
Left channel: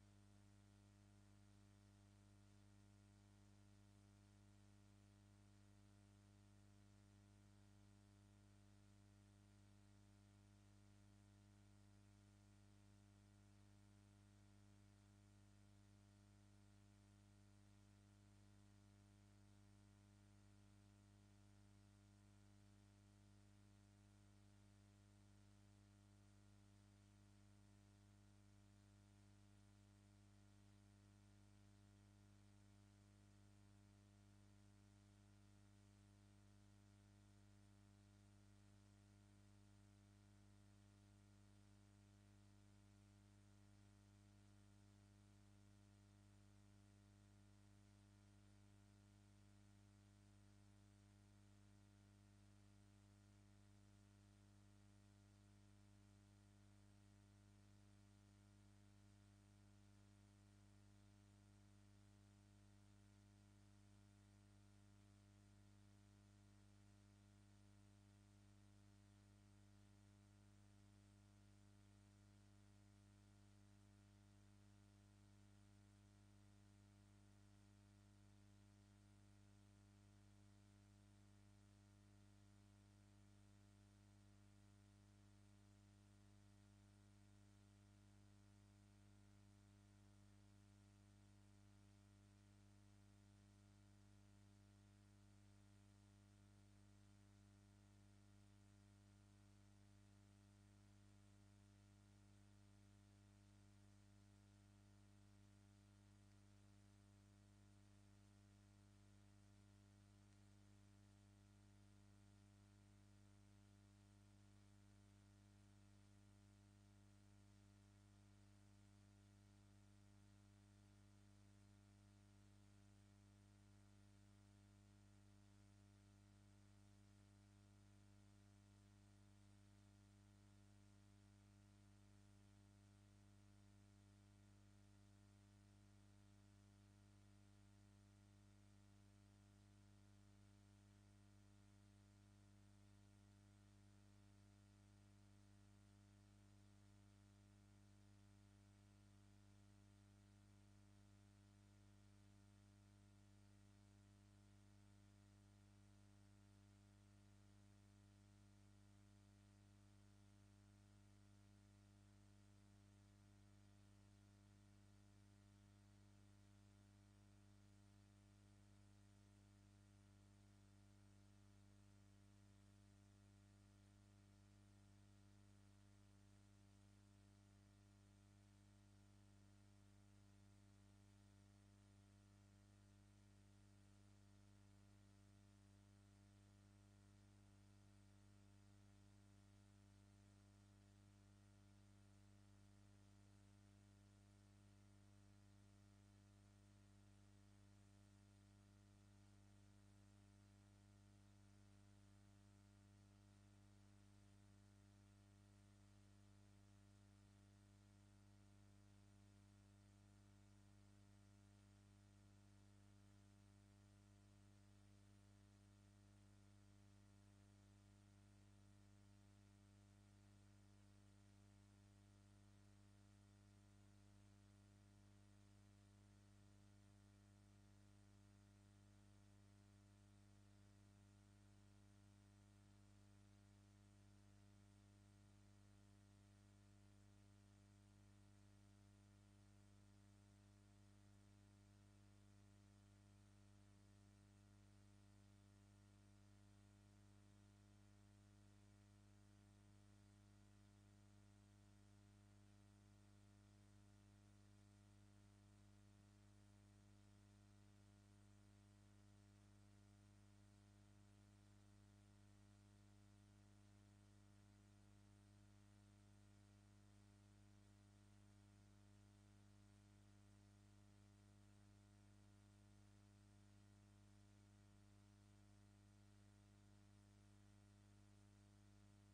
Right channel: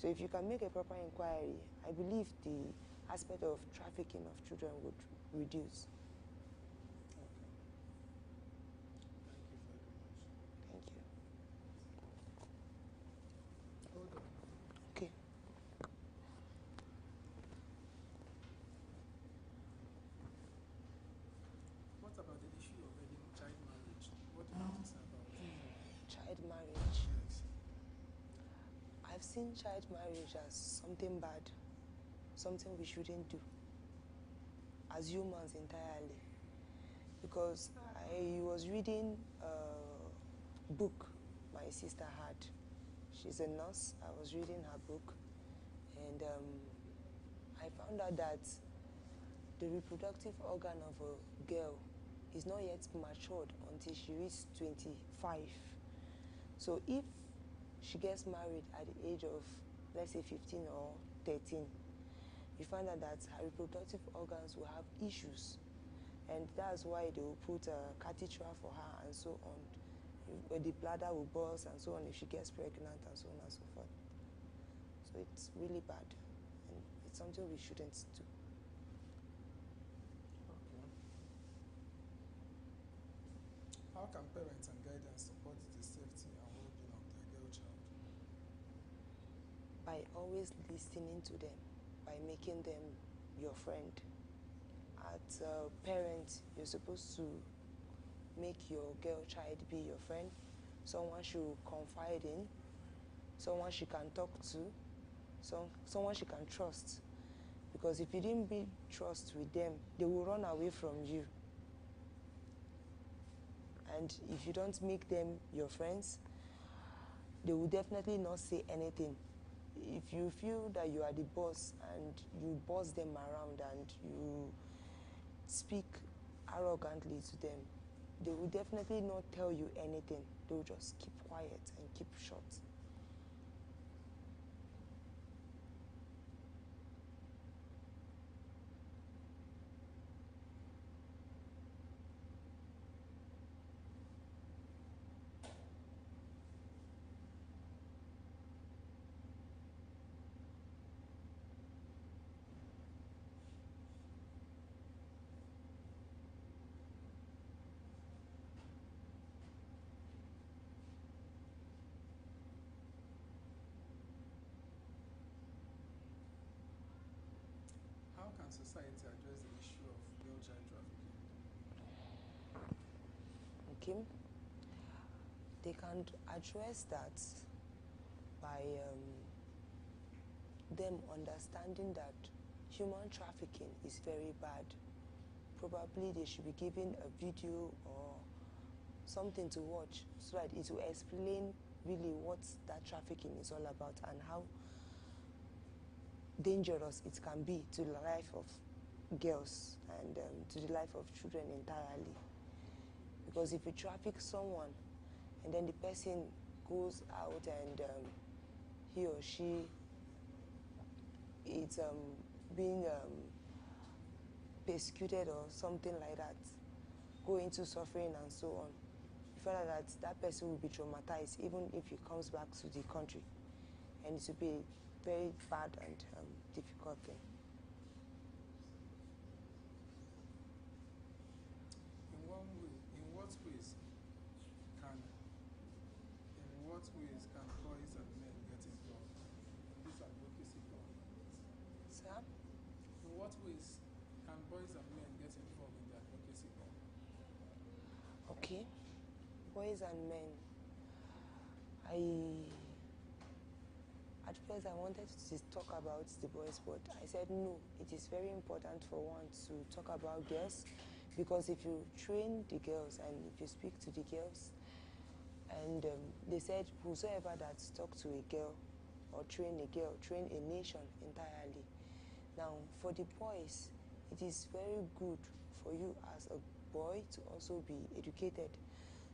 So if you can make a proper inquiry, I believe the aspect of trafficking of children would reduce. Okay. Thank you very much. Thank you. Hold on. Okay. What about the issue of child marriage? What do you have to say about it? Child marriage. Yes. I've seen child marriage as something bad, something we shouldn't do as humans entirely. Because I was reading a book my sister had. She's a nurse. I was reading her book, and I found out that the reproductive organ of a girl is not yet matured until she reaches 25. So if she gets married at the age of, let's say, 15 or 13, you find out that her reproductive organs will have issues. And that's why they will put a catheter for her and so on. The bladder will burst and so on if she gets pregnant and so on and so forth. So it's really bad. And it's something we shouldn't do. Okay. How can parents and guidance support the safety and well-being of their girl child? By always listening to them, by making them your friend. As a parent, you're supposed to make your girl child be your friend, someone she will confide in, someone she can talk to, someone she can trust. Because if you didn't build trust with them, they will run away from you. And if you don't make them your friends, they will definitely not say anything. If you feel that you are the boss and you boss them around and you speak arrogantly to them, they will definitely not tell you anything. They will just keep quiet and keep shut. How can society address the issue of girl child trafficking? Okay? They can address that by them understanding that human trafficking is very bad. Probably they should be given a video or something to watch so that it will explain really what that trafficking is all about and how dangerous it can be to the life of girls and to the life of children entirely. Because if you traffic someone and then the person goes out and he or she is being persecuted or something like that, go into suffering and so on, you find out that that person will be traumatized even if he comes back to the country. And it will be a very bad and difficult thing. In what ways can boys and men get involved in this advocacy work? Sir? In what ways can boys and men get involved in the advocacy work? Okay. Boys and men. I boys, I wanted to talk about the boys, but I said no, it is very important for one to talk about girls, because if you train the girls and if you speak to the girls, and they said whosoever that talk to a girl or train a girl, train a nation entirely. Now, for the boys, it is very good for you as a boy to also be educated,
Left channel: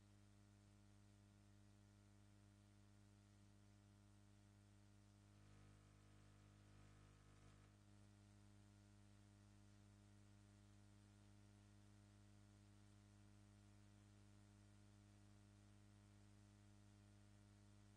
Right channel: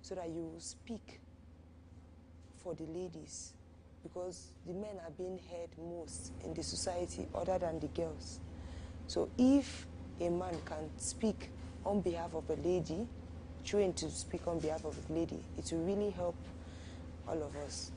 so that you will speak for the ladies, because the men are being heard most in the society other than the girls. So if a man can speak on behalf of a lady, trained to speak on behalf of a lady, it will really help all of us.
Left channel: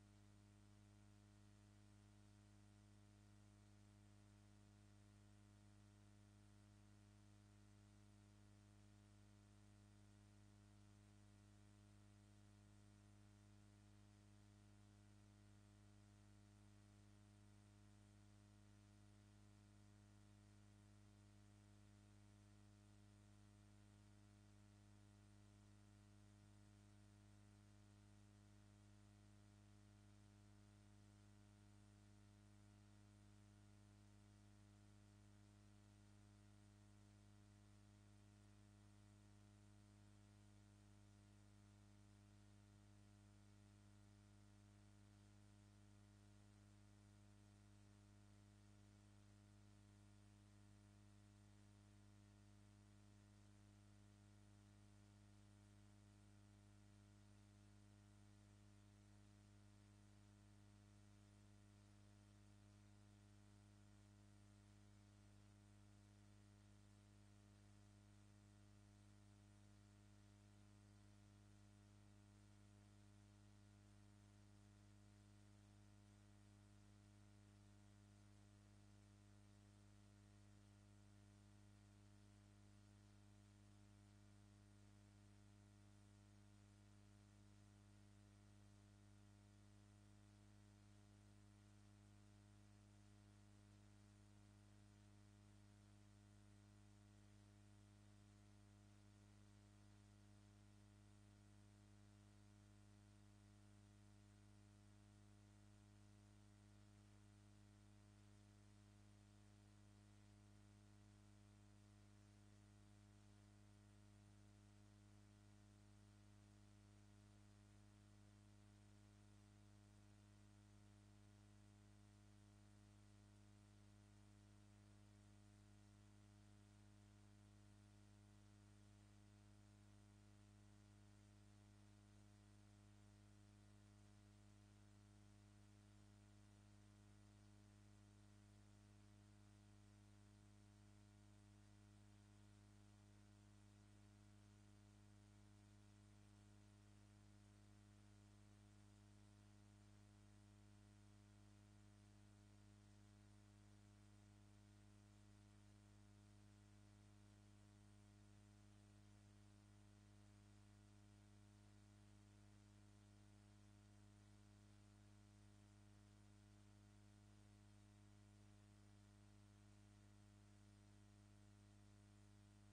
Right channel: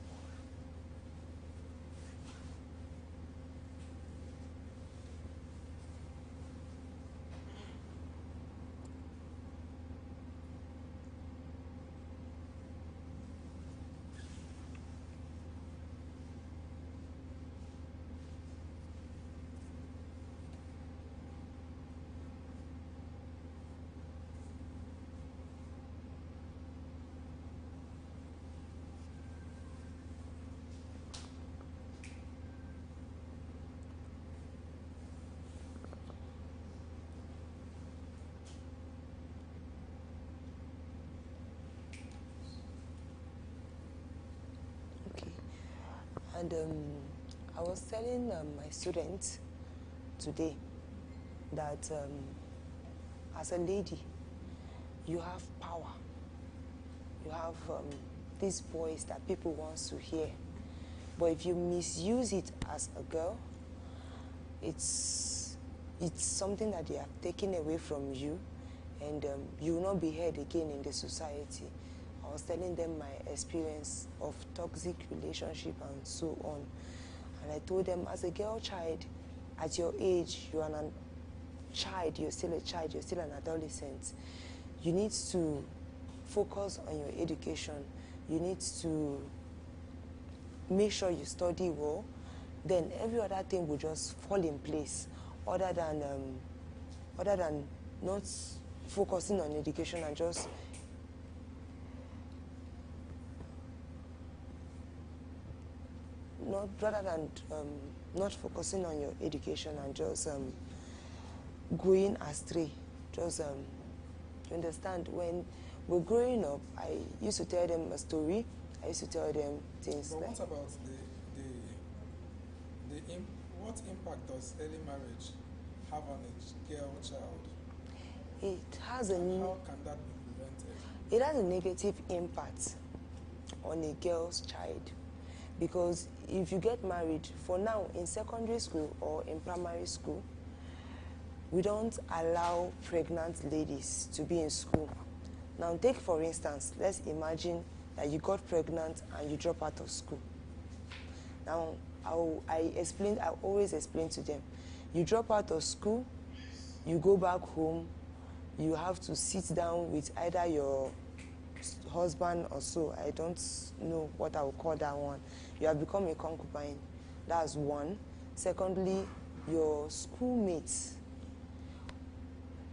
And I was telling my students today that as a lady, you have power. You have these voice that people want to hear. But if you misuse it as a girl, it's something that they have taken away from you, and you will not be heard again in the society. I was telling them my experience of toxic relationship and so on. And I told them, as a girl child, at your age, you are a child, you're still a child, you're still an adolescent. You need to focus on your education. You need to make sure you study well. Then every other thing will just fall in place, other than not focusing on education and just not focusing on your education and just going astray. Just you understand, when we're growing up, I used to tell them a story. I used to tell them things. But like, what about what impact does early marriage have on a girl child? It has and how can that be prevented? It has a negative impact on a girl's child, because if you get married, for now in secondary school or in primary school, we don't allow pregnant ladies to be in school. Now take for instance, let's imagine that you got pregnant and you drop out of school. Now I always explain to them, you drop out of school, you go back home, you have to sit down with either your husband or so. I don't know what I would call that one. You have become a concubine. That's one. Secondly, your schoolmates,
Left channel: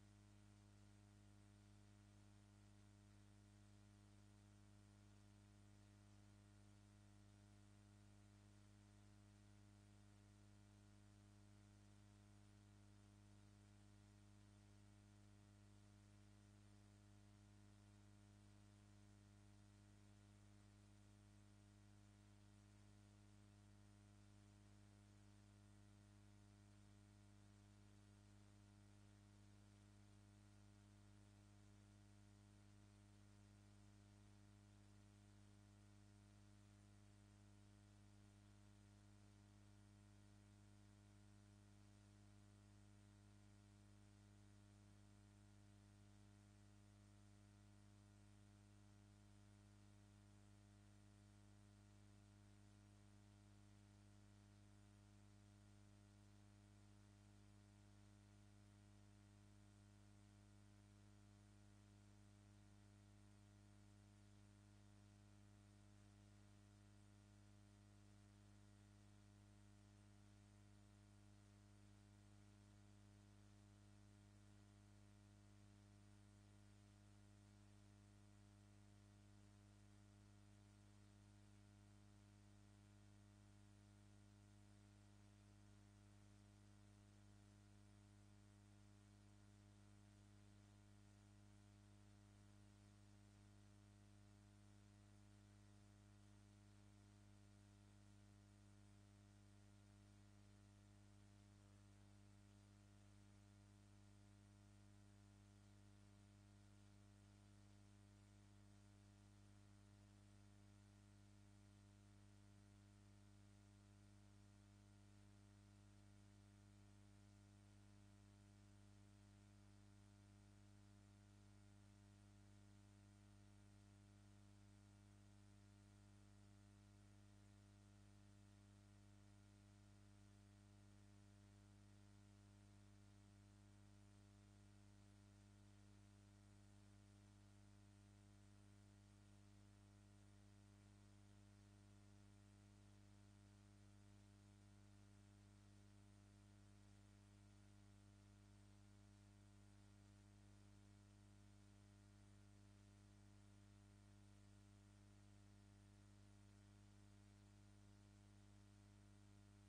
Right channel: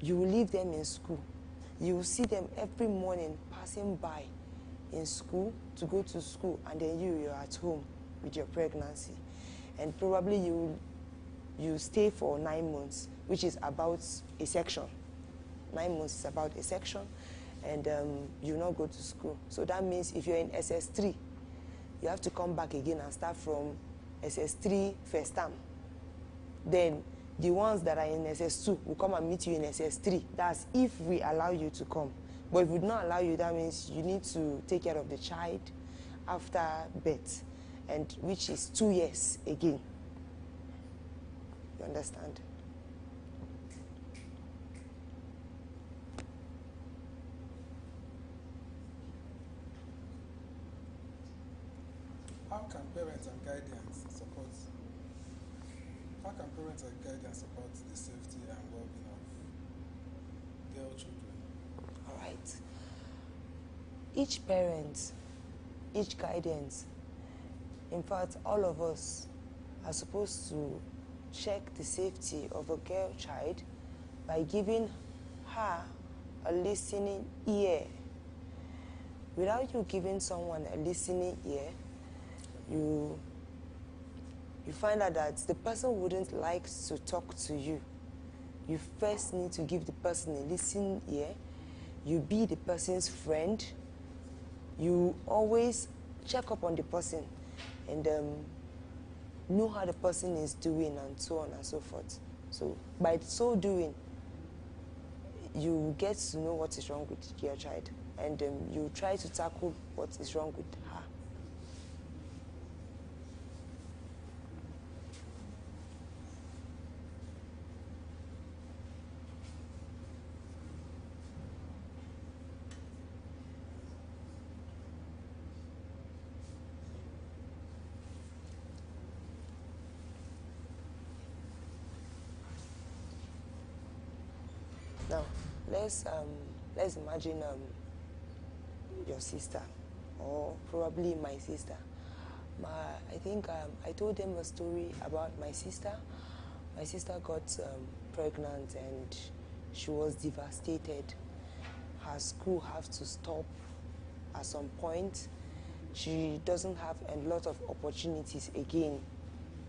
you will leave them in school. You will see them every morning passing by in school to go to school, and then you're at home with your pregnancy. And probably you stay for 9 months, which is about a section. 9 months is about a section, and you not go to school. So that means if you're in SS3, you have to come back again and start from SS3 first term. Then the ones that are in SS2 will come and meet you in SS3. That's if we allow you to come. But if we do not allow you, that means you need to take care of the child after birth, and which is 2 years again. You understand? How can parents and guardians support the safety and well-being of girl children? All right. Each parent, each guidance, in fact, all of us are supposed to check the safety of a girl child by giving her a listening ear. Without you giving someone a listening ear, you find out that the person wouldn't like to talk to you. You first need to give the person a listening ear. You be the person's friend. You always check up on the person and know how the person is doing and so on and so forth. So by so doing, you get to know what is wrong with your child, and you try to tackle what is wrong with her. Now, let's imagine your sister, or probably my sister. I think I told them a story about my sister. My sister got pregnant and she was devastated. Her school have to stop at some point. She doesn't have a lot of opportunities again,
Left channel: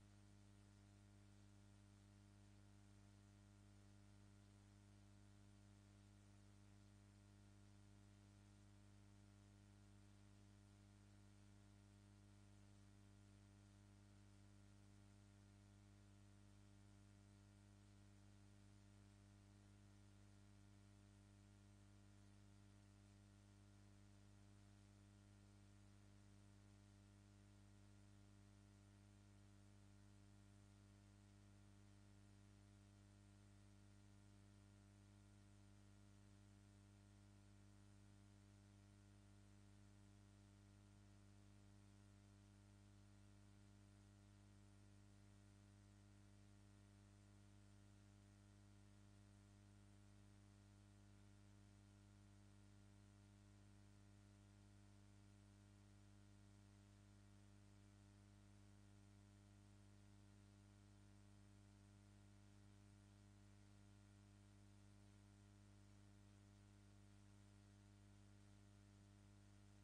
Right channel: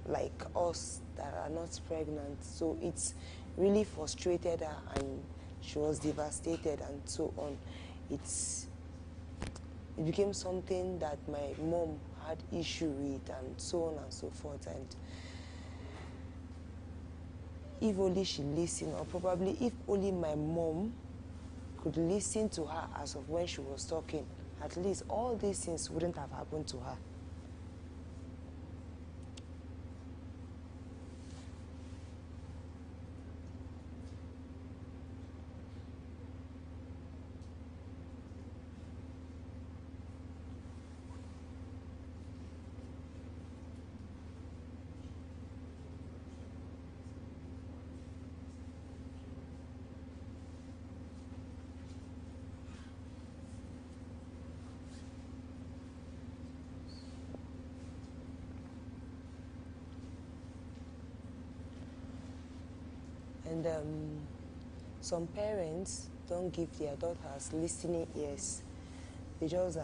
like us that are not pregnant. So it's really frustrated her and she was devastated and so on. It became something that my mom had issue with and so on and so forth. And if only she listened, or probably if only my mom could listen to her as of when she was talking, at least all these things wouldn't have happened to her. And some parents don't give their daughters listening ears. They just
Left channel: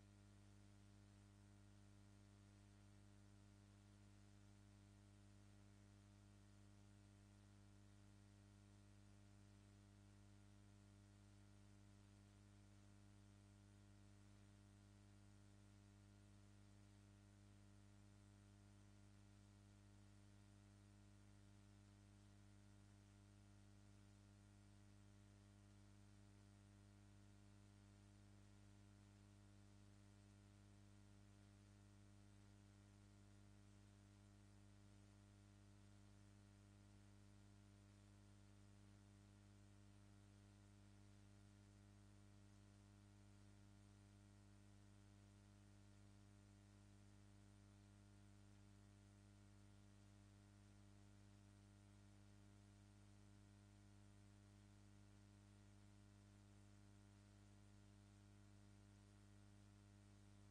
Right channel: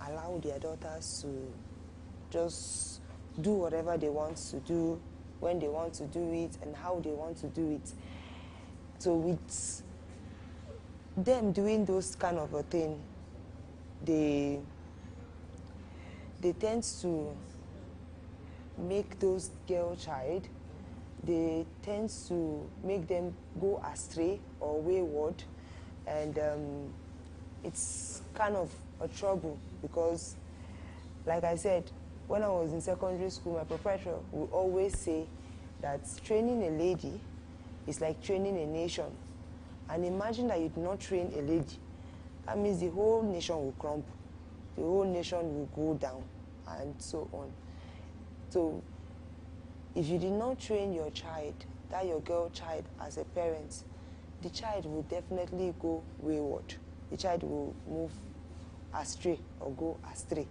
allow their daughters to just do whatever they want to do, when they want to do it, and how they want to do it. So with them doing those kind of a thing, they tend to make those girl child, they tend to make them go astray or wayward, and it's kind of a trouble because, like I said, when I was in secondary school, my professor would always say that training a lady is like training a nation. And imagine that you do not train a lady. That means the whole nation will crumble. The whole nation will go down and so on. So if you did not train your child, that your girl child as a parent, the child will definitely go wayward. The child will move astray or go astray.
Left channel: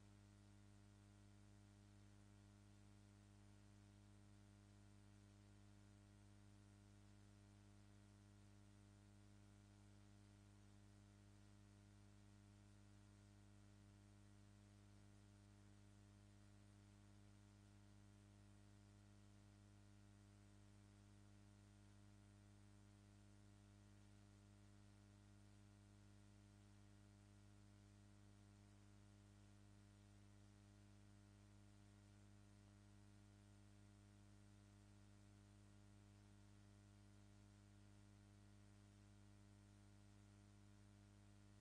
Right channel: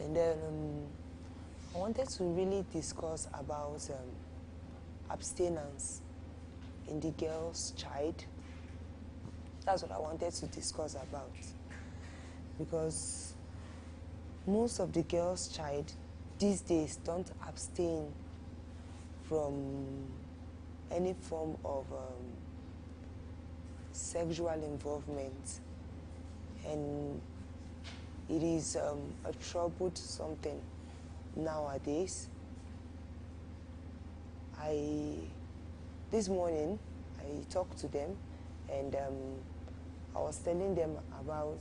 And then I wanted to really discuss about abstinence in the girl's child. That's what I wanted to discuss about. Because most of the girl's child these days don't abstain from any form of sexual involvement. And it is a troubled something nowadays. This morning, I talked to them and I was telling them about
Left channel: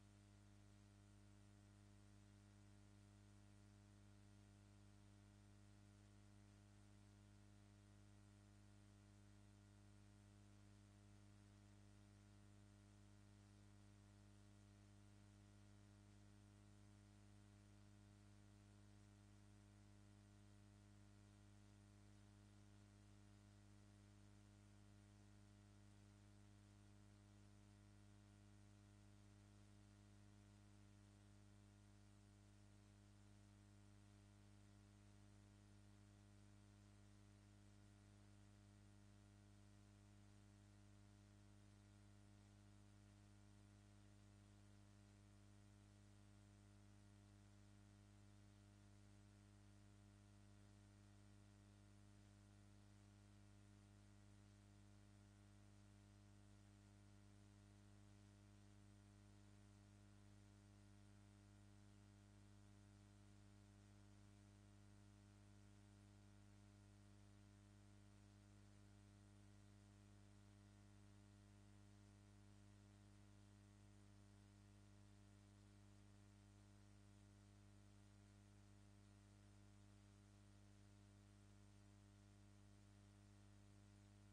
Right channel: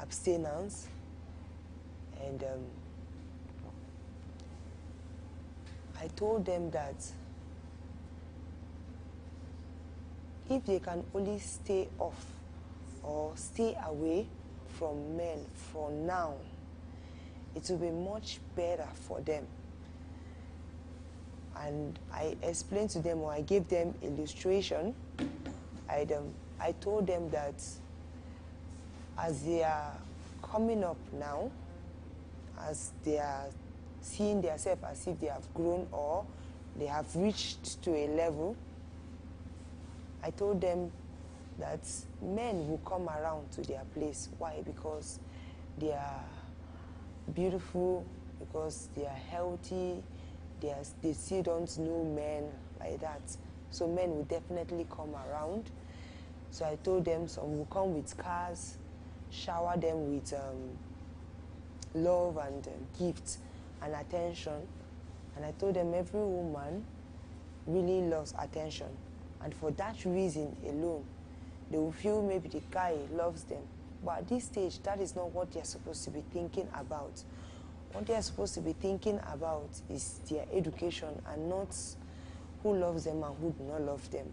abstinence, and I told them that if they can only stay off or stay away from men for now, it will be much better for them. And I explained to them, or I gave them illustration. I told them that As they are coming up now, as they are seeing themselves as if they have grown or they have reached to a level, I told them that men will come around to their place. Why? Because they are beautiful, because they are healthy, they still don't know men like that. So men will definitely come around. So I told them some will come with cars, shower them with love and gifts and attention. And I told them every woman really loves attention. And for that reason alone, they will feel maybe the guy loves them. But at this stage, that is not what they're supposed to be thinking about. What they're supposed to be thinking about is their education and not who loves them and who do not love them.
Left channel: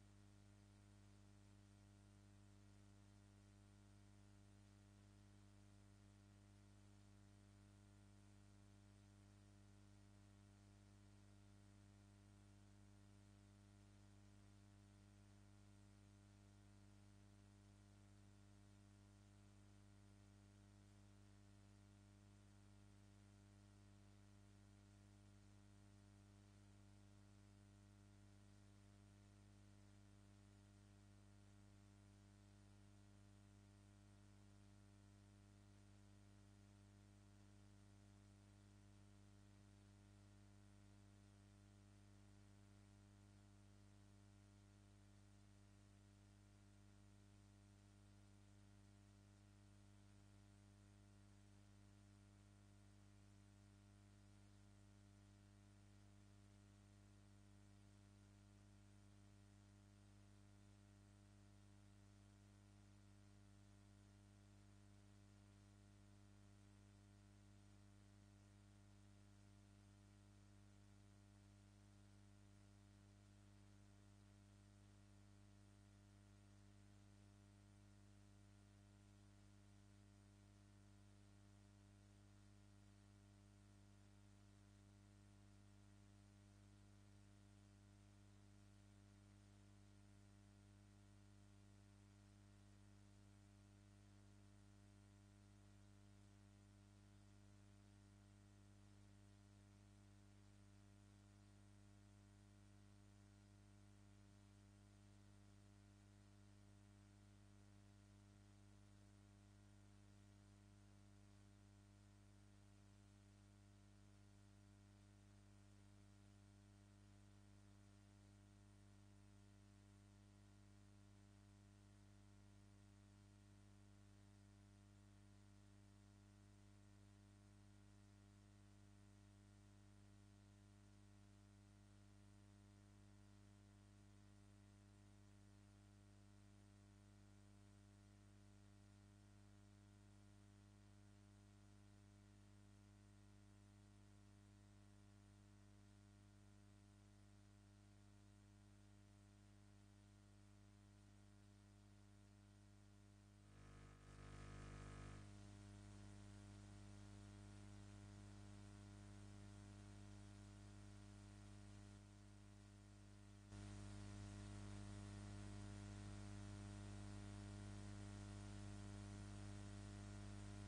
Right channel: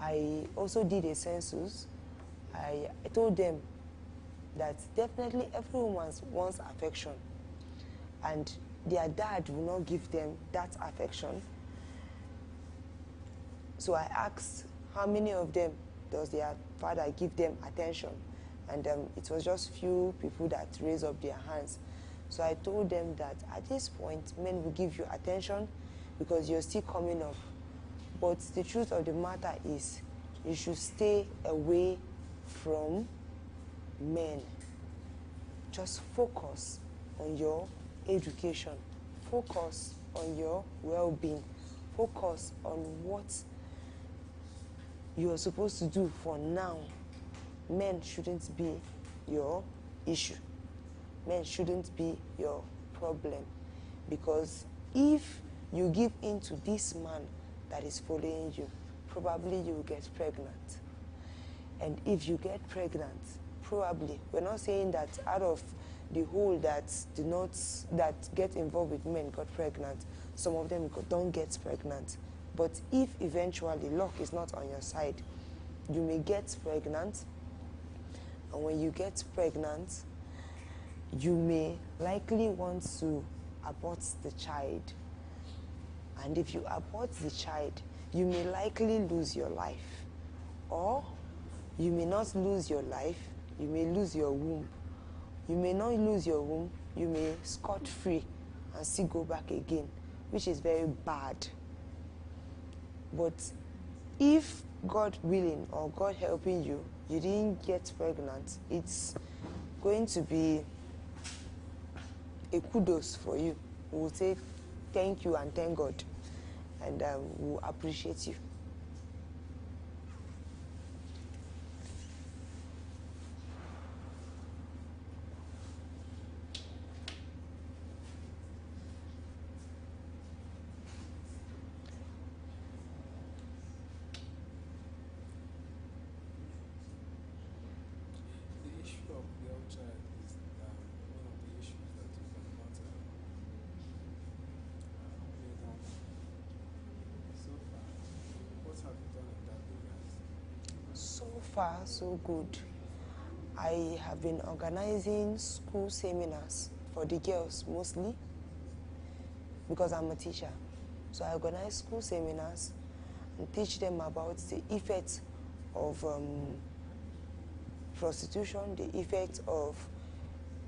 I also did a census. I told them that definitely everyone wants affection, and their dad will not give them that affection. So I asked how many of them does their father give them attention, and it was just few people that raised up their hands. So I told them that at this point, men will give you attention because you're still coming up. But the truth of the matter is, you should stay away from men. Just focus on your education. Focus on your well-being. Focus on what you are supposed to do for now. Men shouldn't be your issue. Men shouldn't be your problem. Because if you give in to this man that is following you, probably you will get pregnant. And if you get pregnant, probably, we're not saying that out of the whole that get involved with men got pregnant, some of them don't get pregnant. But if eventually luck is not on your side, you may get pregnant. And when you get pregnant, you may likely want to abort the child. And if you abort the child, you may likely lose your life. Or you may not lose your life, you may lose your womb. You may not lose your womb, you may scot-free and still go back again, which is very bad. But if God willing or God helping you, you didn't get pregnant, it's going to be a kudos for you. We will say thank you and thank God, and we'll appreciate you. The issue of girl child is one of the issues that you cannot lay down. So far, what have you done in that area? So far, so good. I have been organizing school seminars for the girls mostly because I'm a teacher. So I organize school seminars and teach them about the effects of prostitution, the effects of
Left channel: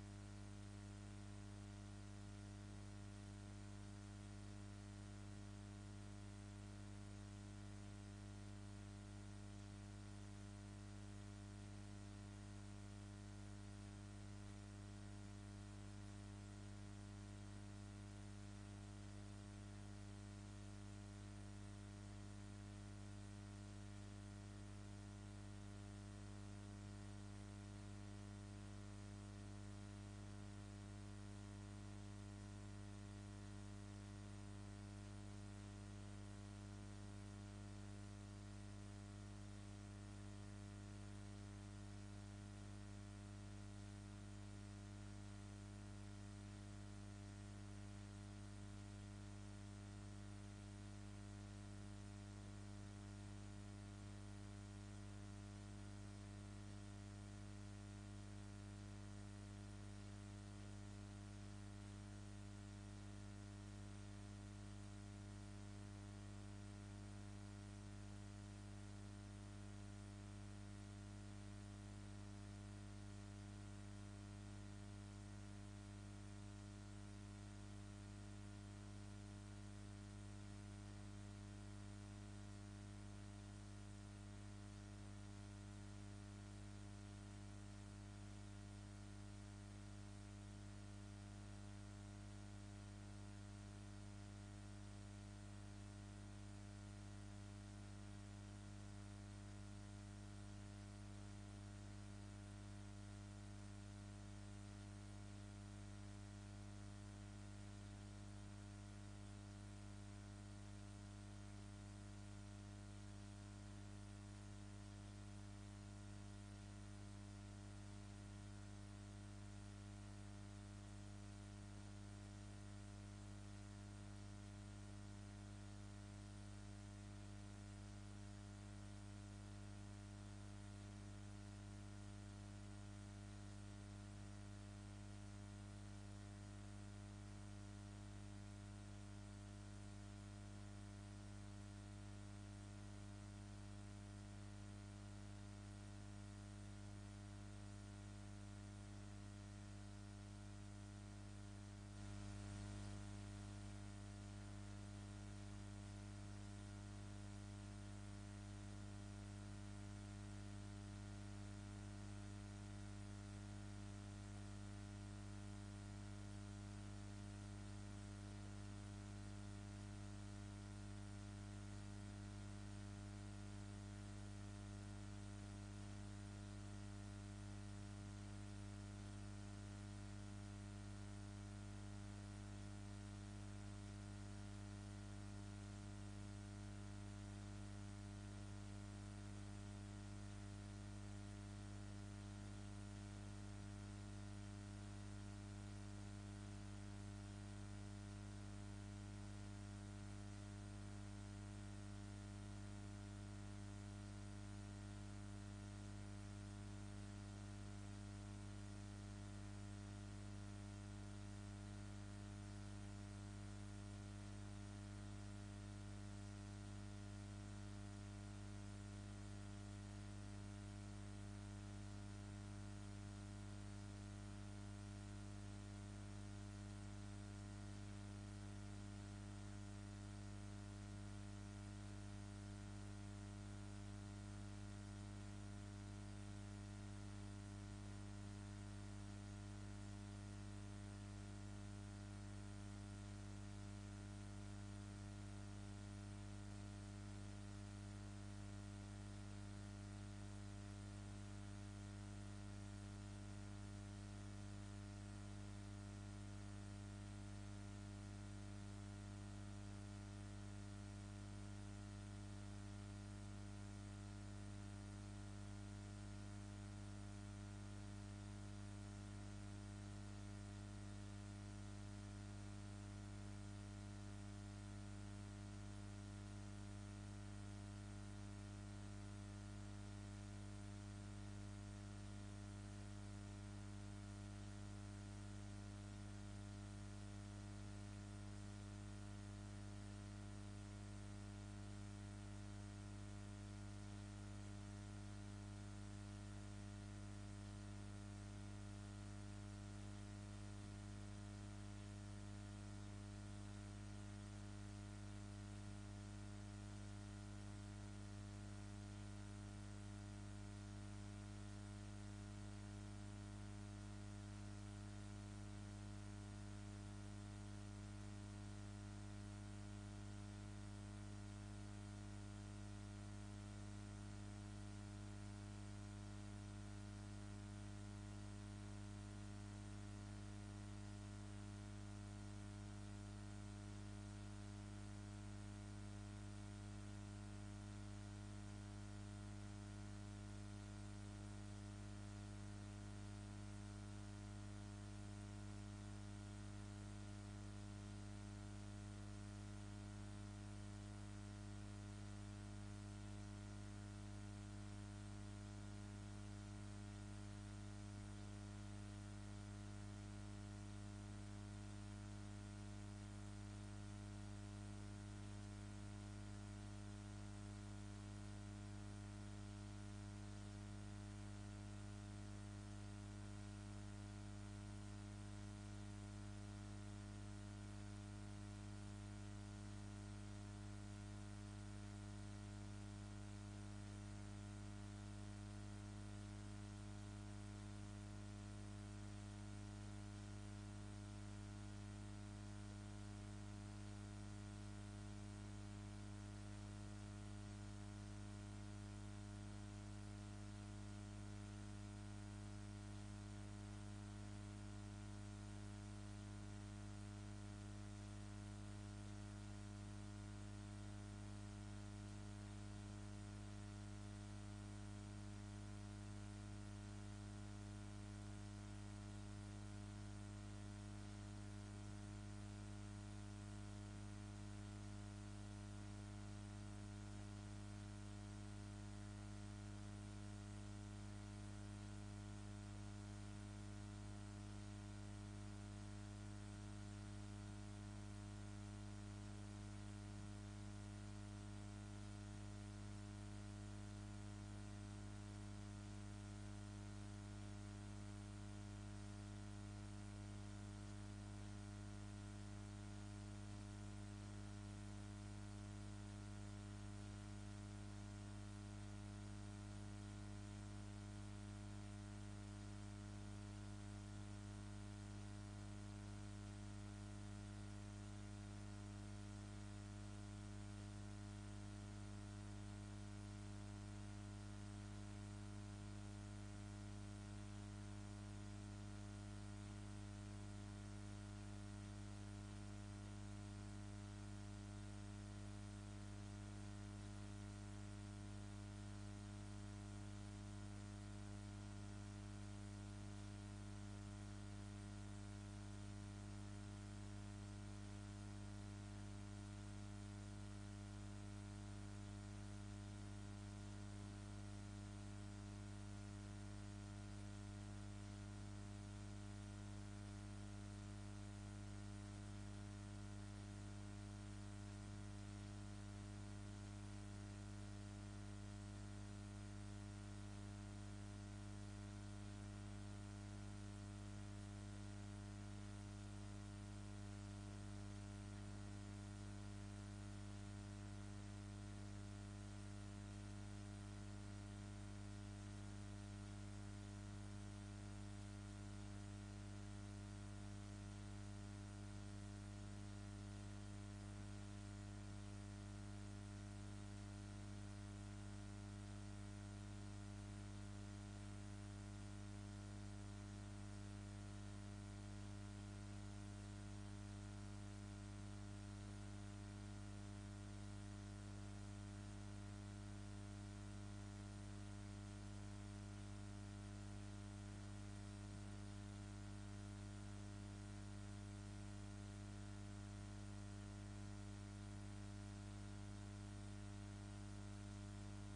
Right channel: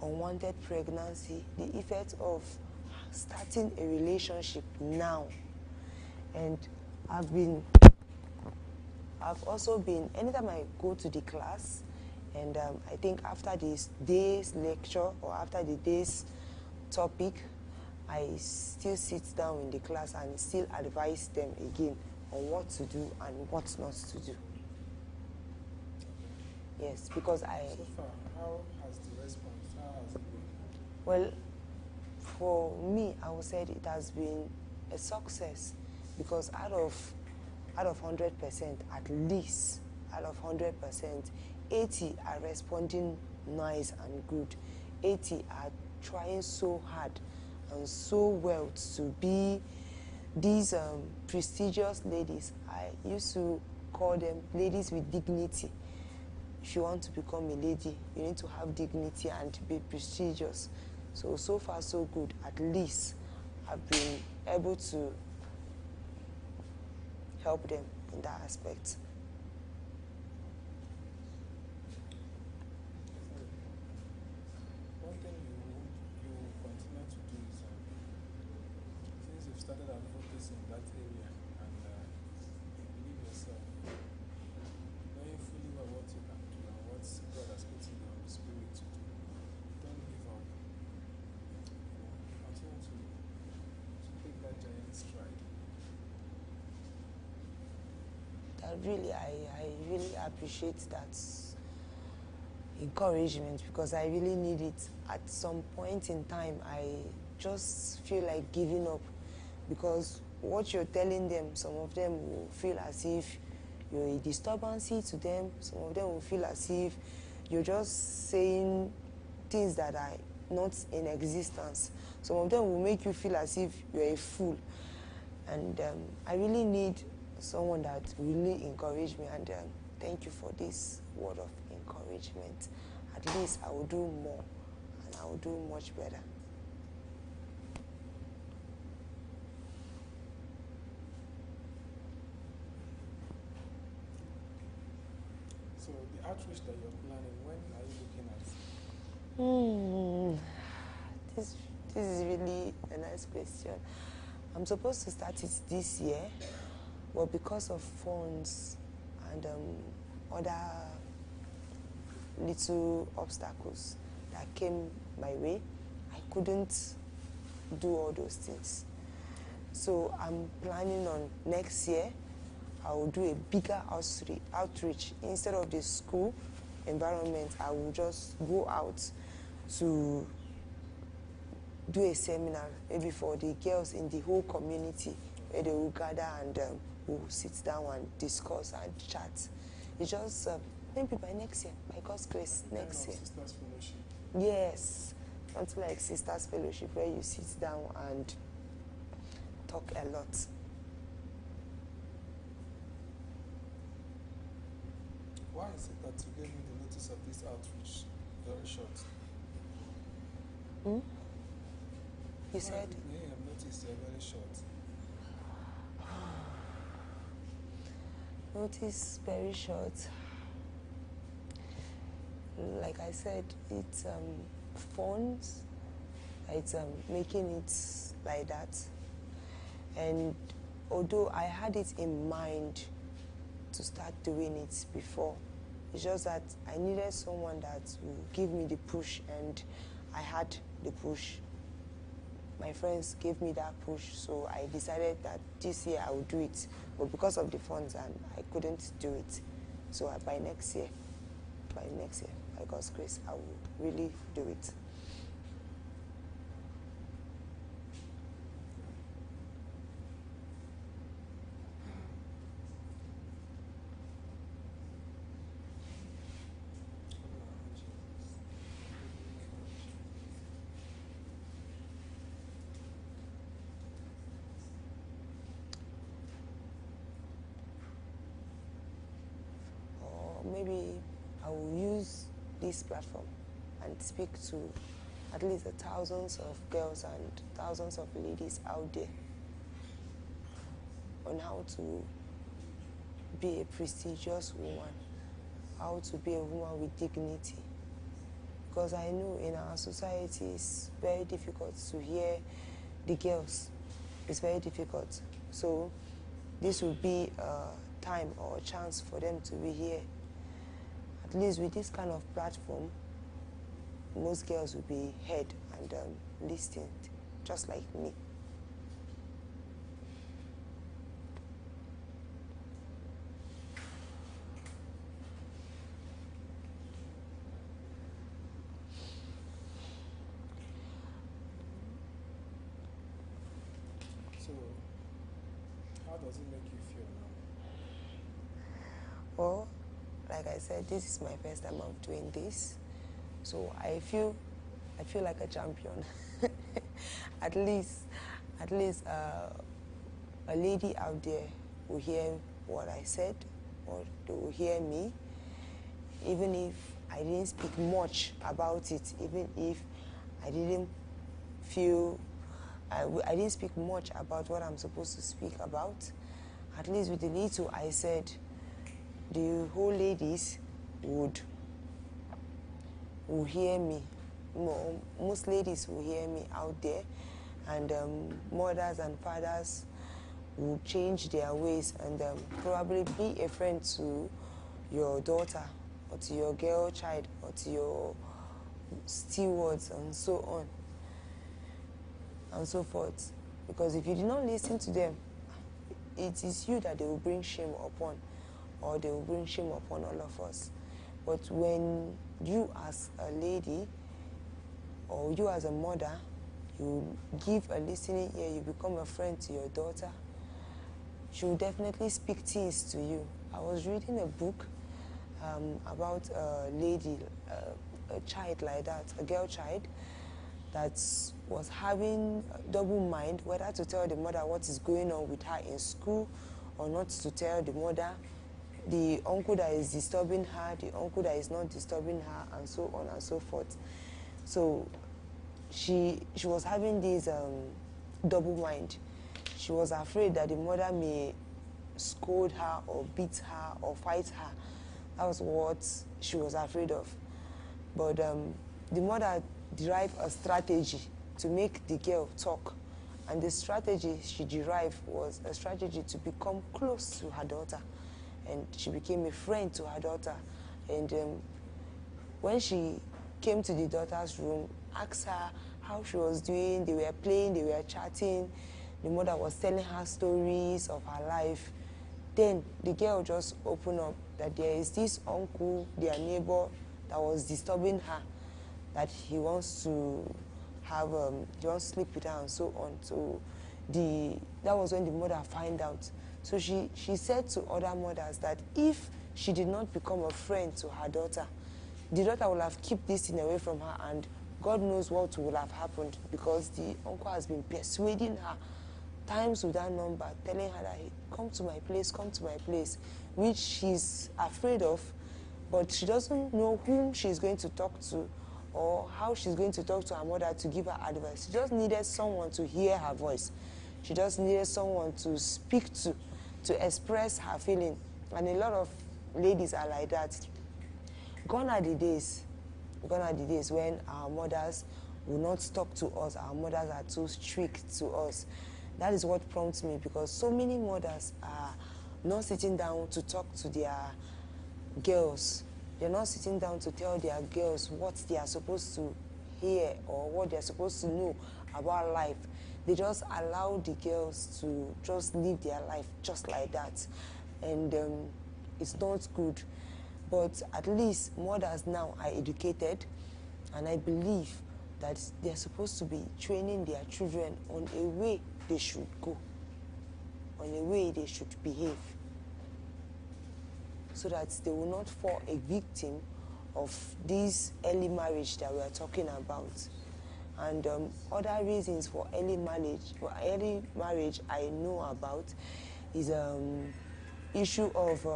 unwanted pregnancy, the effects of starting a relationship now. And I've also been, anytime I go to the class, and I think after this day's lecture or after the day's topic, I still sit down in the class and still advise them again on what to do and what not to do. Yes, because So far, how has the response, how has it been? well, for me, I would say it has been a success because out of 100%, at least out of 100%, 80 are responding nice and good. 80 are trying so hard and so well to be these prestigious ladies. I used to call them ladies with dignity. If you want to become a lady, you need to have dignity and be prestigious. So far so good. At least I've been able to help them in that aspect. I really appreciate that encouragement because I really need it. At some point in time, I just feel like giving up because what you're telling them, some of them will feel as if you're a disturbance to them. Some of them will feel as if you're just saying things that are not in existence. Some of them will make you feel as if you're a fool. And I really need someone that really encourage me, and thank you for this word of encouragement. At least I will do more and I will do much better. So the outreach that you're planning, when are you looking at? This is really a nice question. I'm supposed to start it this year, but because of funds and other little obstacles that came my way, I couldn't do all those things. So I'm planning on next year, I will do a bigger outreach. Instead of the school environment, I will just go out to do a seminar, maybe for the girls in the whole community, where they will gather and we'll sit down and discuss and chat. It's just maybe by next year, by God's grace, next year. Sisters Fellowship. Yes, something like Sisters Fellowship, where you sit down and talk a lot. Why is it that you gave me the notice of this outreach very short? You said? Why your notice very short? Notice very short. Like I said, it's funds. It's making it like that. And although I had it in mind to start doing it before, it's just that I needed someone that would give me the push, and I had the push. My friends gave me that push, so I decided that this year I would do it. But because of the funds, I couldn't do it. So by next year, by God's grace, I will really do it. Maybe I will use this platform and speak to at least the thousands of girls and thousands of ladies out there on how to be a prestigious woman, how to be a woman with dignity. Because I know in our society it's very difficult to hear the girls. It's very difficult. So this will be a time or a chance for them to be here. At least with this kind of platform, most girls will be heard and listened, just like me. So, how does it make you feel now? Well, like I said, this is my first time of doing this, so I feel like a champion. at least a lady out there will hear what I said, or they will hear me, even if I didn't speak much about it, even if I didn't feel I didn't speak much about what I'm supposed to speak about. At least with the little I said, the whole ladies would hear me. Most ladies will hear me out there, and mothers and fathers will change their ways and probably be a friend to your daughter or to your girl child or to your stewards and so on and so forth. Because if you do not listen to them, it is you that they will bring shame upon. or they will bring shame upon all of us. But when you as a lady or you as a mother, you give a listening ear, you become a friend to your daughter, she will definitely speak things to you. I was reading a book about a lady, a child like that, a girl child, that was having a double mind, whether to tell the mother what is going on with her in school or not to tell the mother, the uncle that is disturbing her, the uncle that is not disturbing her, and so on and so forth. So she was having this double mind. She was afraid that the mother may scold her or beat her or fight her. That was what she was afraid of. But the mother derived a strategy to make the girl talk. And the strategy she derived was a strategy to become close to her daughter. And she became a friend to her daughter. And when she came to the daughter's room, asked her how she was doing, they were playing, they were chatting. The mother was telling her stories of her life. Then the girl just opened up that there is this uncle, their neighbor, that was disturbing her, that he wants to have, he wants to sleep with her and so on. So that was when the mother found out. So she said to other mothers that if she did not become a friend to her daughter, the daughter will have kept this thing away from her, and God knows what will have happened, because the uncle has been persuading her times without number, telling her that, hey, come to my place, which she's afraid of, but she doesn't know whom she's going to talk to or how she's going to talk to her mother to give her advice. She just needed someone to hear her voice. She just needed someone to speak to express her feeling. And a lot of ladies are like that. Gone are the days when our mothers will not talk to us, our mothers are too strict to us. That is what prompts me, because so many mothers are not sitting down to talk to their girls. They're not sitting down to tell their girls what they are supposed to hear or what they're supposed to know about life. They just allow the girls to just live their life just like that. And it's not good. But at least mothers now are educated, and I believe that they're supposed to be training their children on a way they should go, on a way they should behave, so that they will not fall a victim of this early marriage that we are talking about. And other reasons for early marriage I know about is issue of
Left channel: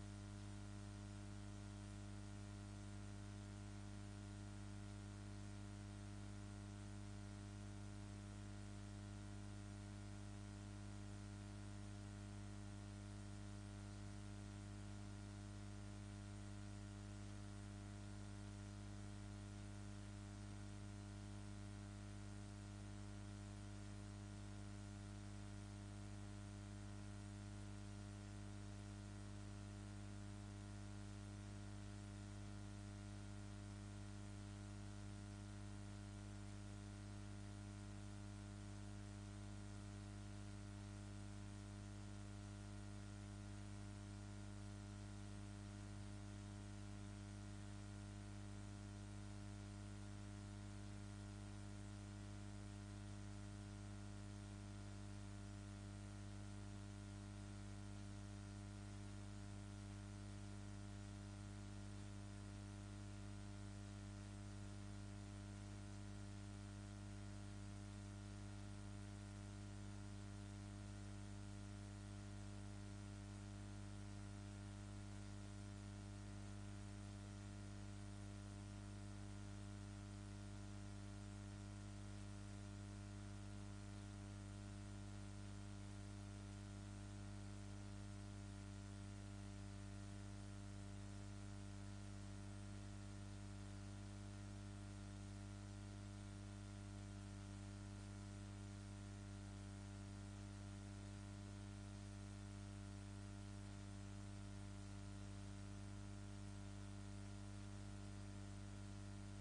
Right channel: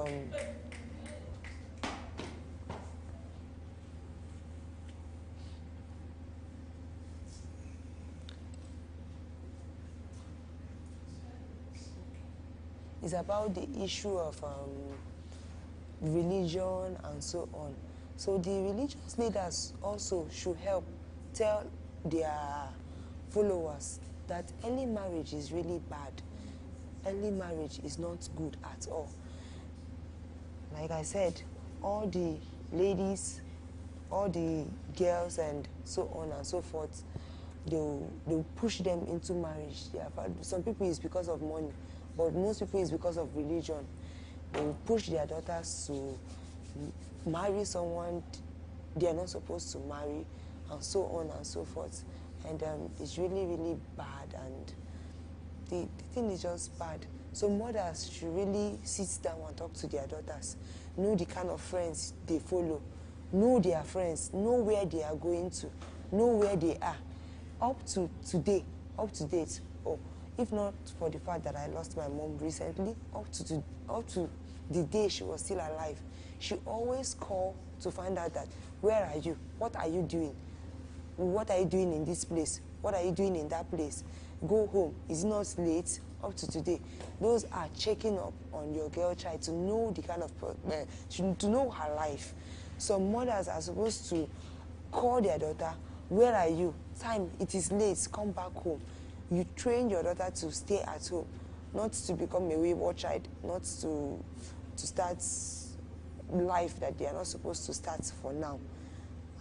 is about the issue of religion and so on. So the religious leaders also should help tell their followers that early marriage is really bad. Early marriage is not good at all. Like I said, all the ladies, all the girls and so on and so forth, they'll push them into marriage. Some people it's because of money, but most people it's because of religion. They will push their daughters to marry someone they are not supposed to marry, and so on and so forth. And it's really, really bad, and the thing is just bad. So mothers should really sit down and talk to their daughters, know the kind of friends they follow, know their friends, know where they are going to, know where they are. Up to date, or if not for the fact that I lost my mom recently, up to the day she was still alive, she always called to find out that, where are you? What are you doing? What are you doing in this place? What are you doing in that place? Go home. Is it not late? Up to today. Those are checking up on your girl child to know the kind of, to know her life. Some mothers are supposed to call their daughter, where are you? Time, it is late, come back home. You train your daughter to stay at home, not to become a wayward child, not to start life that they are not supposed to start for now,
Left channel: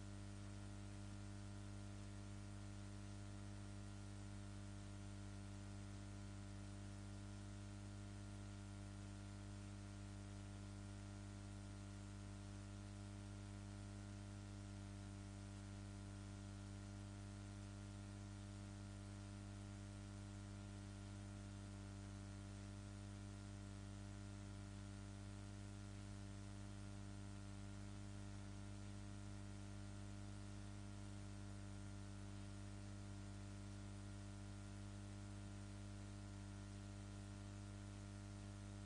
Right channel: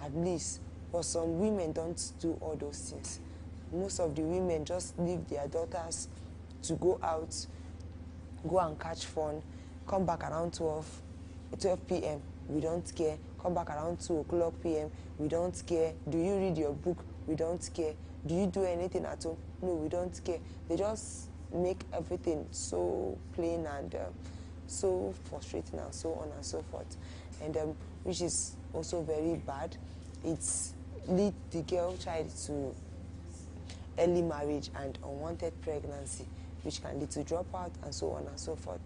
at least. But some women don't do all those things. Most of the women just leave their daughters to go out, go and catch fun, come back around 12 p.m., we don't care. Come back around 2 o'clock p.m., we don't care. Do you read your book? We don't care. Do you do anything at home? No, we don't care. They just make everything so plain and so frustrating and so on and so forth. And which is also very bad. It's lead the girl child to early marriage and unwanted pregnancy, which can lead to dropout and so on and so forth.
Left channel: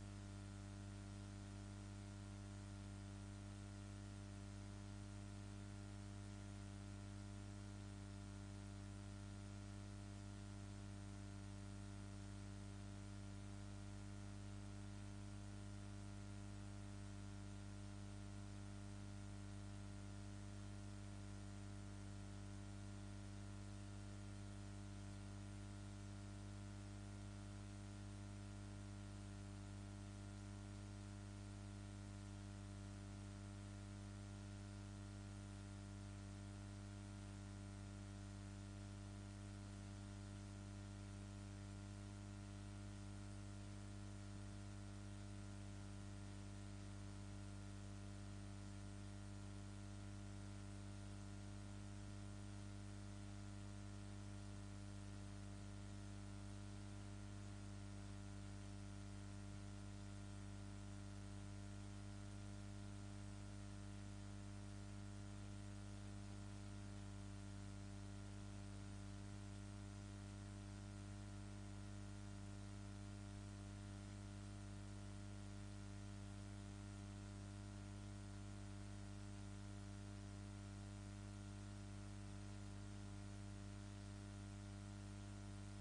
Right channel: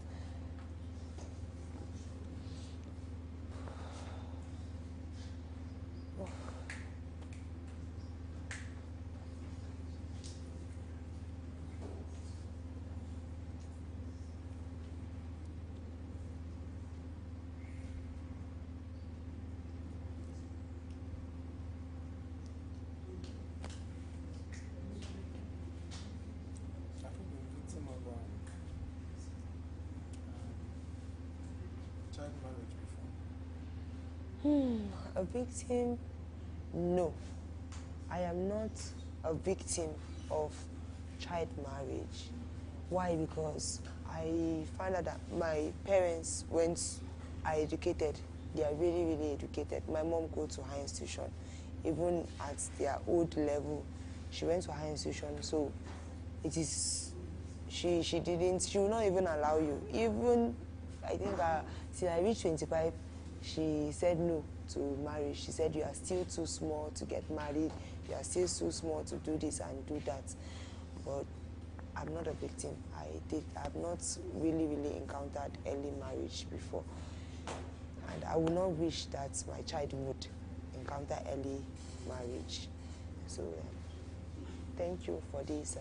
A victim? No. I am not a victim of child marriage. Why? Because I found out that my parents are educated. They are really, really educated. My mom goes to high institution. Even at their old level, she went to high institution. So it is, she will not even allow you. Even, I think, till I reached 25, she said no to marriage. She said, you are still too small to get married. You are still too small to do this and do that. But I'm not a victim. I've not really, really encountered early marriage before. And I would not wish that my child would encounter early marriage. So thank you for this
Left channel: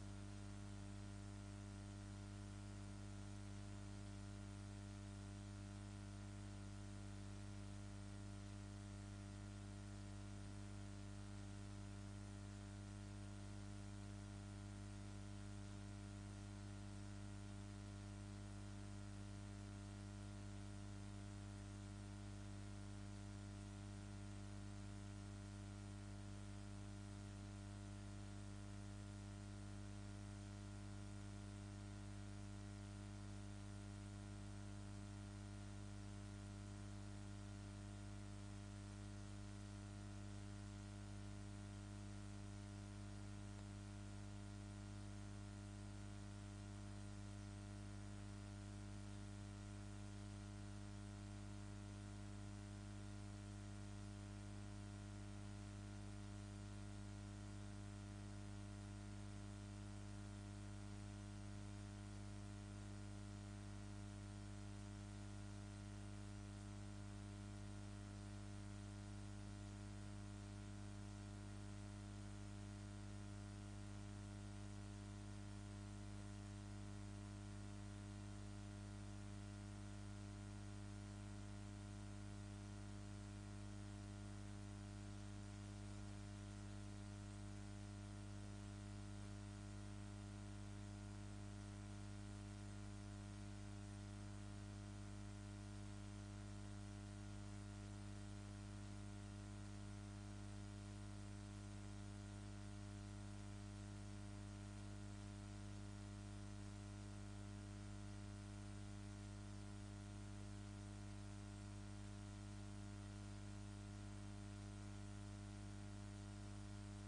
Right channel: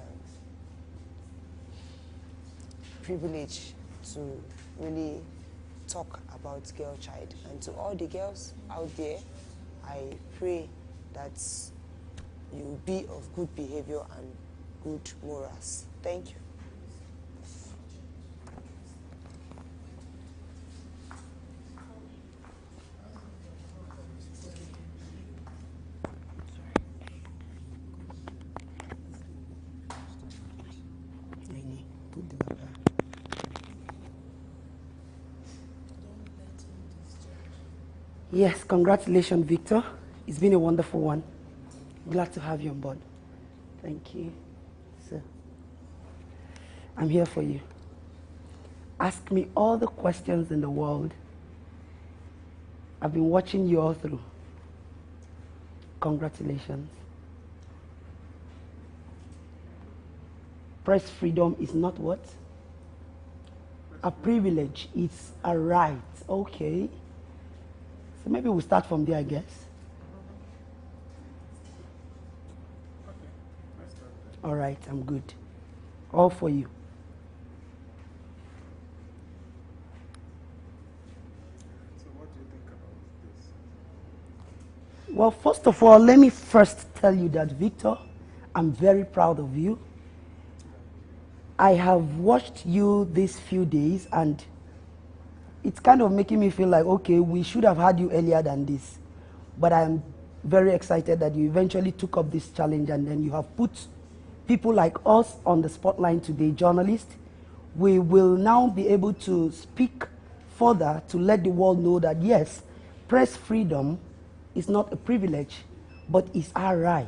privilege to really talk about girl child. And to all the girls out there, I pray that you be of good behavior and good morals. Thank you. Yes, congratulations, Victor. It's been a wonderful one. Glad to have you on board. Thank you. So, I'm here for you. Ask me all the questions in the world. I've been watching you all through. Congratulations. Press freedom is not what? A privilege. It's a right. Okay. So maybe we'll start from there, I guess. All right, I'm good. All for you. So what do you think about this? Well, first of all, let me first tell you that, Victor, I'm very proud of you. I have watched you these few days, and it's kind of making me feel like, okay, we should have had you earlier than this. But I'm very excited that you eventually took up this challenge, and then you have put people like us on the spotlight today, journalists. We will now be able to speak further to let the world know that, yes, press freedom is not a privilege, but is our right.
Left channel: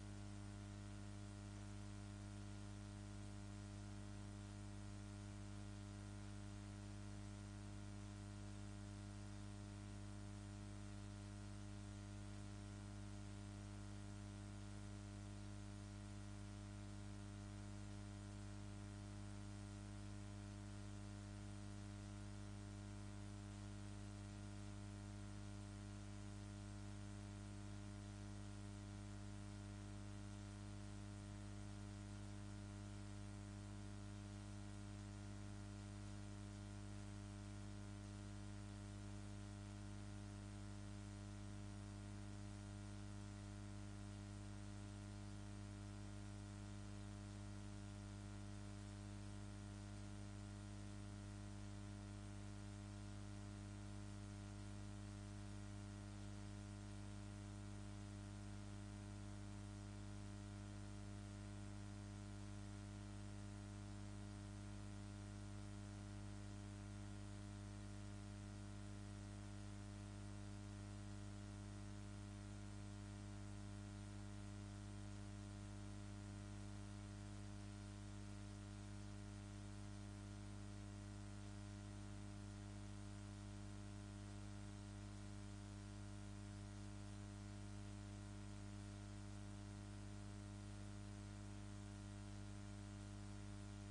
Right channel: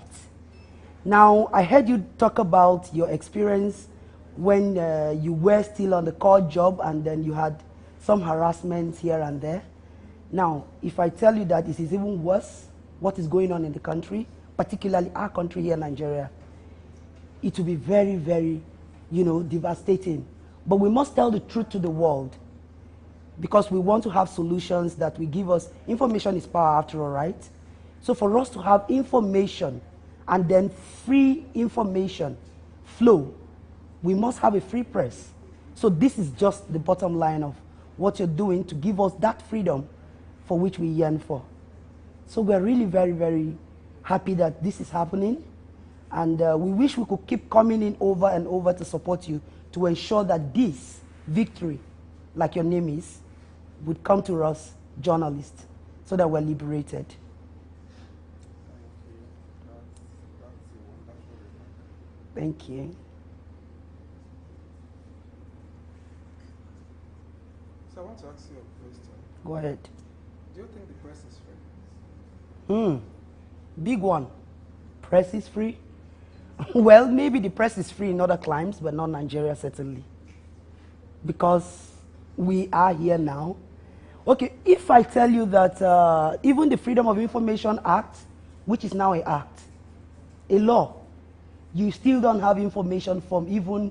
Now, I heard you talk about your experience when you were still on the court job, and then you had some harassment here and there. Now, if I tell you that it is even worse, what is going on in the country, particularly our country here, Nigeria, it will be very, very, devastating. But we must tell the truth to the world, because we want to have solutions that will give us, information is power after all, right? So for us to have information and then free information flow, we must have a free press. So this is just the bottom line of what you're doing to give us that freedom for which we yearn for. So we're really very, very happy that this is happening. And we wish we could keep coming in over and over to support you, to ensure that this victory, like your name is, would come to us, journalists, so that we're liberated. Thank you. So I Go ahead. Do you think the press is free? Big one. Press is free? Well, maybe the press is free in other climes, but not Nigeria, certainly. Because we are here now. Okay, if I tell you that even the Freedom of Information Act, which is now an act, a law, you still don't have information from even,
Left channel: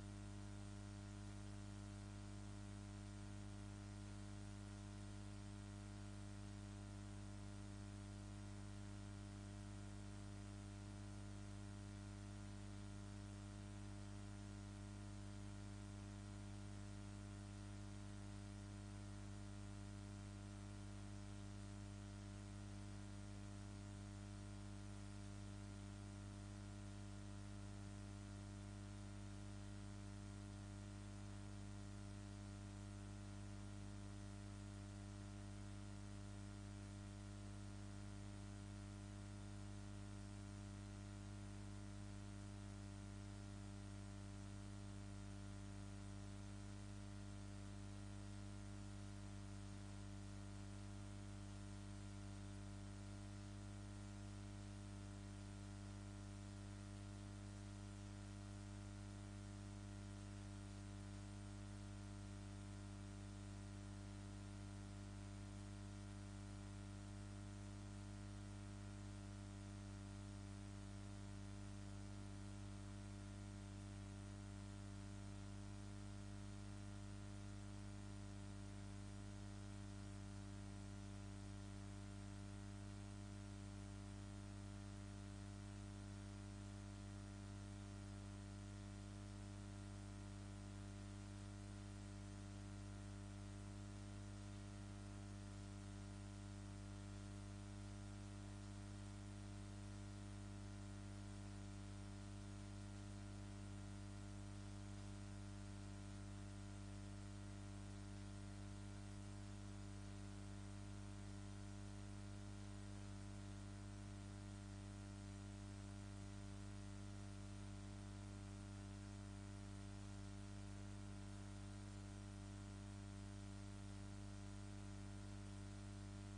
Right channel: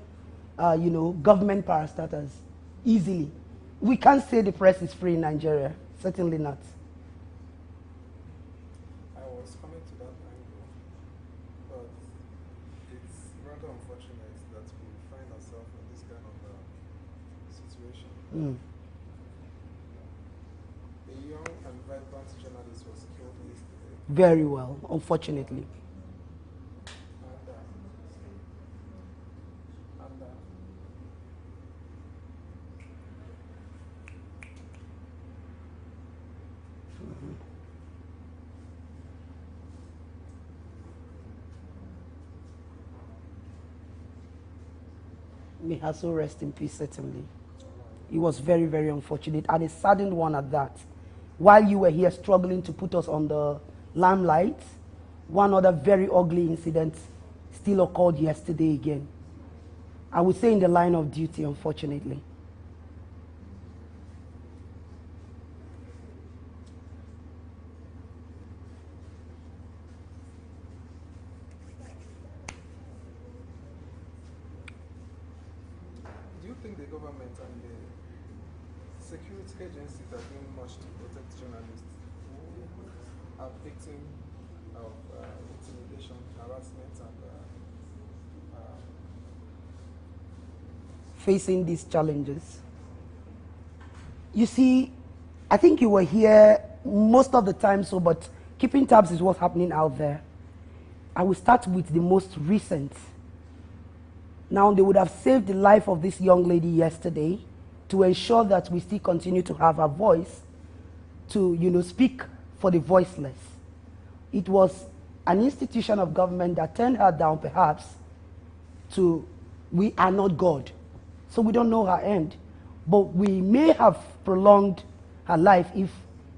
government parastatals easily. We can't say the press is free in Nigeria. Certainly not. I was coming to that angle, but it's rather unfortunate that we find ourselves in this kind of situation. A young and vibrant journalist was killed yesterday. Very well, unfortunately. May her soul rest in peace, certainly. It was very, very unfortunate, and a saddened one at that. While you were here struggling to put us on the limelight, one other very ugly incident still occurred yesterday again. I would say in the line of duty, unfortunately. Do you think the government and the security agencies are doing much to protect journalists who are victims of intimidation, harassment, and facing these challenges? You see, I think you were here most of the time, but keeping tabs is what's happening out there. I will start with the most recent. Now, they would have saved the life of this young lady yesterday to ensure that we still continue to have a voice to, speak for the voiceless. It was an institution of government that turned her down, perhaps, we are not God. So we don't know her end. But we may have prolonged her life if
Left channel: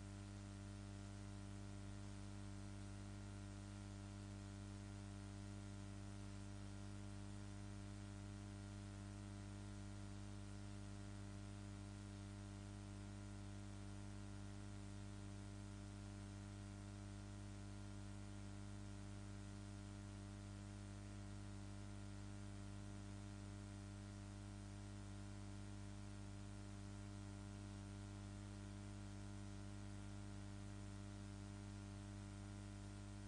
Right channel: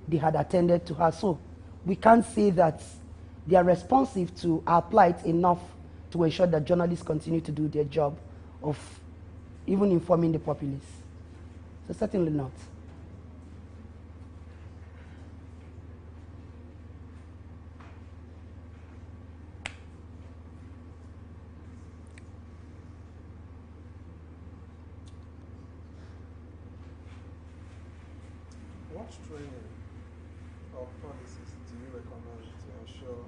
they had attended to her. So we can't say that they are responsive to our plight enough to ensure that journalists continue to do their job of even informing the populace. So certainly not. what training or policies do you recommend to ensure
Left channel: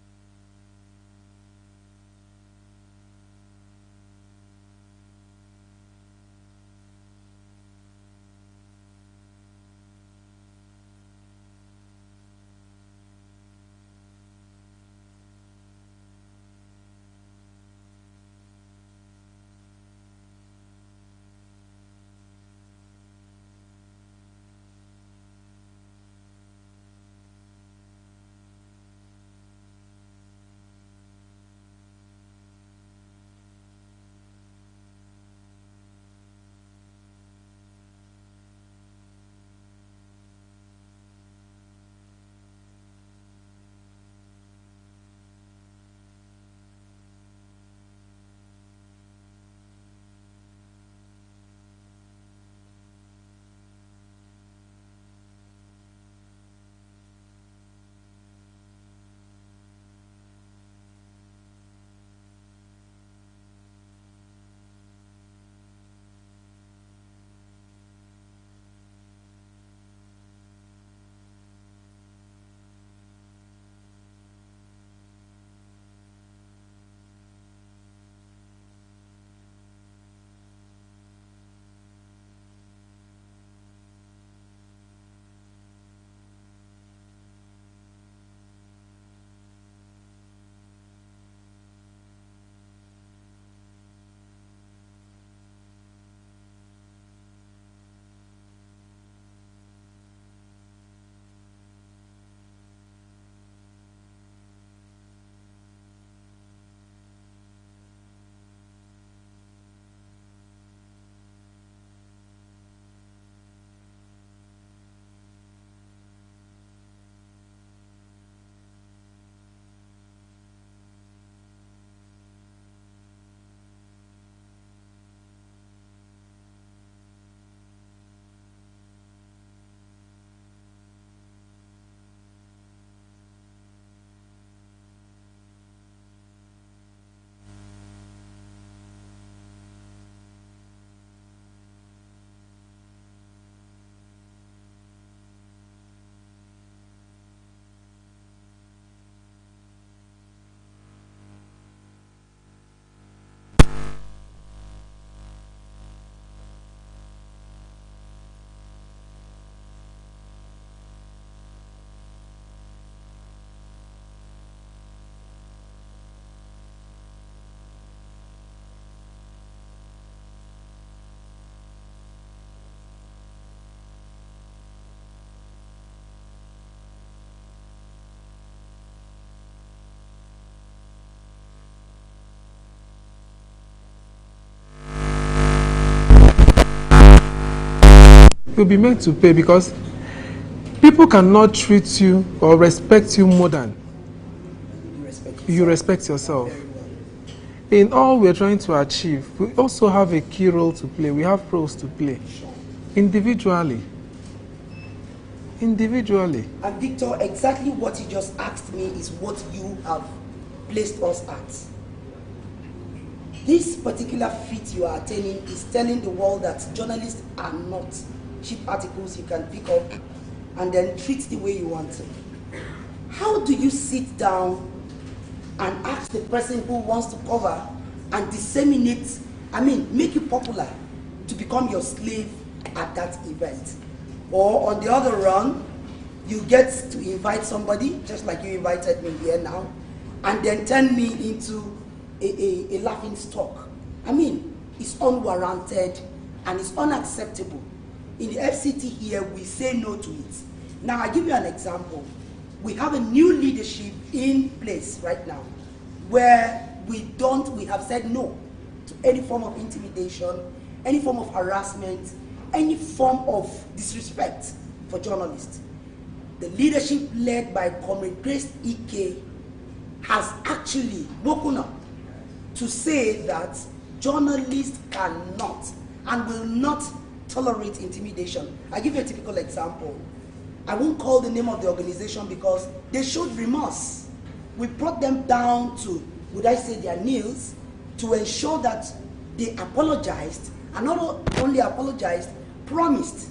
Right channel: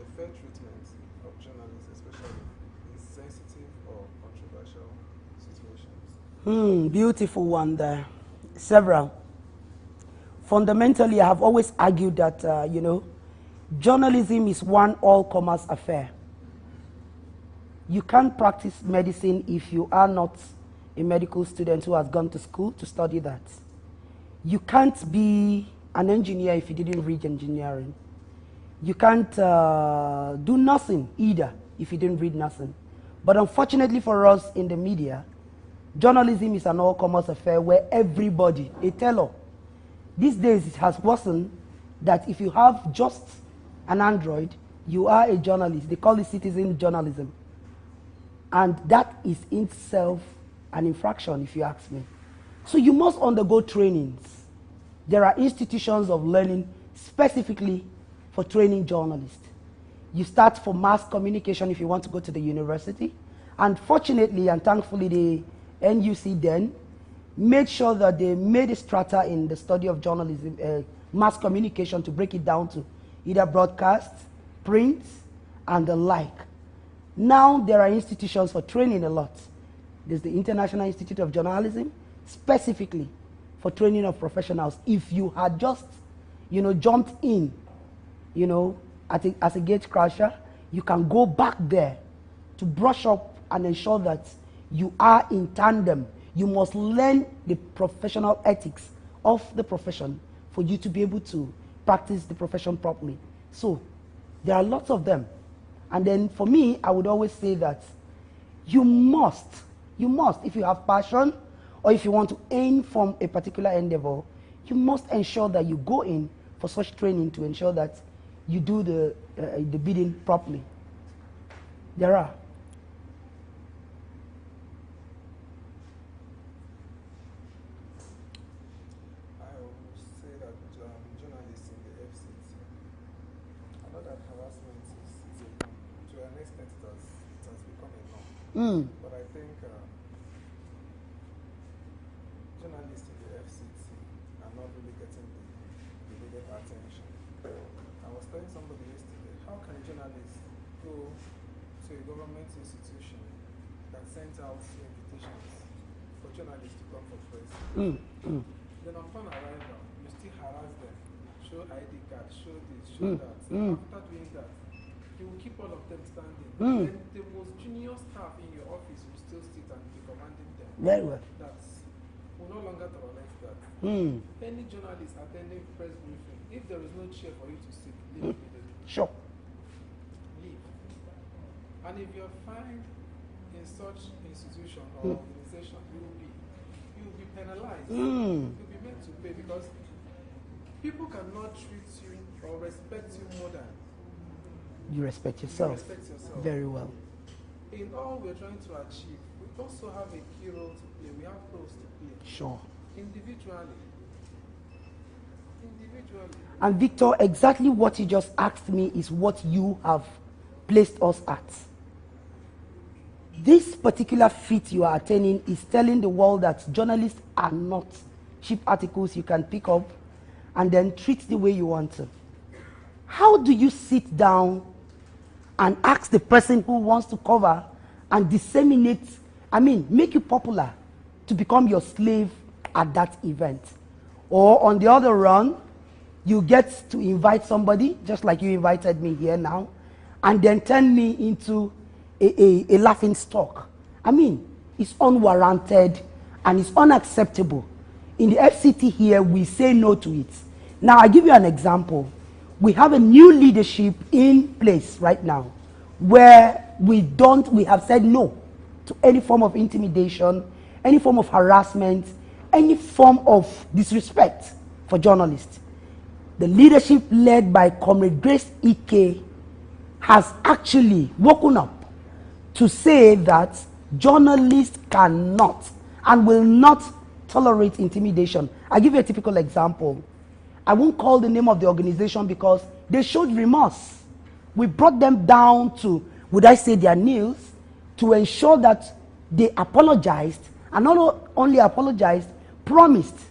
a fair treatment of journalists, especially in sensitive or controversial situations? Beautiful one there. Several. Fundamentally, I have always argued that, journalism is one all-commerce affair. You can't practice medicine if you are not a medical student who has gone to school to study that. You can't be an engineer if you didn't read engineering. You can't do nothing either if you didn't read nothing. But unfortunately for us in the media, journalism is an all-commerce affair where everybody, a teller. These days it has worsened that if you have just an Android, you are a journalist. They call it citizen journalism. And that is in itself an infraction, if you ask me. So you must undergo trainings. There are institutions of learning specifically for training journalists. You start for mass communication if you want to go to the university. And fortunately and thankfully, the NUC then made sure that they made a strata in the study of journalism, mass communication, to break it down to either broadcast, print, and the like. Now there are institutions for training a lot. There's the International Institute of Journalism, specifically for training of professionals. If you had just, jumped in, as a gate crasher, you can go back there to brush up and ensure that you are in tandem. You must learn the professional ethics of the profession for you to be able to practice the profession properly. So there are lots of them. And then for me, I would always say that you must, if you have passion or if you want to aim from a particular endeavor, you must ensure that you go in for such training to ensure that you do the bidding properly. There are. I would say that journalists in the FCT, I know that harassment is to an extent it has become a norm. But I think journalists in the FCT are not really getting the needed attention. I was telling somebody yesterday, how can journalists go to a government institution and send out invitations for journalists to come for press? Then upon arrival, you still harass them, show ID card, show this, show that. After doing that, you will keep all of them standing. Then the most junior staff in your office will still sit and be commanding them. Very well. That's, we'll no longer tolerate that. Any journalist attending press briefing, if there is no chair for you to sit, leave immediately. Sure. Leave. And if you're fine in such institutions, you'll be made to pay, because people cannot treat you or respect you more than you respect yourself. Very well. In all we're trying to achieve, we also have a key role to play. We have roles to play. Sure. Individually. And Victor, exactly what you just asked me is what you have placed us at. This particular feat you are attaining is telling the world that journalists are not cheap articles you can pick up and then treat the way you want to. How do you sit down and ask the person who wants to cover and disseminate, make you popular to become your slave at that event? Or on the other run, you get to invite somebody, just like you invited me here now, and then turn me into a laughing stock. It's unwarranted and it's unacceptable. In the FCT here, we say no to it. Now, I give you an example. We have a new leadership in place right now where we have said no to any form of intimidation, any form of harassment, any form of disrespect for journalists. The leadership led by Comrade Grace Ike has actually woken up to say that journalists cannot and will not tolerate intimidation. I give you a typical example. I won't call the name of the organization because they showed remorse. We brought them down to, would I say, their knees to ensure that they apologized, and not only apologized, promised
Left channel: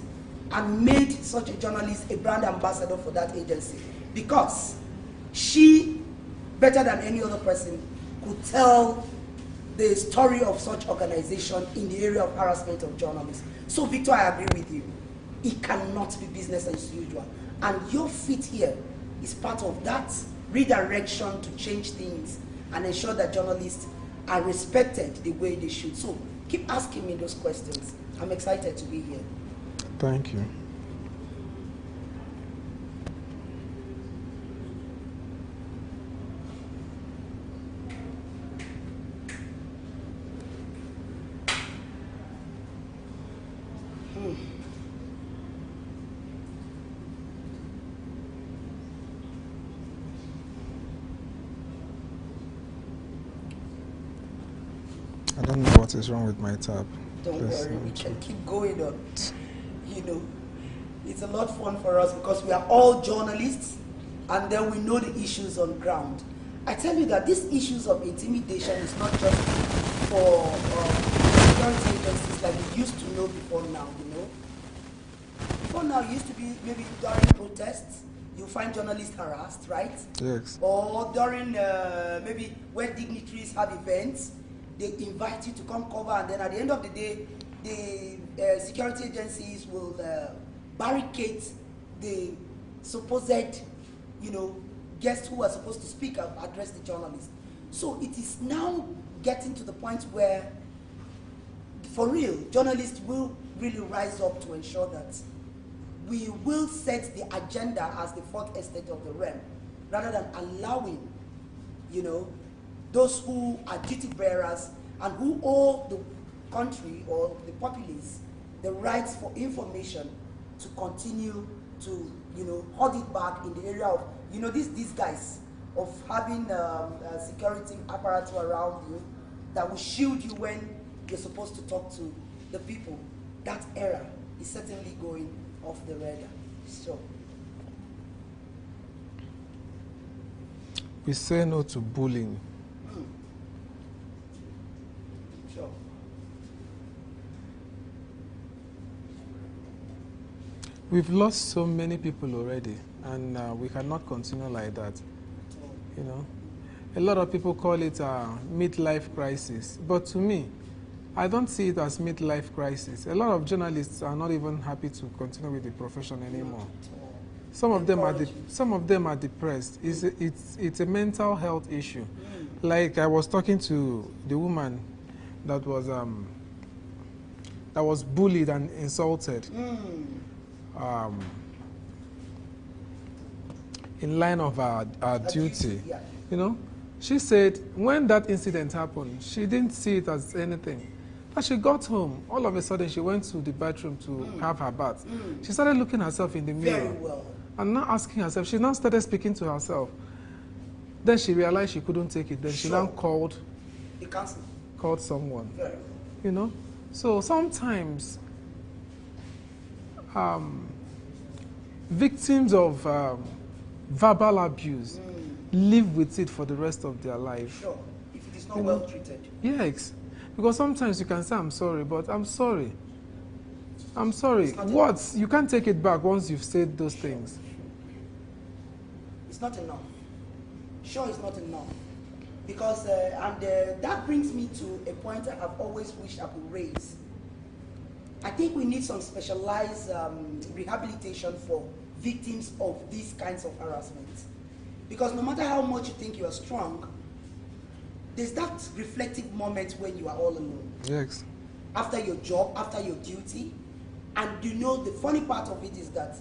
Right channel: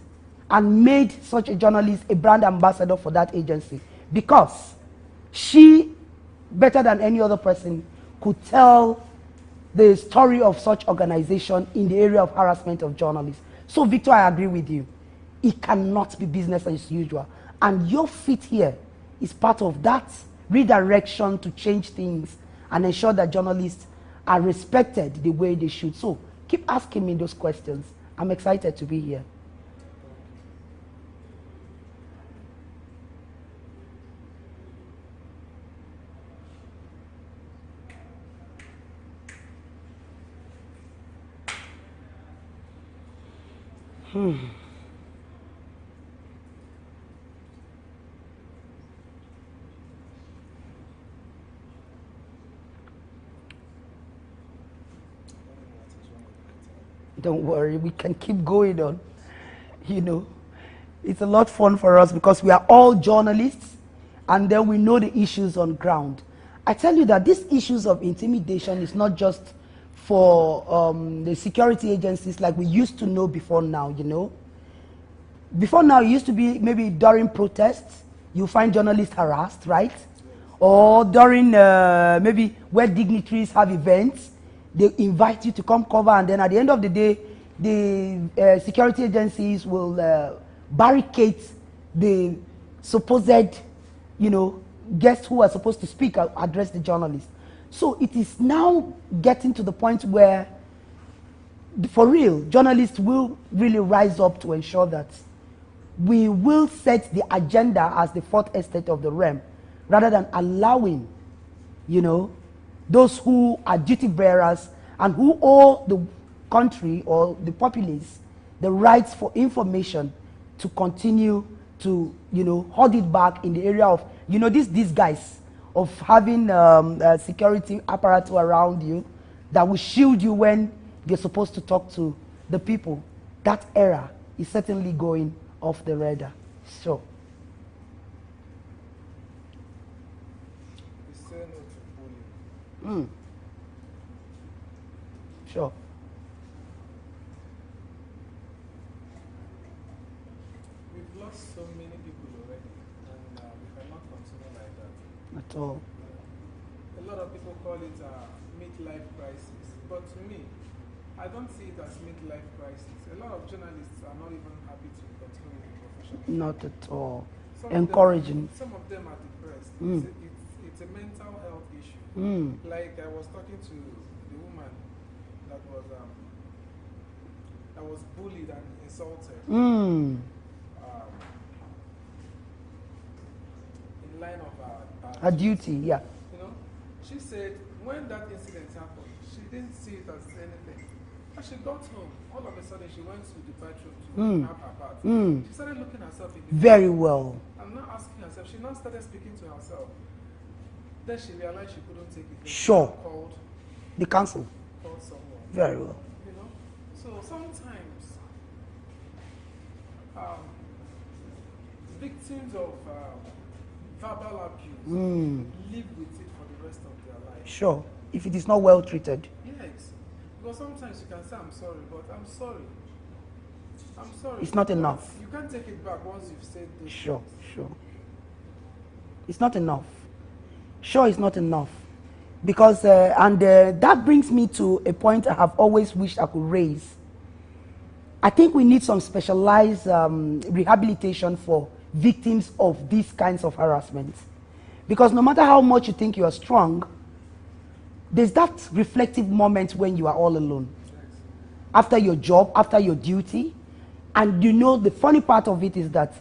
and made such a journalist a brand ambassador for that agency, because she, better than any other person, could tell the story of such organization in the area of harassment of journalists. So, Victor, I agree with you. It cannot be business as usual. And your feat here is part of that redirection to change things and ensure that journalists are respected the way they should. So, keep asking me those questions. I'm excited to be here. Thank you. I don't know what is wrong with my tab. Don't worry, we can keep going on. It's a lot of fun for us because we are all journalists and then we know the issues on ground. I tell you that these issues of intimidation is not just for the security agencies like we used to know before now, Before now, it used to be maybe during protests, you find journalists harassed, right? Yes. Or during maybe where dignitaries have events, they invite you to come cover, and then at the end of the day, the security agencies will barricade the supposed, guests who are supposed to speak, address the journalists. So it is now getting to the point where, for real, journalists will really rise up to ensure that we will set the agenda as the fourth estate of the realm, rather than allowing, those who are duty bearers and who owe the country or the populace the rights for information to continue to, you know, hold it back in the area of, you know, these guys of having security apparatus around you that will shield you when you're supposed to talk to the people. That era is certainly going off the radar. So, we say no to bullying. Sure. We've lost so many people already, and we cannot continue like that. At all. You know, a lot of people call it a midlife crisis, but to me, I don't see it as midlife crisis. A lot of journalists are not even happy to continue with the profession anymore. Not at all. Some of them are depressed. It's a mental health issue. Like I was talking to the woman that was bullied and insulted. In line of our duty. Yeah. You know, she said when that incident happened, she didn't see it as anything. As she got home, all of a sudden she went to the bathroom to have her bath. She started looking herself in the mirror. Very well. And now asking herself, she now started speaking to herself. Then she realized she couldn't take it. Then she now called the council. Called someone. Very well. You know? So sometimes victims of verbal abuse live with it for the rest of their life. Sure. If it is not well treated. Yes. Because sometimes you can say, I'm sorry, but I'm sorry. I'm sorry. It's not enough. You can't take it back once you've said those things. Sure. It's not enough. Sure, it's not enough. Because, that brings me to a point I have always wished I could raise. I think we need some specialized rehabilitation for victims of these kinds of harassment. Because no matter how much you think you are strong, there's that reflective moment when you are all alone. Yes. After your job, after your duty. And you know, the funny part of it is that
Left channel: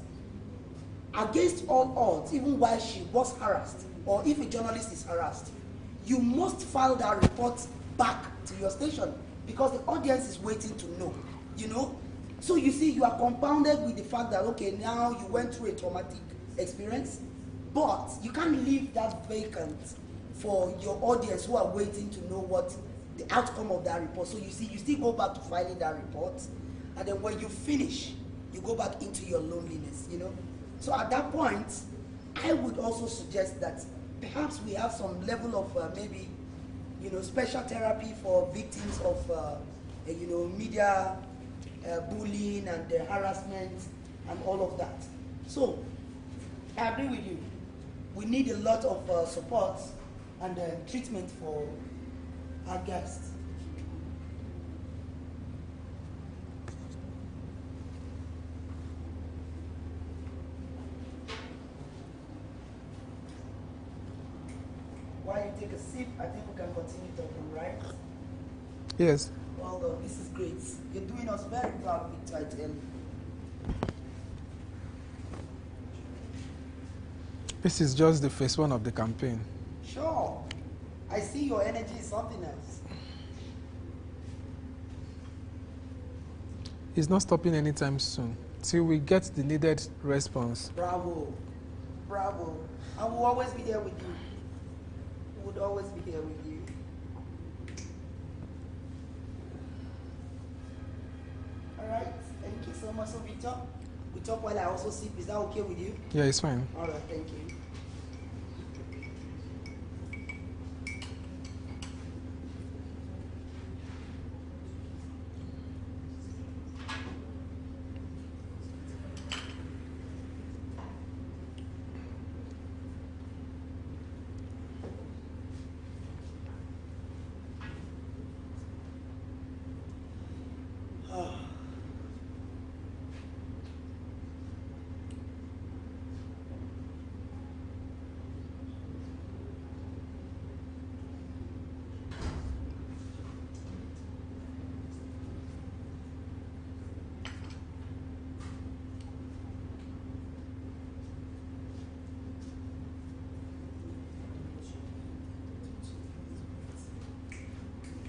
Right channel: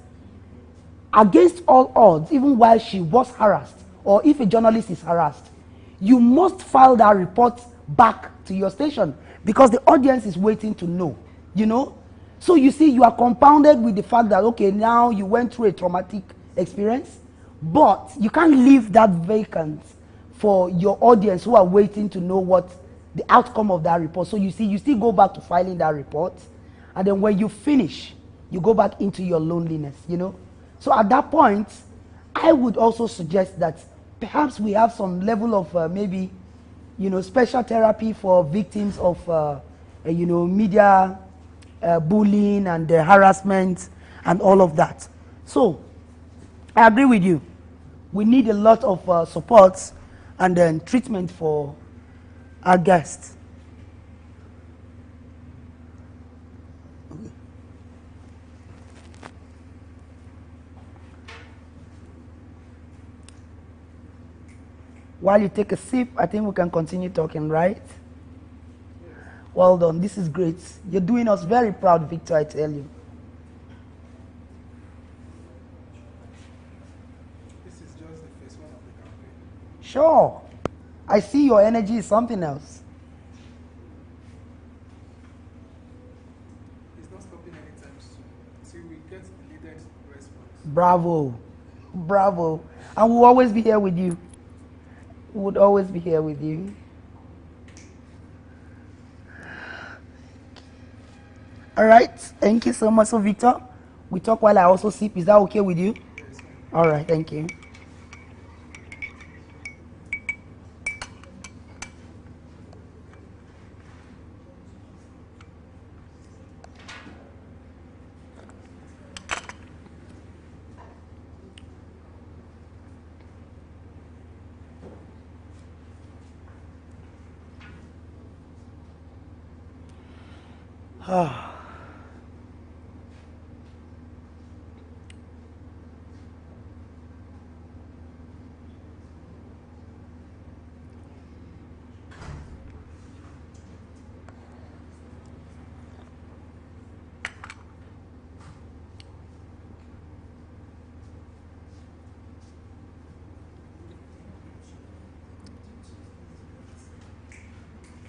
against all odds, even while she was harassed, or if a journalist is harassed, you must file that report back to your station because the audience is waiting to know, you know? So you see, you are compounded with the fact that, okay, now you went through a traumatic experience, but you can't leave that vacant for your audience who are waiting to know what the outcome of that report. So you see, you still go back to filing that report, and then when you finish, you go back into your loneliness, you know? So at that point, I would also suggest that perhaps we have some level of maybe, you know, special therapy for victims of, you know, media bullying and harassment and all of that. So I agree with you. We need a lot of support and then treatment for our guests. While you take a sip, I think we can continue talking, right? Yes. Well done. This is great. You're doing us very proud, Victor, I tell you. This is just the phase one of the campaign. Sure. I see your energy is something else. It's not stopping anytime soon till we get the needed response. Bravo. Bravo. And we'll always be here with you. We would always be here with you. All right. Thank you so much. So, Victor, we talk while I also sip. Is that okay with you? Yeah, it's fine. All right. Thank you.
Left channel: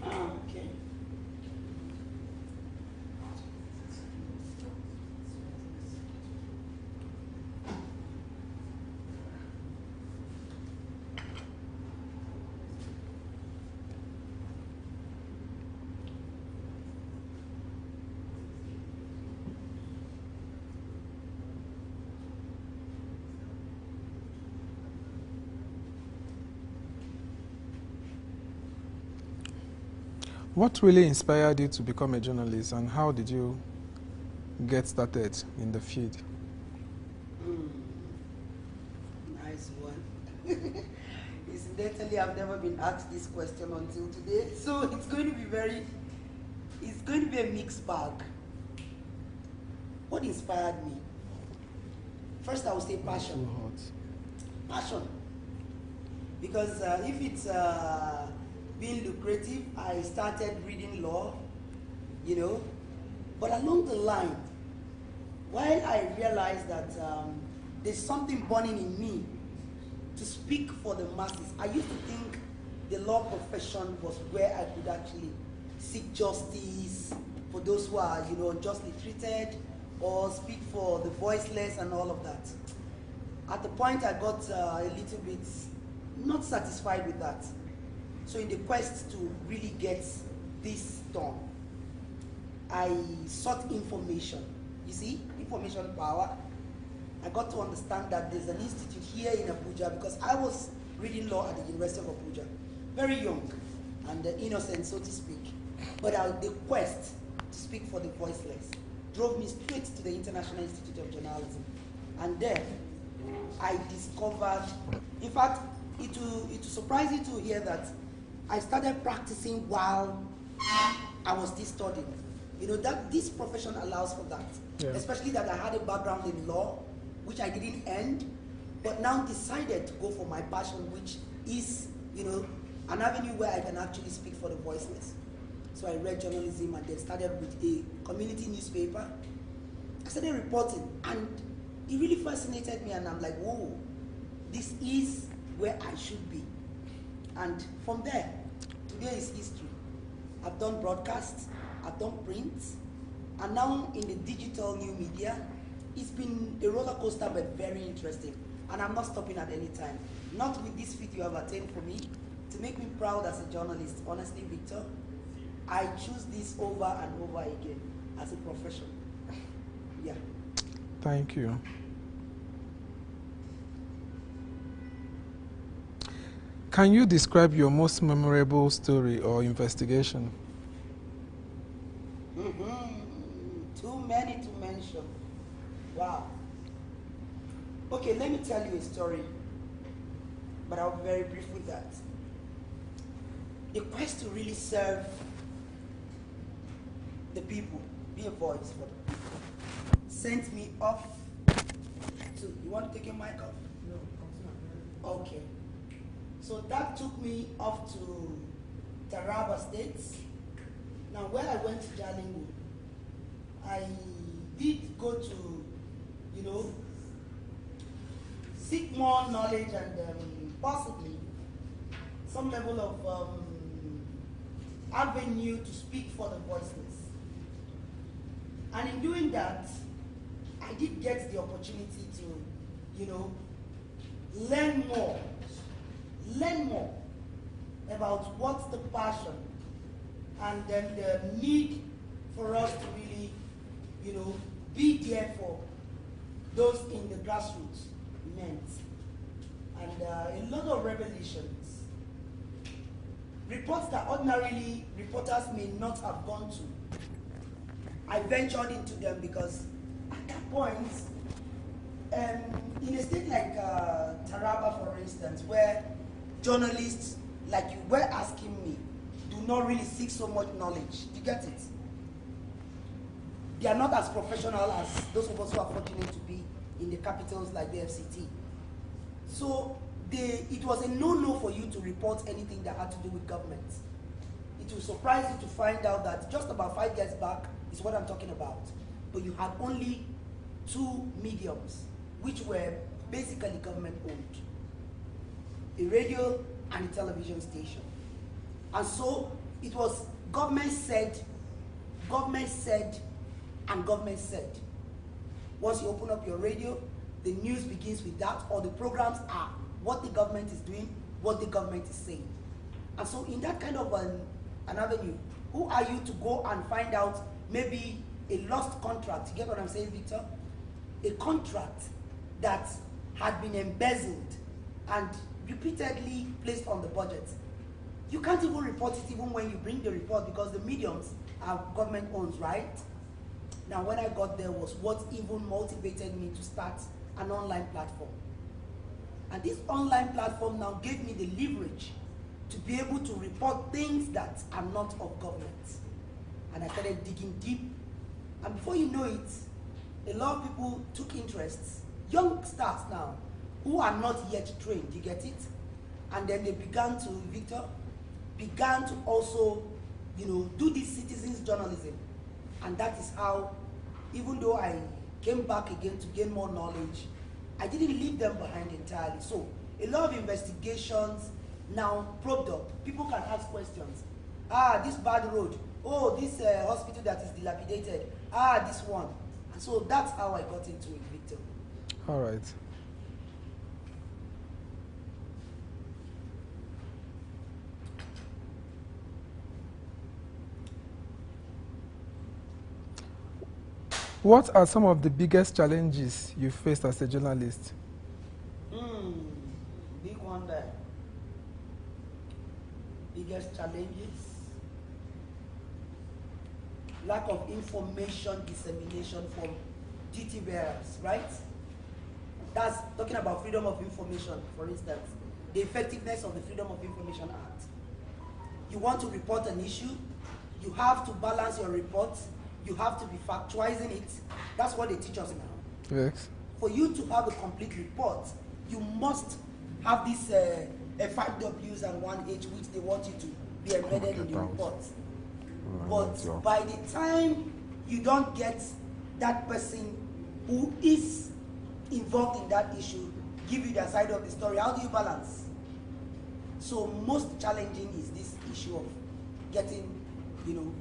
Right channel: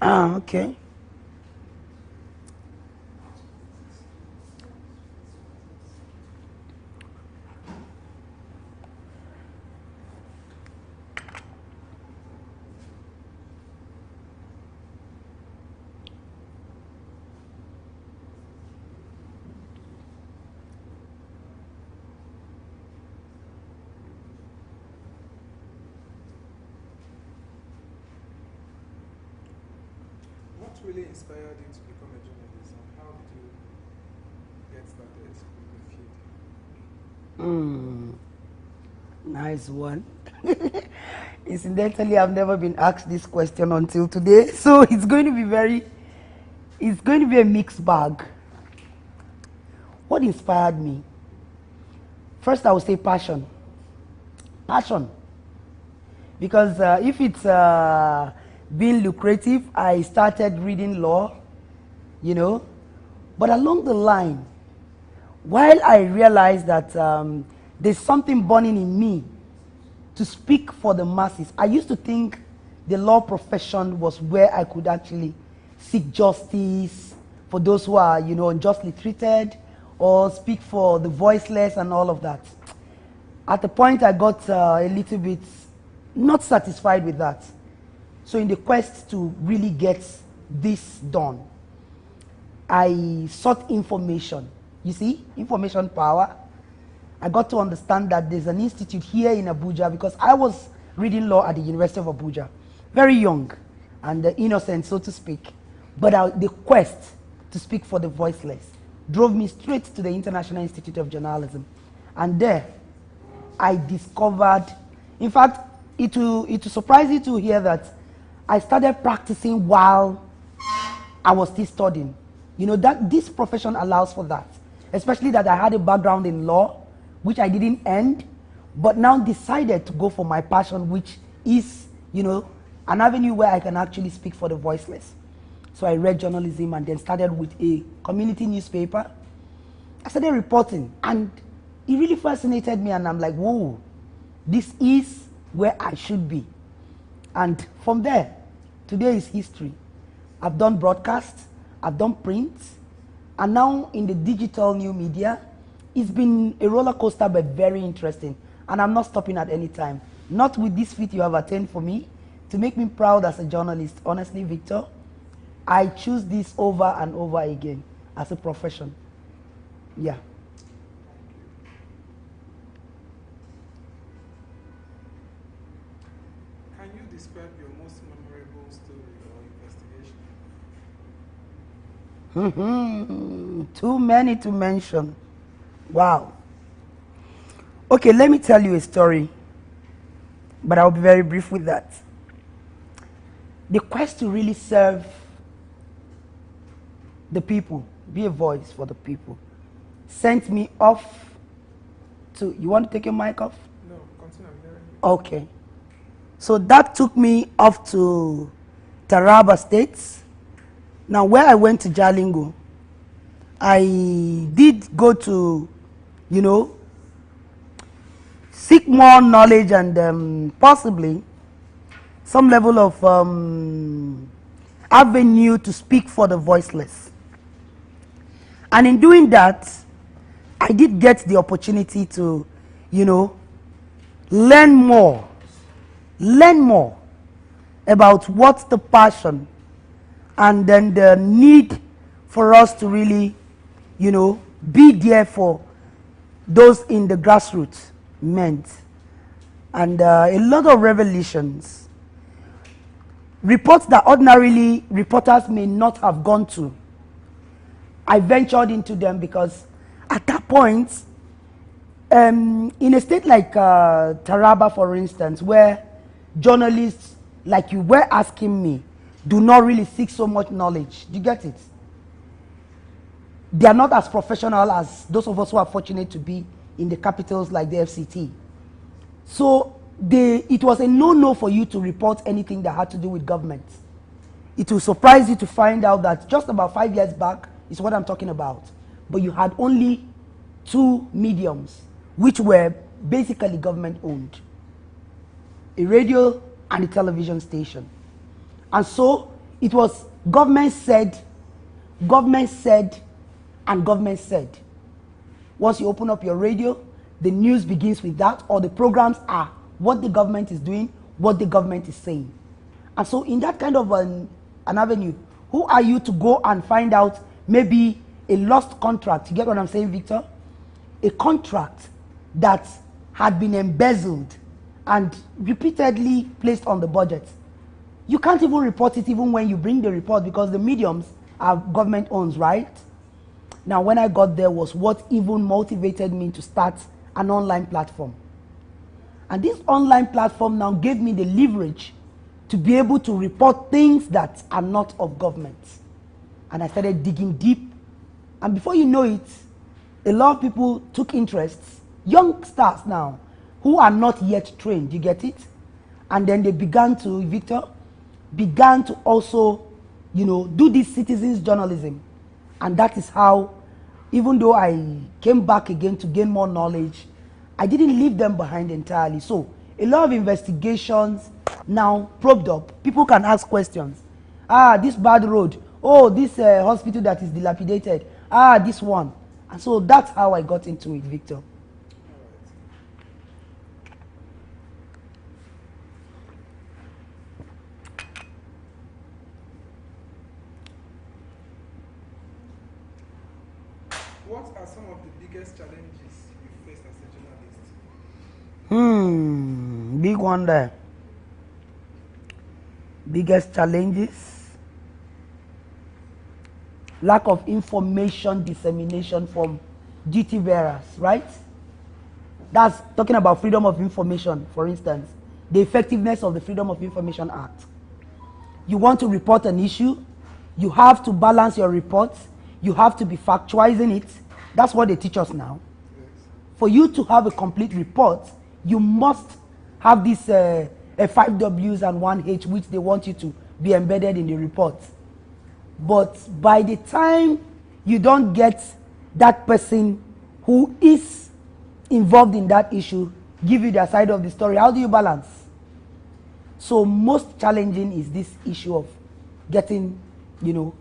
Okay. What really inspired you to become a journalist, and how did you get started in the field? Nice one. Incidentally, I've never been asked this question until today, so it's going to be a mixed bag. What inspired me? First, I would say passion. Passion. Because if it's being lucrative, I started reading law, you know. But along the line, while I realized that there's something burning in me to speak for the masses, I used to think the law profession was where I could actually seek justice for those who are, you know, unjustly treated, or speak for the voiceless and all of that. At the point, I got a little bit not satisfied with that. So in the quest to really get this done, I sought information. You see, information power. I got to understand that there's an institute here in Abuja, because I was reading law at the University of Abuja, very young and innocent, so to speak. But the quest to speak for the voiceless drove me straight to the International Institute of Journalism. And there, I discovered, in fact, it will surprise you to hear that I started practicing while I was still studying. You know, that this profession allows for that. Yeah. Especially that I had a background in law, which I didn't end, but now decided to go for my passion, which is, you know, an avenue where I can actually speak for the voiceless. So I read journalism and then started with a community newspaper. I started reporting, and it really fascinated me, and I'm like, whoa, this is where I should be. And from there, today is history. I've done broadcasts, I've done print, and now in the digital new media, it's been a roller coaster, but very interesting. And I'm not stopping at any time. Not with this feat you have attained for me, to make me proud as a journalist. Honestly, Victor, I choose this over and over again as a profession. Yeah. Thank you. Can you describe your most memorable story or investigation? Too many to mention. Wow. Okay, let me tell you a story, but I'll be very brief with that. The quest to really serve the people, be a voice for the people, sent me off to, you want to take your mic off? No, continue. Okay. So that took me off to Taraba State. Now, where I went to Jalingo, I did go to, you know, seek more knowledge and possibly some level of avenue to speak for the voiceless. And in doing that, I did get the opportunity to, you know, learn more about what's the passion and then the need for us to really, you know, be there for those in the grassroots meant. And a lot of revelations, reports that ordinarily reporters may not have gone to. I ventured into them because at that point, in a state like Taraba, for instance, where journalists like you were asking me do not really seek so much knowledge. Do you get it? They are not as professional as those of us who are fortunate to be in the capitals like the FCT. So it was a no-no for you to report anything that had to do with government. It will surprise you to find out that just about 5 years back is what I'm talking about. But you had only 2 mediums, which were basically government-owned. A radio and a television station. And so it was government said, and government said. Once you open up your radio, the news begins with that, or the programs are what the government is doing, what the government is saying. And so in that kind of an avenue, who are you to go and find out maybe a lost contract? You get what I'm saying, Victor? A contract that had been embezzled and repeatedly placed on the budget. You can't even report it even when you bring the report because the mediums are government owned, right? Now, when I got there was what even motivated me to start an online platform. And this online platform now gave me the leverage to be able to report things that are not of government. And I started digging deep. And before you know it, a lot of people took interest, young stars now, who are not yet trained, you get it? And then they began to, Victor, began to also, you know, do this citizens journalism. And that is how, even though I came back again to gain more knowledge, I didn't leave them behind entirely. So a lot of investigations now probed up. People can ask questions. Ah, this bad road. Oh, this hospital that is dilapidated. Ah, this one. And so that's how I got into it, Victor. All right. What are some of the biggest challenges you faced as a journalist? Big one there. Biggest challenges? Lack of information dissemination from duty bearers, right? That's talking about freedom of information, for instance. The effectiveness of the Freedom of Information Act. You want to report an issue, you have to balance your reports, you have to be factualizing it. That's what they teach us now. Yes. For you to have a complete report, you must have these 5 Ws and 1 H, which they want you to be embedded in the report. But by the time you don't get that person who is involved in that issue, give you their side of the story, how do you balance? So most challenging is this issue of getting, you know,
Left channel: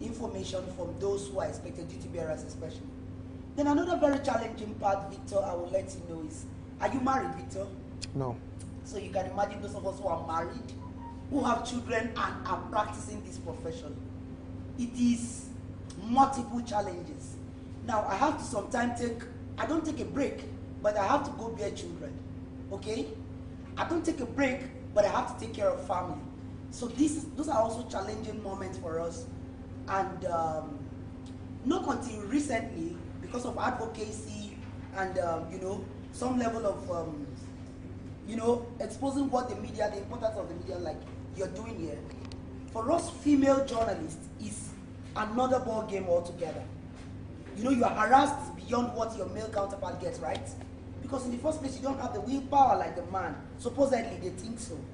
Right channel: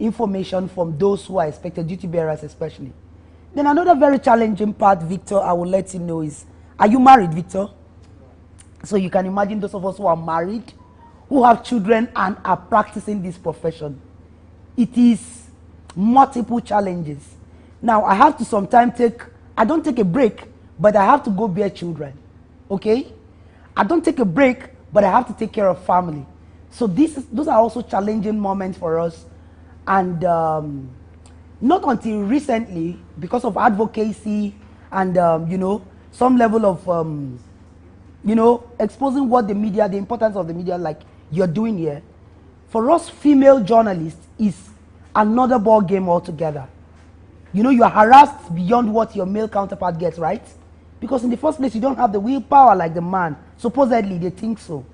information from those who are expected, duty bearers especially. Then another very challenging part, Victor, I will let you know is, are you married, Victor? No. So you can imagine those of us who are married, who have children and are practicing this profession. It is multiple challenges. Now, I have to sometimes I don't take a break, but I have to go bear children, okay? I don't take a break, but I have to take care of family. So those are also challenging moments for us. And not until recently, because of advocacy and, you know, some level of, you know, exposing what the media, the importance of the media, like you're doing here, for us female journalists is another ball game altogether. You know, you are harassed beyond what your male counterpart gets, right? Because in the first place, you don't have the willpower like the man. Supposedly, they think so.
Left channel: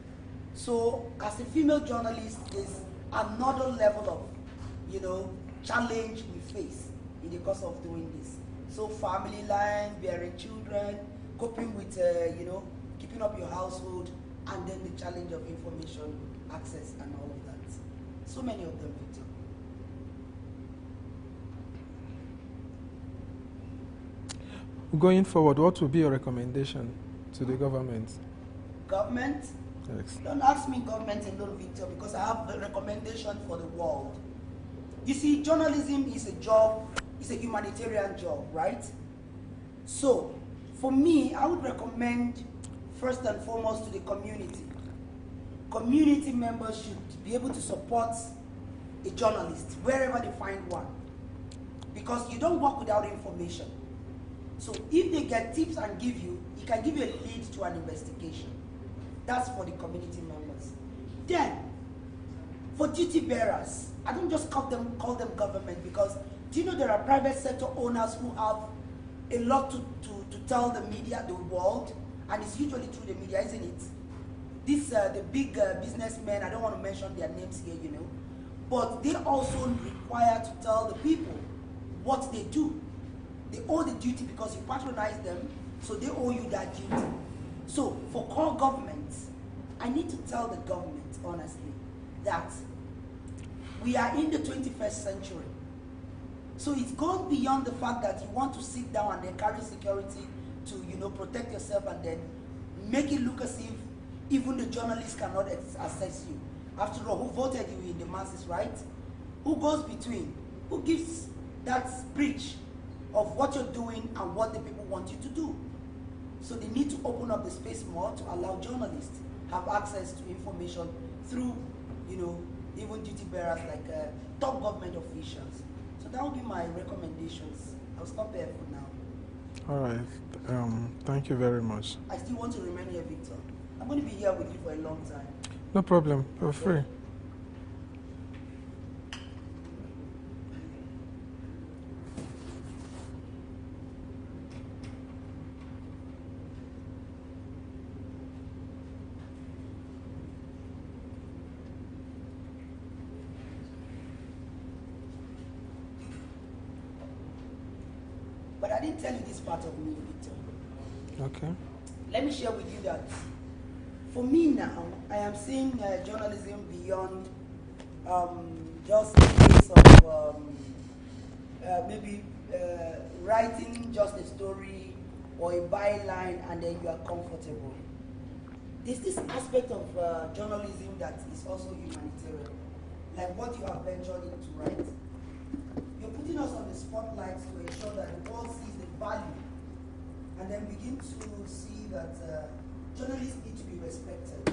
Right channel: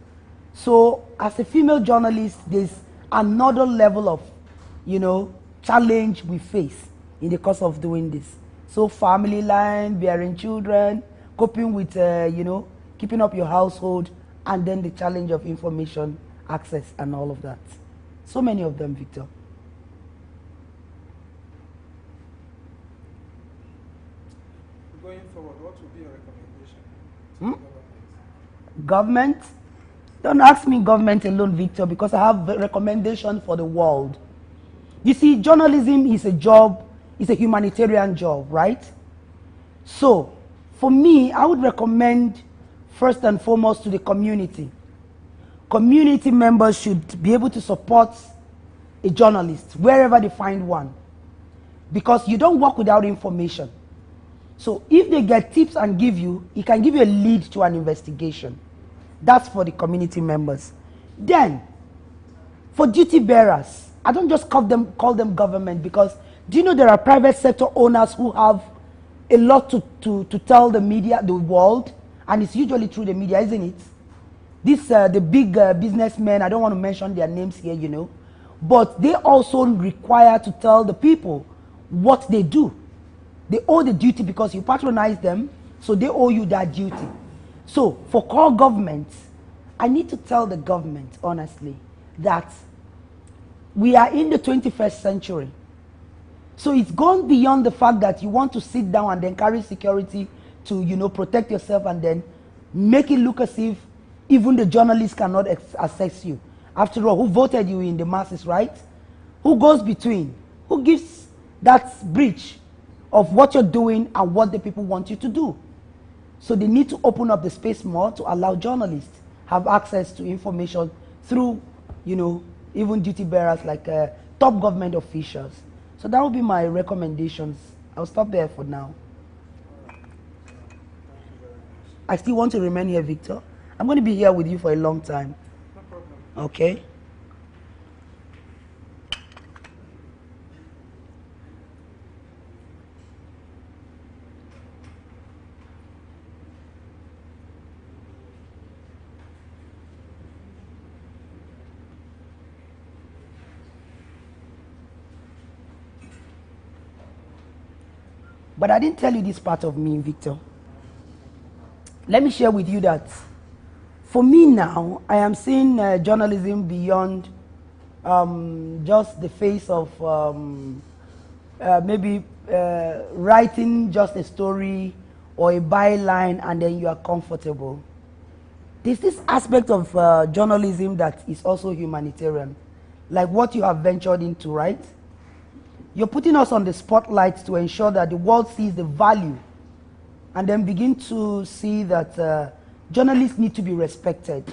So, as a female journalist, there's another level of, you know, challenge we face in the course of doing this. So, family line, bearing children, coping with, you know, keeping up your household, and then the challenge of information access and all of that. So many of them, Victor. Going forward, what will be your recommendation to the government? Government? Yes. Don't ask me government alone, Victor, because I have a recommendation for the world. You see, journalism is a job, it's a humanitarian job, right? So, for me, I would recommend first and foremost to the community. Community members should be able to support a journalist wherever they find one, because you don't work without information. So if they get tips and give you, it can give you a lead to an investigation. That's for the community members. Then, for duty bearers, I don't just call them government, because do you know there are private sector owners who have a lot to tell the media, the world, and it's usually through the media, isn't it? The big businessmen, I don't want to mention their names here, you know, but they also require to tell the people what they do. They owe the duty because you patronize them, so they owe you that duty. So for core governments, I need to tell the government, honestly, that we are in the 21st century. So it's gone beyond the fact that you want to sit down and then carry security to, you know, protect yourself and then make it look as if even the journalists cannot access you. After all, who voted you in the masses, right? Who goes between? Who gives that bridge of what you're doing and what the people want you to do? So they need to open up the space more to allow journalists have access to information through, you know, even duty bearers like top government officials. So that would be my recommendations. I'll stop there for now. All right. Thank you very much. I still want to remain here, Victor. I'm going to be here with you for a long time. No problem. Okay. You're free. But I didn't tell you this part of me, Victor. Okay. Let me share with you that for me now, I am seeing journalism beyond just the case of maybe writing just a story or a byline and then you are comfortable. There's this aspect of journalism that is also humanitarian, like what you have ventured into, right? You're putting us on the spotlight to ensure that the world sees the value and then begin to see that journalists need to be respected.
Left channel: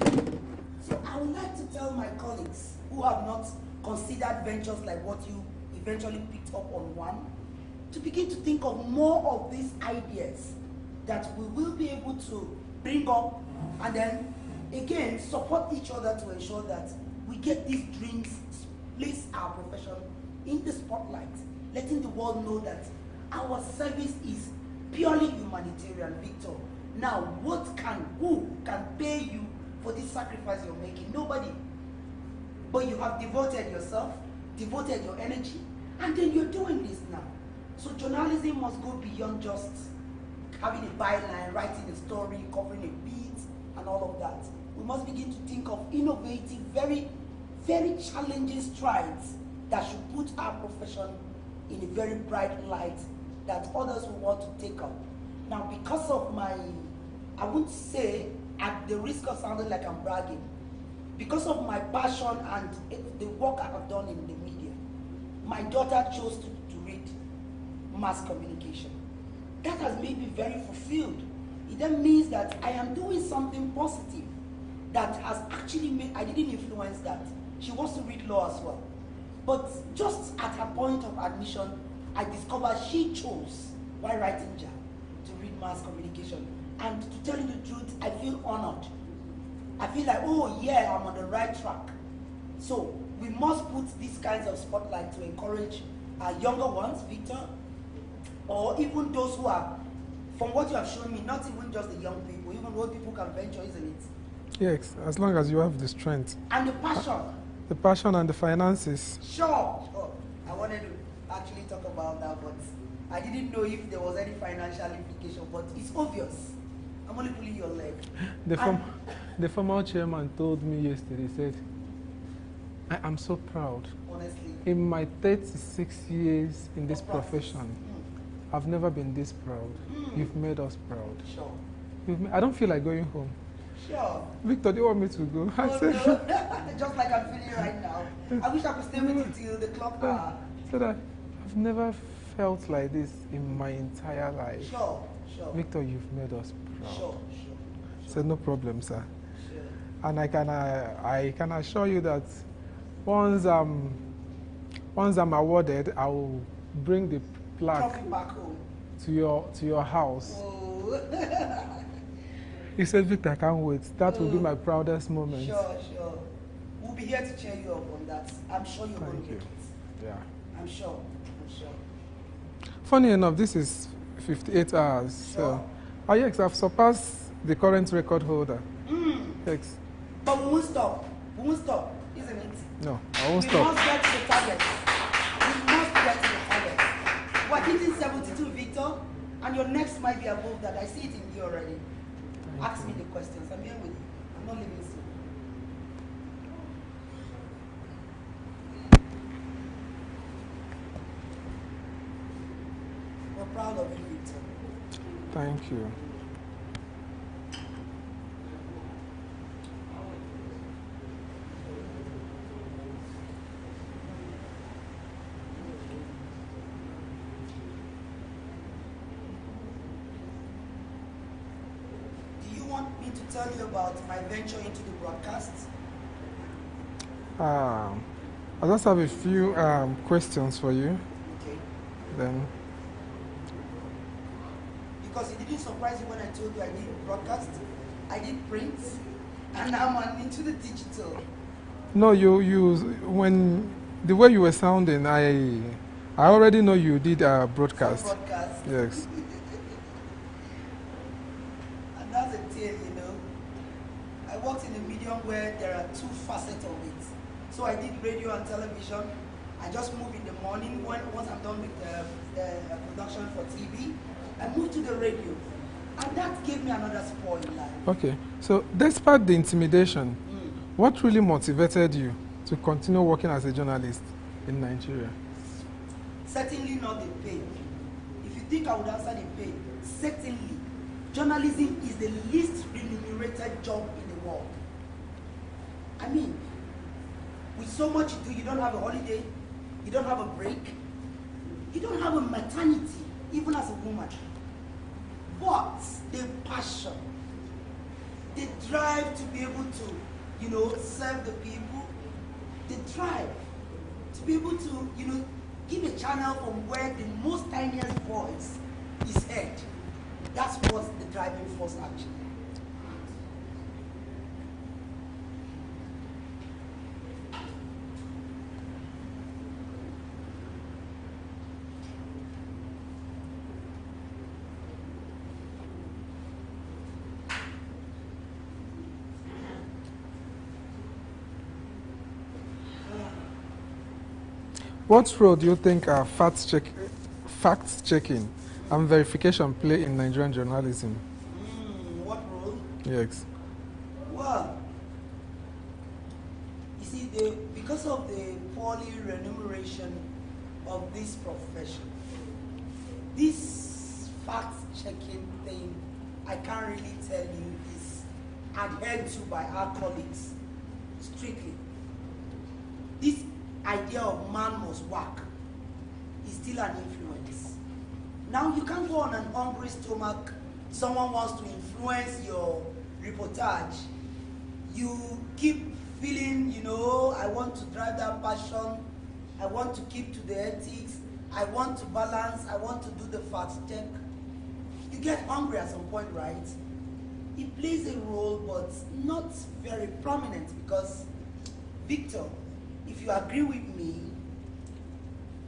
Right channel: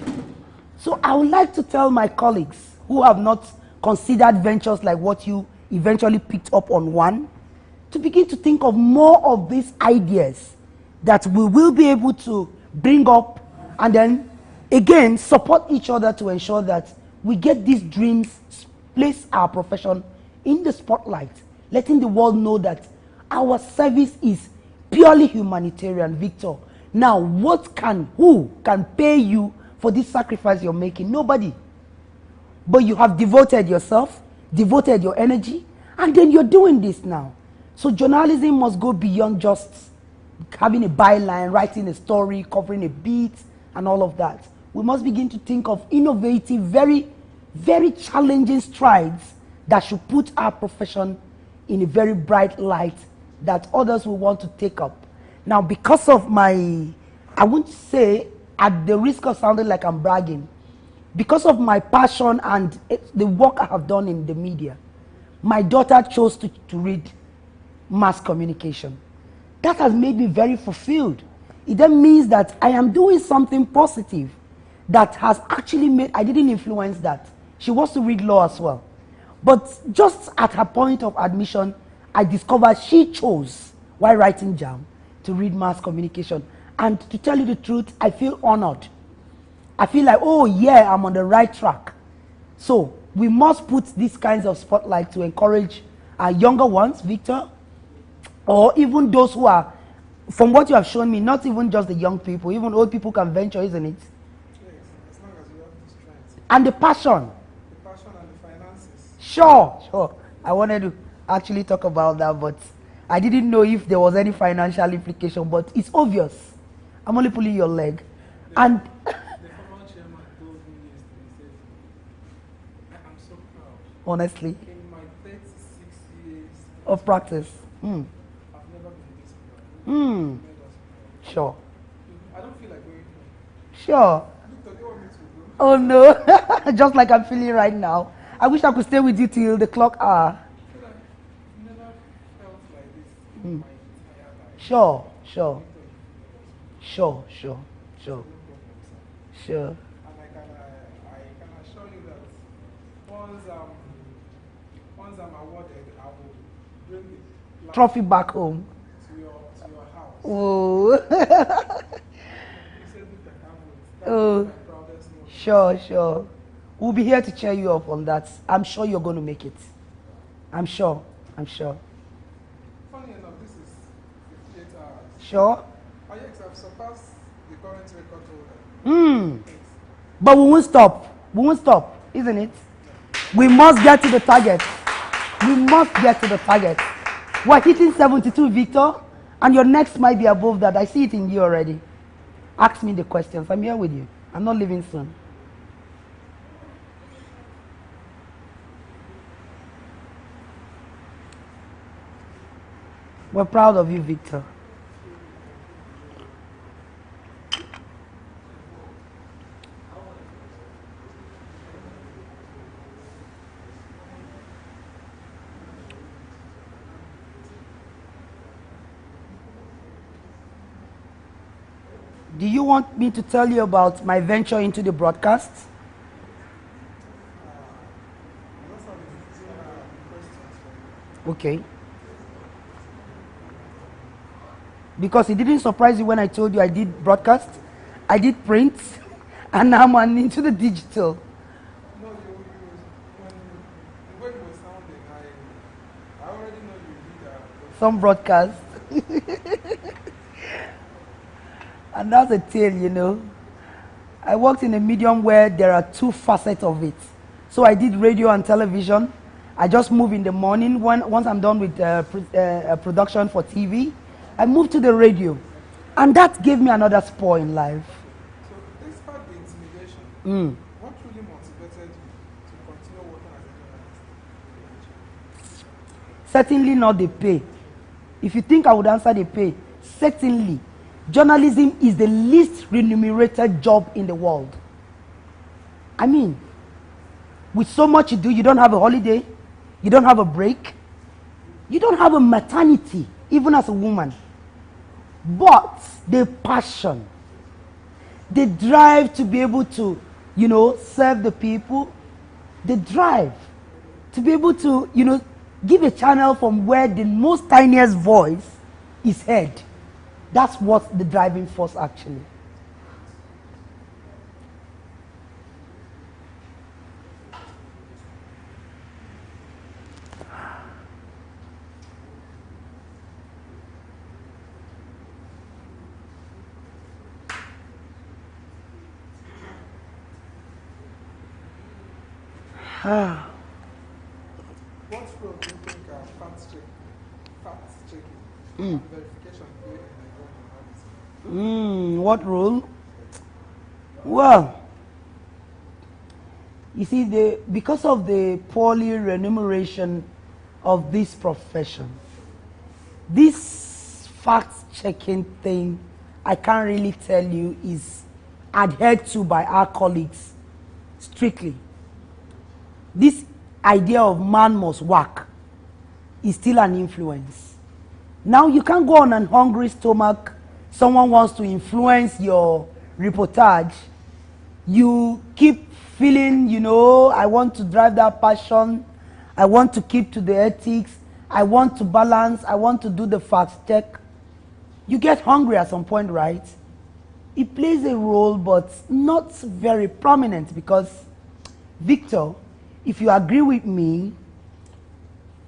So I would like to tell my colleagues who have not considered ventures like what you eventually picked up on one, to begin to think of more of these ideas that we will be able to bring up and then again support each other to ensure that we get these dreams, place our profession in the spotlight, letting the world know that our service is purely humanitarian, Victor. Now, who can pay you for this sacrifice you're making? Nobody. But you have devoted yourself, devoted your energy, and then you're doing this now. So journalism must go beyond just having a byline, writing a story, covering a beat, and all of that. We must begin to think of innovative, very, very challenging strides that should put our profession in a very bright light that others will want to take up. Now, because of my, I won't say at the risk of sounding like I'm bragging, because of my passion and the work I have done in the media, my daughter chose to read mass communication. That has made me very fulfilled. It then means that I am doing something positive that has actually made, I didn't influence that. She wants to read law as well. But just at her point of admission, I discovered she chose, while writing JAM, to read mass communication. And to tell you the truth, I feel honored. I feel like, oh yeah, I'm on the right track. So we must put these kinds of spotlight to encourage our younger ones, Victor, or even those who are, from what you have shown me, not even just the young people, even old people can venture, isn't it? Yes, as long as you have the strength. And the passion. The passion and the finances. Sure. I wanted to actually talk about that, but I didn't know if there was any financial implication, but it's obvious. I'm only pulling your leg. The former chairman told me yesterday, said, I am so proud. Honestly. In my 36 years in of this practice. profession, I've never been this proud. You've made us proud. Sure. I don't feel like going home. Sure. Victor, do you want me to go? Oh no, just like I'm feeling right now. I wish I could stay with you till the clock hour. So that I've never felt like this in my entire life. Sure. Victor, you've made us Sure. proud. So no problem, sir. Sure. And I can assure you that once I'm awarded, I will bring the trophy back home to your house. Oh. He said, Victor, I can't wait. That will be my proudest moment. Sure. We'll be here to cheer you up on that. I'm sure you're going to make it. Yeah. I'm sure. Funny enough, this is 58 hours. Sure. Yes, I've surpassed the current record holder. Thanks. But we won't stop. Isn't it? No. We must get to the target. We're hitting 72, Victor, and your next might be above that. I see it in you already. Ask me the questions. I'm here with you. I'm not leaving soon. We're proud of you, Victor. Thank you. Do you want me to tell you about my venture into the broadcast? I just have a few questions for you. Okay. Then, Because it didn't surprise you when I told you I did broadcast, I did print, and now I'm into the digital. no, when the way you were sounding, I already know you did broadcast. Some broadcast. Yes. And that's a tale, you know. I worked in a medium where there are two facets of it. So I did radio and television. I just move in the morning. Once I'm done with production for TV, I move to the radio. And that gave me another spur in life. Okay. So despite the intimidation, what really motivated you to continue working as a journalist in Nigeria? Certainly not the pay. If you think I would answer the pay, certainly. Journalism is the least remunerated job in the world. I mean, with so much you do, you don't have a holiday, you don't have a break, you don't have a maternity, even as a woman. But the passion, the drive to be able to, you know, serve the people, the drive to be able to, you know, give a channel from where the most tiniest voice is heard. That's what the driving force actually. What role do you think fact checking and verification play in Nigerian journalism? What role? Yes. Well, you see, because of the poorly remuneration of this profession, this fact-checking thing, I can't really tell you, is adhered to by our colleagues strictly. This idea of man must work is still an influence. Now you can't go on an hungry stomach. Someone wants to influence your reportage. You keep feeling, you know, I want to drive that passion. I want to keep to the ethics. I want to balance. I want to do the fact check. You get hungry at some point, right? It plays a role, but not very prominent, because, Victor, if you agree with me,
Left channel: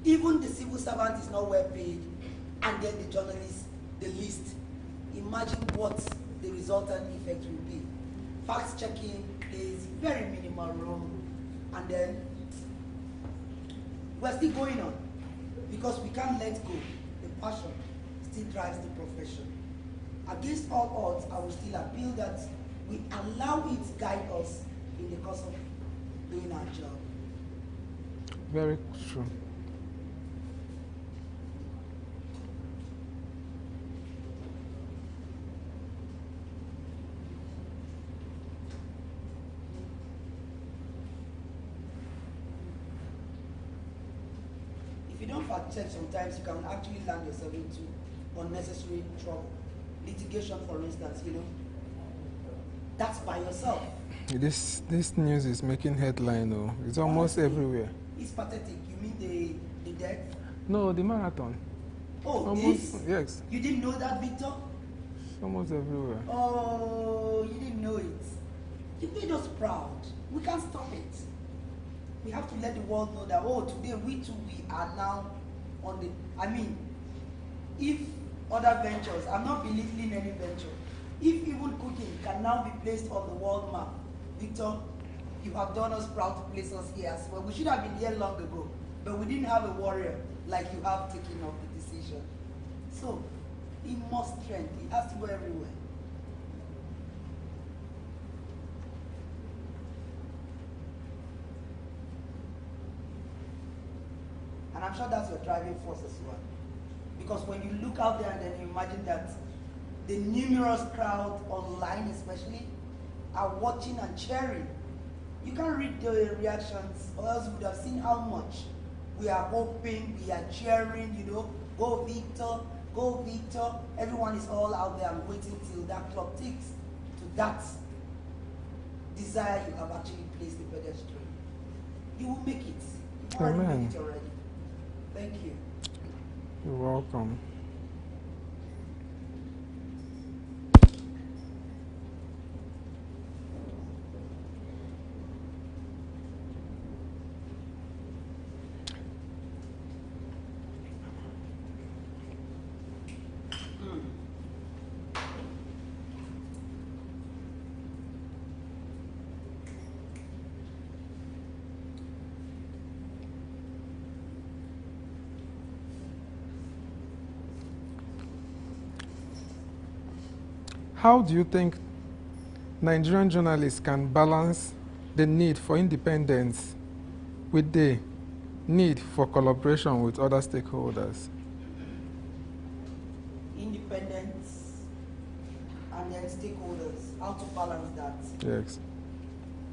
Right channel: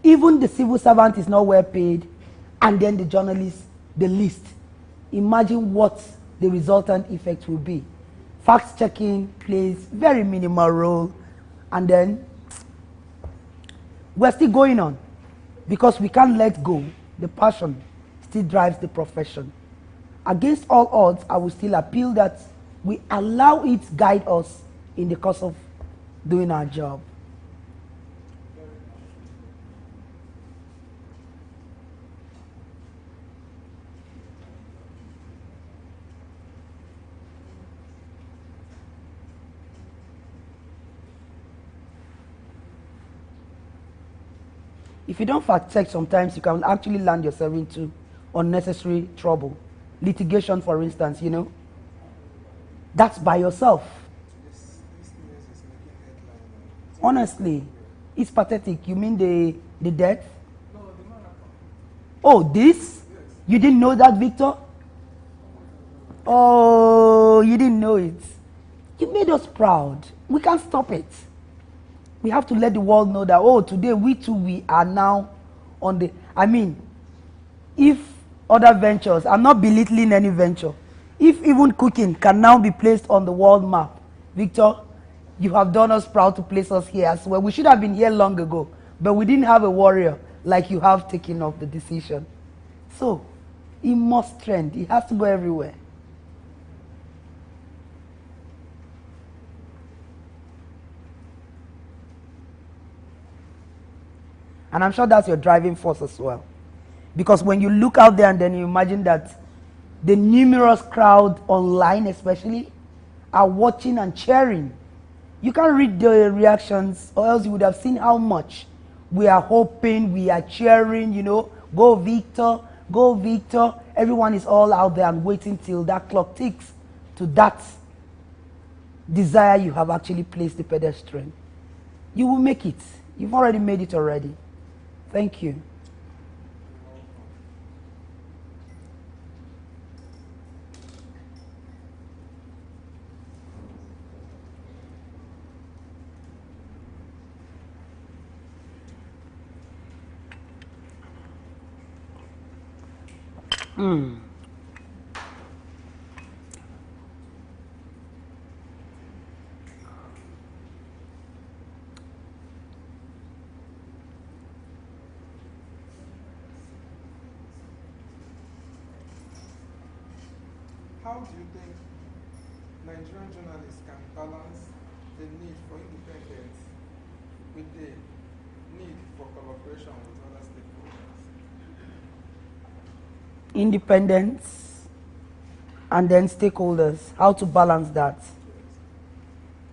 even the civil servant is not well paid, and then the journalist, the least. Imagine what the resultant effect will be. Fact-checking plays very minimal role, and then we're still going on, because we can't let go. The passion still drives the profession. Against all odds, I will still appeal that we allow it guide us in the course of doing our job. Very true. If you don't fact check, sometimes you can actually land yourself into unnecessary trouble. Litigation, for instance, you know. That's by yourself. This news is making headline, though. It's almost Honestly, everywhere. it's pathetic. You mean the death? No, the marathon. Oh, this? Yes. You didn't know that, Victor? Almost everywhere. Oh, you didn't know it. You made us proud. We can't stop it. We have to let the world know that, oh, today we are now on the, I mean, if other ventures, I'm not belittling any venture, if even cooking can now be placed on the world map, Victor, you have done us proud to place us here as well. We should have been here long ago, but we didn't have a warrior like you have taken of the decision. So, it must trend. It has to go everywhere. And I'm sure that's your driving force as well. Because when you look out there and then you imagine that the numerous crowd online especially are watching and cheering, you can't read the reactions, or else you would have seen how much we are hoping, we are cheering, you know, go Victor, go Victor. Everyone is all out there and waiting till that clock ticks to that desire you have actually placed the pedestrian. You will make it. You've already made Amen. it already. Thank you. You're welcome. How do you think Nigerian journalists can balance the need for independence with the need for collaboration with other stakeholders? Independence and then stakeholders. How to balance that? Yes.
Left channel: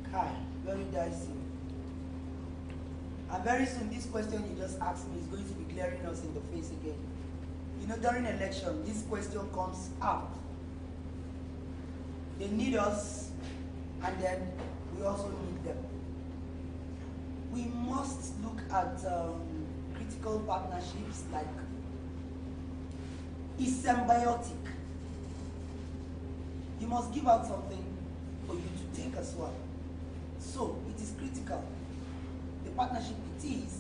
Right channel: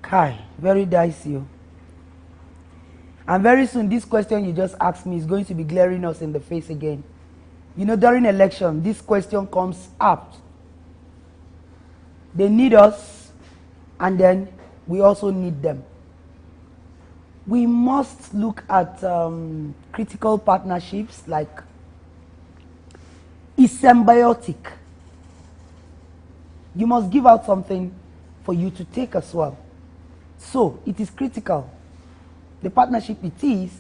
Kai, very dicey. And very soon, this question you just asked me is going to be glaring us in the face again. You know, during election, this question comes up. They need us, and then we also need them. We must look at critical partnerships like it's symbiotic. You must give out something for you to take as well. So it is critical. The partnership it is,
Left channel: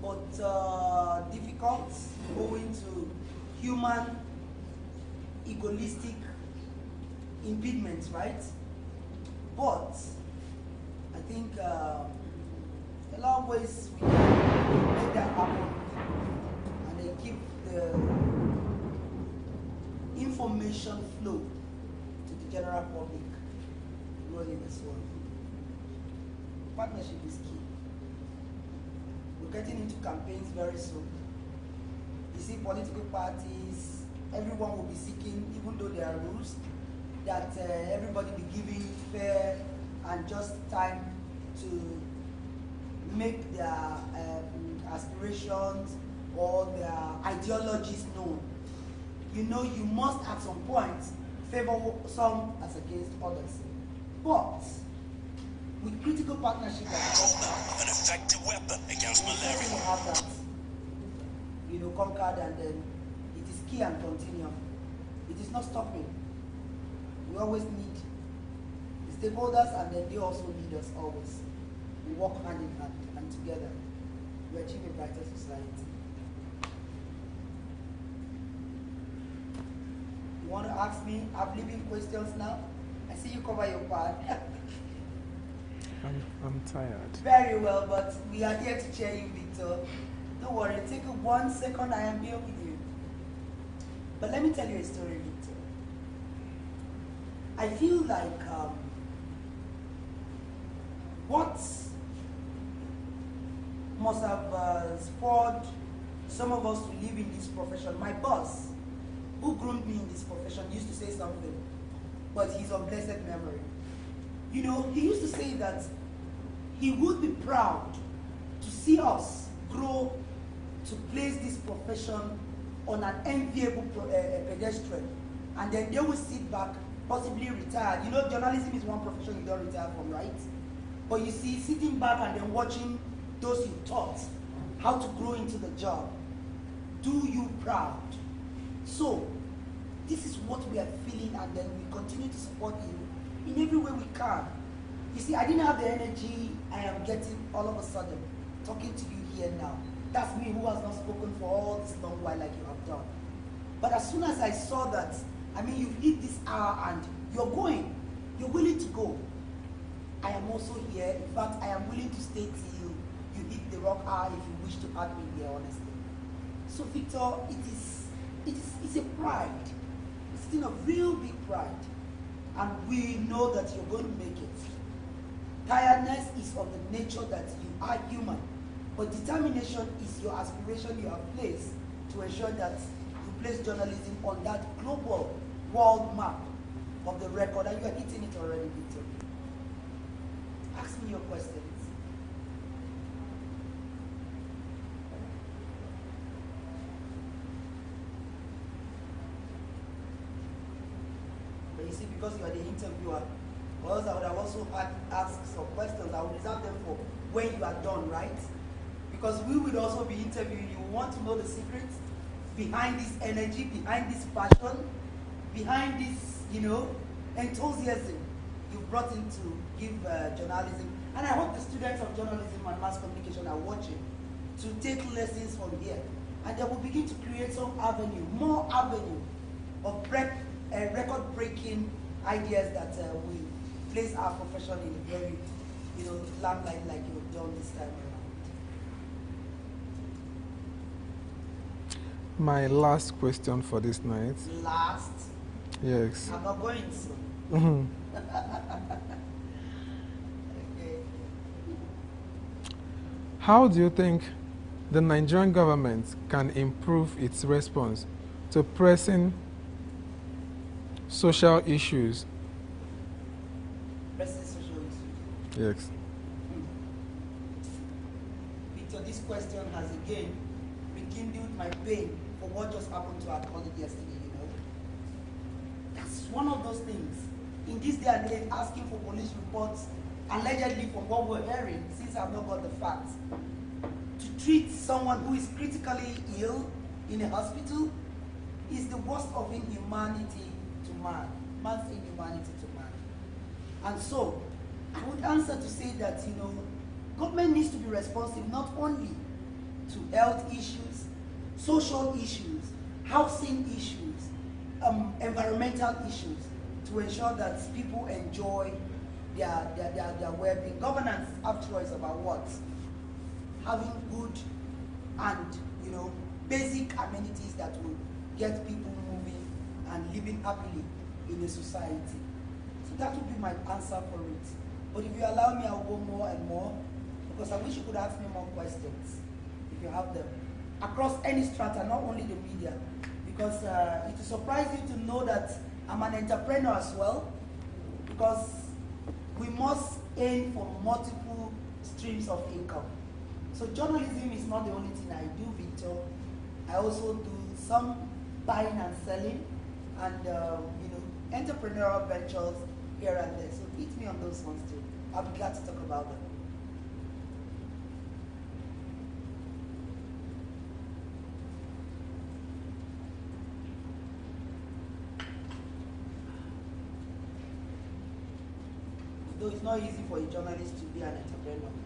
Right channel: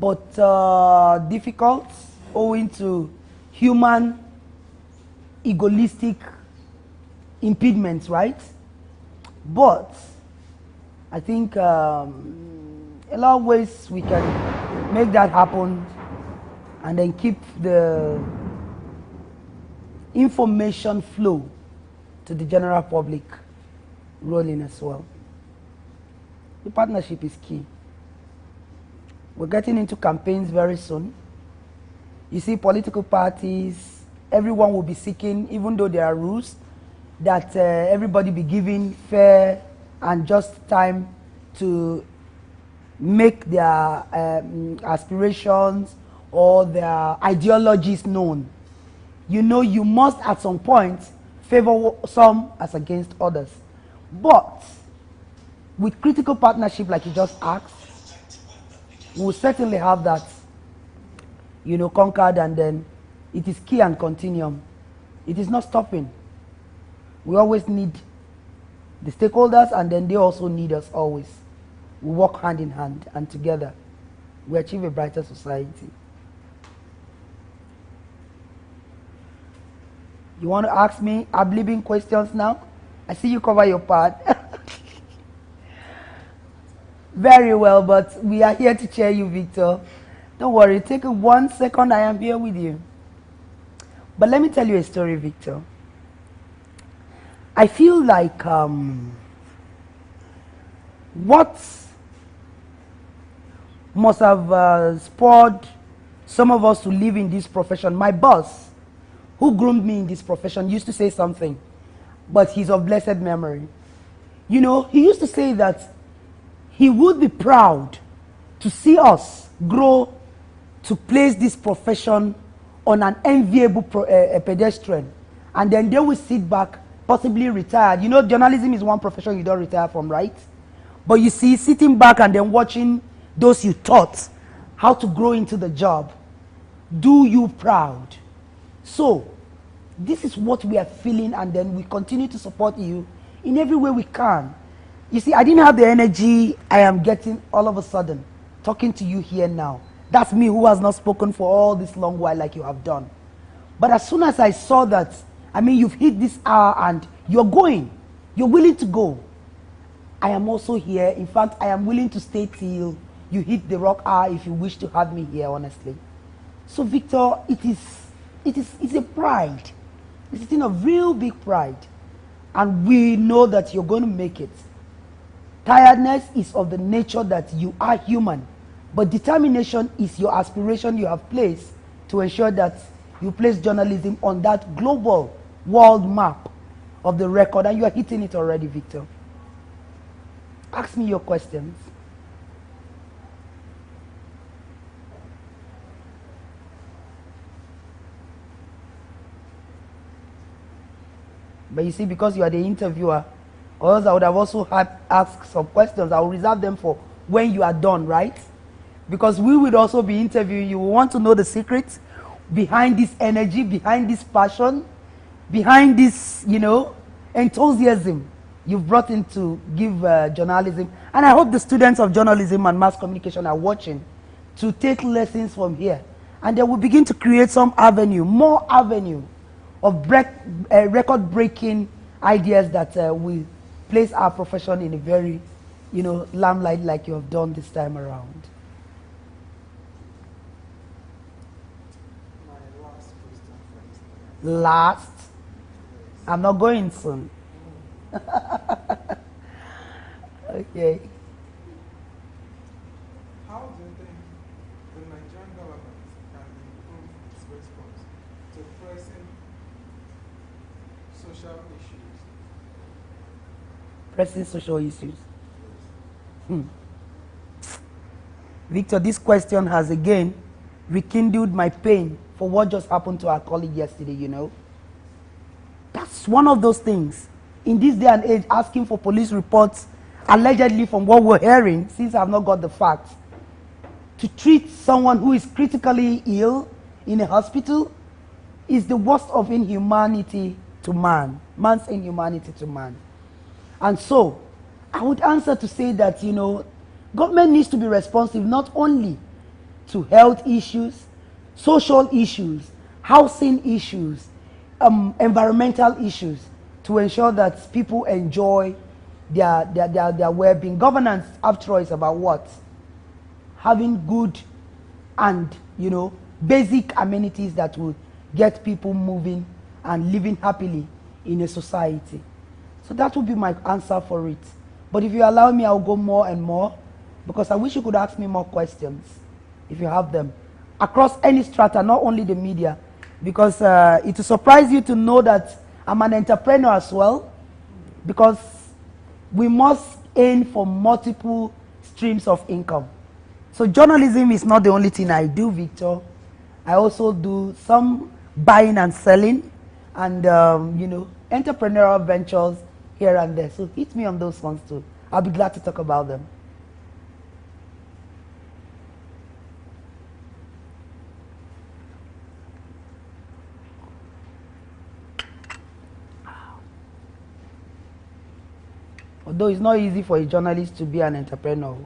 but difficult owing to human egoistic impediments, right? But I think a lot of ways we can make that happen and then keep the information flow to the general public rolling as well. The partnership is key. We're getting into campaigns very soon. You see political parties, everyone will be seeking, even though there are rules, that everybody be given fair and just time to make their aspirations or their ideologies known. You know, you must at some point favor some as against others. But with critical partnership like you just asked, we'll certainly have that, you know, conquered, and then it is key and continuum. It is not stopping. We always need the stakeholders, and then they also need us always. We work hand in hand, and together we achieve a brighter society. You want to ask me ad-libbing questions now? I see you cover your part. I'm tired. Very well, but we are here to cheer you, Victor. Don't worry, take 1 second, I am here with you. But let me tell you a story, Victor. I feel like what must have spurred some of us to live in this profession. My boss, who groomed me in this profession, used to say something, but he's of blessed memory. You know, he used to say that he would be proud to see us grow to place this profession on an enviable pedestrian, and then they will sit back, possibly retired. You know, journalism is one profession you don't retire from, right? But you see, sitting back and then watching those you taught how to grow into the job, do you proud. So, this is what we are feeling, and then we continue to support you in every way we can. You see, I didn't have the energy I am getting all of a sudden, talking to you here now. That's me who has not spoken for all this long while like you have done. But as soon as I saw that, I mean, you've hit this hour and you're going, you're willing to go, I am also here. In fact, I am willing to stay till you hit the rock hour if you wish to have me here, honestly. So, Victor, it's a pride. It's a thing of real big pride. And we know that you're going to make it. Tiredness is of the nature that you are human. But determination is your aspiration you have placed to ensure that you place journalism on that global world map of the record. And you are hitting it already, Victor. Ask me your questions. But you see, because you are the interviewer, or else I would have also had asked some questions. I will reserve them for when you are done, right? Because we would also be interviewing you. We want to know the secrets behind this energy, behind this passion, behind this, you know, enthusiasm you've brought in to give journalism. And I hope the students of journalism and mass communication are watching to take lessons from here. And they will begin to create some avenue, more avenue of record-breaking ideas that will place our profession in a very, you know, limelight like you have done this time around. My last question for this night. Last? Yes. I'm not going soon. Okay. How do you think the Nigerian government can improve its response to pressing social issues? Pressing social issues? Yes. Victor, this question has again rekindled my pain for what just happened to our colleague yesterday, you know. That's one of those things. In this day and age, asking for police reports, allegedly from what we're hearing, since I've not got the facts, to treat someone who is critically ill in a hospital is the worst of inhumanity to man. Man's inhumanity to man. And so, I would answer to say that, you know, government needs to be responsive not only to health issues, social issues, housing issues, environmental issues, to ensure that people enjoy their well-being. Governance, after all, is about what? Having good and, you know, basic amenities that will get people moving and living happily in a society. So that would be my answer for it. But if you allow me, I'll go more and more, because I wish you could ask me more questions, if you have them, across any strata, not only the media, because it will surprise you to know that I'm an entrepreneur as well, because we must aim for multiple streams of income. So journalism is not the only thing I do, Victor. I also do some buying and selling and, you know, entrepreneurial ventures here and there. So hit me on those ones too. I'll be glad to talk about them. Although it's not easy for a journalist to be an entrepreneur,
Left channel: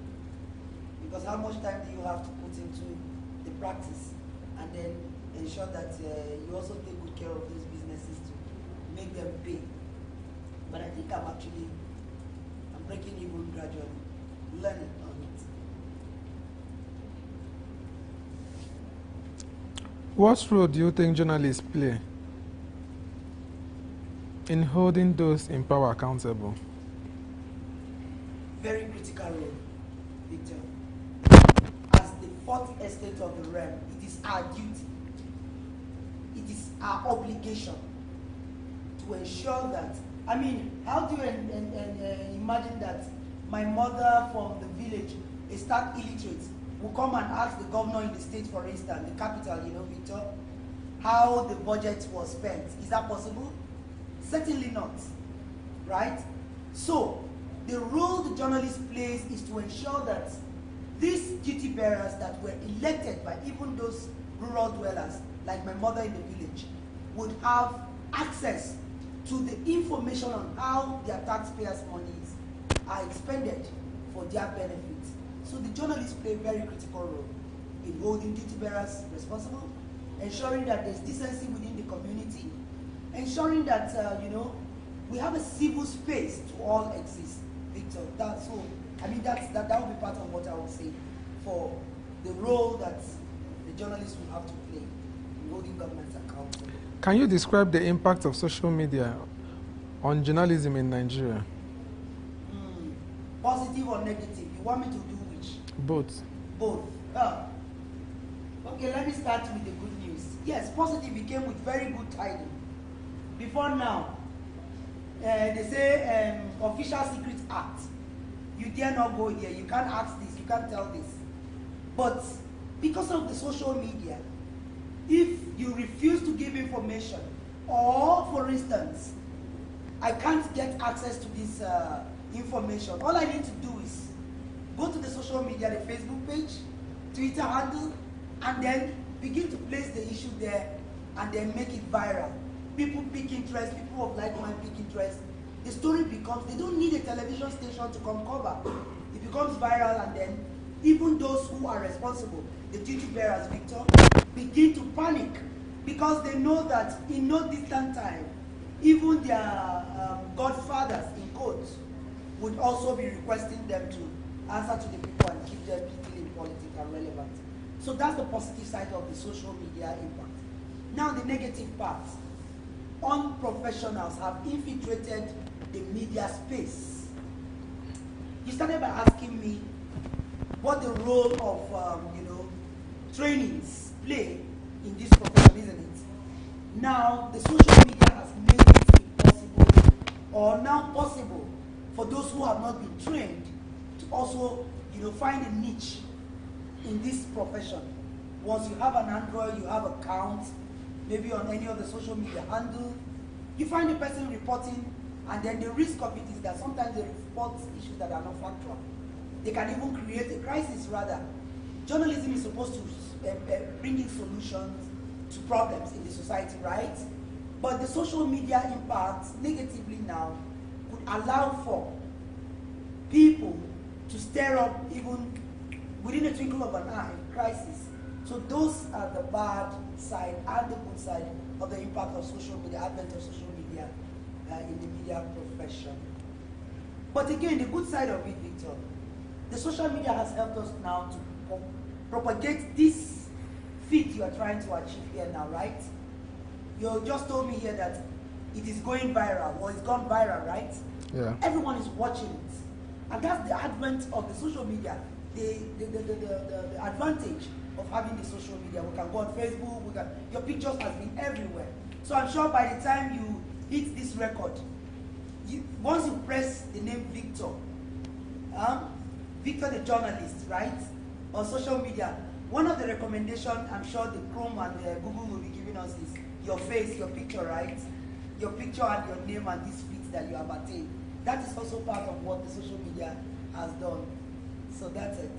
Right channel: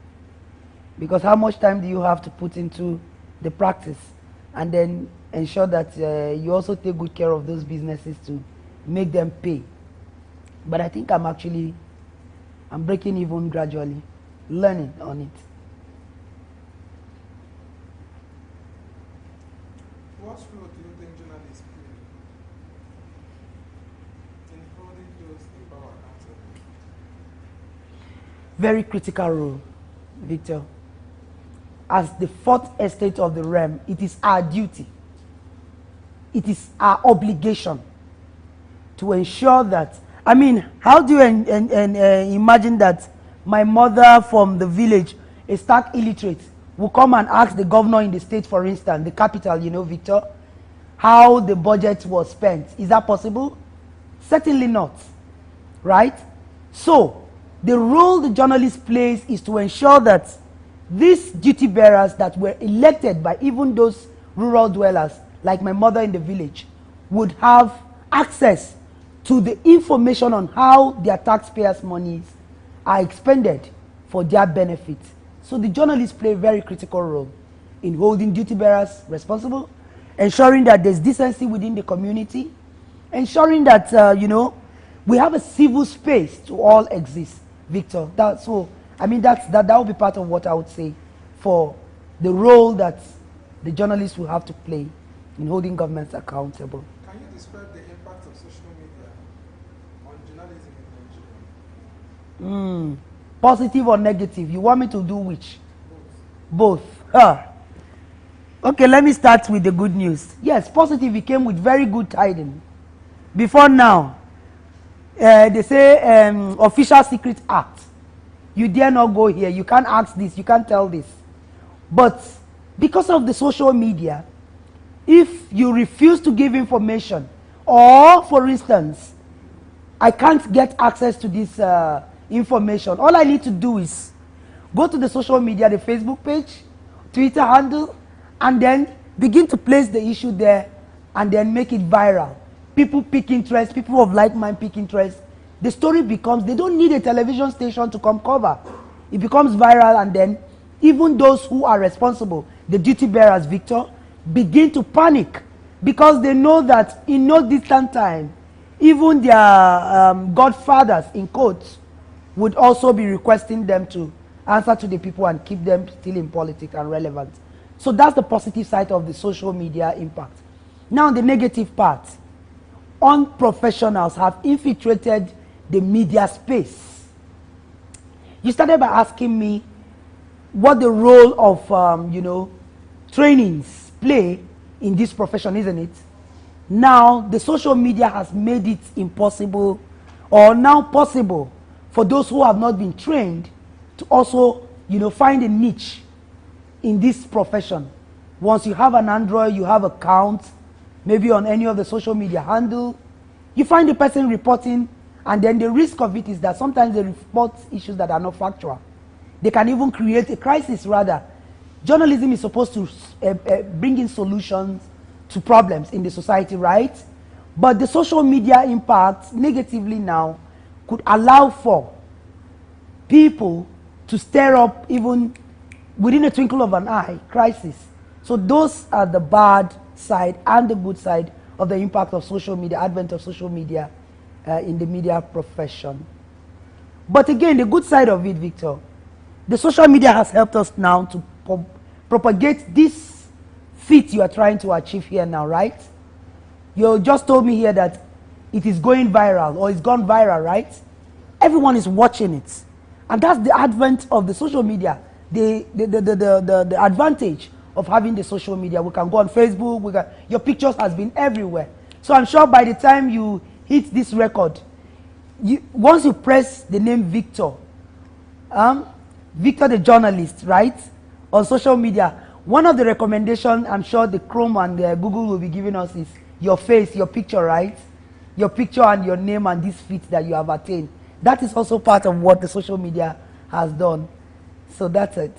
because how much time do you have to put into the practice and then ensure that you also take good care of those businesses to make them pay? But I think I'm breaking even gradually, learning on it. What role do you think journalists play in holding those in power accountable? Very critical role, Victor. As the fourth estate of the realm, it is our duty, it is our obligation to ensure that, I mean, how do you imagine that my mother from the village, a stark illiterate, will come and ask the governor in the state, for instance, the capital, you know, Victor, how the budget was spent? Is that possible? Certainly not, right? So, the role the journalist plays is to ensure that these duty bearers that were elected by even those rural dwellers, like my mother in the village, would have access to the information on how their taxpayers' monies are expended for their benefit. So the journalists play a very critical role in holding duty bearers responsible, ensuring that there's decency within the community, ensuring that, you know, we have a civil space to all exist, Victor. That will be part of what I would say for the role that the journalists will have to play in holding governments accountable. Can you describe the impact of social media on journalism in Nigeria? Positive or negative? You want me to do which? Both. Both. Okay, let me start with the good news. Yes, positive, it came with very good tidings. Before now, they say Official Secret Act. You dare not go here. You can't ask this. You can't tell this. But because of the social media, if you refuse to give information, or for instance, I can't get access to this information, all I need to do is Go to the social media, the Facebook page, Twitter handle, and then begin to place the issue there and then make it viral. People pick interest, people of like mind pick interest. The story becomes, they don't need a television station to come cover. It becomes viral, and then even those who are responsible, the duty bearers, Victor, begin to panic because they know that in no distant time, even their godfathers, in quotes, would also be requesting them to answer to the people and keep them still in politics and relevant. So that's the positive side of the social media impact. Now the negative part. Unprofessionals have infiltrated the media space. You started by asking me what the role of, trainings play in this profession, isn't it? Now, the social media has made it impossible, or now possible, for those who have not been trained to also, find a niche in this profession. Once you have an Android, you have account, maybe on any of the social media handle, you find the person reporting, and then the risk of it is that sometimes they report issues that are not factual. They can even create a crisis, rather. Journalism is supposed to bring in solutions to problems in the society, right? But the social media impact negatively now could allow for people to stir up, even within a twinkle of an eye, crisis. So those are the bad side and the good side of the impact of social media, advent of social media in the media profession. But again, the good side of it, Victor, the social media has helped us now to propagate this feat you are trying to achieve here now, right? You just told me here that it is going viral, or it's gone viral, right? Yeah. Everyone is watching it. And that's the advent of the social media, the advantage of having the social media. We can go on Facebook, your pictures has been everywhere. So I'm sure by the time you hit this record, once you press the name Victor, Victor the journalist, right, on social media, one of the recommendations I'm sure the Chrome and the Google will be giving us is your face, your picture, right? Your picture and your name and this feat that you have attained. That is also part of what the social media has done. So that's it.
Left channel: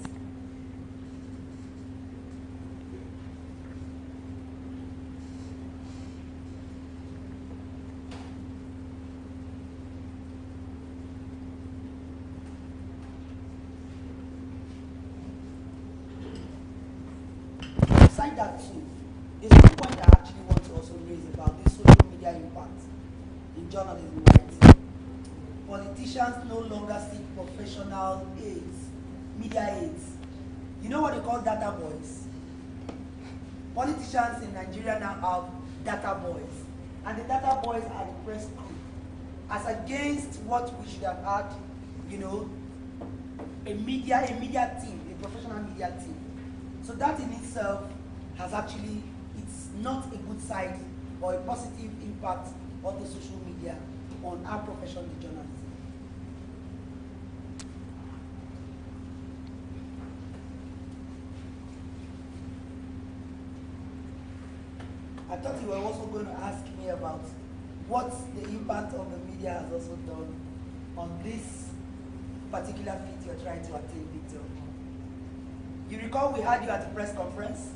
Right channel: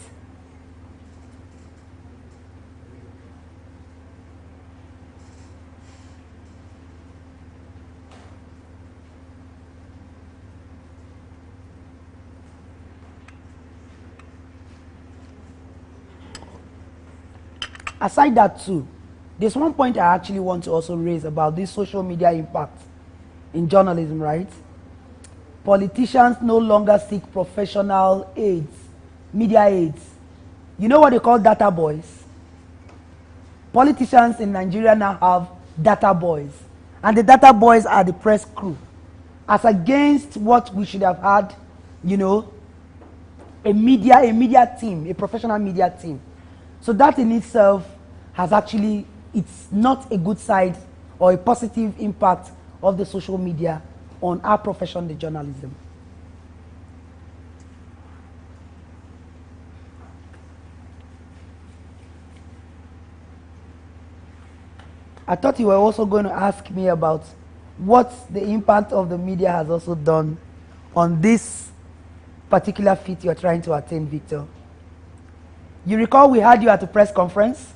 Aside that too, there's one point I actually want to also raise about this social media impact in journalism, right? Politicians no longer seek professional aids, media aids. You know what they call data boys? Politicians in Nigeria now have data boys. And the data boys are the press crew. As against what we should have had, a media team, a professional media team. So that in itself has actually, it's not a good side or a positive impact of the social media on our profession, the journalism. I thought you were also going to ask me about what the impact of the media has also done on this particular feat you're trying to attain, Victor. You recall we had you at a press conference?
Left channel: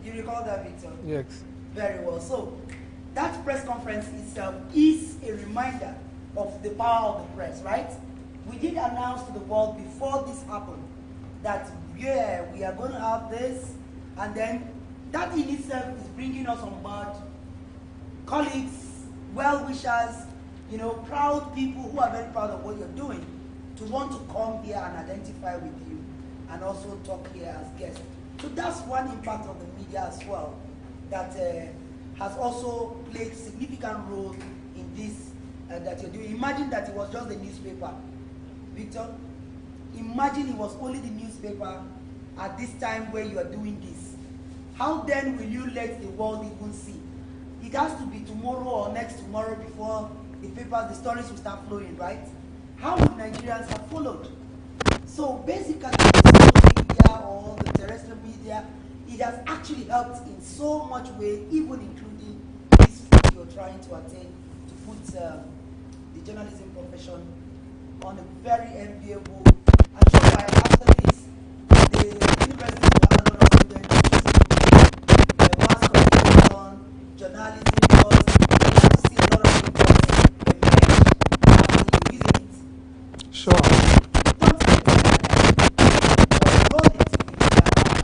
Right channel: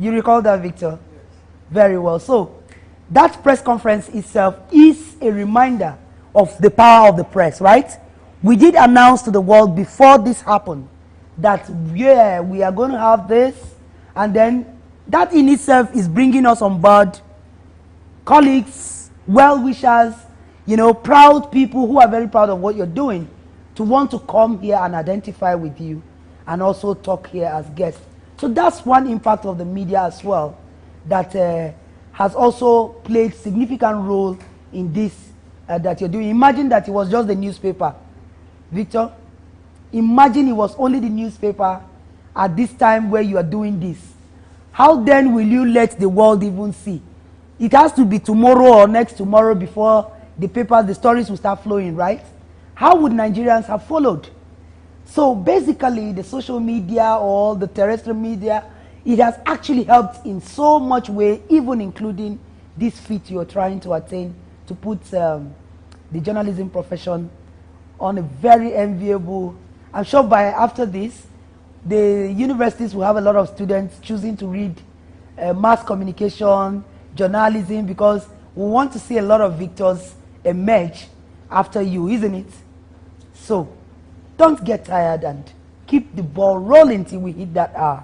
You recall that, Victor? Yes. Very well. So that press conference itself is a reminder of the power of the press, right? We did announce to the world before this happened that, yeah, we are going to have this, and then that in itself is bringing us on board colleagues, well-wishers, proud people who are very proud of what you're doing, to want to come here and identify with you and also talk here as guests. So that's one impact of the media as well that has also played significant role in this that you're doing. Imagine that it was just the newspaper, Victor. Imagine it was only the newspaper at this time where you are doing this. How then will you let the world even see? It has to be tomorrow or next tomorrow before the papers, the stories will start flowing, right? How would Nigerians have followed? So basically, the social media or the terrestrial media, it has actually helped in so much way, even including this feat you're trying to attain, to put the journalism profession on a very enviable I'm sure by after this, the universities will have a lot of students choosing to read mass communication, journalism, because we want to see a lot of victors emerge after you, isn't it? Sure. So don't get tired and keep the ball rolling till we hit that hour.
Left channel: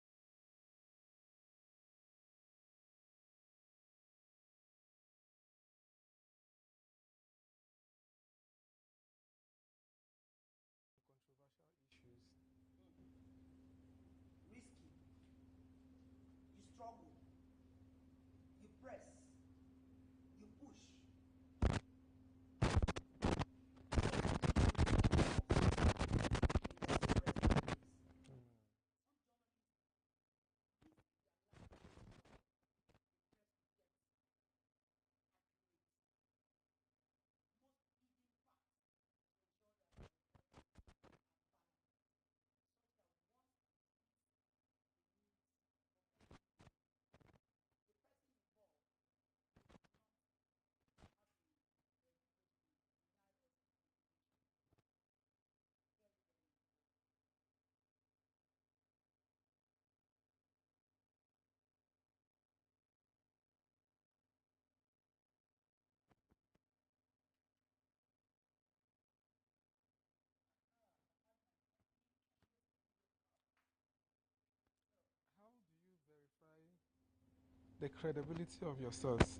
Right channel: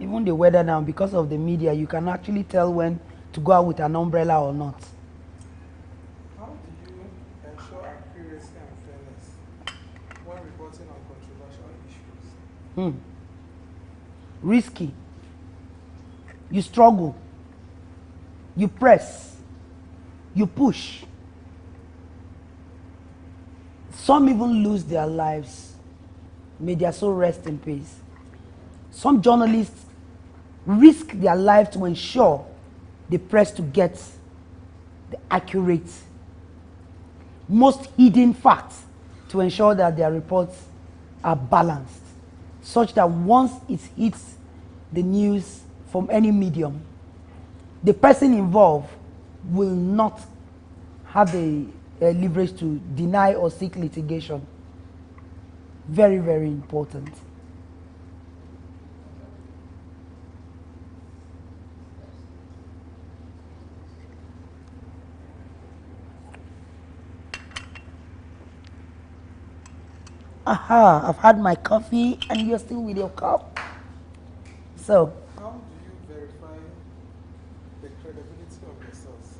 Even the weather now, because of the media, you can actually tell when to go out with an umbrella or not. How do you ensure accuracy and fairness when reporting on controversial issues? Risky. You struggle. You press. You push. Some even lose their lives. May their soul rest in peace. Some journalists risk their life to ensure they press to get the accurate, most hidden facts to ensure that their reports are balanced, such that once it hits the news from any medium, the person involved will not have the leverage to deny or seek litigation. Very, very important. Aha, I've had my coffee and you're still with your cup. So, How do you verify the credibility of your source?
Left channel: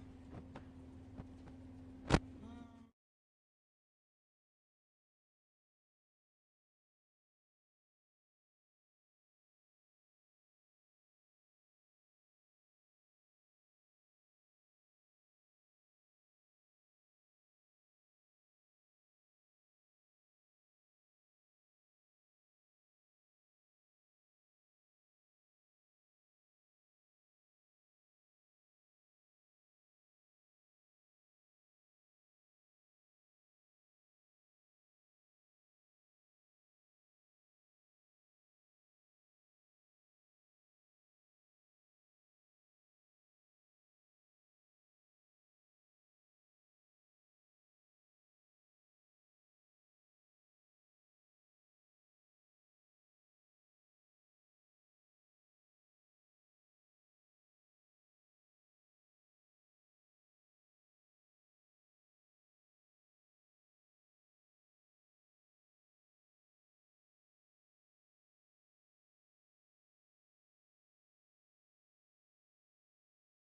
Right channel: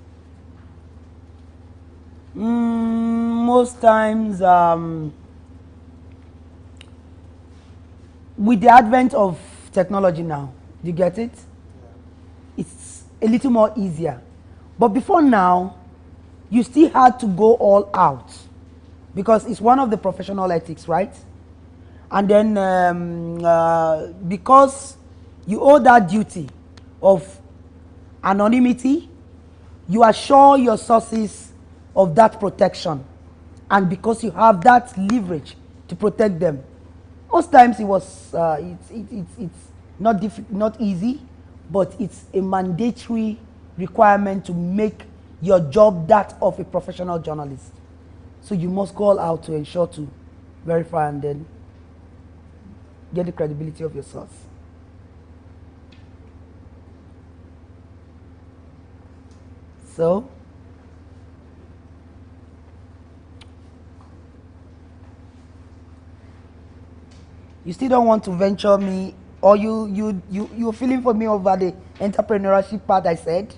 Most times, with the advent of technology now, you get it? It's a little more easier. But before now, you still had to go all out because it's one of the professional ethics, right? And then because you owe that duty of anonymity, you assure your sources of that protection. And because you have that leverage to protect them, most times it was it's not easy, but it's a mandatory requirement to make your job that of a professional journalist. So you must go all out to ensure to verify and then get the credibility of your source. So, you still don't want to venture me, or you're feeling for me over the entrepreneurship part I said?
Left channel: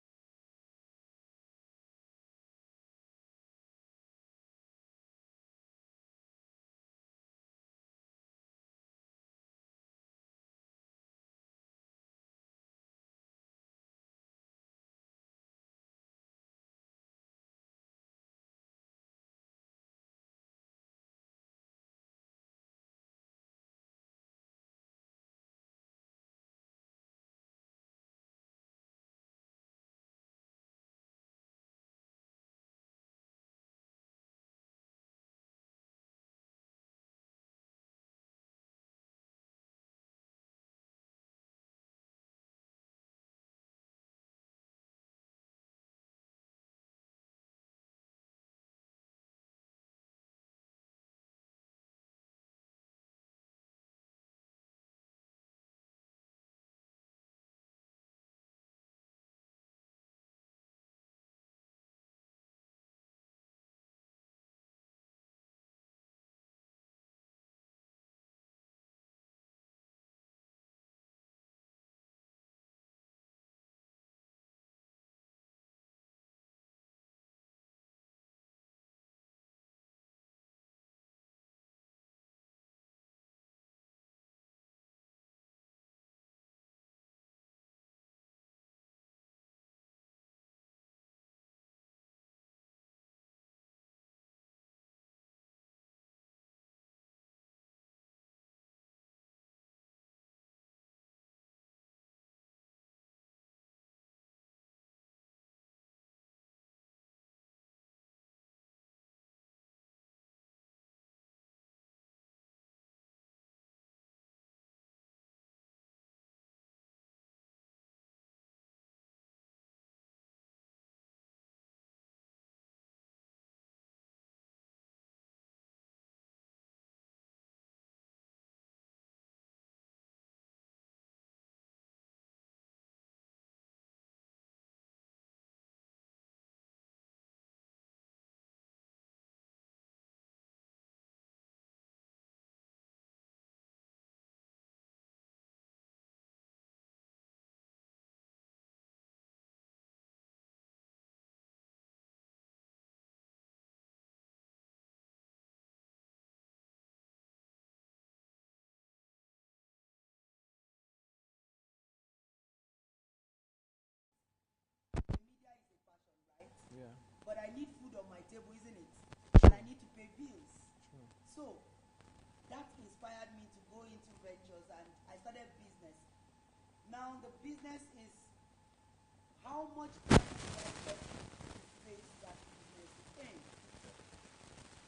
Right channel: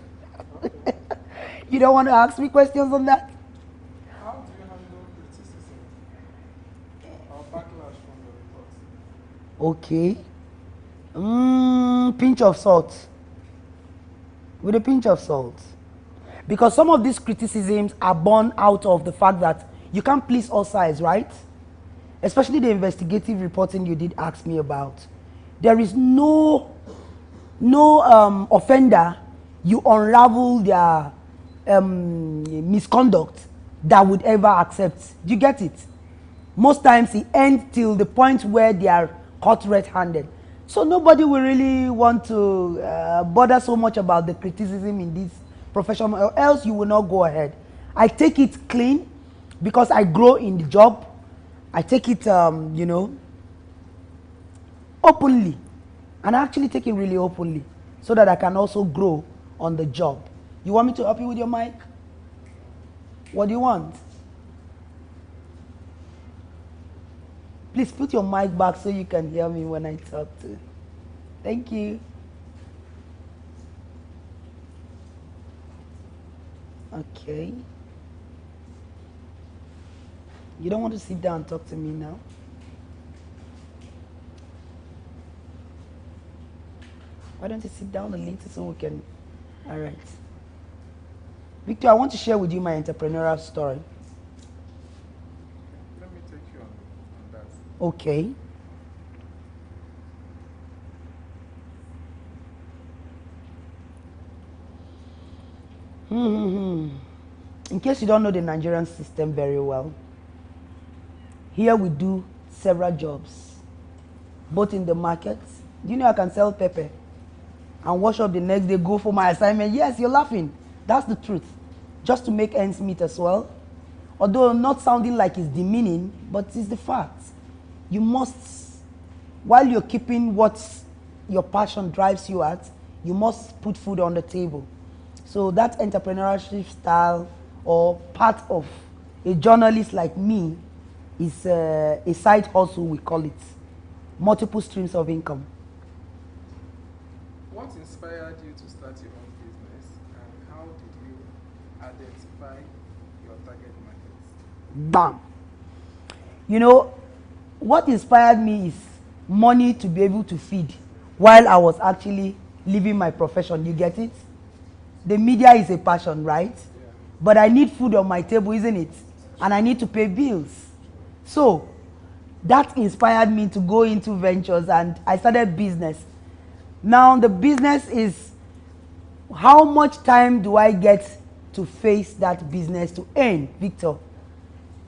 You don't want to ask me questions on that? How do you handle criticism or backlash from the reports? Okay. Pinch of salt. With a pinch of salt. Because some of these criticisms are born out of the fact that you can't please all sides, right? Especially the investigative reporting you did ask me about. There is no offender you unravel their misconduct that would ever accept. Do you get it? Most times it ends till the point where they are caught red-handed. So nobody will really want to bother so much about the criticism in this profession, or else you will not go ahead. I take it clean because I grow in the job. I take it, openly. And I actually take it really openly so that I can also grow on the job. You want me to help you with your mic? What do you want? Please put your mic back so you can hear me when I talk to. Thank you. Okay. You don't want to sit down and talk to me now? Why don't you sit down a little so we can... All right. Victor, I want to share with you my entrepreneurial story. Let me take you on that. Okay. In case you don't know the Nigerian system very well, here we do several jobs, both in the market. Do you know I can sell pepper and wash up the next day, go for my assignment? Yes, you're laughing. That's the truth. Just to make ends meet as well. Although not sounding like it's demeaning, but it's the fact. You must, while you're keeping what your passion drives you at, you must put food on the table. So that entrepreneurship style or part of a journalist like me is a side hustle, we call it. Multiple streams of income. What inspired you to start your own business, and how did you identify your target market? Bam! You know, what inspired me is money to be able to feed while I was actually living my profession. You get it? The media is a passion, right? Yeah. But I need food on my table, isn't it? And I need to pay bills. So that inspired me to go into ventures, and I started business. Now the business is how much time do I get to face that business to earn, Victor?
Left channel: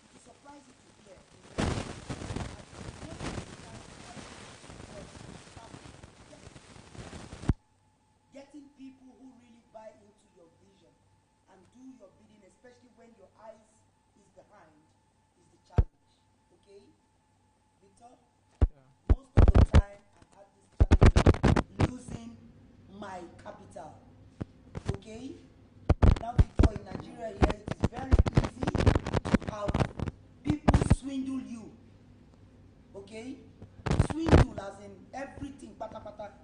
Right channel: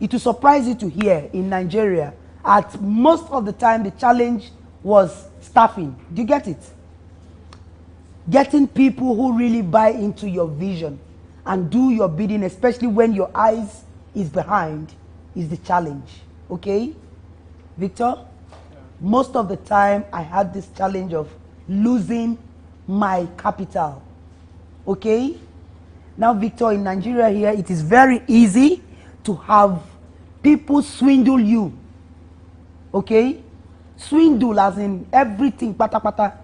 It will surprise you to hear in Nigeria, at most of the time the challenge was staffing. Do you get it? Getting people who really buy into your vision and do your bidding, especially when your eyes is behind, is the challenge. Okay? Victor? Yeah. Most of the time I had this challenge of losing my capital. Okay? Now, Victor, in Nigeria here, it is very easy to have people swindle you. Okay? Swindle as in everything, pata pata.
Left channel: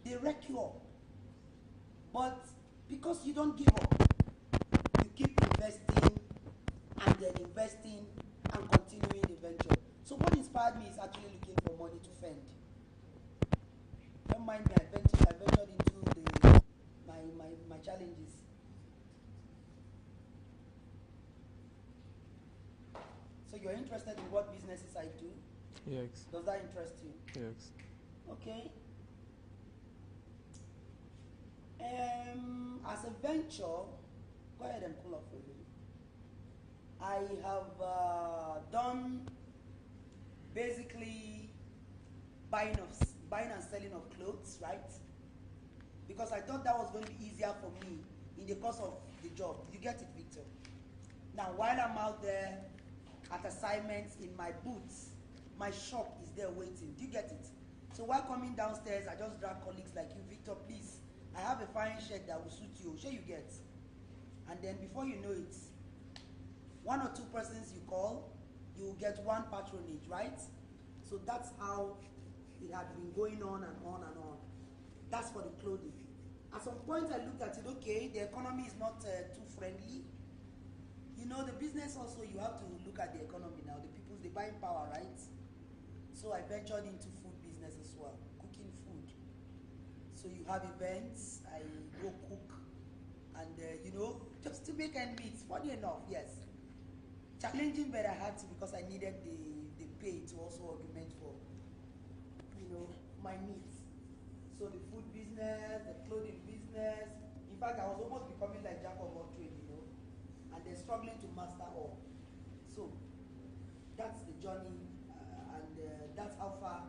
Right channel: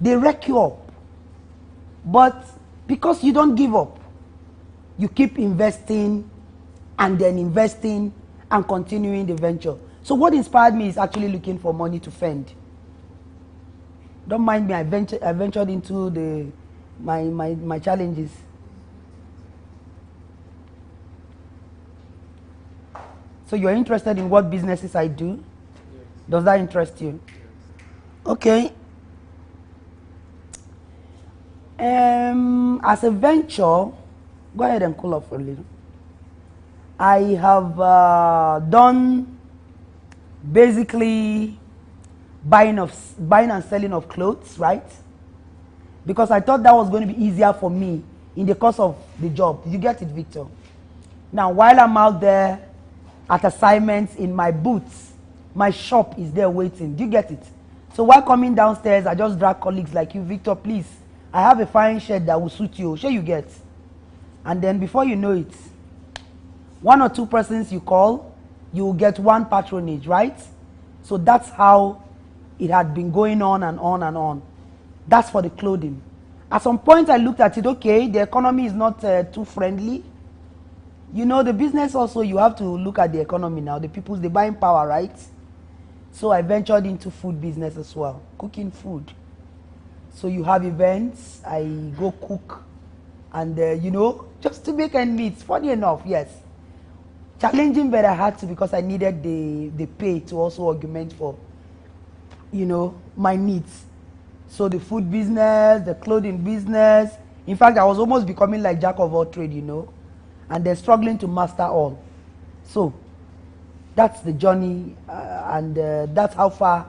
They wreck you up. But because you don't give up, you keep investing and then investing and continuing the venture. So what inspired me is actually looking for money to fend. Don't mind me, I ventured into my challenges. So you're interested in what businesses I do? Yes. Does that interest you? Yes. Okay. As a venture, go ahead and cool off a little. I have done basically buying and selling of clothes, right? Because I thought that was going to be easier for me in the course of the job. Did you get it, Victor? Now, while I'm out there at assignments in my booths, my shop is there waiting. Do you get it? So while coming downstairs, I just drag colleagues like you, Victor, please, I have a fine shirt that will suit you. Sure you get. And then before you know it, one or two persons you call, you will get one patronage, right? So that's how it had been going on and on and on. That's for the clothing. At some point I looked at it, okay, the economy is not too friendly. You know, the business also, you have to look at the economy now. The people's, the buying power, right? So I ventured into food business as well, cooking food. So you have events, I go cook, and you know, just to make ends meet. Funny enough, yes. Challenging, but I had to because I needed the pay to also augment for, you know, my needs. So the food business, the clothing business. In fact, I was almost becoming like jack of all trade, you know, and they're struggling to master all. So that's the journey, and that's how far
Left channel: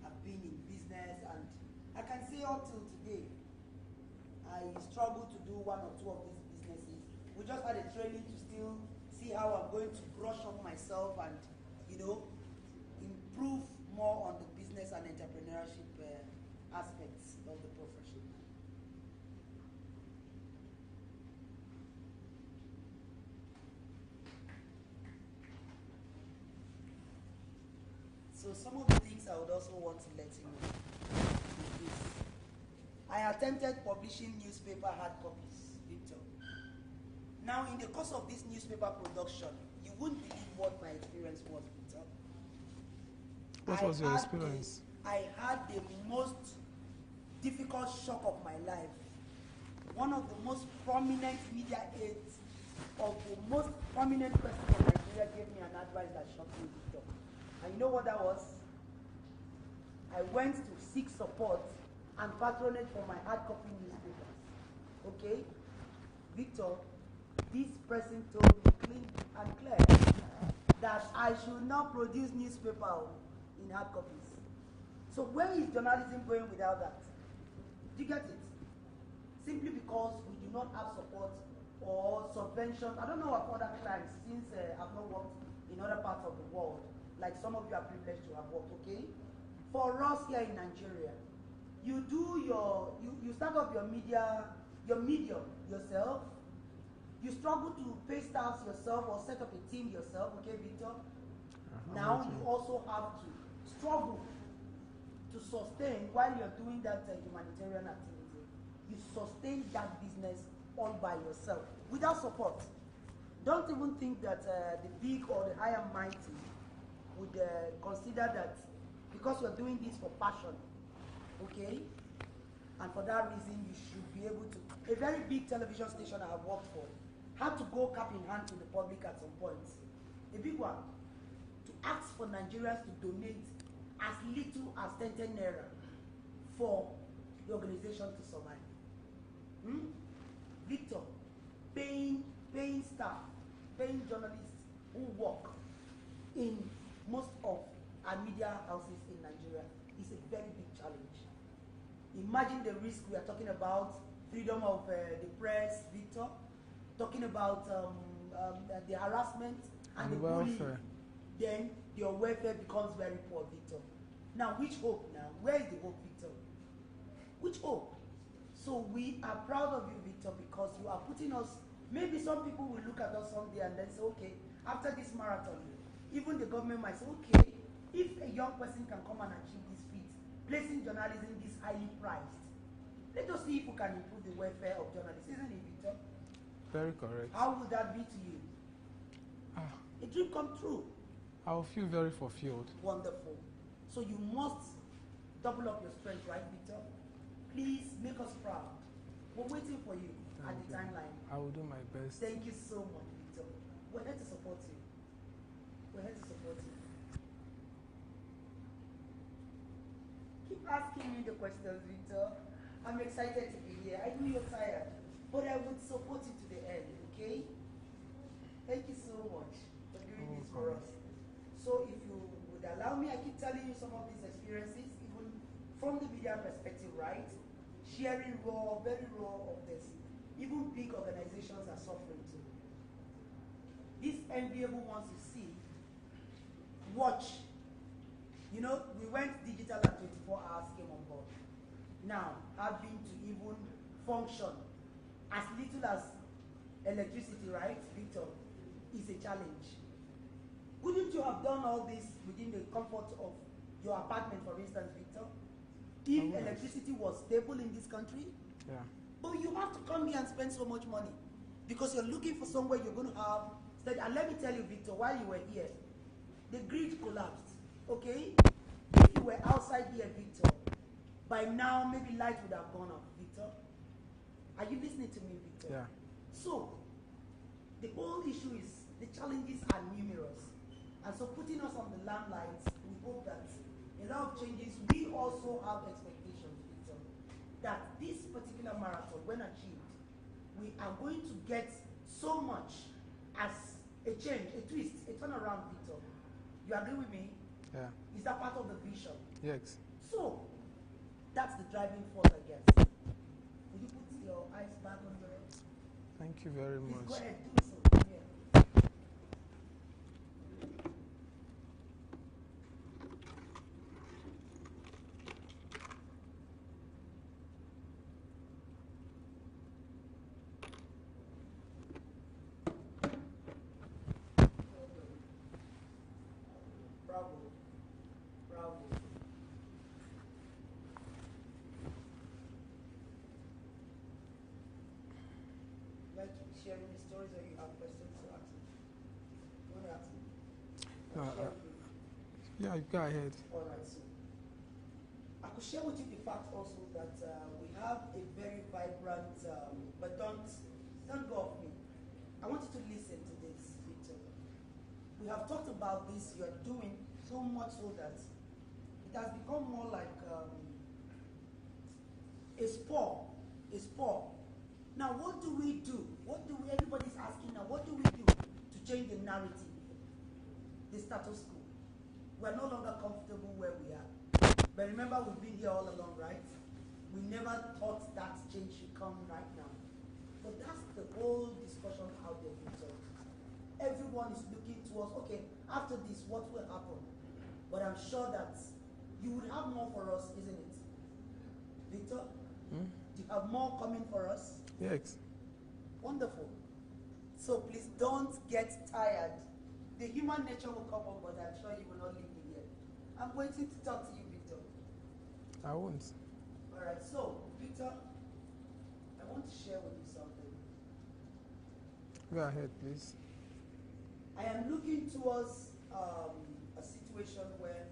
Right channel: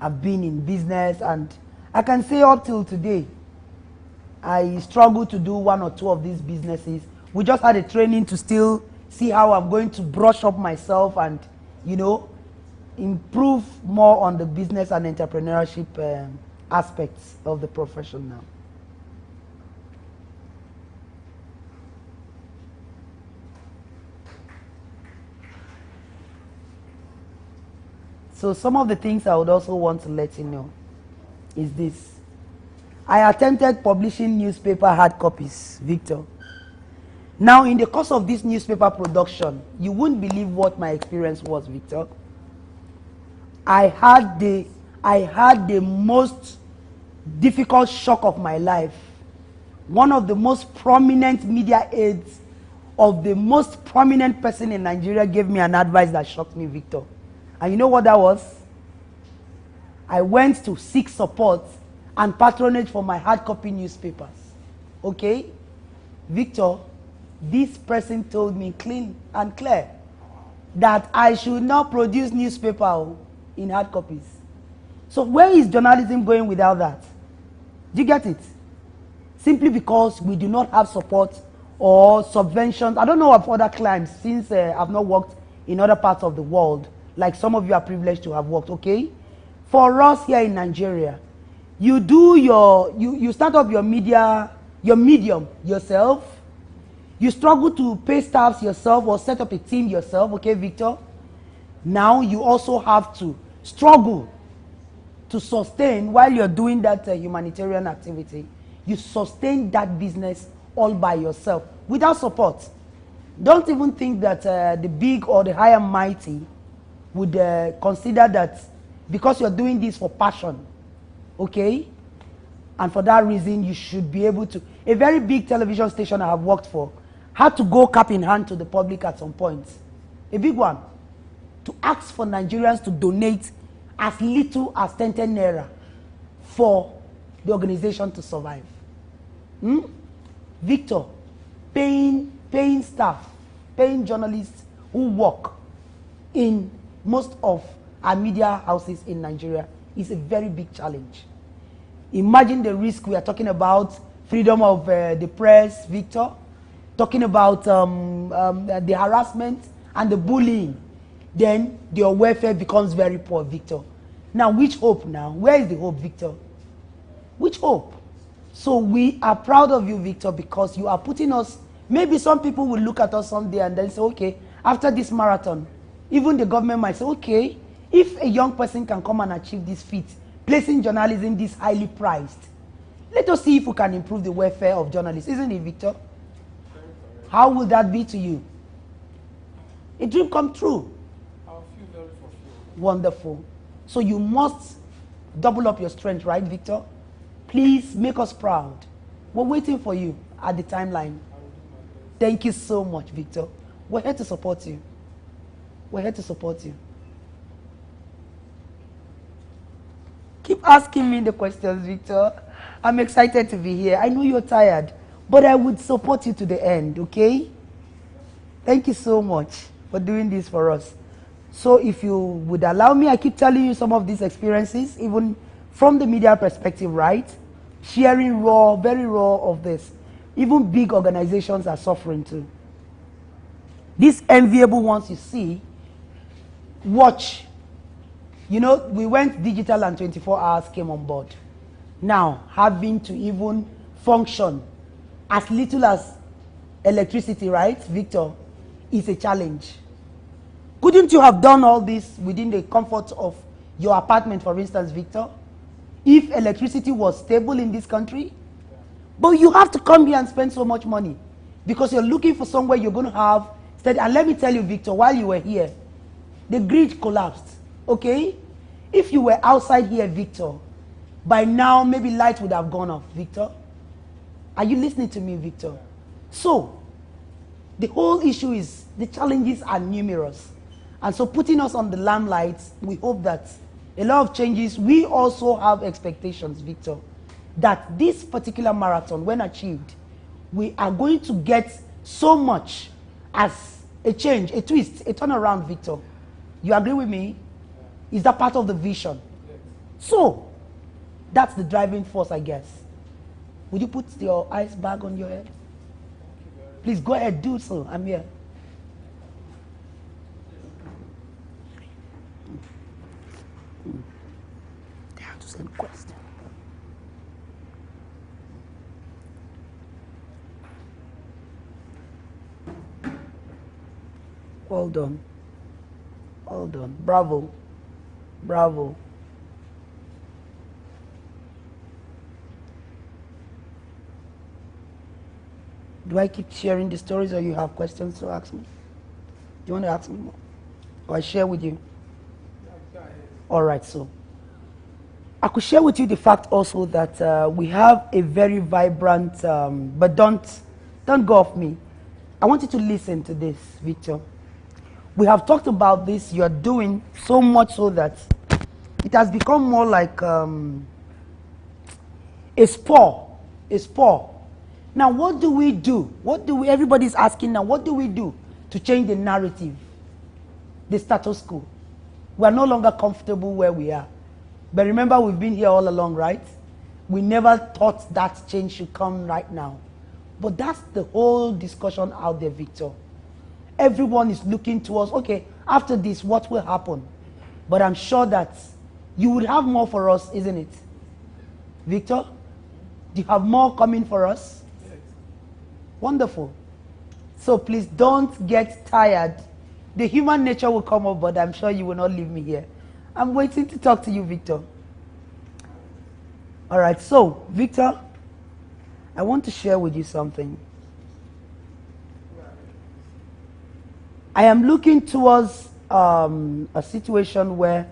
I've been in business. And I can say up till today, I struggle to do one or two of these businesses. We just had a training to still see how I'm going to brush up myself and, you know, improve more on the business and entrepreneurship aspects of the profession now. So some of the things I would also want to let you know is this. I attempted publishing newspaper hard copies, Victor. Now, in the course of this newspaper production, you wouldn't believe what my experience was, Victor. I had the most difficult shock of my life. One of the most prominent media aides of the most prominent person in Nigeria gave me an advice that shocked me, Victor. And you know what that was? I went to seek support and patronage for my hard copy newspapers. Okay? Victor, this person told me clean and clear that I should not produce newspaper in hard copies. So where is journalism going without that? Do you get it? Simply because we do not have support or subventions. I don't know of other clients since I've not worked in other parts of the world, like some of you are privileged to have worked, okay? For us here in Nigeria, you do you start up your medium yourself. You struggle to pay staffs yourself or set up a team yourself, okay, Victor? Now you also have to struggle to sustain, while you're doing that humanitarian activity, you sustain that business all by yourself without support. Don't even think that the big or the high and mighty would consider that because you're doing this for passion, okay? And for that reason, you should be able to. A very big television station I have worked for had to go cap in hand to the public at some point. A big one. To ask for Nigerians to donate as little as 10 naira for the organization to survive. Victor, paying staff, paying journalists who work in most of our media houses in Nigeria is a very big challenge. Imagine the risk we are talking about, freedom of the press, Victor, talking about the harassment and the bullying. Then your welfare becomes very poor, Victor. Now, which hope now? Where is the hope, Victor? Which hope? So we are proud of you, Victor, because you are putting us, maybe some people will look at us someday and then say, okay, after this marathon, even the government might say, okay, if a young person can come and achieve this feat, placing journalism this highly prized, let us see if we can improve the welfare of journalists. Isn't it, Victor? Very correct. How will that be to you? A dream come true. I will feel very fulfilled. Wonderful. So you must double up your strength, right, Victor? Please make us proud. We're waiting for you at the timeline. I will do my best. Thank you so much, Victor. We're here to support you. We're here to support you. Keep asking me the questions, Victor. I'm excited to be here. I know you're tired, but I would support you to the end, okay? Thank you so much for doing this for us. So if you would allow me, I keep telling you some of these experiences, even from the media perspective, right? Sharing raw, very raw of this. Even big organizations are suffering too. These enviable ones you see, watch. You know, we went digital and 24 hours came on board. Now, having to even function as little as electricity, right, Victor, is a challenge. Couldn't you have done all this within the comfort of your apartment, for instance, Victor? If electricity was stable in this country? Yeah. But you have to come here and spend so much money because you're looking for somewhere you're going to have steady. And let me tell you, Victor, while you were here, the grid collapsed, okay? If you were outside here, Victor, by now maybe light would have gone off, Victor. Are you listening to me, Victor? Yeah. So, the whole issue is the challenges are numerous. And so putting us on the limelight, we hope that a lot of changes, we also have expectations, Victor, that this particular marathon, when achieved, we are going to get so much as a change, a twist, a turnaround, Victor. You agree with me? Yeah. Is that part of the vision? Yes. So, that's the driving force, I guess. Would you put your ice bag on your head? Thank you very much. Please go ahead, do so. I'm here. Question. Well done. Well done. Bravo. Bravo. Do I keep sharing the stories or you have questions to ask me? Do you want to ask me more? Or I share with you? Yeah, go ahead. All right, so I could share with you the fact also that we have a very vibrant, but don't go off me. I want you to listen to this, Victor. We have talked about this. You are doing so much so that it has become more like a sport. Now, what do we do? Everybody's asking now, what do we do to change the narrative, the status quo? We are no longer comfortable where we are. But remember, we've been here all along, right? We never thought that change should come right now. But that's the whole discussion out there, Victor. Everyone is looking towards, okay, after this, what will happen? But I'm sure that you would have more for us, isn't it? Victor, do you have more coming for us? Yes. Wonderful. So please don't get tired. The human nature will come up, but I'm sure you will not leave me here. I'm waiting to talk to you, Victor. I won't. All right, so, Victor, I want to share with you something. Go ahead, please. I am looking towards a situation where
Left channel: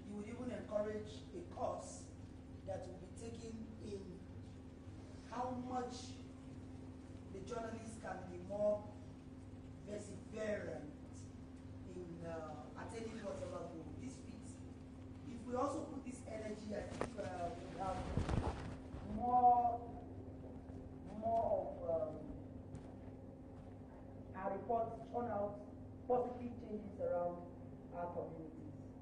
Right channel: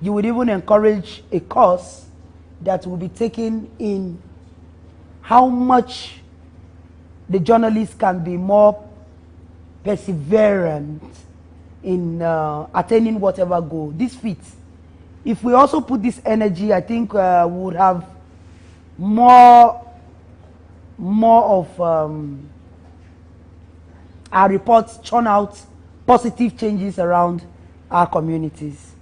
you would even encourage a course that will be taken in how much the journalist can be more perseverant in attaining whatever goal. This fits. If we also put this energy, I think we would have more of our reports churn out positive changes around our communities.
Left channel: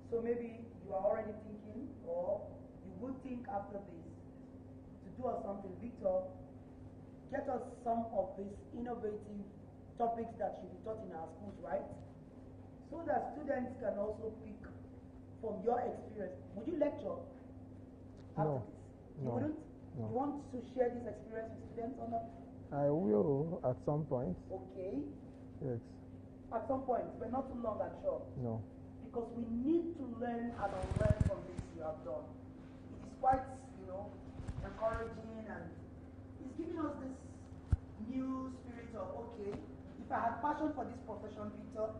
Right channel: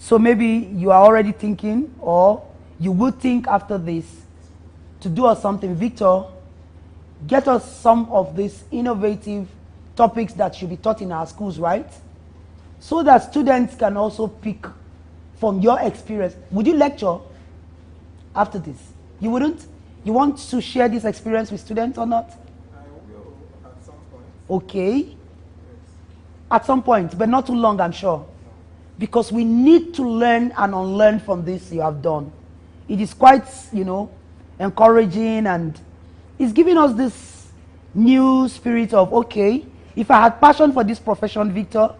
So maybe you are already thinking, or you would think after this, to do us something. Victor, get us some of these innovative topics that should be taught in our schools, right? So that students can also pick from your experience. Would you lecture after this? You wouldn't? You want to share this experience with students or not? I will at some point. Okay. Yes. At some point, but not too long, I'm sure. No. Because we need to learn and unlearn from this you have done. It is quite, encouraging, and it's giving us this new spirit of, okay, if I had passion for this profession, Victor,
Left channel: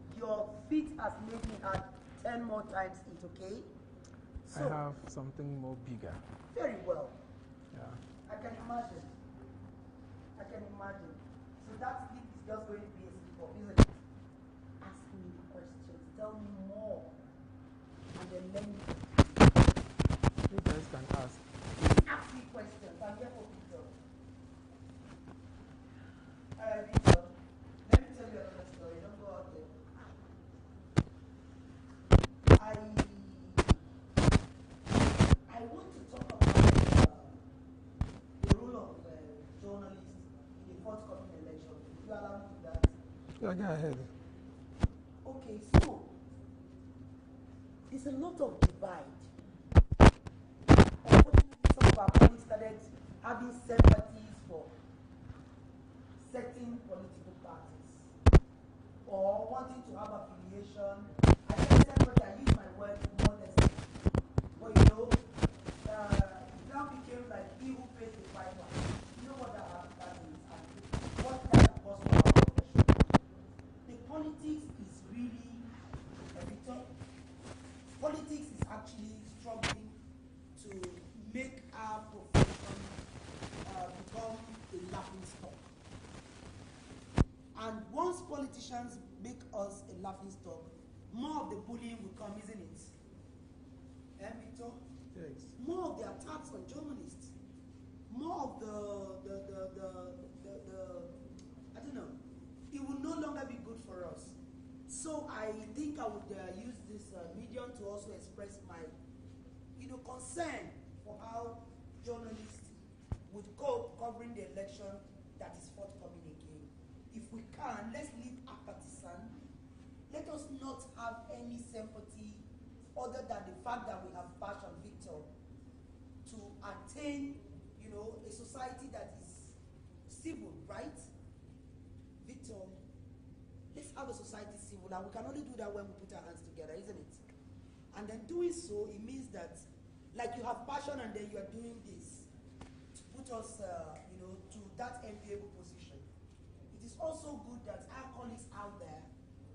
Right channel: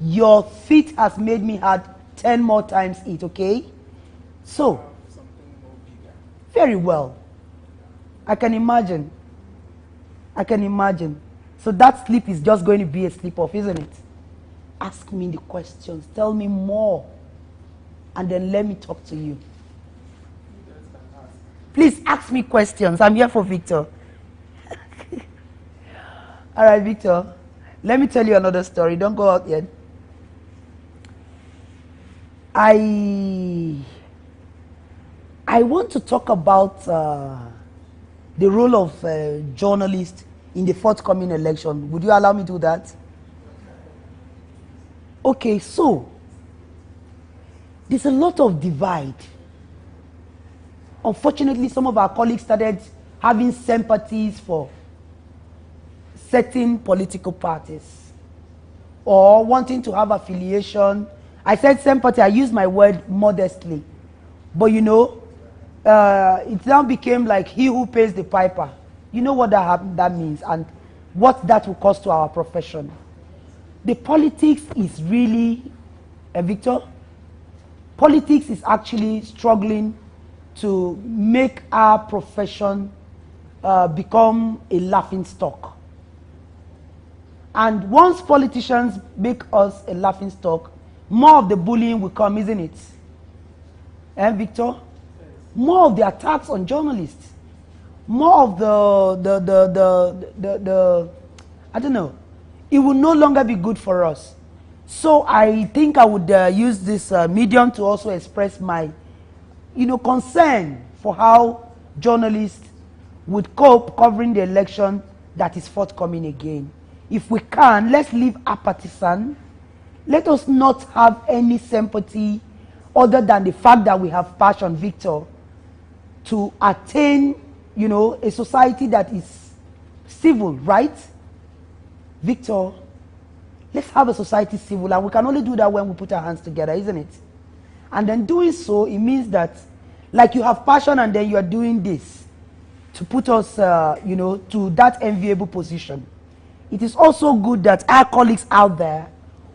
your feet has made me add 10 more times it, okay? So, something more bigger. very well. Yeah. I can imagine. So that sleep is just going to be a sleep off, isn't it? Ask me the questions. Tell me more. And then let me talk to you. You guys can ask. Please ask me questions. I'm here for Victor. All right, Victor. Let me tell you another story. Don't go out yet. I want to talk about the role of journalists in the forthcoming election. Would you allow me to do that? Go ahead. Okay, so there's a lot of divide. Unfortunately, some of our colleagues started having sympathies for certain political parties or wanting to have affiliation. I said sympathy, I use my word modestly. But it now became like he who pays the piper. You know what that means and what that will cost to our profession. The politics is really, Victor, politics is actually struggling to make our profession become a laughing stock. And once politicians make us a laughing stock, more of the bullying will come, isn't it? Victor? Yes. More of the attacks on journalists. More of the I don't know. It will no longer be good for us. So I think I would use this medium to also express my, concern for how journalists would cope covering the election that is forthcoming again. If we can, let's leave apathy. Let us not have any sympathy other than the fact that we have passion, Victor, to attain, a society that is civil, right? Victor, let's have a society civil, and we can only do that when we put our hands together, isn't it? And then doing so, it means that, like you have passion and then you are doing this to put us, to that enviable position. It is also good that our colleagues out there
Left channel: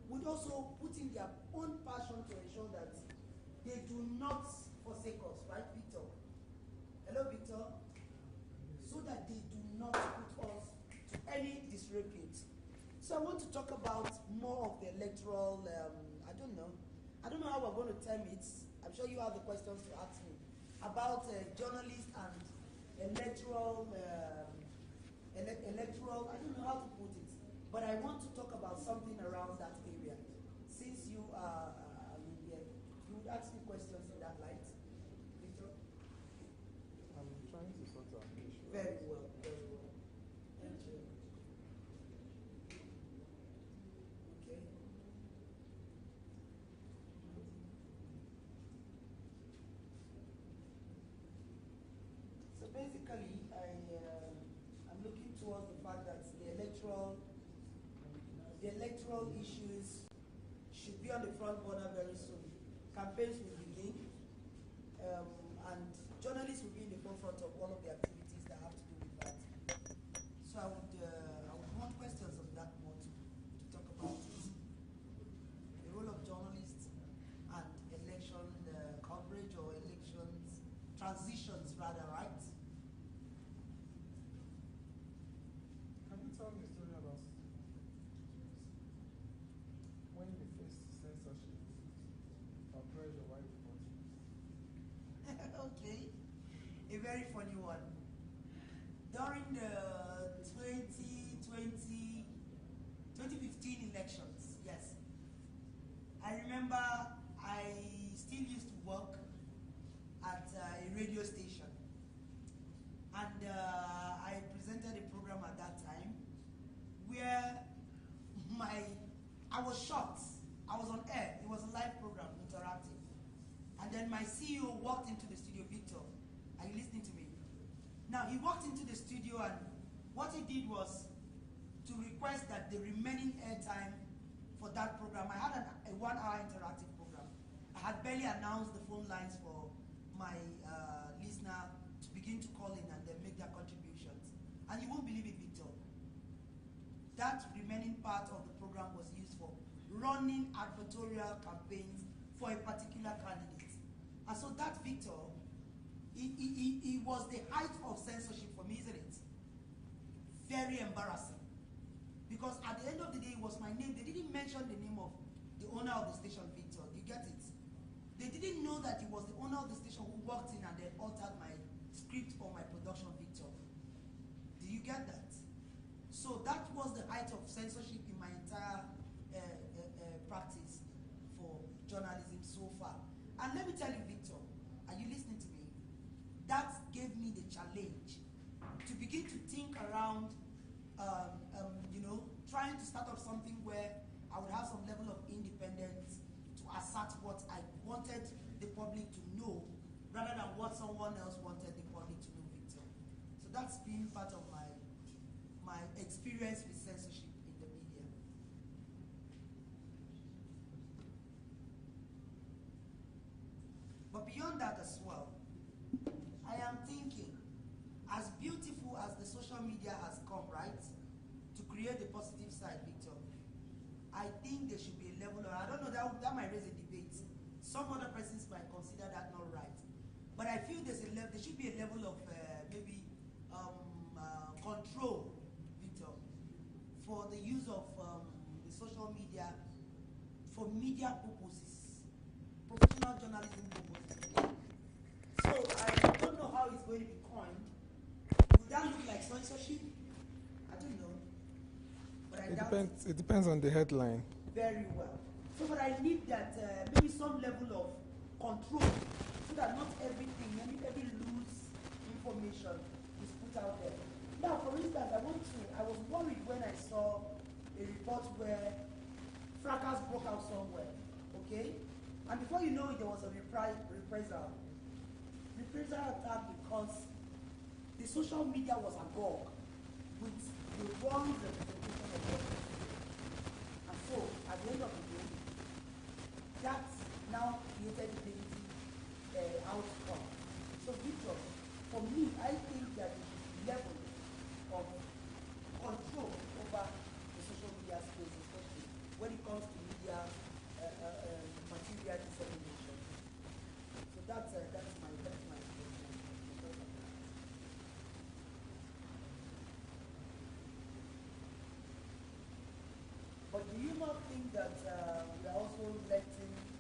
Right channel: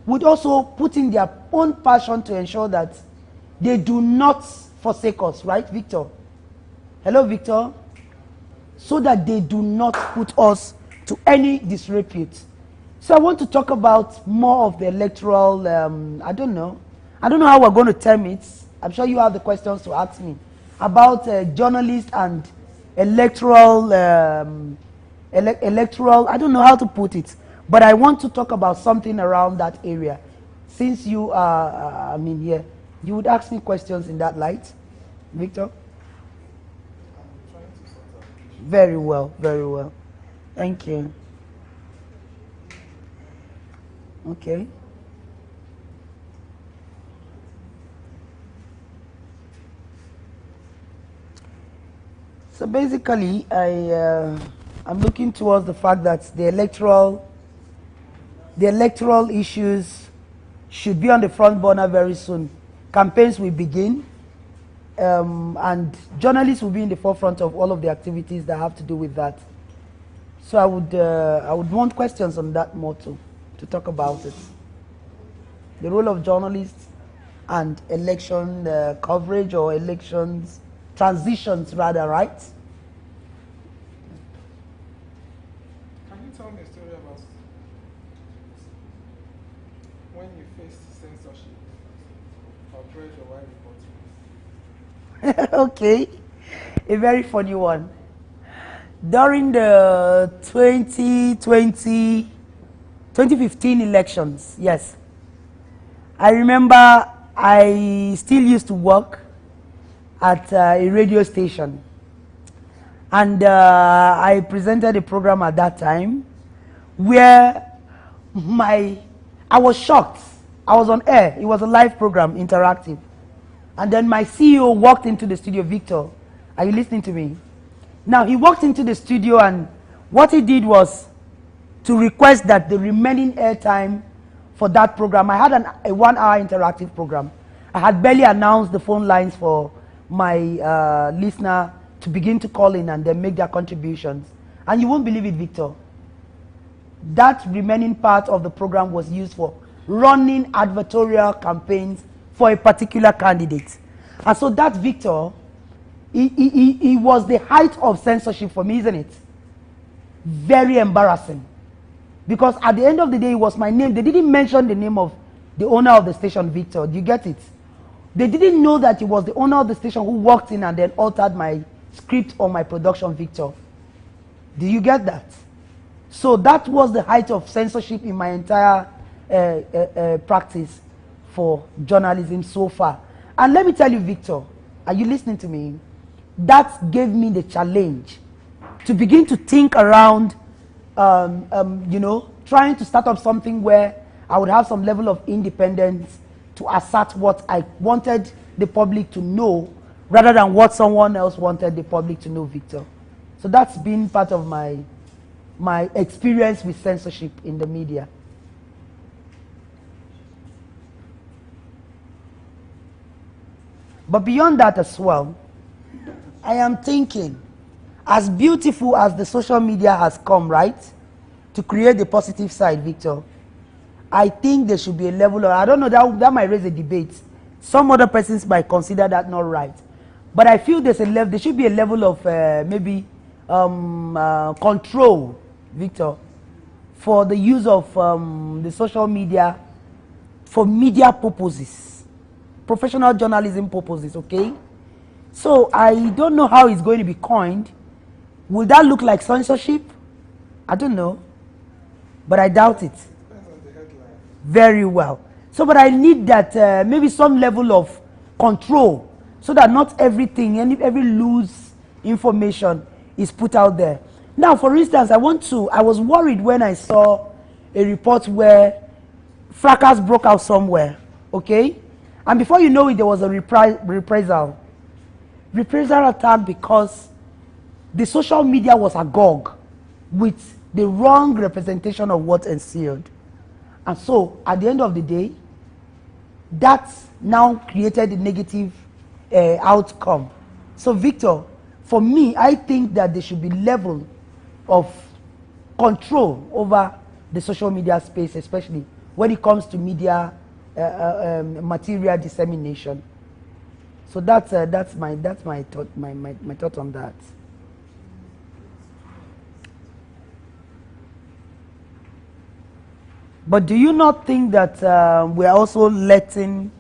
would also put in their own passion to ensure that they do not forsake us, right, Victor? Hello, Victor? So that they do not put us to any disrepute. So I want to talk about more of the electoral, I don't know how we're going to term it. I'm sure you have the questions to ask me about journalists and electoral, electoral, I don't know how to put it, but I want to talk about something around that area. Since you are, here, you would ask me questions in that light, Victor? Very well, very well. Thank you. Okay. So basically, I'm looking towards the fact that the electoral issues should be on the front burner very soon. Campaigns will begin, and journalists will be in the forefront of all of the activities that have to do with that. So I would want questions on that more too, to talk about it. The role of journalists and election coverage, or elections, transitions rather, right? Can you tell me a story about when you faced censorship or pressure while reporting? Okay, a very funny one. During the 2015 elections, yes, I remember I still used to work at a radio station, and I presented a program at that time where I was shocked. I was on air. It was a live program, interactive. And then my CEO walked into the studio. Victor, are you listening to me? Now, he walked into the studio, and what he did was to request that the remaining airtime for that program, I had a 1 hour interactive program. I had barely announced the phone lines for my listener to begin to call in and then make their contributions. And you won't believe it, Victor. That remaining part of the program was used for running advertorial campaigns for a particular candidate. And so that, Victor, it was the height of censorship for me, isn't it? Very embarrassing. Because at the end of the day, it was my name. They didn't mention the name of the owner of the station, Victor. Do you get it? They didn't know that it was the owner of the station who walked in and then altered my script or my production, Victor. Do you get that? So that was the height of censorship in my entire practice for journalism so far. And let me tell you, Victor, are you listening to me? That gave me the challenge to begin to think around, trying to start up something where I would have some level of independence to assert what I wanted the public to know, rather than what someone else wanted the public to know, Victor. So that's been part of my experience with censorship in the media. But beyond that as well, I am thinking, as beautiful as the social media has come, right, to create the positive side, Victor, I think there should be a level of, I don't know, that might raise a debate. Some other persons might consider that not right. But I feel there should be a level of maybe control, Victor, for the use of the social media for media purposes, professional journalism purposes, okay? So I don't know how it's going to be coined. Will that look like censorship? I don't know, but I doubt it. It depends on the headline. Very well. So, but I need that maybe some level of control, so that not everything, every loose information is put out there. Now, for instance, I was worried when I saw a report where fracas broke out somewhere, okay? And before you know it, there was a reprisal attack, because the social media was agog with the wrong representation of what ensued. And so, at the end of the day, that now created a negative outcome. So, Victor, for me, I think that there should be level of control over the social media space, especially when it comes to media material dissemination. So that's my thought on that. But do you not think that we are also letting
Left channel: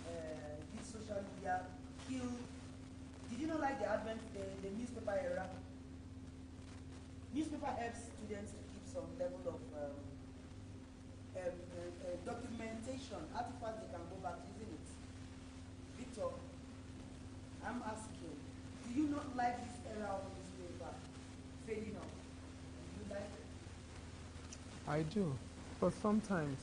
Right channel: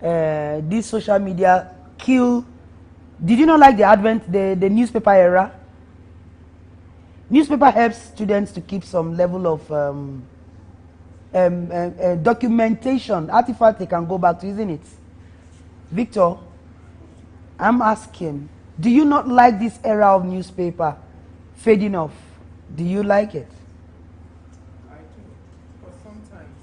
this social media kill Did you not like the advent, the newspaper era? Newspaper helps students to keep some level of documentation, artifact they can go back to, isn't it? Victor, I'm asking, do you not like this era of newspaper fading off? Do you like it? I do, but sometimes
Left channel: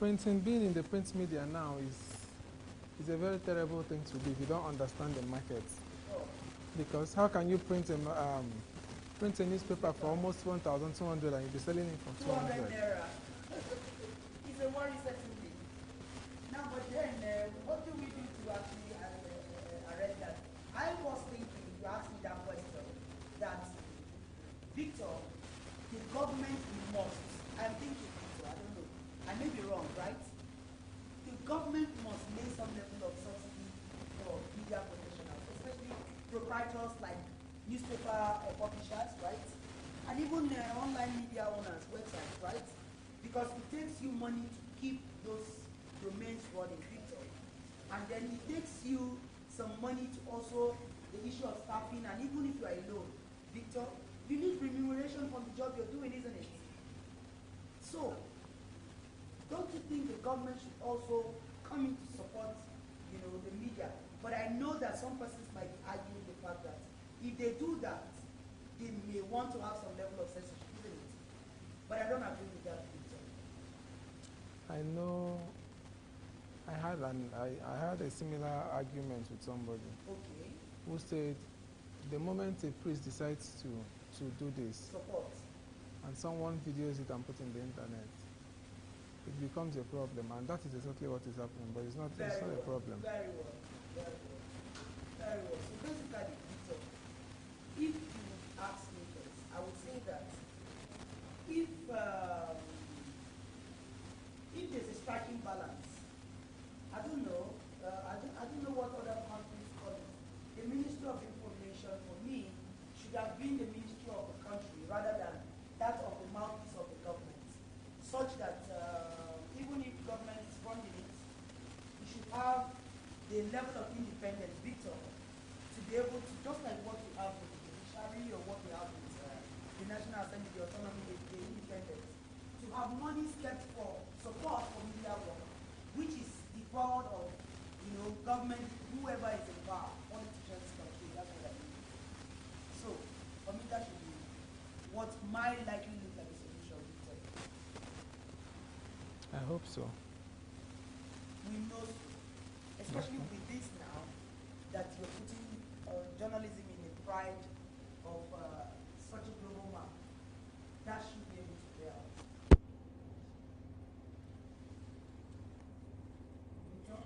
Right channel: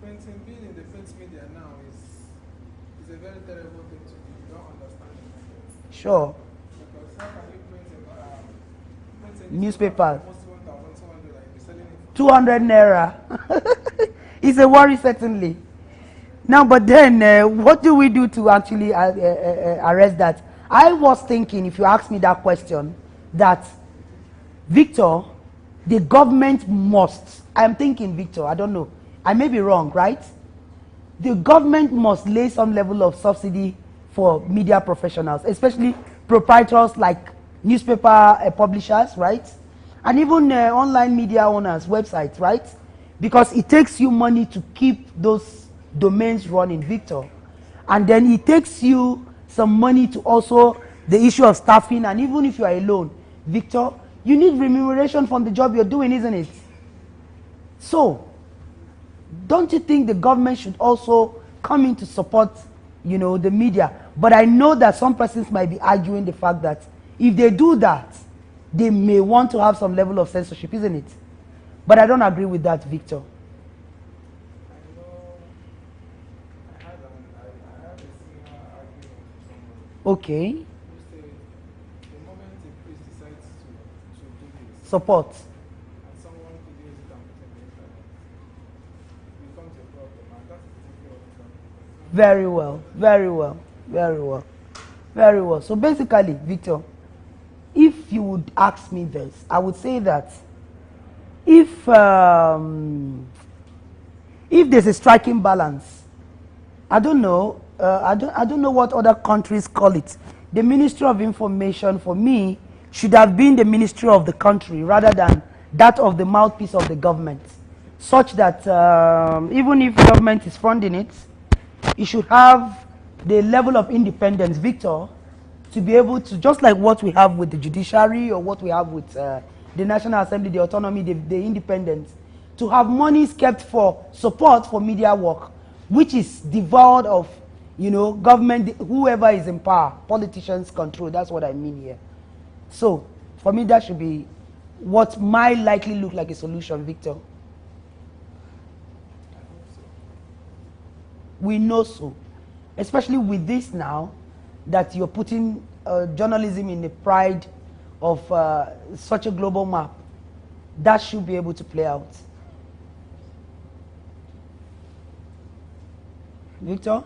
printing, being in the print media now is a very terrible thing to do if you don't understand the market. Sure. Because how can you print a Newspaper for almost 1,200 and you'll be selling it for 200 naira. It's a worry, certainly. Now, but then, what do we do to actually arrest that? I was thinking, if you ask me that question, that Victor, the government must, I'm thinking, Victor, I don't know, I may be wrong, right? The government must lay some level of subsidy for media professionals, especially proprietors like newspaper publishers, right? And even online media owners, websites, right? Because it takes you money to keep those domains running, Victor. And then it takes you some money to also the issue of staffing, and even if you are alone, Victor, you need remuneration from the job you're doing, isn't it? So, don't you think the government should also come in to support, you know, the media? But I know that some persons might be arguing the fact that if they do that, they may want to have some level of censorship, isn't it? But I don't agree with that, Victor. I know I had a similar argument with somebody. Okay. Who said the moment a priest decides to do this, Support. and someone videos it and puts it on the internet, it becomes a problem, and that is exactly what is happening. But it's not Very well, very well, very well, very well. So basically, Victor, if you would ask me this, I would say that if there's a striking balance, I don't know, I don't know what other countries call it. The Ministry of Information, for me, should have been the ministry of the country rather than that of the mouthpiece of the government, such that even if government is funding it, it should have the level of independence, Victor, to be able to, just like what we have with the judiciary or what we have with the National Assembly, the autonomy, the independence, to have monies kept for support for media work, which is devoid of, you know, government, whoever is in power, politicians control. That's what I mean here. So, for me, that should be what might likely look like a solution, Victor. I hope so. We know so. Especially with this now, that you're putting journalism in the pride of such a global map. That should be able to play out. Victor?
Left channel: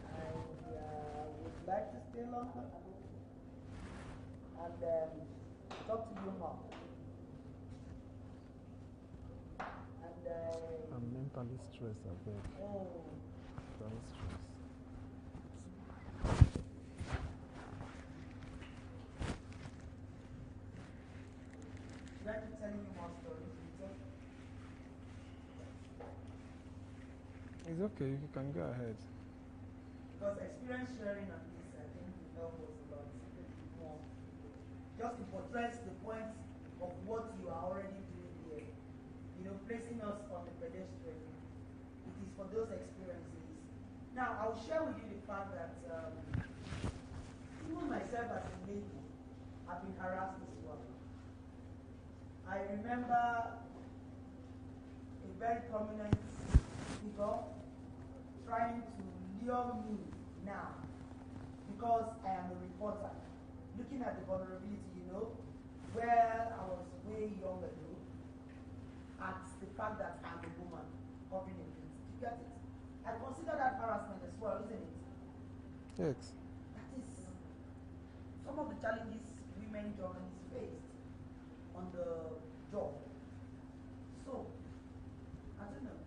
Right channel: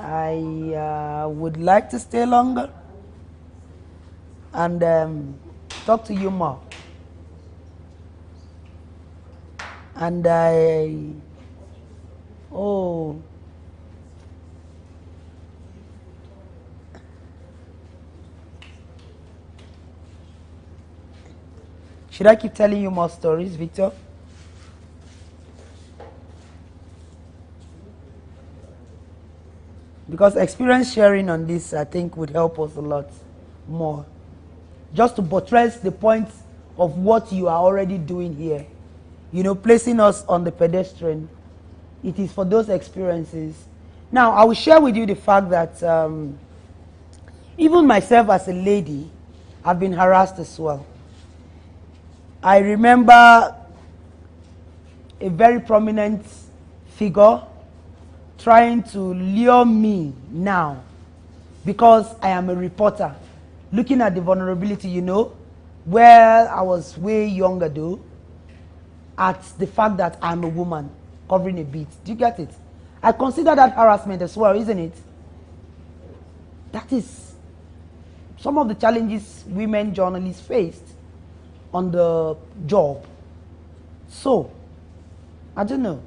I would like to stay longer and talk to you more. And oh. Should I keep telling you more stories, Victor? It's okay, you can go ahead. Because experience sharing on this, I think, would help us a lot more. Just to buttress the point of what you are already doing here. You know, placing us on the pedestrian. It is for those experiences. Now, I will share with you the fact that even myself as a lady, I've been harassed as well. I remember a very prominent figure trying to lure me now because I am a reporter, looking at the vulnerability, you know, where I was way younger though, at the fact that I'm a woman covering a beat. Do you get it? I consider that harassment as well, isn't it? Yes. That is some of the challenges women journalists faced on the job. So, I don't know.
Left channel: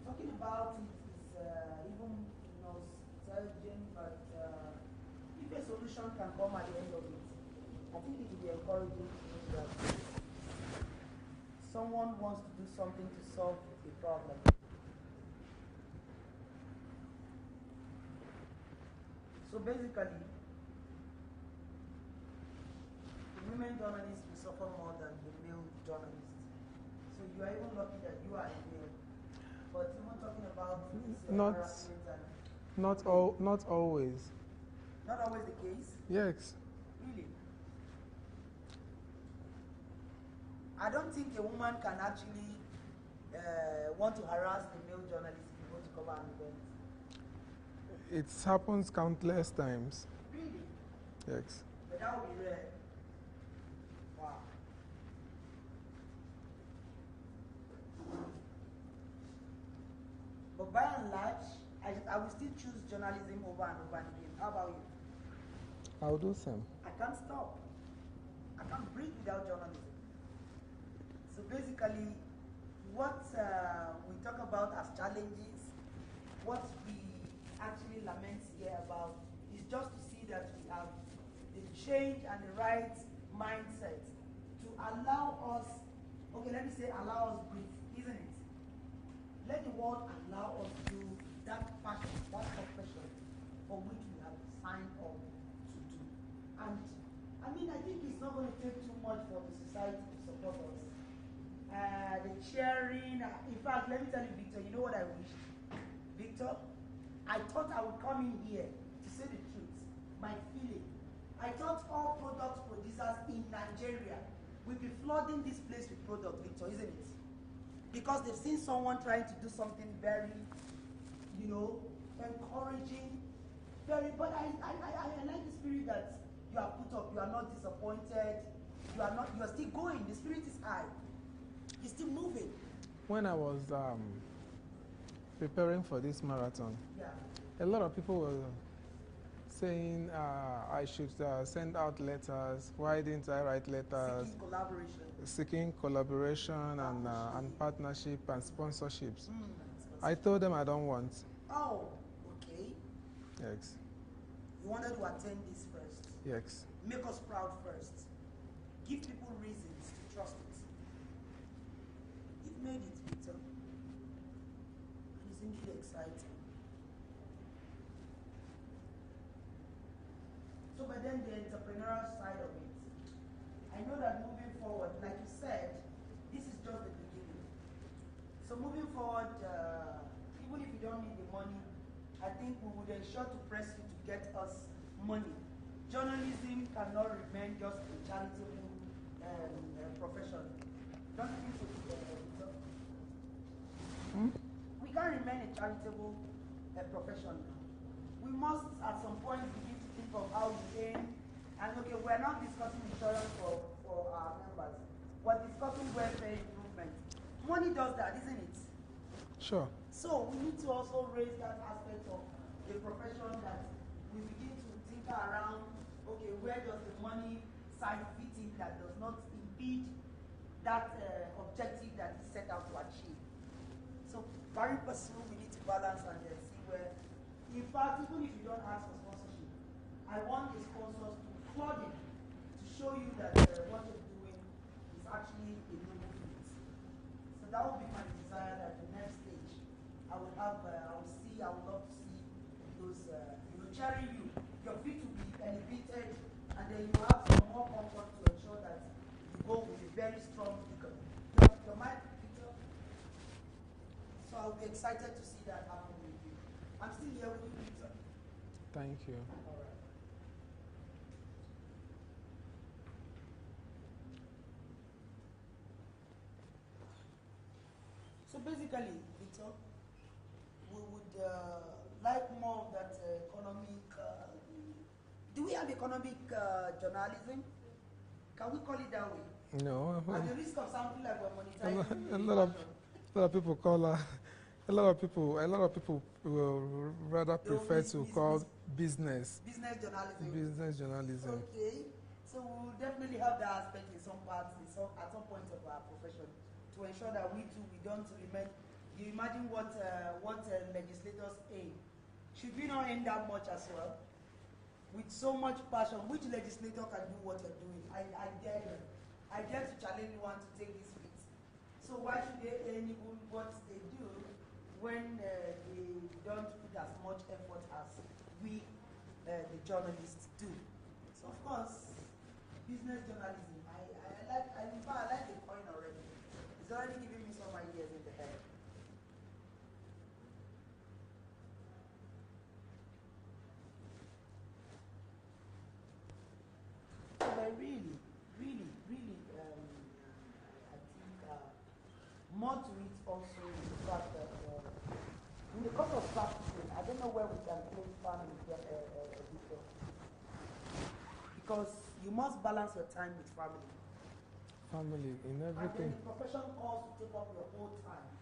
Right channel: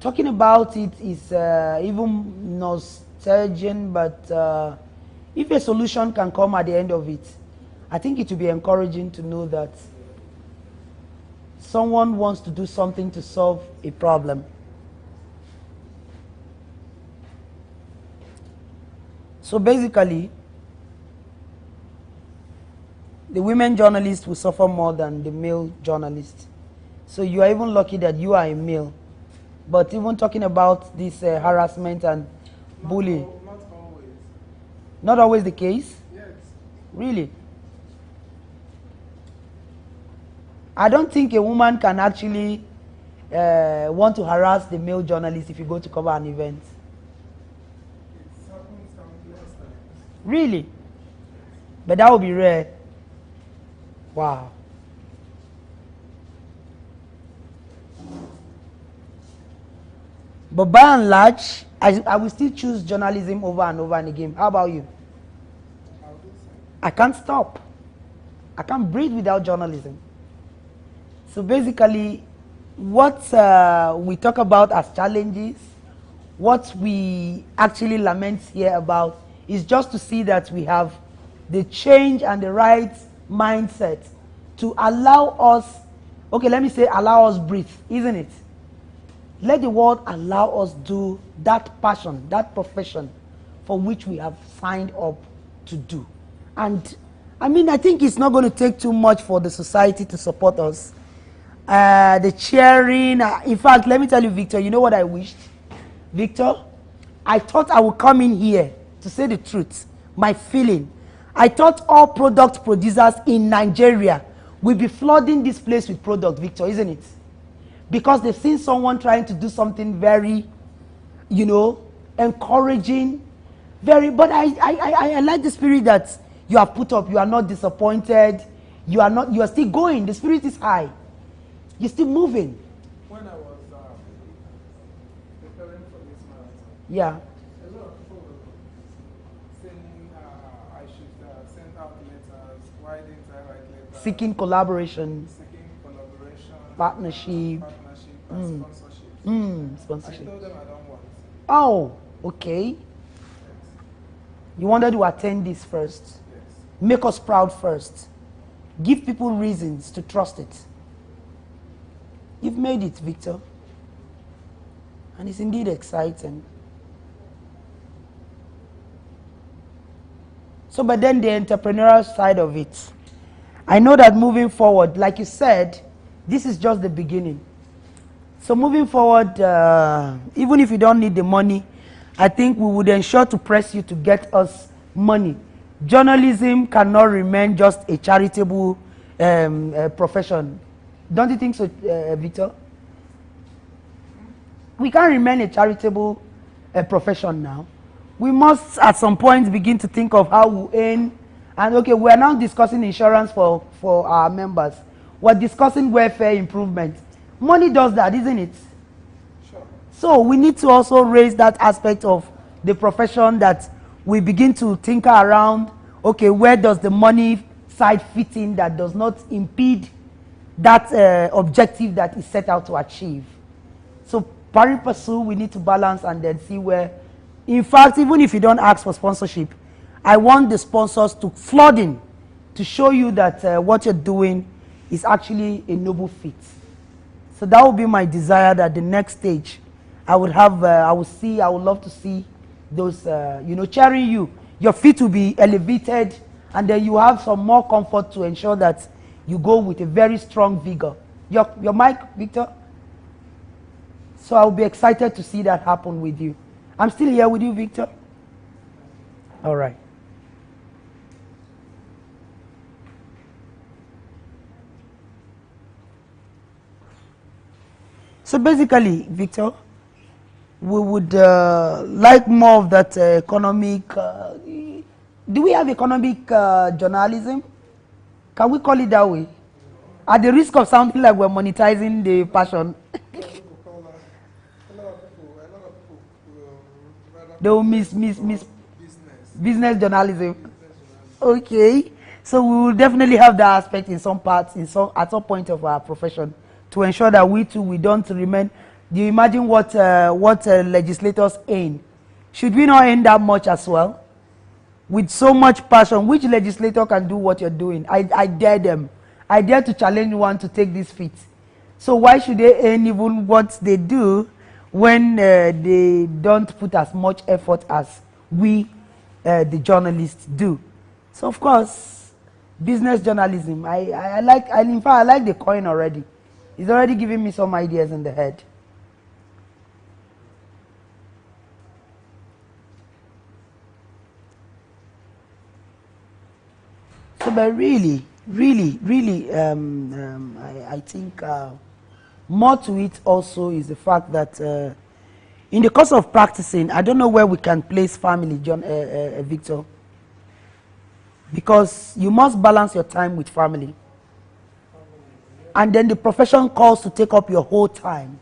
Talking about it is even nostalgic, but if a solution can come at the end of it, I think it will be encouraging to know that someone wants to do something to solve a problem. So basically, the women journalists will suffer more than the male journalists. So you are even lucky that you are a male. But even talking about this harassment and bullying. Not always. Not always the case? Yes. Really? I don't think a woman can actually want to harass the male journalist if you go to cover an event. It happens countless times. Really? Yes. But that would be rare. Wow. But by and large, I will still choose journalism over and over and again. How about you? I'll do same. I can't stop. I can't breathe without journalism. So basically, what we talk about as challenges, what we actually lament here about is just to see that we have the change and the right mindset to allow us, okay, let me say allow us breathe, isn't it? Let the world allow us do that passion, that profession for which we have signed up to do. And I mean, I think it's not going to take too much for the society to support us. The cheering, in fact, let me tell you, Victor, you know what I wished? Victor, I thought I would come in here to say the truth, my feeling. I thought all product producers in Nigeria will be flooding this place with product, Victor, isn't it? Because they've seen someone trying to do something very, you know, encouraging, but I like the spirit that you have put up. You are not disappointed. You are still going. The spirit is high. You're still moving. When I was preparing for this marathon, yeah, a lot of people were saying I should send out letters. Why didn't I write letters? Seeking collaboration. Partnership. And sponsorships. Sponsorship. I told them I don't want. Oh, okay. Yes. You wanted to attend this first. Yes. Make us proud first. Give people reasons to trust it. You've made it, Victor. And it's indeed exciting. So, but then the entrepreneurial side of it. I know that moving forward, like you said, this is just the beginning. So moving forward, even if you don't need the money, I think we would ensure to press you to get us money. Journalism cannot remain just a charitable profession. Don't you think so, Victor? We can't remain a charitable profession now. We must, at some point, begin to think of how we earn. And okay, we are now discussing insurance for our members. We're discussing welfare improvement. Money does that, isn't it? Sure. So we need to also raise that aspect of the profession, that we begin to tinker around, okay, where does the money side fit in that does not impede that objective that is set out to achieve. So pari passu, we need to balance and then see where, in fact, even if you don't ask for sponsorship, I want the sponsors to flood in to show you that what you're doing is actually a noble feat. So that would be my desire, that the next stage I would have, I would love to see those, cheering you. Your feet will be elevated, and then you have some more comfort to ensure that you go with a very strong vigor. Your mic, Victor? So I'll be excited to see that happen with you. I'm still here with you, Victor. Thank you. All right. So basically, Victor, we would like more of that economic. Do we have economic journalism? Can we call it that way? No. At the risk of sounding like we're monetizing the passion. A lot of people call a lot of people will rather they will miss business journalism. Business journalism. Okay, so we will definitely have that aspect in some parts, at some point of our profession, to ensure that we too, we don't remain. Do you imagine what legislators earn? Should we not earn that much as well? With so much passion, which legislator can do what you're doing? I dare them. I dare to challenge one to take this feat. So why should they earn even what they do when they don't put as much effort as we the journalists do. So of course, business journalism, I like, and in fact I like the coin already. It's already giving me some ideas in the head. So, but really, I think more to it also is the fact that in the course of practicing, I don't know where we can place family, Victor, because you must balance your time with family. And then the profession calls to take up your whole time.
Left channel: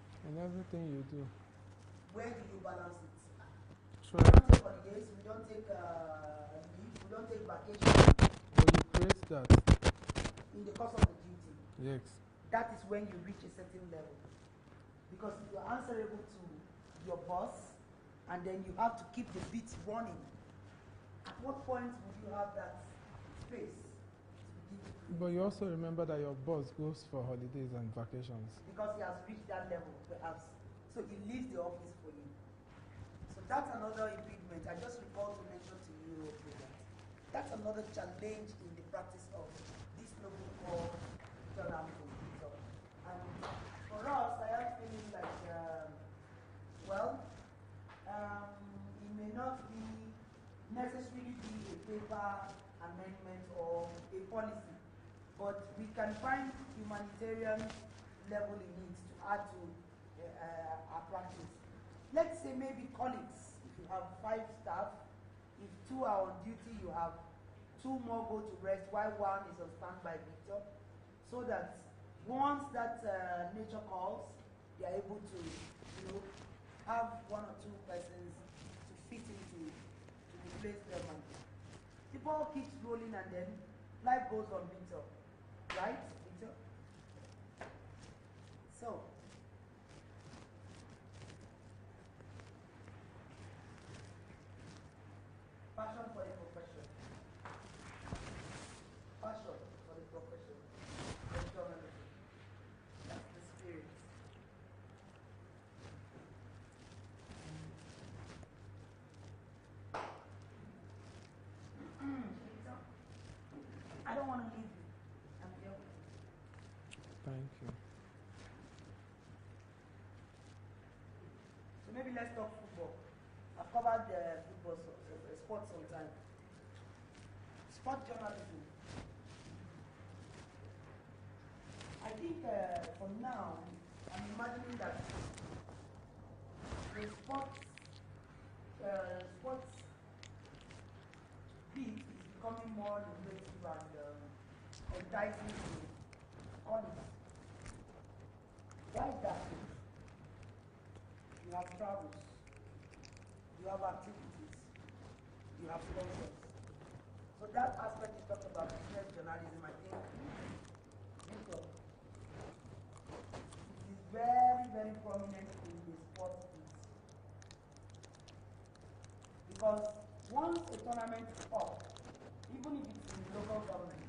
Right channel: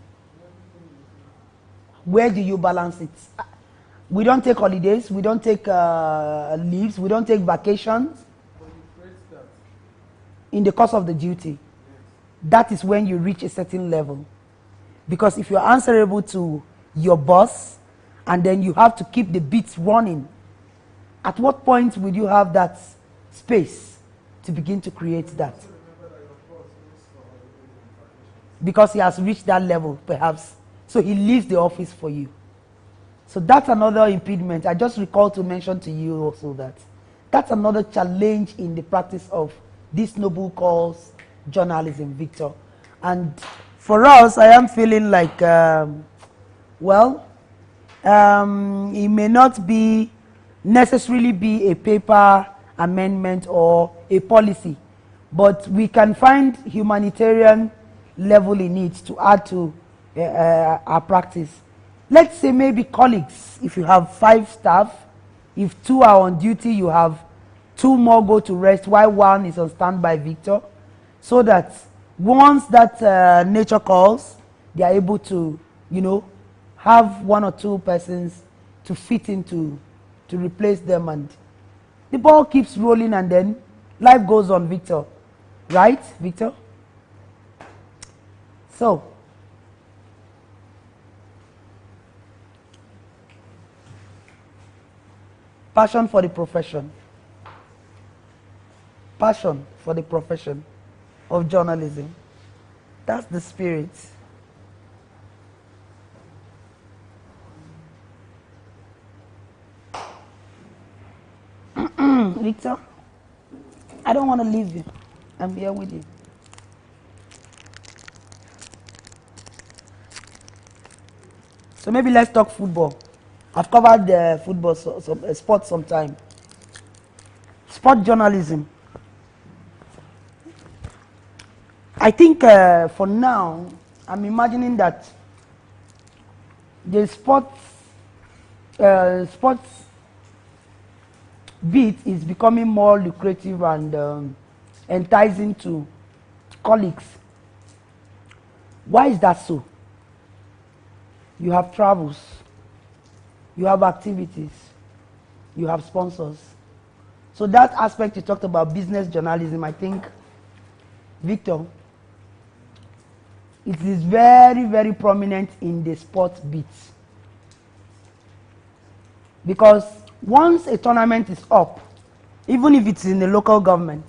Where do you balance it? We don't take holidays, we don't take leaves, we don't take vacations. In the course of the duty, yes. That is when you reach a certain level. Because if you're answerable to your boss and then you have to keep the beats running, at what point will you have that space to begin to create that? Also remember that your boss goes for holidays and vacations. Because he has reached that level, perhaps. So he leaves the office for you. So that's another impediment. I just recall to mention to you also that that's another challenge in the practice of this noble cause journalism, Victor. And for us, I am feeling like, it may not be necessarily be a paper amendment or a policy, but we can find humanitarian level in it to add to our practice. Let's say maybe colleagues, if you have 5 staff, if 2 are on duty, you have 2 more go to rest while 1 is on standby, Victor, so that once that nature calls, they are able to, have 1 or 2 persons to fit into, to replace them, and the ball keeps rolling and then life goes on, Victor. Right, Victor? So, passion for the profession. Passion for the profession of journalism. That's the spirit. Victor, I don't want to leave you. I'm here with you. So maybe let's talk football. I've covered the football, sports sometime. Sport journalism. I think for now, I'm imagining that the sports bit is becoming more lucrative and enticing to colleagues. Why is that so? You have travels, you have activities, you have sponsors. So that aspect you talked about, business journalism, I think, Victor, it is very, very prominent in the sports bits. Because once a tournament is up, even if it's in the local government,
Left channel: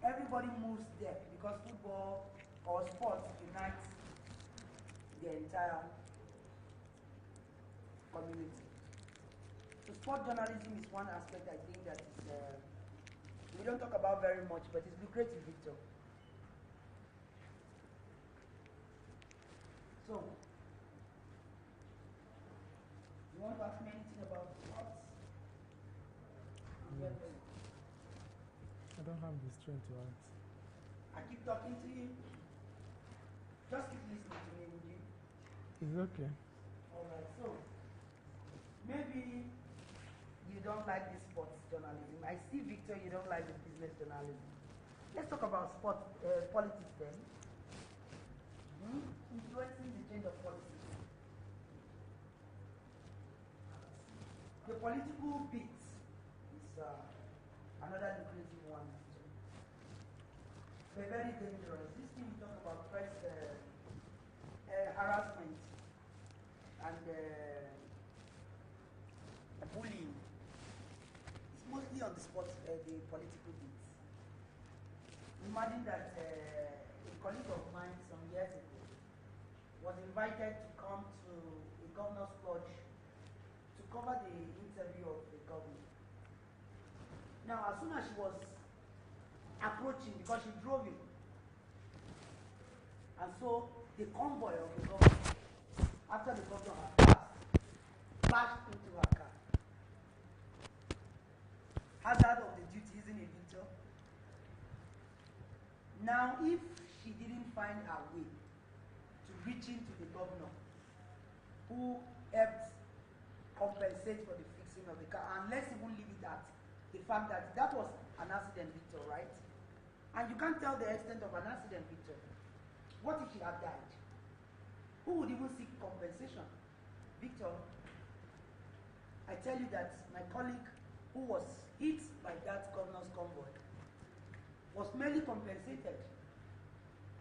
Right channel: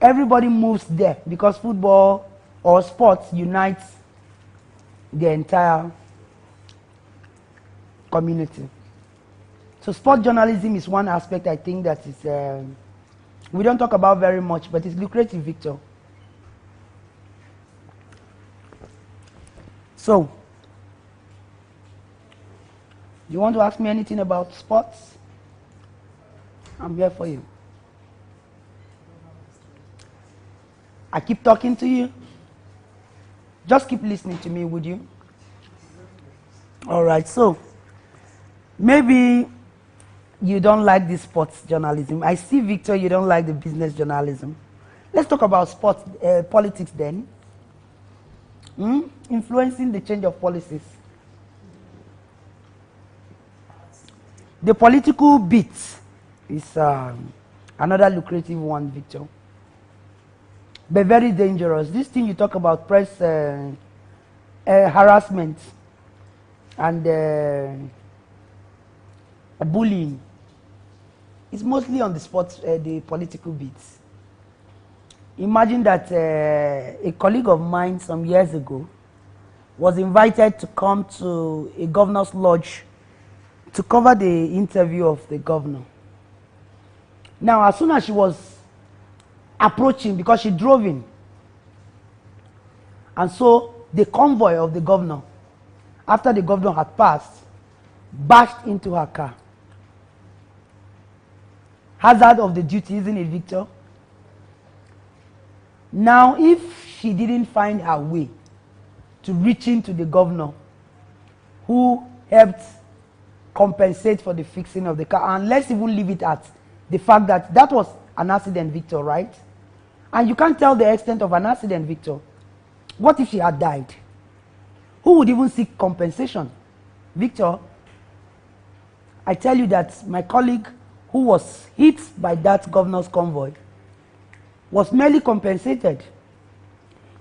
everybody moves there because football or sports unites the entire community. So sport journalism is one aspect I think that is, we don't talk about very much, but it's lucrative, Victor. So, you want to ask me anything about sports? I'm here for you. I keep talking to you. Just keep listening to me, would you? All right, so maybe you don't like the sports journalism. I see, Victor, you don't like the business journalism. Let's talk about sports politics then. Influencing the change of policies. The political bit is another lucrative one, Victor. But very dangerous. This thing you talk about, press harassment and bullying, it's mostly on the sports, the political bits. Imagine that a colleague of mine some years ago was invited to come to a governor's lodge to cover the interview of the governor. Now, as soon as she was approaching, because she drove in, and so the convoy of the governor, after the governor had passed, bashed into her car. Hazard of the duty, isn't it, Victor? Now, if she didn't find her way to reaching to the governor, who helped compensate for the fixing of the car, and let's even leave it at the fact that that was an accident, Victor, right? And you can't tell the extent of an accident, Victor. What if she had died? Who would even seek compensation? Victor, I tell you that my colleague who was hit by that governor's convoy was merely compensated.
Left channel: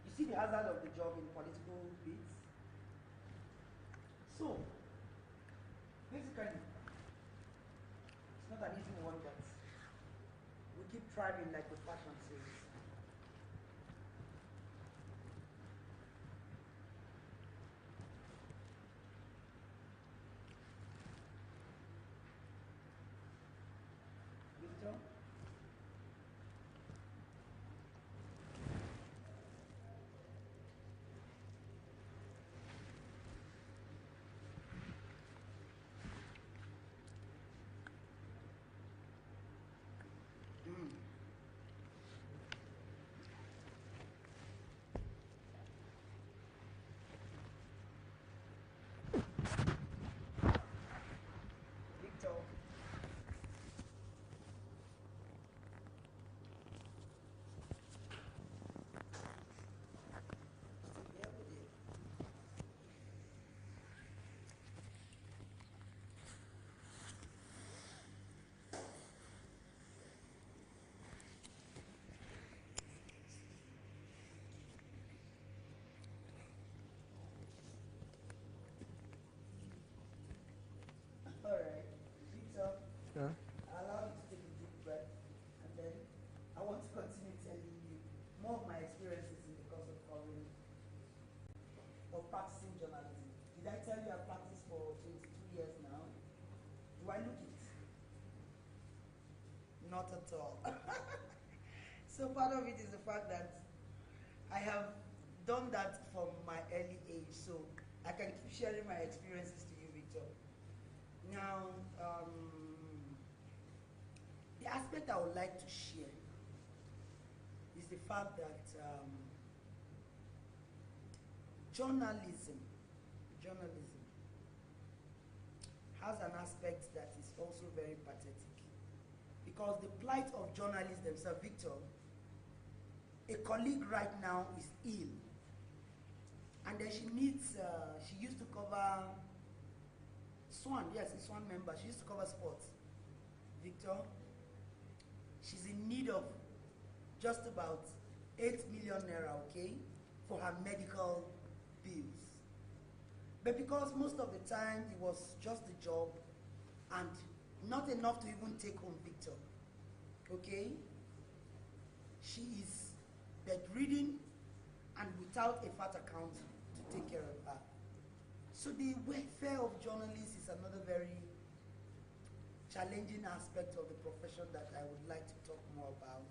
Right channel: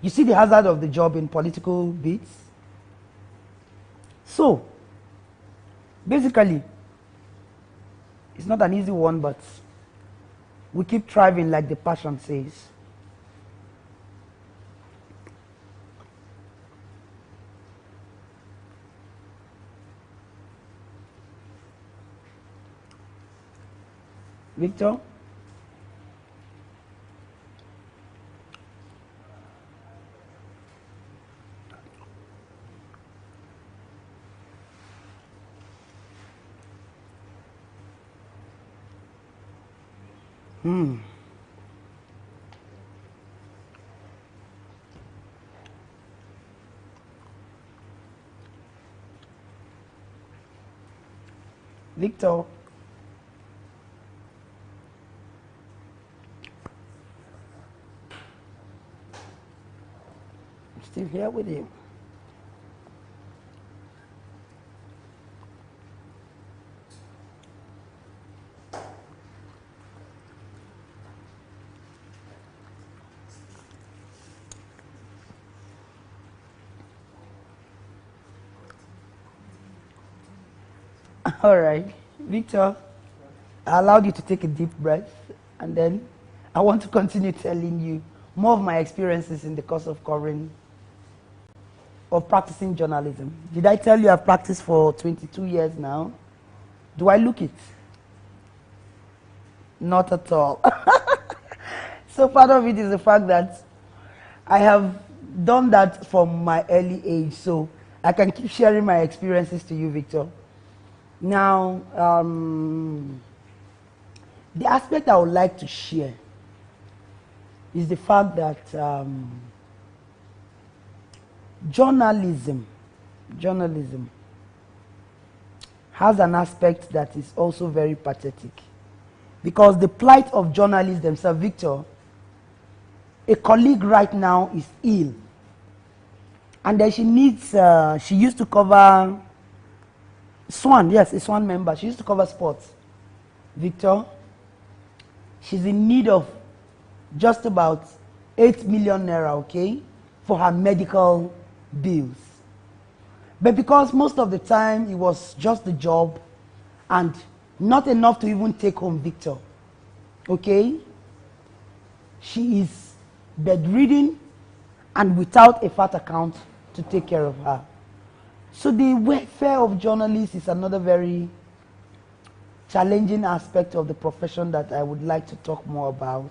You see the hazard of the job in political beats? So, basically, it's not an easy one, but we keep thriving like the Passion says. Victor? Victor? I'm still here with you. All right, Victor, I allowed you to take a deep breath, and then I want to continue telling you more of my experiences in the course of covering or practicing journalism. Did I tell you I've practiced for 22 years now? Do I look it? Not at all. So part of it is the fact that I have done that from my early age, so I can keep sharing my experiences to you, Victor. Now, the aspect I would like to share is the fact that journalism has an aspect that is also very pathetic. Because the plight of journalists themselves, Victor, a colleague right now is ill. And then she needs, she used to cover Swan, yes, a Swan member. She used to cover sports. Victor, she's in need of just about 8 million naira, okay, for her medical bills. But because most of the time it was just the job and not enough to even take home, Victor, okay, she is bedridden and without a fat account to take care of her. So the welfare of journalists is another very challenging aspect of the profession that I would like to talk more about.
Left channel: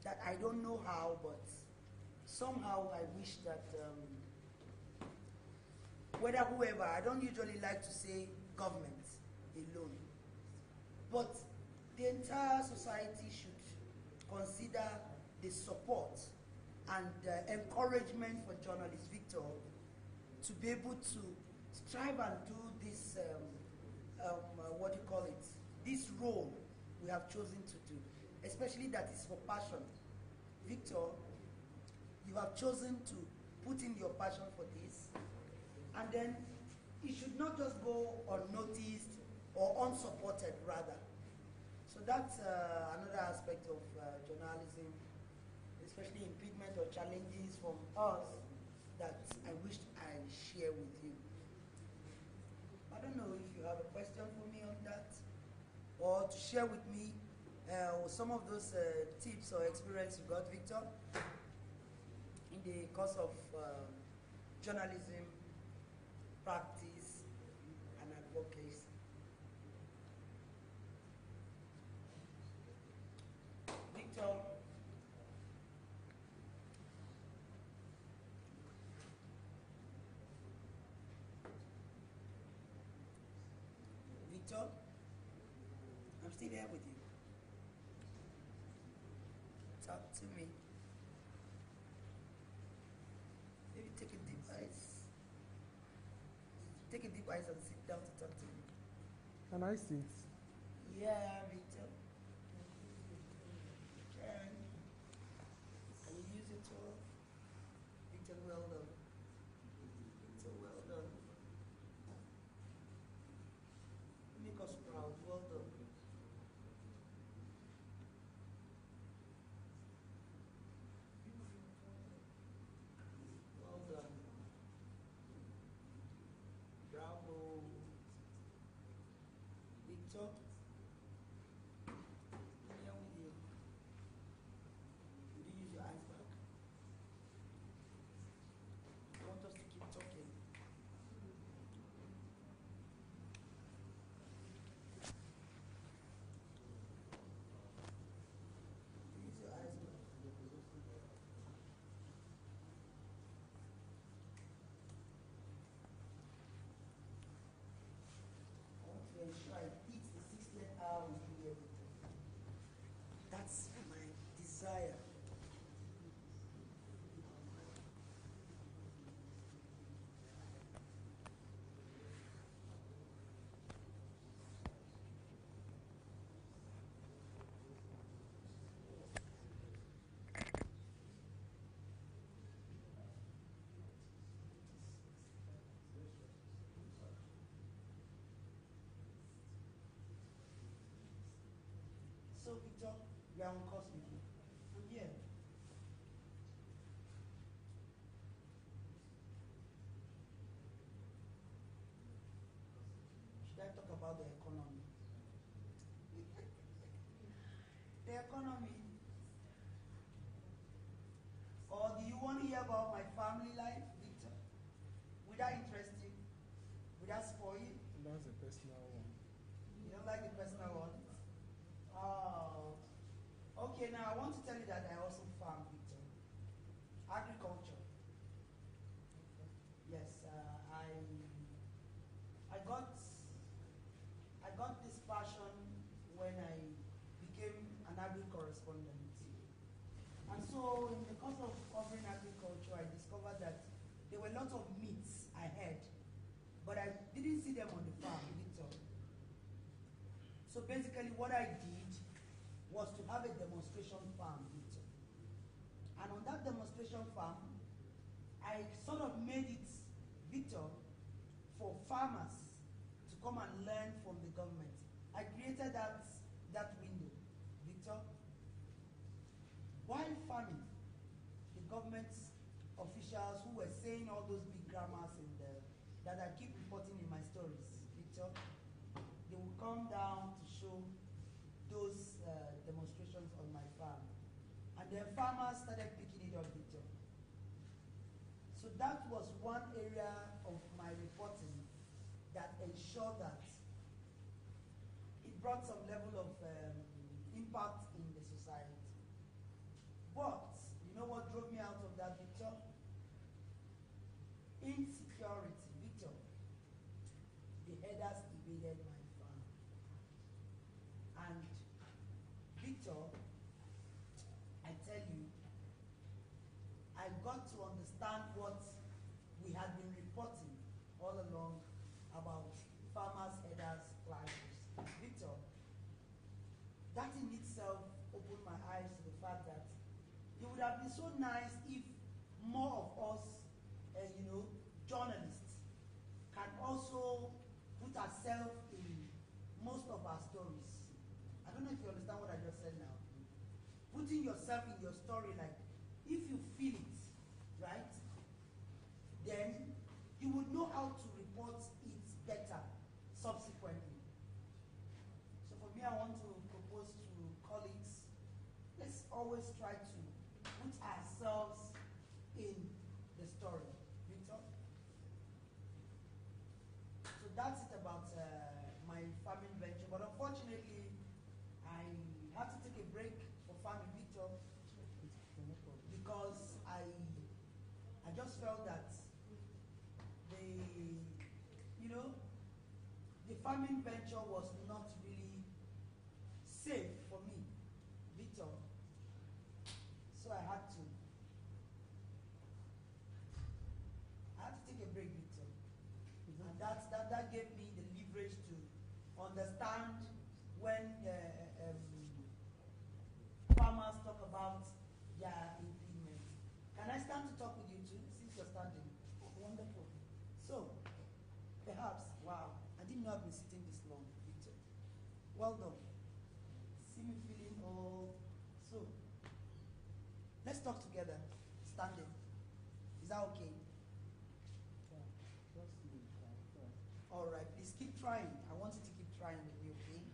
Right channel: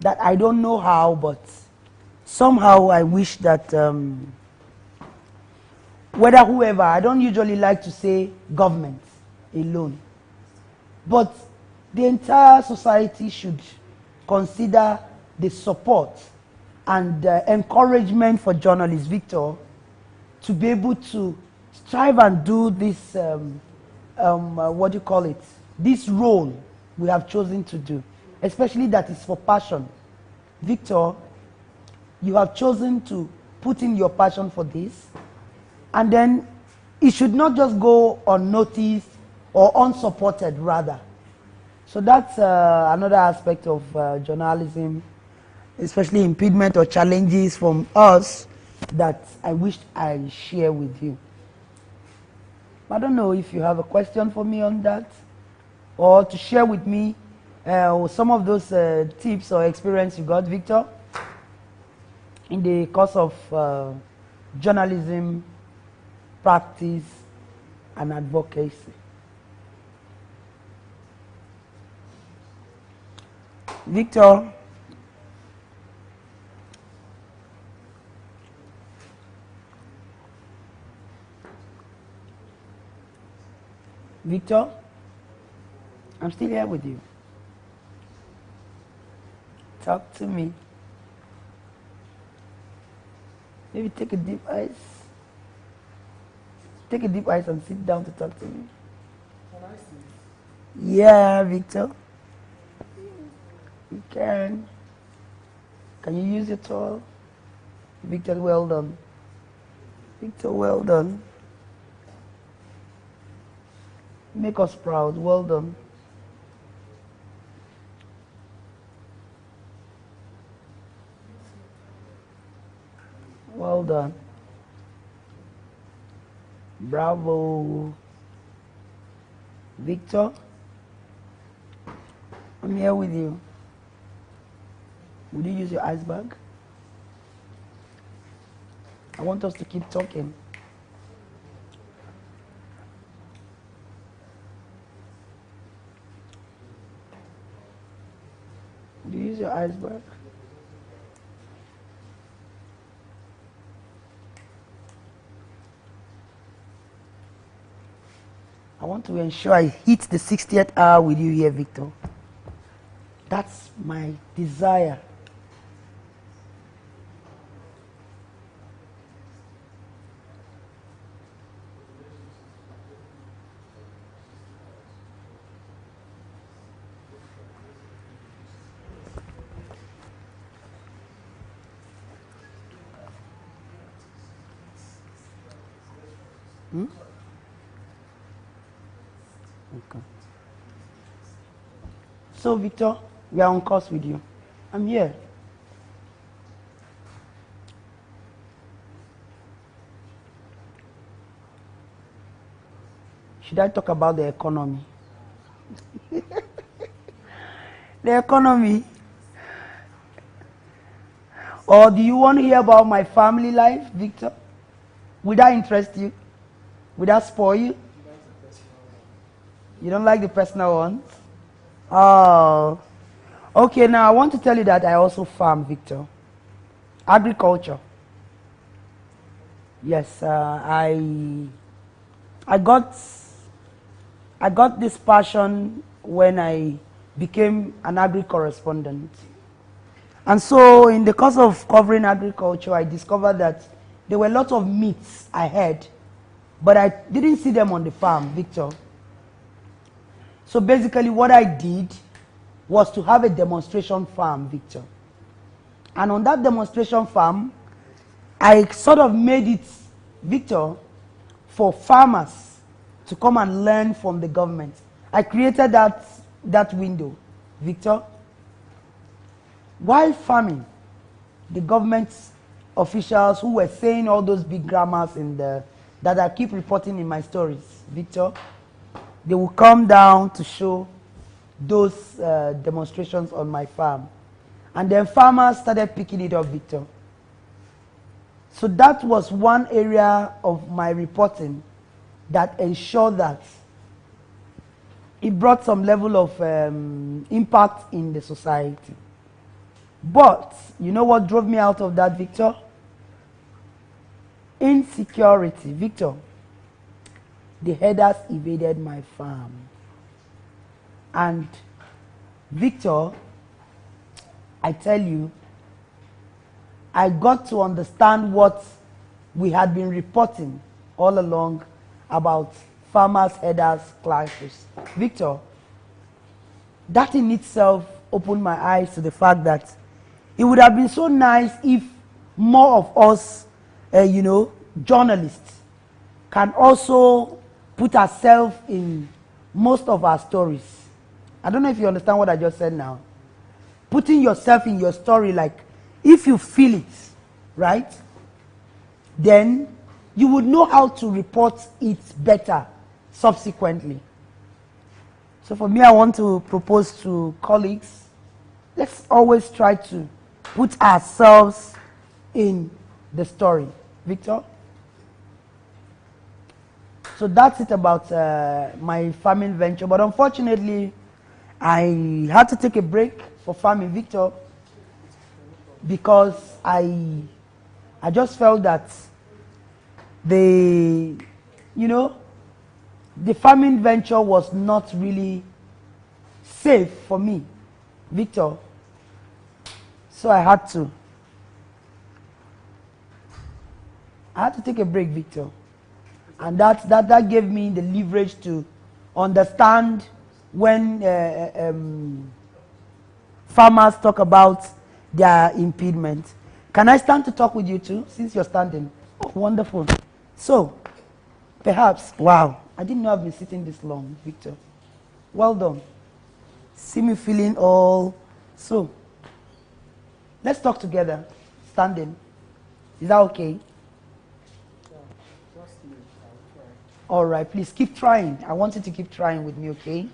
That I don't know how, but somehow I wish that whether whoever, I don't usually like to say government alone, but the entire society should consider the support and encouragement for journalists, Victor, to be able to strive and do this, what do you call it, this role we have chosen to do, especially that is for passion. Victor, you have chosen to put in your passion for this, and then it should not just go unnoticed or unsupported, rather. So that's another aspect of journalism, especially impediment or challenges from us that I wish I share with you. I don't know if you have a question for me on that, or to share with me some of those tips or experience you got, Victor, in the course of journalism, practice, and advocacy. Victor. Victor, I'm still here with you. Talk to me. Maybe take a deep ice. Take a deep ice and sit down to talk to me. Can I sit? Yeah, Victor. You can. Can you use your towel? Victor, well done. Victor, well done. Make us proud. Well done. Well done. Bravo. Victor, I'm here with you. Would you use your ice bag? I want us to keep talking. Would you use your ice bag? I want to ensure I hit the 60th hour with you here, Victor. That's my desire. Hmm? Okay. So, Victor, we are on course with you. I'm here. Should I talk about the economy? The economy? Or do you want to hear about my family life, Victor? Would that interest you? Would that spoil you? You don't like the personal ones? Oh. Okay, now I want to tell you that I also farm, Victor. Agriculture. Yes, I got this passion when I became an agri-correspondent. And so in the course of covering agriculture, I discovered that there were lots of myths I heard, but I didn't see them on the farm, Victor. So basically what I did was to have a demonstration farm, Victor. And on that demonstration farm, I sort of made it, Victor, for farmers to come and learn from the government. I created that window, Victor. While farming, the government officials who were saying all those big grammars that I keep reporting in my stories, Victor, they will come down to show those demonstrations on my farm. And then farmers started picking it up, Victor. So that was one area of my reporting that ensured that it brought some level of impact in the society. But you know what drove me out of that, Victor? Insecurity, Victor. The herders invaded my farm. And Victor, I tell you, I got to understand what we had been reporting all along about farmers, herders, clashes. Victor, that in itself opened my eyes to the fact that it would have been so nice if more of us, journalists, can also put ourselves in most of our stories. I don't know if you understand what I just said now. Putting yourself in your story, like, if you feel it, right, then you would know how to report it better subsequently. So for me, I want to propose to colleagues, let's always try to put ourselves in the story. Victor? So that's it about my farming venture. But unfortunately, I had to take a break for farming, Victor, because I just felt that the farming venture was not really safe for me, Victor. So I had to take a break, Victor. And that gave me the leverage to understand when farmers talk about their impediment. Can I stand to talk with you too, since you're standing? Oh, wonderful. So, perhaps, wow, I didn't know I've been sitting this long, Victor. Well done. See me feeling all. So, let's talk together, standing. Is that okay? All right, please keep trying. I want you to keep trying with me, okay?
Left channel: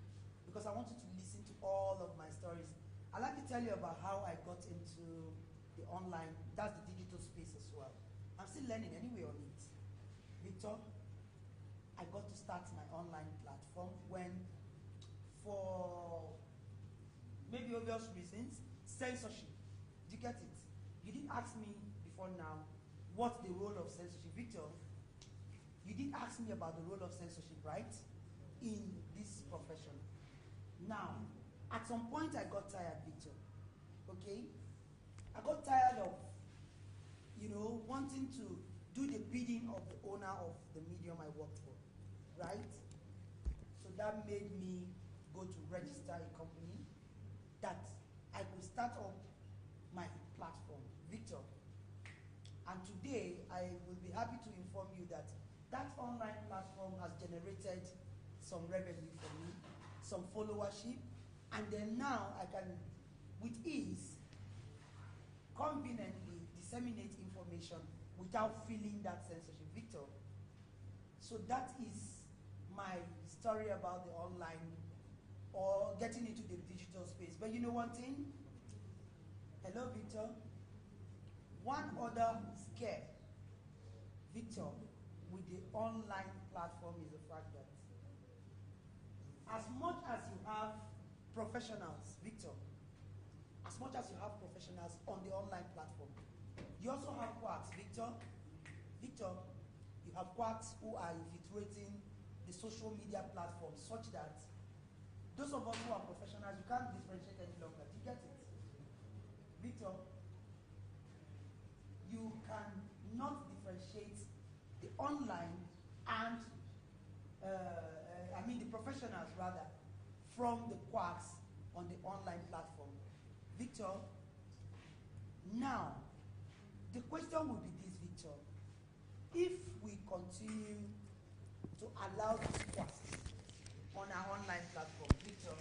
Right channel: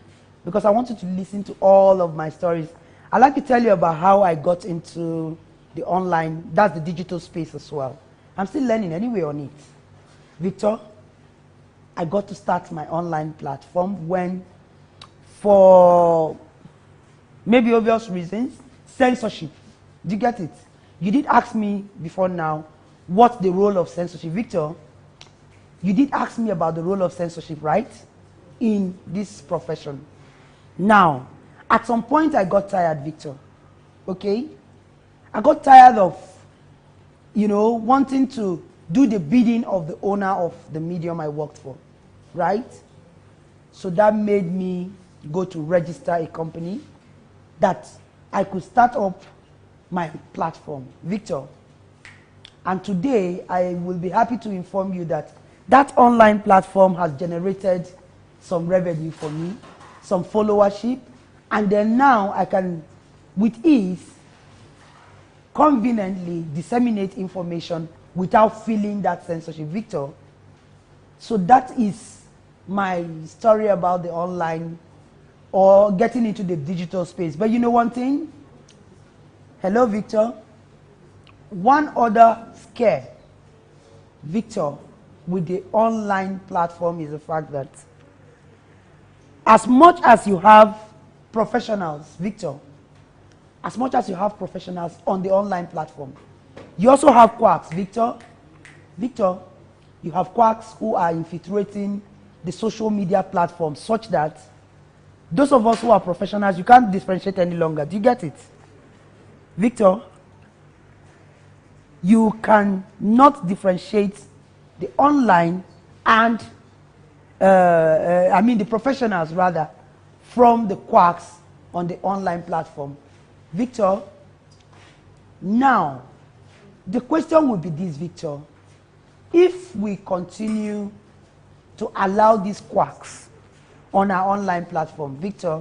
Because I want you to listen to all of my stories. I'd like to tell you about how I got into the online, that's the digital space as well. I'm still learning anyway on it. Victor, I got to start my online platform when, for maybe obvious reasons, censorship. Do you get it? You did ask me before now, what's the role of censorship? Victor, you did ask me about the role of censorship, right? In this profession. Now, at some point I got tired, Victor. Okay? I got tired of, wanting to do the bidding of the owner of the medium I worked for, right? So that made me go to register a company that I could start up my platform, Victor. And today, I will be happy to inform you that that online platform has generated some revenue for me, some followership, and then now I can, with ease, conveniently disseminate information without feeling that censorship, Victor. So that is my story about the online or getting into the digital space. But you know one thing? Hello, Victor. One other scare, Victor, with the online platform is the fact that as much as you have professionals, Victor, as much as you have professionals on the online platform, you also have quacks, Victor. Victor, you have quacks who are infiltrating the social media platforms such that those of us who are professionals, you can't differentiate any longer. Do you get it? Victor, you cannot differentiate the online and, the professionals rather, from the quacks on the online platform. Victor, now, the question would be this, Victor. If we continue to allow these quacks on our online platform, Victor,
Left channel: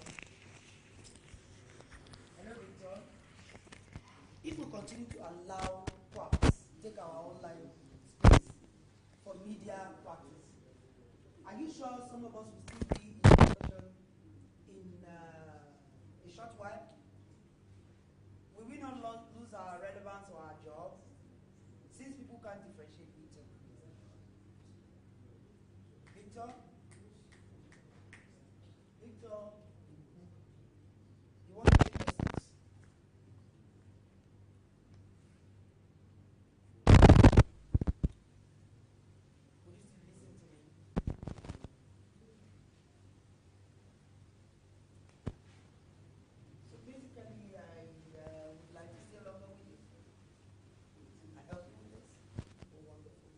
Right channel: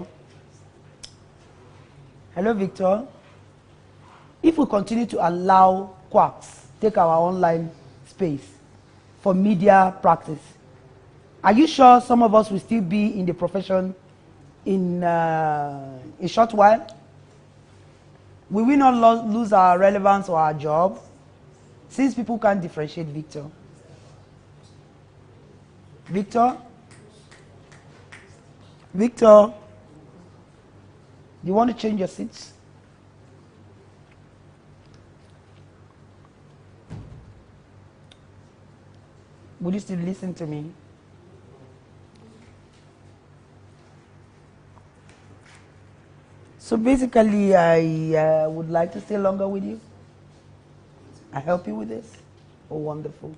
hello, Victor. If we continue to allow quacks take our online space for media practice, are you sure some of us will still be in the profession in a short while? Will we not lose our relevance or our job since people can't differentiate, Victor? Victor? Victor? You want to change your seats? Would you still listen to me? So basically, I would like to stay longer with you. I help you with this. Oh, wonderful.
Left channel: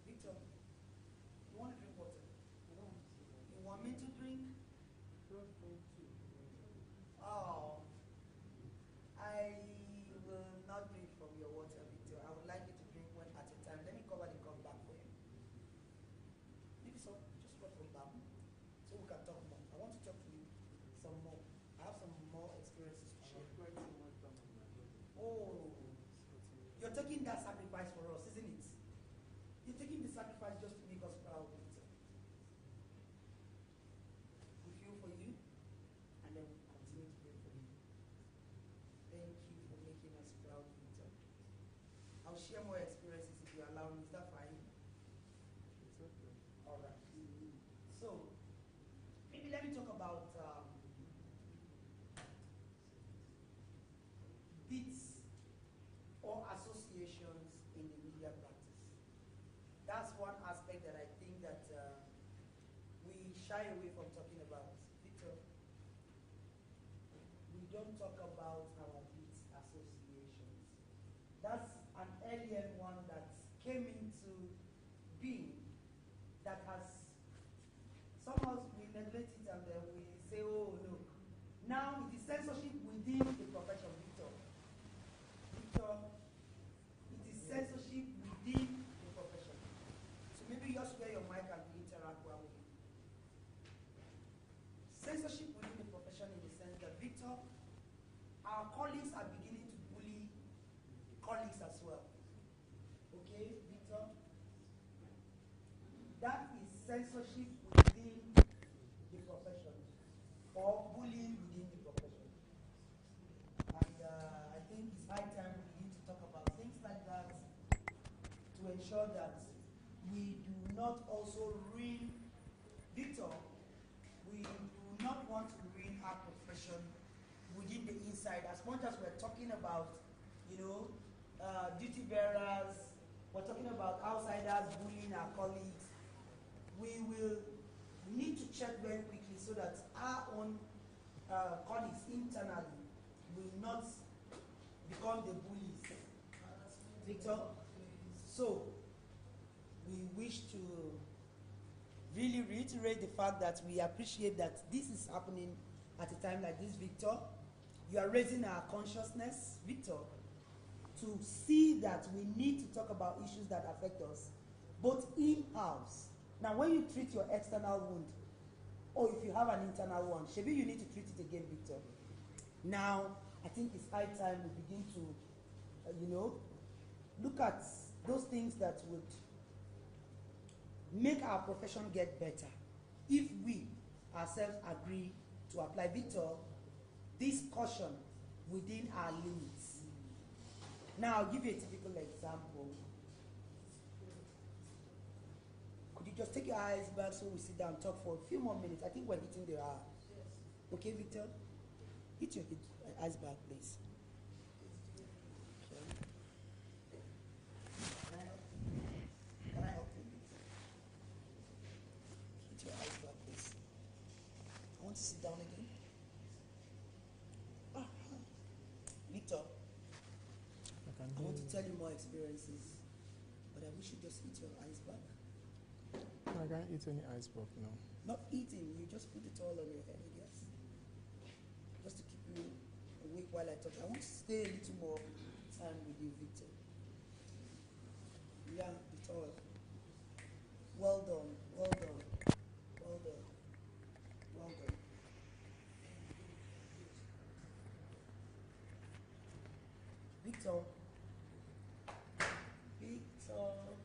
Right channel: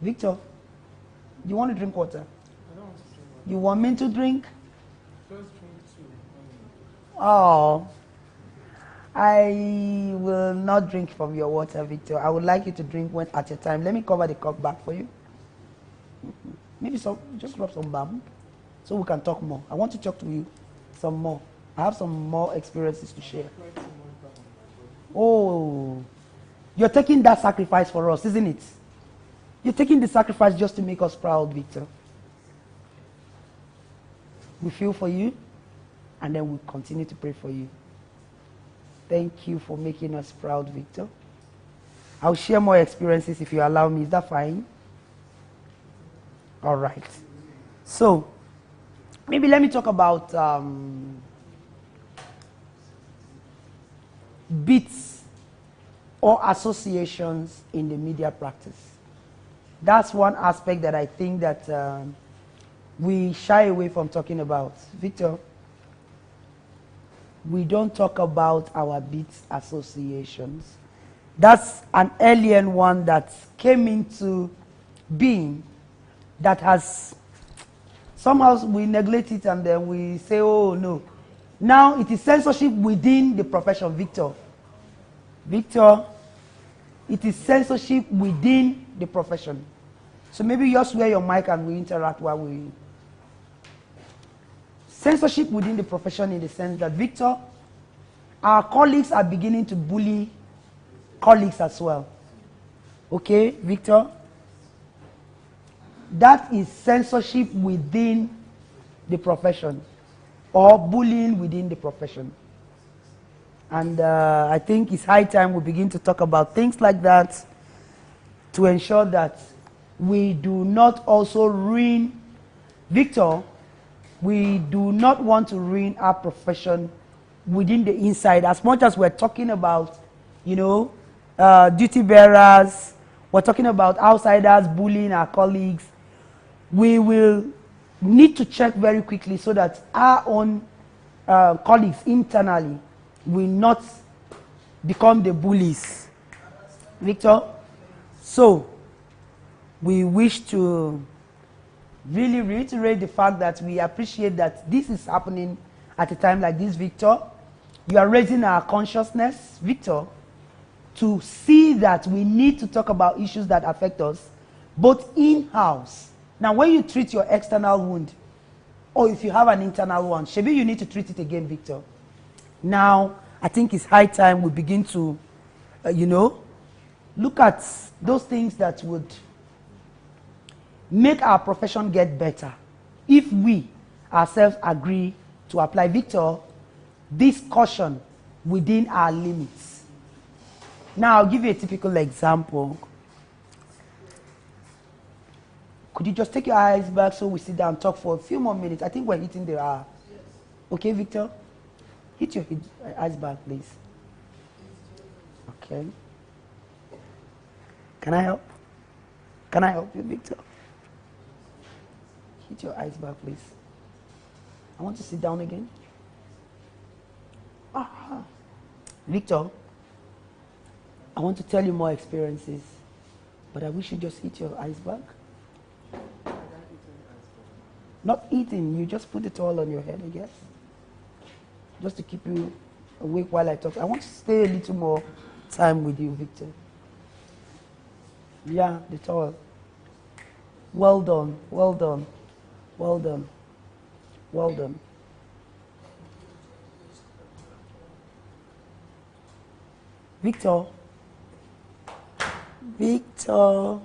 Victor, you want to drink water? I don't want to drink water. You want me to drink? First drink too. Oh, I will not drink from your water, Victor. I would like you to drink one at a time. Let me cover the cup back for you. Maybe just rub some balm so we can talk more. I want to talk to you some more. I have some more experiences to share. Oh, you're taking that sacrifice for us, isn't it? You're taking the sacrifice just to make us proud, Victor. We feel for you, and then we'll continue to pray for you. Thank you for making us proud, Victor. I'll share more experiences if you allow me. Is that fine? All right. So, maybe let me talk about beats or associations in the media practice. That's one aspect that I think that we shy away from talking about. Victor, we don't talk about our beats associations. That's an alien one that came into being that has somehow we neglect it and then we say, oh no. Now it is censorship within the profession, Victor. Victor, it is censorship within the profession. So maybe you just wear your mic and we interact while we... Censorship within the profession in the sense that, Victor, our colleagues are beginning to bully colleagues as well. Okay, Victor? That is censorship within the profession or bullying within the profession. And I think it's high time we begin to talk about things like that to ensure that we do not also ruin, Victor, we do not want to ruin our profession within the inside. As much as we're talking about, you know, duty bearers, we're talking about outsiders bullying our colleagues, we will need to check very quickly so that our own colleagues internally will not become the bullies. Victor? So, we wish to really reiterate the fact that we appreciate that this is happening at a time like this, Victor. You are raising our consciousness, Victor, to see that we need to talk about issues that affect us, both in-house. Now, when you treat your external wound, or if you have an internal one, maybe you need to treat it again, Victor. Now, I think it's high time we begin to, you know, look at those things that would make our profession get better if we ourselves agree to apply, Victor, this caution within our limits. Now, I'll give you a typical example. Could you just take your eyes back so we sit down and talk for a few more minutes? I think we're hitting the hour. Okay, Victor? Hit your eyes back, please. Okay. Can I help? Can I help you, Victor? Hit your eyes back, please. I want to sit down again. Victor, I want to tell you more experiences, but I wish you just hit your eyes back. Not eating, you just put it all on your head, I guess. Just to keep you awake while I talk. I want to stay a little more time with you, Victor. Yeah, the towel. Well done, well done, well done, well done. Victor. Victor.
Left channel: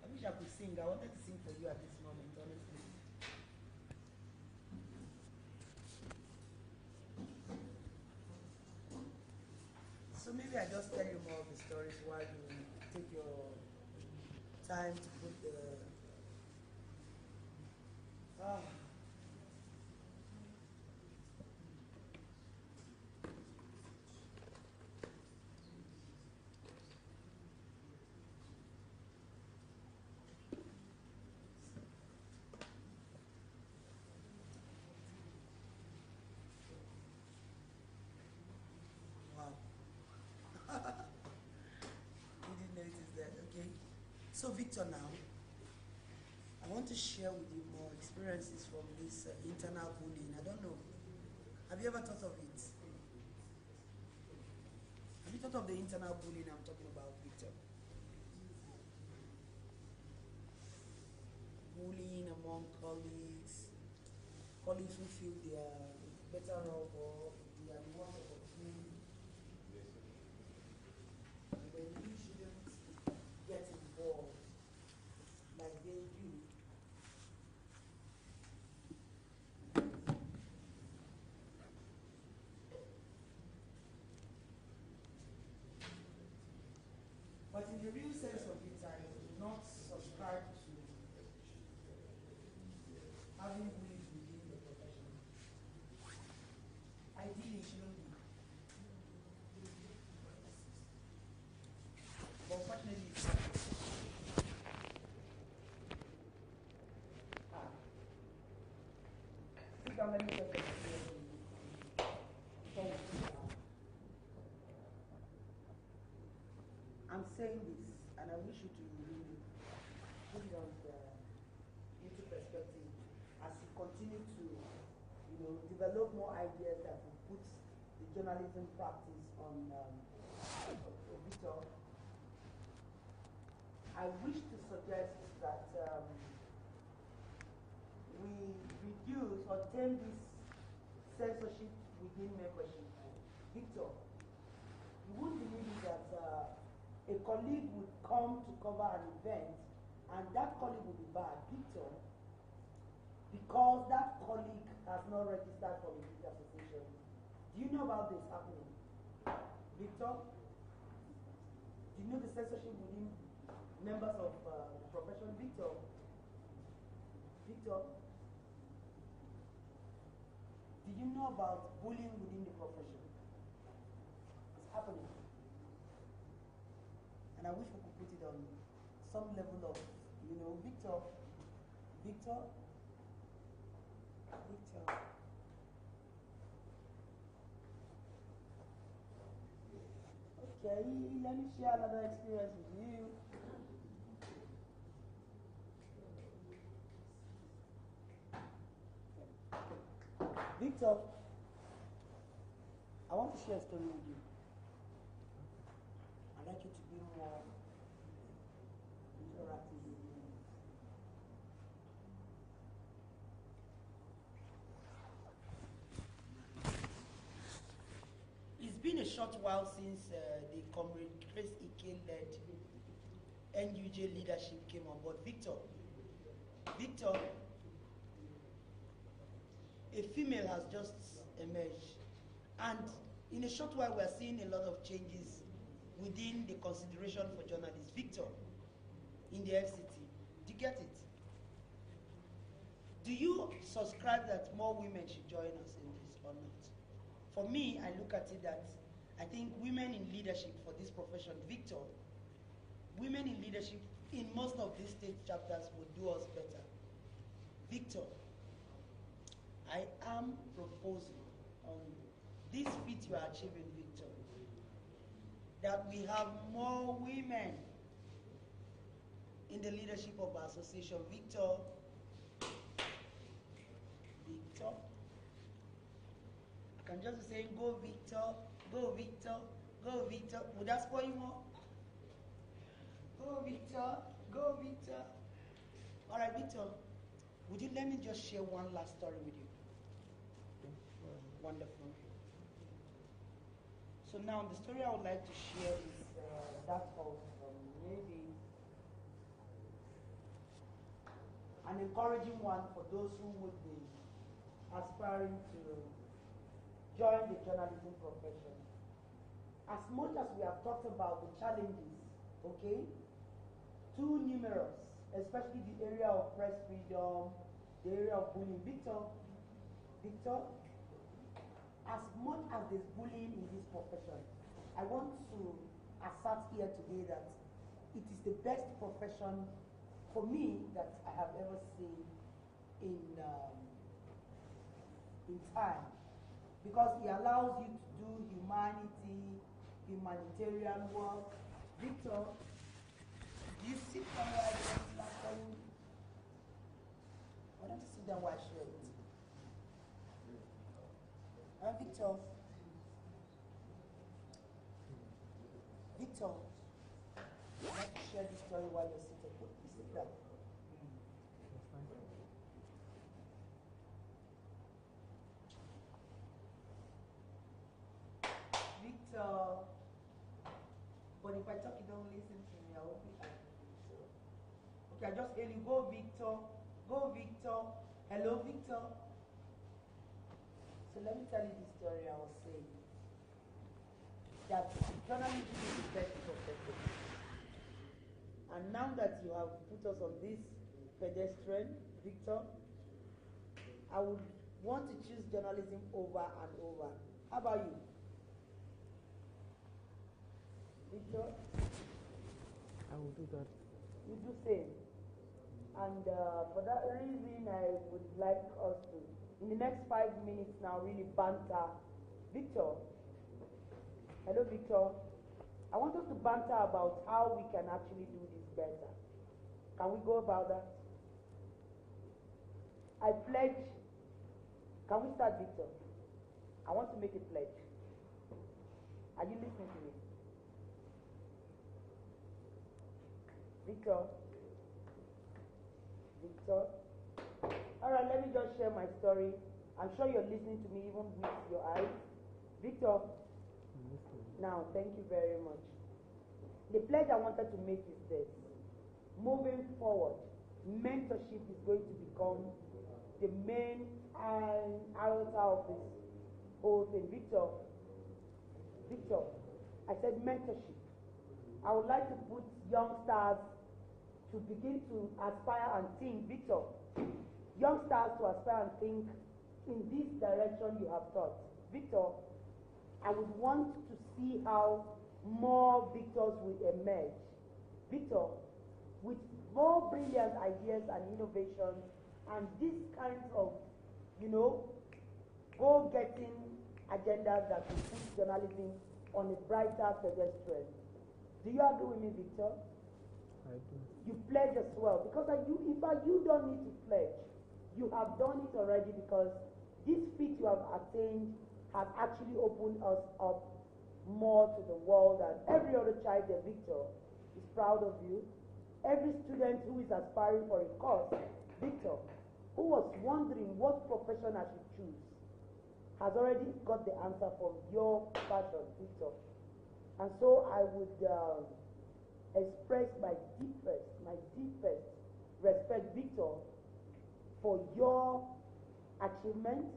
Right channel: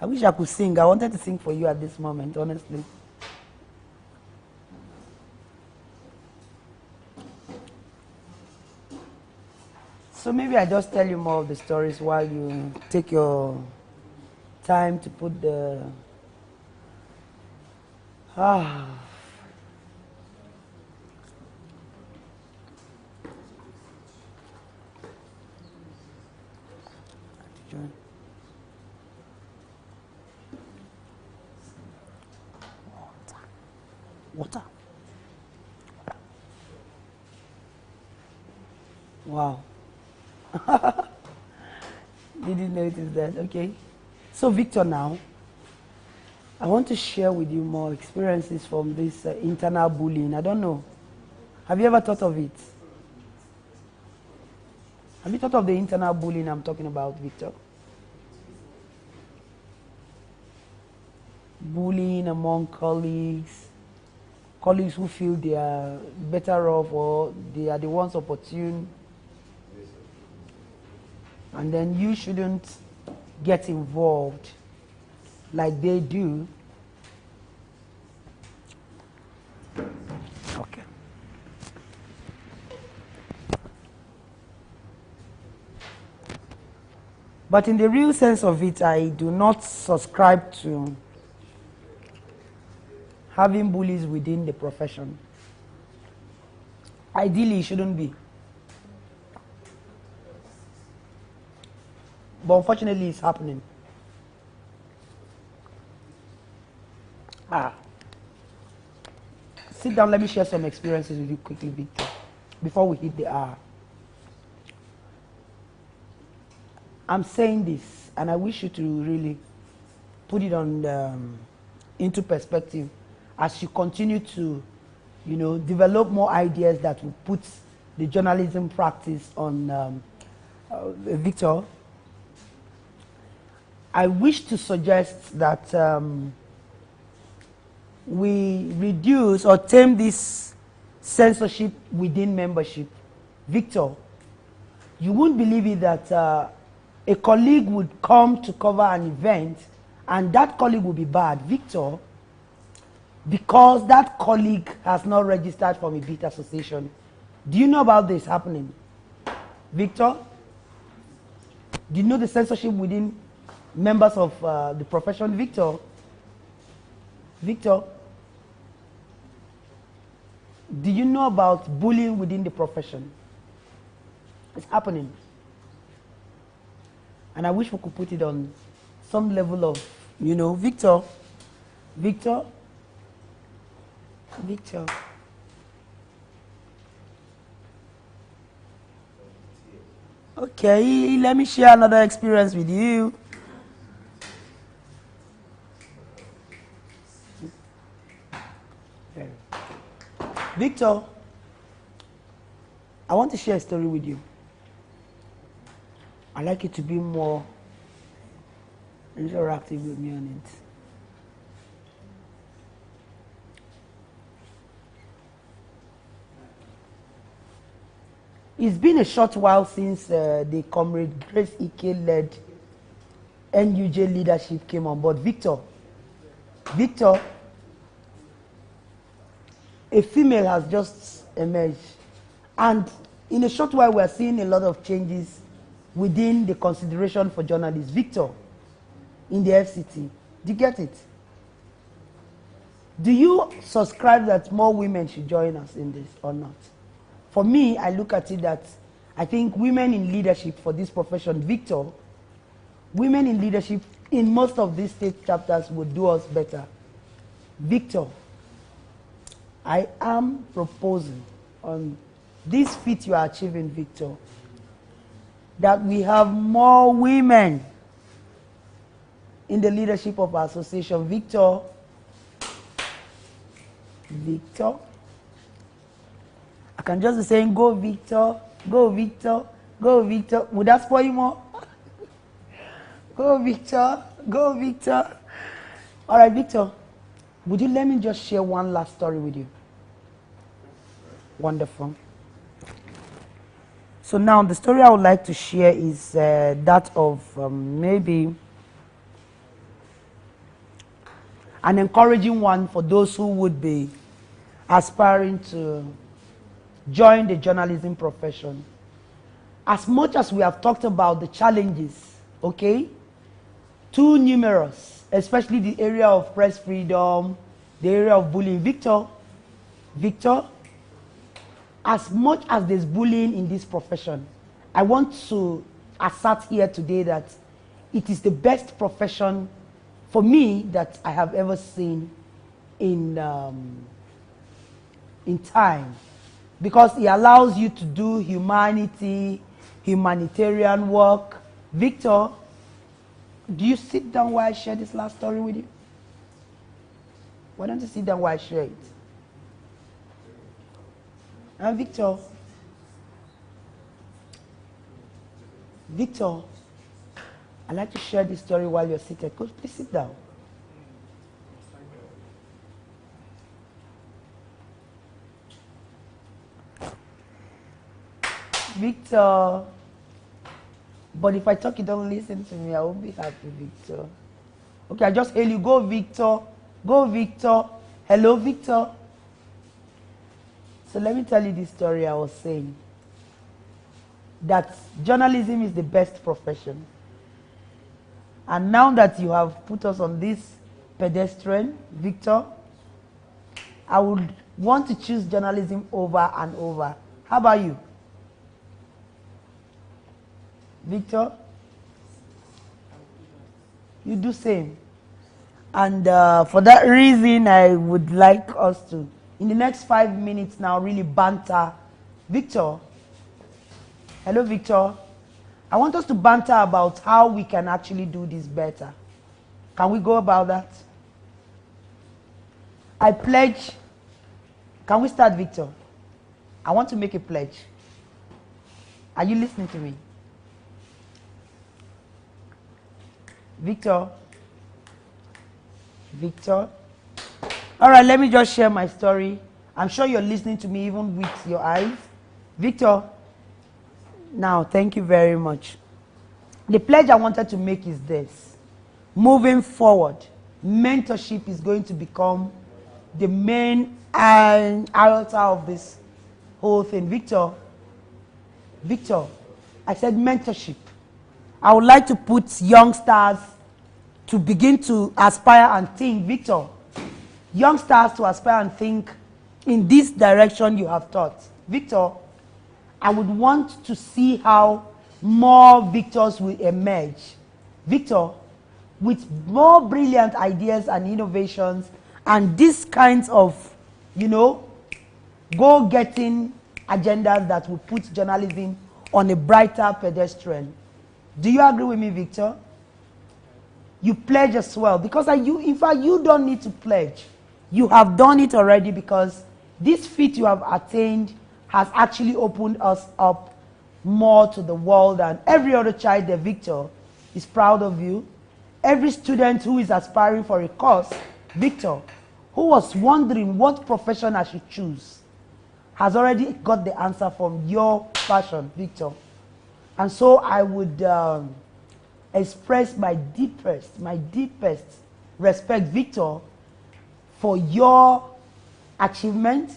I wish I could sing. I wanted to sing for you at this moment, honestly. So maybe I just tell you more of the stories while you take your time to put the... Water. Wow. Didn't notice that. Okay. So, Victor, now, I want to share with you more experiences from this internal bullying. I don't know. Have you ever thought of it? Have you thought of the internal bullying I'm talking about, Victor? Bullying among colleagues. Colleagues who feel they are better off or they are the ones opportune. And then you shouldn't get involved like they do. Okay. But in the real sense of it, I do not subscribe to having bullies within the profession. Ideally, it shouldn't be. But unfortunately, it's happening. Sit down, let me share some experiences with you quickly, Victor, before we hit the hour. I'm saying this, and I wish you to really put it on into perspective as you continue to, develop more ideas that will put the journalism practice on Victor. I wish to suggest that we reduce or tame this censorship within membership. Victor, you wouldn't believe it that a colleague would come to cover an event and that colleague will be bad. Victor, because that colleague has not registered from a beat association. Do you know about this happening? Victor, do you know the censorship within members of the profession? Victor, do you know about bullying within the profession? It's happening. And I wish we could put it on some level of, Victor. Okay, let me share another experience with you. Victor, I want to share a story with you. I'd like you to be more interactive with me on it. It's been a short while since the Comrade Grace Ike-led NUJ leadership came on board. Victor, a female has just emerged. And in a short while, we're seeing a lot of changes within the consideration for journalists. Victor, in the FCT, do you get it? Do you subscribe that more women should join us in this or not? For me, I look at it that I think women in leadership for this profession, Victor, women in leadership in most of these state chapters would do us better. Victor, I am proposing on this feat you are achieving, Victor, that we have more women in the leadership of our association. Victor, I can just be saying, go Victor, go Victor, go Victor. Would that spoil you more? Go Victor, go Victor. All right, Victor, would you let me just share one last story with you? Wonderful. So now the story I would like to share is that of maybe an encouraging one for those who would be aspiring to join the journalism profession. As much as we have talked about the challenges, okay, too numerous, especially the area of press freedom, the area of bullying. Victor, as much as there's bullying in this profession, I want to assert here today that it is the best profession for me that I have ever seen in time, because it allows you to do humanitarian work. Victor, do you sit down while I share this last story with you? Why don't you sit down while I share it? And Victor, I'd like to share this story while you're seated. Coach, please sit down. Victor, but if I talk, you don't listen to me, I won't be happy, Victor. Okay, I just hail you. Go, Victor. Go, Victor. Hello, Victor. So let me tell you this story I was saying. That journalism is the best profession. And now that you have put us on this pedestrian, Victor, I would want to choose journalism over and over How about you? Victor? You do same. And for that reason, I would like us to, in the next 5 minutes now, really banter. Victor? Hello, Victor? I want us to banter about how we can actually do this better. Can we go about that? I pledge. Can we start, Victor? I want to make a pledge. Are you listening to me? Victor? Victor? All right, let me just share my story. I'm sure you're listening to me even with your eyes. Victor? Now, thank you very much. The pledge I wanted to make is this. Moving forward, mentorship is going to become the main iota of this whole thing. Victor, I said mentorship. I would like to put youngsters to begin to aspire and think, Victor, youngsters to aspire and think in this direction you have taught. Victor, I would want to see how more Victors will emerge. Victor, with more brilliant ideas and innovations and these kinds of, go-getting agendas that will put journalism on a brighter pedestrian. Do you agree with me, Victor? You pledge as well, because in fact, you don't need to pledge. You have done it already, because this feat you have attained has actually opened us up more to the world, and every other child there, Victor, is proud of you. Every student who is aspiring for a course, Victor, who was wondering what profession I should choose, has already got the answer from your passion, Victor. And so I would express my deepest respect, Victor, for your achievement,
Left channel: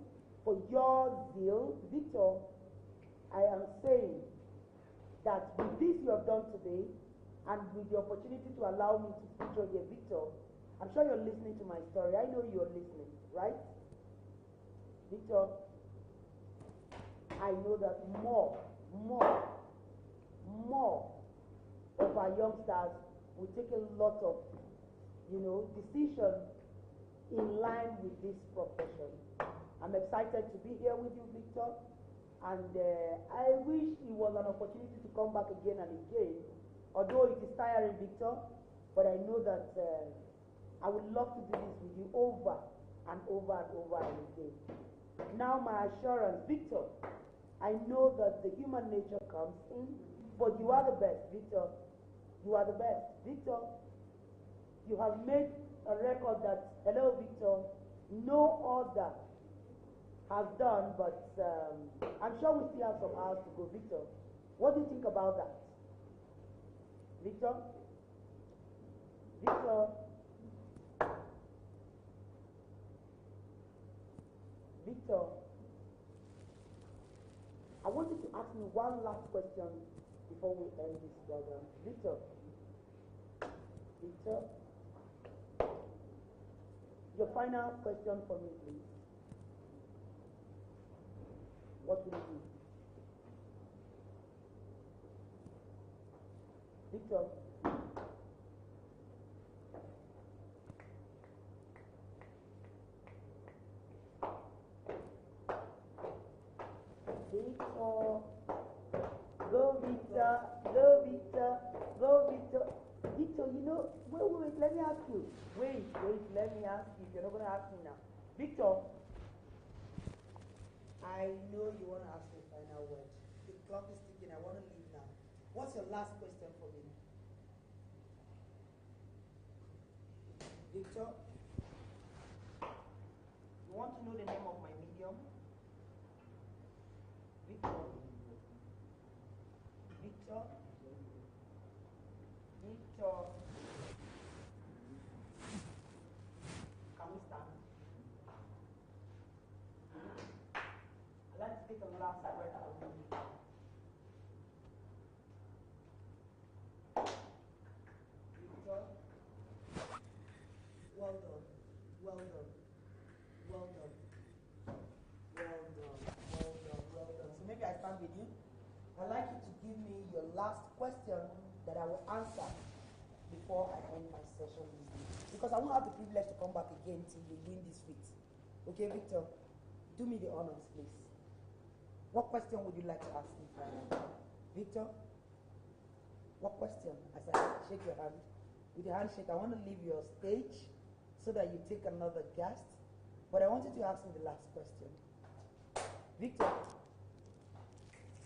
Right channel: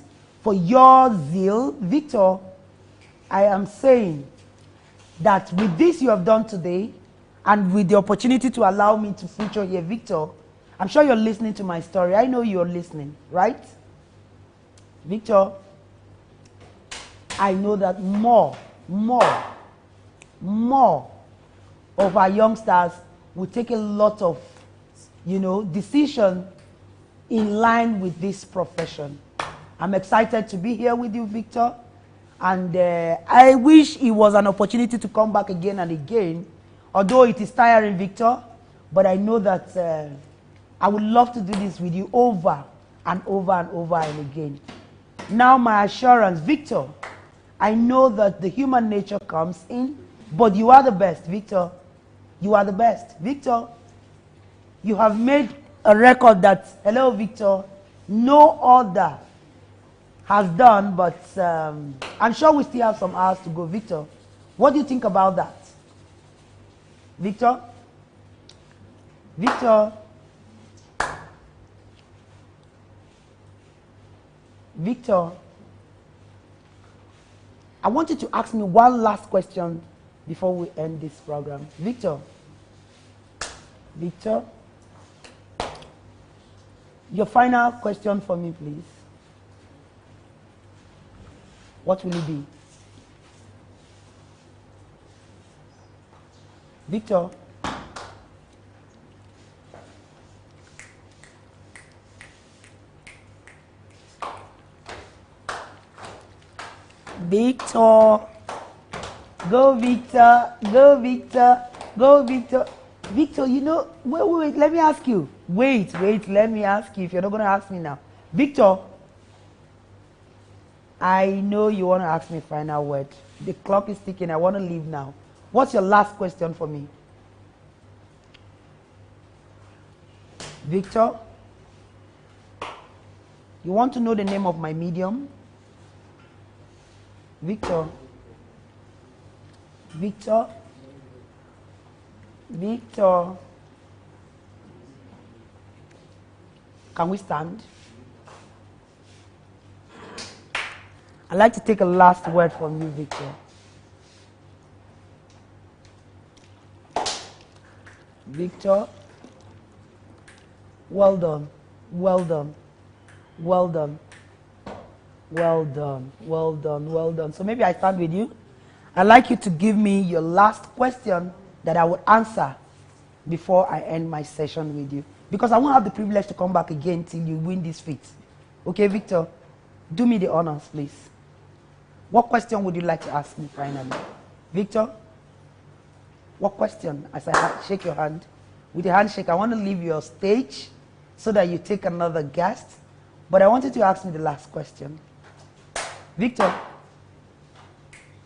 for your zeal. Victor, I am saying that with this you have done today, and with the opportunity to allow me to feature here, Victor, I'm sure you're listening to my story. I know you're listening, right? Victor, I know that more of our youngsters will take a lot of, decision in line with this profession. I'm excited to be here with you, Victor. And I wish it was an opportunity to come back again and again, although it is tiring, Victor. But I know that I would love to do this with you over and over and over and again. Now my assurance, Victor, I know that the human nature comes in, but you are the best, Victor. You are the best. Victor, you have made a record that, hello, Victor, no other has done, but I'm sure we still have some hours to go. Victor, what do you think about that? Victor? Victor? Victor? I want you to ask me one last question before we end this program. Victor? Victor? Your final question for me, please. What will it be? Victor? Victor? Go, Victor. Go, Victor. Go, Victor. Victor, wait, let me ask you. Wait, let me ask you if you're not going to ask me now. Victor, I know you want to ask me final word. The clock is ticking. I want to leave now. What's your last question for me? Victor, you want to know the name of my medium? Victor? Victor? Victor? Can we stand? I'd like to take a last word from you, Victor. Victor, well done, well done, well done. Well done, well done, well done. So maybe I start with you. I'd like you to give me your last question that I would answer before I end my session with you. Because I won't have the privilege to come back again till you win this feat. Okay, Victor? Do me the honors, please. What question would you like to ask me finally? Victor? What question? As I shake your hand. With a handshake, I want to leave your stage so that you take another guest. But I wanted to ask me the last question. Victor?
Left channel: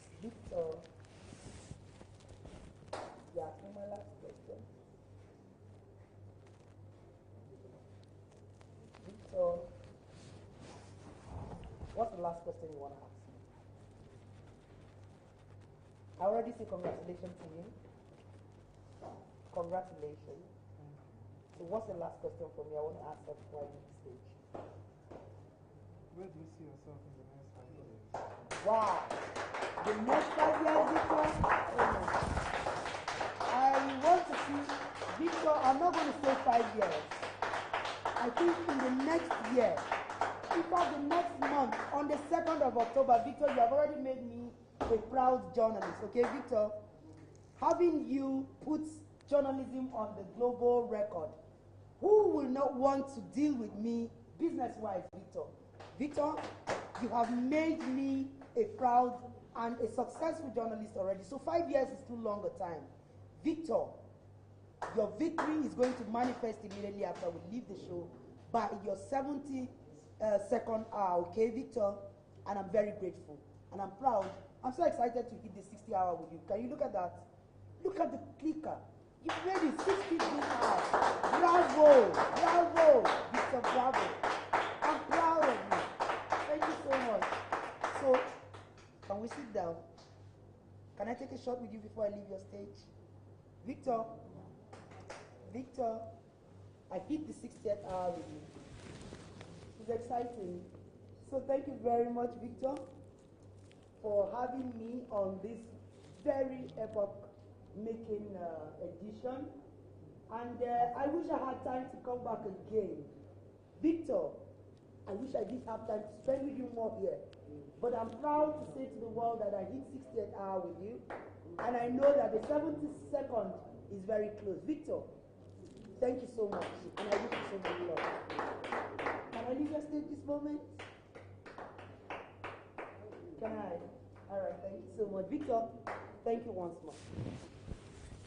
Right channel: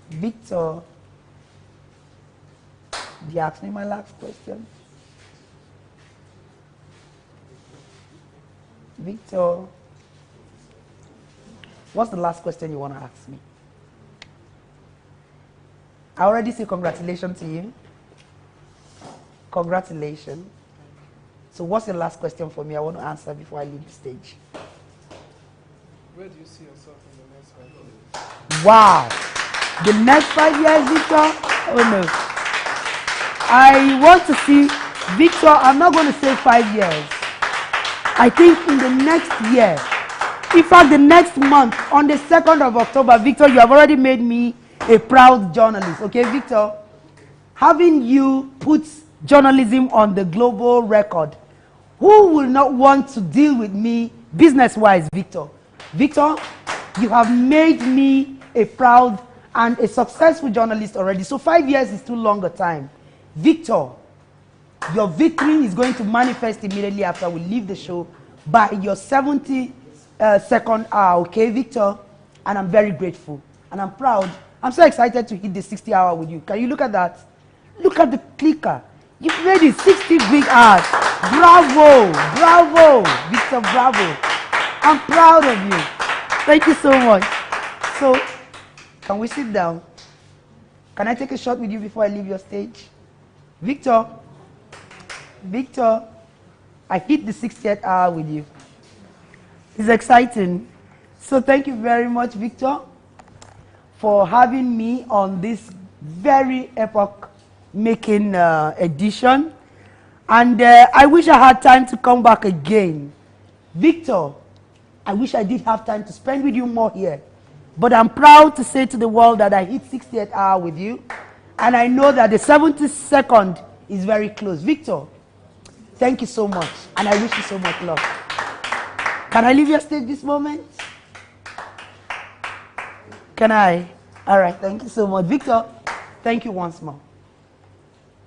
Victor? Did you ask me my last question? Victor? What's the last question you want to ask me? I already say congratulations to you. Congratulations. So what's your last question for me? I want to answer before I leave the stage. Where do you see yourself in the next 5 years? Wow. The next 5 years, Victor? Oh no. I want to see, Victor, I'm not going to say 5 years. I think in the next year, in fact the next month, on the 2nd of October, Victor, you have already made me a proud journalist. Okay, Victor? Having you put journalism on the global record, who will not want to deal with me business-wise, Victor? Victor, you have made me a proud and a successful journalist already. So 5 years is too long a time. Victor, your victory is going to manifest immediately after we leave the show by your 72nd hour, okay, Victor? And I'm very grateful. And I'm proud. I'm so excited to hit the 60 hour with you. Can you look at that? Look at the clicker. You've made it 60 big hours. Bravo, bravo, Victor, bravo. I'm proud of you. Thank you so much. So, can we sit down? Can I take a shot with you before I leave your stage? Victor, Victor, I hit the 60th hour with you. It's exciting. So thank you very much, Victor, for having me on this very epoch-making edition. And I wish I had time to come back again. Victor, I wish I did have time to spend with you more here. But I'm proud to say to the world that I hit 60th hour with you. And I know that the 72nd is very close. Victor, thank you so much. And I wish you so much luck. Can I leave your stage this moment? Can I? All right, thank you so much. Victor, thank you once more.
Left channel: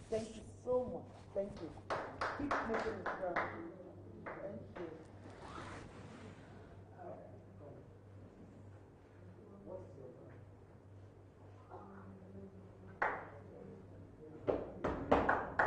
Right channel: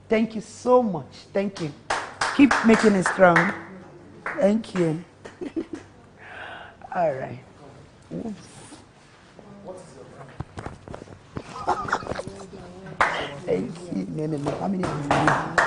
Thank you so much. Thank you. Keep making it strong. Thank you. All right. Oops. Thank you. No. How many of you?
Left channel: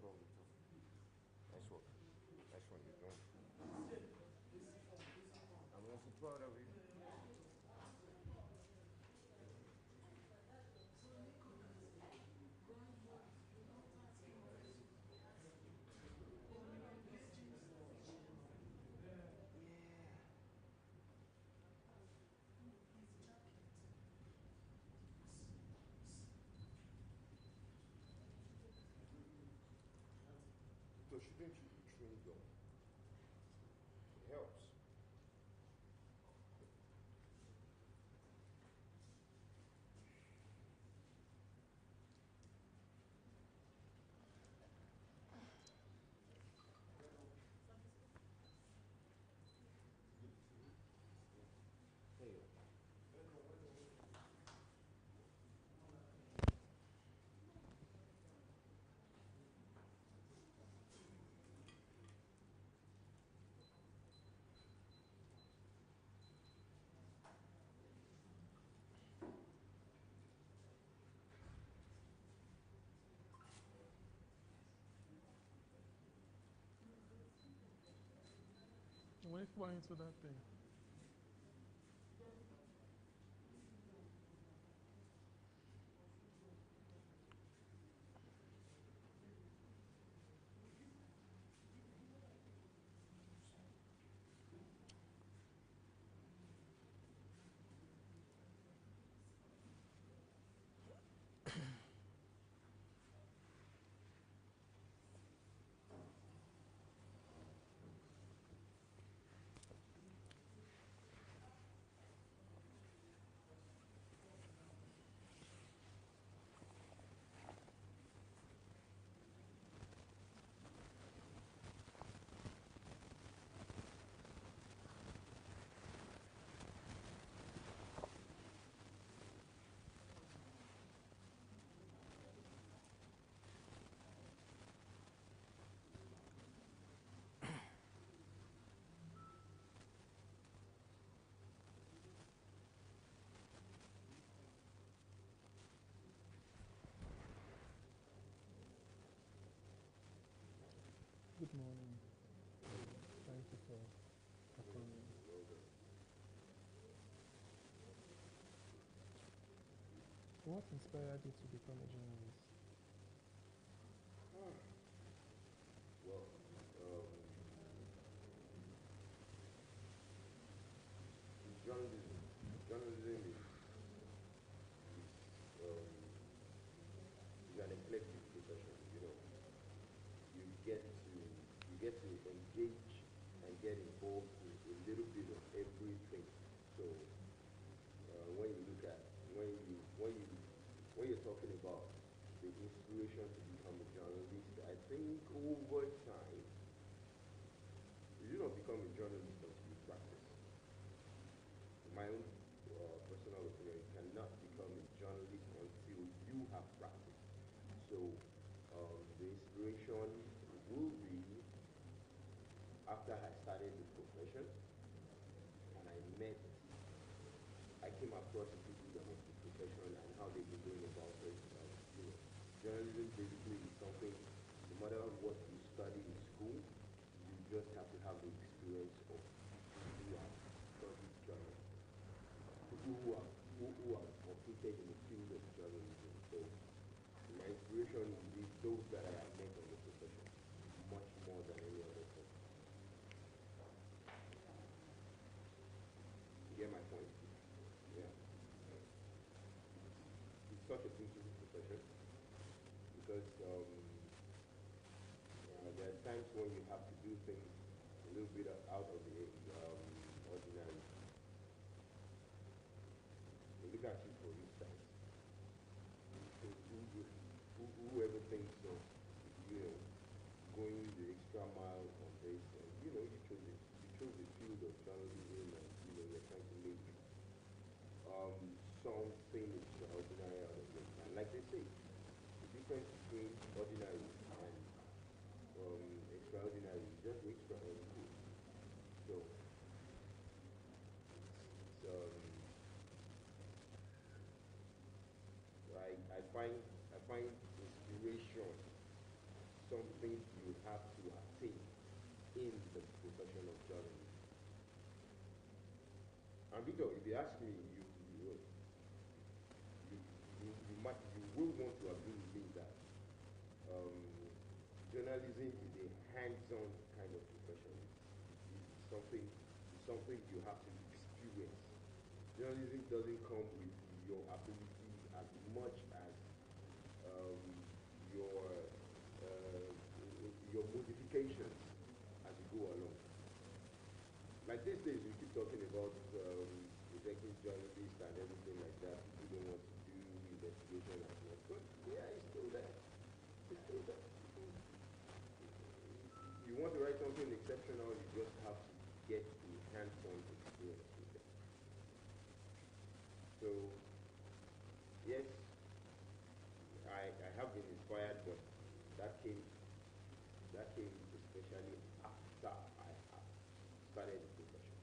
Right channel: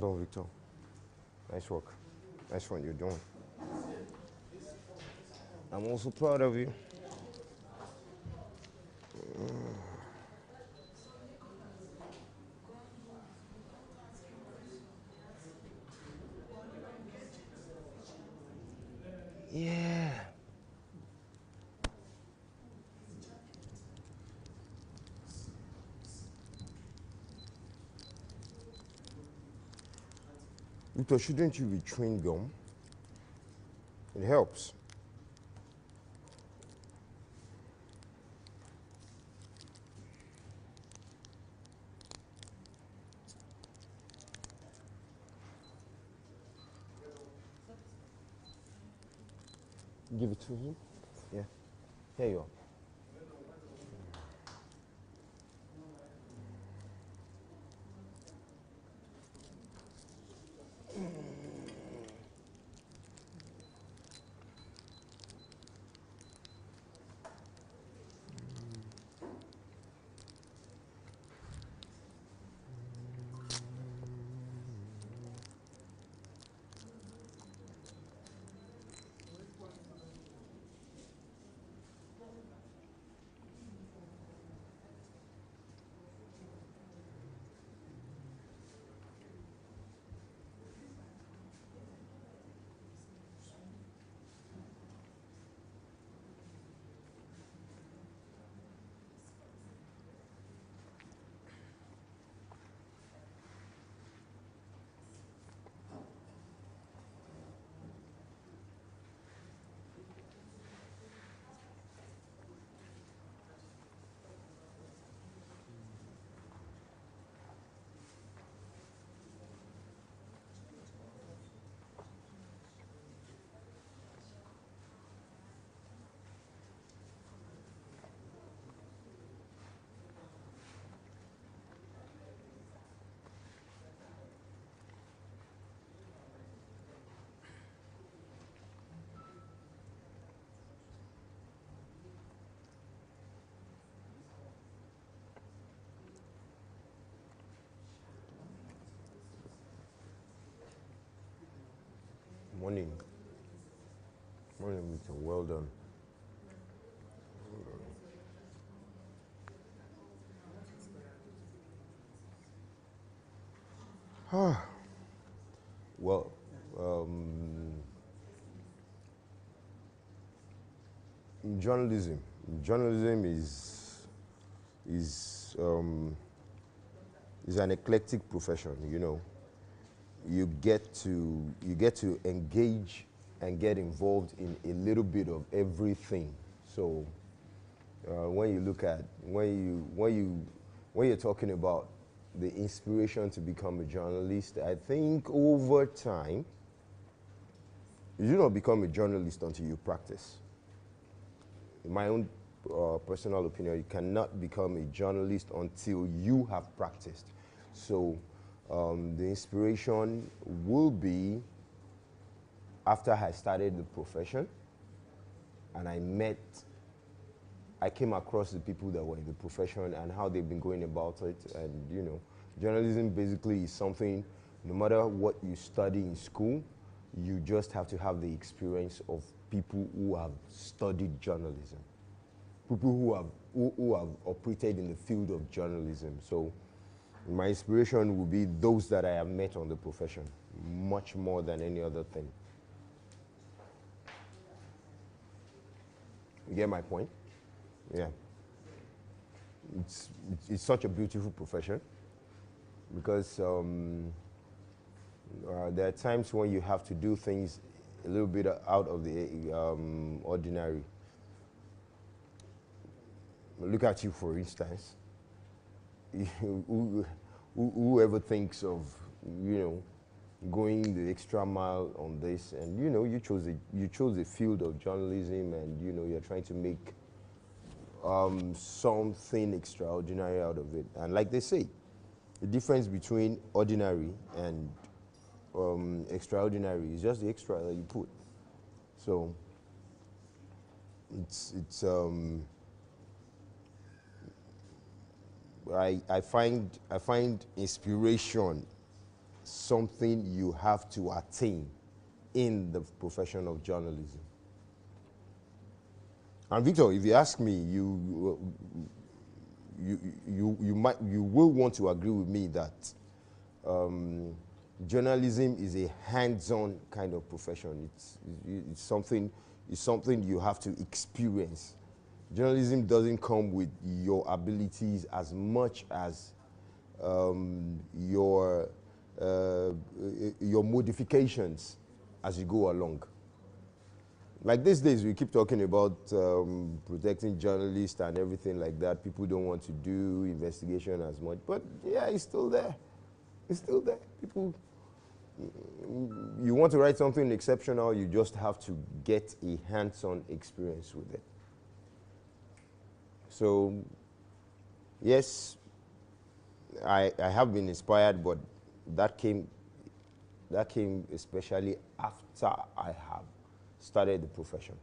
Well done, Victor. Nice work. Nice one you're doing. I'm also proud of you. Yeah. Victor, shouldn't you be chewing gum? It helps. Give it to him. Yeah. Here you are. Morning. Morning, Victor. Well done. What inspired you to become a journalist? Well, in journalism is an eclectic profession. You know, you get to engage and get involved in a little bit of everything. So when you look at when you're talking about the inspiration to become a journalist, I think over time you do not become a journalist until you practice. In my own personal opinion, you cannot become a journalist until you have practiced. So the inspiration will be after I started the profession and I came across the people that were in the profession and how they've been going about it. And you know, journalism basically is something, no matter what you study in school, you just have to have the experience of people who have studied journalism, people who have operated in the field of journalism. So my inspiration will be those that I have met on the profession, much more than any other thing. You get my point? Yeah. It's such a beautiful profession because there are times when you have to do things a little bit out of the ordinary. Look at you, for instance. Whoever thinks of, you know, going the extra mile on this, and you know, you chose a field of journalism, and you know, you're trying to make something extraordinary out of it. And like they say, the difference between ordinary and extraordinary is just the extra that you put. So I find inspiration something you have to attain in the profession of journalism. And Victor, if you ask me, you will want to agree with me that journalism is a hands-on kind of profession. It's something you have to experience. Journalism doesn't come with your abilities as much as your modifications as you go along. Like these days, we keep talking about protecting journalists and everything like that. People don't want to do investigation as much, but yeah, it's still there. It's still there. People, you want to write something exceptional, you just have to get a hands-on experience with it. So, yes, I have been inspired, but that came especially after I have started the profession.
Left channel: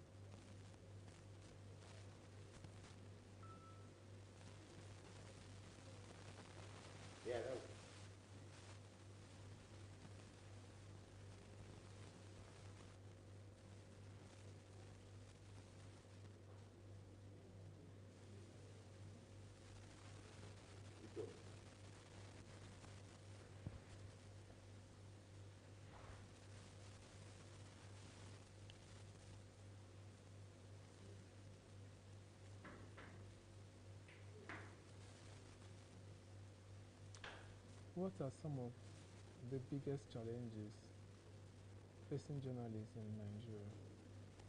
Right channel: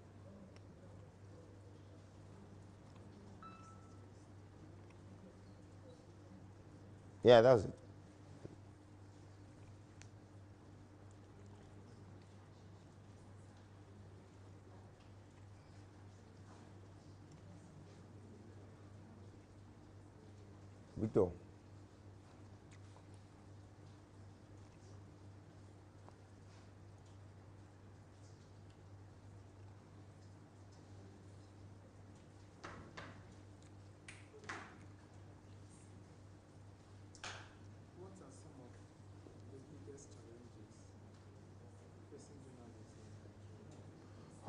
Yeah, that was it. Victor. What are some of the biggest challenges facing journalists in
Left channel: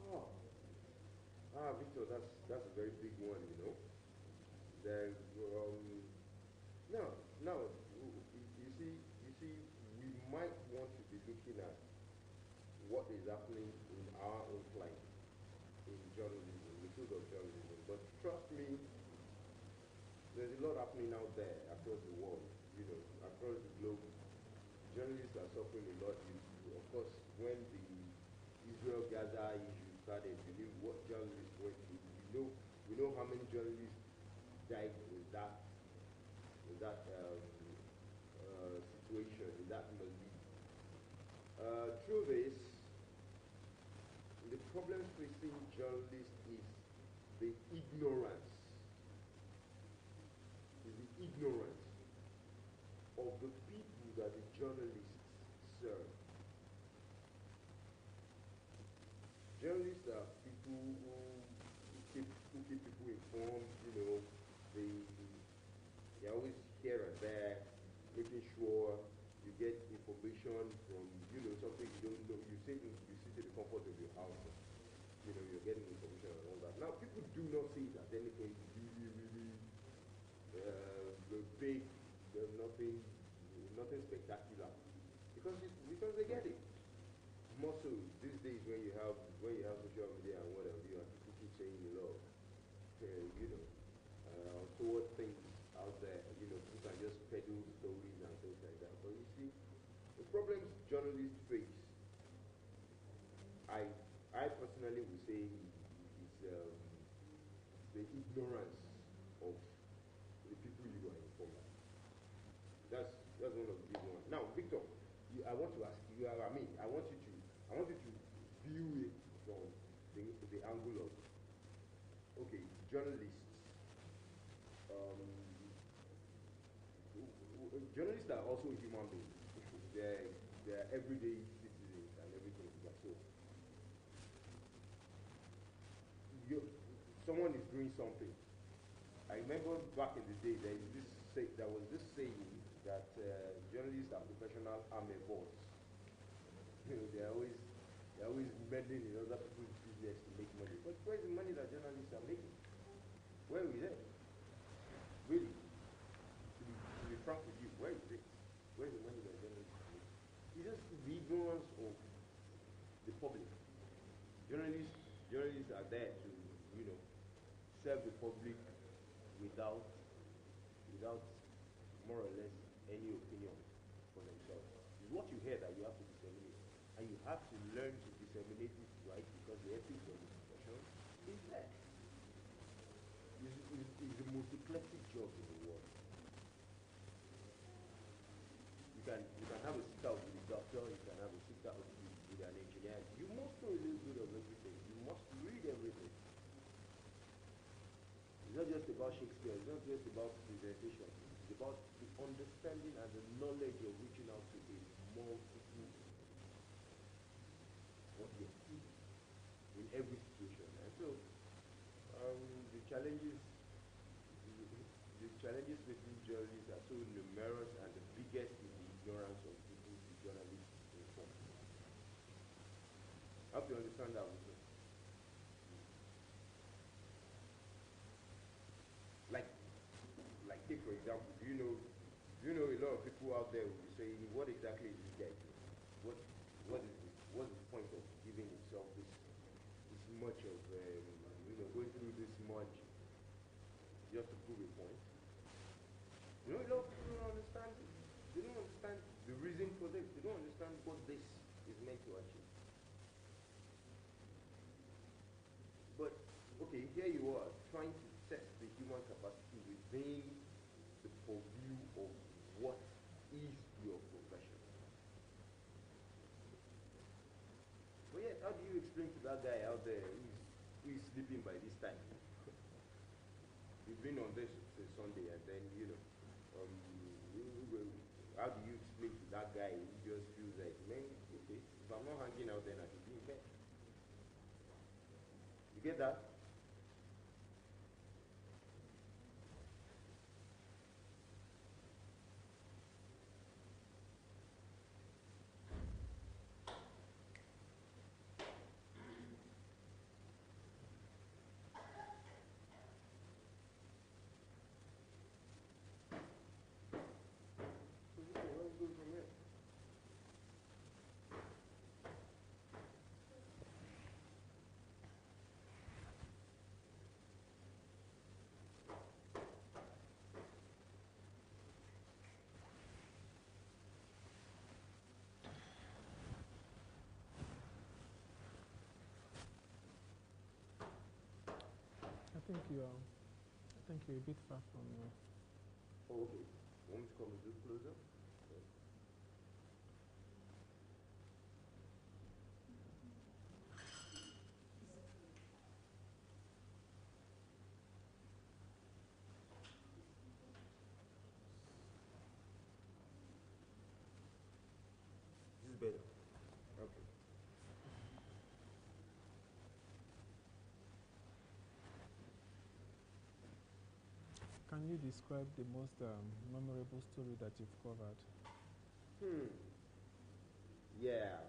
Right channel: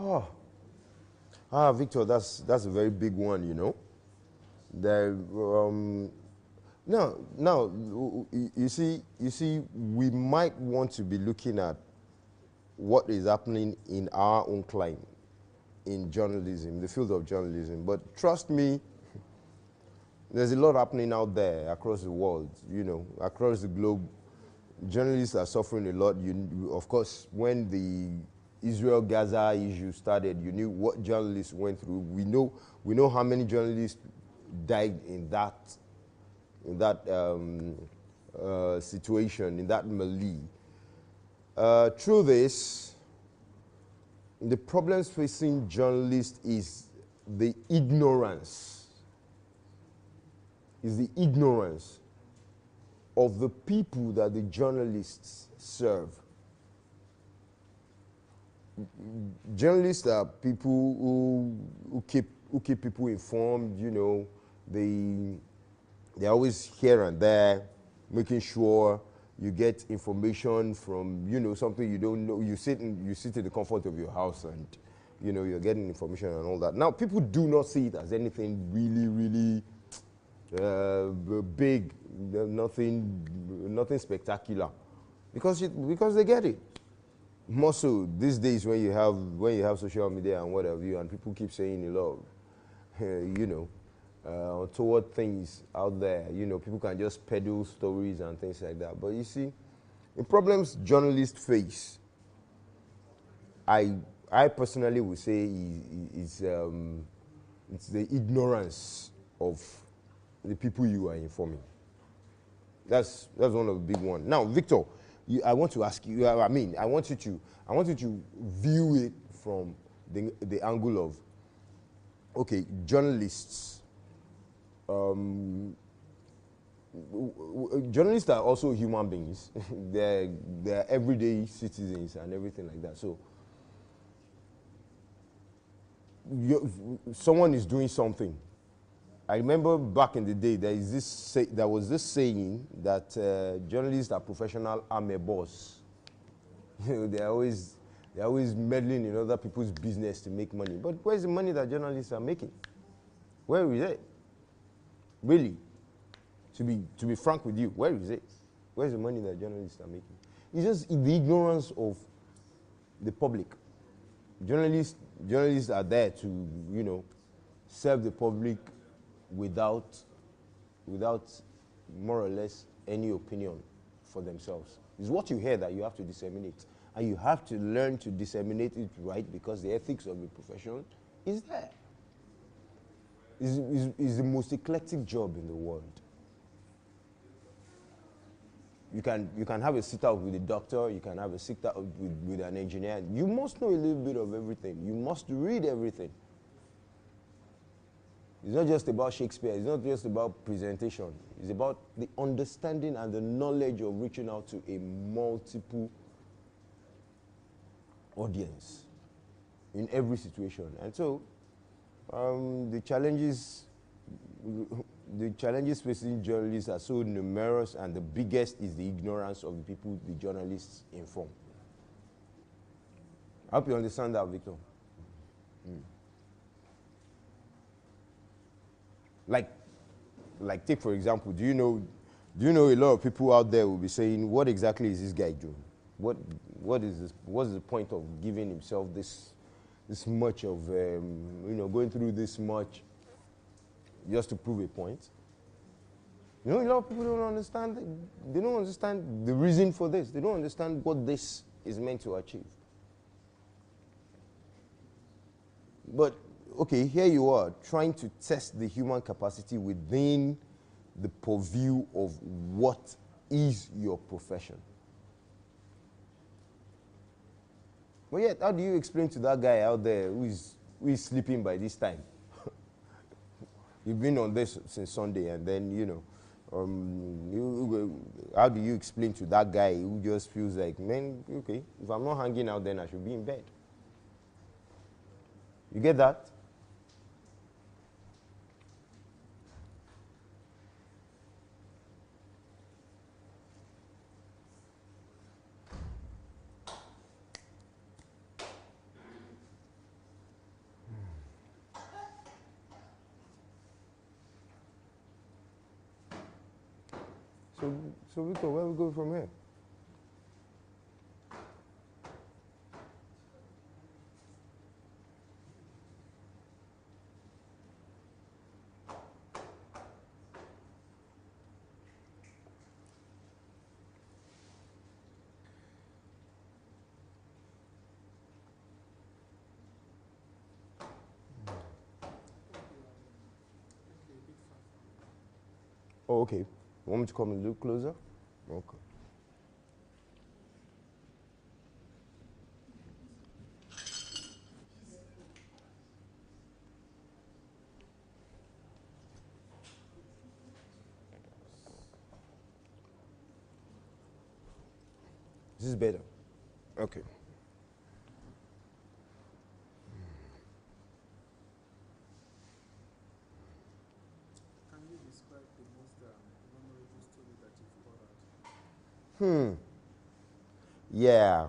Nigeria? Victor, that's a very big one, you know. There, now, you see, we might want to be looking at what is happening in our own climate, in journalism, the field of journalism. But trust me, there's a lot happening out there across the world, you know, across the globe. Journalists are suffering a lot. Of course, when the Israel-Gaza issue started, you knew what journalists went through. We know how many journalists died in that situation, in that melee. Through this, the problems facing journalists is the ignorance. Of the people that the journalists serve. Journalists are people who keep people informed, you know. They're always here and there, making sure you get information from, you know, something you don't know. You sit in the comfort of your house and, you know, you're getting information and all that. Now, people do not see it as anything really big, nothing spectacular, because they get it. More so these days when you have social media and what have you, and people keep saying a lot of, you know, toward things out there. You know, people can just peddle stories and things like that. But you see, the problems journalists face, I personally would say it's the ignorance of the people you are informing. That's one of the big ones. Now, Victor, I want to ask you. I want you to view it from the angle of, okay, journalists. Journalists are also human beings. they're everyday citizens and everything like that. So, someone is doing something. I remember back in the day, there was this saying that journalists are professional amebos. You know, they're always meddling in other people's business to make money. But where's the money that journalists are making? Where is it? Really, to be frank with you, where is it? Where's the money that journalists are making? It's just the ignorance of the public. Journalists are there to, you know, serve the public without more or less any opinion for themselves. It's what you hear that you have to disseminate. And you have to learn to disseminate it right, because the ethics of the profession is there. It's the most eclectic job in the world. You can have a sit-out with a doctor, you can have a sit-out with an engineer. You must know a little bit of everything. You must read everything. It's not just about Shakespeare. It's not just about presentation. It's about the understanding and the knowledge of reaching out to a multiple audience in every situation. And so, the challenges facing journalists are so numerous, and the biggest is the ignorance of the people the journalists inform. I hope you understand that, Victor. Like take for example, do you know a lot of people out there will be saying, what exactly is this guy doing? What's the point of giving himself this much of going through this much just to prove a point? A lot of people don't understand. They don't understand the reason for this. They don't understand what this is meant to achieve. But okay, here you are trying to test the human capacity within the purview of what is your profession. But yet, how do you explain to that guy out there who is sleeping by this time? You've been on this since Sunday, and then, how do you explain to that guy who just feels like, man, okay, if I'm not hanging out, then I should be in bed? You get that? So Victor, where we go from here? I think you're a bit far from me. Oh, okay. You want me to come a little closer? Okay. This is better. Okay. Can you describe the most memorable story that you've covered? Yeah.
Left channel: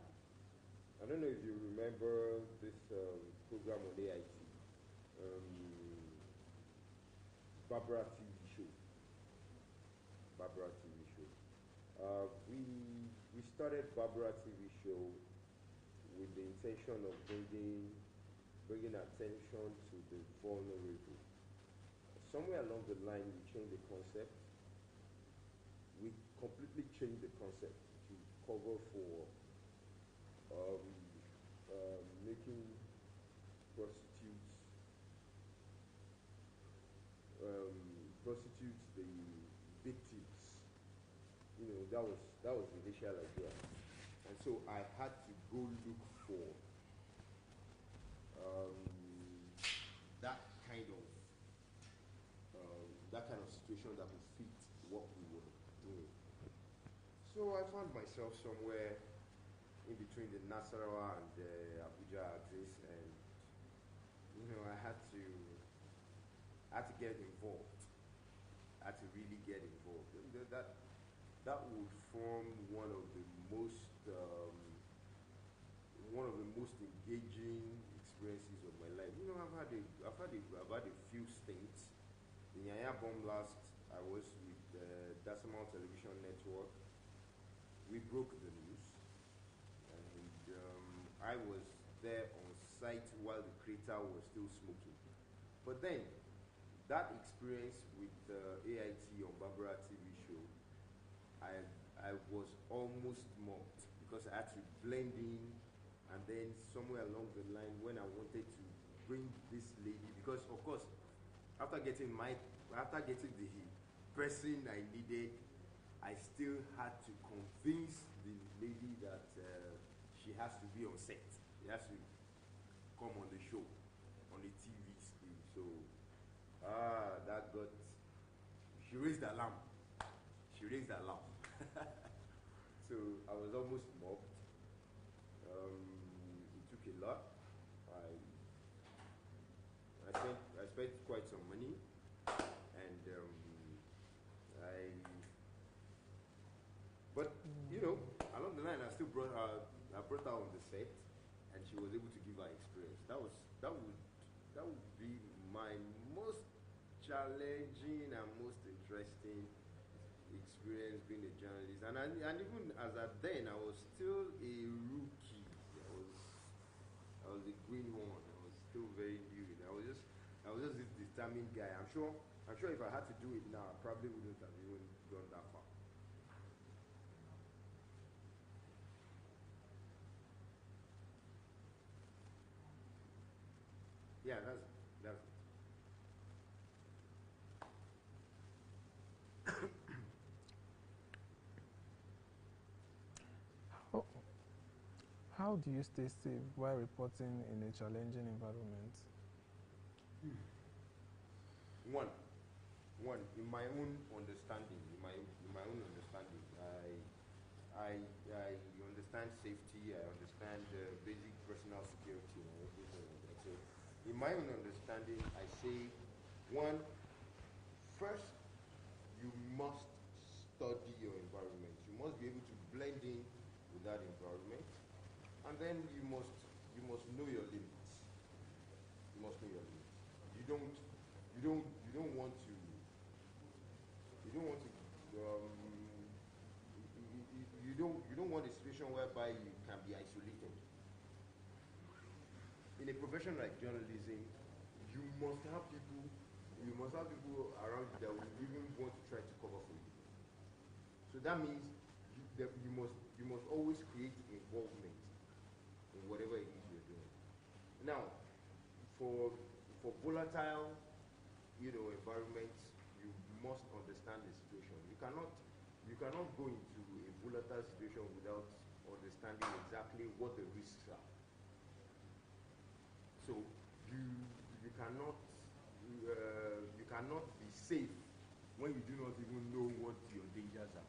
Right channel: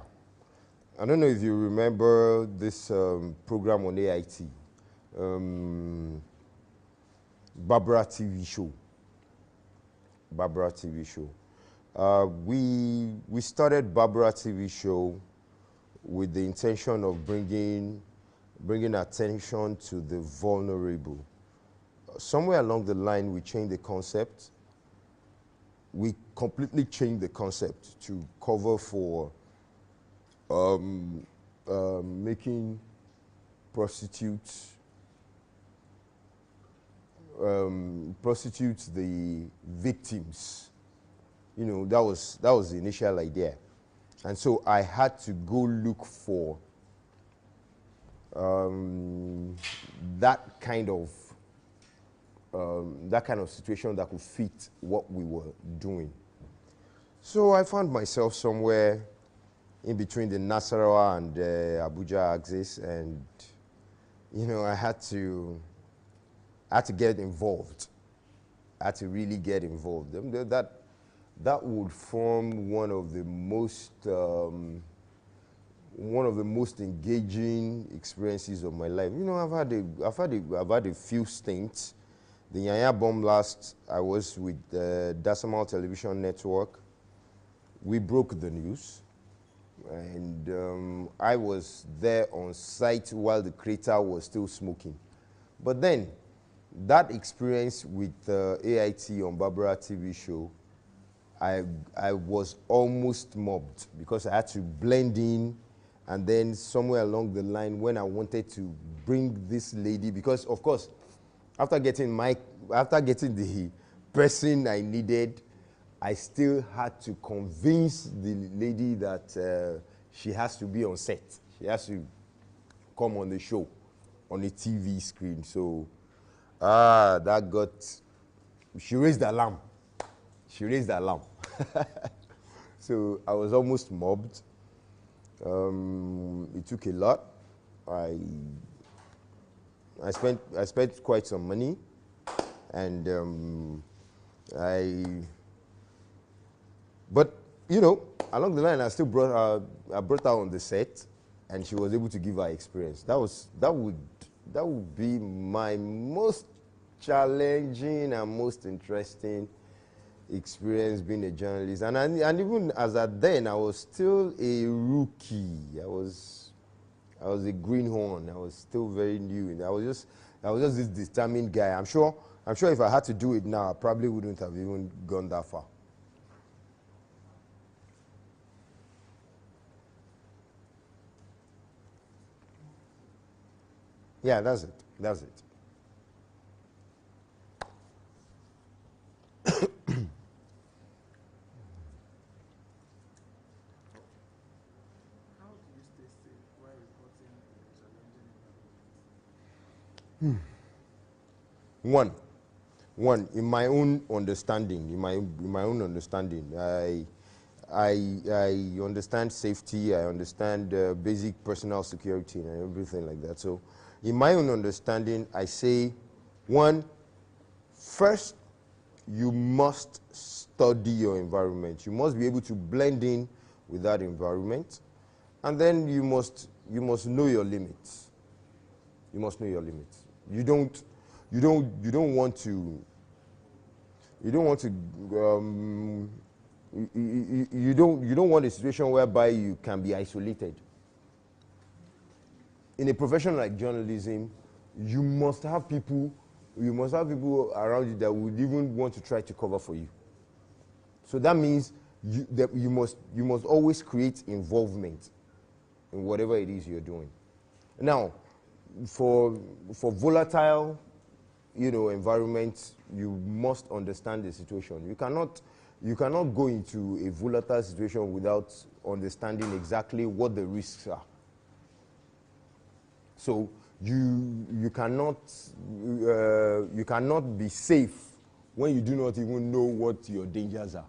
I don't know if you remember this program on AIT, Barbara TV show. Barbara TV show. We started Barbara TV show with the intention of bringing attention to the vulnerable. Somewhere along the line, we changed the concept. We completely changed the concept to cover for making prostitutes the victims. That was the initial idea. And so I had to go look for that kind of situation that could fit what we were doing. So I found myself somewhere in between the Nasarawa and Abuja axis, and I had to get involved. I had to really get involved. That would form one of the most engaging experiences of my life. I've had a few stints. The Yanya bomb blast, I was with the Decimal Television Network. We broke the news, and I was there on site while the crater was still smoking. But then, that experience with AIT on Barbara TV show, I was almost mobbed because I had to blend in, and then somewhere along the line when I wanted to bring this lady, because of course, after getting the person I needed, I still had to convince the lady that she has to be on set. She has to come on the show, on the TV screen. So, that got, she raised the alarm. She raised the alarm. So I was almost mobbed. It took a lot. I spent quite some money, and but you know, along the line, I still brought her. I brought her on the set, and she was able to give her experience. That would be my most challenging and most interesting experience being a journalist. And even as at then, I was still a rookie. I was a greenhorn. I was still very new. I was just this determined guy. I'm sure if I had to do it now, I probably wouldn't have even gone that far. Yeah, that's it. That's it. How do you stay safe while reporting in a challenging environment? One, in my own understanding, I understand safety, I understand basic personal security and everything like that. So, in my own understanding, I say, one, first, you must study your environment. You must be able to blend in with that environment, and then you must know your limits. You must know your limits. You don't want to you don't want a situation whereby you can be isolated. In a profession like journalism, you must have people around you that would even want to try to cover for you. So that means you must always create involvement in whatever it is you're doing. Now, for volatile, environments, you must understand the situation. You cannot go into a volatile situation without understanding exactly what the risks are. So you cannot be safe when you do not even know what your dangers are.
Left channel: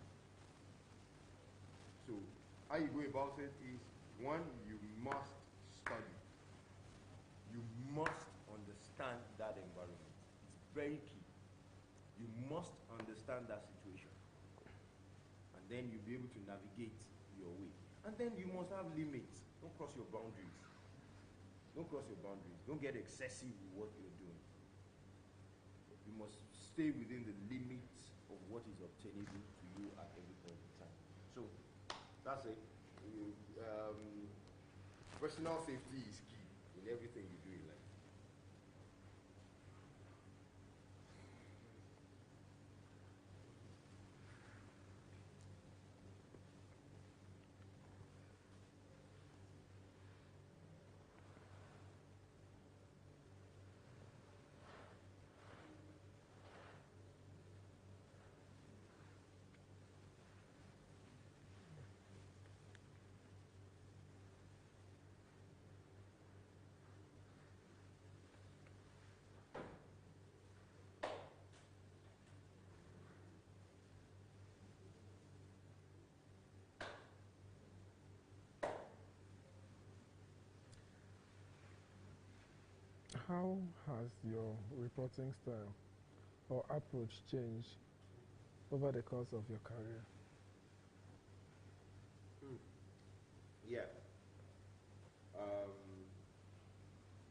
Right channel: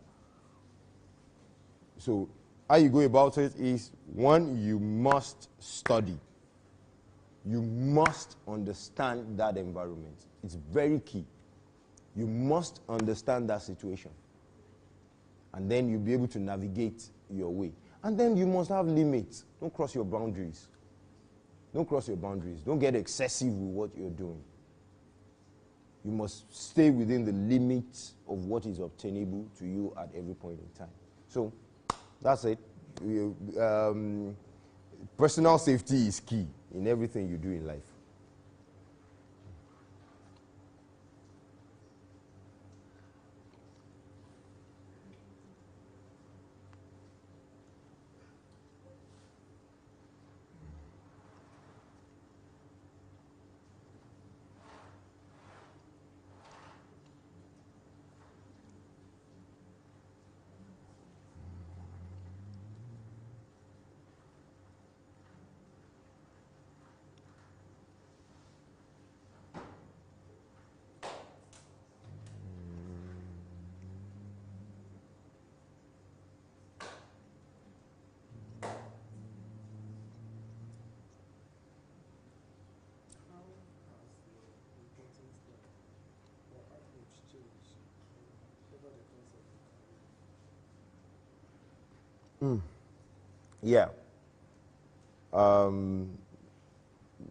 So how you go about it is, one, you must study. You must understand that environment. It's very key. You must understand that situation. And then you'll be able to navigate your way. And then you must have limits. Don't cross your boundaries. Don't cross your boundaries. Don't get excessive with what you're doing. You must stay within the limits of what is obtainable to you at every point in time. So, that's it. Personal safety is key in everything you do in life. How has your reporting style or approach changed over the course of your career? Yeah.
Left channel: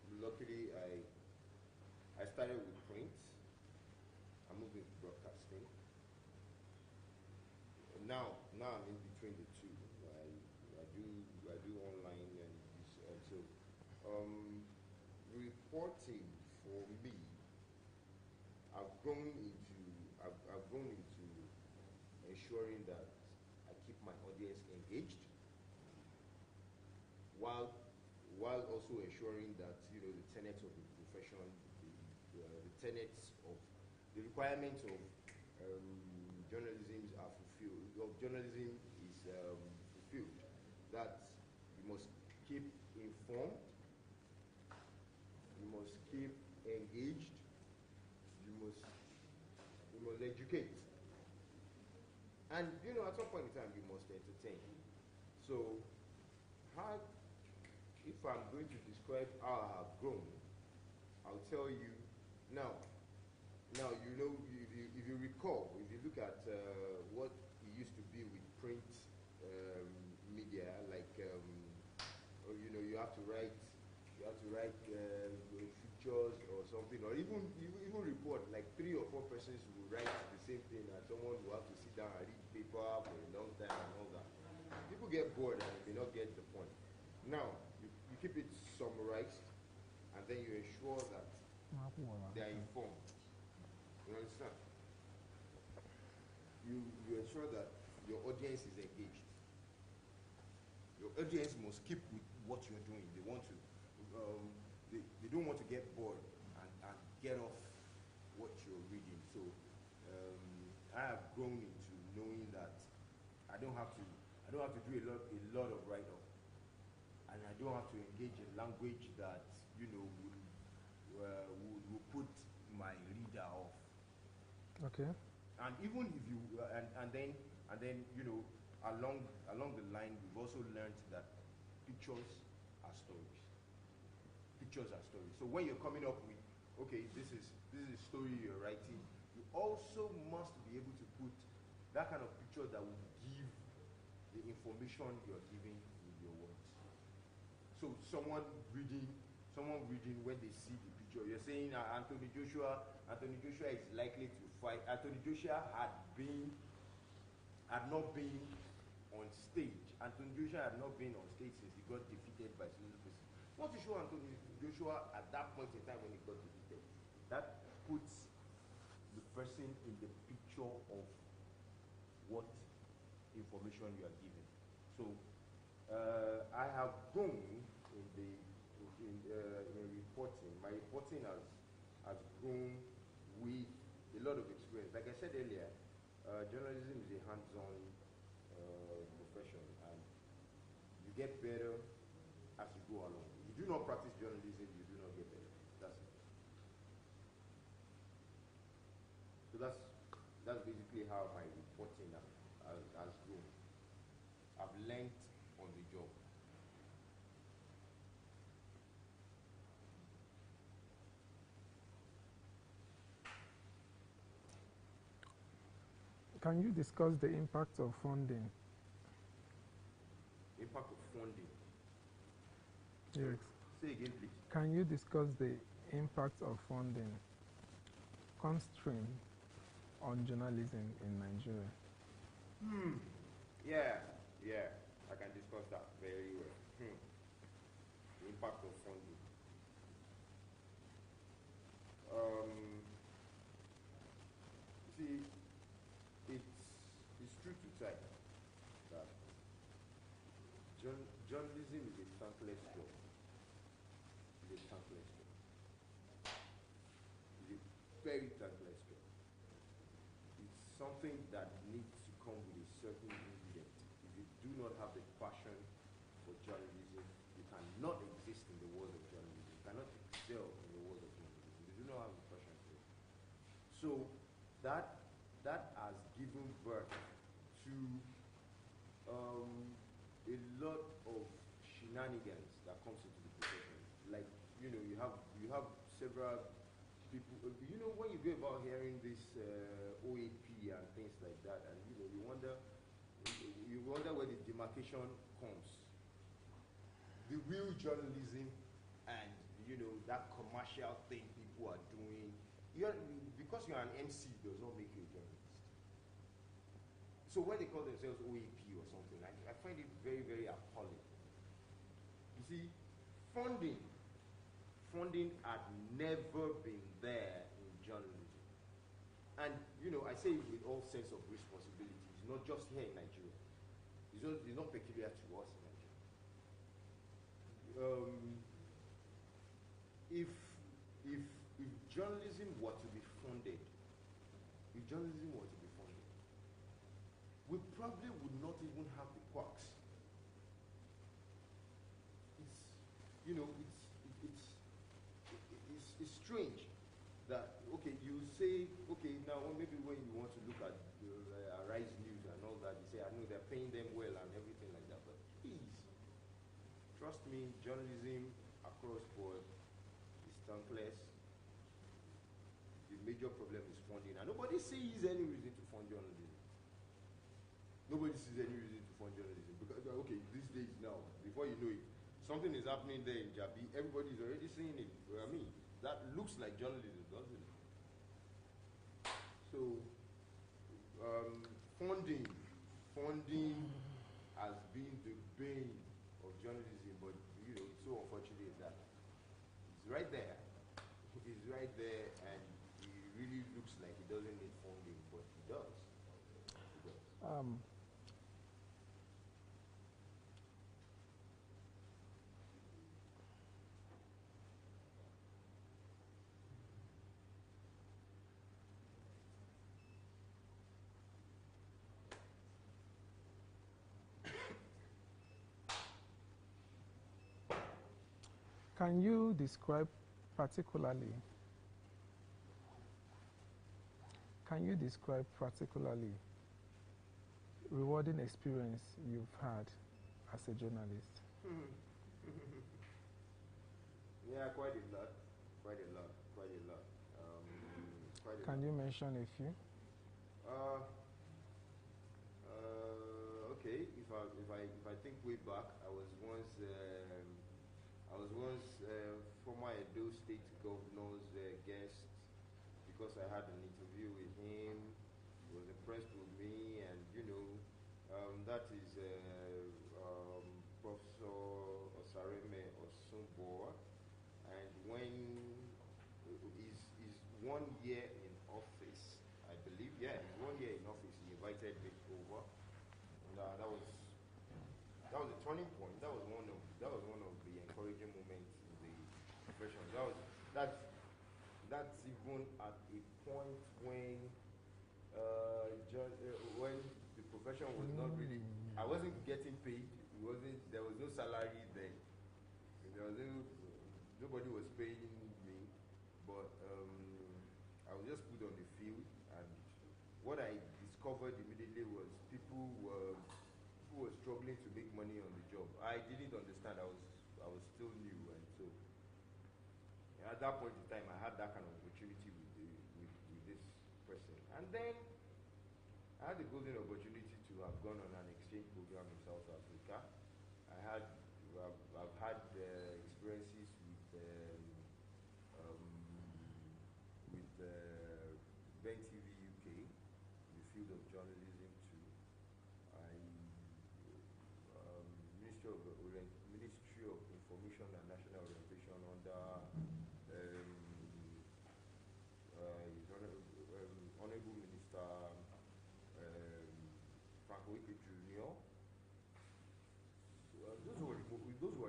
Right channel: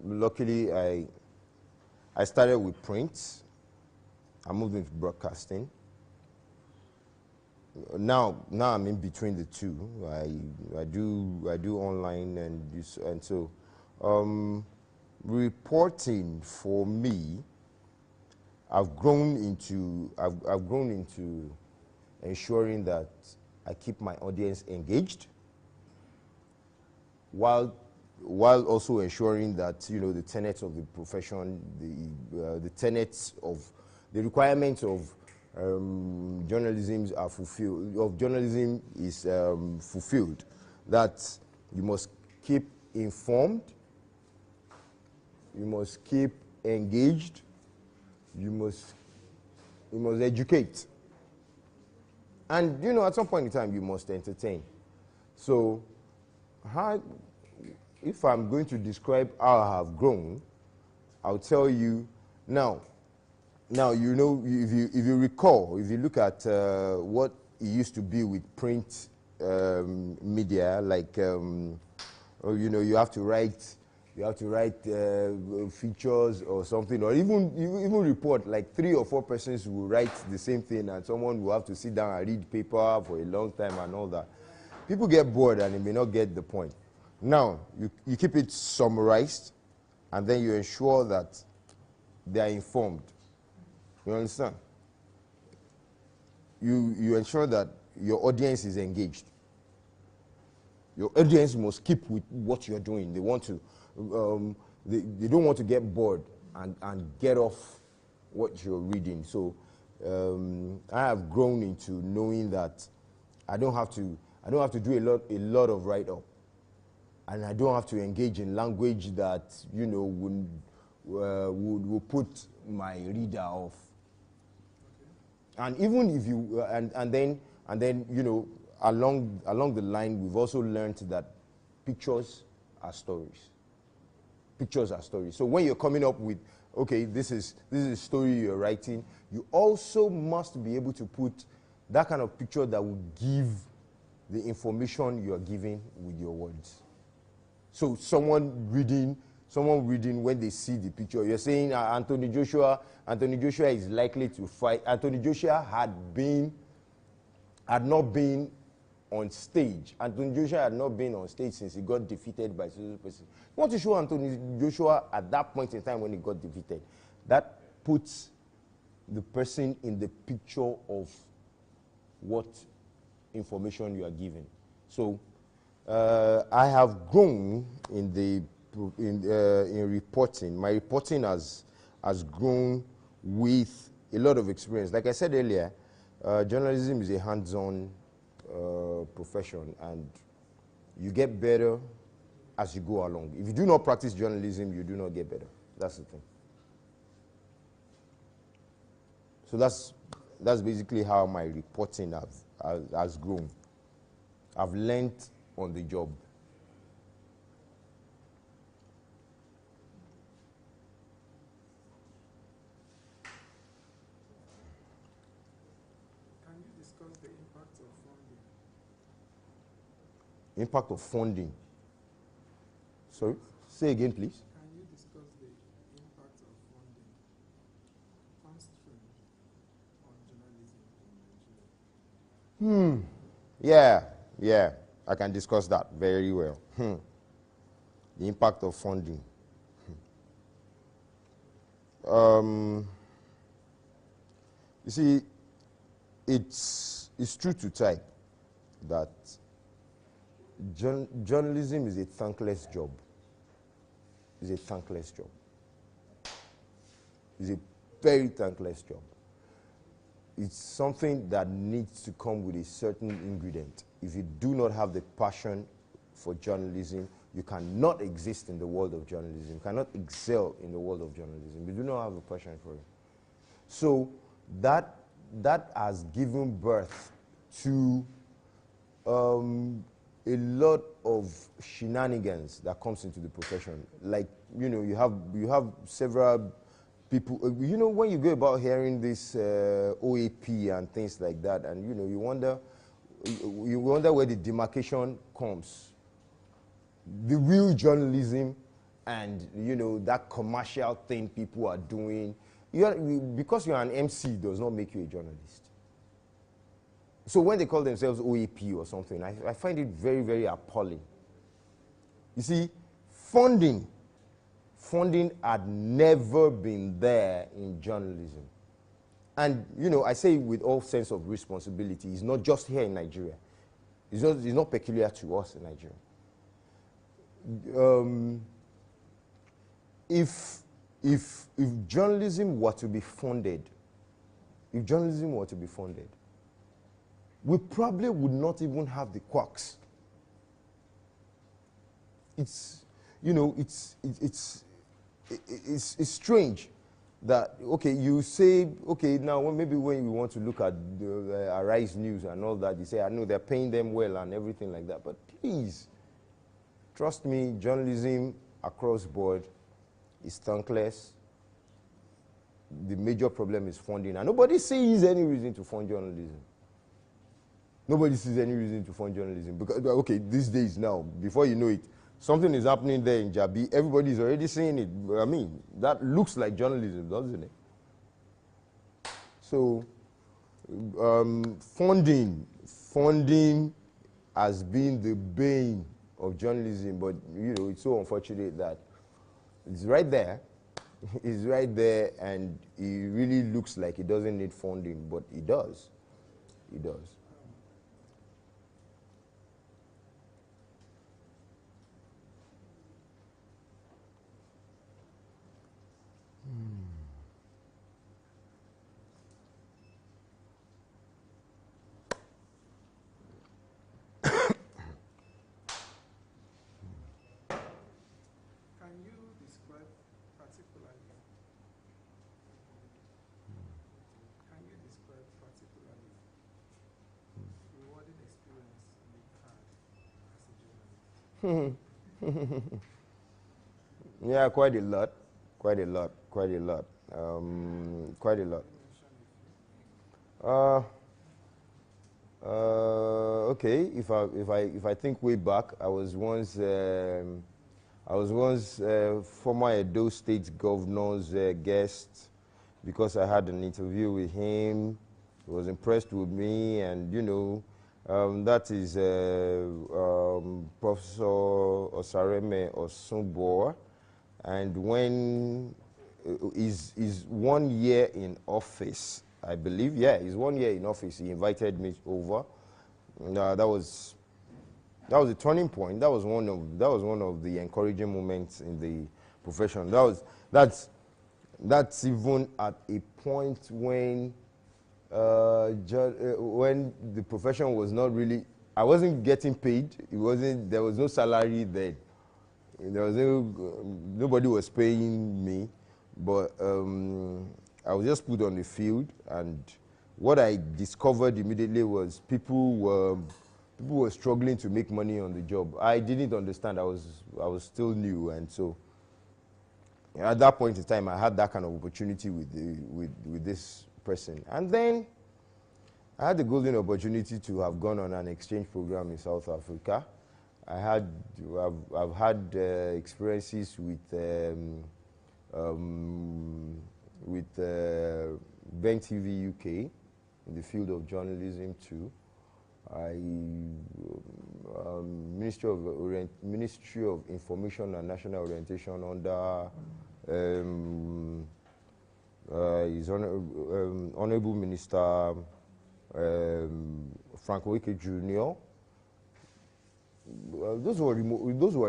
Luckily, I started with print. I moved into broadcasting. Now I'm in between the two. I do online and so reporting for me, I've grown into ensuring that I keep my audience engaged, while also ensuring that the tenets of the profession, the tenets of the requirements of journalism are fulfilled, of journalism is fulfilled, that you must keep informed, you must keep engaged, you must educate. And at some point in time, you must entertain. So, if I'm going to describe how I have grown, I'll tell you now, if you recall, if you look at what it used to be with print media, like, you have to write features or something, or even report, like 3 or 4 persons will write the same thing, and someone will have to sit down and read paper for a long time and all that. People get bored and they may not get the point. Now, you keep it summarized, and then you ensure that they are informed. You understand? You ensure that your audience is engaged. Your audience must keep with what you're doing. They want to, they don't want to get bored and get off what you're reading. So I have grown into knowing that I don't have to do a lot of write-up, and I don't have to engage in language that will put my reader off. Okay. And even if you and then along the line, we've also learned that pictures are stories. Pictures are stories. So when you're coming up with, okay, this is a story you're writing, you also must be able to put that kind of picture that will give the information you're giving with your words. So someone reading when they see the picture, you're saying Anthony Joshua is likely to fight. Anthony Joshua had not been on stage. Anthony Joshua had not been on stage since he got defeated by Susan person. You want to show Anthony Joshua at that point in time when he got defeated. That puts the person in the picture of what information you are giving. So I have grown in reporting. My reporting has grown with a lot of experience. Like I said earlier, journalism is a hands-on profession, and you get better as you go along. If you do not practice journalism, you do not get better. That's the thing. So that's basically how my reporting has grown. I've learned on the job. Can you discuss the impact of funding? Impact of funding? Sorry? Yes. Say again, please. Can you discuss the impact of funding constraint on journalism in Nigeria? Yeah, I can discuss that very well. The impact of funding. You see, it's true to type that journalism is a thankless job. It's a thankless job. It's a very thankless job. It's something that needs to come with a certain ingredient. If you do not have the passion for journalism, you cannot exist in the world of journalism. You cannot excel in the world of journalism. You do not have a passion for it. So that has given birth to a lot of shenanigans that comes into the profession. Like, you have several people, when you go about hearing this OAP and things like that, and you wonder where the demarcation comes. The real journalism and that commercial thing people are doing. Because you're an MC does not make you a journalist. So when they call themselves OAP or something, I find it very, very appalling. You see, funding had never been there in journalism. And, I say with all sense of responsibility, it's not just here in Nigeria. It's not peculiar to us in Nigeria. If journalism were to be funded if journalism were to be funded, we probably would not even have the quacks. It's, you know, it's strange that, okay, you say, okay, now maybe when you want to look at the Arise News and all that, you say, I know they're paying them well and everything like that, but please, trust me, journalism across board is thankless. The major problem is funding, and nobody sees any reason to fund journalism. Nobody sees any reason to fund journalism because, okay, these days now, before you know it, something is happening there in Jabi. Everybody is already seeing it. I mean, that looks like journalism, doesn't it? So, funding has been the bane of journalism, but you know, it's so unfortunate that it's right there. It's right there, and it really looks like it doesn't need funding, but it does. It does. Can you describe particularly rewarding experience you've had as a journalist? Yeah, quite a lot. Quite a lot. Can you mention a few? Okay, if I think way back, I was once former Edo State Governor's guest because I had an interview with him. He was impressed with me, and you know, that is Professor Osareme Osunboa, and when is 1 year in office, I believe. Yeah, he's 1 year in office. He invited me over. That was a turning point. That was one of the encouraging moments in the profession. That's even at a point when the profession was not really. I wasn't getting paid. There was no salary then. There was nobody was paying me, but I was just put on the field, and what I discovered immediately was people were struggling to make money on the job. I didn't understand. I was still new, and so at that point in time, I had that kind of opportunity with this person, and then I had the golden opportunity to have gone on an exchange program in South Africa. I've had experiences with Bank TV UK in the field of journalism too. Ministry of Information and National Orientation under His Honorable Minister Frank Wike Jr. Those were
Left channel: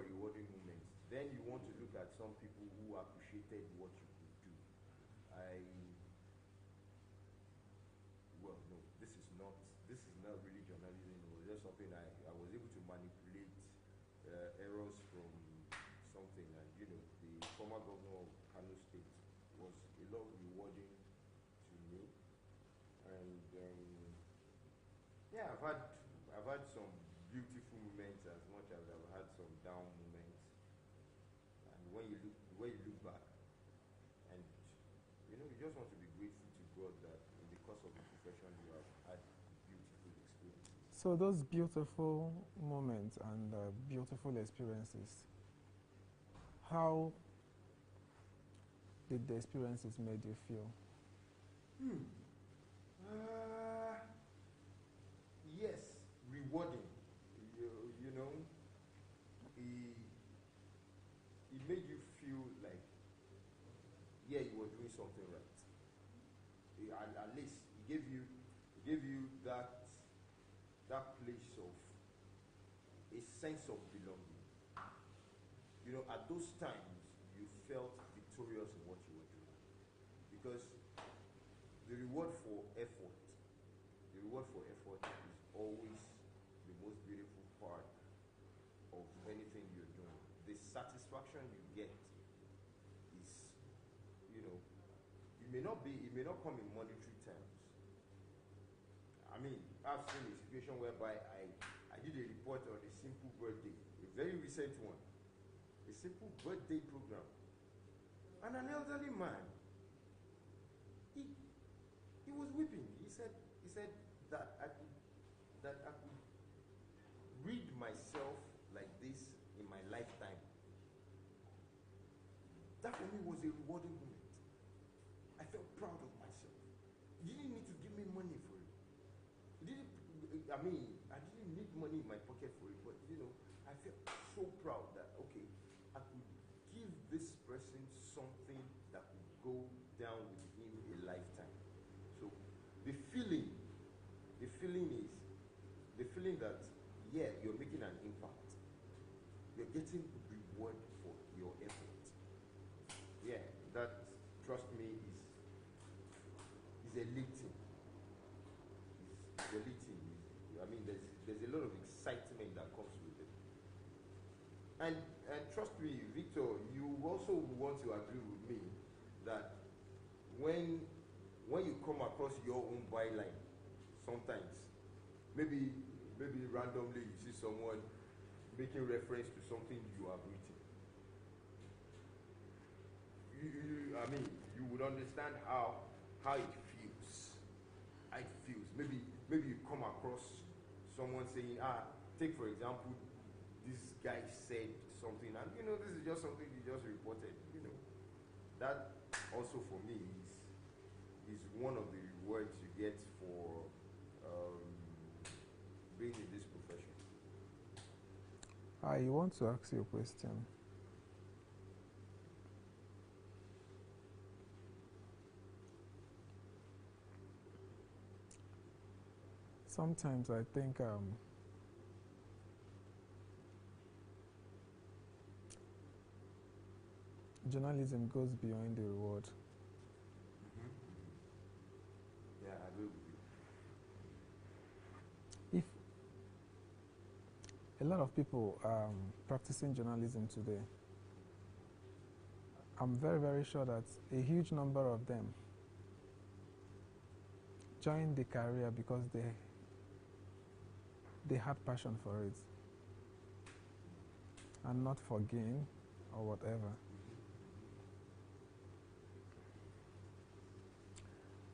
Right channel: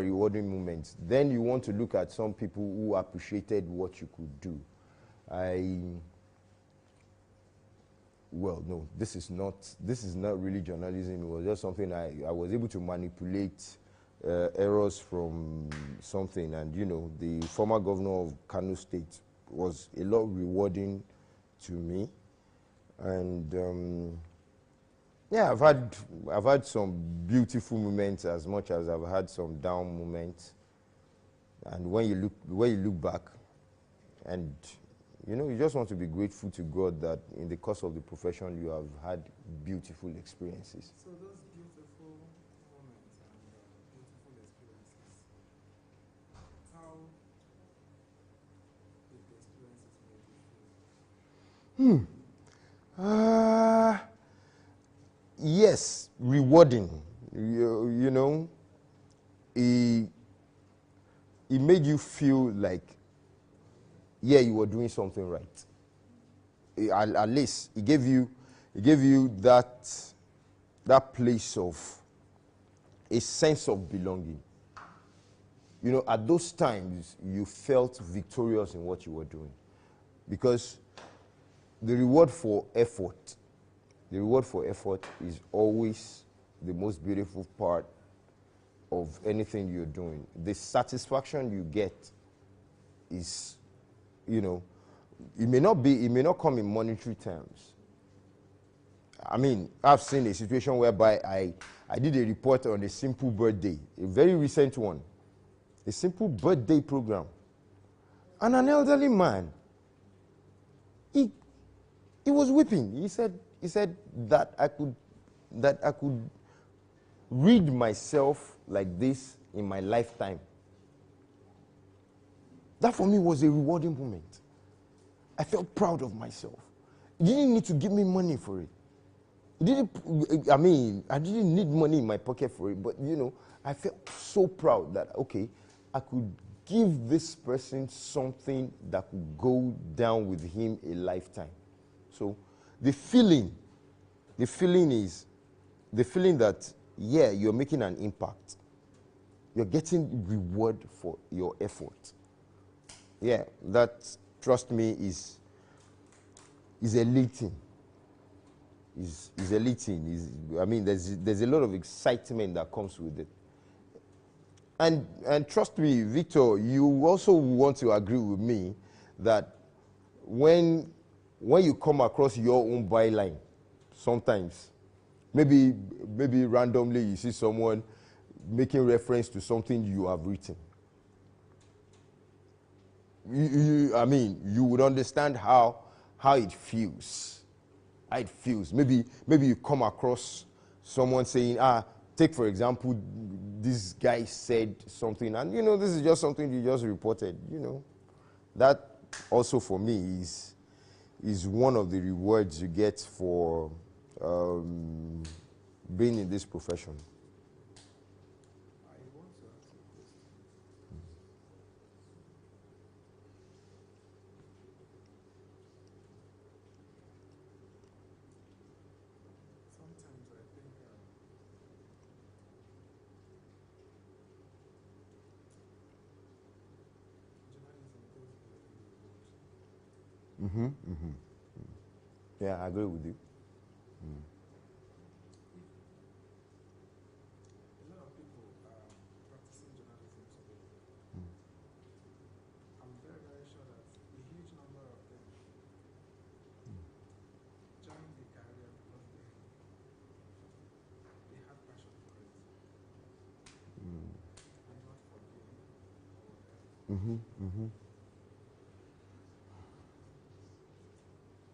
rewarding moments. Then you want to look at some people who appreciated what you could do. Well, no, this is not really journalism. It was just something I was able to manipulate errors from something, and you know, the former governor of Kano State was a lot rewarding to me, and yeah, I've had some beautiful moments as much as I've had some down moments, and when you look back, and you know, you just want to be grateful to God that in the course of the profession you have had beautiful experiences. So those beautiful moments and beautiful experiences, how did the experiences make you feel? Yes, rewarding. You know, it made you feel like, yeah, you were doing something right. At least it gave you that place of a sense of belonging. You know, at those times you felt victorious in what you were doing, because the reward for effort, is always the most beautiful part of anything you're doing. The satisfaction you get is, you know, it may not come in monetary terms. I mean, I've seen a situation whereby I did a report on a simple birthday, a very recent one, a simple birthday program. And an elderly man, he was weeping. He said that I could read myself like this in my lifetime. That for me was a rewarding moment. I felt proud of myself. He didn't need to give me money for it. I didn't need money in my pocket for it, but you know, I felt so proud that, okay, I could give this person something that could go down with him a lifetime. So the feeling is that, yeah, you're making an impact. You're getting reward for your effort. Yeah, that, trust me, is elating. Is elating. I mean, there's a lot of excitement that comes with it. And trust me, Victor, you also want to agree with me that when you come across your own byline, sometimes, maybe randomly you see someone making reference to something you have written. You would understand how it feels. How it feels. Maybe you come across someone saying, take for example, this guy said something, and you know, this is just something you just reported. You know, that also for me is one of the rewards you get for being in this profession. I want to ask you a question. Sometimes I think journalism goes beyond the reward. Yeah, I agree with you. If a lot of people practicing journalism today, I'm very, very sure that a huge number of them joined the career because they had passion for it, and not for gain or whatever.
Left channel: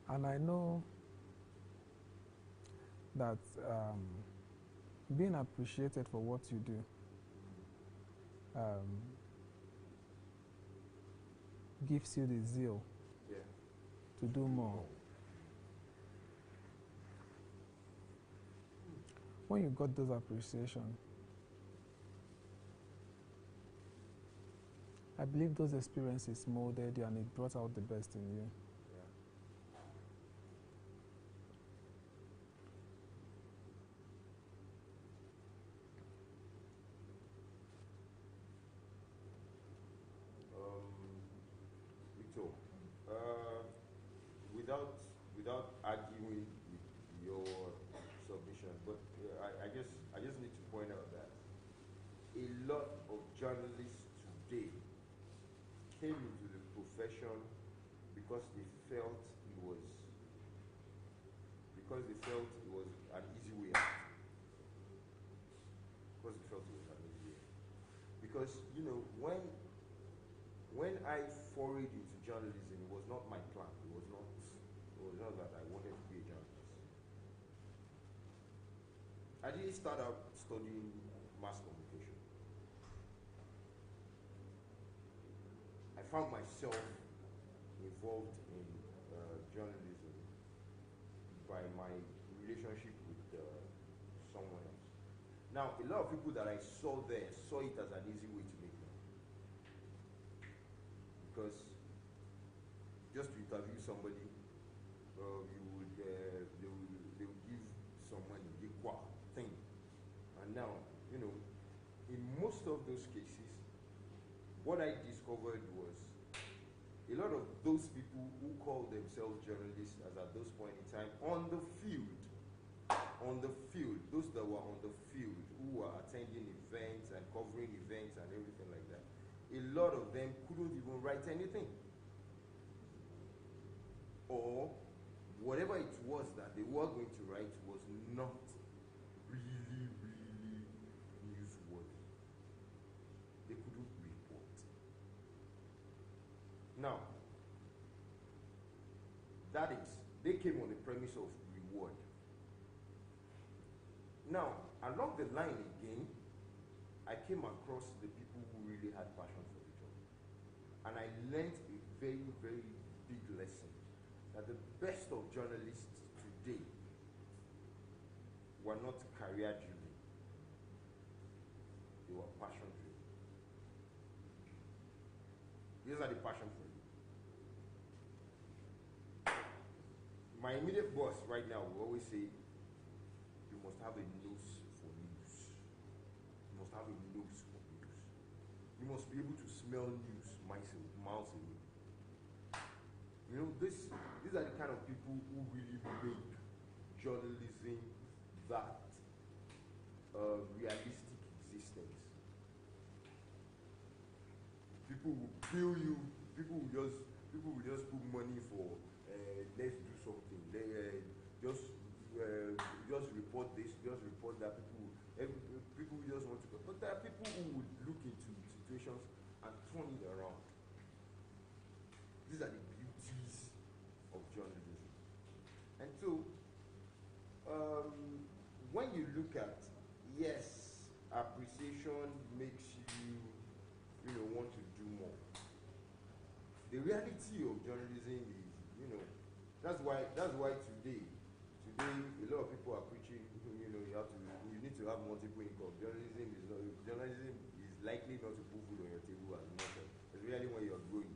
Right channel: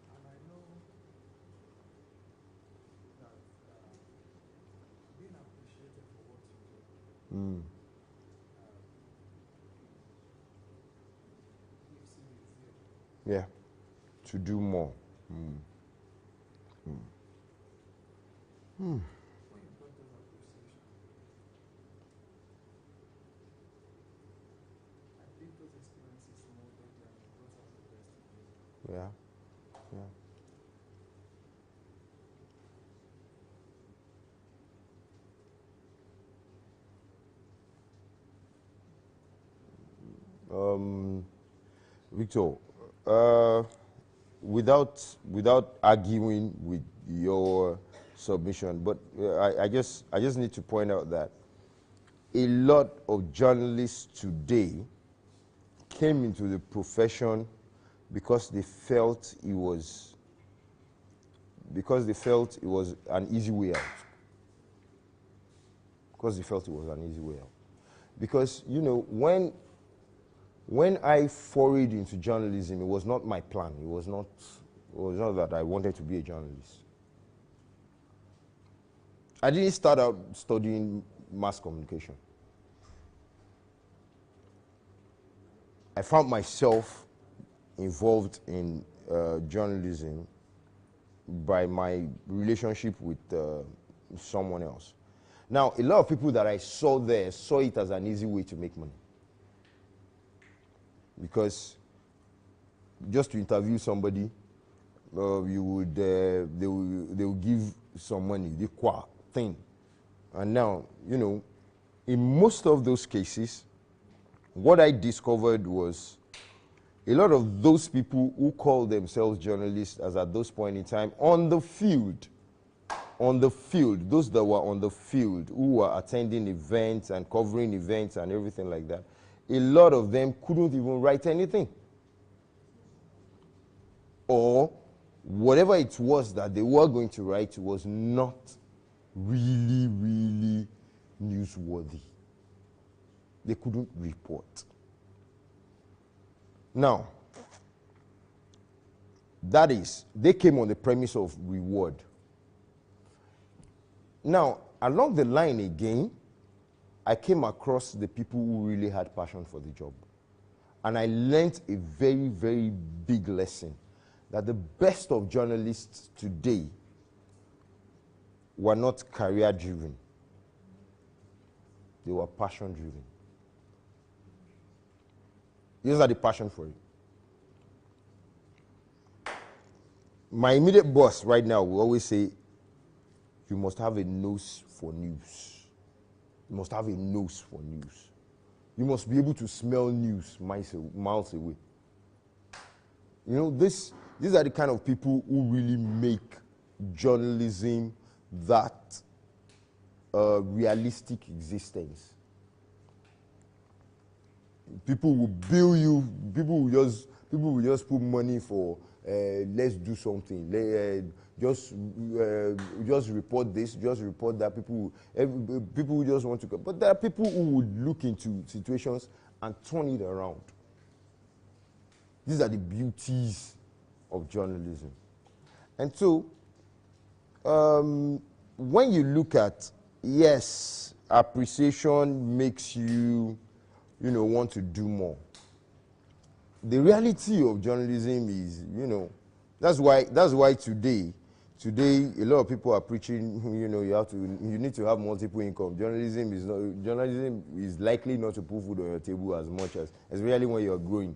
And I know that being appreciated for what you do gives you the zeal. Yeah, to do more. When you got those appreciation, I believe those experiences molded you and it brought out the best in you. Yeah. Victor, without arguing with your submission, but I just need to point out that a lot of journalists today came into the profession because they felt it was an easy way out. Because you know, when I forayed into journalism, it was not my plan. It was not that I wanted to be a journalist. I didn't start out studying mass communication. I found myself involved in journalism by my relationship with someone else. Now, a lot of people that I saw there saw it as an easy way to make money. Because just to interview somebody, they will give some money, the qua thing. And now, you know, in most of those cases, what I discovered was a lot of those people who call themselves journalists as at those point in time on the field, those that were on the field, who were attending events and covering events and everything like that, a lot of them couldn't even write anything. Or whatever it was that they were going to write was not really, really newsworthy. They couldn't report. Now, that is, they came on the premise of reward. Now, along the line again, I came across the people who really had passion for the job. And I learned a very, very big lesson, that the best of journalists today were not career-driven. They were passion-driven. These are the passion for it. My immediate boss right now will always say, you must have a nose for news. You must have a nose for news. You must be able to smell news miles away. You know, these are the kind of people who really make journalism that realistic existence. People will bill you, people will just put money for let's do something. Just report this, just report that. People will just want to go. But there are people who would look into situations and turn it around. These are the beauties of journalism. And so, when you look at, yes, appreciation makes you, want to do more. The reality of journalism is, that's why today, a lot of people are preaching, you need to have multiple income. Journalism is likely not to put food on your table as much as, especially when you're growing.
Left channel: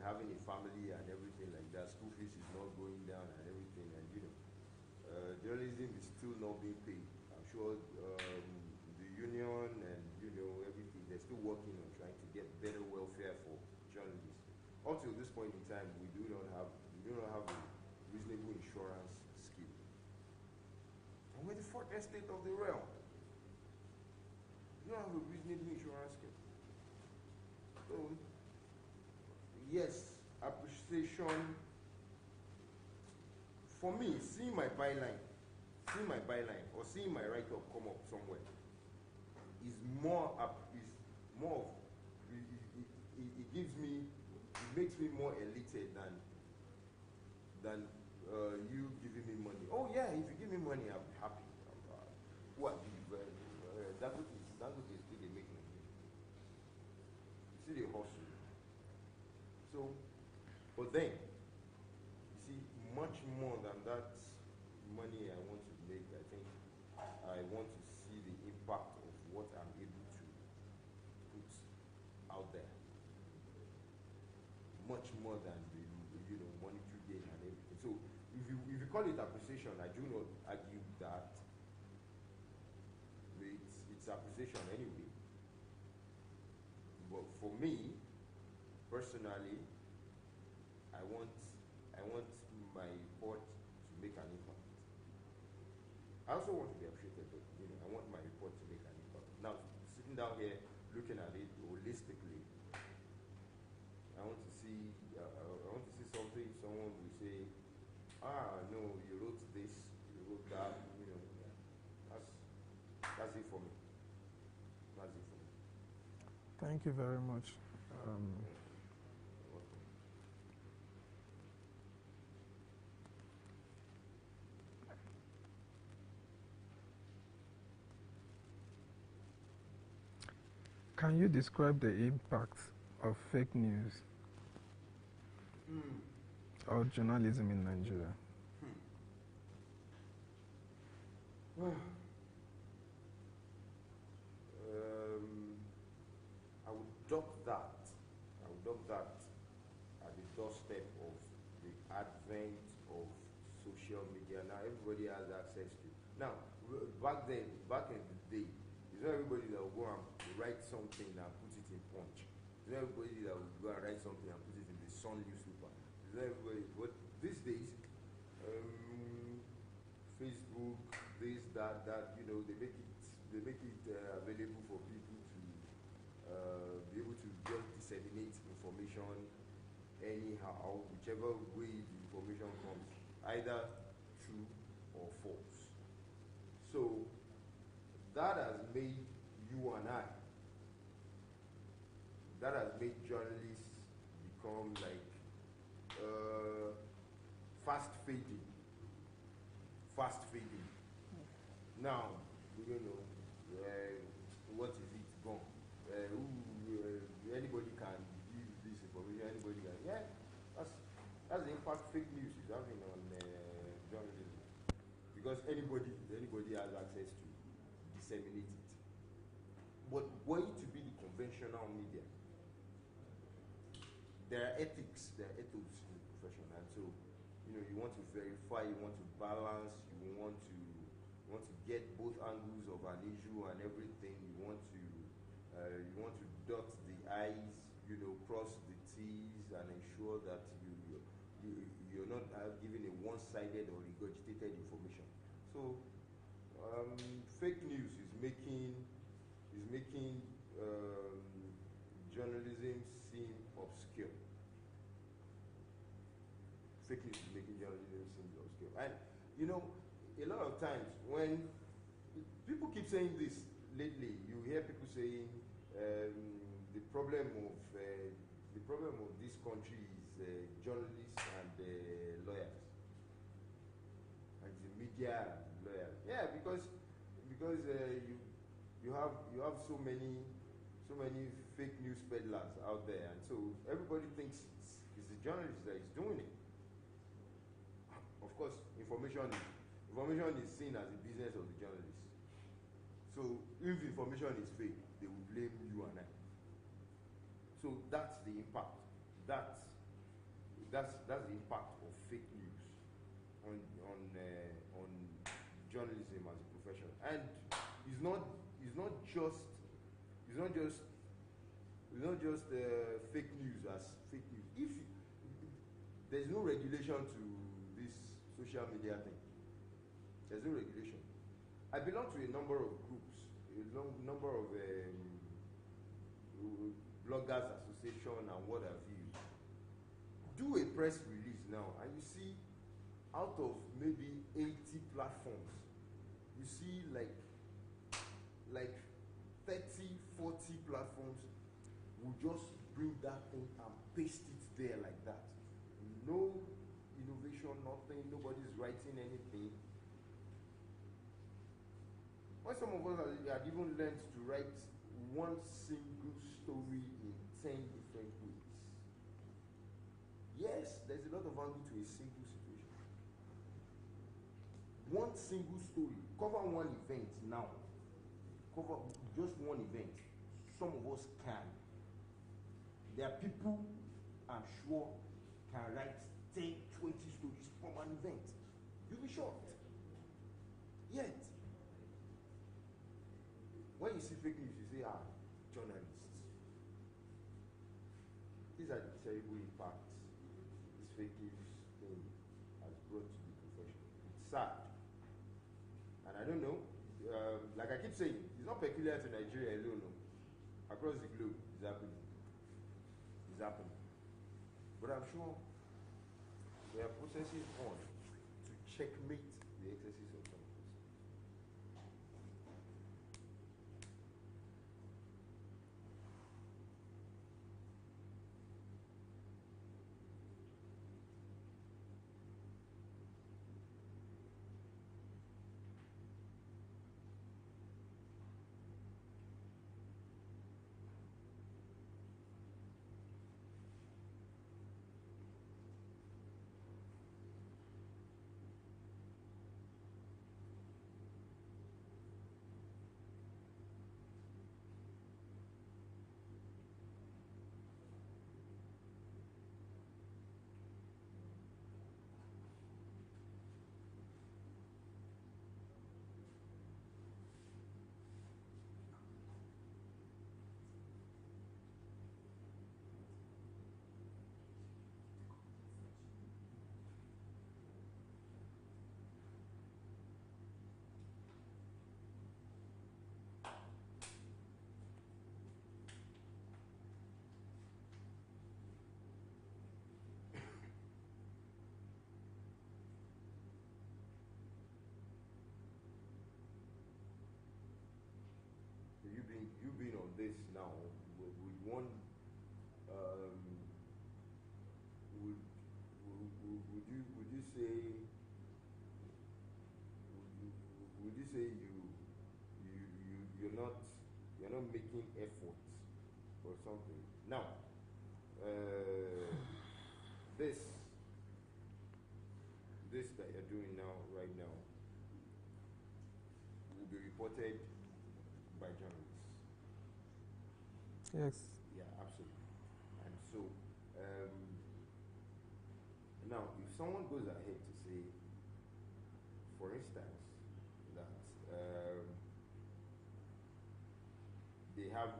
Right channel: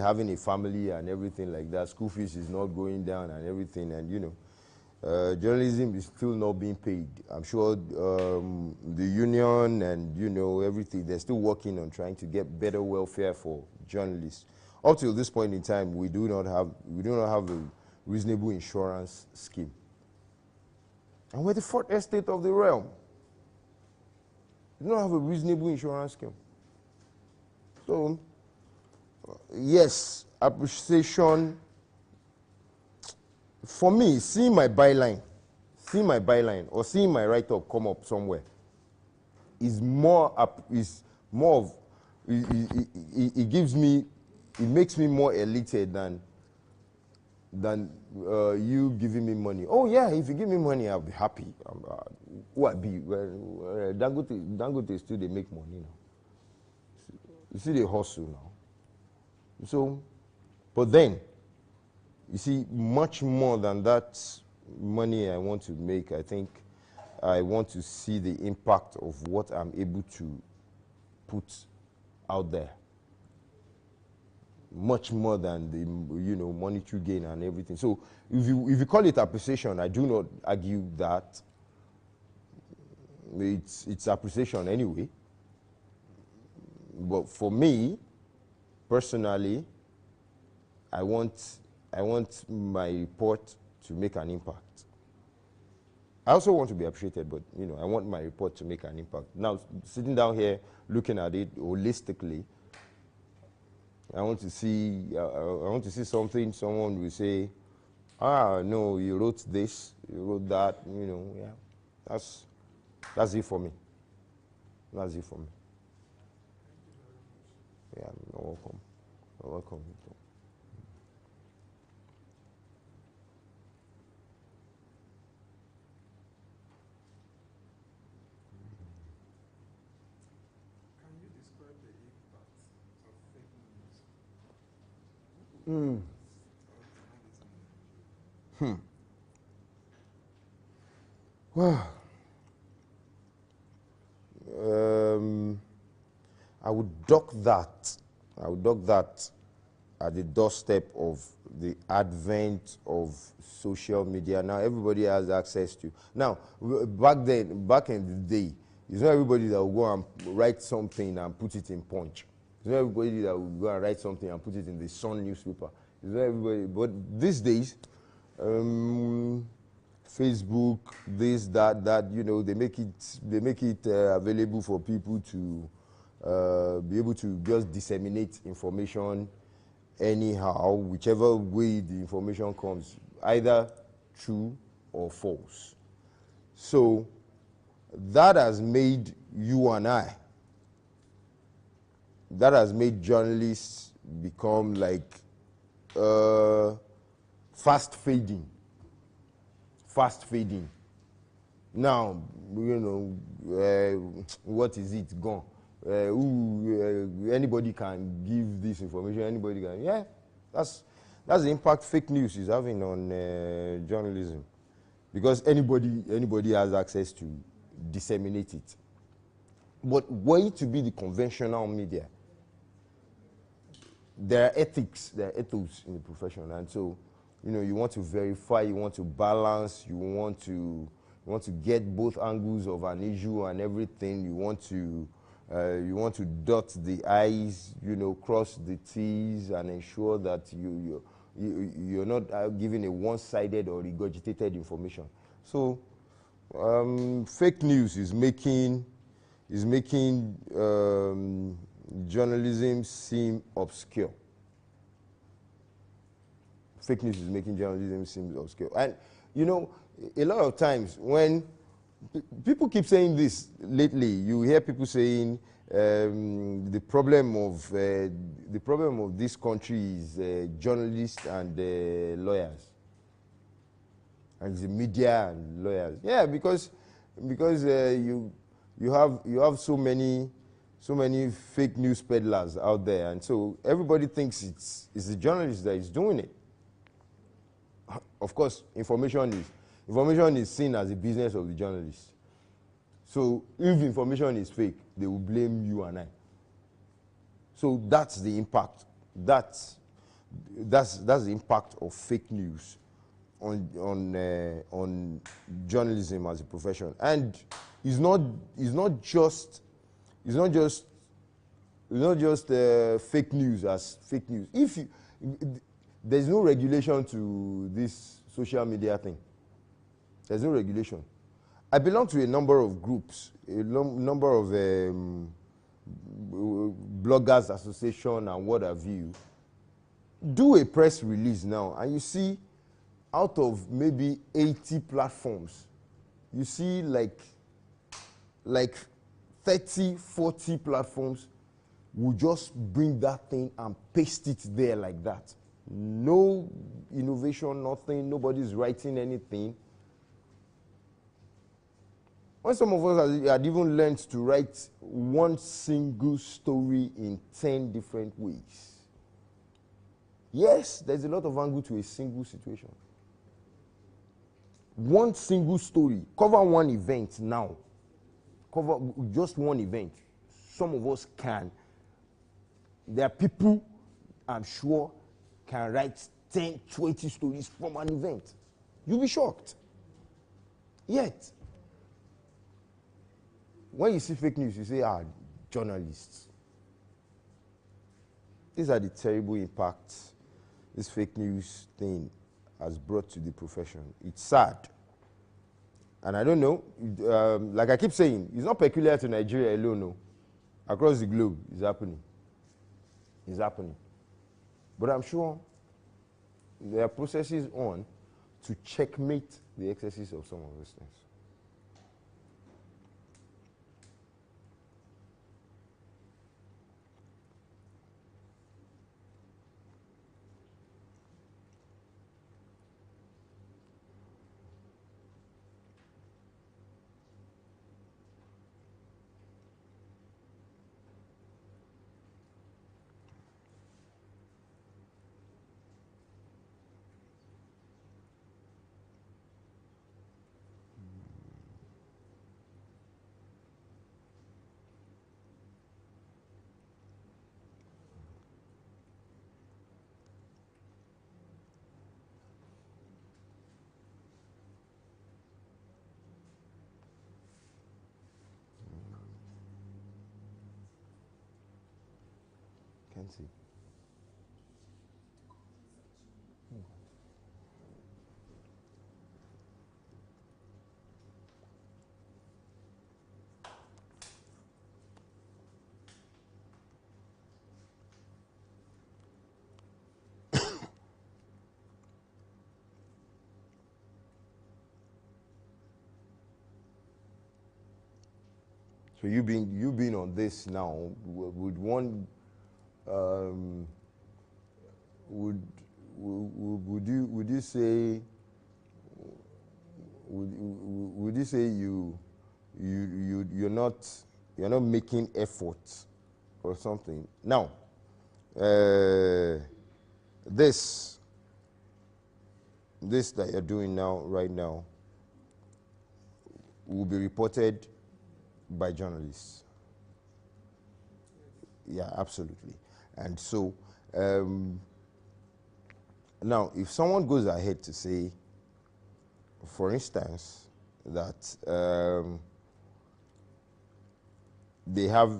Having a family and everything like that, school fees is not going down and everything, and journalism is still not being paid. I'm sure the union and everything, they're still working on trying to get better welfare for journalists. Up till this point in time, we do not have a reasonable insurance scheme, and we're the fourth estate of the realm. We don't have a reasonable insurance scheme. So, yes, appreciation. For me, seeing my byline or seeing my write-up come up somewhere is more of, it makes me more elated than you giving me money. Oh yeah, if you give me money, I'll be happy. Who I be? Well, Dangote still they make money now. You see they hustle now. So, but then, you see, much more than that money I want to make, I think I want to see the impact of what I'm able to put out there. Much more than the monetary gain and everything. So if you call it appreciation, I do not argue that. It's appreciation anyway. But for me, personally, I want my report to make an impact. I also want to be appreciated, but I want my report to make an impact. Now, sitting down here, looking at it holistically, I want to see something. Someone will say, no, you wrote this, you wrote that. Yeah, that's it for me. That's it for me. Thank you very much. Yeah, you're welcome. You're welcome. Can you describe the impact of fake news or journalism in Nigeria? Well, I would dock that at the doorstep of the advent of social media. Now everybody has access to. Now, back in the day, it's not everybody that will go and write something and put it in Punch. It's It's not everybody that will go and write something and put it in the Sun newspaper. It's not everybody. But these days, Facebook, this, that, you know, they make it available for people to be able to just disseminate information anyhow, whichever way the information comes, either true or false. So that has made you and I, that has made journalists become like fast fading. Now, you know, what is it gone? Anybody can give this information, anybody can. Yeah, that's the impact fake news is having on journalism. Because anybody has access to disseminate it. But were it to be the conventional media, there are ethics, there are ethos in the profession, and so, you know, you want to verify, you want to balance, you want to get both angles of an issue and everything. You want to dot the I's, you know, cross the T's, and ensure that you're not giving a one-sided or regurgitated information. So, fake news is making journalism seem obscure. Fake news is making journalism seem obscure. And, you know, a lot of times when people keep saying this lately, you hear people saying the problem of this country is journalists and lawyers. And the media and lawyers. Yeah, because you have so many fake news peddlers out there, and so everybody thinks it's the journalist that is doing it. Of course, information is seen as a business of the journalist. So if information is fake, they will blame you and I. So that's the impact. That's the impact of fake news on journalism as a profession. And it's not just fake news as fake news. There's no regulation to this social media thing. There's no regulation. I belong to a number of groups, a number of bloggers association and what have you. Do a press release now, and you see, out of maybe 80 platforms, you see like 30, 40 platforms will just bring that thing and paste it there like that. No innovation, nothing, nobody's writing anything. When some of us had even learned to write one single story in 10 different ways. Yes, there's a lot of angle to a single situation. One single story, cover one event now. Cover just one event. Some of us can. There are people, I'm sure, can write 10, 20 stories from an event. You'll be shocked. Yet, when you see fake news, you say, journalists. These are the terrible impacts this fake news thing has brought to the profession. It's sad. And I don't know, like I keep saying, it's not peculiar to Nigeria alone, no. Across the globe, it's happening. It's happening. But I'm sure there are processes on to checkmate the excesses of some of those things. intensive. So you being on this now, would one would you say you're not making efforts or something now? This that you're doing now, right now, will be reported by journalists. Yes. Yeah, absolutely. And so now, if someone goes ahead to say, for instance, that they have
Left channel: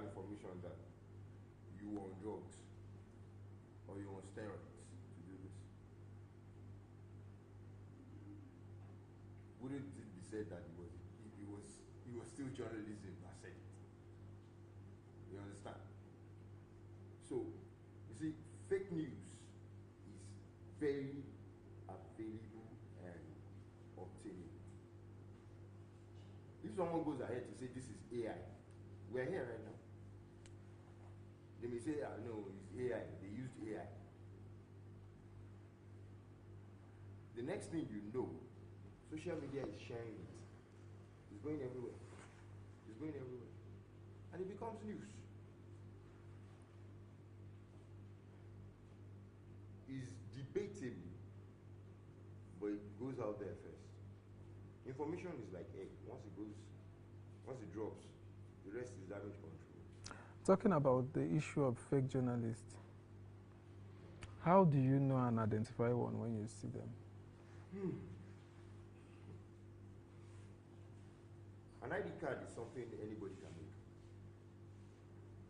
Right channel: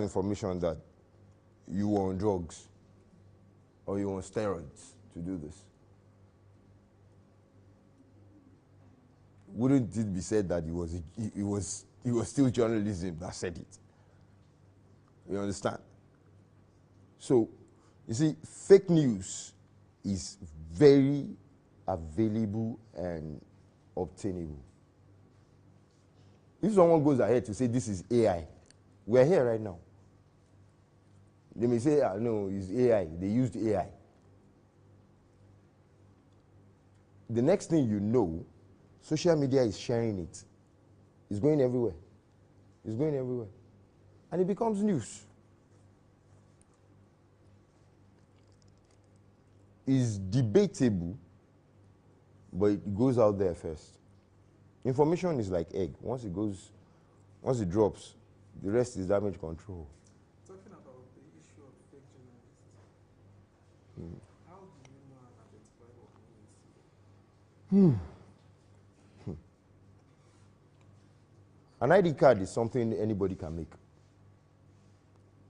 information that you were on drugs or you were on steroids to do this, wouldn't it be said that it was still journalism that said it? You understand? So, you see, fake news is very available and obtainable. If someone goes ahead to say this is AI, we're here right now. They may say, no, it's AI. They used AI. The next thing you know, social media is sharing it. It's going everywhere. It's going everywhere. And it becomes news. It's debatable, but it goes out there first. Information is like egg. Once it drops, the rest is damage control. Talking about the issue of fake journalists, how do you know and identify one when you see them? An ID card is something anybody can make.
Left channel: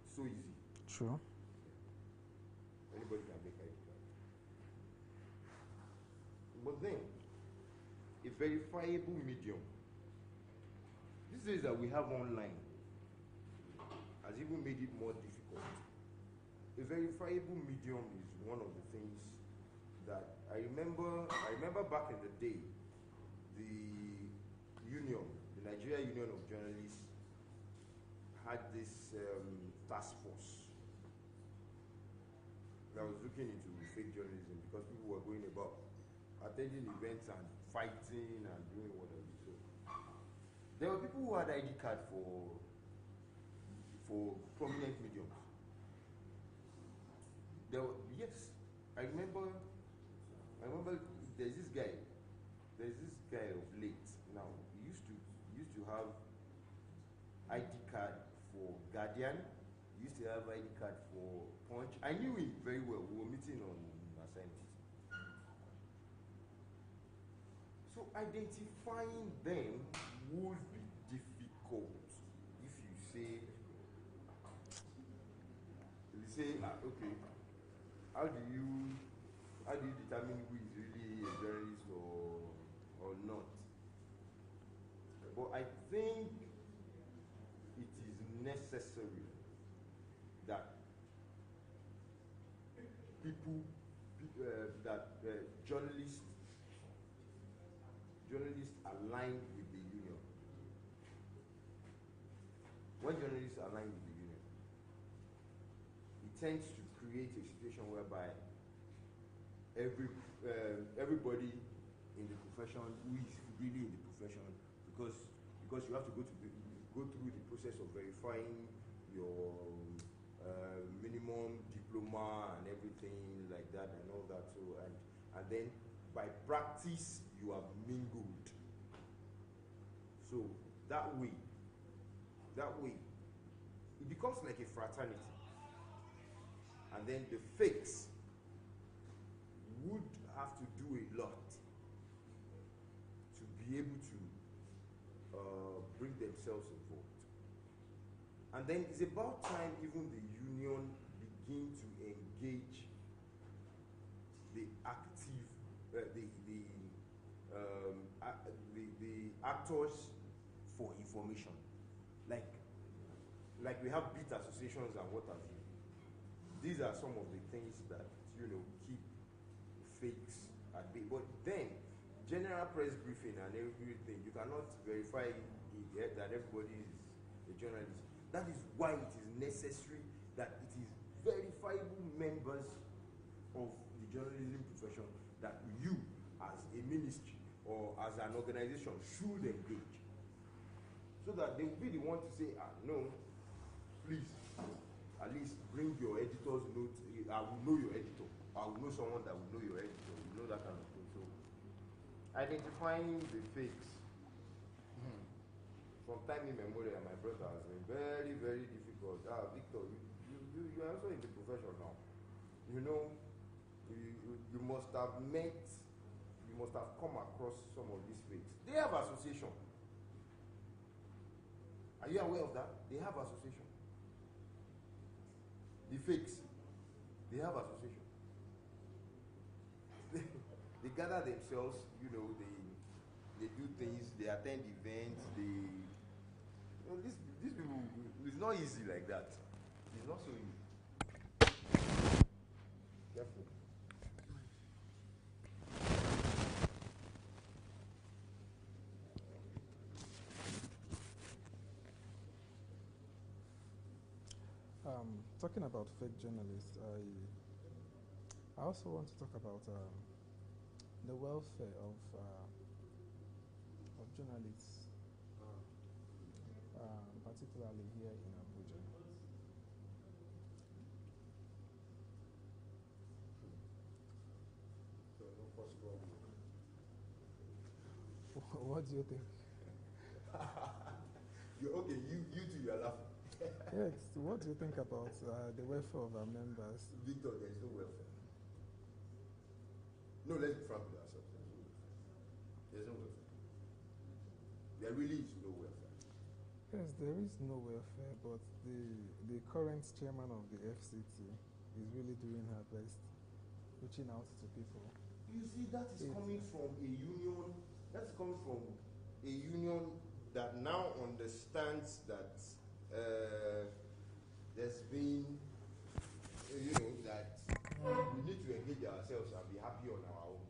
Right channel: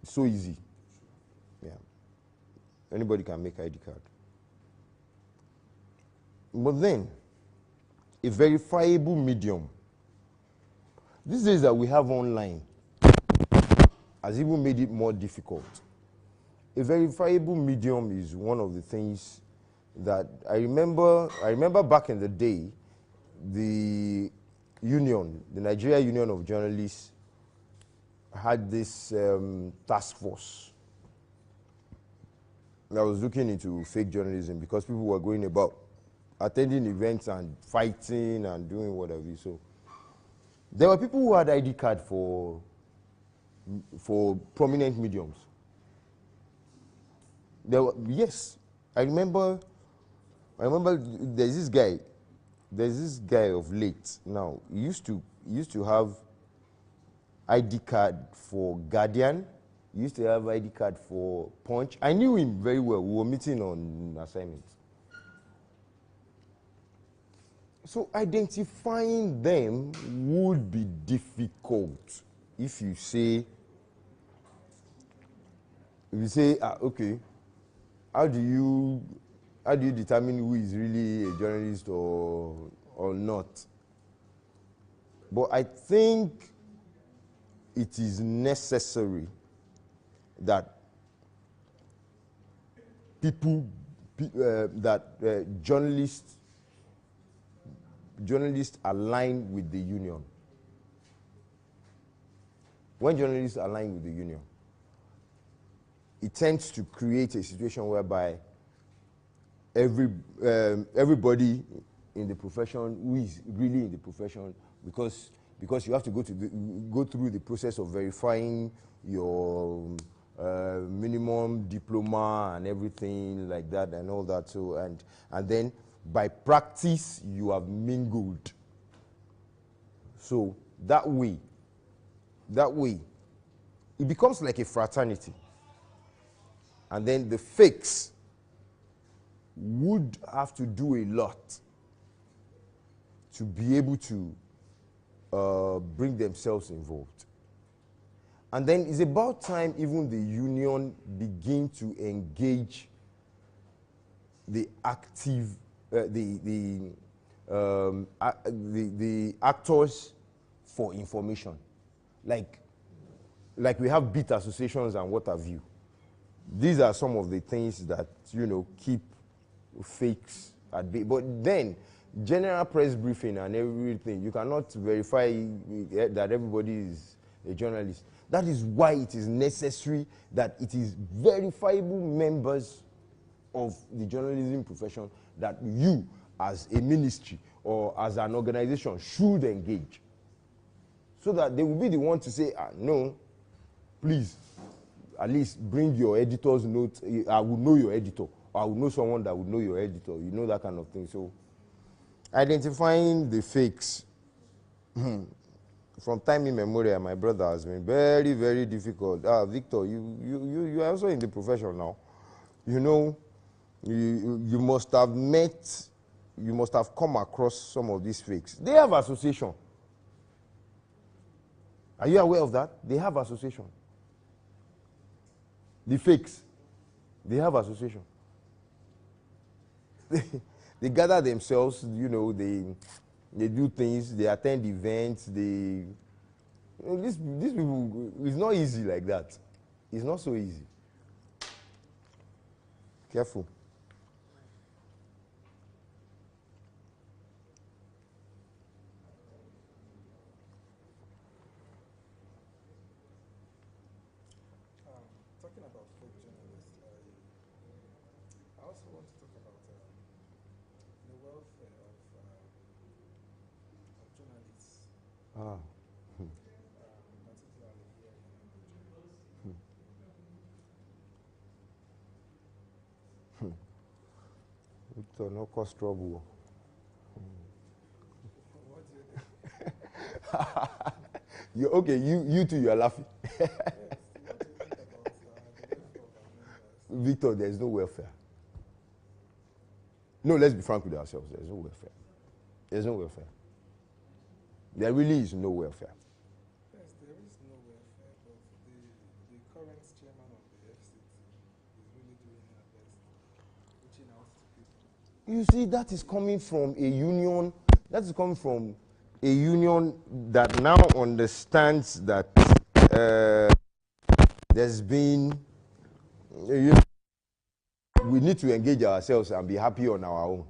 It's so easy. True. Yeah. Anybody can make ID card. But then, a verifiable medium. These days that we have online has even made it more difficult. A verifiable medium is one of the things that I remember back in the day, the Nigeria Union of Journalists had this task force that was looking into fake journalism because people were going about attending events and fighting and doing whatever. So there were people who had ID card for prominent mediums. Yes, I remember there's this guy of late now. He used to have ID card for Guardian. He used to have ID card for Punch. I knew him very well. We were meeting on assignments. So identifying them would be difficult if you say, okay, how do you determine who is really a journalist or not? But I think it is necessary that journalists align with the union. When journalists align with the union, it tends to create a situation whereby everybody in the profession who is really in the profession, because you have to go through the process of verifying your minimum diploma and everything like that and all that. So and then by practice you have mingled. So that way it becomes like a fraternity. And then the fakes would have to do a lot to be able to bring themselves involved. And then it's about time even the union begin to engage the active, the actors for information. Like we have beat associations and what have you. These are some of the things that, you know, keep fakes at bay. But then, general press briefing and everything, you cannot verify that everybody is a journalist. That is why it is necessary that it is verifiable members of the journalism profession that you, as a ministry or as an organization, should engage. So that they will be the one to say, no, please, at least bring your editor's note. I will know your editor. Or I will know someone that would know your editor. You know, that kind of thing. So, identifying the fakes, from time immemorial, my brother, has been very, very difficult. Victor, you are also in the profession now. You know, you must have come across some of these fakes. They have association. Are you aware of that? They have association. The fakes, they have association. They gather themselves, you know, they do things, they attend events, these people, it's not easy like that. It's not so easy. Careful. Talking about fake journalists, I also want to talk about the welfare of journalists, particularly here in Abuja. Victor, no cause trouble. What do you think? Okay, you too, you are laughing. Yes, what do you think about the welfare of our members? Victor, there is no welfare. No, let's be frank with ourselves. There is no welfare. There is no welfare. There really is no welfare. Yes, there is no welfare, but the current chairman of the FCT is really doing her best, reaching out to people. You see, that is coming from a union. That is coming from a union that now understands that there's been, you know, that we need to engage ourselves and be happy on our own.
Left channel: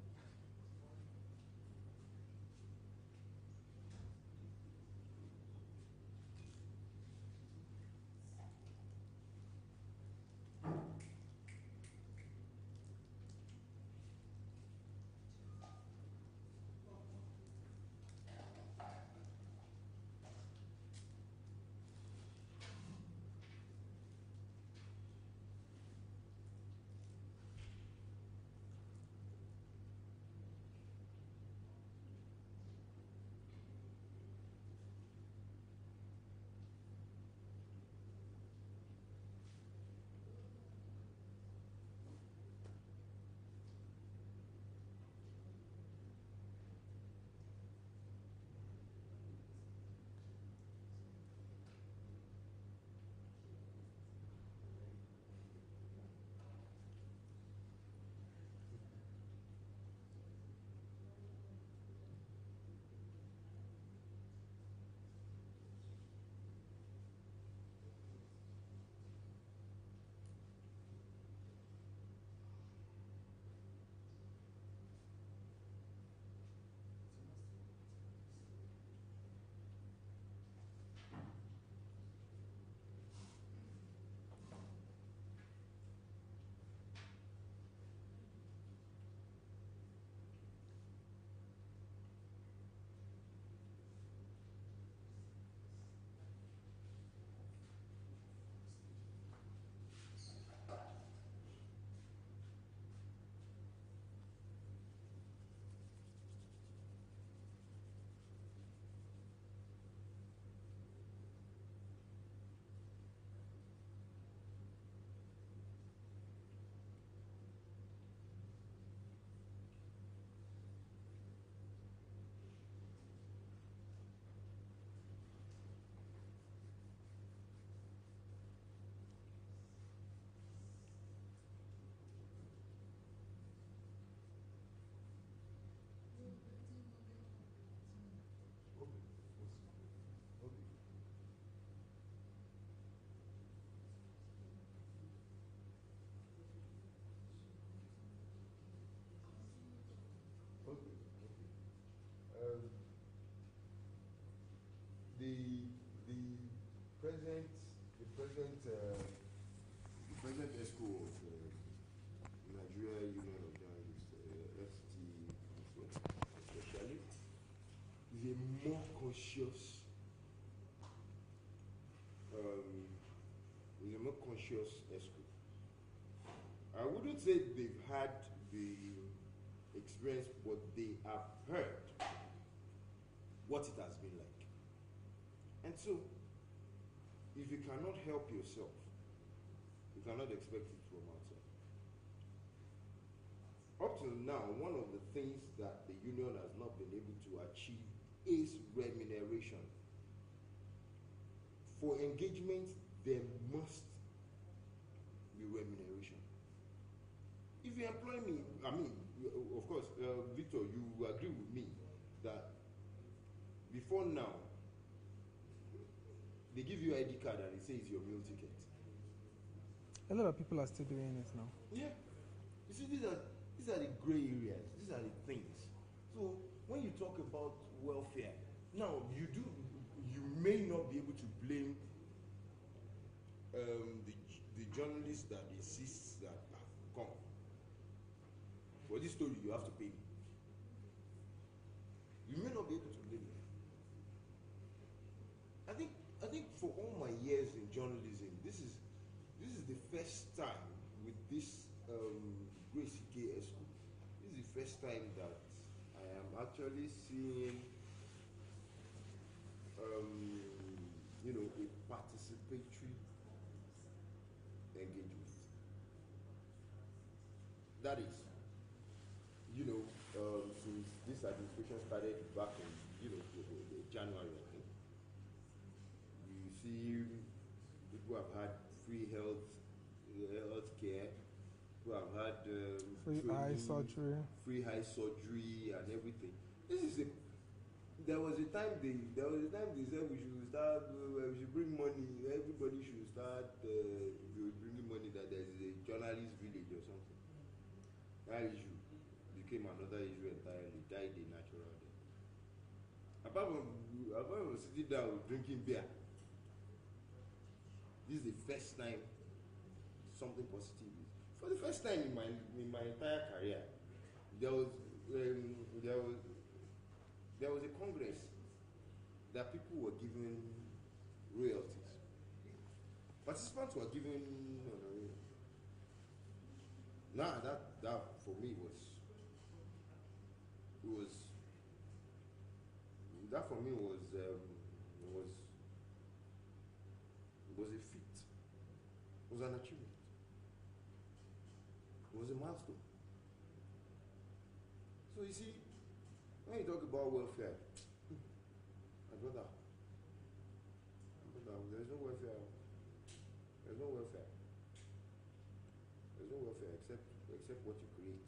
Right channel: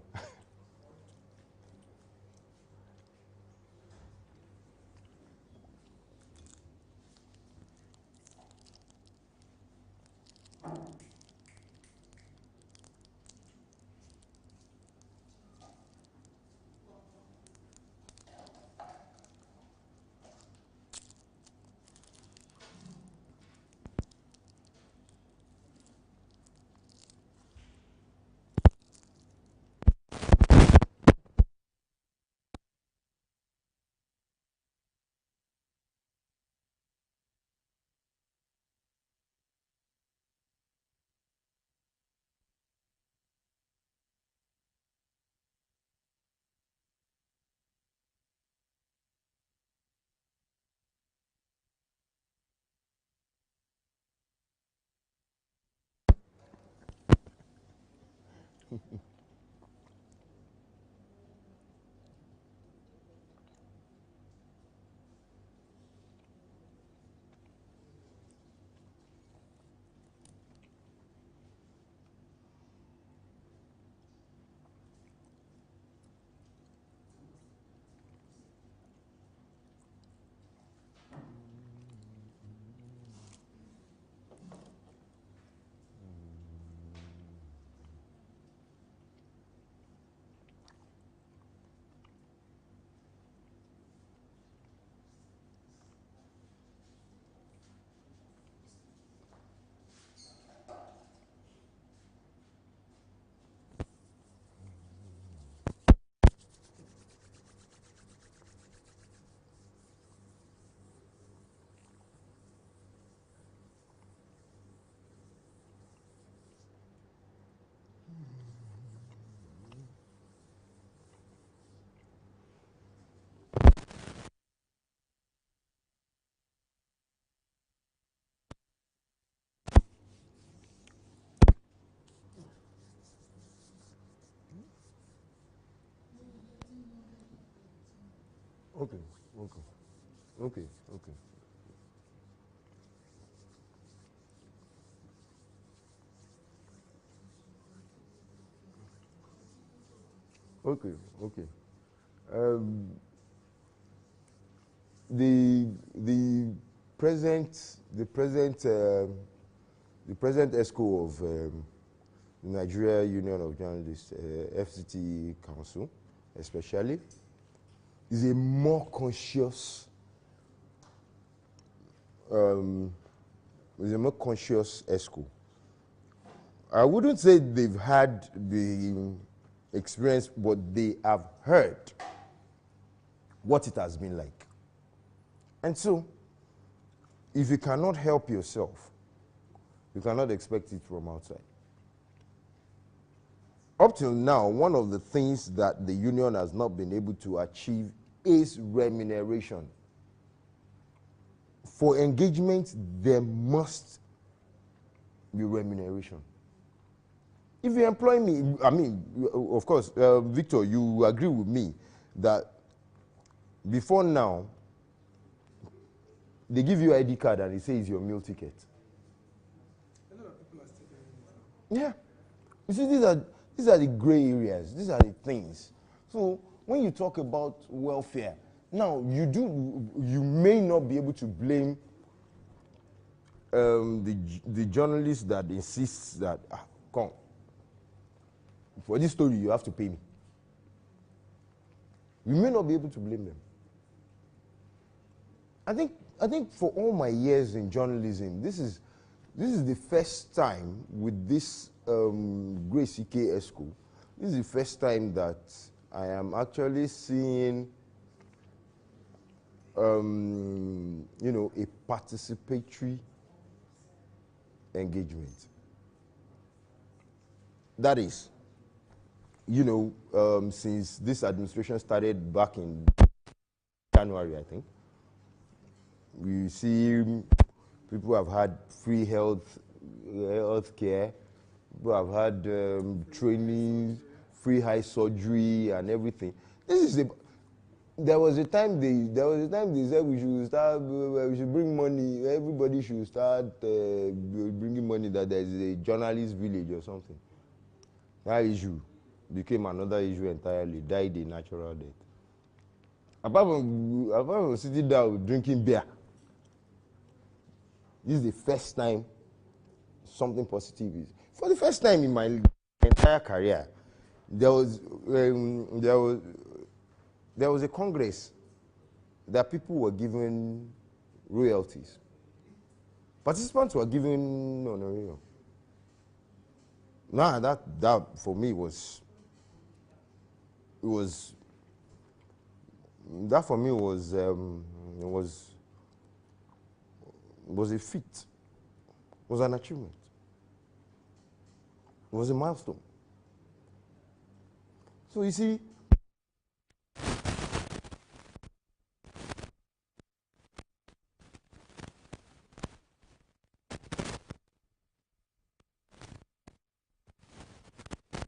Okay, okay, okay, okay. Okay, okay. Um, the present the present the present ESCO of Nigeria Union of Journalists, FCT Council, especially, is a more conscious ESCO. I wouldn't say they've had the experience, but they have heard what it has been like. And so, if you cannot help yourself, you cannot expect it from outside. Up till now, one of the things that the union has not been able to achieve is remuneration. For engagement, there must be remuneration. If you employ me, I mean, of course, Victor, you agree with me that before now, they give you ID card and it says your meal ticket. A lot of people are still doing it now. Yeah. You see, these are the gray areas. These are the things. So when you talk about welfare, now you may not be able to blame the journalist that insists that, come, for this story you have to pay me. You may not be able to blame them. I think for all my years in journalism, this is the first time with this Grace CK ESCO, this is the first time that I am actually seeing a participatory engagement. That is, since this administration started back in January, I think, we see people have had free health care, people have had training, free eye surgery, and everything. There was a time they said we should bring money. Everybody should start bringing money. That there is a journalist village or something. That issue became another issue entirely. Died a natural death. Apart from sitting down drinking beer, this is the first time something positive is. For the first time in my entire career, there was a congress that people were given royalties. Participants were given honorarium. Now that for me was a feat, was an achievement, was a milestone. So you see, when you talk about there's no welfare except what you create.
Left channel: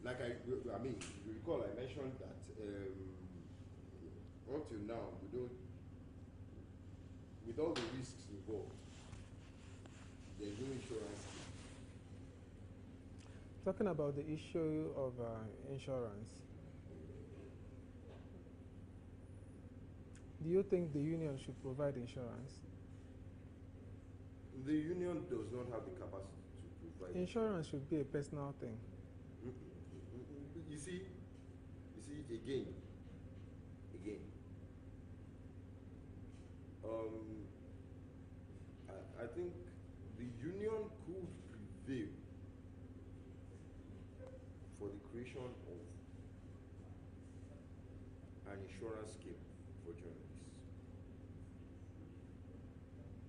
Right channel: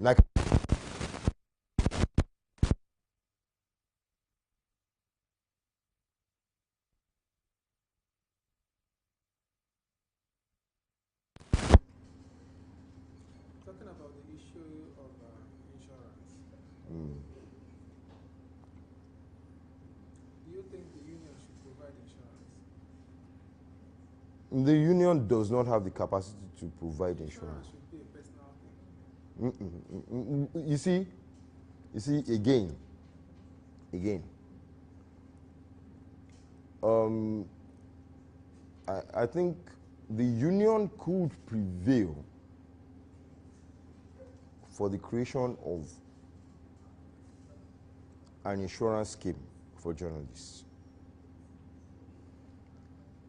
Like I recall, I mentioned that up till now, we don't, with all the risks involved, there's no insurance. Talking about the issue of insurance, do you think the union should provide insurance? The union does not have the capacity to provide insurance. Insurance should be a personal thing. You see, again, I think the union could prevail for the creation of an insurance scheme for journalists.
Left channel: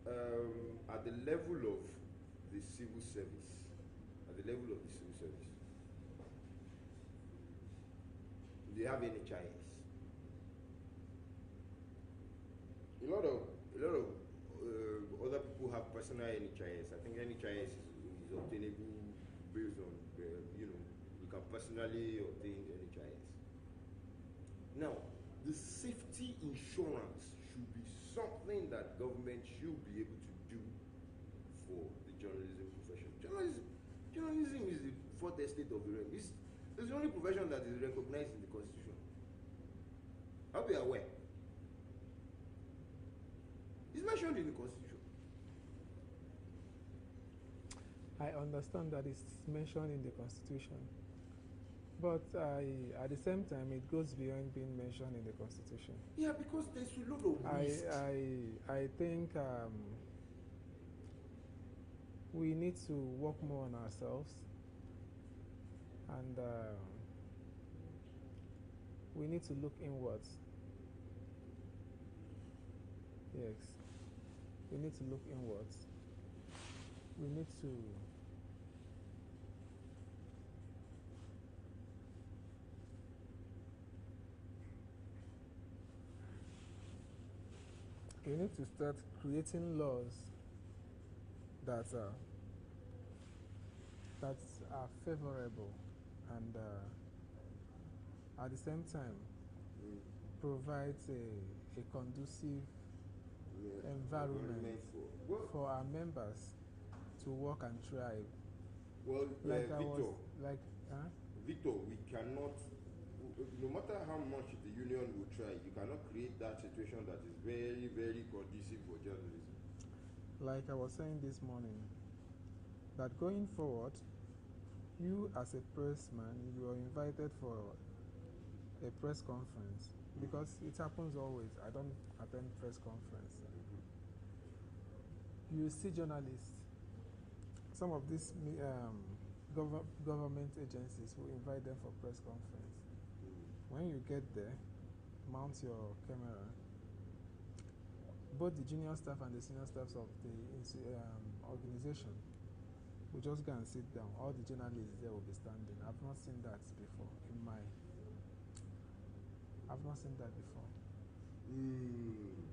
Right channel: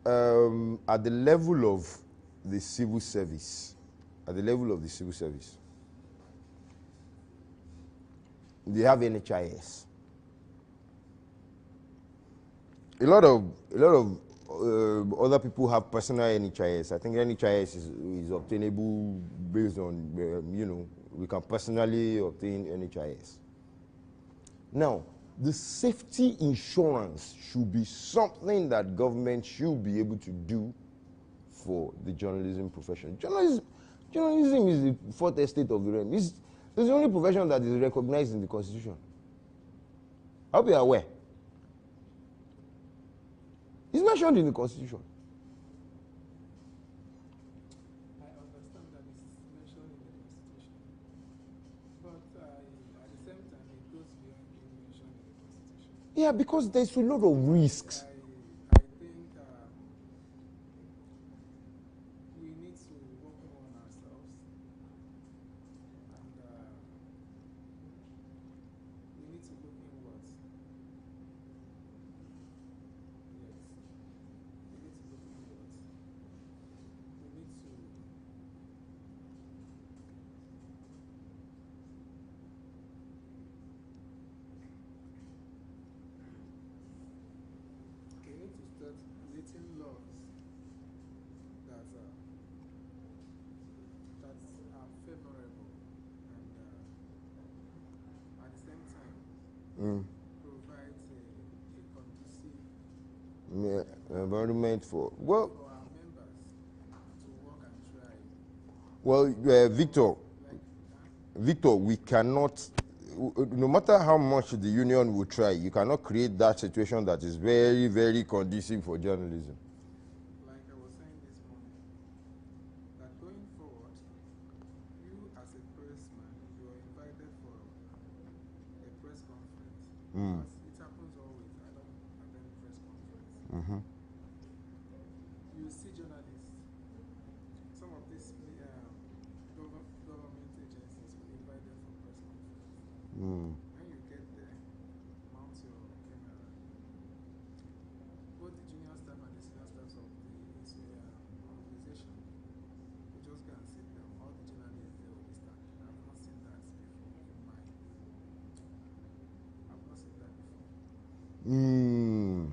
At the level of the civil service, they have NHIS. A lot of other people have personal NHIS. I think NHIS is obtainable based on, we can personally obtain NHIS. Now, the safety insurance should be something that government should be able to do for the journalism profession. Journalism is the fourth estate of the realm. It's the only profession that is recognized in the Constitution. I hope you are aware. It's mentioned in the Constitution. I understand that it's mentioned in the Constitution, but at the same time, it goes beyond being mentioned in the Constitution. Yeah, because there's a lot of risks. I think we need to work more on ourselves, and we need to look inwards. Yes, we need to look inwards. We need to start creating laws that are favorable and at the same time provides a conducive environment for our members to work and thrive. Well, Victor, we cannot, no matter how much the union will try, you cannot create that situation that is very, very conducive for journalism. Like I was saying this morning, that going forward, you as a pressman, you are invited for a press conference. Because it happens always. I don't attend press conference. You see journalists, some of these government agencies will invite them for press conference. When you get there, mount your camera. Both the junior staff and the senior staffs of the organization will just go and sit down. All the journalists there will be standing. I've not seen that before in my. I've not seen that before.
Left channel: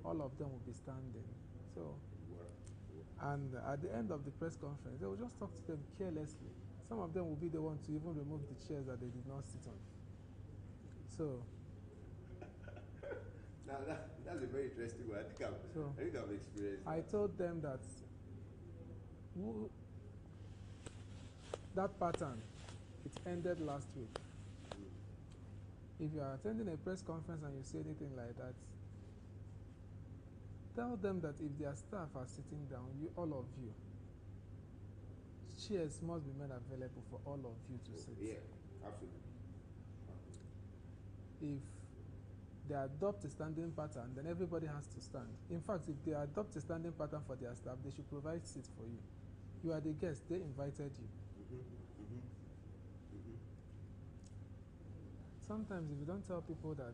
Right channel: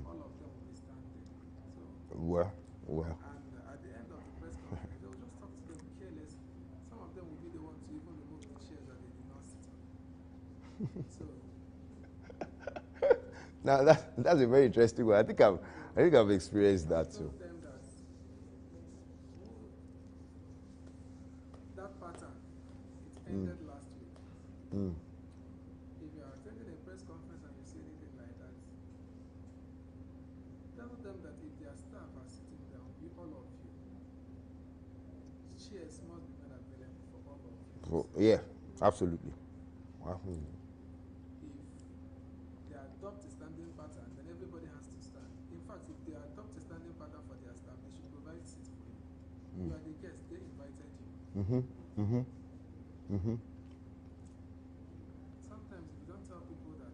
All of them will be standing. So. Well. And at the end of the press conference, they will just talk to them carelessly. Some of them will be the ones to even remove the chairs that they did not sit on. So. Now that's a very interesting one. I think I've experienced that. I told them that that pattern, it ended last week. If you are attending a press conference and you say anything like that, tell them that if their staff are sitting down, all of you, chairs must be made available for all of you to sit. Yeah, absolutely. If they adopt a standing pattern, then everybody has to stand. In fact, if they adopt a standing pattern for their staff, they should provide seats for you. You are the guest, they invited you. Sometimes if you don't tell people that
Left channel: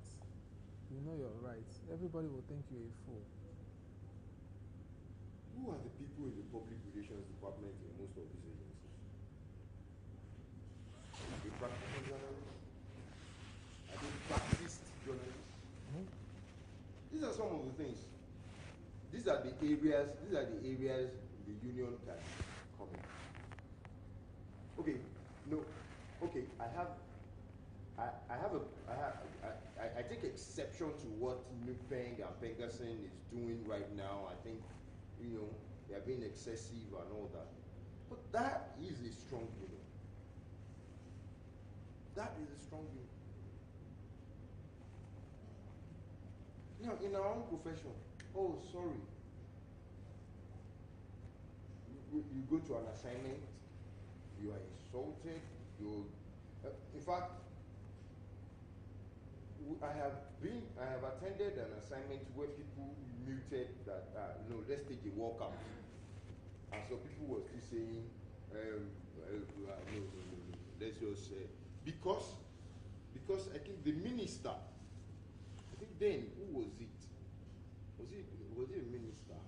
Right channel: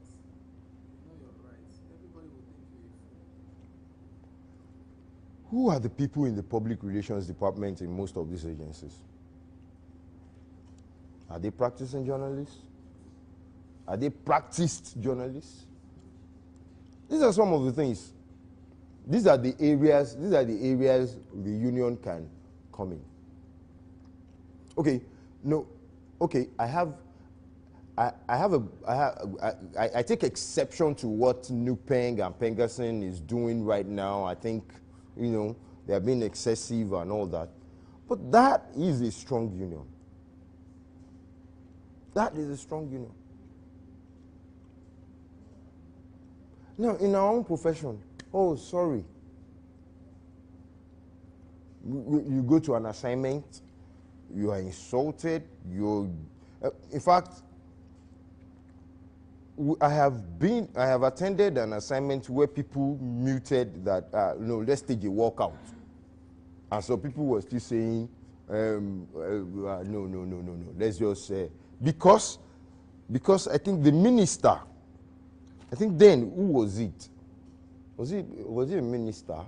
you know your rights, everybody will think you're a fool. Who are the people in the public relations department in most of these agencies? Are they practicing journalists? Are they practiced journalists? These are some of the things. These are the areas the union can come in. Okay, no, okay, I take exception to what Nupeng and Pengerson is doing right now. I think, they are being excessive and all that. But that is a strong union. That is a strong union. Now, in our own profession, oh, sorry. You go to an assignment, you are insulted, in fact, I have attended an assignment where people muted that, let's take a walkout. And so people were still saying, no, let's just say, because I think the minister, I think then, who was it? Was it a minister?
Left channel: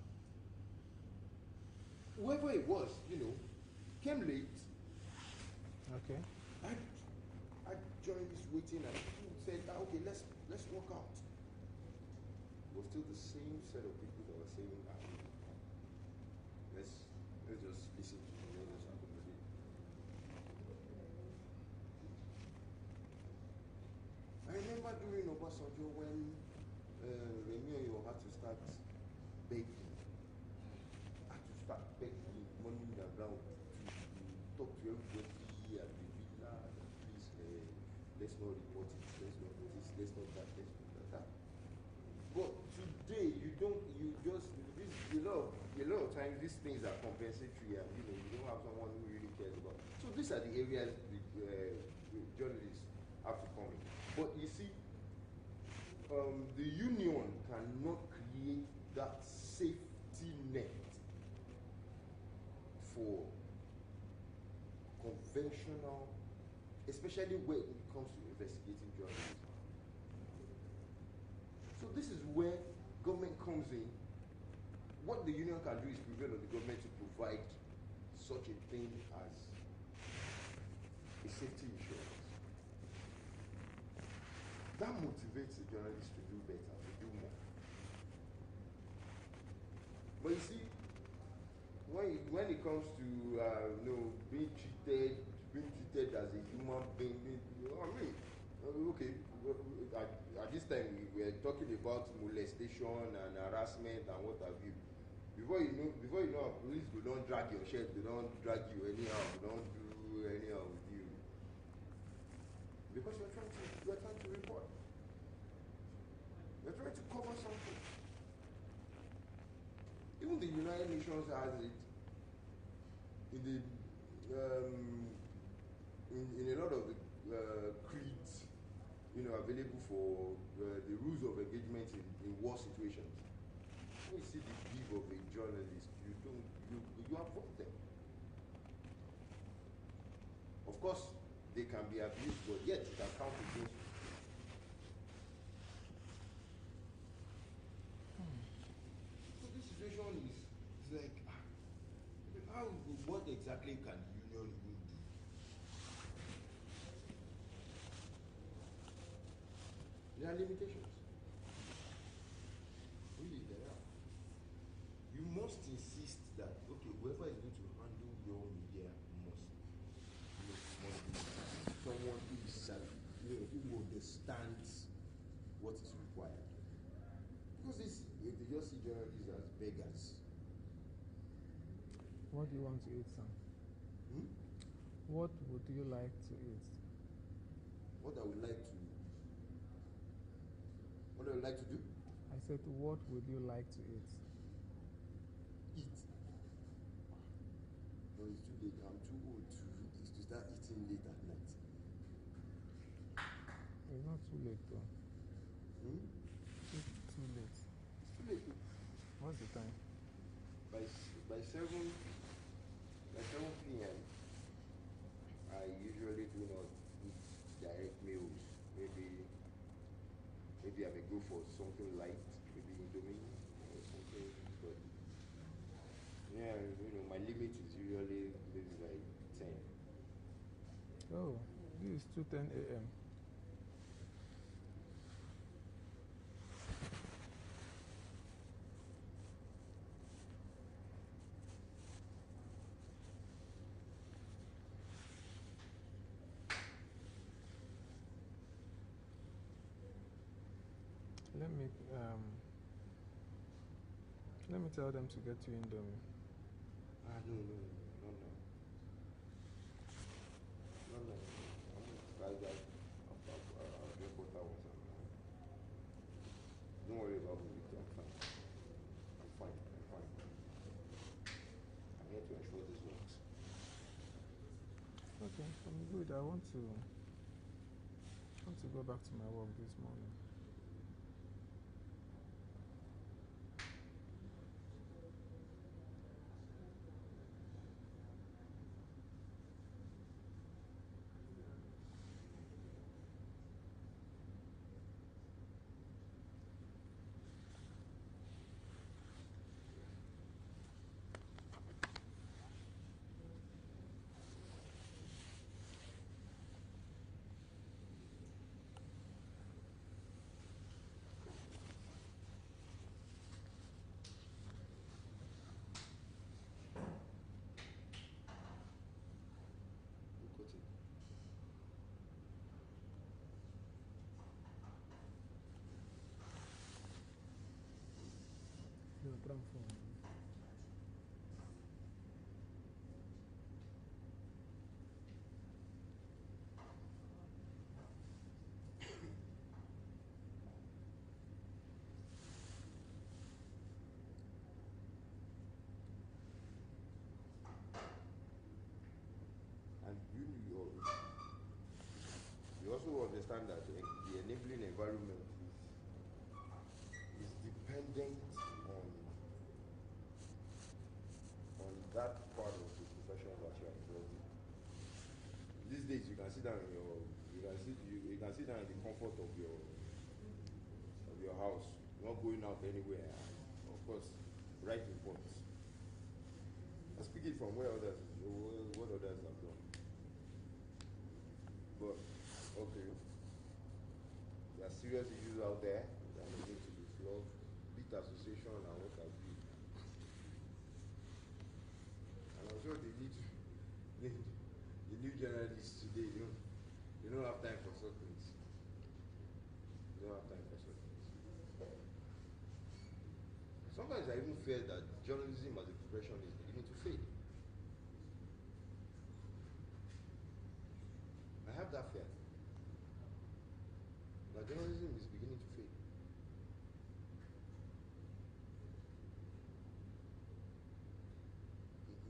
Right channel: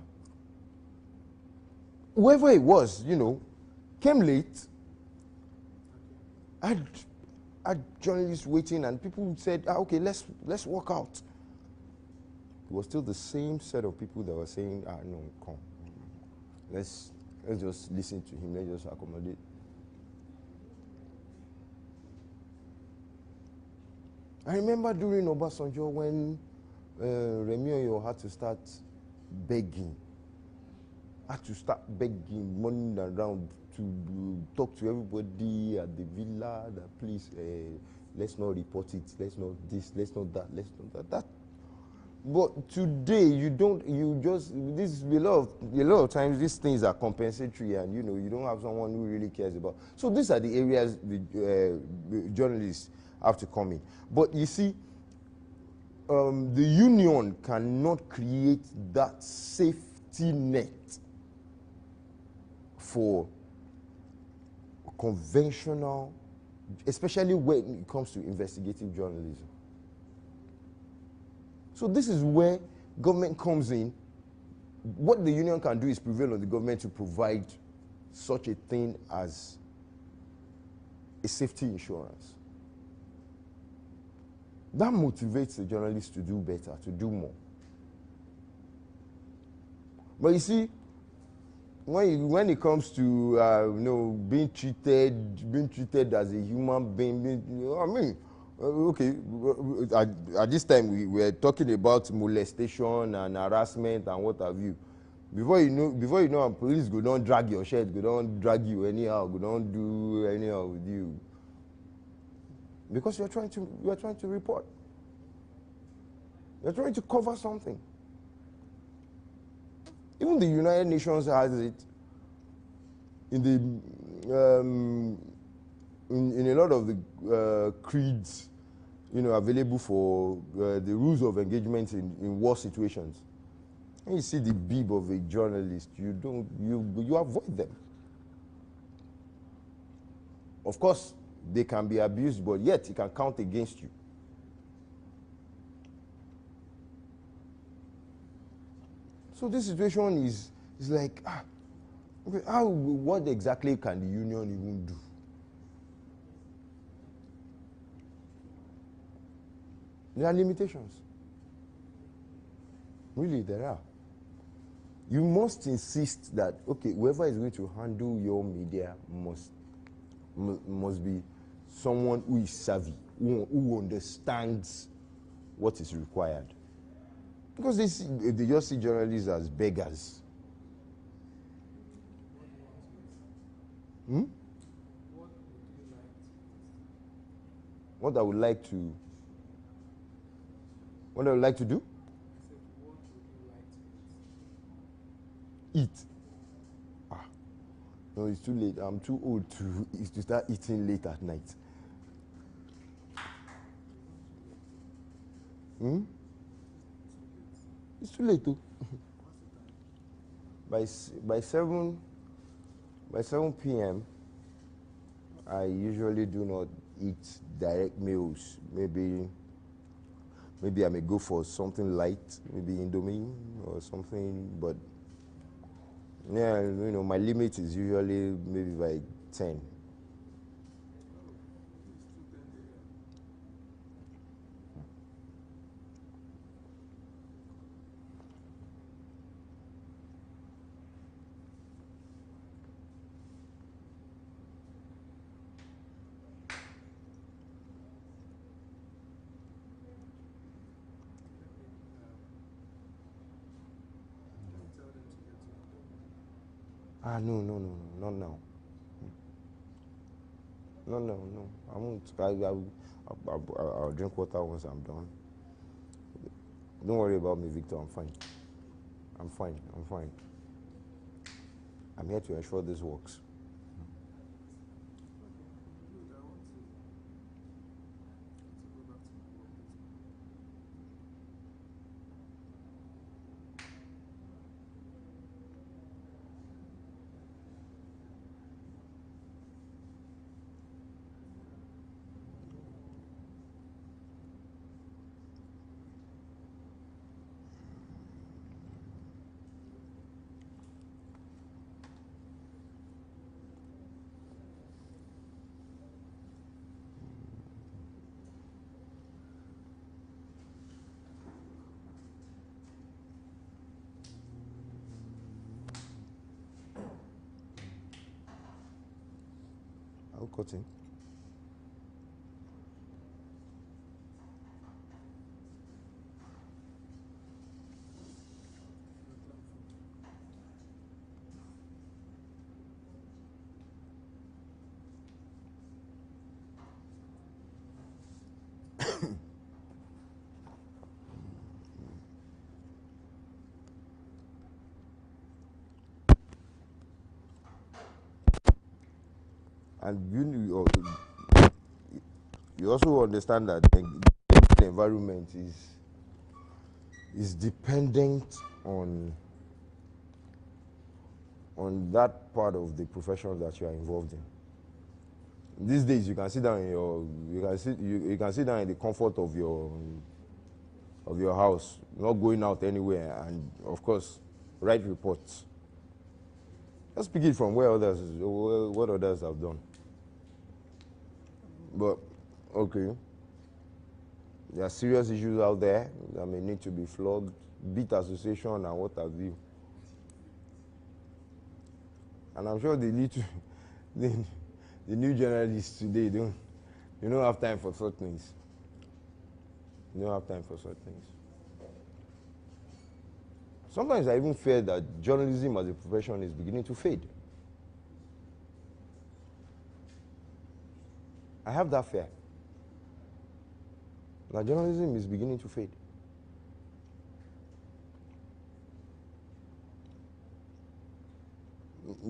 Whoever it was, came late. Okay. had journalists waiting, and people said, okay, let's walk out. It was still the same set of people that were saying, no, come. Let's just listen to him, let's just accommodate. I remember during Obasanjo when Remi Oyo had to start begging. Had to start begging, running around to talk to everybody at the villa that please, let's not report it, let's not this, let's not that, let's not that. But today this a lot of times these things are compensatory, and you don't have someone who really cares about. So these are the areas the journalists have to come in. But you see, the union cannot create that safety net for conventional, especially when it comes to investigative journalism. So this is where government comes in. What the union can do is prevail on the government to provide such a thing as a safety insurance. That motivates the journalists to do better, to do more. But you see, when it comes to being treated as a human being, okay, at this time we were talking about molestation and harassment and what have you. Before you know, police go don't drag your shirt, go don't drag you anyhow, go don't do anyhow with you. Because you're trying to report. You're trying to cover something. Even the United Nations has it in a lot of the creeds, available for the rules of engagement in war situations. When you see the bib of a journalist, you avoid them. Of course, they can be abused, but yet it can count against you. So this situation is like, okay, what exactly can the union even do? There are limitations. Really, there are. You must insist that, okay, whoever is going to handle your media must be someone who is savvy, who understands what is required. Because they just see journalists as beggars. What do you want to eat, sir? What would you like to eat? What I would like to do? I said, what would you like to eat? No, it's too late. I'm too old to start eating late at night. It's not too late, though. It's too late, though. What's the time? By 7 p.m., I usually do not eat direct meals. Maybe I may go for something light, maybe Indomie or something, but yeah, my limit is usually maybe by 10. Oh, this is 2:10 a.m. Let me tell them to get you Indomie. No, not now. No. I won't. I'll drink water once I'm done. Don't worry about me, Victor. I'm fine. I'm here to ensure this works. Okay, I'm good. I want to go back to my work this morning. cutting. And you also understand that the environment is dependent on that part of the profession that you are involved in. These days, you can sit down in you can sit down in the comfort of your house, not going out anywhere, and of course, write reports. Let's pick it from what others have done. But okay, there are serious issues out there that may need to be flogged, beat association and what have you. And I'm sure they need to, the new journalists today don't have time for such things. You don't have time for such things. Sometimes I even fear that journalism as a profession is beginning to fade. I have that fear. That journalism is beginning to fade.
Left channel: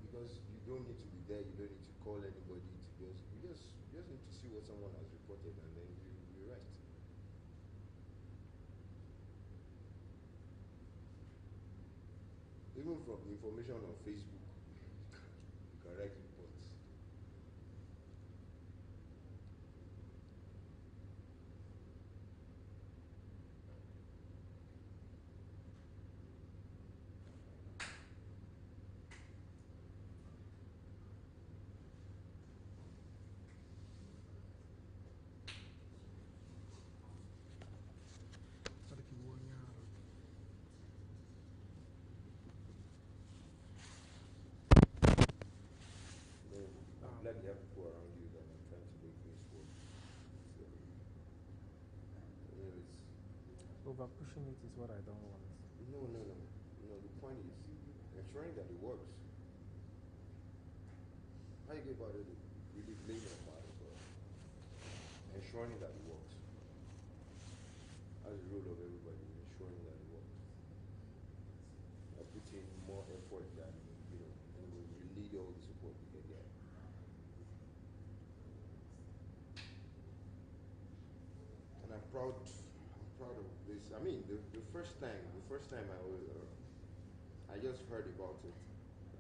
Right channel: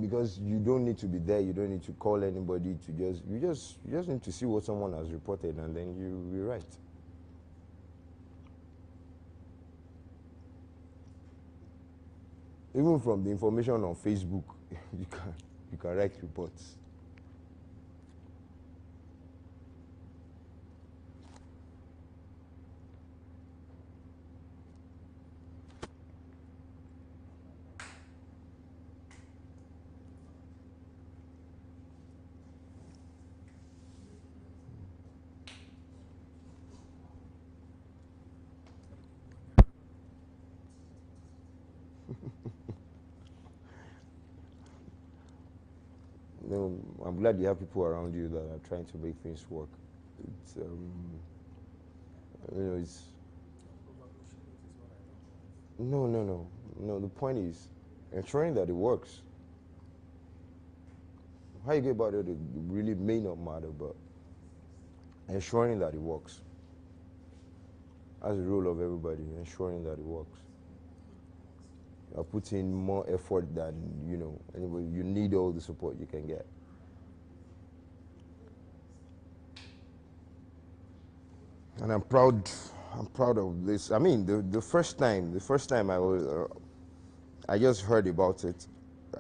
Because you don't need to be there, you don't need to call anybody you just need to see what someone has reported and then you write. Even from the information on Facebook, you can write reports. I'm glad you have people around you that are trying to make things work. It's it's over pushing it is what I don't want. No. The point is ensuring that it works. How you go about it really may not matter, but ensuring that it works. That's the role of everybody, ensuring that it works. You're putting more effort than anybody. You need all the support you can get. And I'm proud of this. I mean, the first time I just heard about it.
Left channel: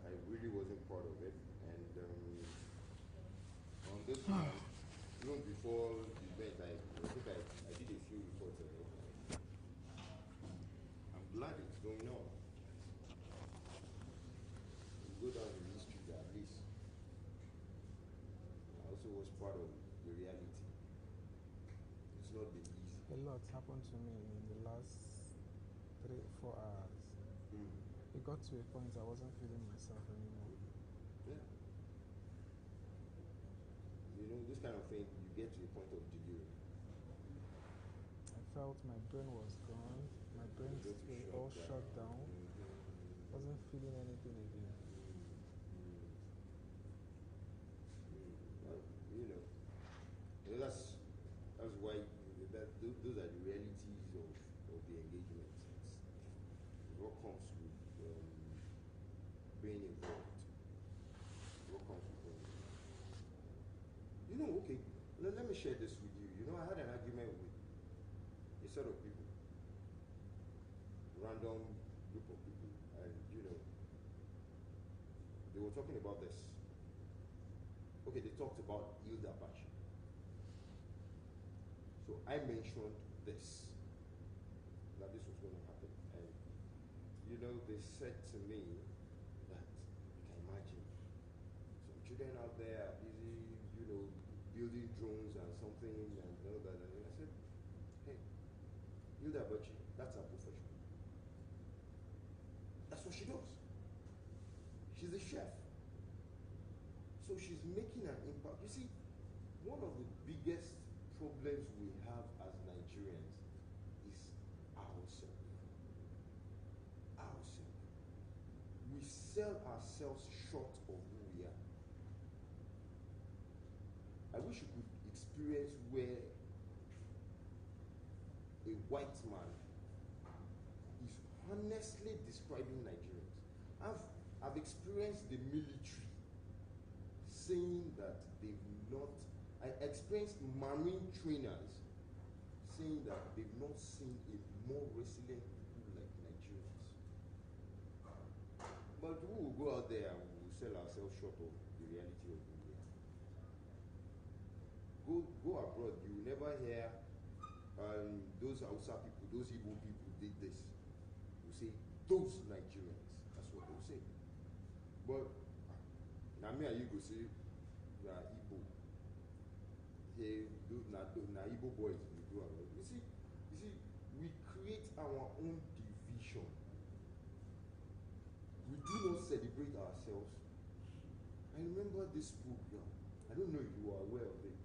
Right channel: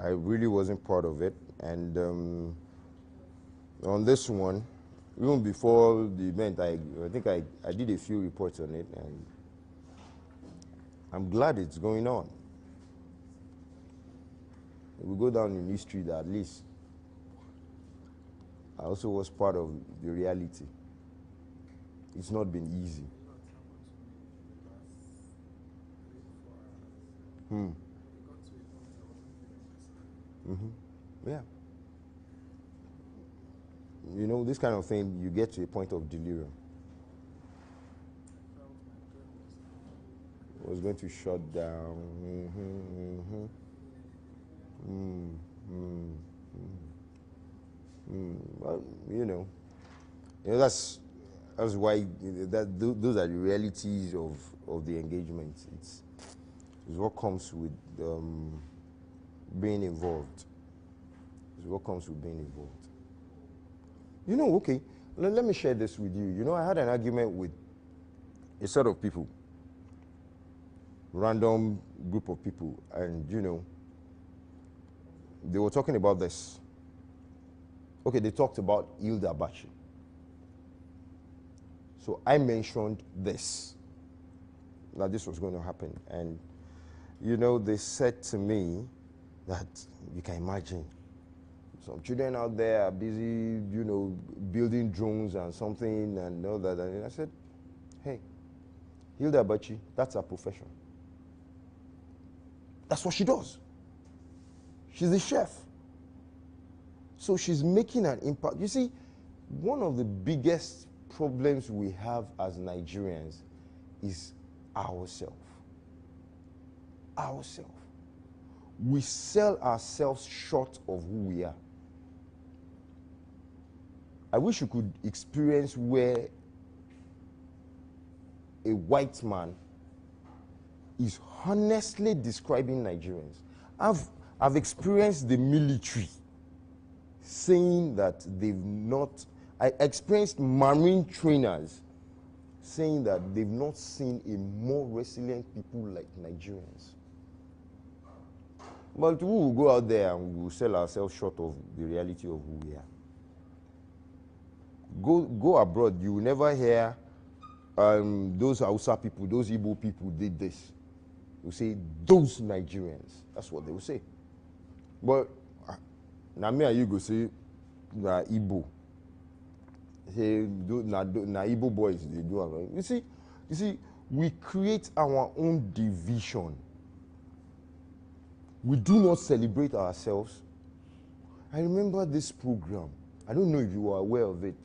I really wasn't part of it, and on this one, even before the event, I think I did a few reports on it, and I'm glad it's going on. It will go down in history that at least I also was part of the reality. It's not been easy. A lot happened to me in the last 3 or 4 hours. It got to a point I wasn't feeling myself anymore. Yeah. This kind of thing, you get to a point of delirium. I felt my brain was gone. It was going to shut down. I wasn't feeling anything again. Well, that's why those are the realities of the engagement. It's what comes with being involved. It's what comes with being involved. Okay, let me share this with you. I had an argument with a set of people, random group of people, and they were talking about this. Okay, they talked about Hilda Baci. So I mentioned this, that this was going to happen. And, they said to me that you can imagine some children out there are busy, building drones and something and all that. And I said, hey, Hilda Baci, that's her profession. That's what she does. She's a chef. So she's making an impact. You see, one of the biggest problems we have as Nigerians is ourselves. Ourselves. We sell ourselves short of who we are. I wish you could experience where a white man is honestly describing Nigerians. I've experienced the military saying that they've not, I experienced Marine trainers saying that they've not seen a more resilient people like Nigerians. But we will go out there and we will sell ourselves short of the reality of who we are. Go abroad, you will never hear those Hausa people, those Igbo people did this. You say, those Nigerians. That's what they will say. But now me and you go say, na Igbo. Say, na Igbo boys, they do it. You see, we create our own division. We do not celebrate ourselves. I remember this program. I don't know if you are aware of it.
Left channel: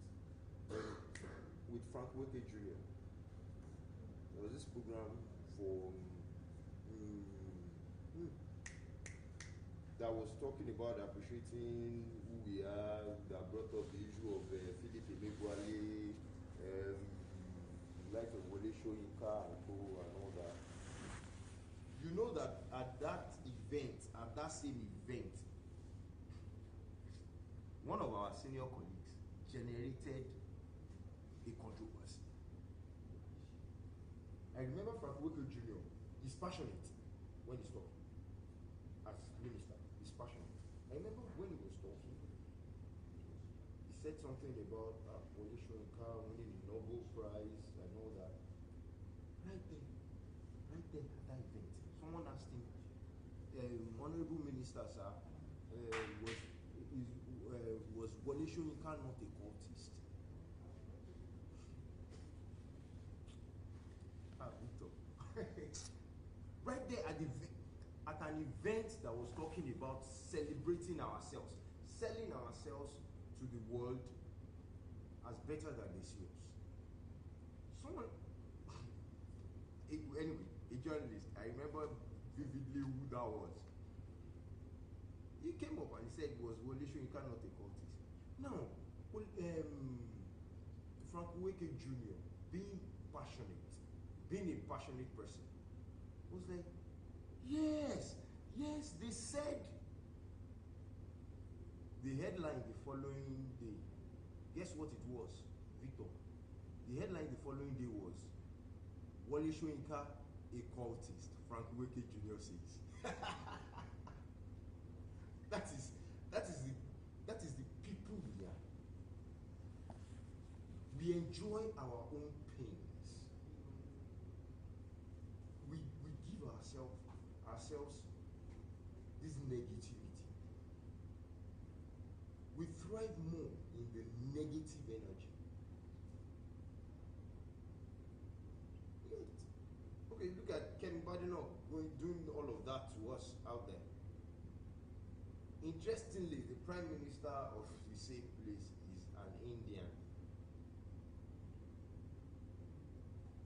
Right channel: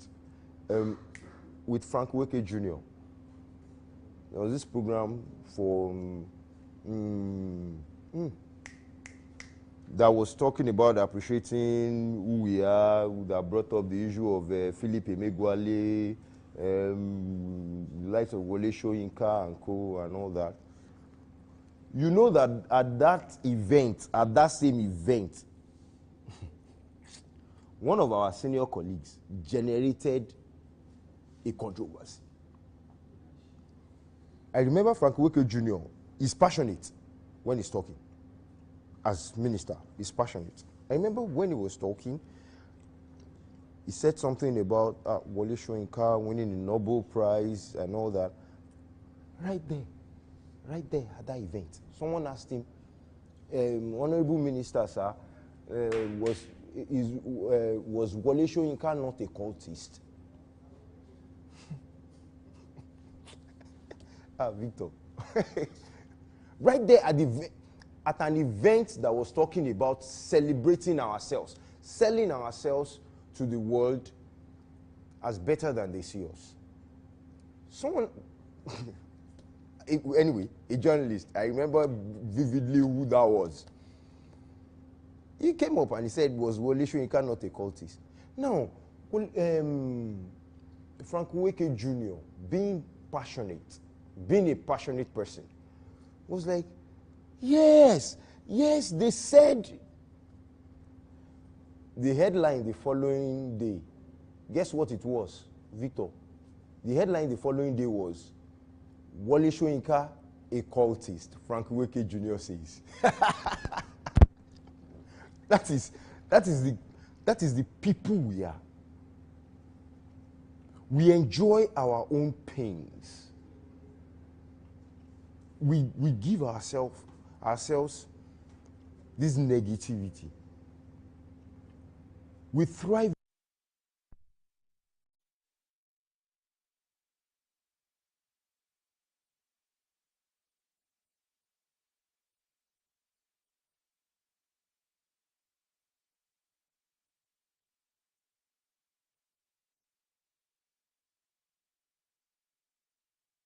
With Frank Weke Jr. There was this program for that was talking about appreciating who we are, that brought up the issue of Philip Emeagwali, the likes of Wole Soyinka and co and all that. You know that at that event, at that same event, one of our senior colleagues generated a controversy. I remember Frank Weke Jr. is passionate when he's talking. As minister, he's passionate. I remember when he was talking, he said something about Wole Soyinka winning the Nobel Prize and all that. Right there at that event, someone asked him, Honorable Minister, sir, was Wole Soyinka not a cultist? Victor. Right there at an event that was talking about celebrating ourselves, selling ourselves to the world as better than they see us. Someone, anyway, a journalist, I remember vividly who that was. He came up and he said, was Wole Soyinka not a cultist? Now, Frank Weke Jr., being a passionate person, was like, yes, they said. The headline the following day, guess what it was, Victor? The headline the following day was, Wole Soyinka, a cultist, Frank Weke Jr. says. That is the people we are. We enjoy our own pains. We give ourselves this negativity. We thrive more in the negative energy. Okay, look at Ken Badenoch doing all of that to us out there. Interestingly, the Prime Minister of the same place is an Indian.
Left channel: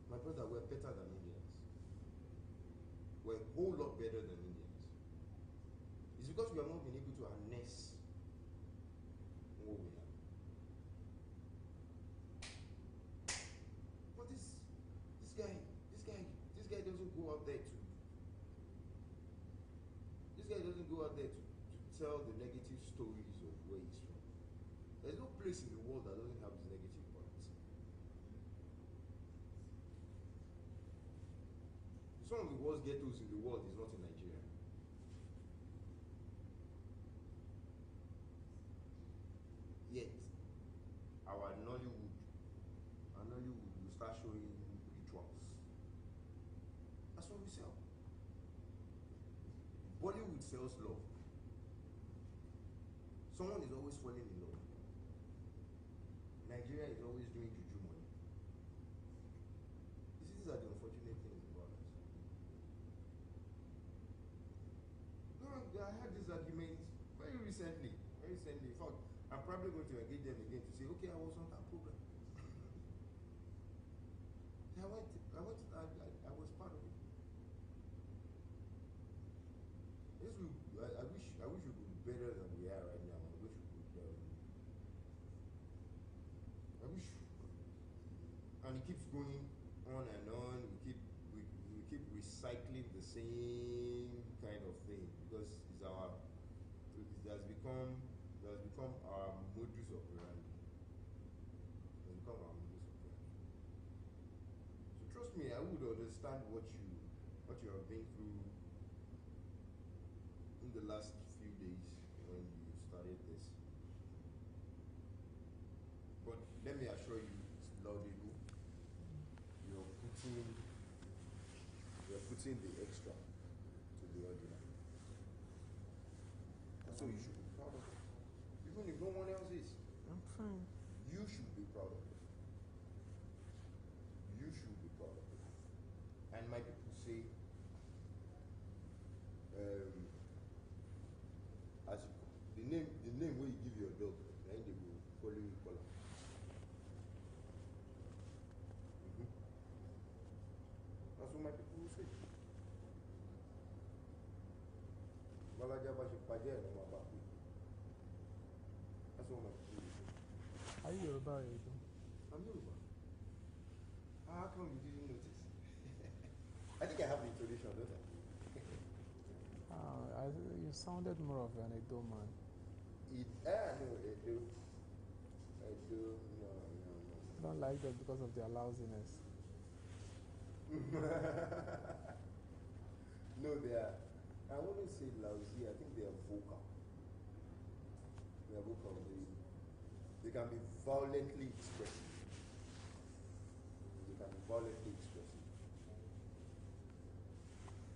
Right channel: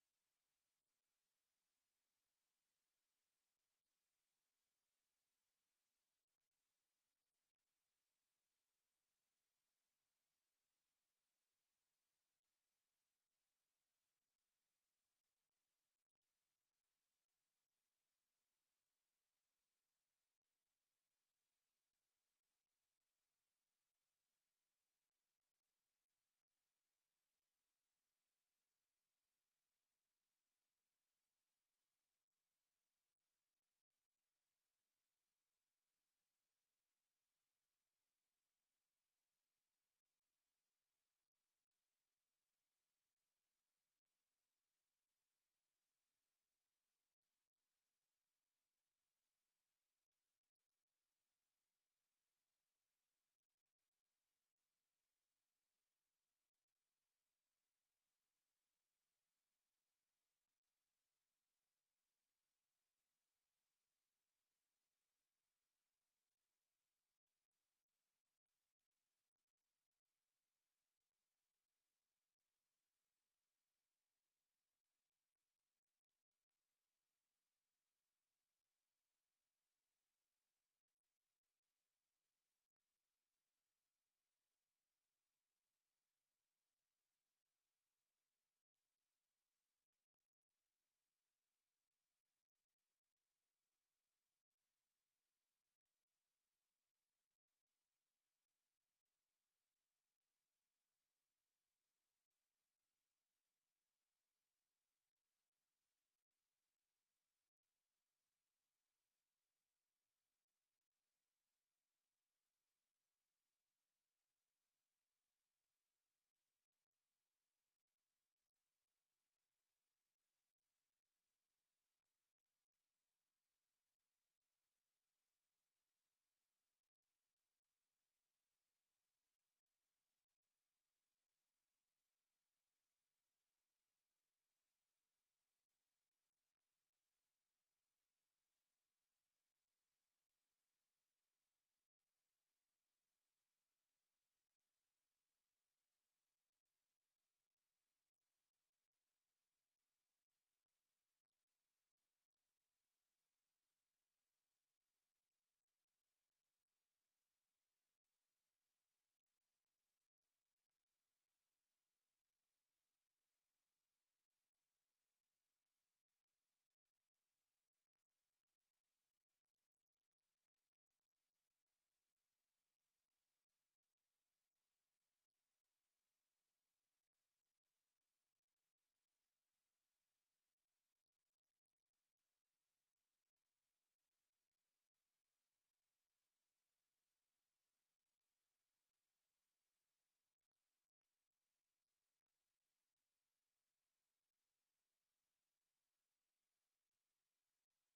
My brother, we're better than Indians. We're a whole lot better than Indians. It's because we have not been able to harness what we have. But this guy doesn't go out there to. This guy doesn't go out there to tell the negative stories of where he's from. There's no place in the world that doesn't have its negative parts. Some of the worst ghettos in the world is not in Nigeria. Yet, our Nollywood will start showing rituals. That's what we sell. Bollywood sells love. Someone is always falling in love. Nigeria is always doing juju money. These are the unfortunate things about us. No, I had this argument very recently. In fact, probably going to engage them again to say, okay, I was on that program. I was part of it. I wish we could be better than we are right now. I wish we could, I wish, and it keeps going on and on. We keep recycling the same kind of thing because it has become our modus operandi. It has become our modus operandi. So trust me, I would understand what you have been through in the last few days when you started this. But let me assure you, it's laudable. You're putting the extra to the ordinary. So you should be proud of it. Even if no one else is. I'm fine. You should be proud of it. You should be proud of it. And my people say, as you, the name where you give your dog, then they will follow you color. That's what my people will say. That's what my people will say. Are you Yoruba? I'm Yoruba. How come you didn't notice? I think I have the intonation, don't I? You sounded more of an Edo man. No, Edo. No. I don't like that because of their lousiness. No, they are. I wouldn't say lousy. I think they are vocal. They are vocal. They can be violently expressive.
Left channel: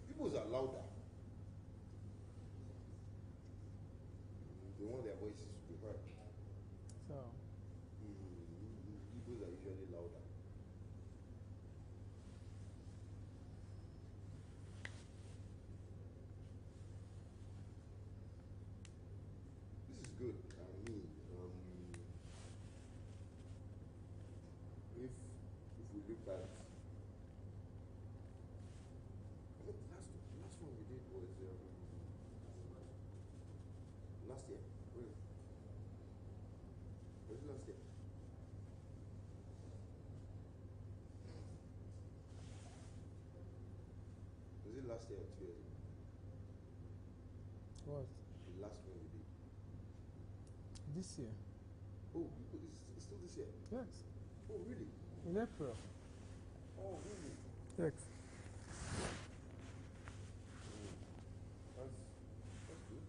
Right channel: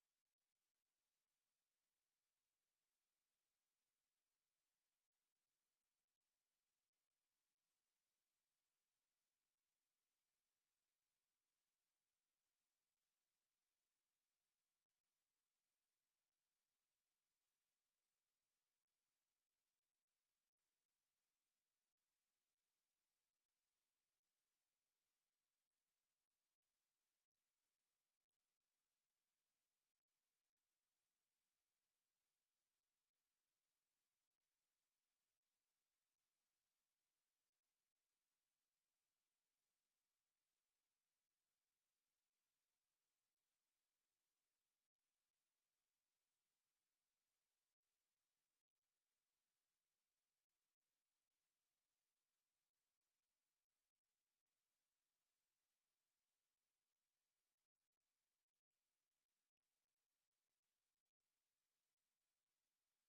People's are louder. They want their voices to be heard. So, People's are usually louder. This is good. I mean, if we look at, I think the last one we did was last year. Really? Was it last year? Was it last year or 2 years ago? what? The last one we did. This year? Oh, it's still this year? Yes. Oh, really? In April. Oh, really? Yes. That's good.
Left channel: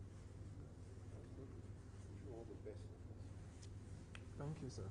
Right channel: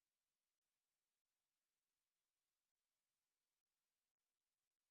That's good. Wish you all the best. Thank you, sir.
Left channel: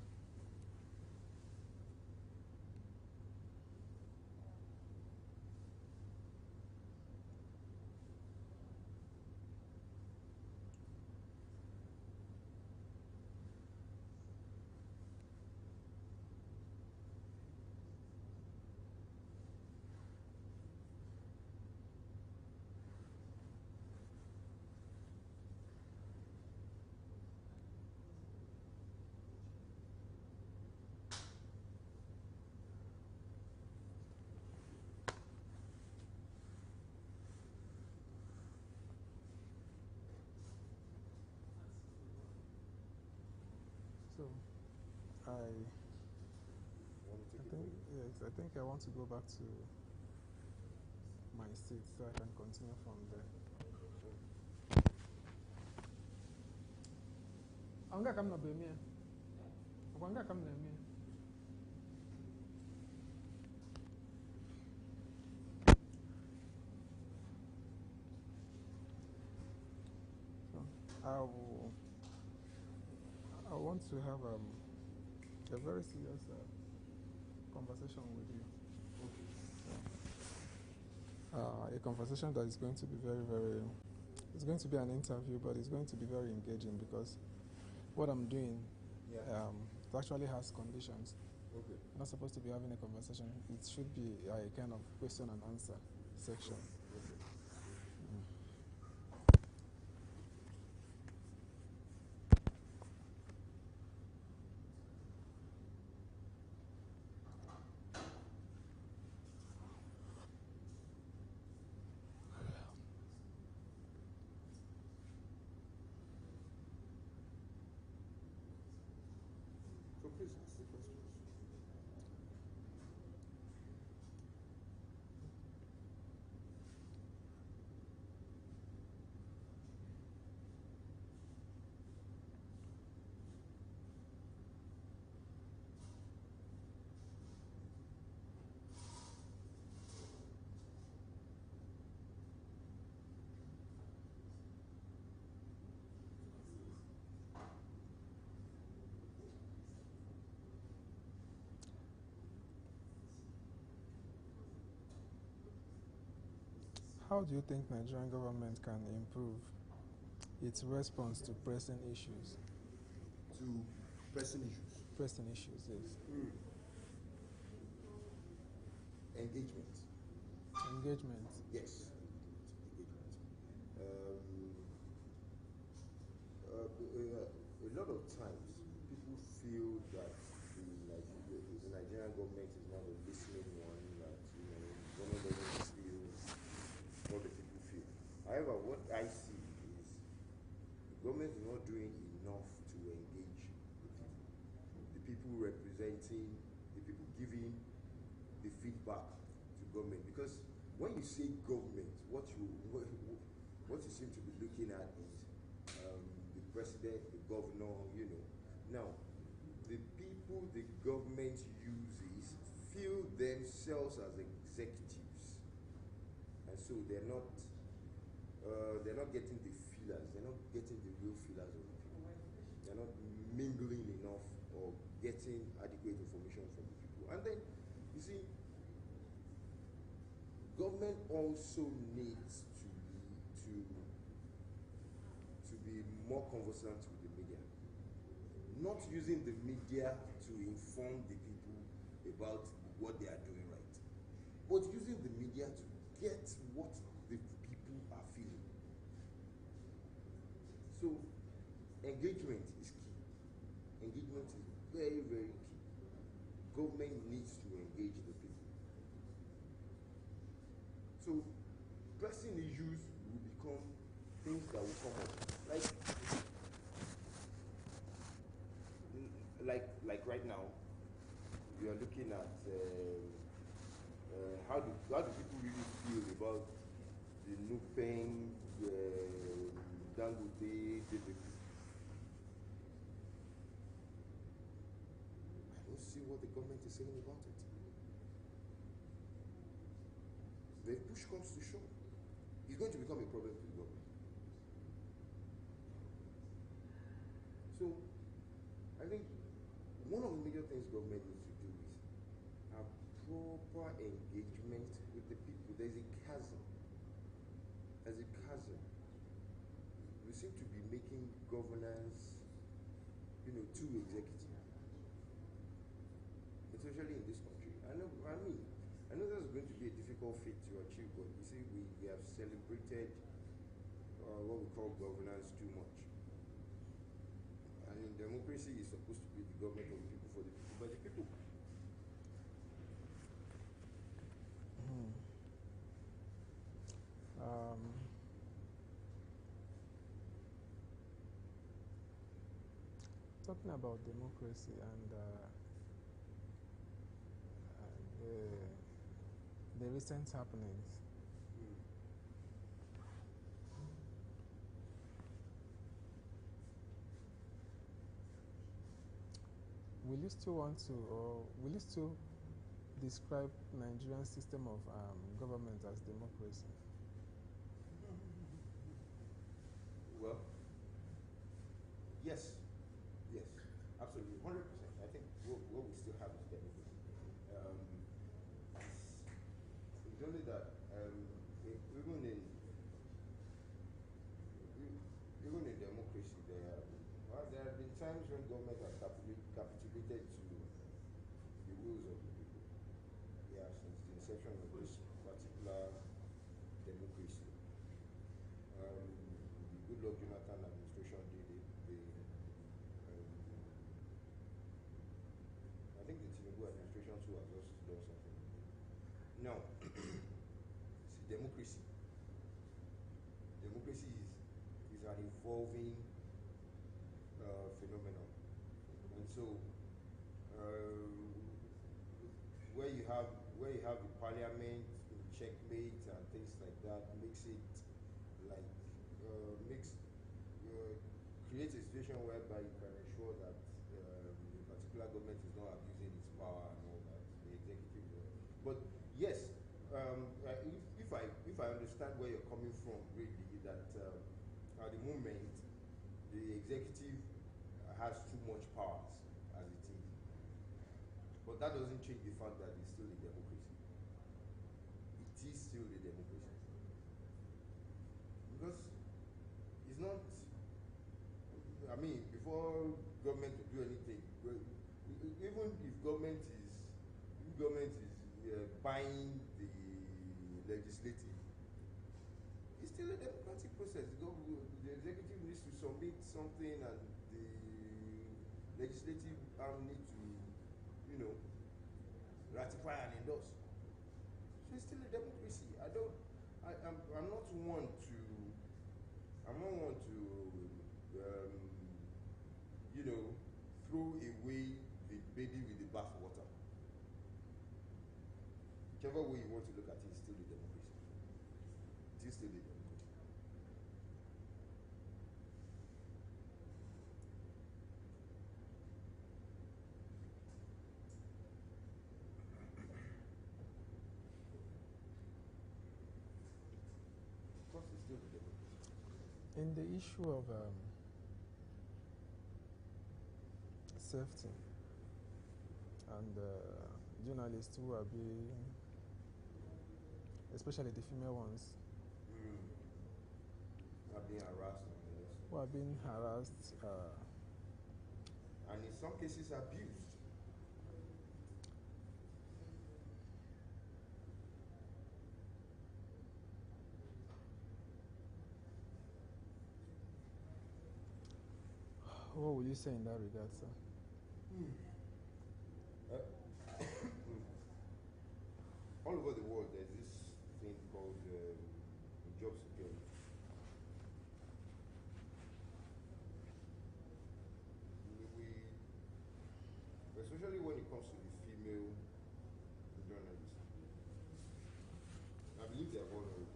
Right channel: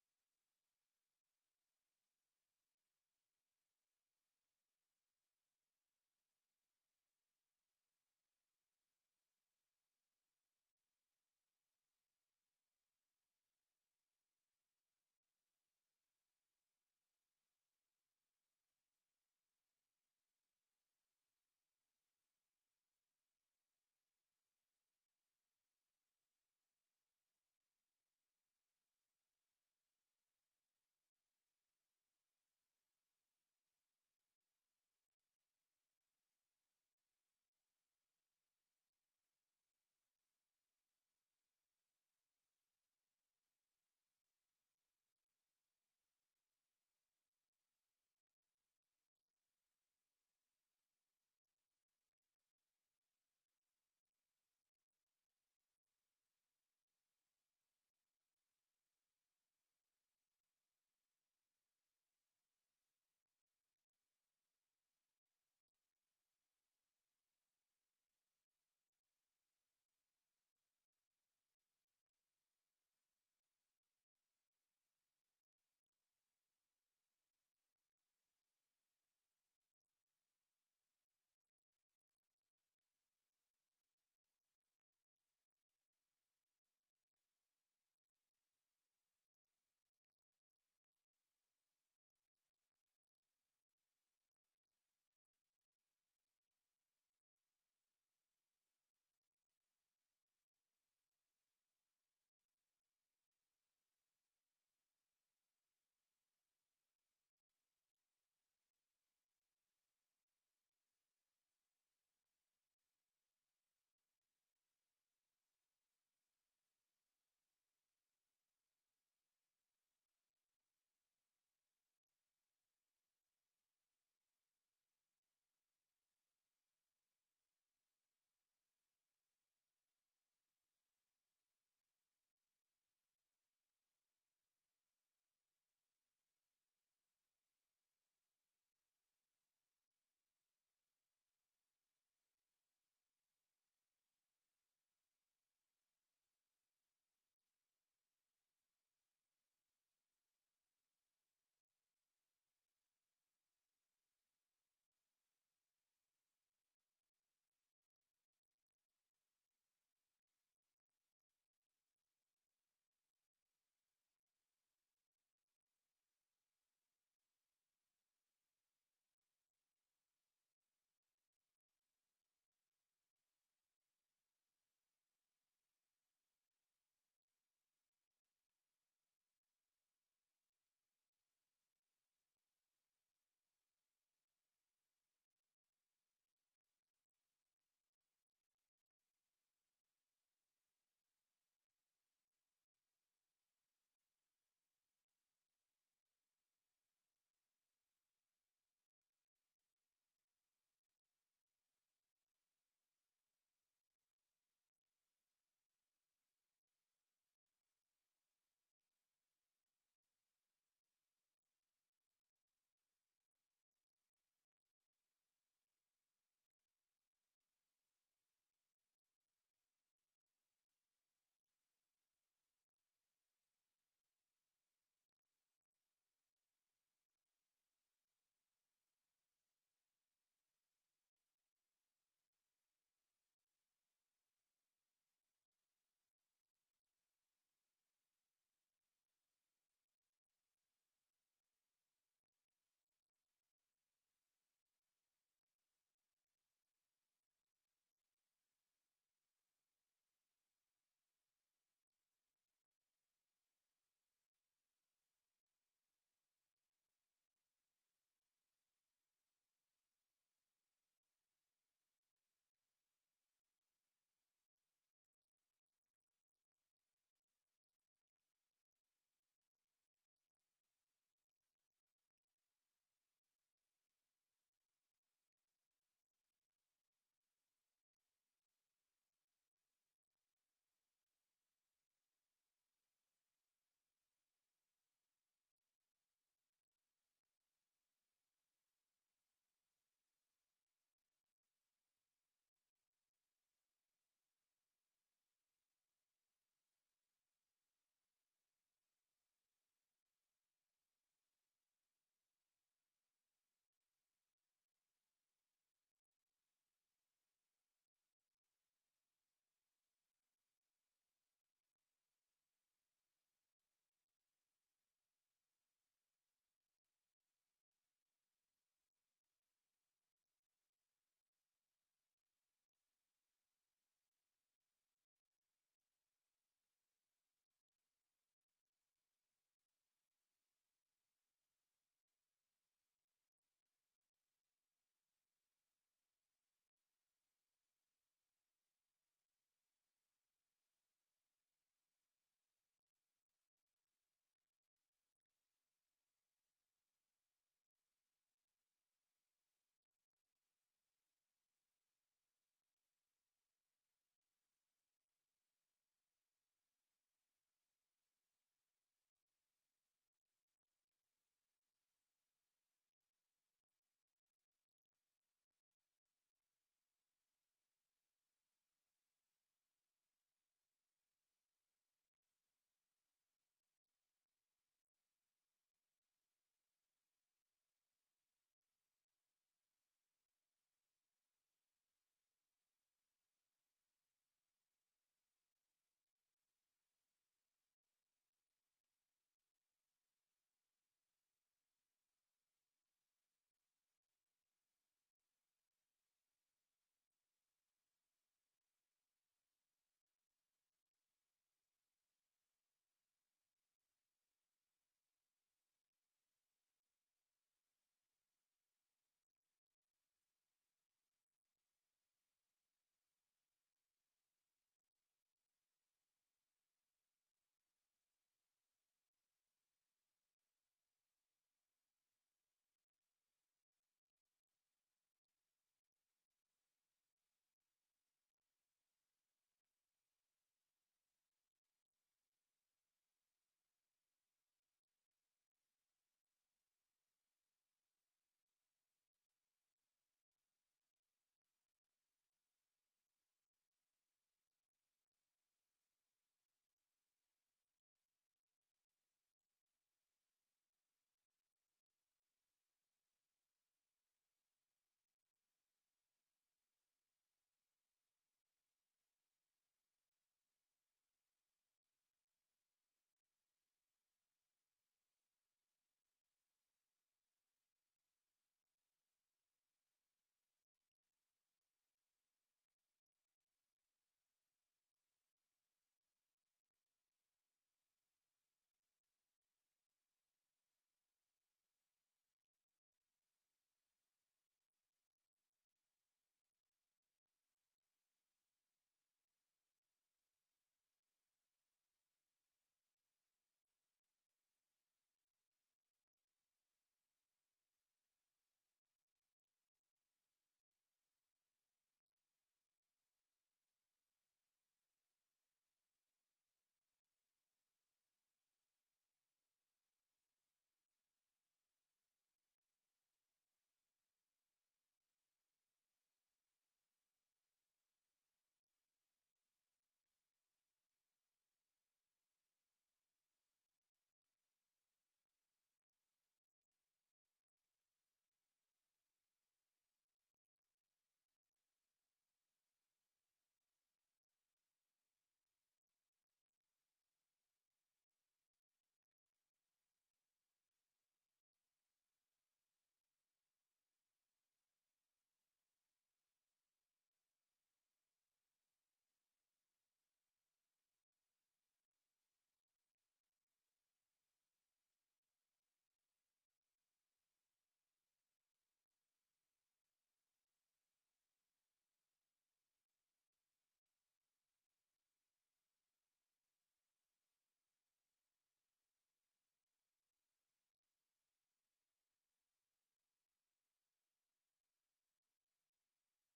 So, I think I want to go back to my seat so I can continue from there. Anga kam na bemia. Anga kam na mia. I want to have a very serious conversation with you. A conversation that is going to be very, it's going to be an interview, but it's going to be very engaging because what I'm doing it actually has conditions. Okay. I'm not supposed to be having a conversation. It should be a kind of question and answer section. Okay. How do you think Nigerian government can improve its response to pressing issues? To pressing issues? Pressing issues, yes. Engagement. Engagement? Yes. Engagement. A lot of times, people feel that the Nigerian government is not a listening one, that government doesn't feel what the people feel. However, what I see is the government is not doing enough to engage the people representing, the people giving the feedback to government. Because when you say government, what you seem to be looking at is the president, the governor, Now, the people the government uses feel themselves as executives, and so they're not getting the feelers, they're not getting the real feelers of the people. They're not mingling enough or getting adequate information from the people. And then, you see, government also needs to be more conversant with the media. Not using the media to inform the people about what they are doing right, but using the media to get what the people are feeling. So, engagement is key. Engagement is very, very key. Government needs to engage the people. So, pressing issues will become things that will come up. Like right now, we are looking at how do people really feel about the Nupeng, Dangote, DPP. I don't see what the government is saying about it. The push comes to shove, it's going to become a problem to the government. So, I think one of the major things government needs to do is have proper engagement with the people. There's a chasm. We seem to be making governance, too executive, especially in this country. I know that's going to be a difficult feat to achieve, but you see, we have celebrated what we call governance too much. I mean, democracy is supposed to be the government of the people, for the people, by the people. Talking about democracy and the recent happenings. Will you still want to, or will you still describe Nigerian system of government as democracy? Well, yes, absolutely, 100%. I think what we still have is democracy. It's only that even in democracy, there have been times when government has capitulated to the wills of the people. Yeah, since the inception of this particular democracy. The Goodluck Jonathan administration did it. I think the Tinubu administration too has also done something. Now, see, democracy is an evolving phenomenon, and so where you have the parliament in checkmate and things like that makes it like creates a situation whereby you can ensure that the particular government is not abusing its power and all that, the executive. But yes, if I understand where you're coming from, really, that at the moment the executive has too much powers as it is, but that doesn't change the fact that it's still a democracy. It is still a democracy. before government to do anything, even if government is buying the legislative, it's still a democratic process. The executive needs to submit something, and the legislative arm needs to, ratify and endorse. So it's still a democracy. I'm not one to throw away the baby with the bathwater. Whichever way you want to look at it, it's still a democracy. It is still a democracy. Of course, it's still a democracy. In the issue of safety and journalists who are being, especially the female ones, Are being harassed. who are being harassed, and in some cases abused. what will you say in that regard, sir? All over the world, there's this thing called job security. Especially when it comes to the female journalists, I believe they are vulnerable.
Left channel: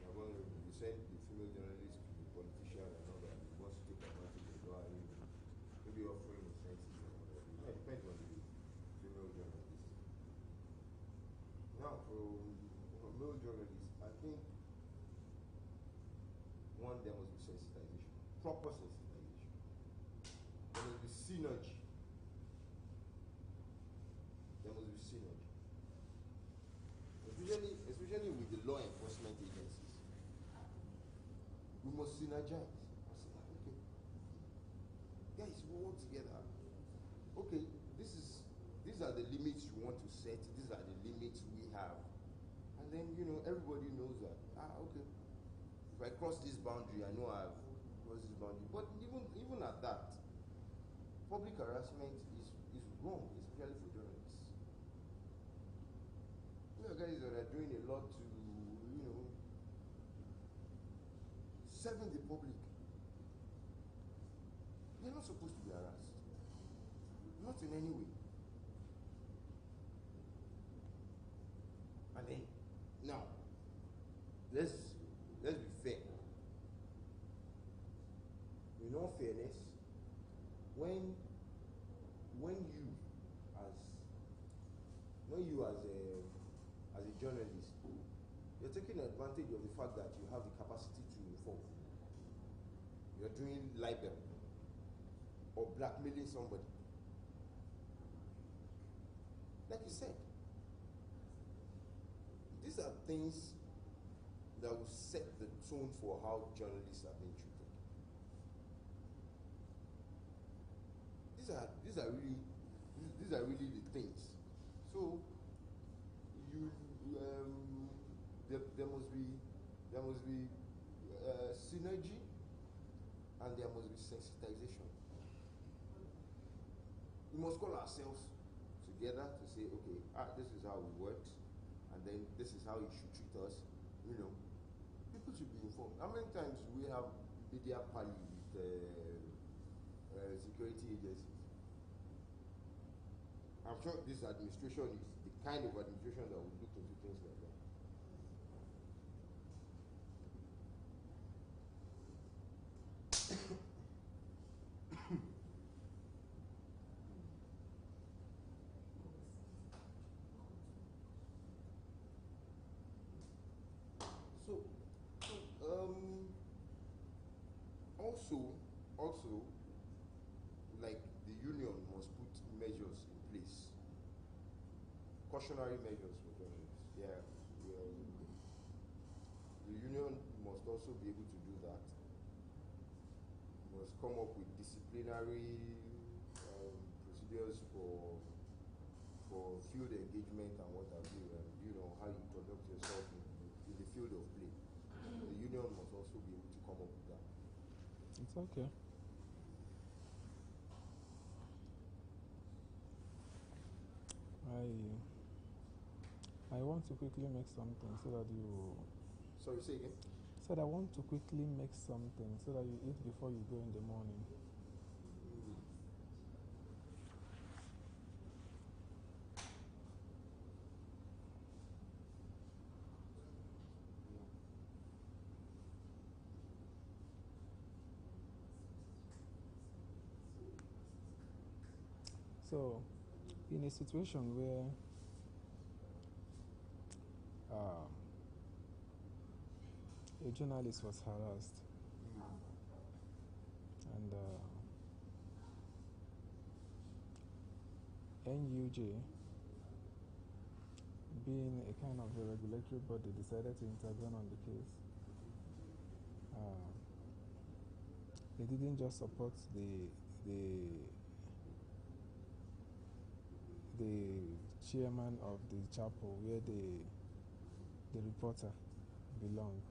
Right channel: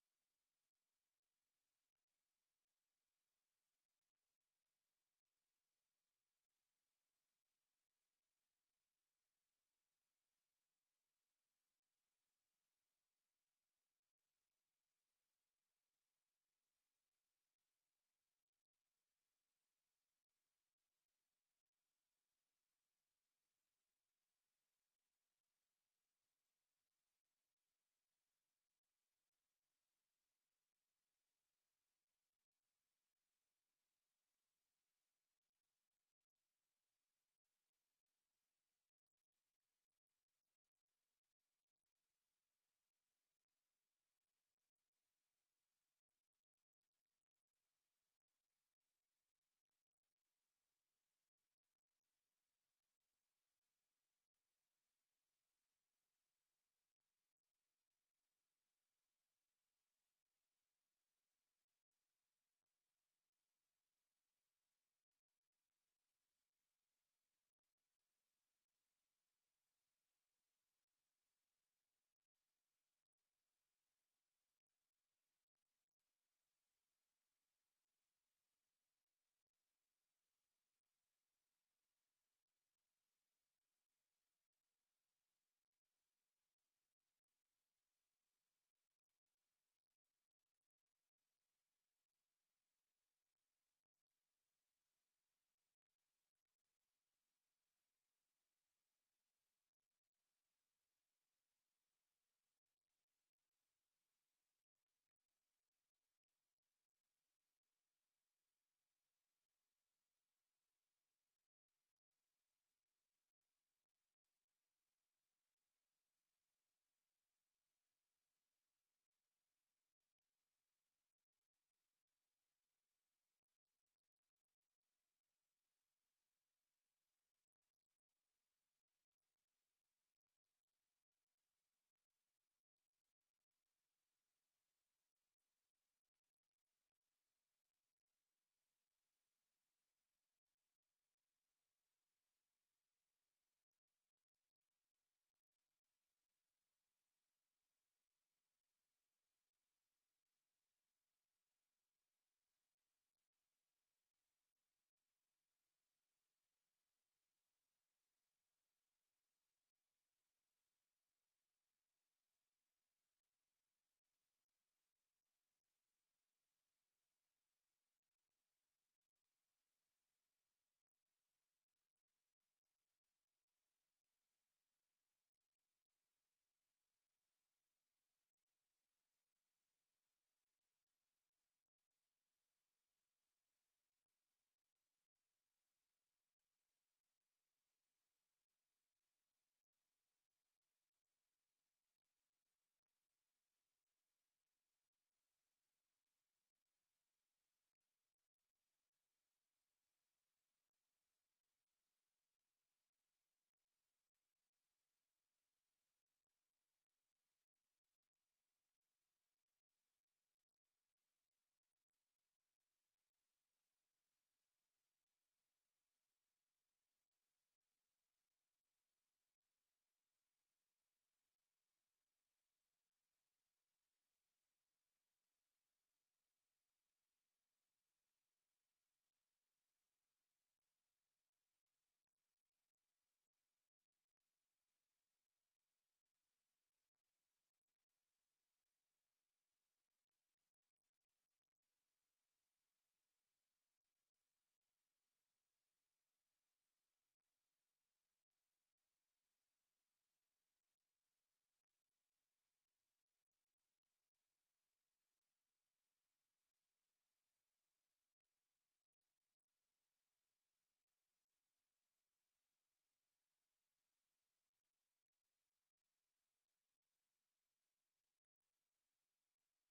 They are vulnerable. You send the female journalist to the politician and all that, he wants to take advantage of that, maybe offering incentives and all that. It depends on the female journalist. Now, for male journalists, I think one, there must be sensitization, proper sensitization. There must be synergy. There must be synergy. Especially with the law enforcement agencies. We must synergize. Okay, guys, we work together. Okay, these are the limits you want to set. These are the limits we have. And then, everybody knows that. Okay. If I cross this boundary, I know I've crossed this boundary. But even at that, public harassment is wrong, especially for journalists. We are guys that are doing a lot to, serving the public. They're not supposed to be harassed. Not in any way. And then, now, let's be fair. In all fairness, when you as a journalist, you're taking advantage of the fact that you have the capacity to inform. You're doing libel or blackmailing somebody. Like you said, these are things that will set the tone for how journalists are being treated. These are really the things. So there must be synergy, and there must be sensitization. We must call ourselves together to say, okay, this is how we work, and then this is how you should treat us. People should be informed. How many times do we have media pally with security agencies? I'm sure this administration is the kind of administration that will look into things like that. Also, like the union must put measures in place, cautionary measures for journalists. The union must also be able to do that. Must has come up with disciplinary procedures for field engagement and what have you, and you know how you conduct yourself in the field of play. The union must also be able to come up with that. It's okay. I want to quickly make something so that you... Sorry, say again? Said I want to quickly make something so that you eat before you go in the morning. So, in a situation where a journalist was harassed and NUJ, being a kind of a regulatory body, decided to intervene on the case. They didn't just support the chairman of the chapel where the reporter belonged.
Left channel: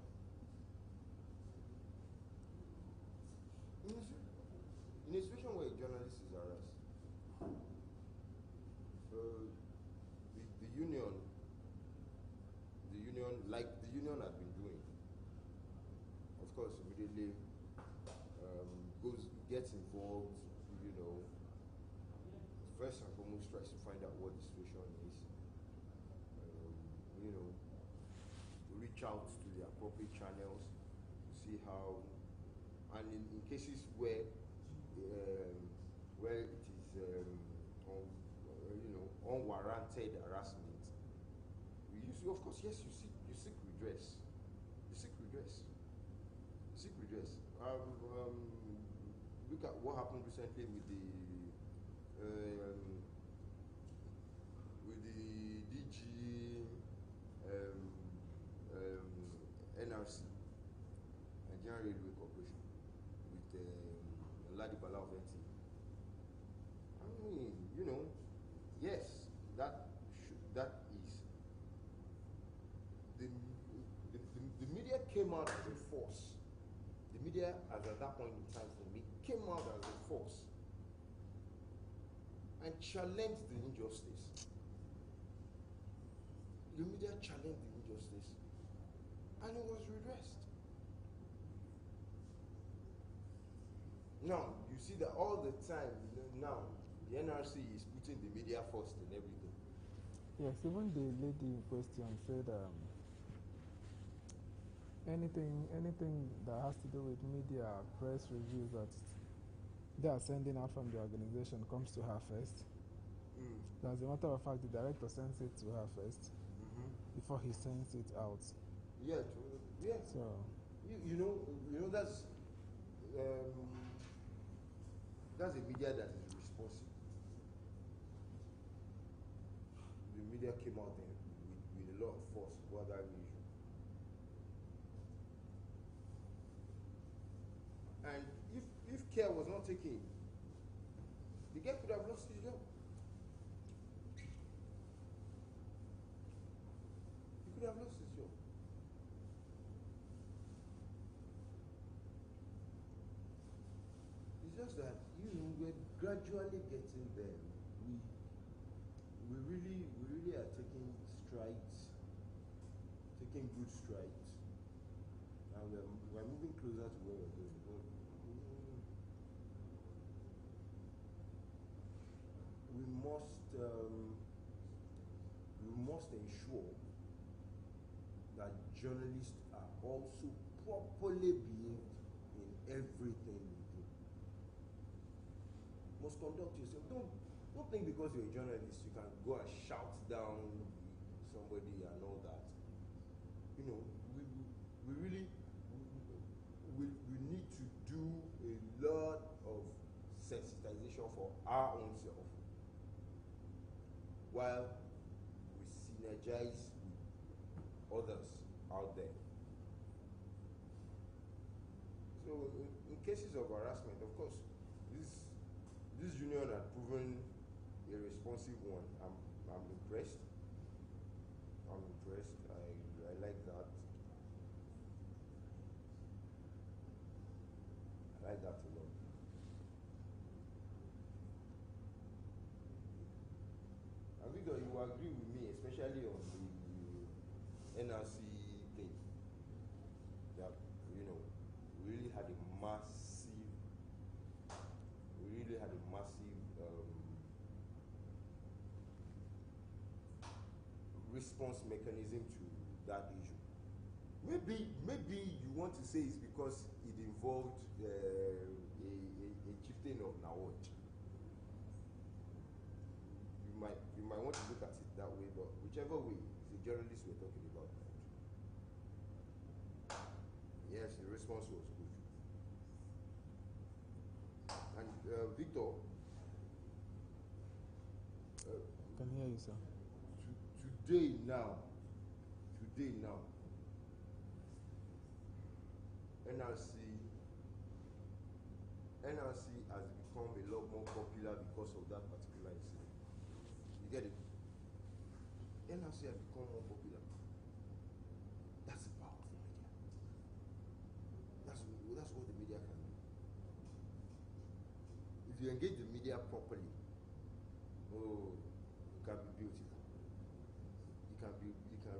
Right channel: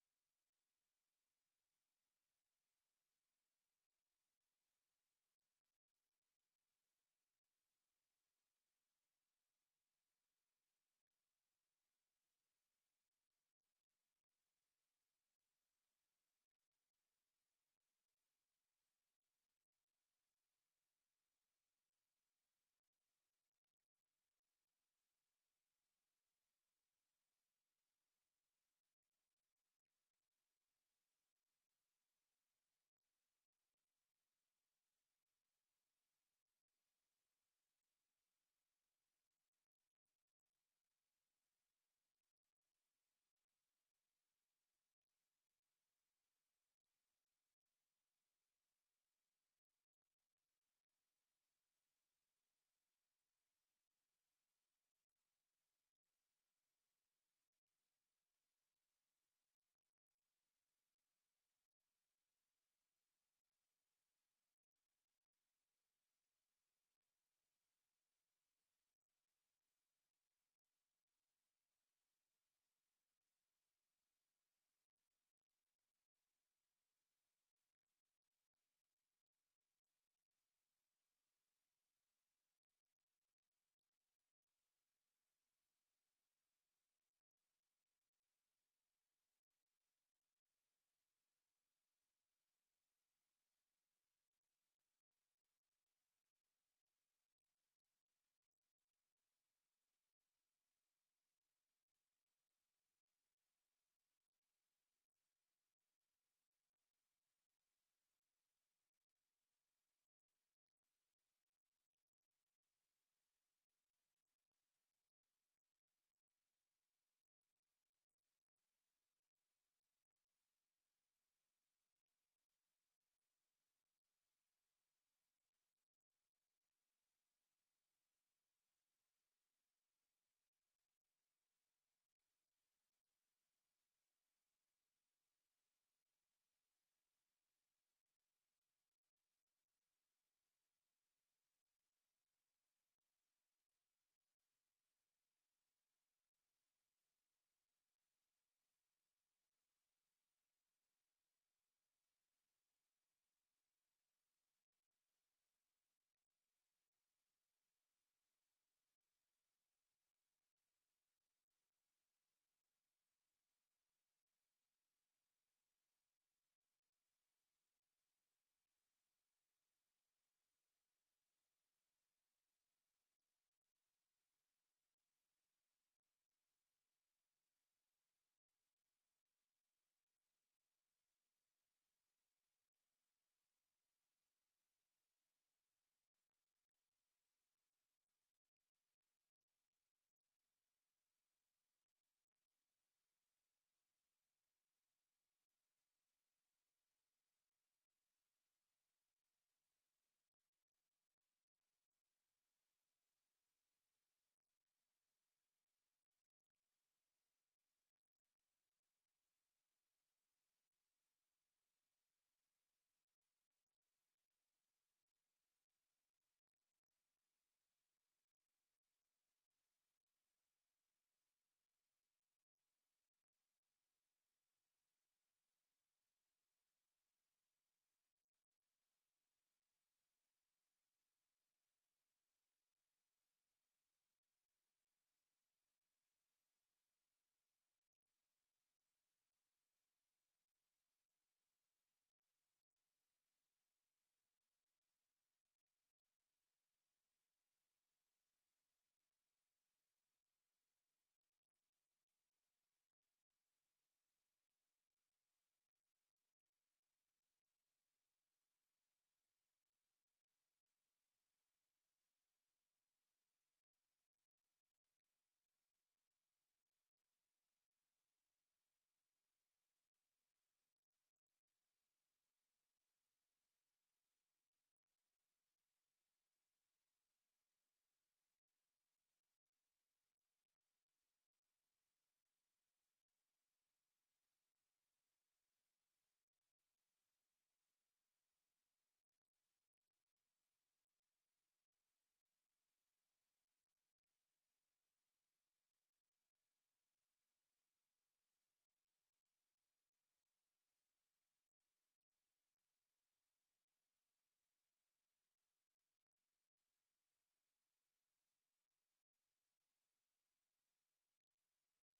In a situation where a journalist is harassed, the union, like the union had been doing, of course, immediately gets involved, you know, first and foremost tries to find out what the situation is, you know, reach out to the appropriate channels to see how, and in cases where it is unwarranted harassment, of course, yes, you seek redress. Look at what happened recently with the DG NRC, Nigerian Railway Corporation, with Ladibala of NT. I mean, you know, yes, that is the media came out as a force. The media, as at that point in time for me, came out as a force and challenged the injustice. The media challenged the injustice, and it was redressed. Now, you see that all the time, now, the NRC is putting the media first in everything. Yes, even the lady in question said anything that has to do with media, press reviews that they are sending out from the organization comes to her first. As a matter of fact, the director sends it to her first before he sends it out. Yeah, true. Yeah. So you know that's a media that is responsible. The media came out there with a lot of force about that issue. And if care was not taken, the guy could have lost his job. He could have lost his job. It's just that, we're gradually getting there. We really are taking strides, taking good strides. And we're moving closer to where we're going. But we must ensure that journalists are also properly behaved in everything we do. Must conduct yourself. Don't think because you're a journalist you can go and shout down somebody and all that. We really need to do a lot of sensitization for our own self, while we synergize with others out there. So in cases of harassment, of this union had proven a responsive one. I'm impressed. I'm impressed. I like that. I like that a lot. And Victor, you agree with me, especially on the NRC thing, that, you know, we really had a massive response mechanism to that issue. Maybe you want to say it's because it involved a chieftain of Nawaj. You might want to look at it that way, but whichever way, it's the journalists we're talking about. Yes, the response was good. And Victor, Can hear you, sir. Today now, NRC has become a lot more popular because of that particular incident. You get it? NRC has become more popular. That's the power of the media. That's what the media can do. If you engage the media properly, oh, you can be beautiful. You can really be beautiful.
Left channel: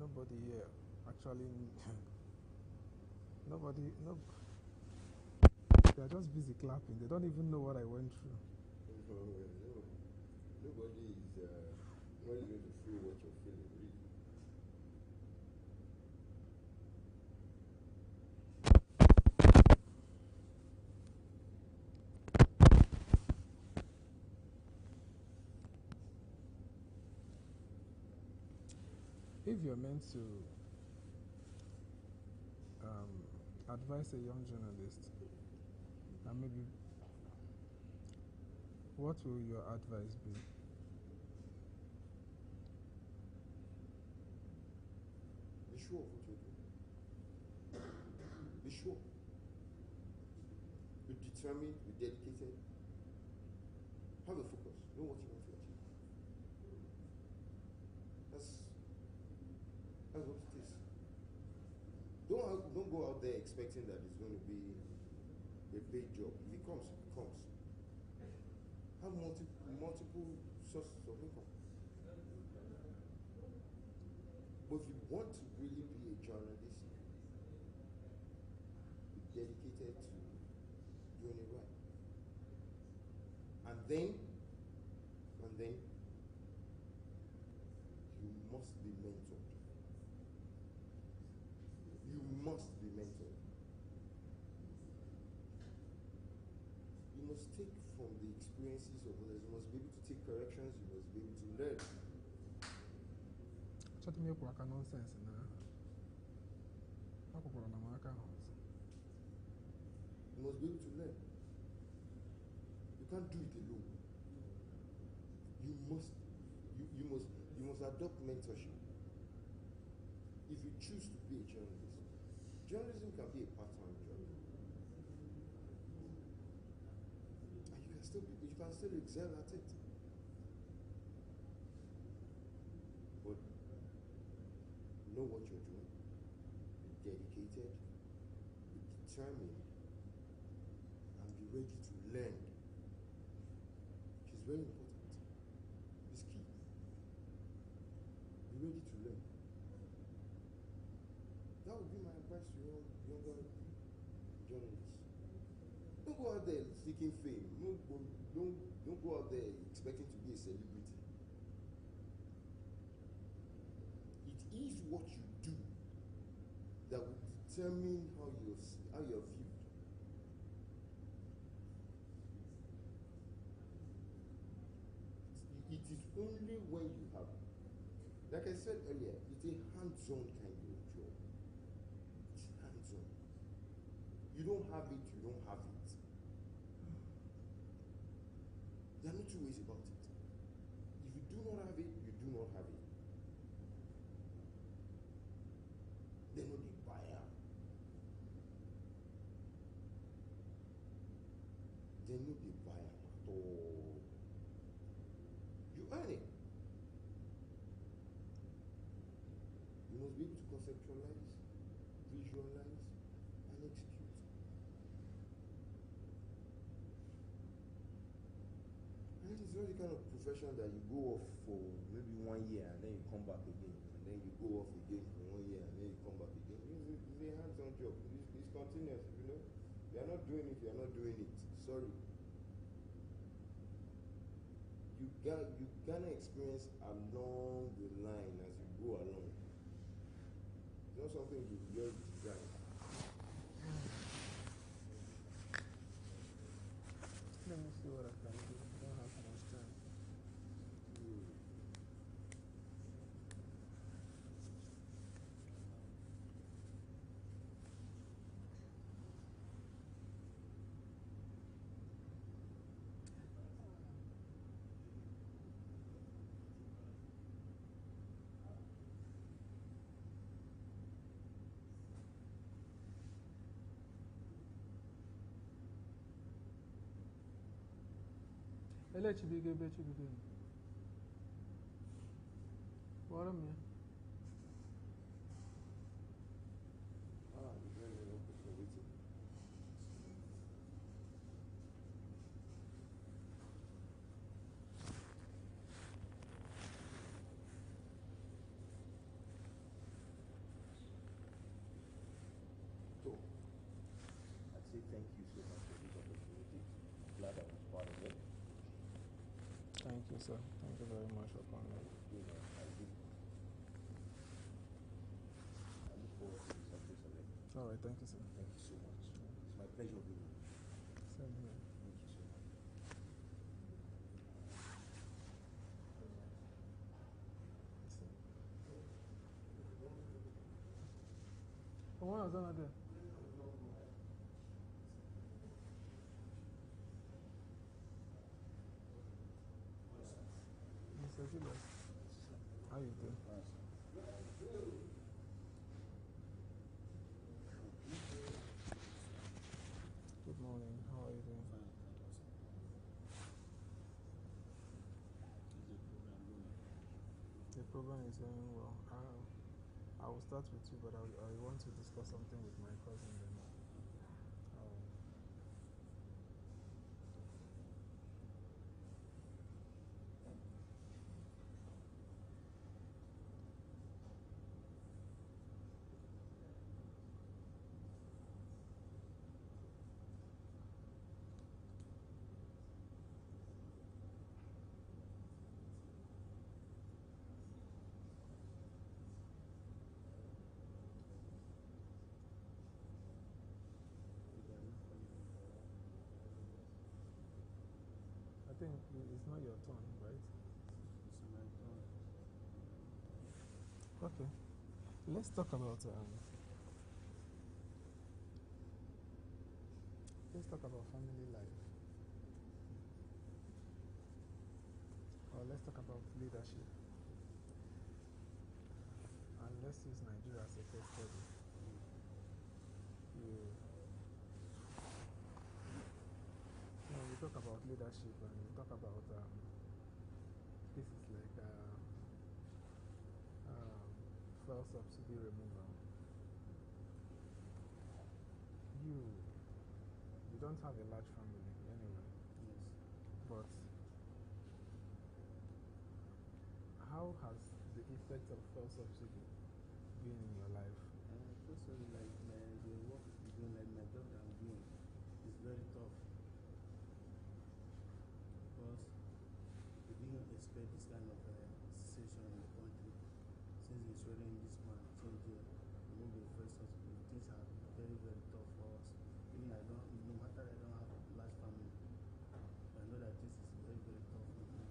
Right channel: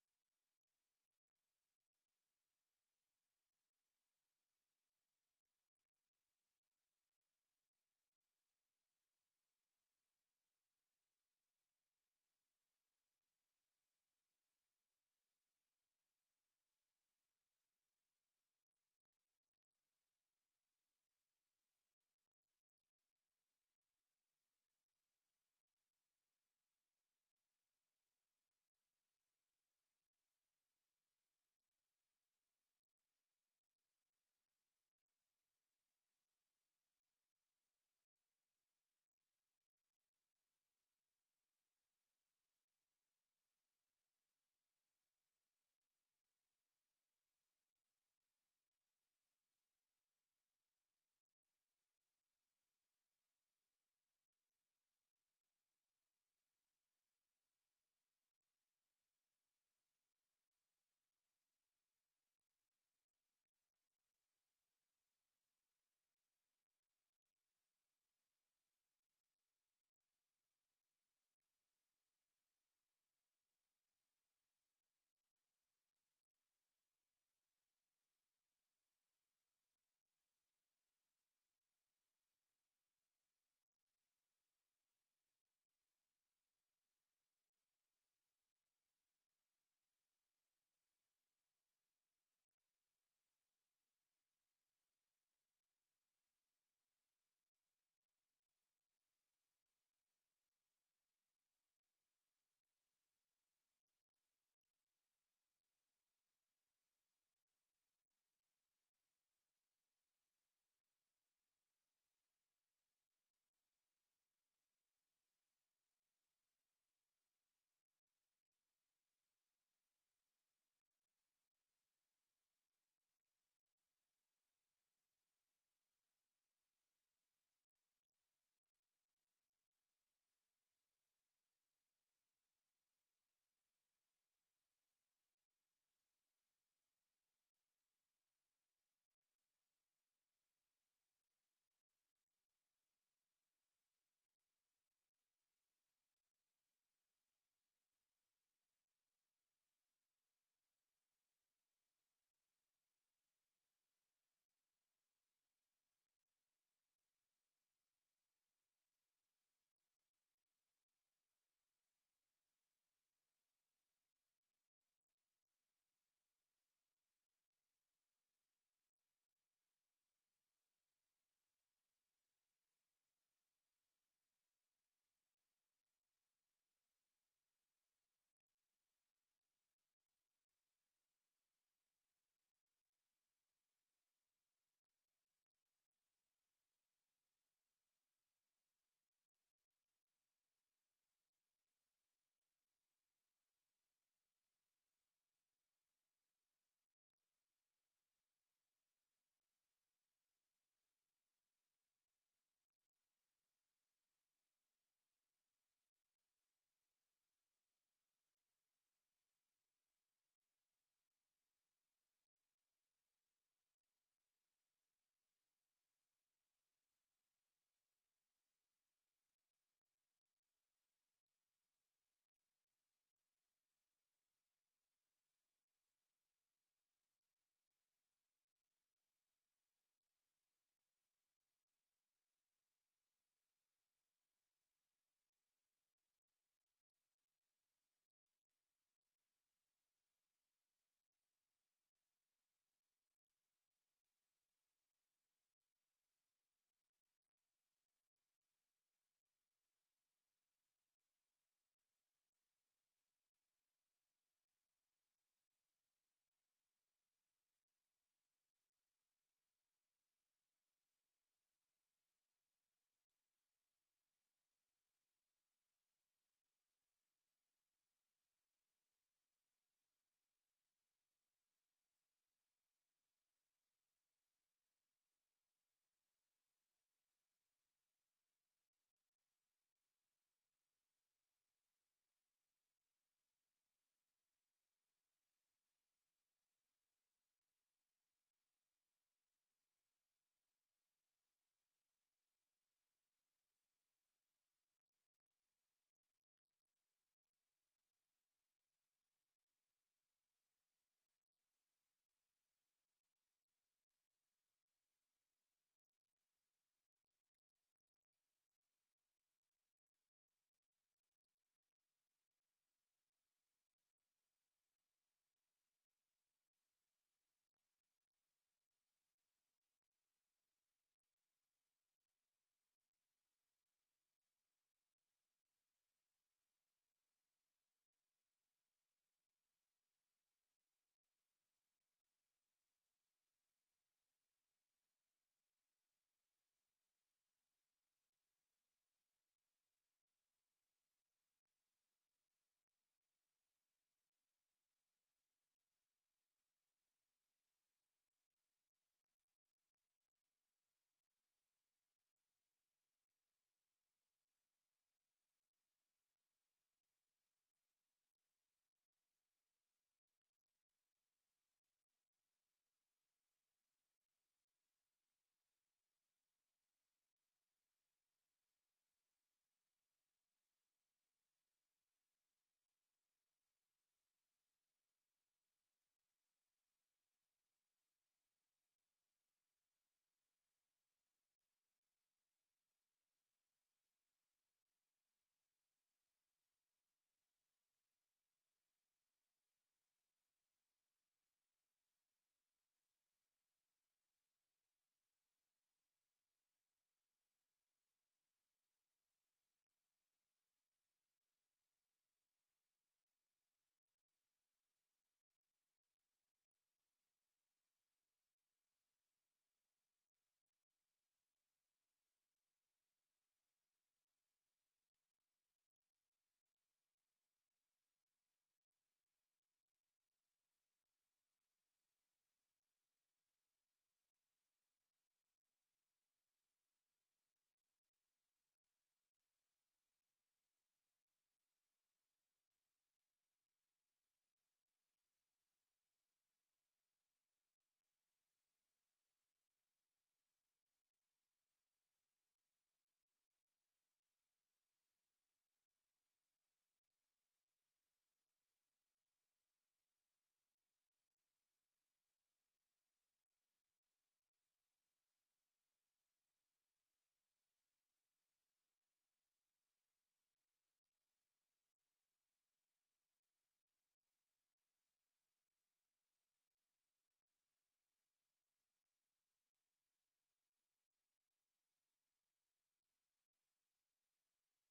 Nobody here actually, they're just busy clapping. They don't even know what I went through. Nobody is not even to feel what you're feeling, really. If you're meant to advise a young journalist, and maybe, what will your advice be? Be sure of what you're doing. Be sure. Be determined, be dedicated. Have a focus. Know what you want to achieve. That's what it is. Don't go out there expecting that it's going to be a paid job. If it comes, it comes. Have multiple sources of income. But if you want to really be a journalist, be dedicated to doing it right. And then you must be mentored. You must be mentored. You must take from the experiences of others. You must be able to take corrections. You must be able to learn. Chat me up nonsense now. You must be able to learn. You can't do it alone. You must adopt mentorship. If you choose to be a journalist, journalism can be a part-time job. And you can still excel at it. But know what you're doing. Be dedicated. Be determined. And be ready to learn. Which is very important. It's key. Be ready to learn. That would be my advice to younger journalists. Don't go out there seeking fame. Don't go out there expecting to be a celebrity. It is what you do that will determine how you're viewed. It is only when you have, like I said earlier, it's a hands-on kind of job. It's hands-on. You don't have it, you don't have it. There are no two ways about it. If you do not have it, you do not have it. They know the buyer. They know the buyer at all. You earn it. You must be able to conceptualize, visualize, and execute. And it's not the kind of profession that you go off for maybe 1 year and then you come back again, and then you go off again for 1 year and then you come back again. It's a hands-on job. It's continuous, you know. You are not doing it, you are not doing it. Sorry. You gonna experience along the line as you go along. It's not something you just design. Let me see what I can do. I don't have much time. Ele Chibuike be Chibuike. What am I? So, I'd say thank you so much for this opportunity. Glad I was part of it. Thank you, sir. Thank you very much for coming. You know, I look forward to the success of it. All right, thank you, sir. Thank you so much. It's my pleasure being with you. Same here. Thank you so much. When was that there? Mr. Gilbert, how you doing? Good morning. How are you doing? The program is going well. I will start with you, but I want to discuss something with my cousin then. I think it's not your turn, right? It's my turn. Okay. Let's talk about family life. Or let's talk about leadership. And let's use Nigeria as a case study. We talk about leadership and we talk about cases like fuel subsidy removal. You don't have a large family anyway. Yes. But how has the effect of fuel subsidy been in your life? Fuel this kind of situation in the country, since it's already in this man change here, we won't be first hospital. Things are very, very tough for us. Even no matter I don't have a large family, I know that this is very, very tough for me.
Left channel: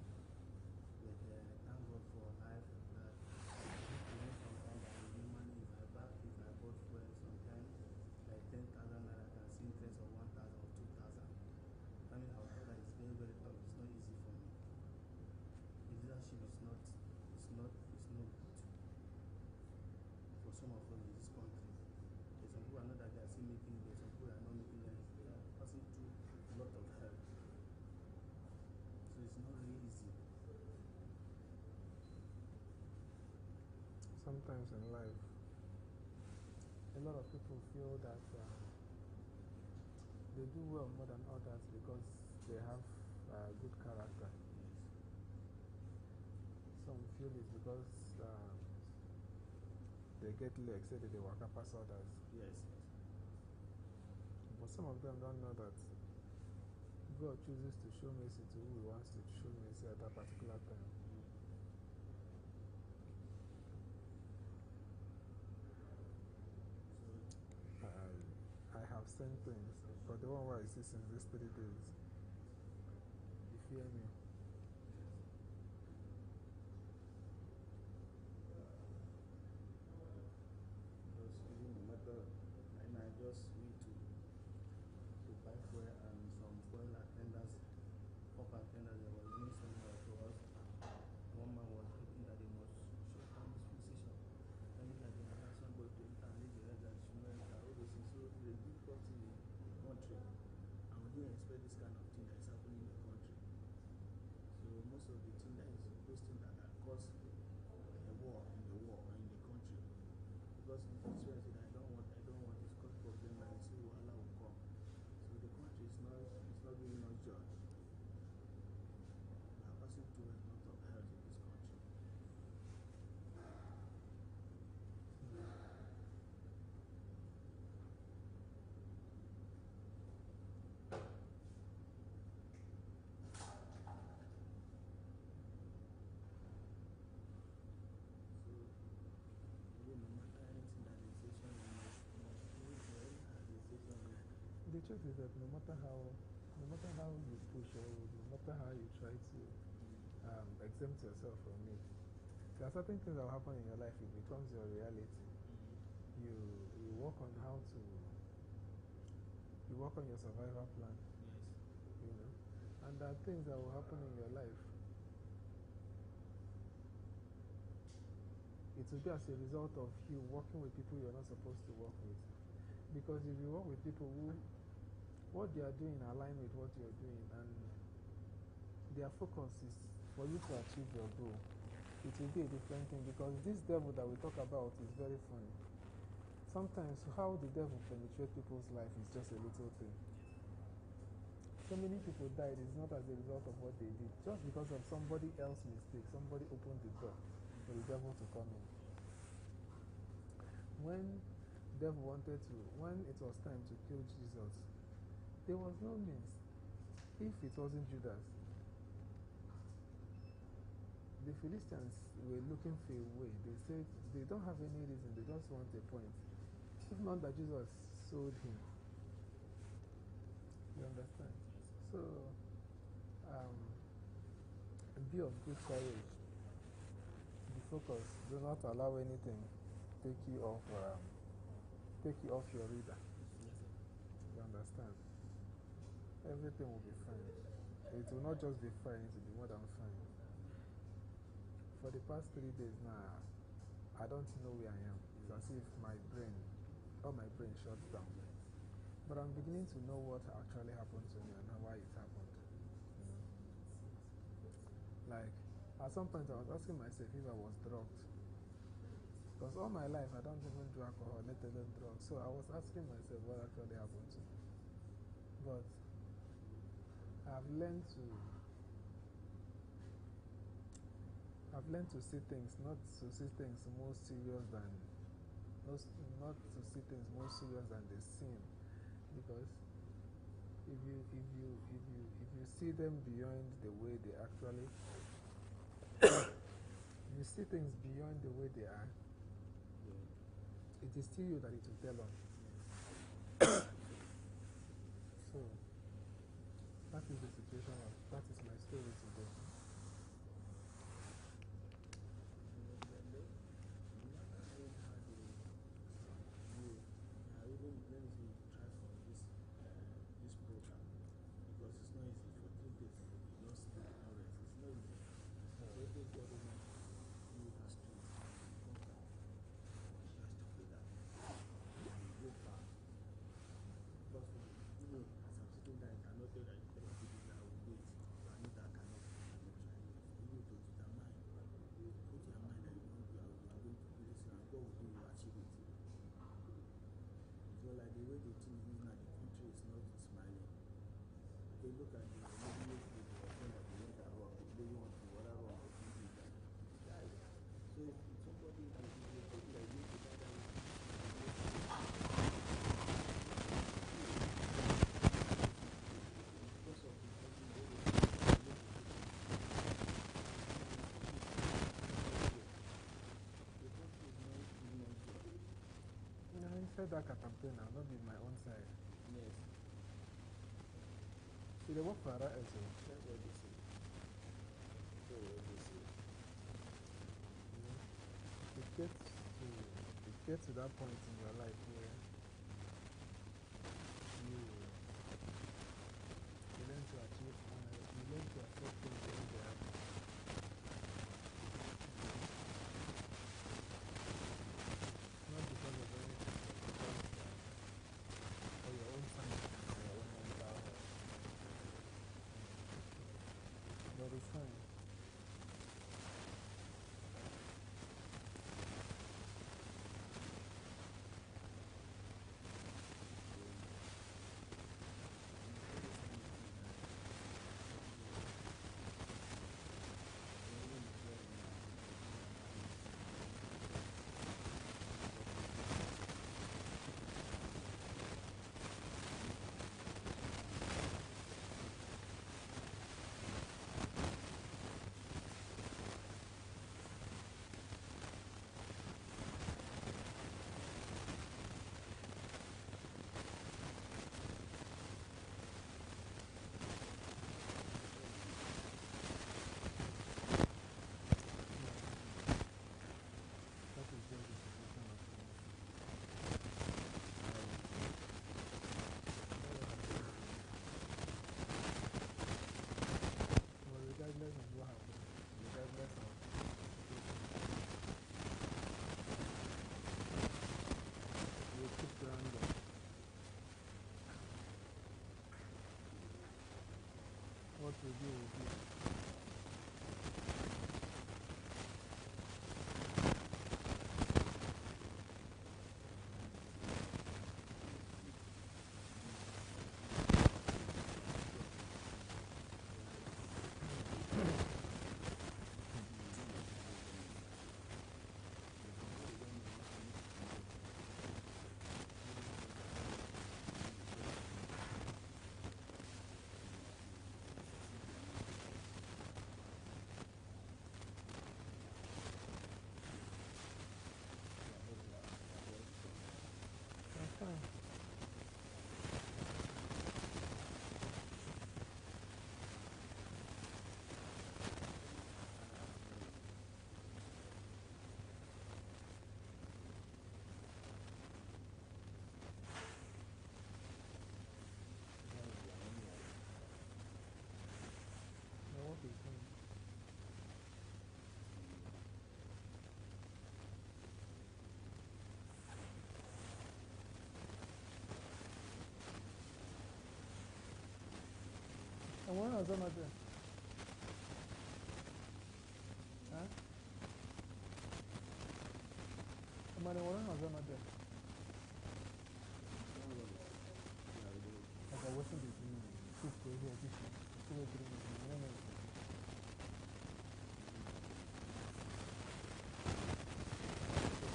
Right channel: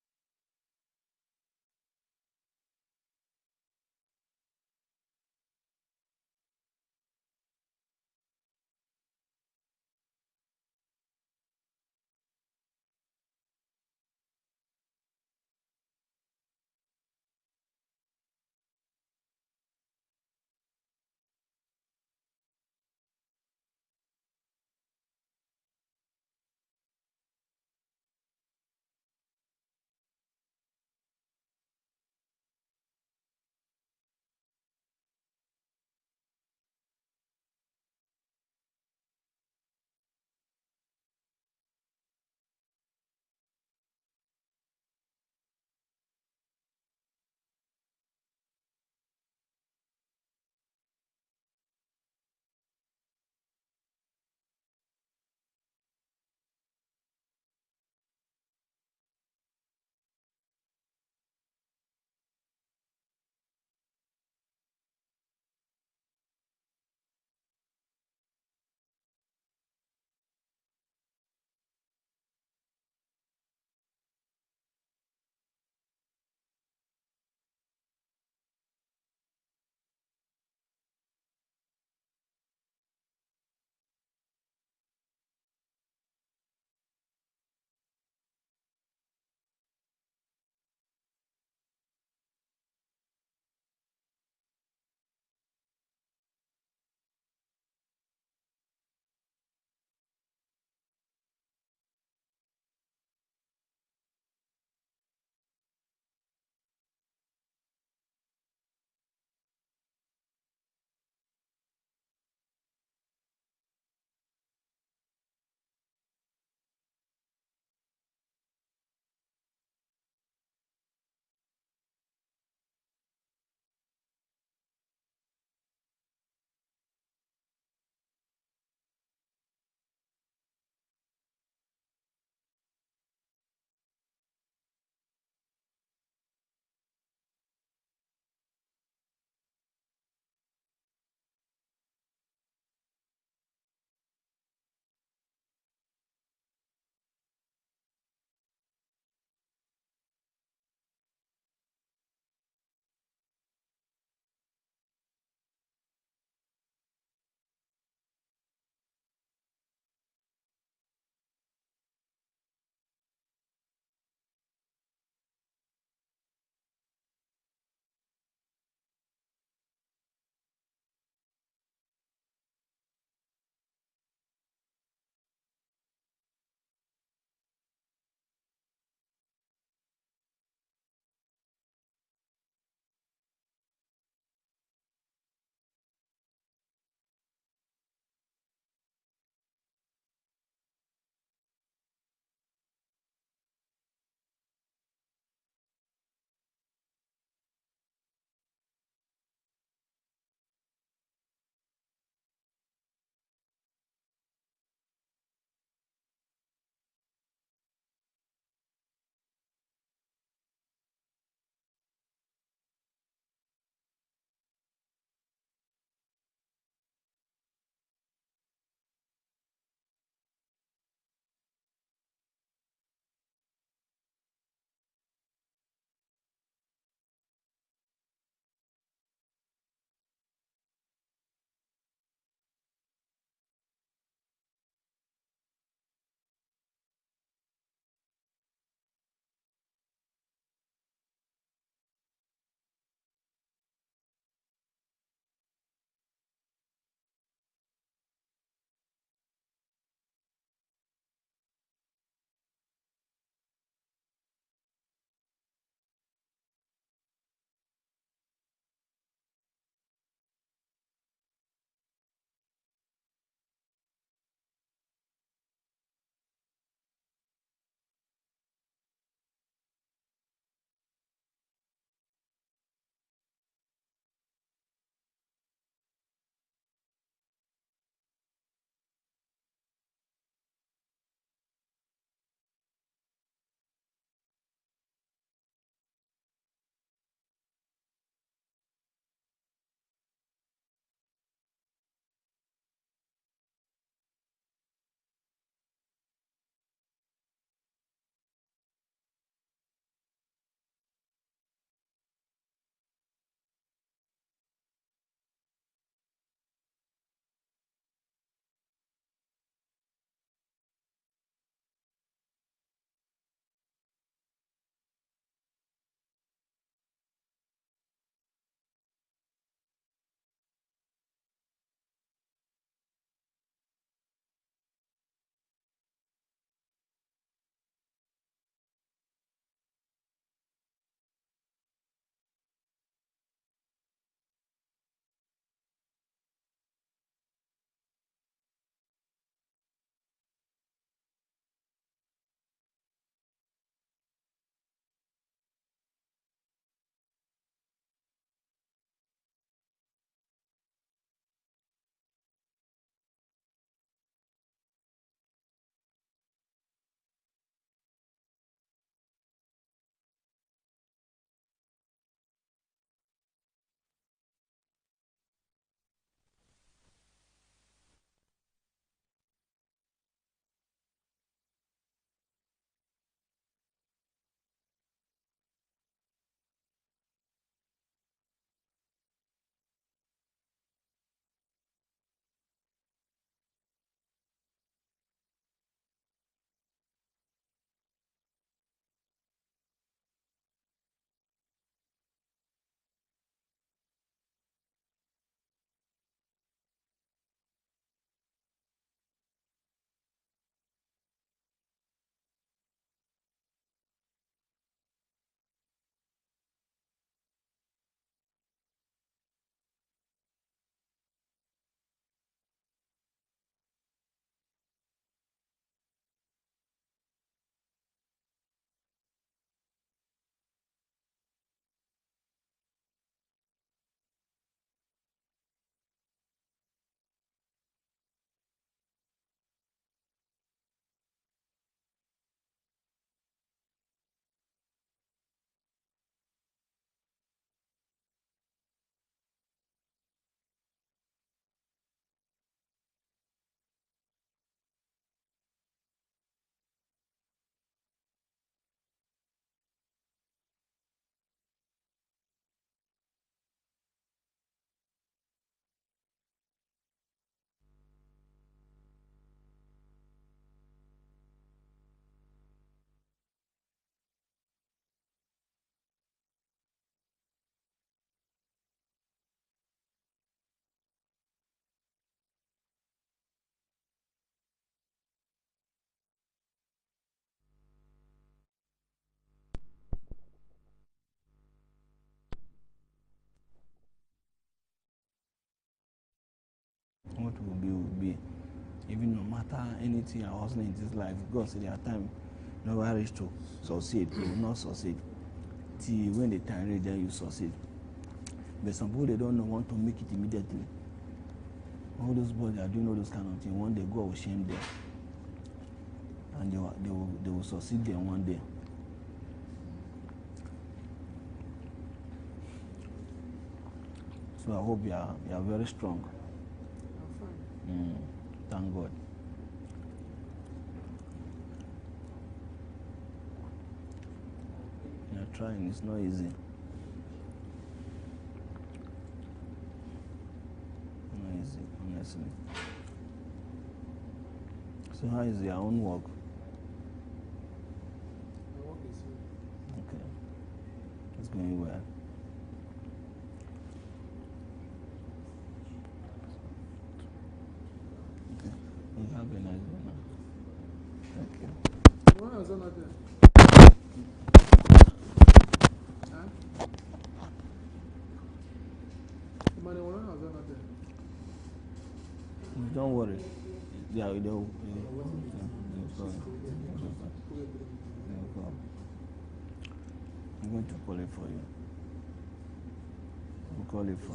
But I thank God for life that even sometimes I will money if I bought fuel sometimes like 10,000 naira, I can see interest of 1,000 or 2,000. I mean, however, it's very, very tough. It's not easy for me. The leadership is not good for some of us in this country. There's some people I know that they are still making it, there's some people that are not making it. They are passing through a lot of help. So it's not really easy. Sometimes in life, a lot of people feel that they do well more than others because they have good character. Some feel it's because they get legs, say that they walk up past others. Yes. But some of them don't know that God chooses to show mercy to who He wants to show mercy at that particular time. I have seen things, but the one where I see since these 3 days, you fear me. Because even no matter, and I just went to buy fuel and some fuel attendants, pump attendants, they were doing somewhere to us. One man was hoping that they must shut down this position. I mean, that they allow somebody to enter and leave the rest that should not enter, all those things. So it's a difficult thing in the country. And we didn't expect this kind of thing that is happening in the country. So most of the thing that is those things that cause a war in the country. Because in this way, I don't want this cause problem and you see Allah will come. So the country is not giving us joy. We are passing through a lot of hell in this country. The truth is that no matter how you push or no matter how you try to exempt yourself from it, there are certain things that will happen in your life. It becomes your reality. You work on you work on your survival plan. Yes. You know, and there are things that will happen in your life. It will be as a result of you working with people you're not supposed to work with. Because if you work with people who, what they are doing align with what you're doing, and their focus is for you to achieve your goal, it will be a different thing. Because this devil that we talk about is very funny. Sometimes how the devil penetrates people's life is just a little thing. So many people died is not as a result of what they did, just because of somebody else's mistake. Somebody opened the door for the devil to come in. When it was time to kill Jesus, there was no means. If it wasn't Judas, the Philistines were looking for a way. They said they don't have any reason, they just want a point. If not that Jesus sold him. You understand? So, be of good courage. Be focused. Do not allow anything take you off your reader. You understand? Everything will be fine. It will not just be fine, it will be more than fine. For the past 3 days now, I don't know where I am. It's as if all my brain shuts down. But I'm beginning to know what actually happened to me and why it happened. You know? Like, at some point I was asking myself if I was drugged. Because all my life I don't even do alcohol, let alone drugs. So I was asking myself what actually happened to me. But I've learned to see things, not to see things more serious than they seem. Because if you see them beyond the way they actually You see things beyond the way they are. It is still you that it will tell on. So, that is the situation. That is my story today. Inside that campaign now, not in my own side. Yes. See, they work for that also. That's what they say. That's what they say. It gets to that point in your life where you learn to achieve, you learn to accept things when they happen. Not because of anything, for your own sanity, for your own mental health. But it's fine. What we do will be. What will be. Even no matter anything I was in this life, because there are times never reach to succeed, you will not succeed. See, when the time reach, then you succeed. But some people, they don't know want to make it immediately. All those boys that are doing all those kind of things, one day God will shame them. And they will succeed there one day. So I hope you are very strong. Thank God. You're trying, it's not easy. Not easy, honestly. So how is your own work? The work is good. Okay. It's going well. You have a nice day, man. Thank you. When was that matter? Huh? Somebody, when was that matter? Don't worry. Yeah, we don't. I'm going to call it for you. You call it for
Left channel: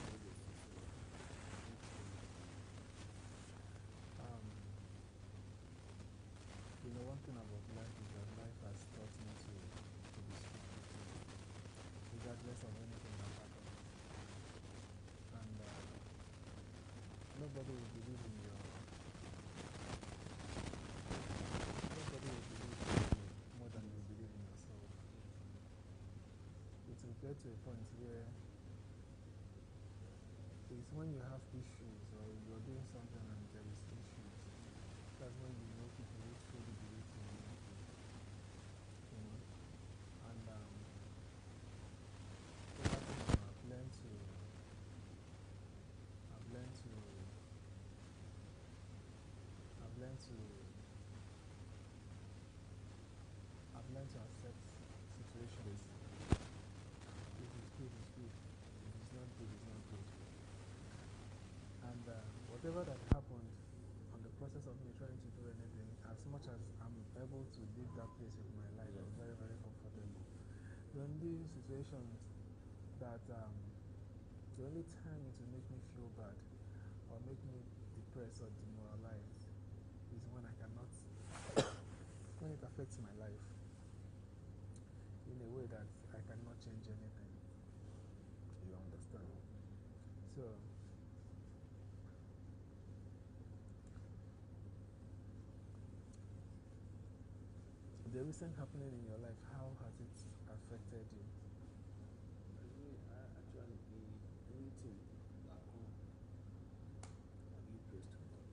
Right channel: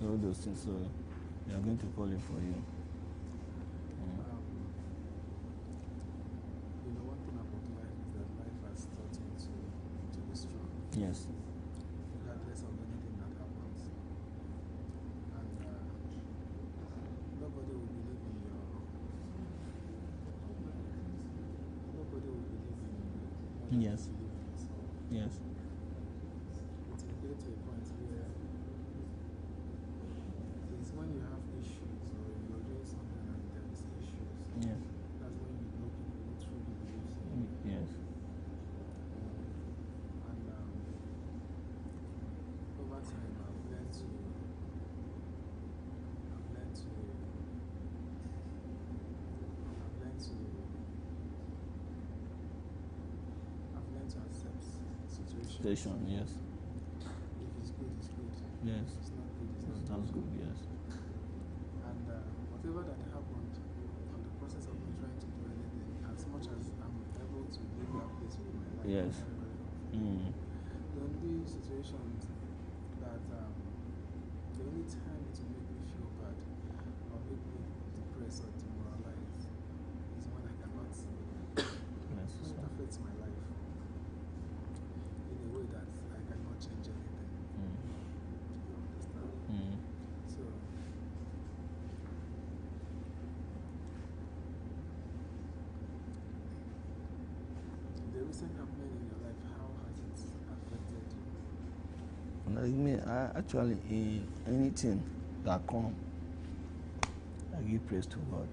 So all those things, so they are going to call it for you. You know, one thing about life is that trying Yes. to live in. So Yes. it will get to a point where it's when you have issues or you're doing something and there is issues. Yeah. That's when you know people who truly believe in you. Yes. You know. And over time I've learned to I've learned to I've learned to I've learned to accept situations. Station, yes. If it's good, it's good. Yes. If it's not good, it's not Sounds good. good, yes. And whatever that happened on the process of me trying to do anything, as much as I'm able to live that pace with my life, Yes. I'm very, very comfortable. Mm. The only situations that the only time it will make me feel bad or make me depressed or demoralized is when I cannot Yes. when it affects my life in a way that I cannot change anything. You understand? Mm. So the recent happening in your life, how has it affected you? Like me, I actually, in anything that come, I give praise to God.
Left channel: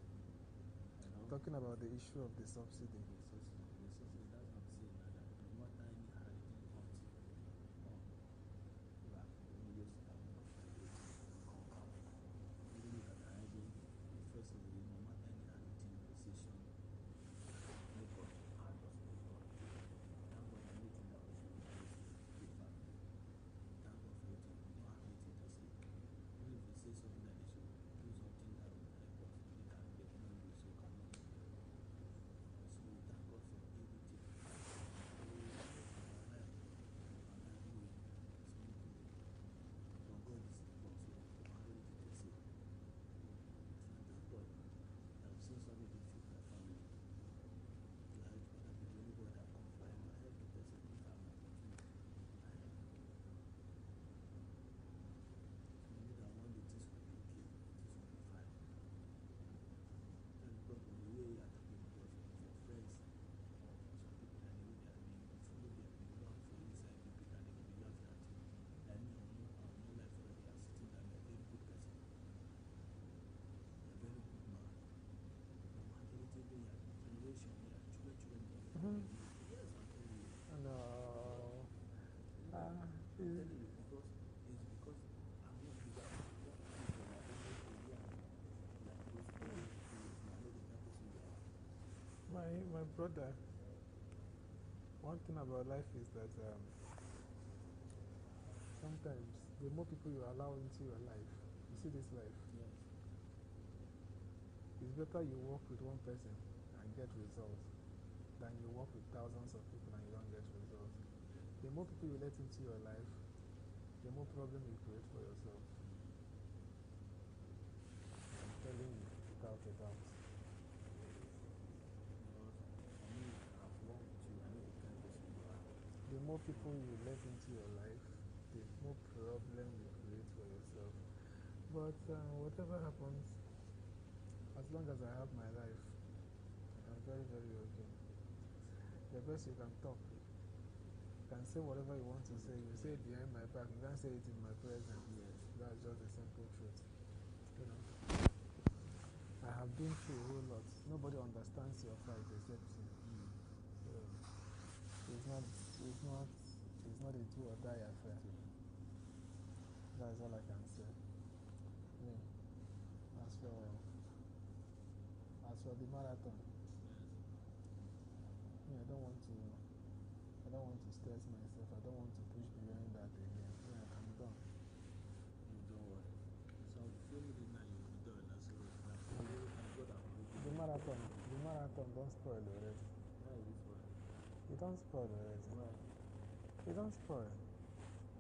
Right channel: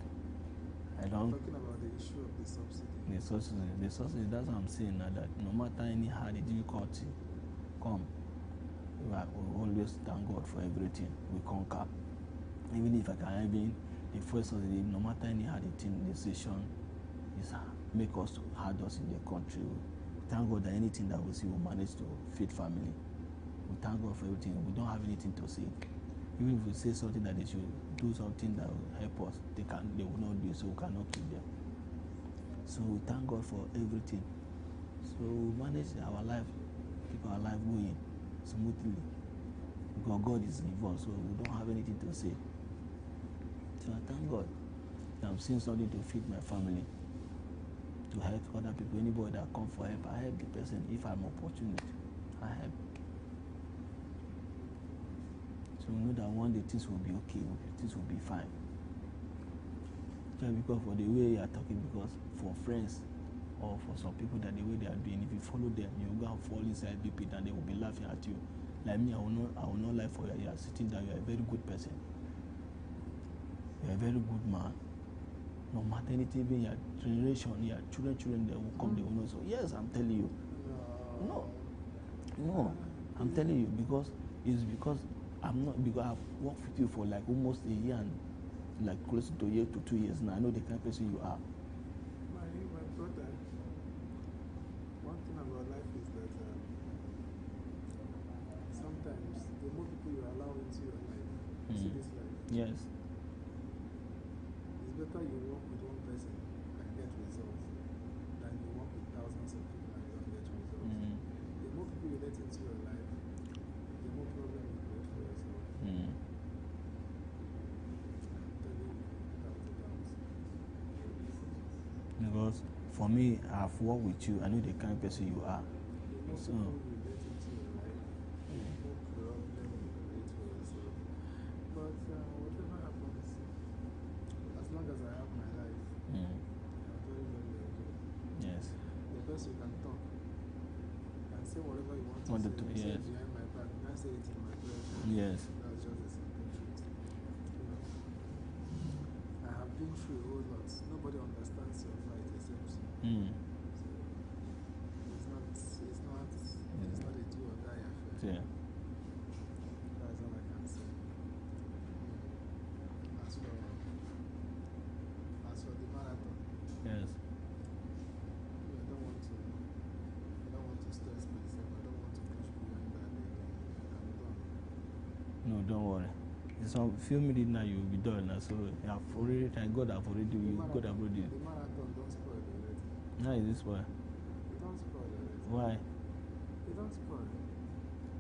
I don't. Talking about the issue of the subsidy. The subsidy, that's what I'm saying now, that no matter any hard difficulty come, we always thank God for everything. We conquer. Even if I can even, the first subsidy, no matter any hard decision, is make us hard us in the country. Thank God that anything that we see, we manage to feed family. We thank God for everything. We don't have anything to say. Even if we say something that they should do something that will help us, they will not do it, so we cannot keep them. So we thank God for everything. So we manage our life, keep our life going smoothly. Because God is involved, so we don't have anything to say. So I thank God that I'm seeing something to feed my family, to help other people. Anybody that come for help, I help the person. If I'm opportunity, I help. So we know that one day things will be okay, things will be fine. Just because for the way you are talking, because for friends or for some people that the way they are doing, if you follow them, you will go and fall inside the pit and they will be laughing at you. Like me, I will not lie for you. You are sitting down, you are a very good person. You are a very good man. No matter anything, even your generation, your children, they will come, they will know. So yes, I'm telling you. No, I'm telling you, because it's because I'm not, because I've worked with you for like almost a year and like close to a year to 2 years now. I know the kind of person you are. My brother, one thing about life is that sometimes the more people you allow into your life, see this life. Yes. It's better you work with one person and get results than you work with thousands of people and you don't get results. The more people you let into your life, the more problem you create for yourself. I'm telling you, without a doubt. Because for me, I've worked with you, I know the kind of person you are. The more people you let into your life, the more problem you create for yourself. But whatever happens, as long as I have my life, I'm very, very okay. Yes. The best you can talk. You can say whatever you want to say. You say it behind my back. You can't say it in my presence. Yes. That's just the simple truth. You know, I have been through a whole lot. Nobody understands your side except you. So it's not a do or die affair. Yeah. That's all I can say. As for the marathon. Yes. I don't want to stress myself. I don't want to push beyond that again. I'm done. No, don't worry. It's some few minutes now you will be done now. So I've already, thank God I've already The The marathon don't spoil already. How is this why? It don't spoil already. Why? It don't spoil.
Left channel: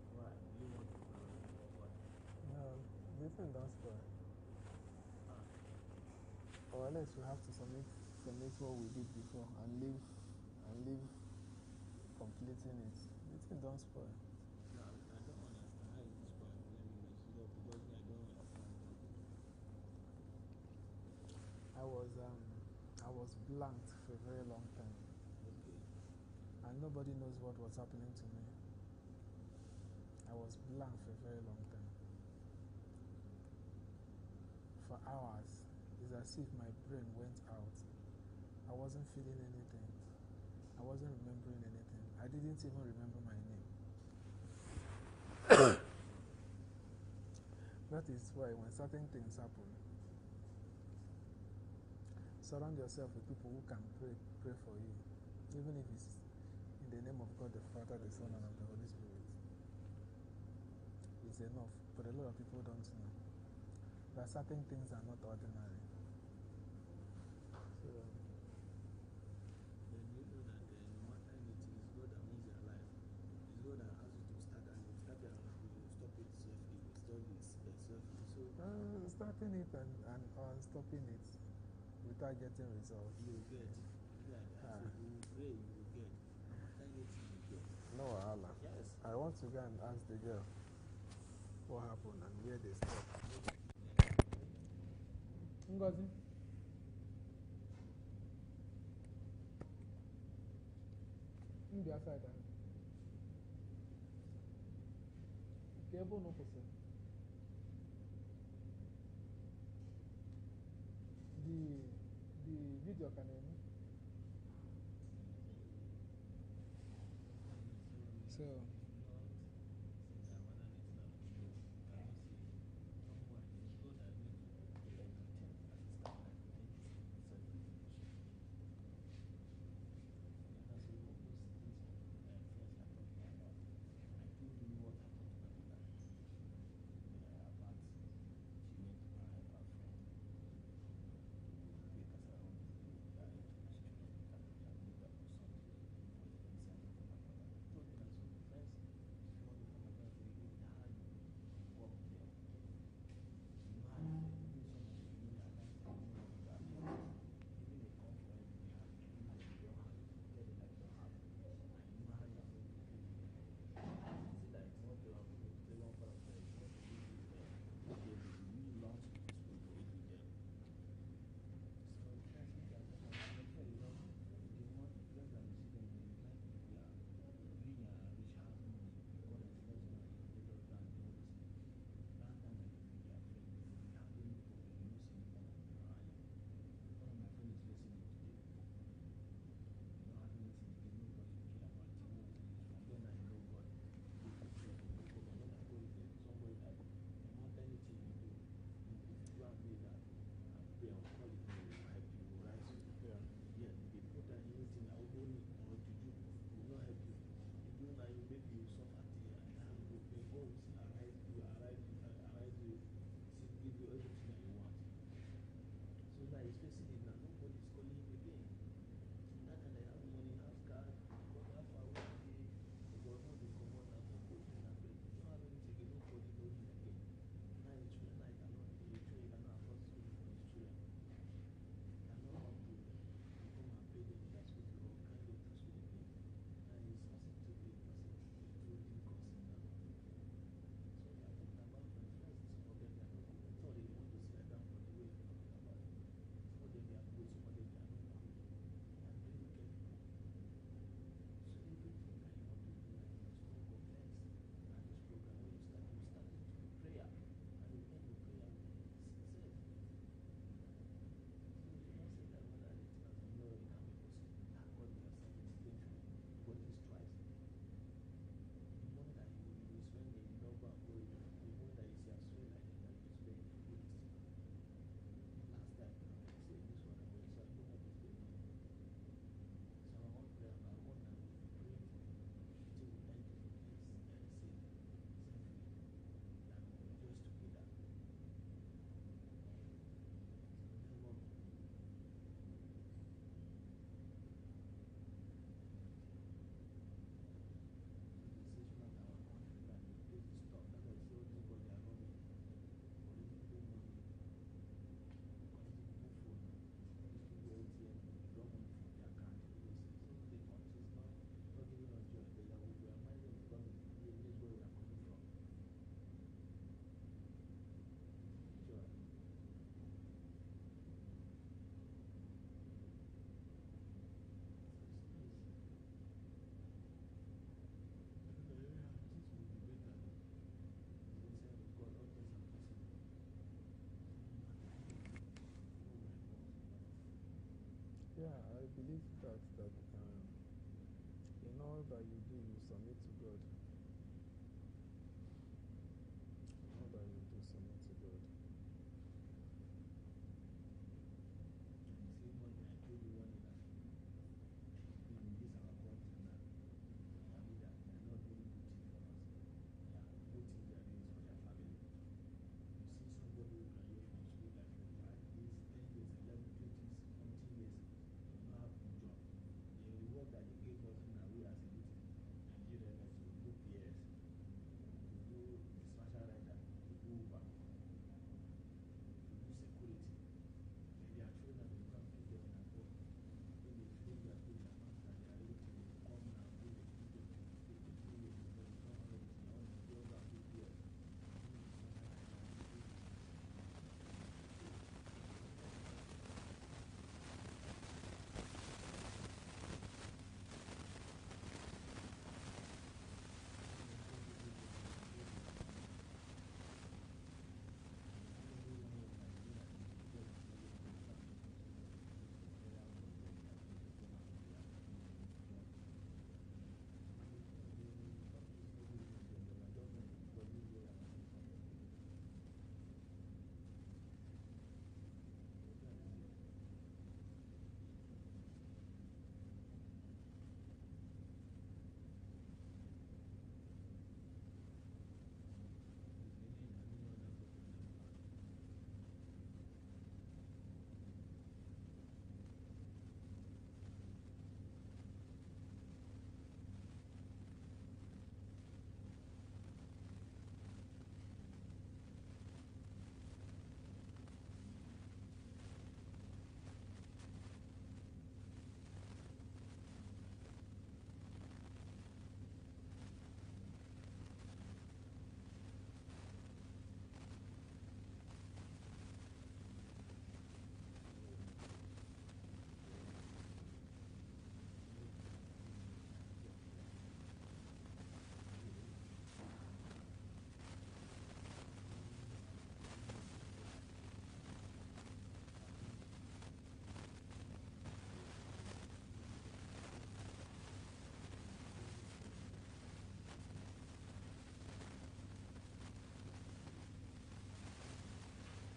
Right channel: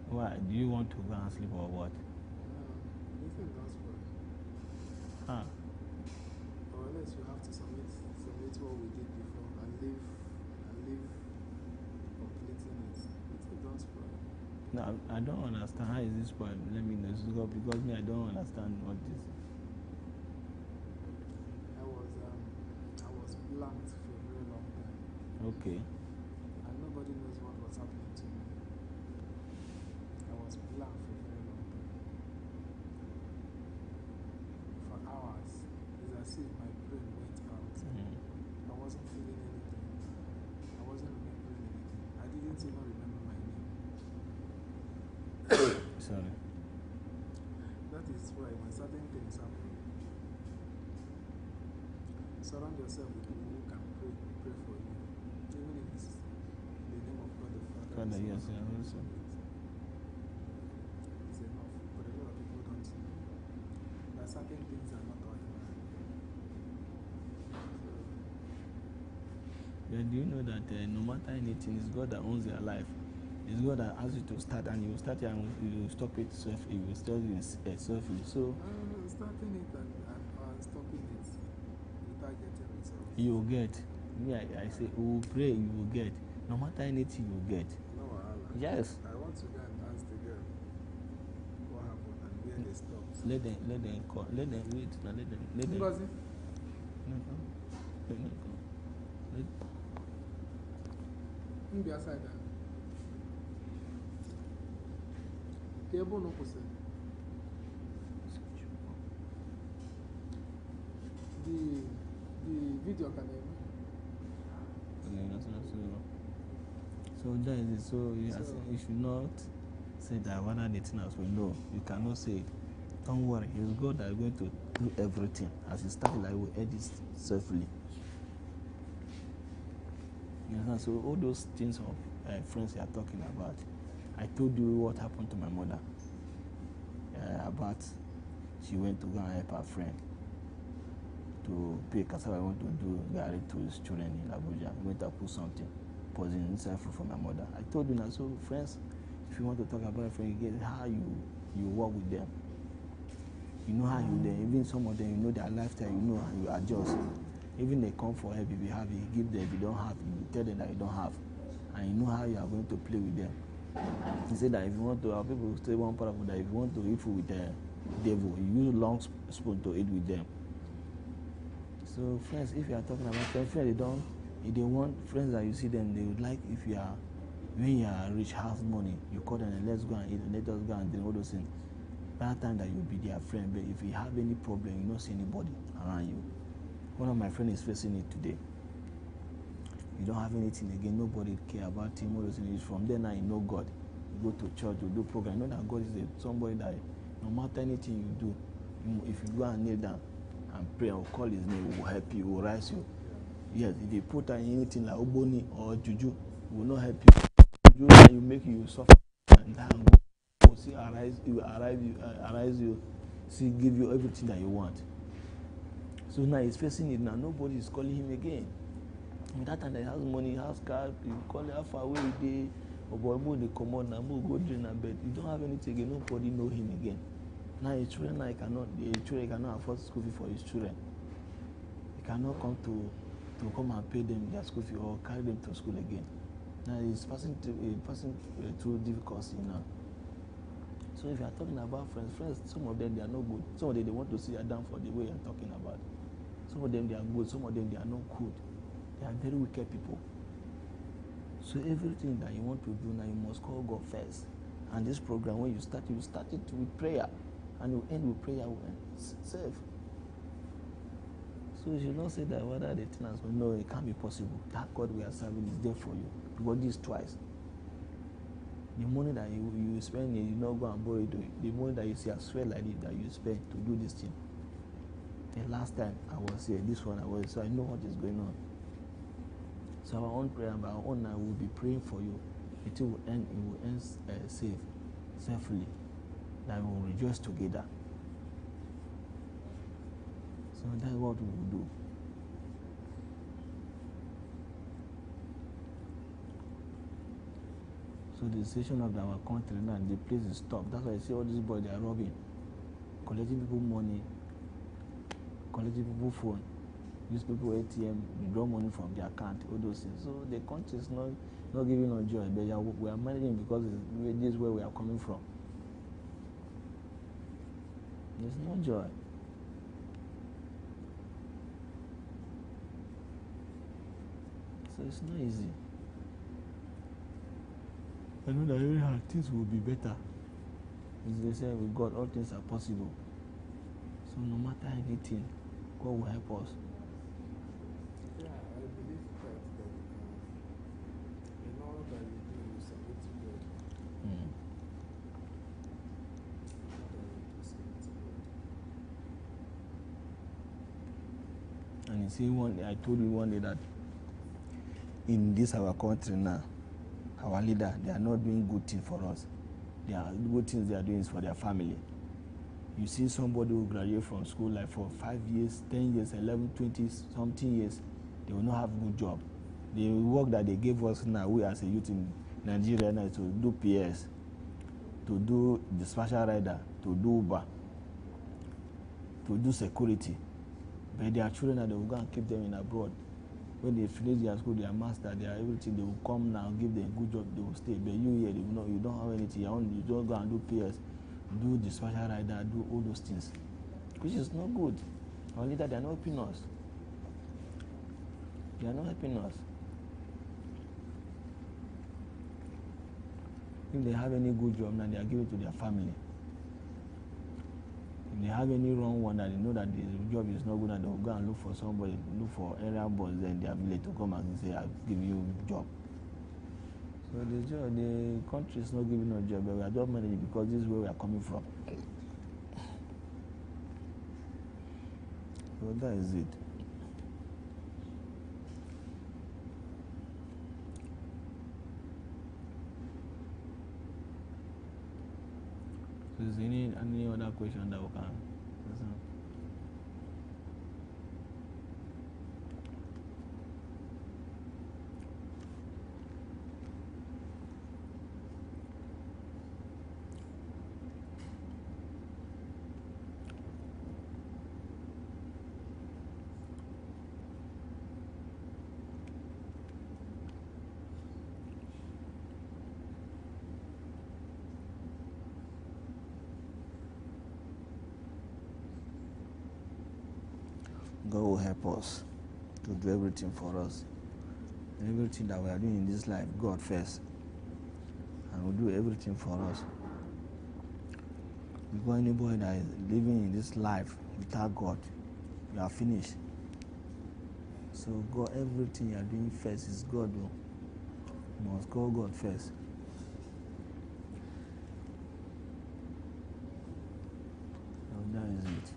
Why? Do you want to go and sleep or what? No, the thing don't spoil. Huh? Or unless you have to submit what we did before and leave completing it. The thing don't spoil. No, I don't understand. How is this spoil? Let me know. Because me, I don't understand what this. I was blanked for a very long time. Okay. And nobody was happening to me. I was blank for a very long time. For hours, it's as if my brain went out. I wasn't feeling anything. I wasn't remembering anything. I didn't even remember my name. Sorry. That is why when certain things happen, surround yourself with people who can pray for you, even if it's in the name of God the Father. Father, yes, also. It's enough, but a lot of people don't know that certain things are not ordinary. So, Then do you know that no matter anything, it's God that owns their life. It's God that asks you to start, and you start it and you stop it self. You will start it selfishly. So starting it and stopping it without getting results. you will get. Me, I say, we will pray. You will get. No matter anything, you will get. No, Allah. Yes. I want to go and ask the girl what happened and where they stopped. Let them wait. Now let them. Ngozi? Let them come. Be aside there. Cable no pose. The video can Okay, so that is it. So you should not say that one other thing as well. No, you cannot say. Don't worry, it's God that is going to do everything. As you start, I will edit safely. You understand? So all those things of friends you are talking about, I told you what happened to my mother. About she went to go and help her friend to pay cassava. I want to do Gary to his children in Abuja. I went to put something, poison inside food for my mother. I told you now, so friends, if you want to talk about a friend, you get how you work with them. You know how you then, even some of them, you know their lifestyle, you know how you adjust. Even they come for help, if you have it, you give them. If you don't have, you tell them that you don't have. And you know how you are going to play with them. He said that if you want to, our people say one part of that, if you want to eat food with the devil, you use long spoon to eat with them. So friends, if you are talking about friends, they want friends that you see them, they would like if you are, when you are rich, house money, you call them and let's go and eat, let us go and drink, all those things. That time that you'll be their friend, but if you have any problem, you don't see anybody around you. One of my friends is facing it today. You don't have anything again, nobody care about him, all those things. From there now you know God. You go to church, you do program, you know that God is somebody that no matter anything you do, if you go and kneel down and pray or call his name, he will help you, he will rise you. Yes, if you put anything like Oboni or Juju, he will not help you. Juju will make you suffer and then go see arise you, see give you everything that you want. So now he's facing it now, nobody is calling him again. In that time, he has money, he has car, you call it how far away he dey, or boy, they come on now, go drink and bed. You don't have anything again, nobody know him again. Now his children, he cannot afford school fee for his children. He cannot come to come and pay them their school fee or carry them to school again. Now he's passing through difficulty now. So if you are talking about friends, some of them they are not good. Some of them they want to see you down for the way you are talking about. Some of them they are good, some of them they are not good. They are very wicked people. So everything that you want to do now, you must call God first. And this program, when you start it with prayer. And you end with prayer, you end safe. So you should not say that whether the tenants will know it can't be possible. That God we are serving is there for you. God this twice. The money that you spend, you not go and borrow it. The money that you see, I swear like it, that you spend to do this thing. The last time I was here, this one I was, so I know what is going on. So our own prayer, our own I will be praying for you. It will end safe, safely. That we will rejoice together. So that's what we will do. So the situation of our country now, the place is stopped. That's why I see all these boys, they are robbing, collecting people money, collecting people phone, use people ATM, withdraw money from their account, all those things. So the country is not giving us joy, but we are managing because this is where we are coming from. There's no joy. So it's not easy. I know that anyhow things will be better. As they say, with God, all things are possible. So no matter anything, God will help us. Yeah, I believe that in all that you do, you submit to God. Mm. In all that you do, submit to God. And you see, I told you one day that in this our country now, our leader, they are not doing good things for us. They are good things they are doing is for their family. You see somebody who graduate from school like for 5 years, 10 years, 11, 20 something years, they will not have a good job. The work that they gave us now, we as a youth in Nigeria now, is to do PS, to do dispatcher rider, to do Uber, to do security. But their children, they will go and keep them in abroad. When they finish their school, their master, their everything, they will come now, give them a good job, they will stay. But you here, you don't have anything, you just go and do PS, do dispatcher rider, do all those things, which is not good. Our leader, they are not helping us. They are not helping us. If they have any good job now, they are giving it to their family. If they have any wrong one that they know that the job is not good, and they will go and look for somebody, look for area boss in their village to come and say, I'll give you a job. So the country is not giving us a job, but we are just managing because this is where we are coming from. So that is it. So is there any other question that we can answer? God will help us to do everything for us. Everything that we are doing in this life, God first. And will do everything for us. Because anybody that is living in this life without God, you are finished. So God, everything you are doing first is God. You must call God first. So that is it.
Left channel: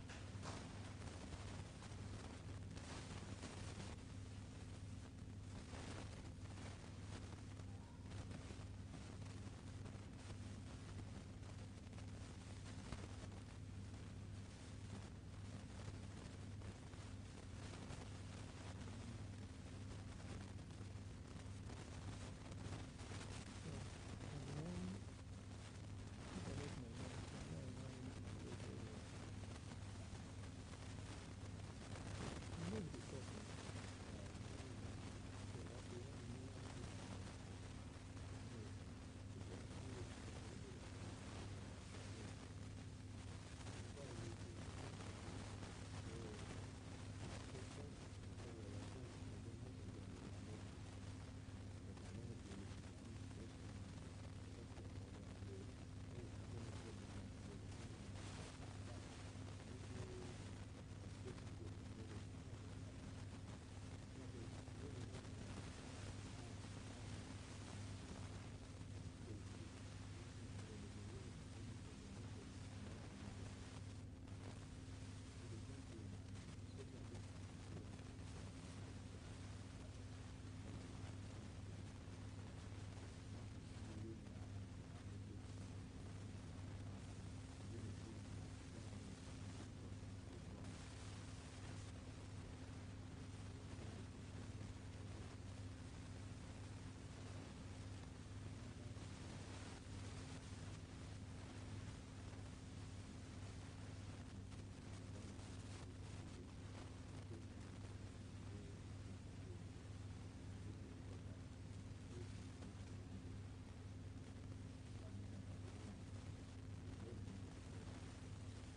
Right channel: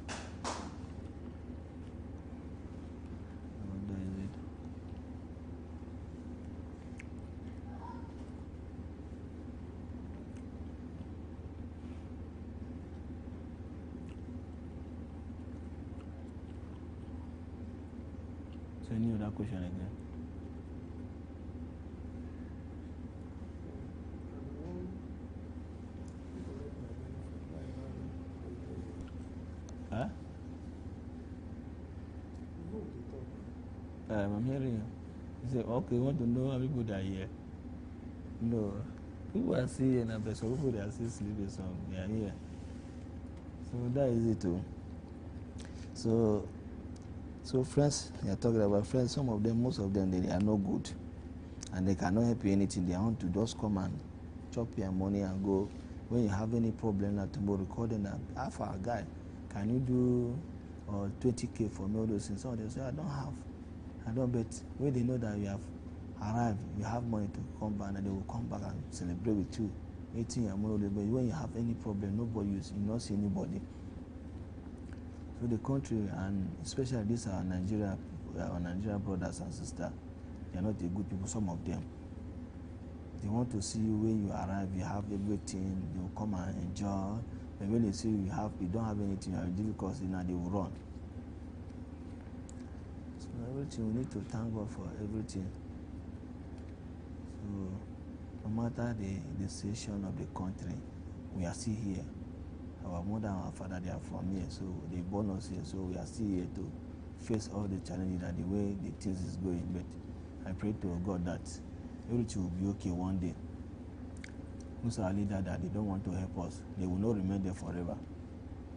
So any other question again? Huh? I'm hearing you. You say, okay, you want to know how people that are here? No. People are still here now, but some people they are still sleeping, so they are here. So that is it too. So friends, they are talking about friends, some of them, most of them, they are no good. And they cannot help you anything. They want to just come and chop your money and go. When you have any problem now tomorrow, call them and ask our guy, can you do 20K for me, all those things? So they say, I don't bet. When they know that you have arrived, you have money to come back, and they will come back and celebrate with you, eating your money. But when you have any problem, nobody, you not see anybody. So the country, and especially these are our Nigerian brothers and sisters, they are not the good people, some of them. They want to see you when you arrive, you have everything, they will come and enjoy. But when they see you don't have anything, you have difficulty, now they will run. So everything, we need to thank God for everything. So no matter the situation of the country, we are still here. Our mother and our father, they are from here, so they born us here, so we are still here to face all the challenges that the way the things is going. But I pray to God that everything will be okay one day. Most of our leaders that they don't want to help us, they will not remain there forever.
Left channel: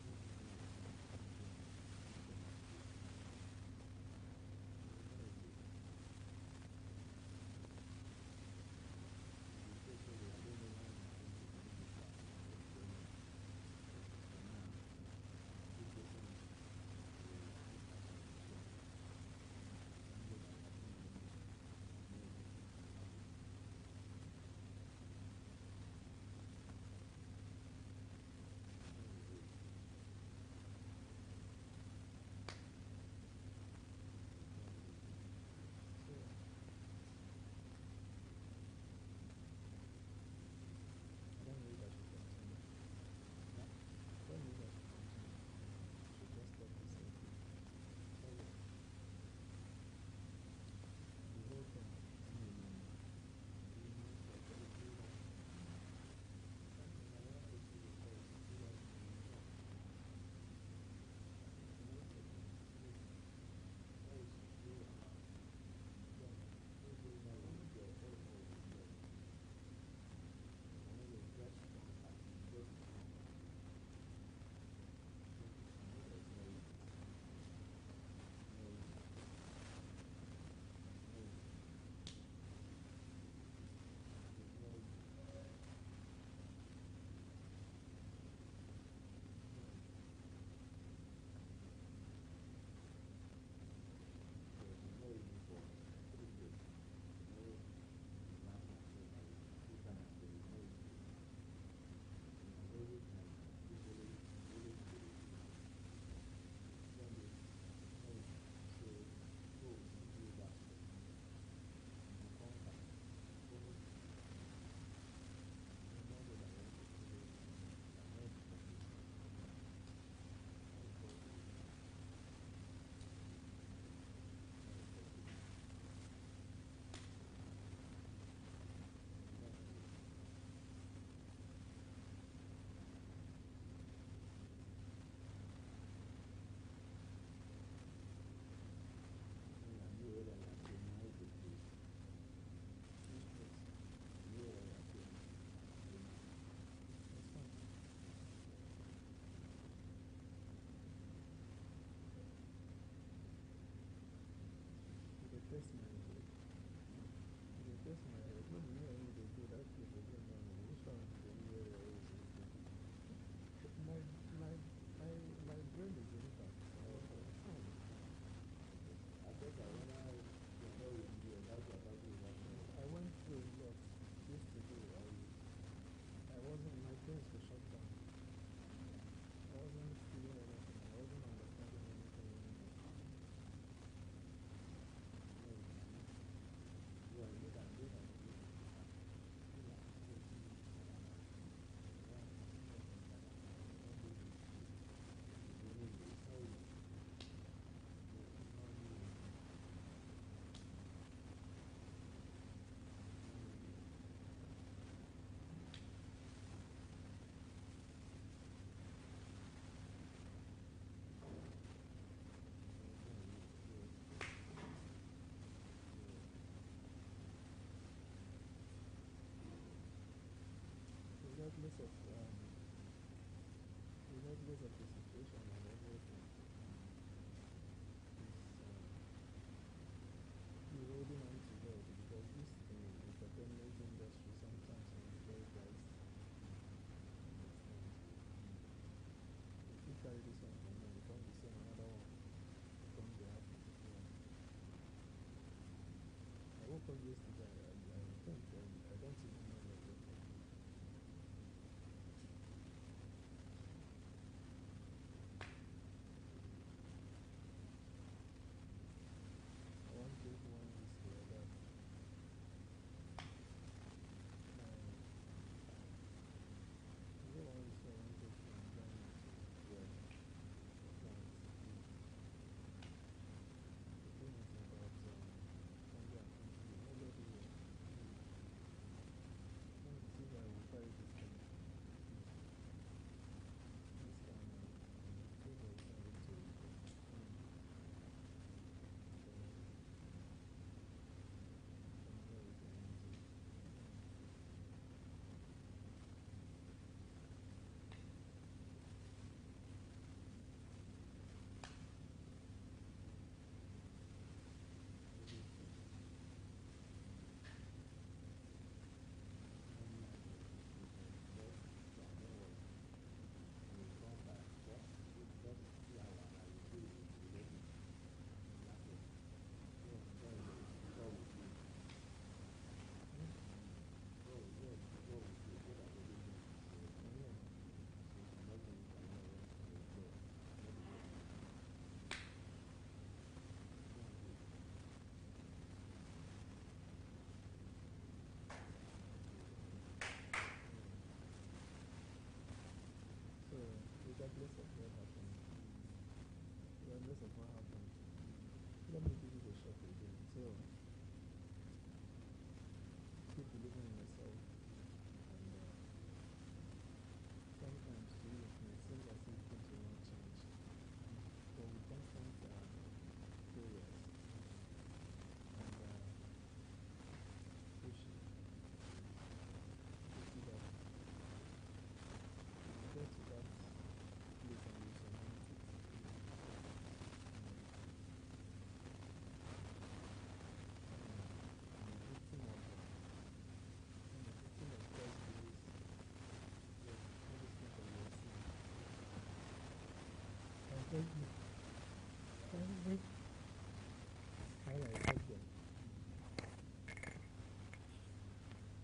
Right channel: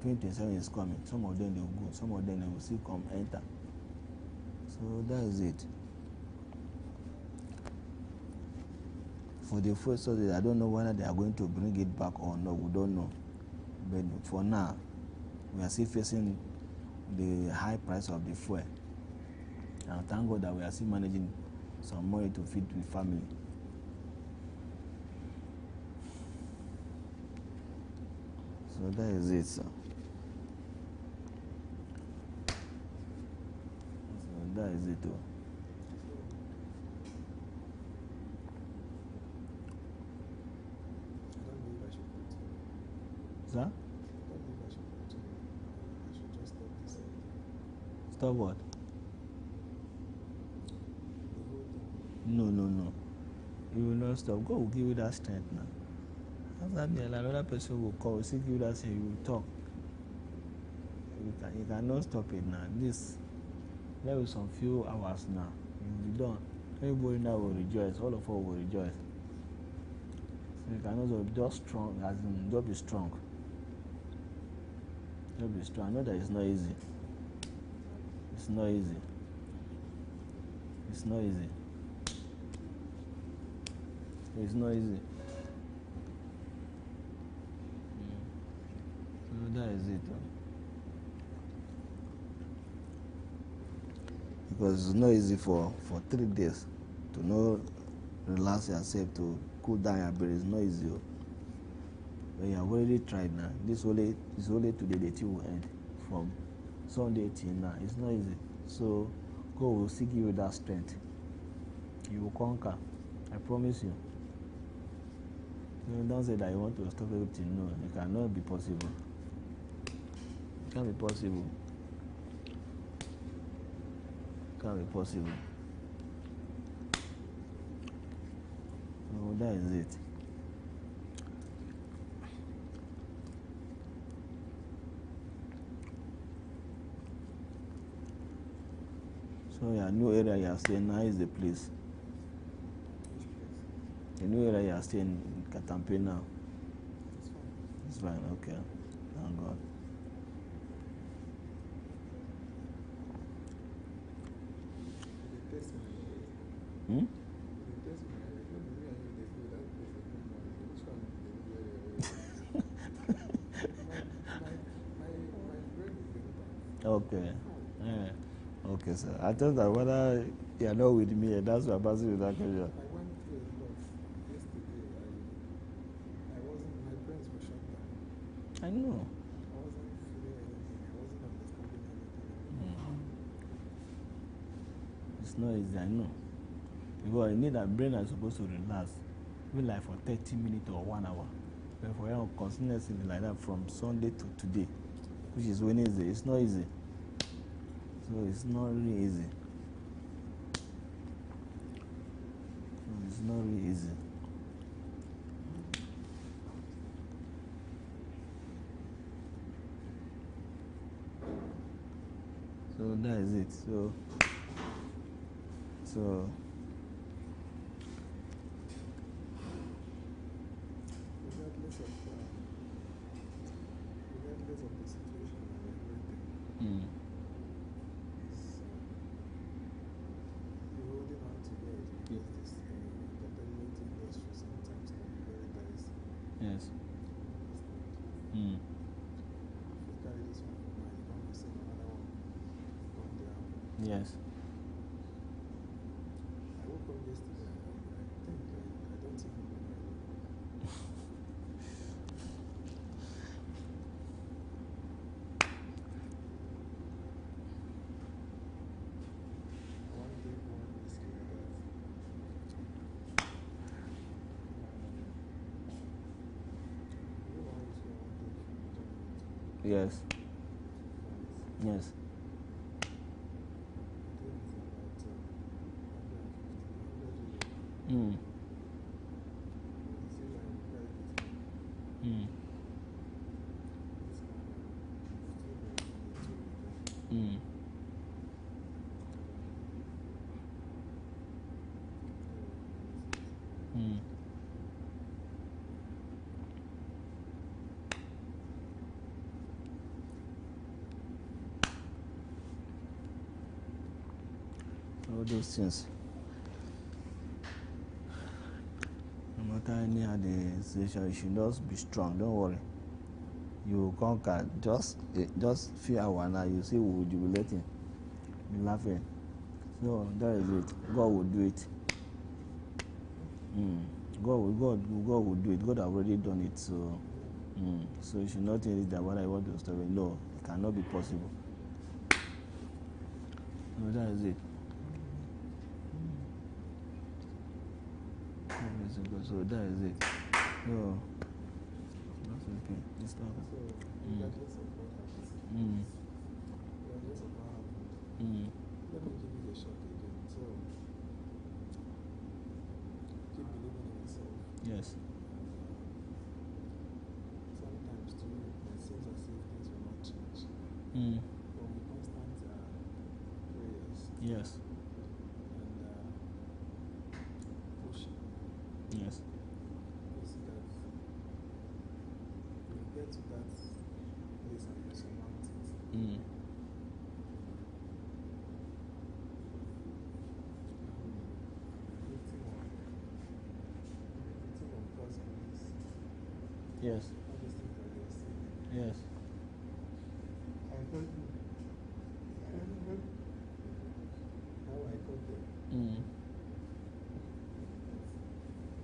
2027 is coming. Some of them they will go, some of them they will still come enter. So that is it. for the first subsidy, I don't know whether they are going to bring it back or not. We don't know. But for now, we are still facing the high price of the fuel. And thank God that we are still managing some money to feed the family. So that is it, sir. So that is it, though. Sir? Stop what? No. You will not stop. God will give you that strength now. After me, another person will call, will give you that strength, you will talk. You cannot stop it now. There will be some few hours now. You will be done. Everybody now will rejoice. All of us will rejoice. So you cannot just strong, as in just be strong. Just be strong. I know that it's not easy. It's not easy. It's not easy. It's not easy. So that is it. Because it's not easy for 3 days to not relax yourself, to cool down your brain. It's not easy. When you have already tried now, it's only today the tea will end. From Sunday till now, it's not easy. So God will still give you that strength. You will conquer. I promise you. Don't say that you want to stop everything. No, it cannot be possible. It can't be possible. It can't be possible. No, that is it. So your new area you are staying now is the place. The new area you are staying in Katampe now. It's fine. Okay. Thank God. Hmm? Okay. Yeah. Okay, sir. I thought that whether you are not with me, that's why I'm asking you that question. I went through a lot yesterday. I wasn't, my brains were shut down. I know. I wasn't feeling anything. I wasn't understanding anything. It's not easy, I know. Because you need that brain is supposed to relax. Even like for 30 minutes or 1 hour. But for you continuously like that from Sunday to today, which is Wednesday, it's not easy. So it's not really easy. It's not really easy. So that is it. So Regardless of the situation we are going through, you're holding on together because this entertainment industry sometimes can be very dicey. yes. If you carry this one now, you can't receive another one on the app. Yes. I woke up yesterday and I don't even know. I want to take one whiskey Yes. Yes. Mm. Mm. Mm. Mm. All those things. anyhow the situation, you should just be strong. Don't worry. You will conquer. Just few hours now. You see, we will jubilating, be laughing. So that is it. God will do it. God will do it. God already done it. So, so you should not think that what I want to stop it. No, it cannot be possible. So that is it. So that is it. So that's okay. It's not. Let me give you a shot again. So, keep believing in yourself. Yes. Sometimes to me, it seems as if things will not change. Mm. But with constant prayers Yes. and pushing, Yes. you see that you get to that place and you surmount it. Mm. Yes. Yes.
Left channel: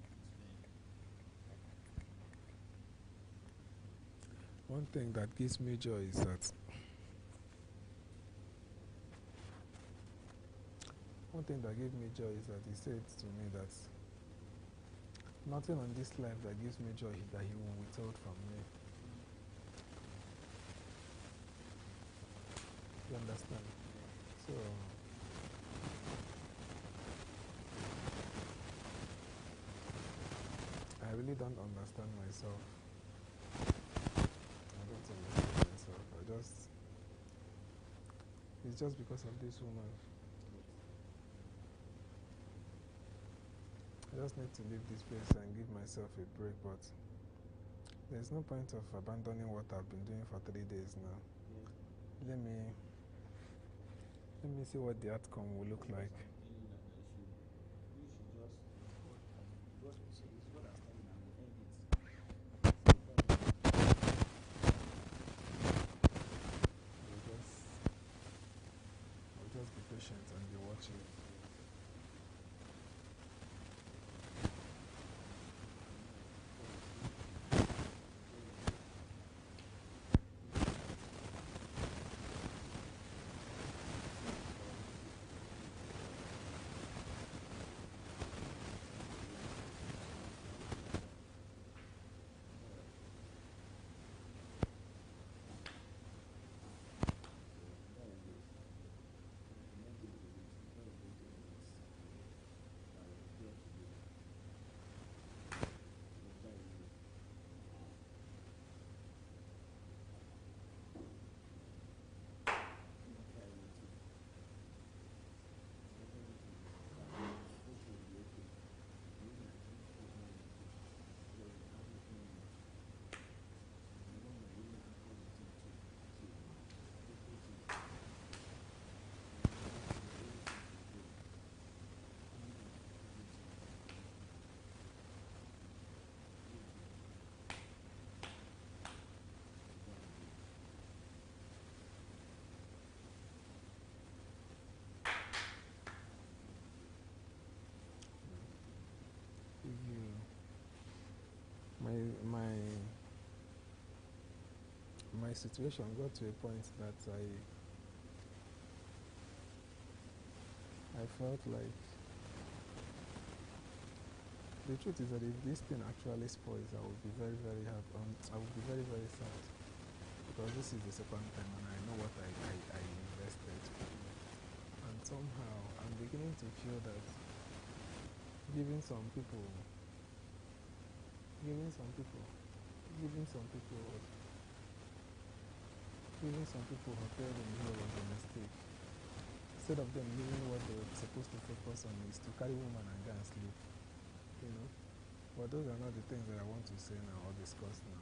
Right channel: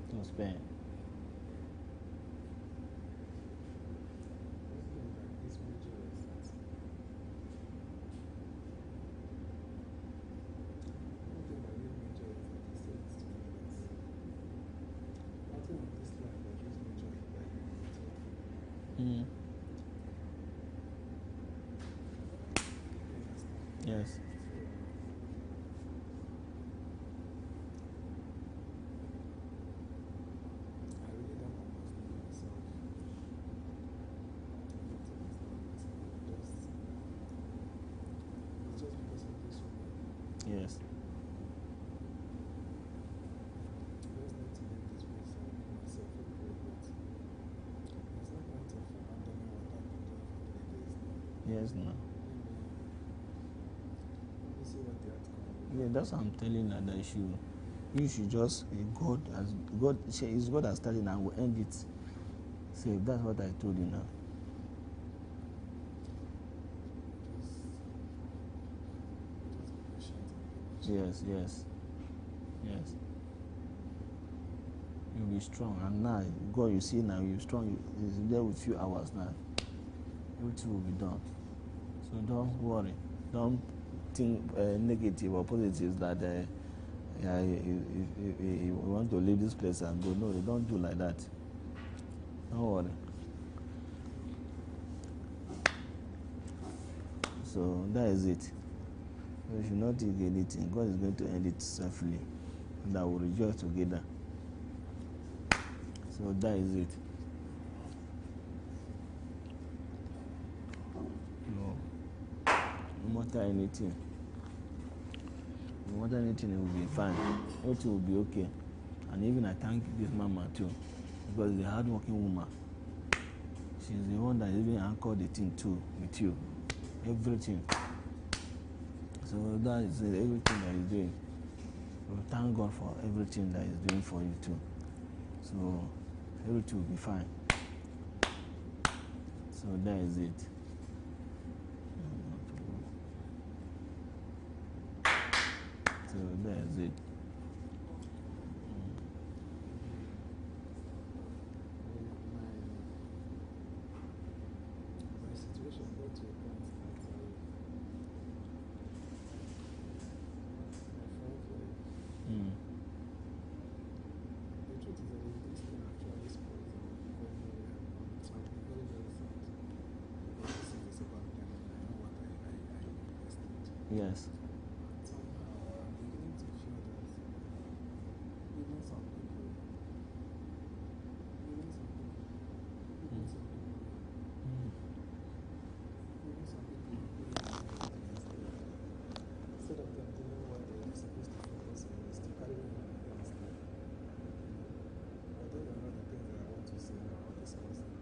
No spare. One thing that gives me joy is that he said to me that nothing on this life that gives me joy that he will withhold from me. You understand? Yes. So I really don't understand myself. It's just because of this woman. Yes. I just need to leave this place and give myself a break, but there's no point of abandoning what I've been doing for 3 days now. Yes, no. Let me see what the outcome will look like. That's what I'm telling you, that you should just, it's God has started and will end it. So that's what I told you. Just be patient and be watching. Yes. You be strong, and now God, you see now you're strong. He's there with few hours now. Everything will be done. So don't worry. Don't think negative or positive that you want to leave this place and go. No, you don't do like that. Don't worry. So that is it. So you should not think anything. God is going to end it safely, and I will rejoice together. So that is it. No matter anything, it will be fine. Everything will be okay. And even I thank this mama too, because she's a hardworking woman. She's the one that even anchored the thing too with you. Everything. So that is everything that he's doing. So thank God for everything that he's doing for you too. So everything will be fine. So that is it. So that is it. My situation got to a point that I felt like the truth is that if this thing actually spoils, I will be very, very happy. I will be very, very sad, because this is the second time and I know what I invested. Yes. And somehow I'm beginning to feel that giving some people feel that it's a mistake. Instead of them doing what they are supposed to focus on is to carry woman and go and sleep. You know? But those are not the things that I want to say now or discuss now.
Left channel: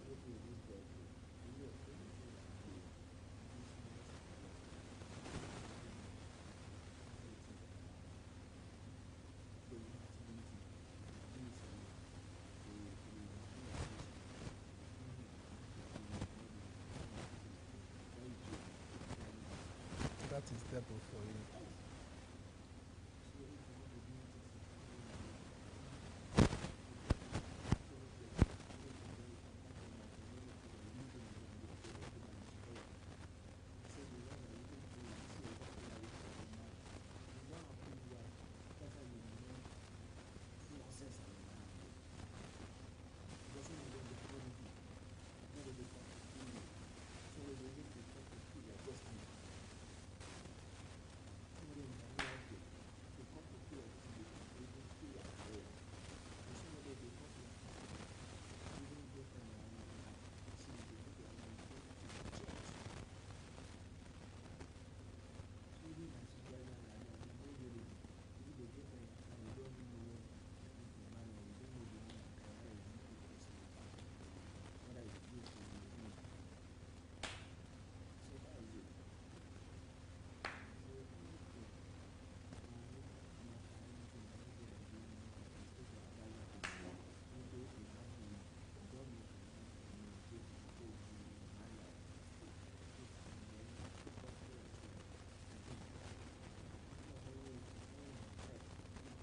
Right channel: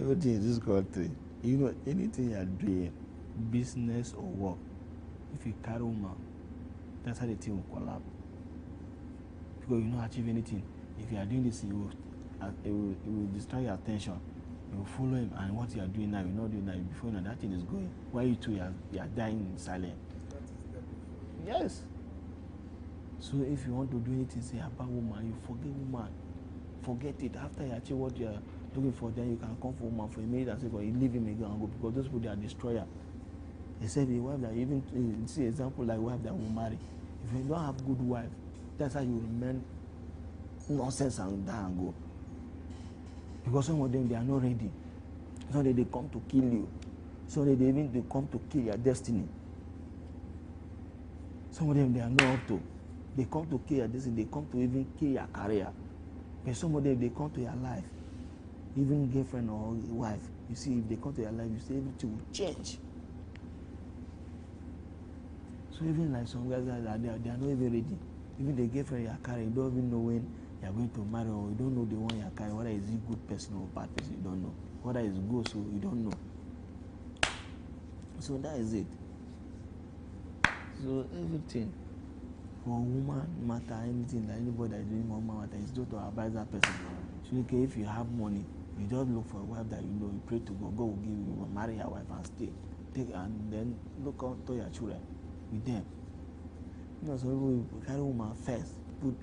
Everything in this country, anything you are doing, business or work, if you carry woman, that's how the thing will collapse. Because you will not achieve anything. If you are doing this, it will distract your attention. You will follow him, and what you are doing now, you will not do now. Before now, that thing is going. While you two, you are dying in silence. That is devil for you. Yes. So if you want to do anything, say about woman, you forget woman. Forget it. After you achieve what you are looking for, then you can come for woman for a minute and say, but you leave him again and go, because those people, they are destroyer. They said the wife that even see example like wife that will marry. If you don't have good wife, that's how you remain nonsense and die and go. Because some of them, they are not ready. Some of them, they come to kill you. Some of them, they come to kill your destiny. Some of them, they are not up to. They come to kill your destiny. They come to even kill your career. But some of them, they come to your life. Even girlfriend or wife. You see, if they come to your life, you see everything will change. So even like some guys that they are not even ready. Even the girlfriend you are carrying, you don't even know when you are going to marry, or you don't know the one you are carrying, whether is he good person or bad person, you don't know. Whether it's good, so you don't know. So that is it. So everything for woman matter, anything that anybody that is doing woman matter, is just to advise that person. So okay, if you have money, you just look for a wife that you know, you pray to God, God will give you, marry your wife and stay. Take and then look out to your children with them. You know, so you carry woman first, put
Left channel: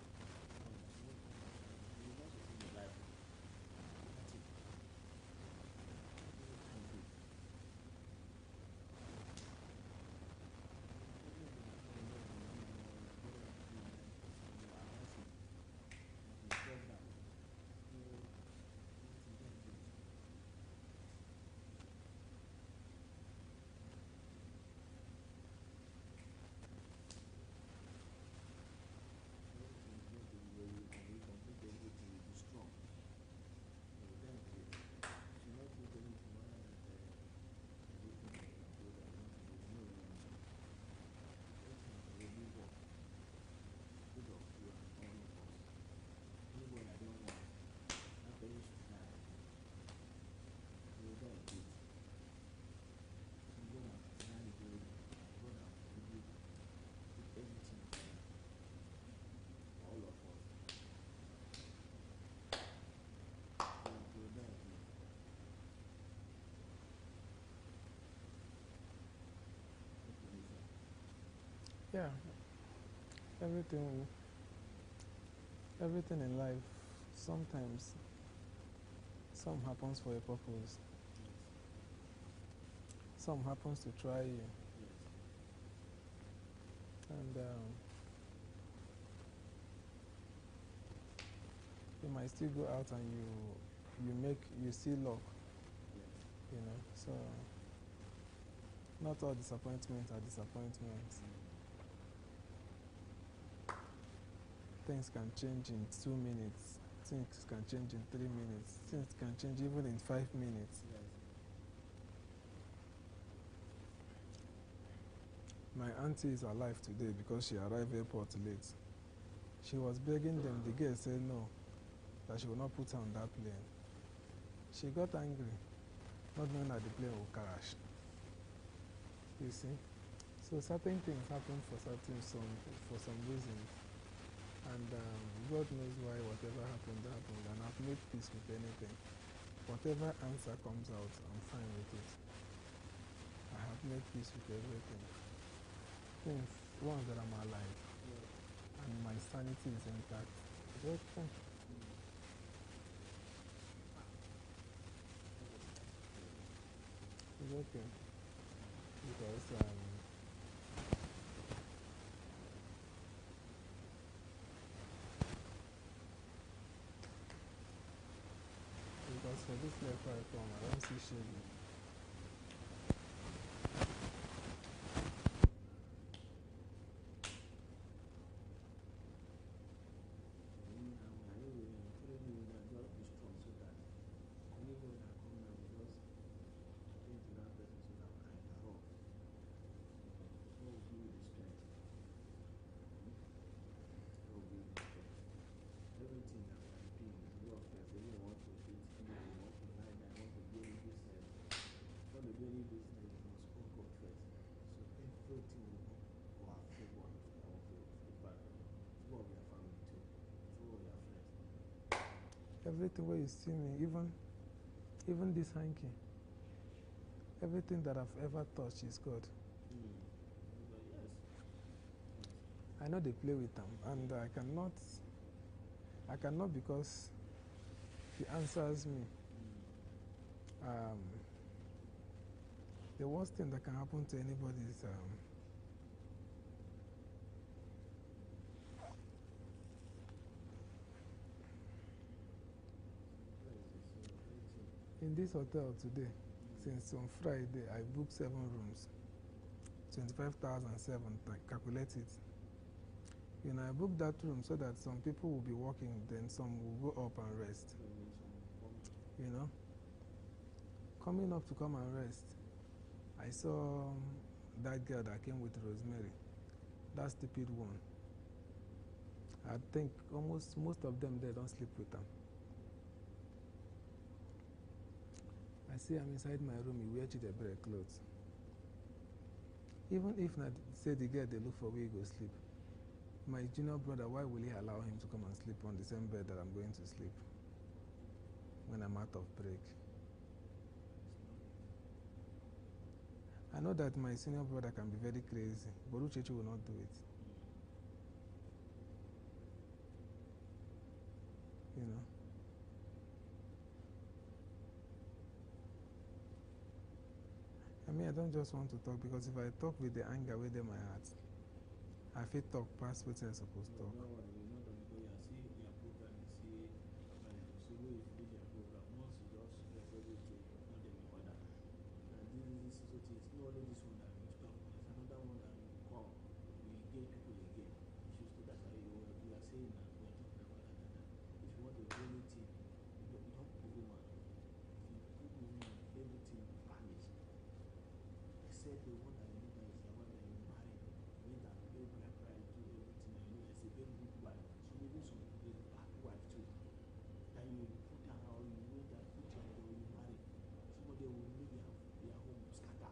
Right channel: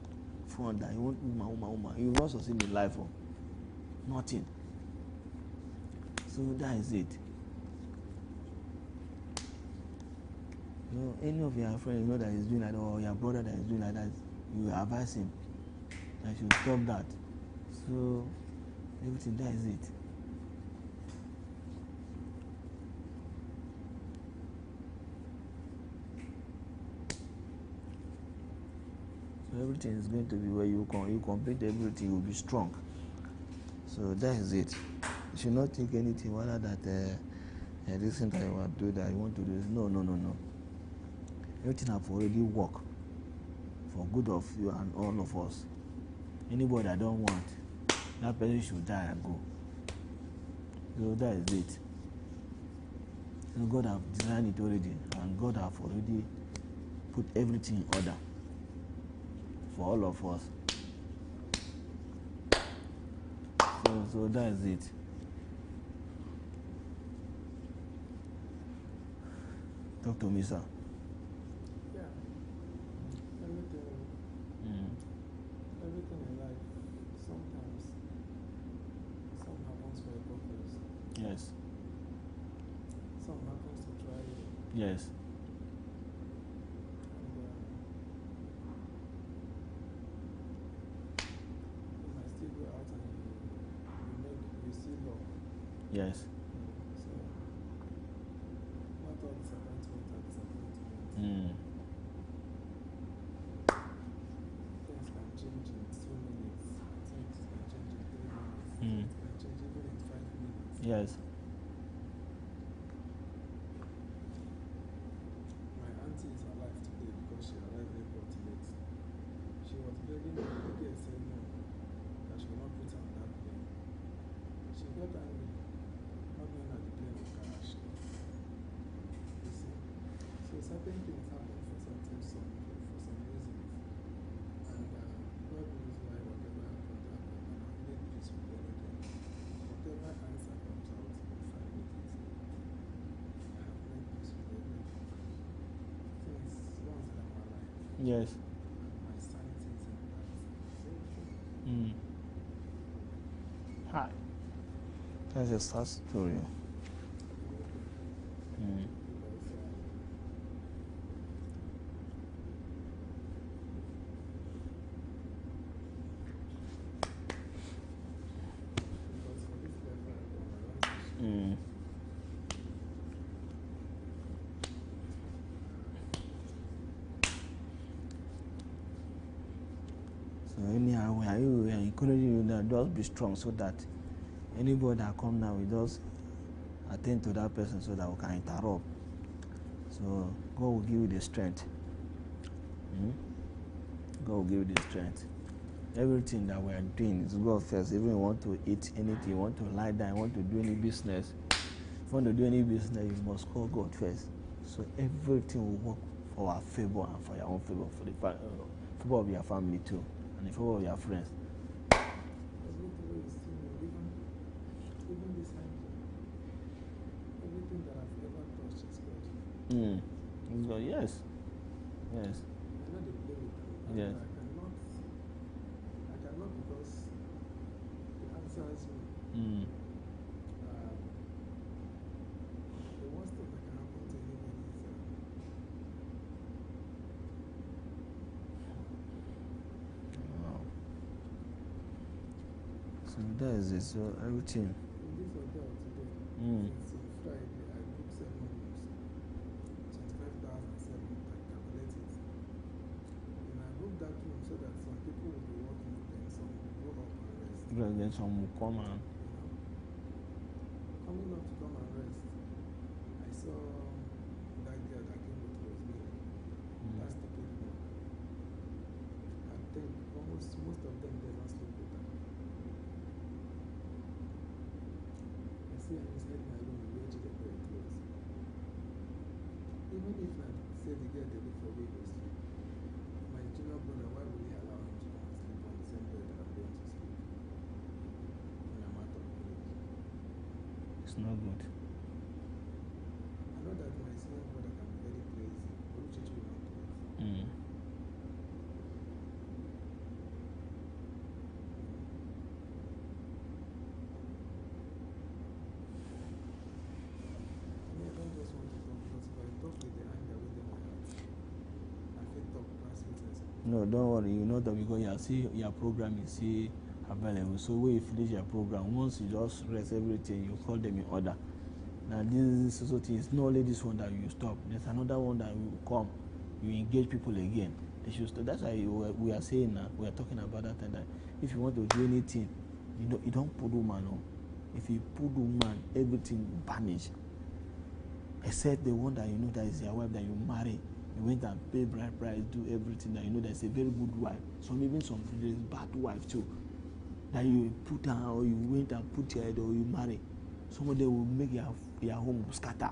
front that you want woman. You will not succeed in life, or nothing. So that is it. You know, any of your friends you know that is doing like that, or your brother that is doing like that, you advise him that you stop that. So everything, that is it. So everything is going to be where you complete everything, you will be strong. So that is it. You should not think anything whether that this thing that you want to do, that you want to do. No. Everything have already worked for good of you and all of us. Anybody that don't want, that person should die and go. So that is it. So God have designed it already, and God have already put everything in order for all of us. So that is it. Talk to me, sir. Yeah. Everything in life, sometimes some happens for a purpose. Yes. Some happens to try you. Yes. And you might still go out and you see luck. Yes. You know, so not all disappointments are disappointments. Things can change in 2 minutes. Things can change in 3 minutes. Things can change even in 5 minutes. Yes. My auntie is alive today because she arrived airport late. She was begging them. The girl said no, that she will not put her on that plane. She got angry, not knowing that the plane will crash. You see? So certain things happen for some reasons. And God knows why whatever happened. And I've made peace with anything. Whatever answer comes out, I'm fine with it. I have made peace with everything. Things, one, that I'm alive. Yes. And my sanity is intact. Okay. Hi. That's a sad story. Okay. Because for this life I come, I don't see shame. So anyhow, we are encouraging you that just be strong, so that anybody that come now, we just attend to that person so that we can interrupt. So God will give you the strength. God will give you the strength. Everything that we are doing is God first. Even if you want to eat anything, you want to lie down, you want to do any business. If you want to do any business, you must call God first. So So everything will work for our favor and for your own favor, for the favor of your family too, and the favor of your friends. Everything where you see me, even this hanky, everything that I've ever touched is God. God, yes. Yes. I know they play with them, and Yes. I cannot because He answers me. The worst thing that can happen to anybody is Wow. So that is it. So everything. In this hotel today, since on Friday, I booked 7 rooms, 25,007. I calculate it. You know, I booked that room so that some people will be working, then some will go up and rest. Then some will come and. You know, coming up to come and rest, I saw that girl that came with Rosemary, that stupid one. I think most of them, they don't sleep with her. I see her inside my room, we wear Chidebere clothes. Even if I say the girl they look for where he go sleep, my junior brother, why will he allow him to come and sleep on the same bed that I'm going to sleep when I'm out of break? It's not good. I know that my senior brother can be very crazy, but Uchechi will not do it. You know? I mean, I don't just want to talk because if I talk with the anger within my heart, I feel talk past what I'm supposed to. No, don't worry. You know that because you see your program is see available. So when you finish your program, once you just rest everything, you call them in order. Now this society is not only this one that you stop. There's another one that will come. You engage people again. They should stop. That's why we are saying now. We are talking about that and that. If you want to do anything, you don't put woman on. If you put woman, everything vanish. Except the one that you know that is your wife that you marry. You went and pay bride price, do everything that you know that's a very good wife. Even some there is bad wife too. That you put her or you went and put your head or you marry. Somebody will make your home scatter.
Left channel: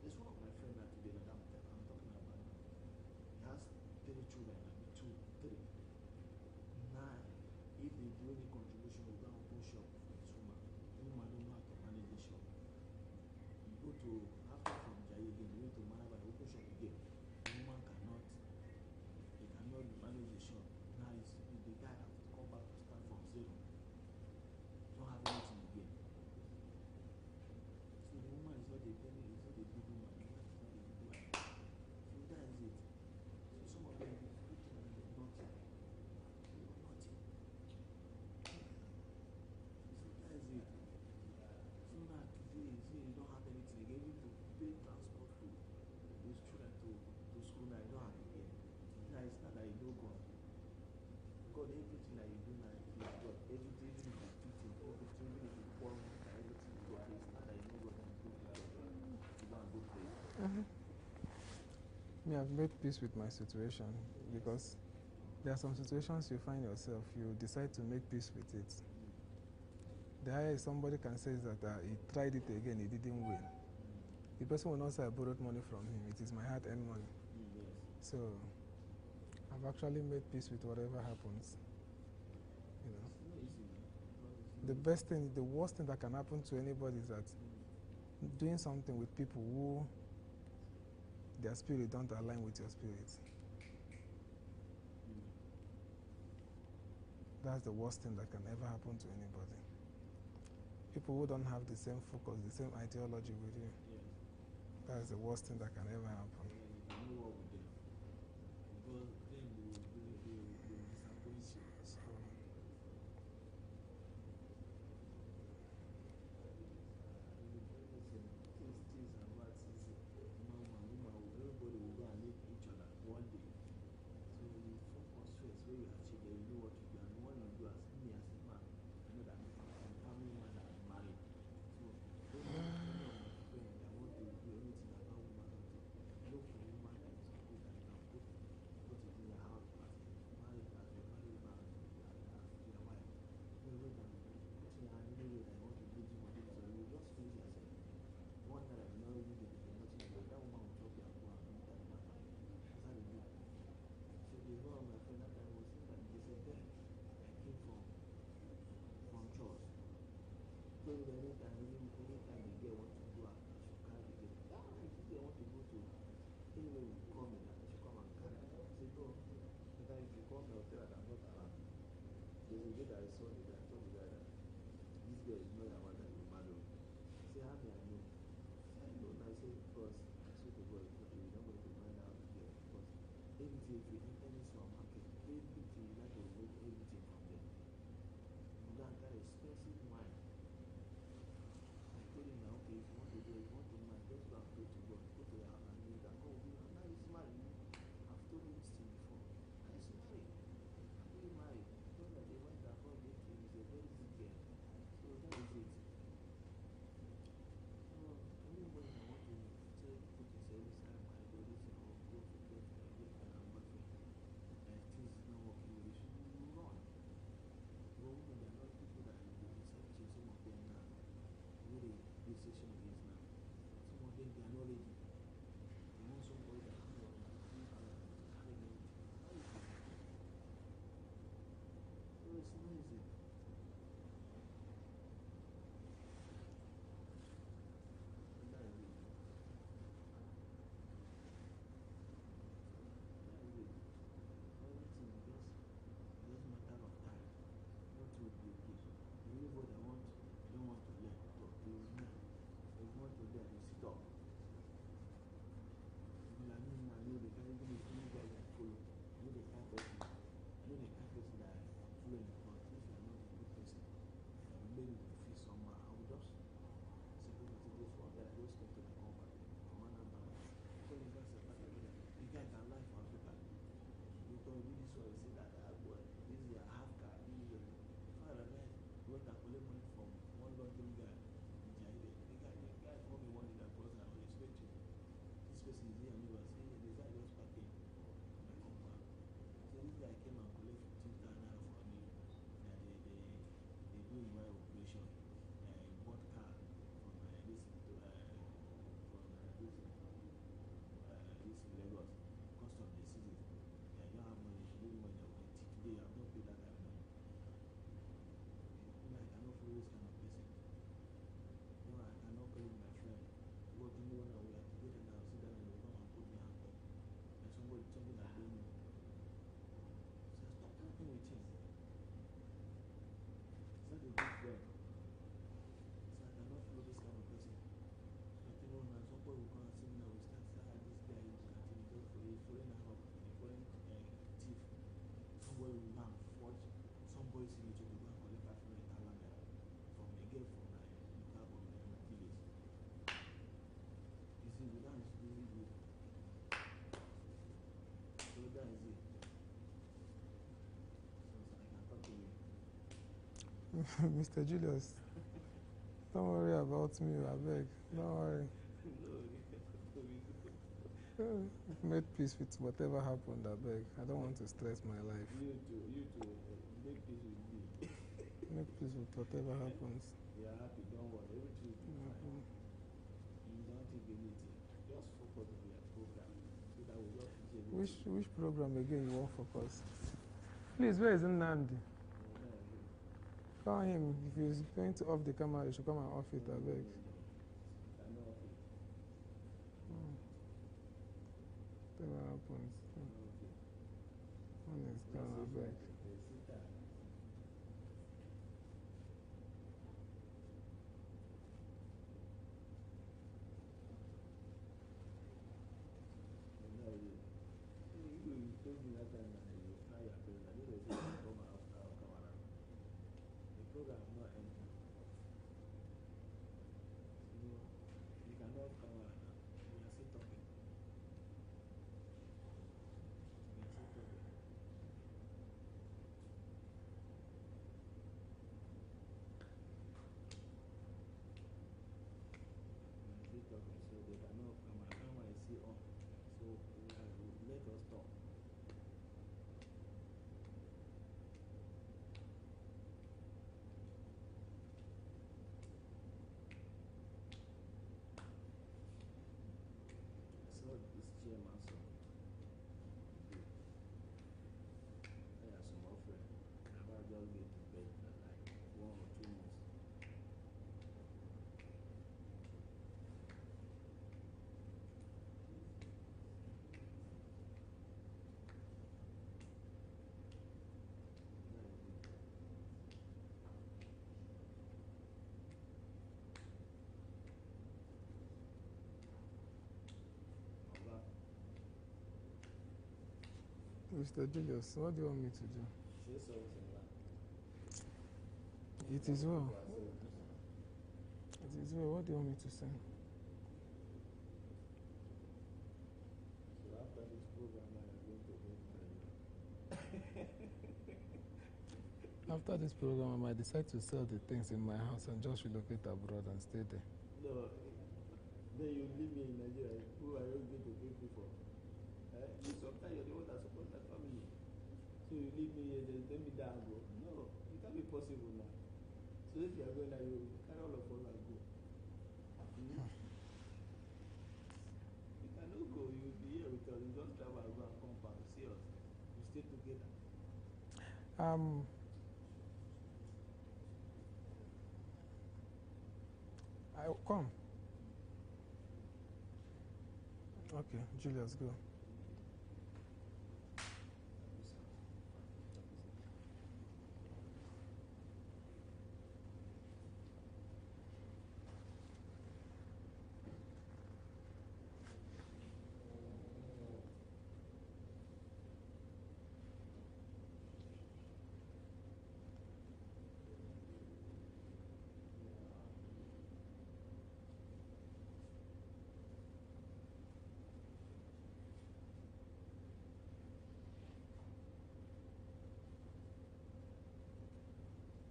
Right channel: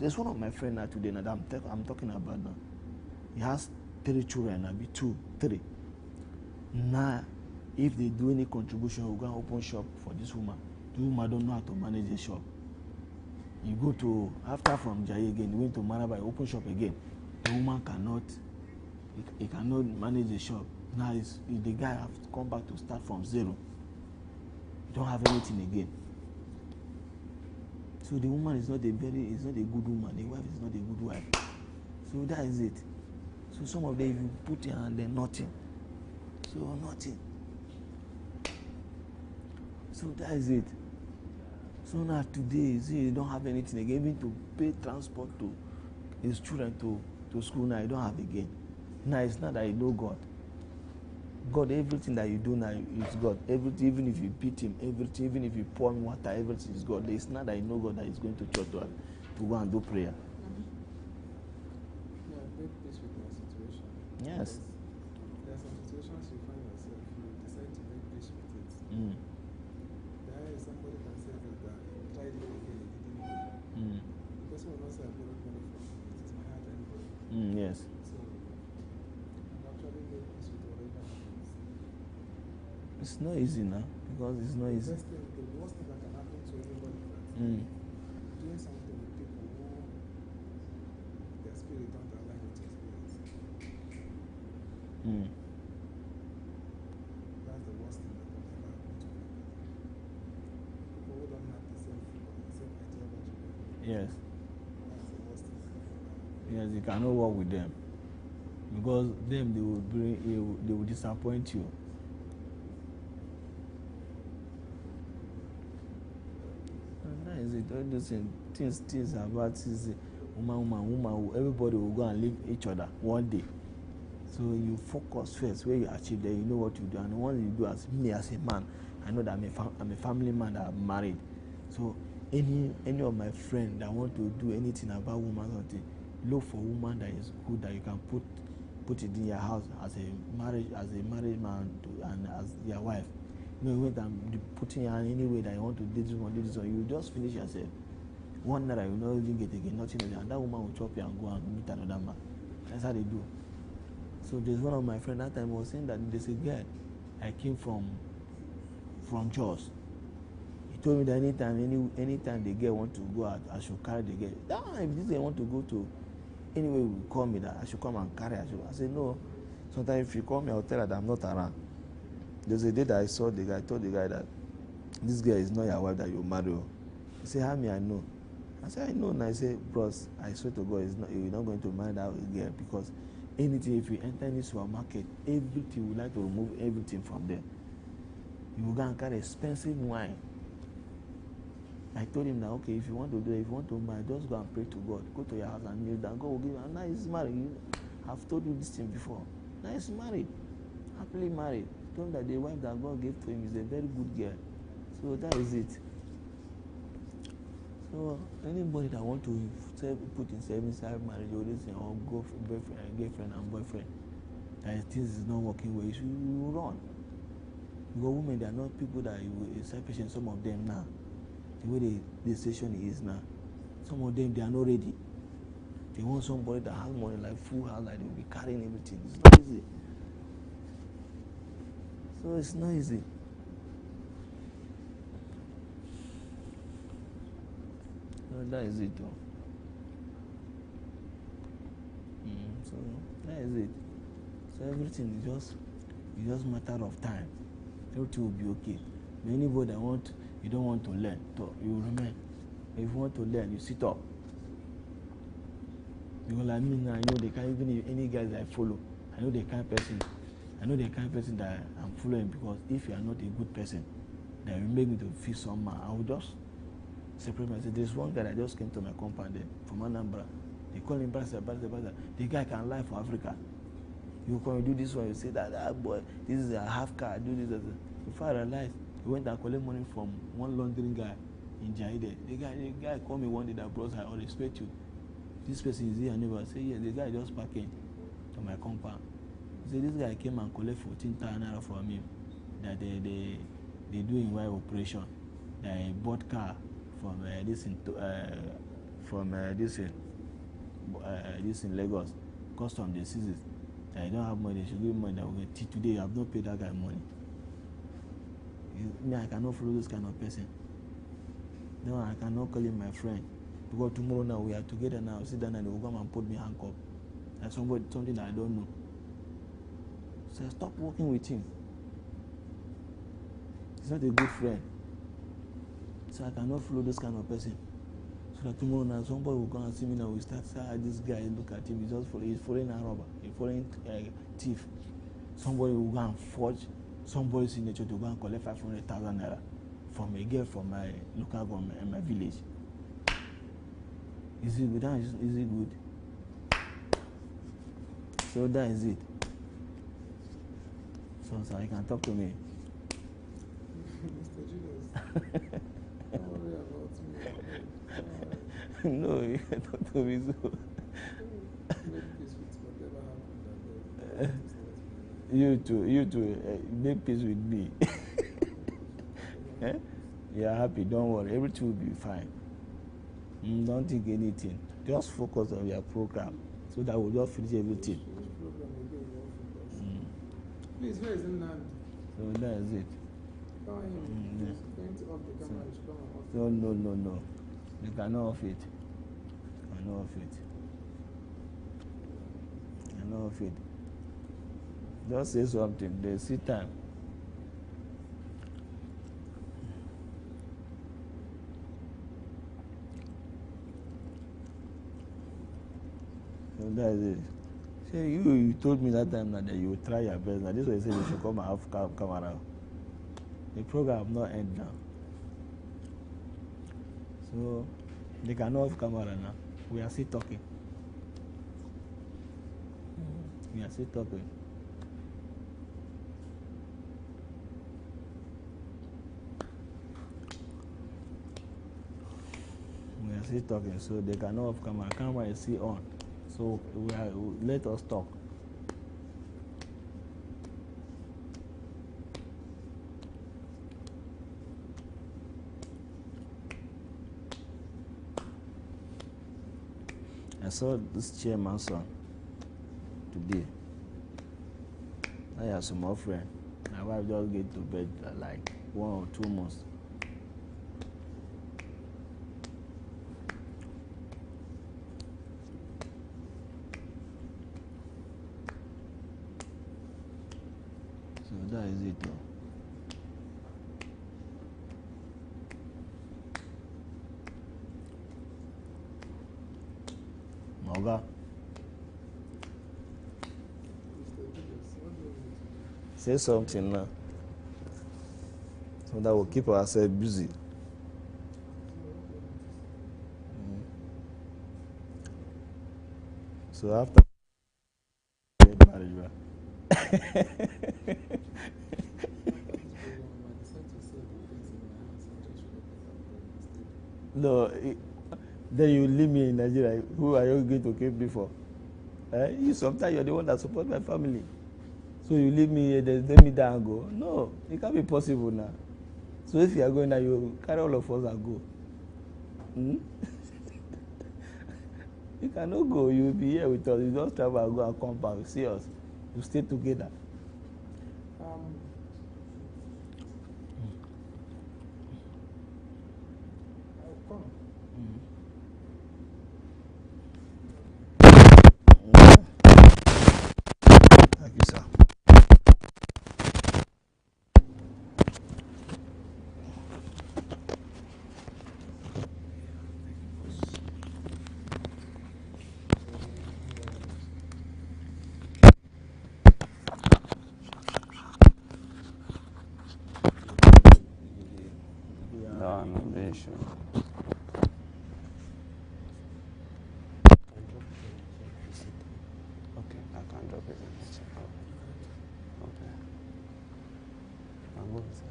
There's one of my friends now today now that I'm talking about now. He has 3 children now, be 2, 3. Now, if they do any contribution, we'll go and open shop for this woman. The woman don't know how to manage the shop. You go to, after from Jai again, you went to Maraba, you open shop again. The woman cannot, he cannot manage the shop. Now the guy have to come back to start from 0. You don't have anything again. So the woman is not a good woman. The wife is not a good wife. So that is it. So some of them, if you put your hand there, nothing. So nothing. So that is it. So now today, see, you don't have anything again. Even to pay transport to his children to school now, you don't have again. Now it's not that you know God. God, everything that you do now is God. Everything, even if you beat him, everything, even if you pour him water, everything is God. It's not that you know God that is going to church to go and do prayer. Yeah, I've made peace with my situation. Yes. Because there are some situations you find yourself, you decide to make peace with it. There is somebody can say that he tried it again, it didn't win. The person will not say I borrowed money from him, it is my hard-earned money. Yes. So I've actually made peace with whatever happens. It's not easy now, because it's not easy. The worst thing that can happen to anybody is that doing something with people who their spirit don't align with your spirit. That's the worst thing that can ever happen to anybody. People who don't have the same focus, the same ideology with you. Yes. That's the worst thing that can ever happen. Yes, you cannot work with them. Because them, they will disappoint you. And that is it. All those things about woman, everybody will go and leave each other one day. So you focus first where you achieve that, you know what you do. And once you do, as me as a man, I know that I'm a family man that I'm married. So any of my friends that want to do anything about woman, something, look for a woman that is good, that you can put it in your house as a married man and as your wife. You know, when I'm putting her in any way that you want to do this one, you just finish yourself. 1 naira you no even get again, nothing again, and that woman will chop you and go and meet another man. That's how they do. So there's one of my friends that time was saying that there's a guy I came from Jos. He told me that anytime the girl want to go out, I should carry the girl. If this girl want to go to anywhere, will call me that I should come and carry her. I said no. Sometimes if you call me, I'll tell her that I'm not around. There's a day that I saw the guy, I told the guy that this girl is not your wife that you marry. He said, how me I know? I said, I know. And I said, bros, I swear to God, you're not going to marry that girl, because anything, if you enter any supermarket, everything, we like to remove everything from there. You will go and carry expensive wine. I told him that, okay, if you want to do it, if you want to marry, just go and pray to God. Go to your house and kneel down. God will give you. And now he's married. I've told you this thing before. Now he's married. Happily married. Told him that the wife that God gave to him is a very good girl. So that is it. So anybody that want to put himself inside marriage or this thing, or go for girlfriend and boyfriend, that things is not working well, you run. Because women, they are not people that you are patient. Some of them now, the way the station is now, some of them, they are not ready. They want somebody that has money, like full house, like they will be carrying everything. It's not easy. So it's not easy. So that is it though. So that is it. So everything is just matter of time. Everything will be okay. But anybody that you don't want to learn, so you remain. If you want to learn, you sit up. Because like me now, I know the kind, even if any guys I follow, I know the kind of person that I'm following, because if you are not a good person, that will make me to feel somehow. I will just separate myself. There's one guy that just came to my compound there from Anambra. They call him Brasa. The guy can lie for Africa. You come, you do this one, you say that, boy, this is a half car, do this. Before I realized, he went and collect money from one laundering guy in Jaide. The guy called me one day that, bros, I respect you. This person is here, and neighbor. I say, yeah, the guy just parking to my compound. He said, this guy came and collect 14,000 naira from him. That they do in wire operation. They bought car from this in Lagos. Custom they seize it. I don't have money, they should give me money. That will get today. I have not paid that guy money. Me, I cannot follow this kind of person. No, I cannot call him my friend. Because tomorrow now we are together now. Sit down and they will come and put me handcuff. Like something that I don't know. So I stop working with him. He's not a good friend. So I cannot follow this kind of person. So that tomorrow now somebody will come and see me now. We start saying, this guy, look at him. He's following a robber. He's following thief. Somebody will go and forge somebody's signature to go and collect 500,000 naira from a girl from my local government in my village. Is it good? Is it good? So that is it. So you can talk to me. Mr. Julius, don't worry about me, abeg. Don't worry. No, you can talk to me so. Make peace with whatever happened, abeg. I don't want to stress my life. You too, make peace with me. Make peace with whatever happens. You're happy, don't worry, everything will be fine. Don't think anything. Just focus on your program so that we'll just finish everything. Which program again you want focus? Please, where is Nnamdi? So that is it. Call him. He's going to off the camera. You should come and off it. No. You cannot off it. You cannot off it. You cannot off it. Just say something. They see time. So that is it. Say you told me that time that you would try your best. Now this way you say you should come and have camera. The program not end now. So they cannot have camera now. We are still talking. We are still talking. We are still talking, so they cannot have camera. Camera is still on. So let us talk. I saw this chairman's son today. I have some more friend. My wife just get to bed like 1 or 2 months. So that is it. Moga. Mr. Julius, what do you want me to do? Say something now. So that will keep ourselves busy. So what do you want me to say? So after get married, After this program, I might decide to sell the things in my house and just relocate abroad and stay there. No, then you leave me in Nigeria. Who are you going to keep me for? You sometimes you're the one that supports my family. So you leave me here, then let me down and go. No, it can't be possible now. So if you are going now, you carry all of us and go. You cannot go. You will be here with us. You just travel and go and come back. See us. You stay together. I will come. Thank you, sir. No, no, very sure. Okay, I can drop it in the chat. Okay. I'm good, sir.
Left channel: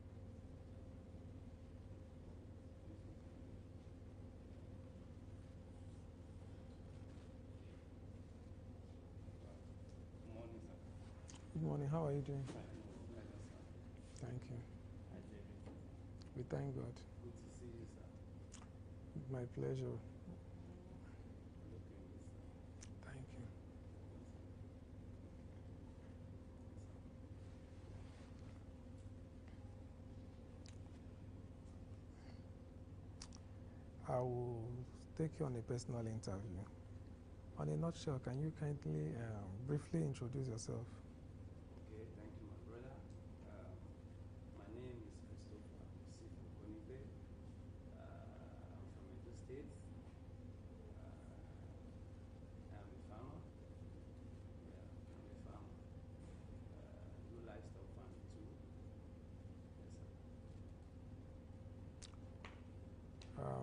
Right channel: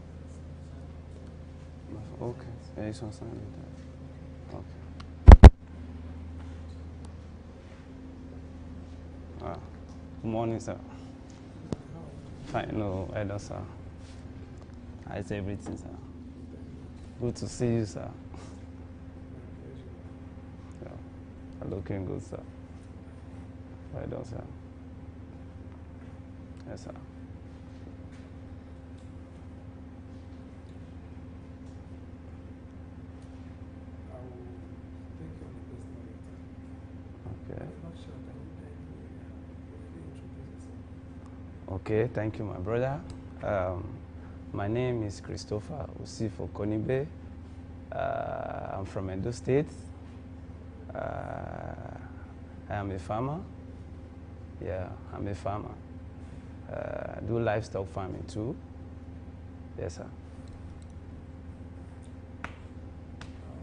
Okay, yeah, it's on Sunday. Okay. Good morning, sir. Good morning, how are you doing? Fine, no, Elder, sir. Thank you. How's everything, sir? We thank God. Good to see you, sir. My pleasure. Yeah, looking good, sir. Well done, sir. Yes, sir. I will take you on a personal interview. Okay. In a nutshell, can you kindly briefly introduce yourself? Okay, thank you, my brother. My name is Christopher Usifo Konibe. I'm from Edo State. I am a farmer. Yeah, I'm a farmer. Do livestock farming too. Yes, sir.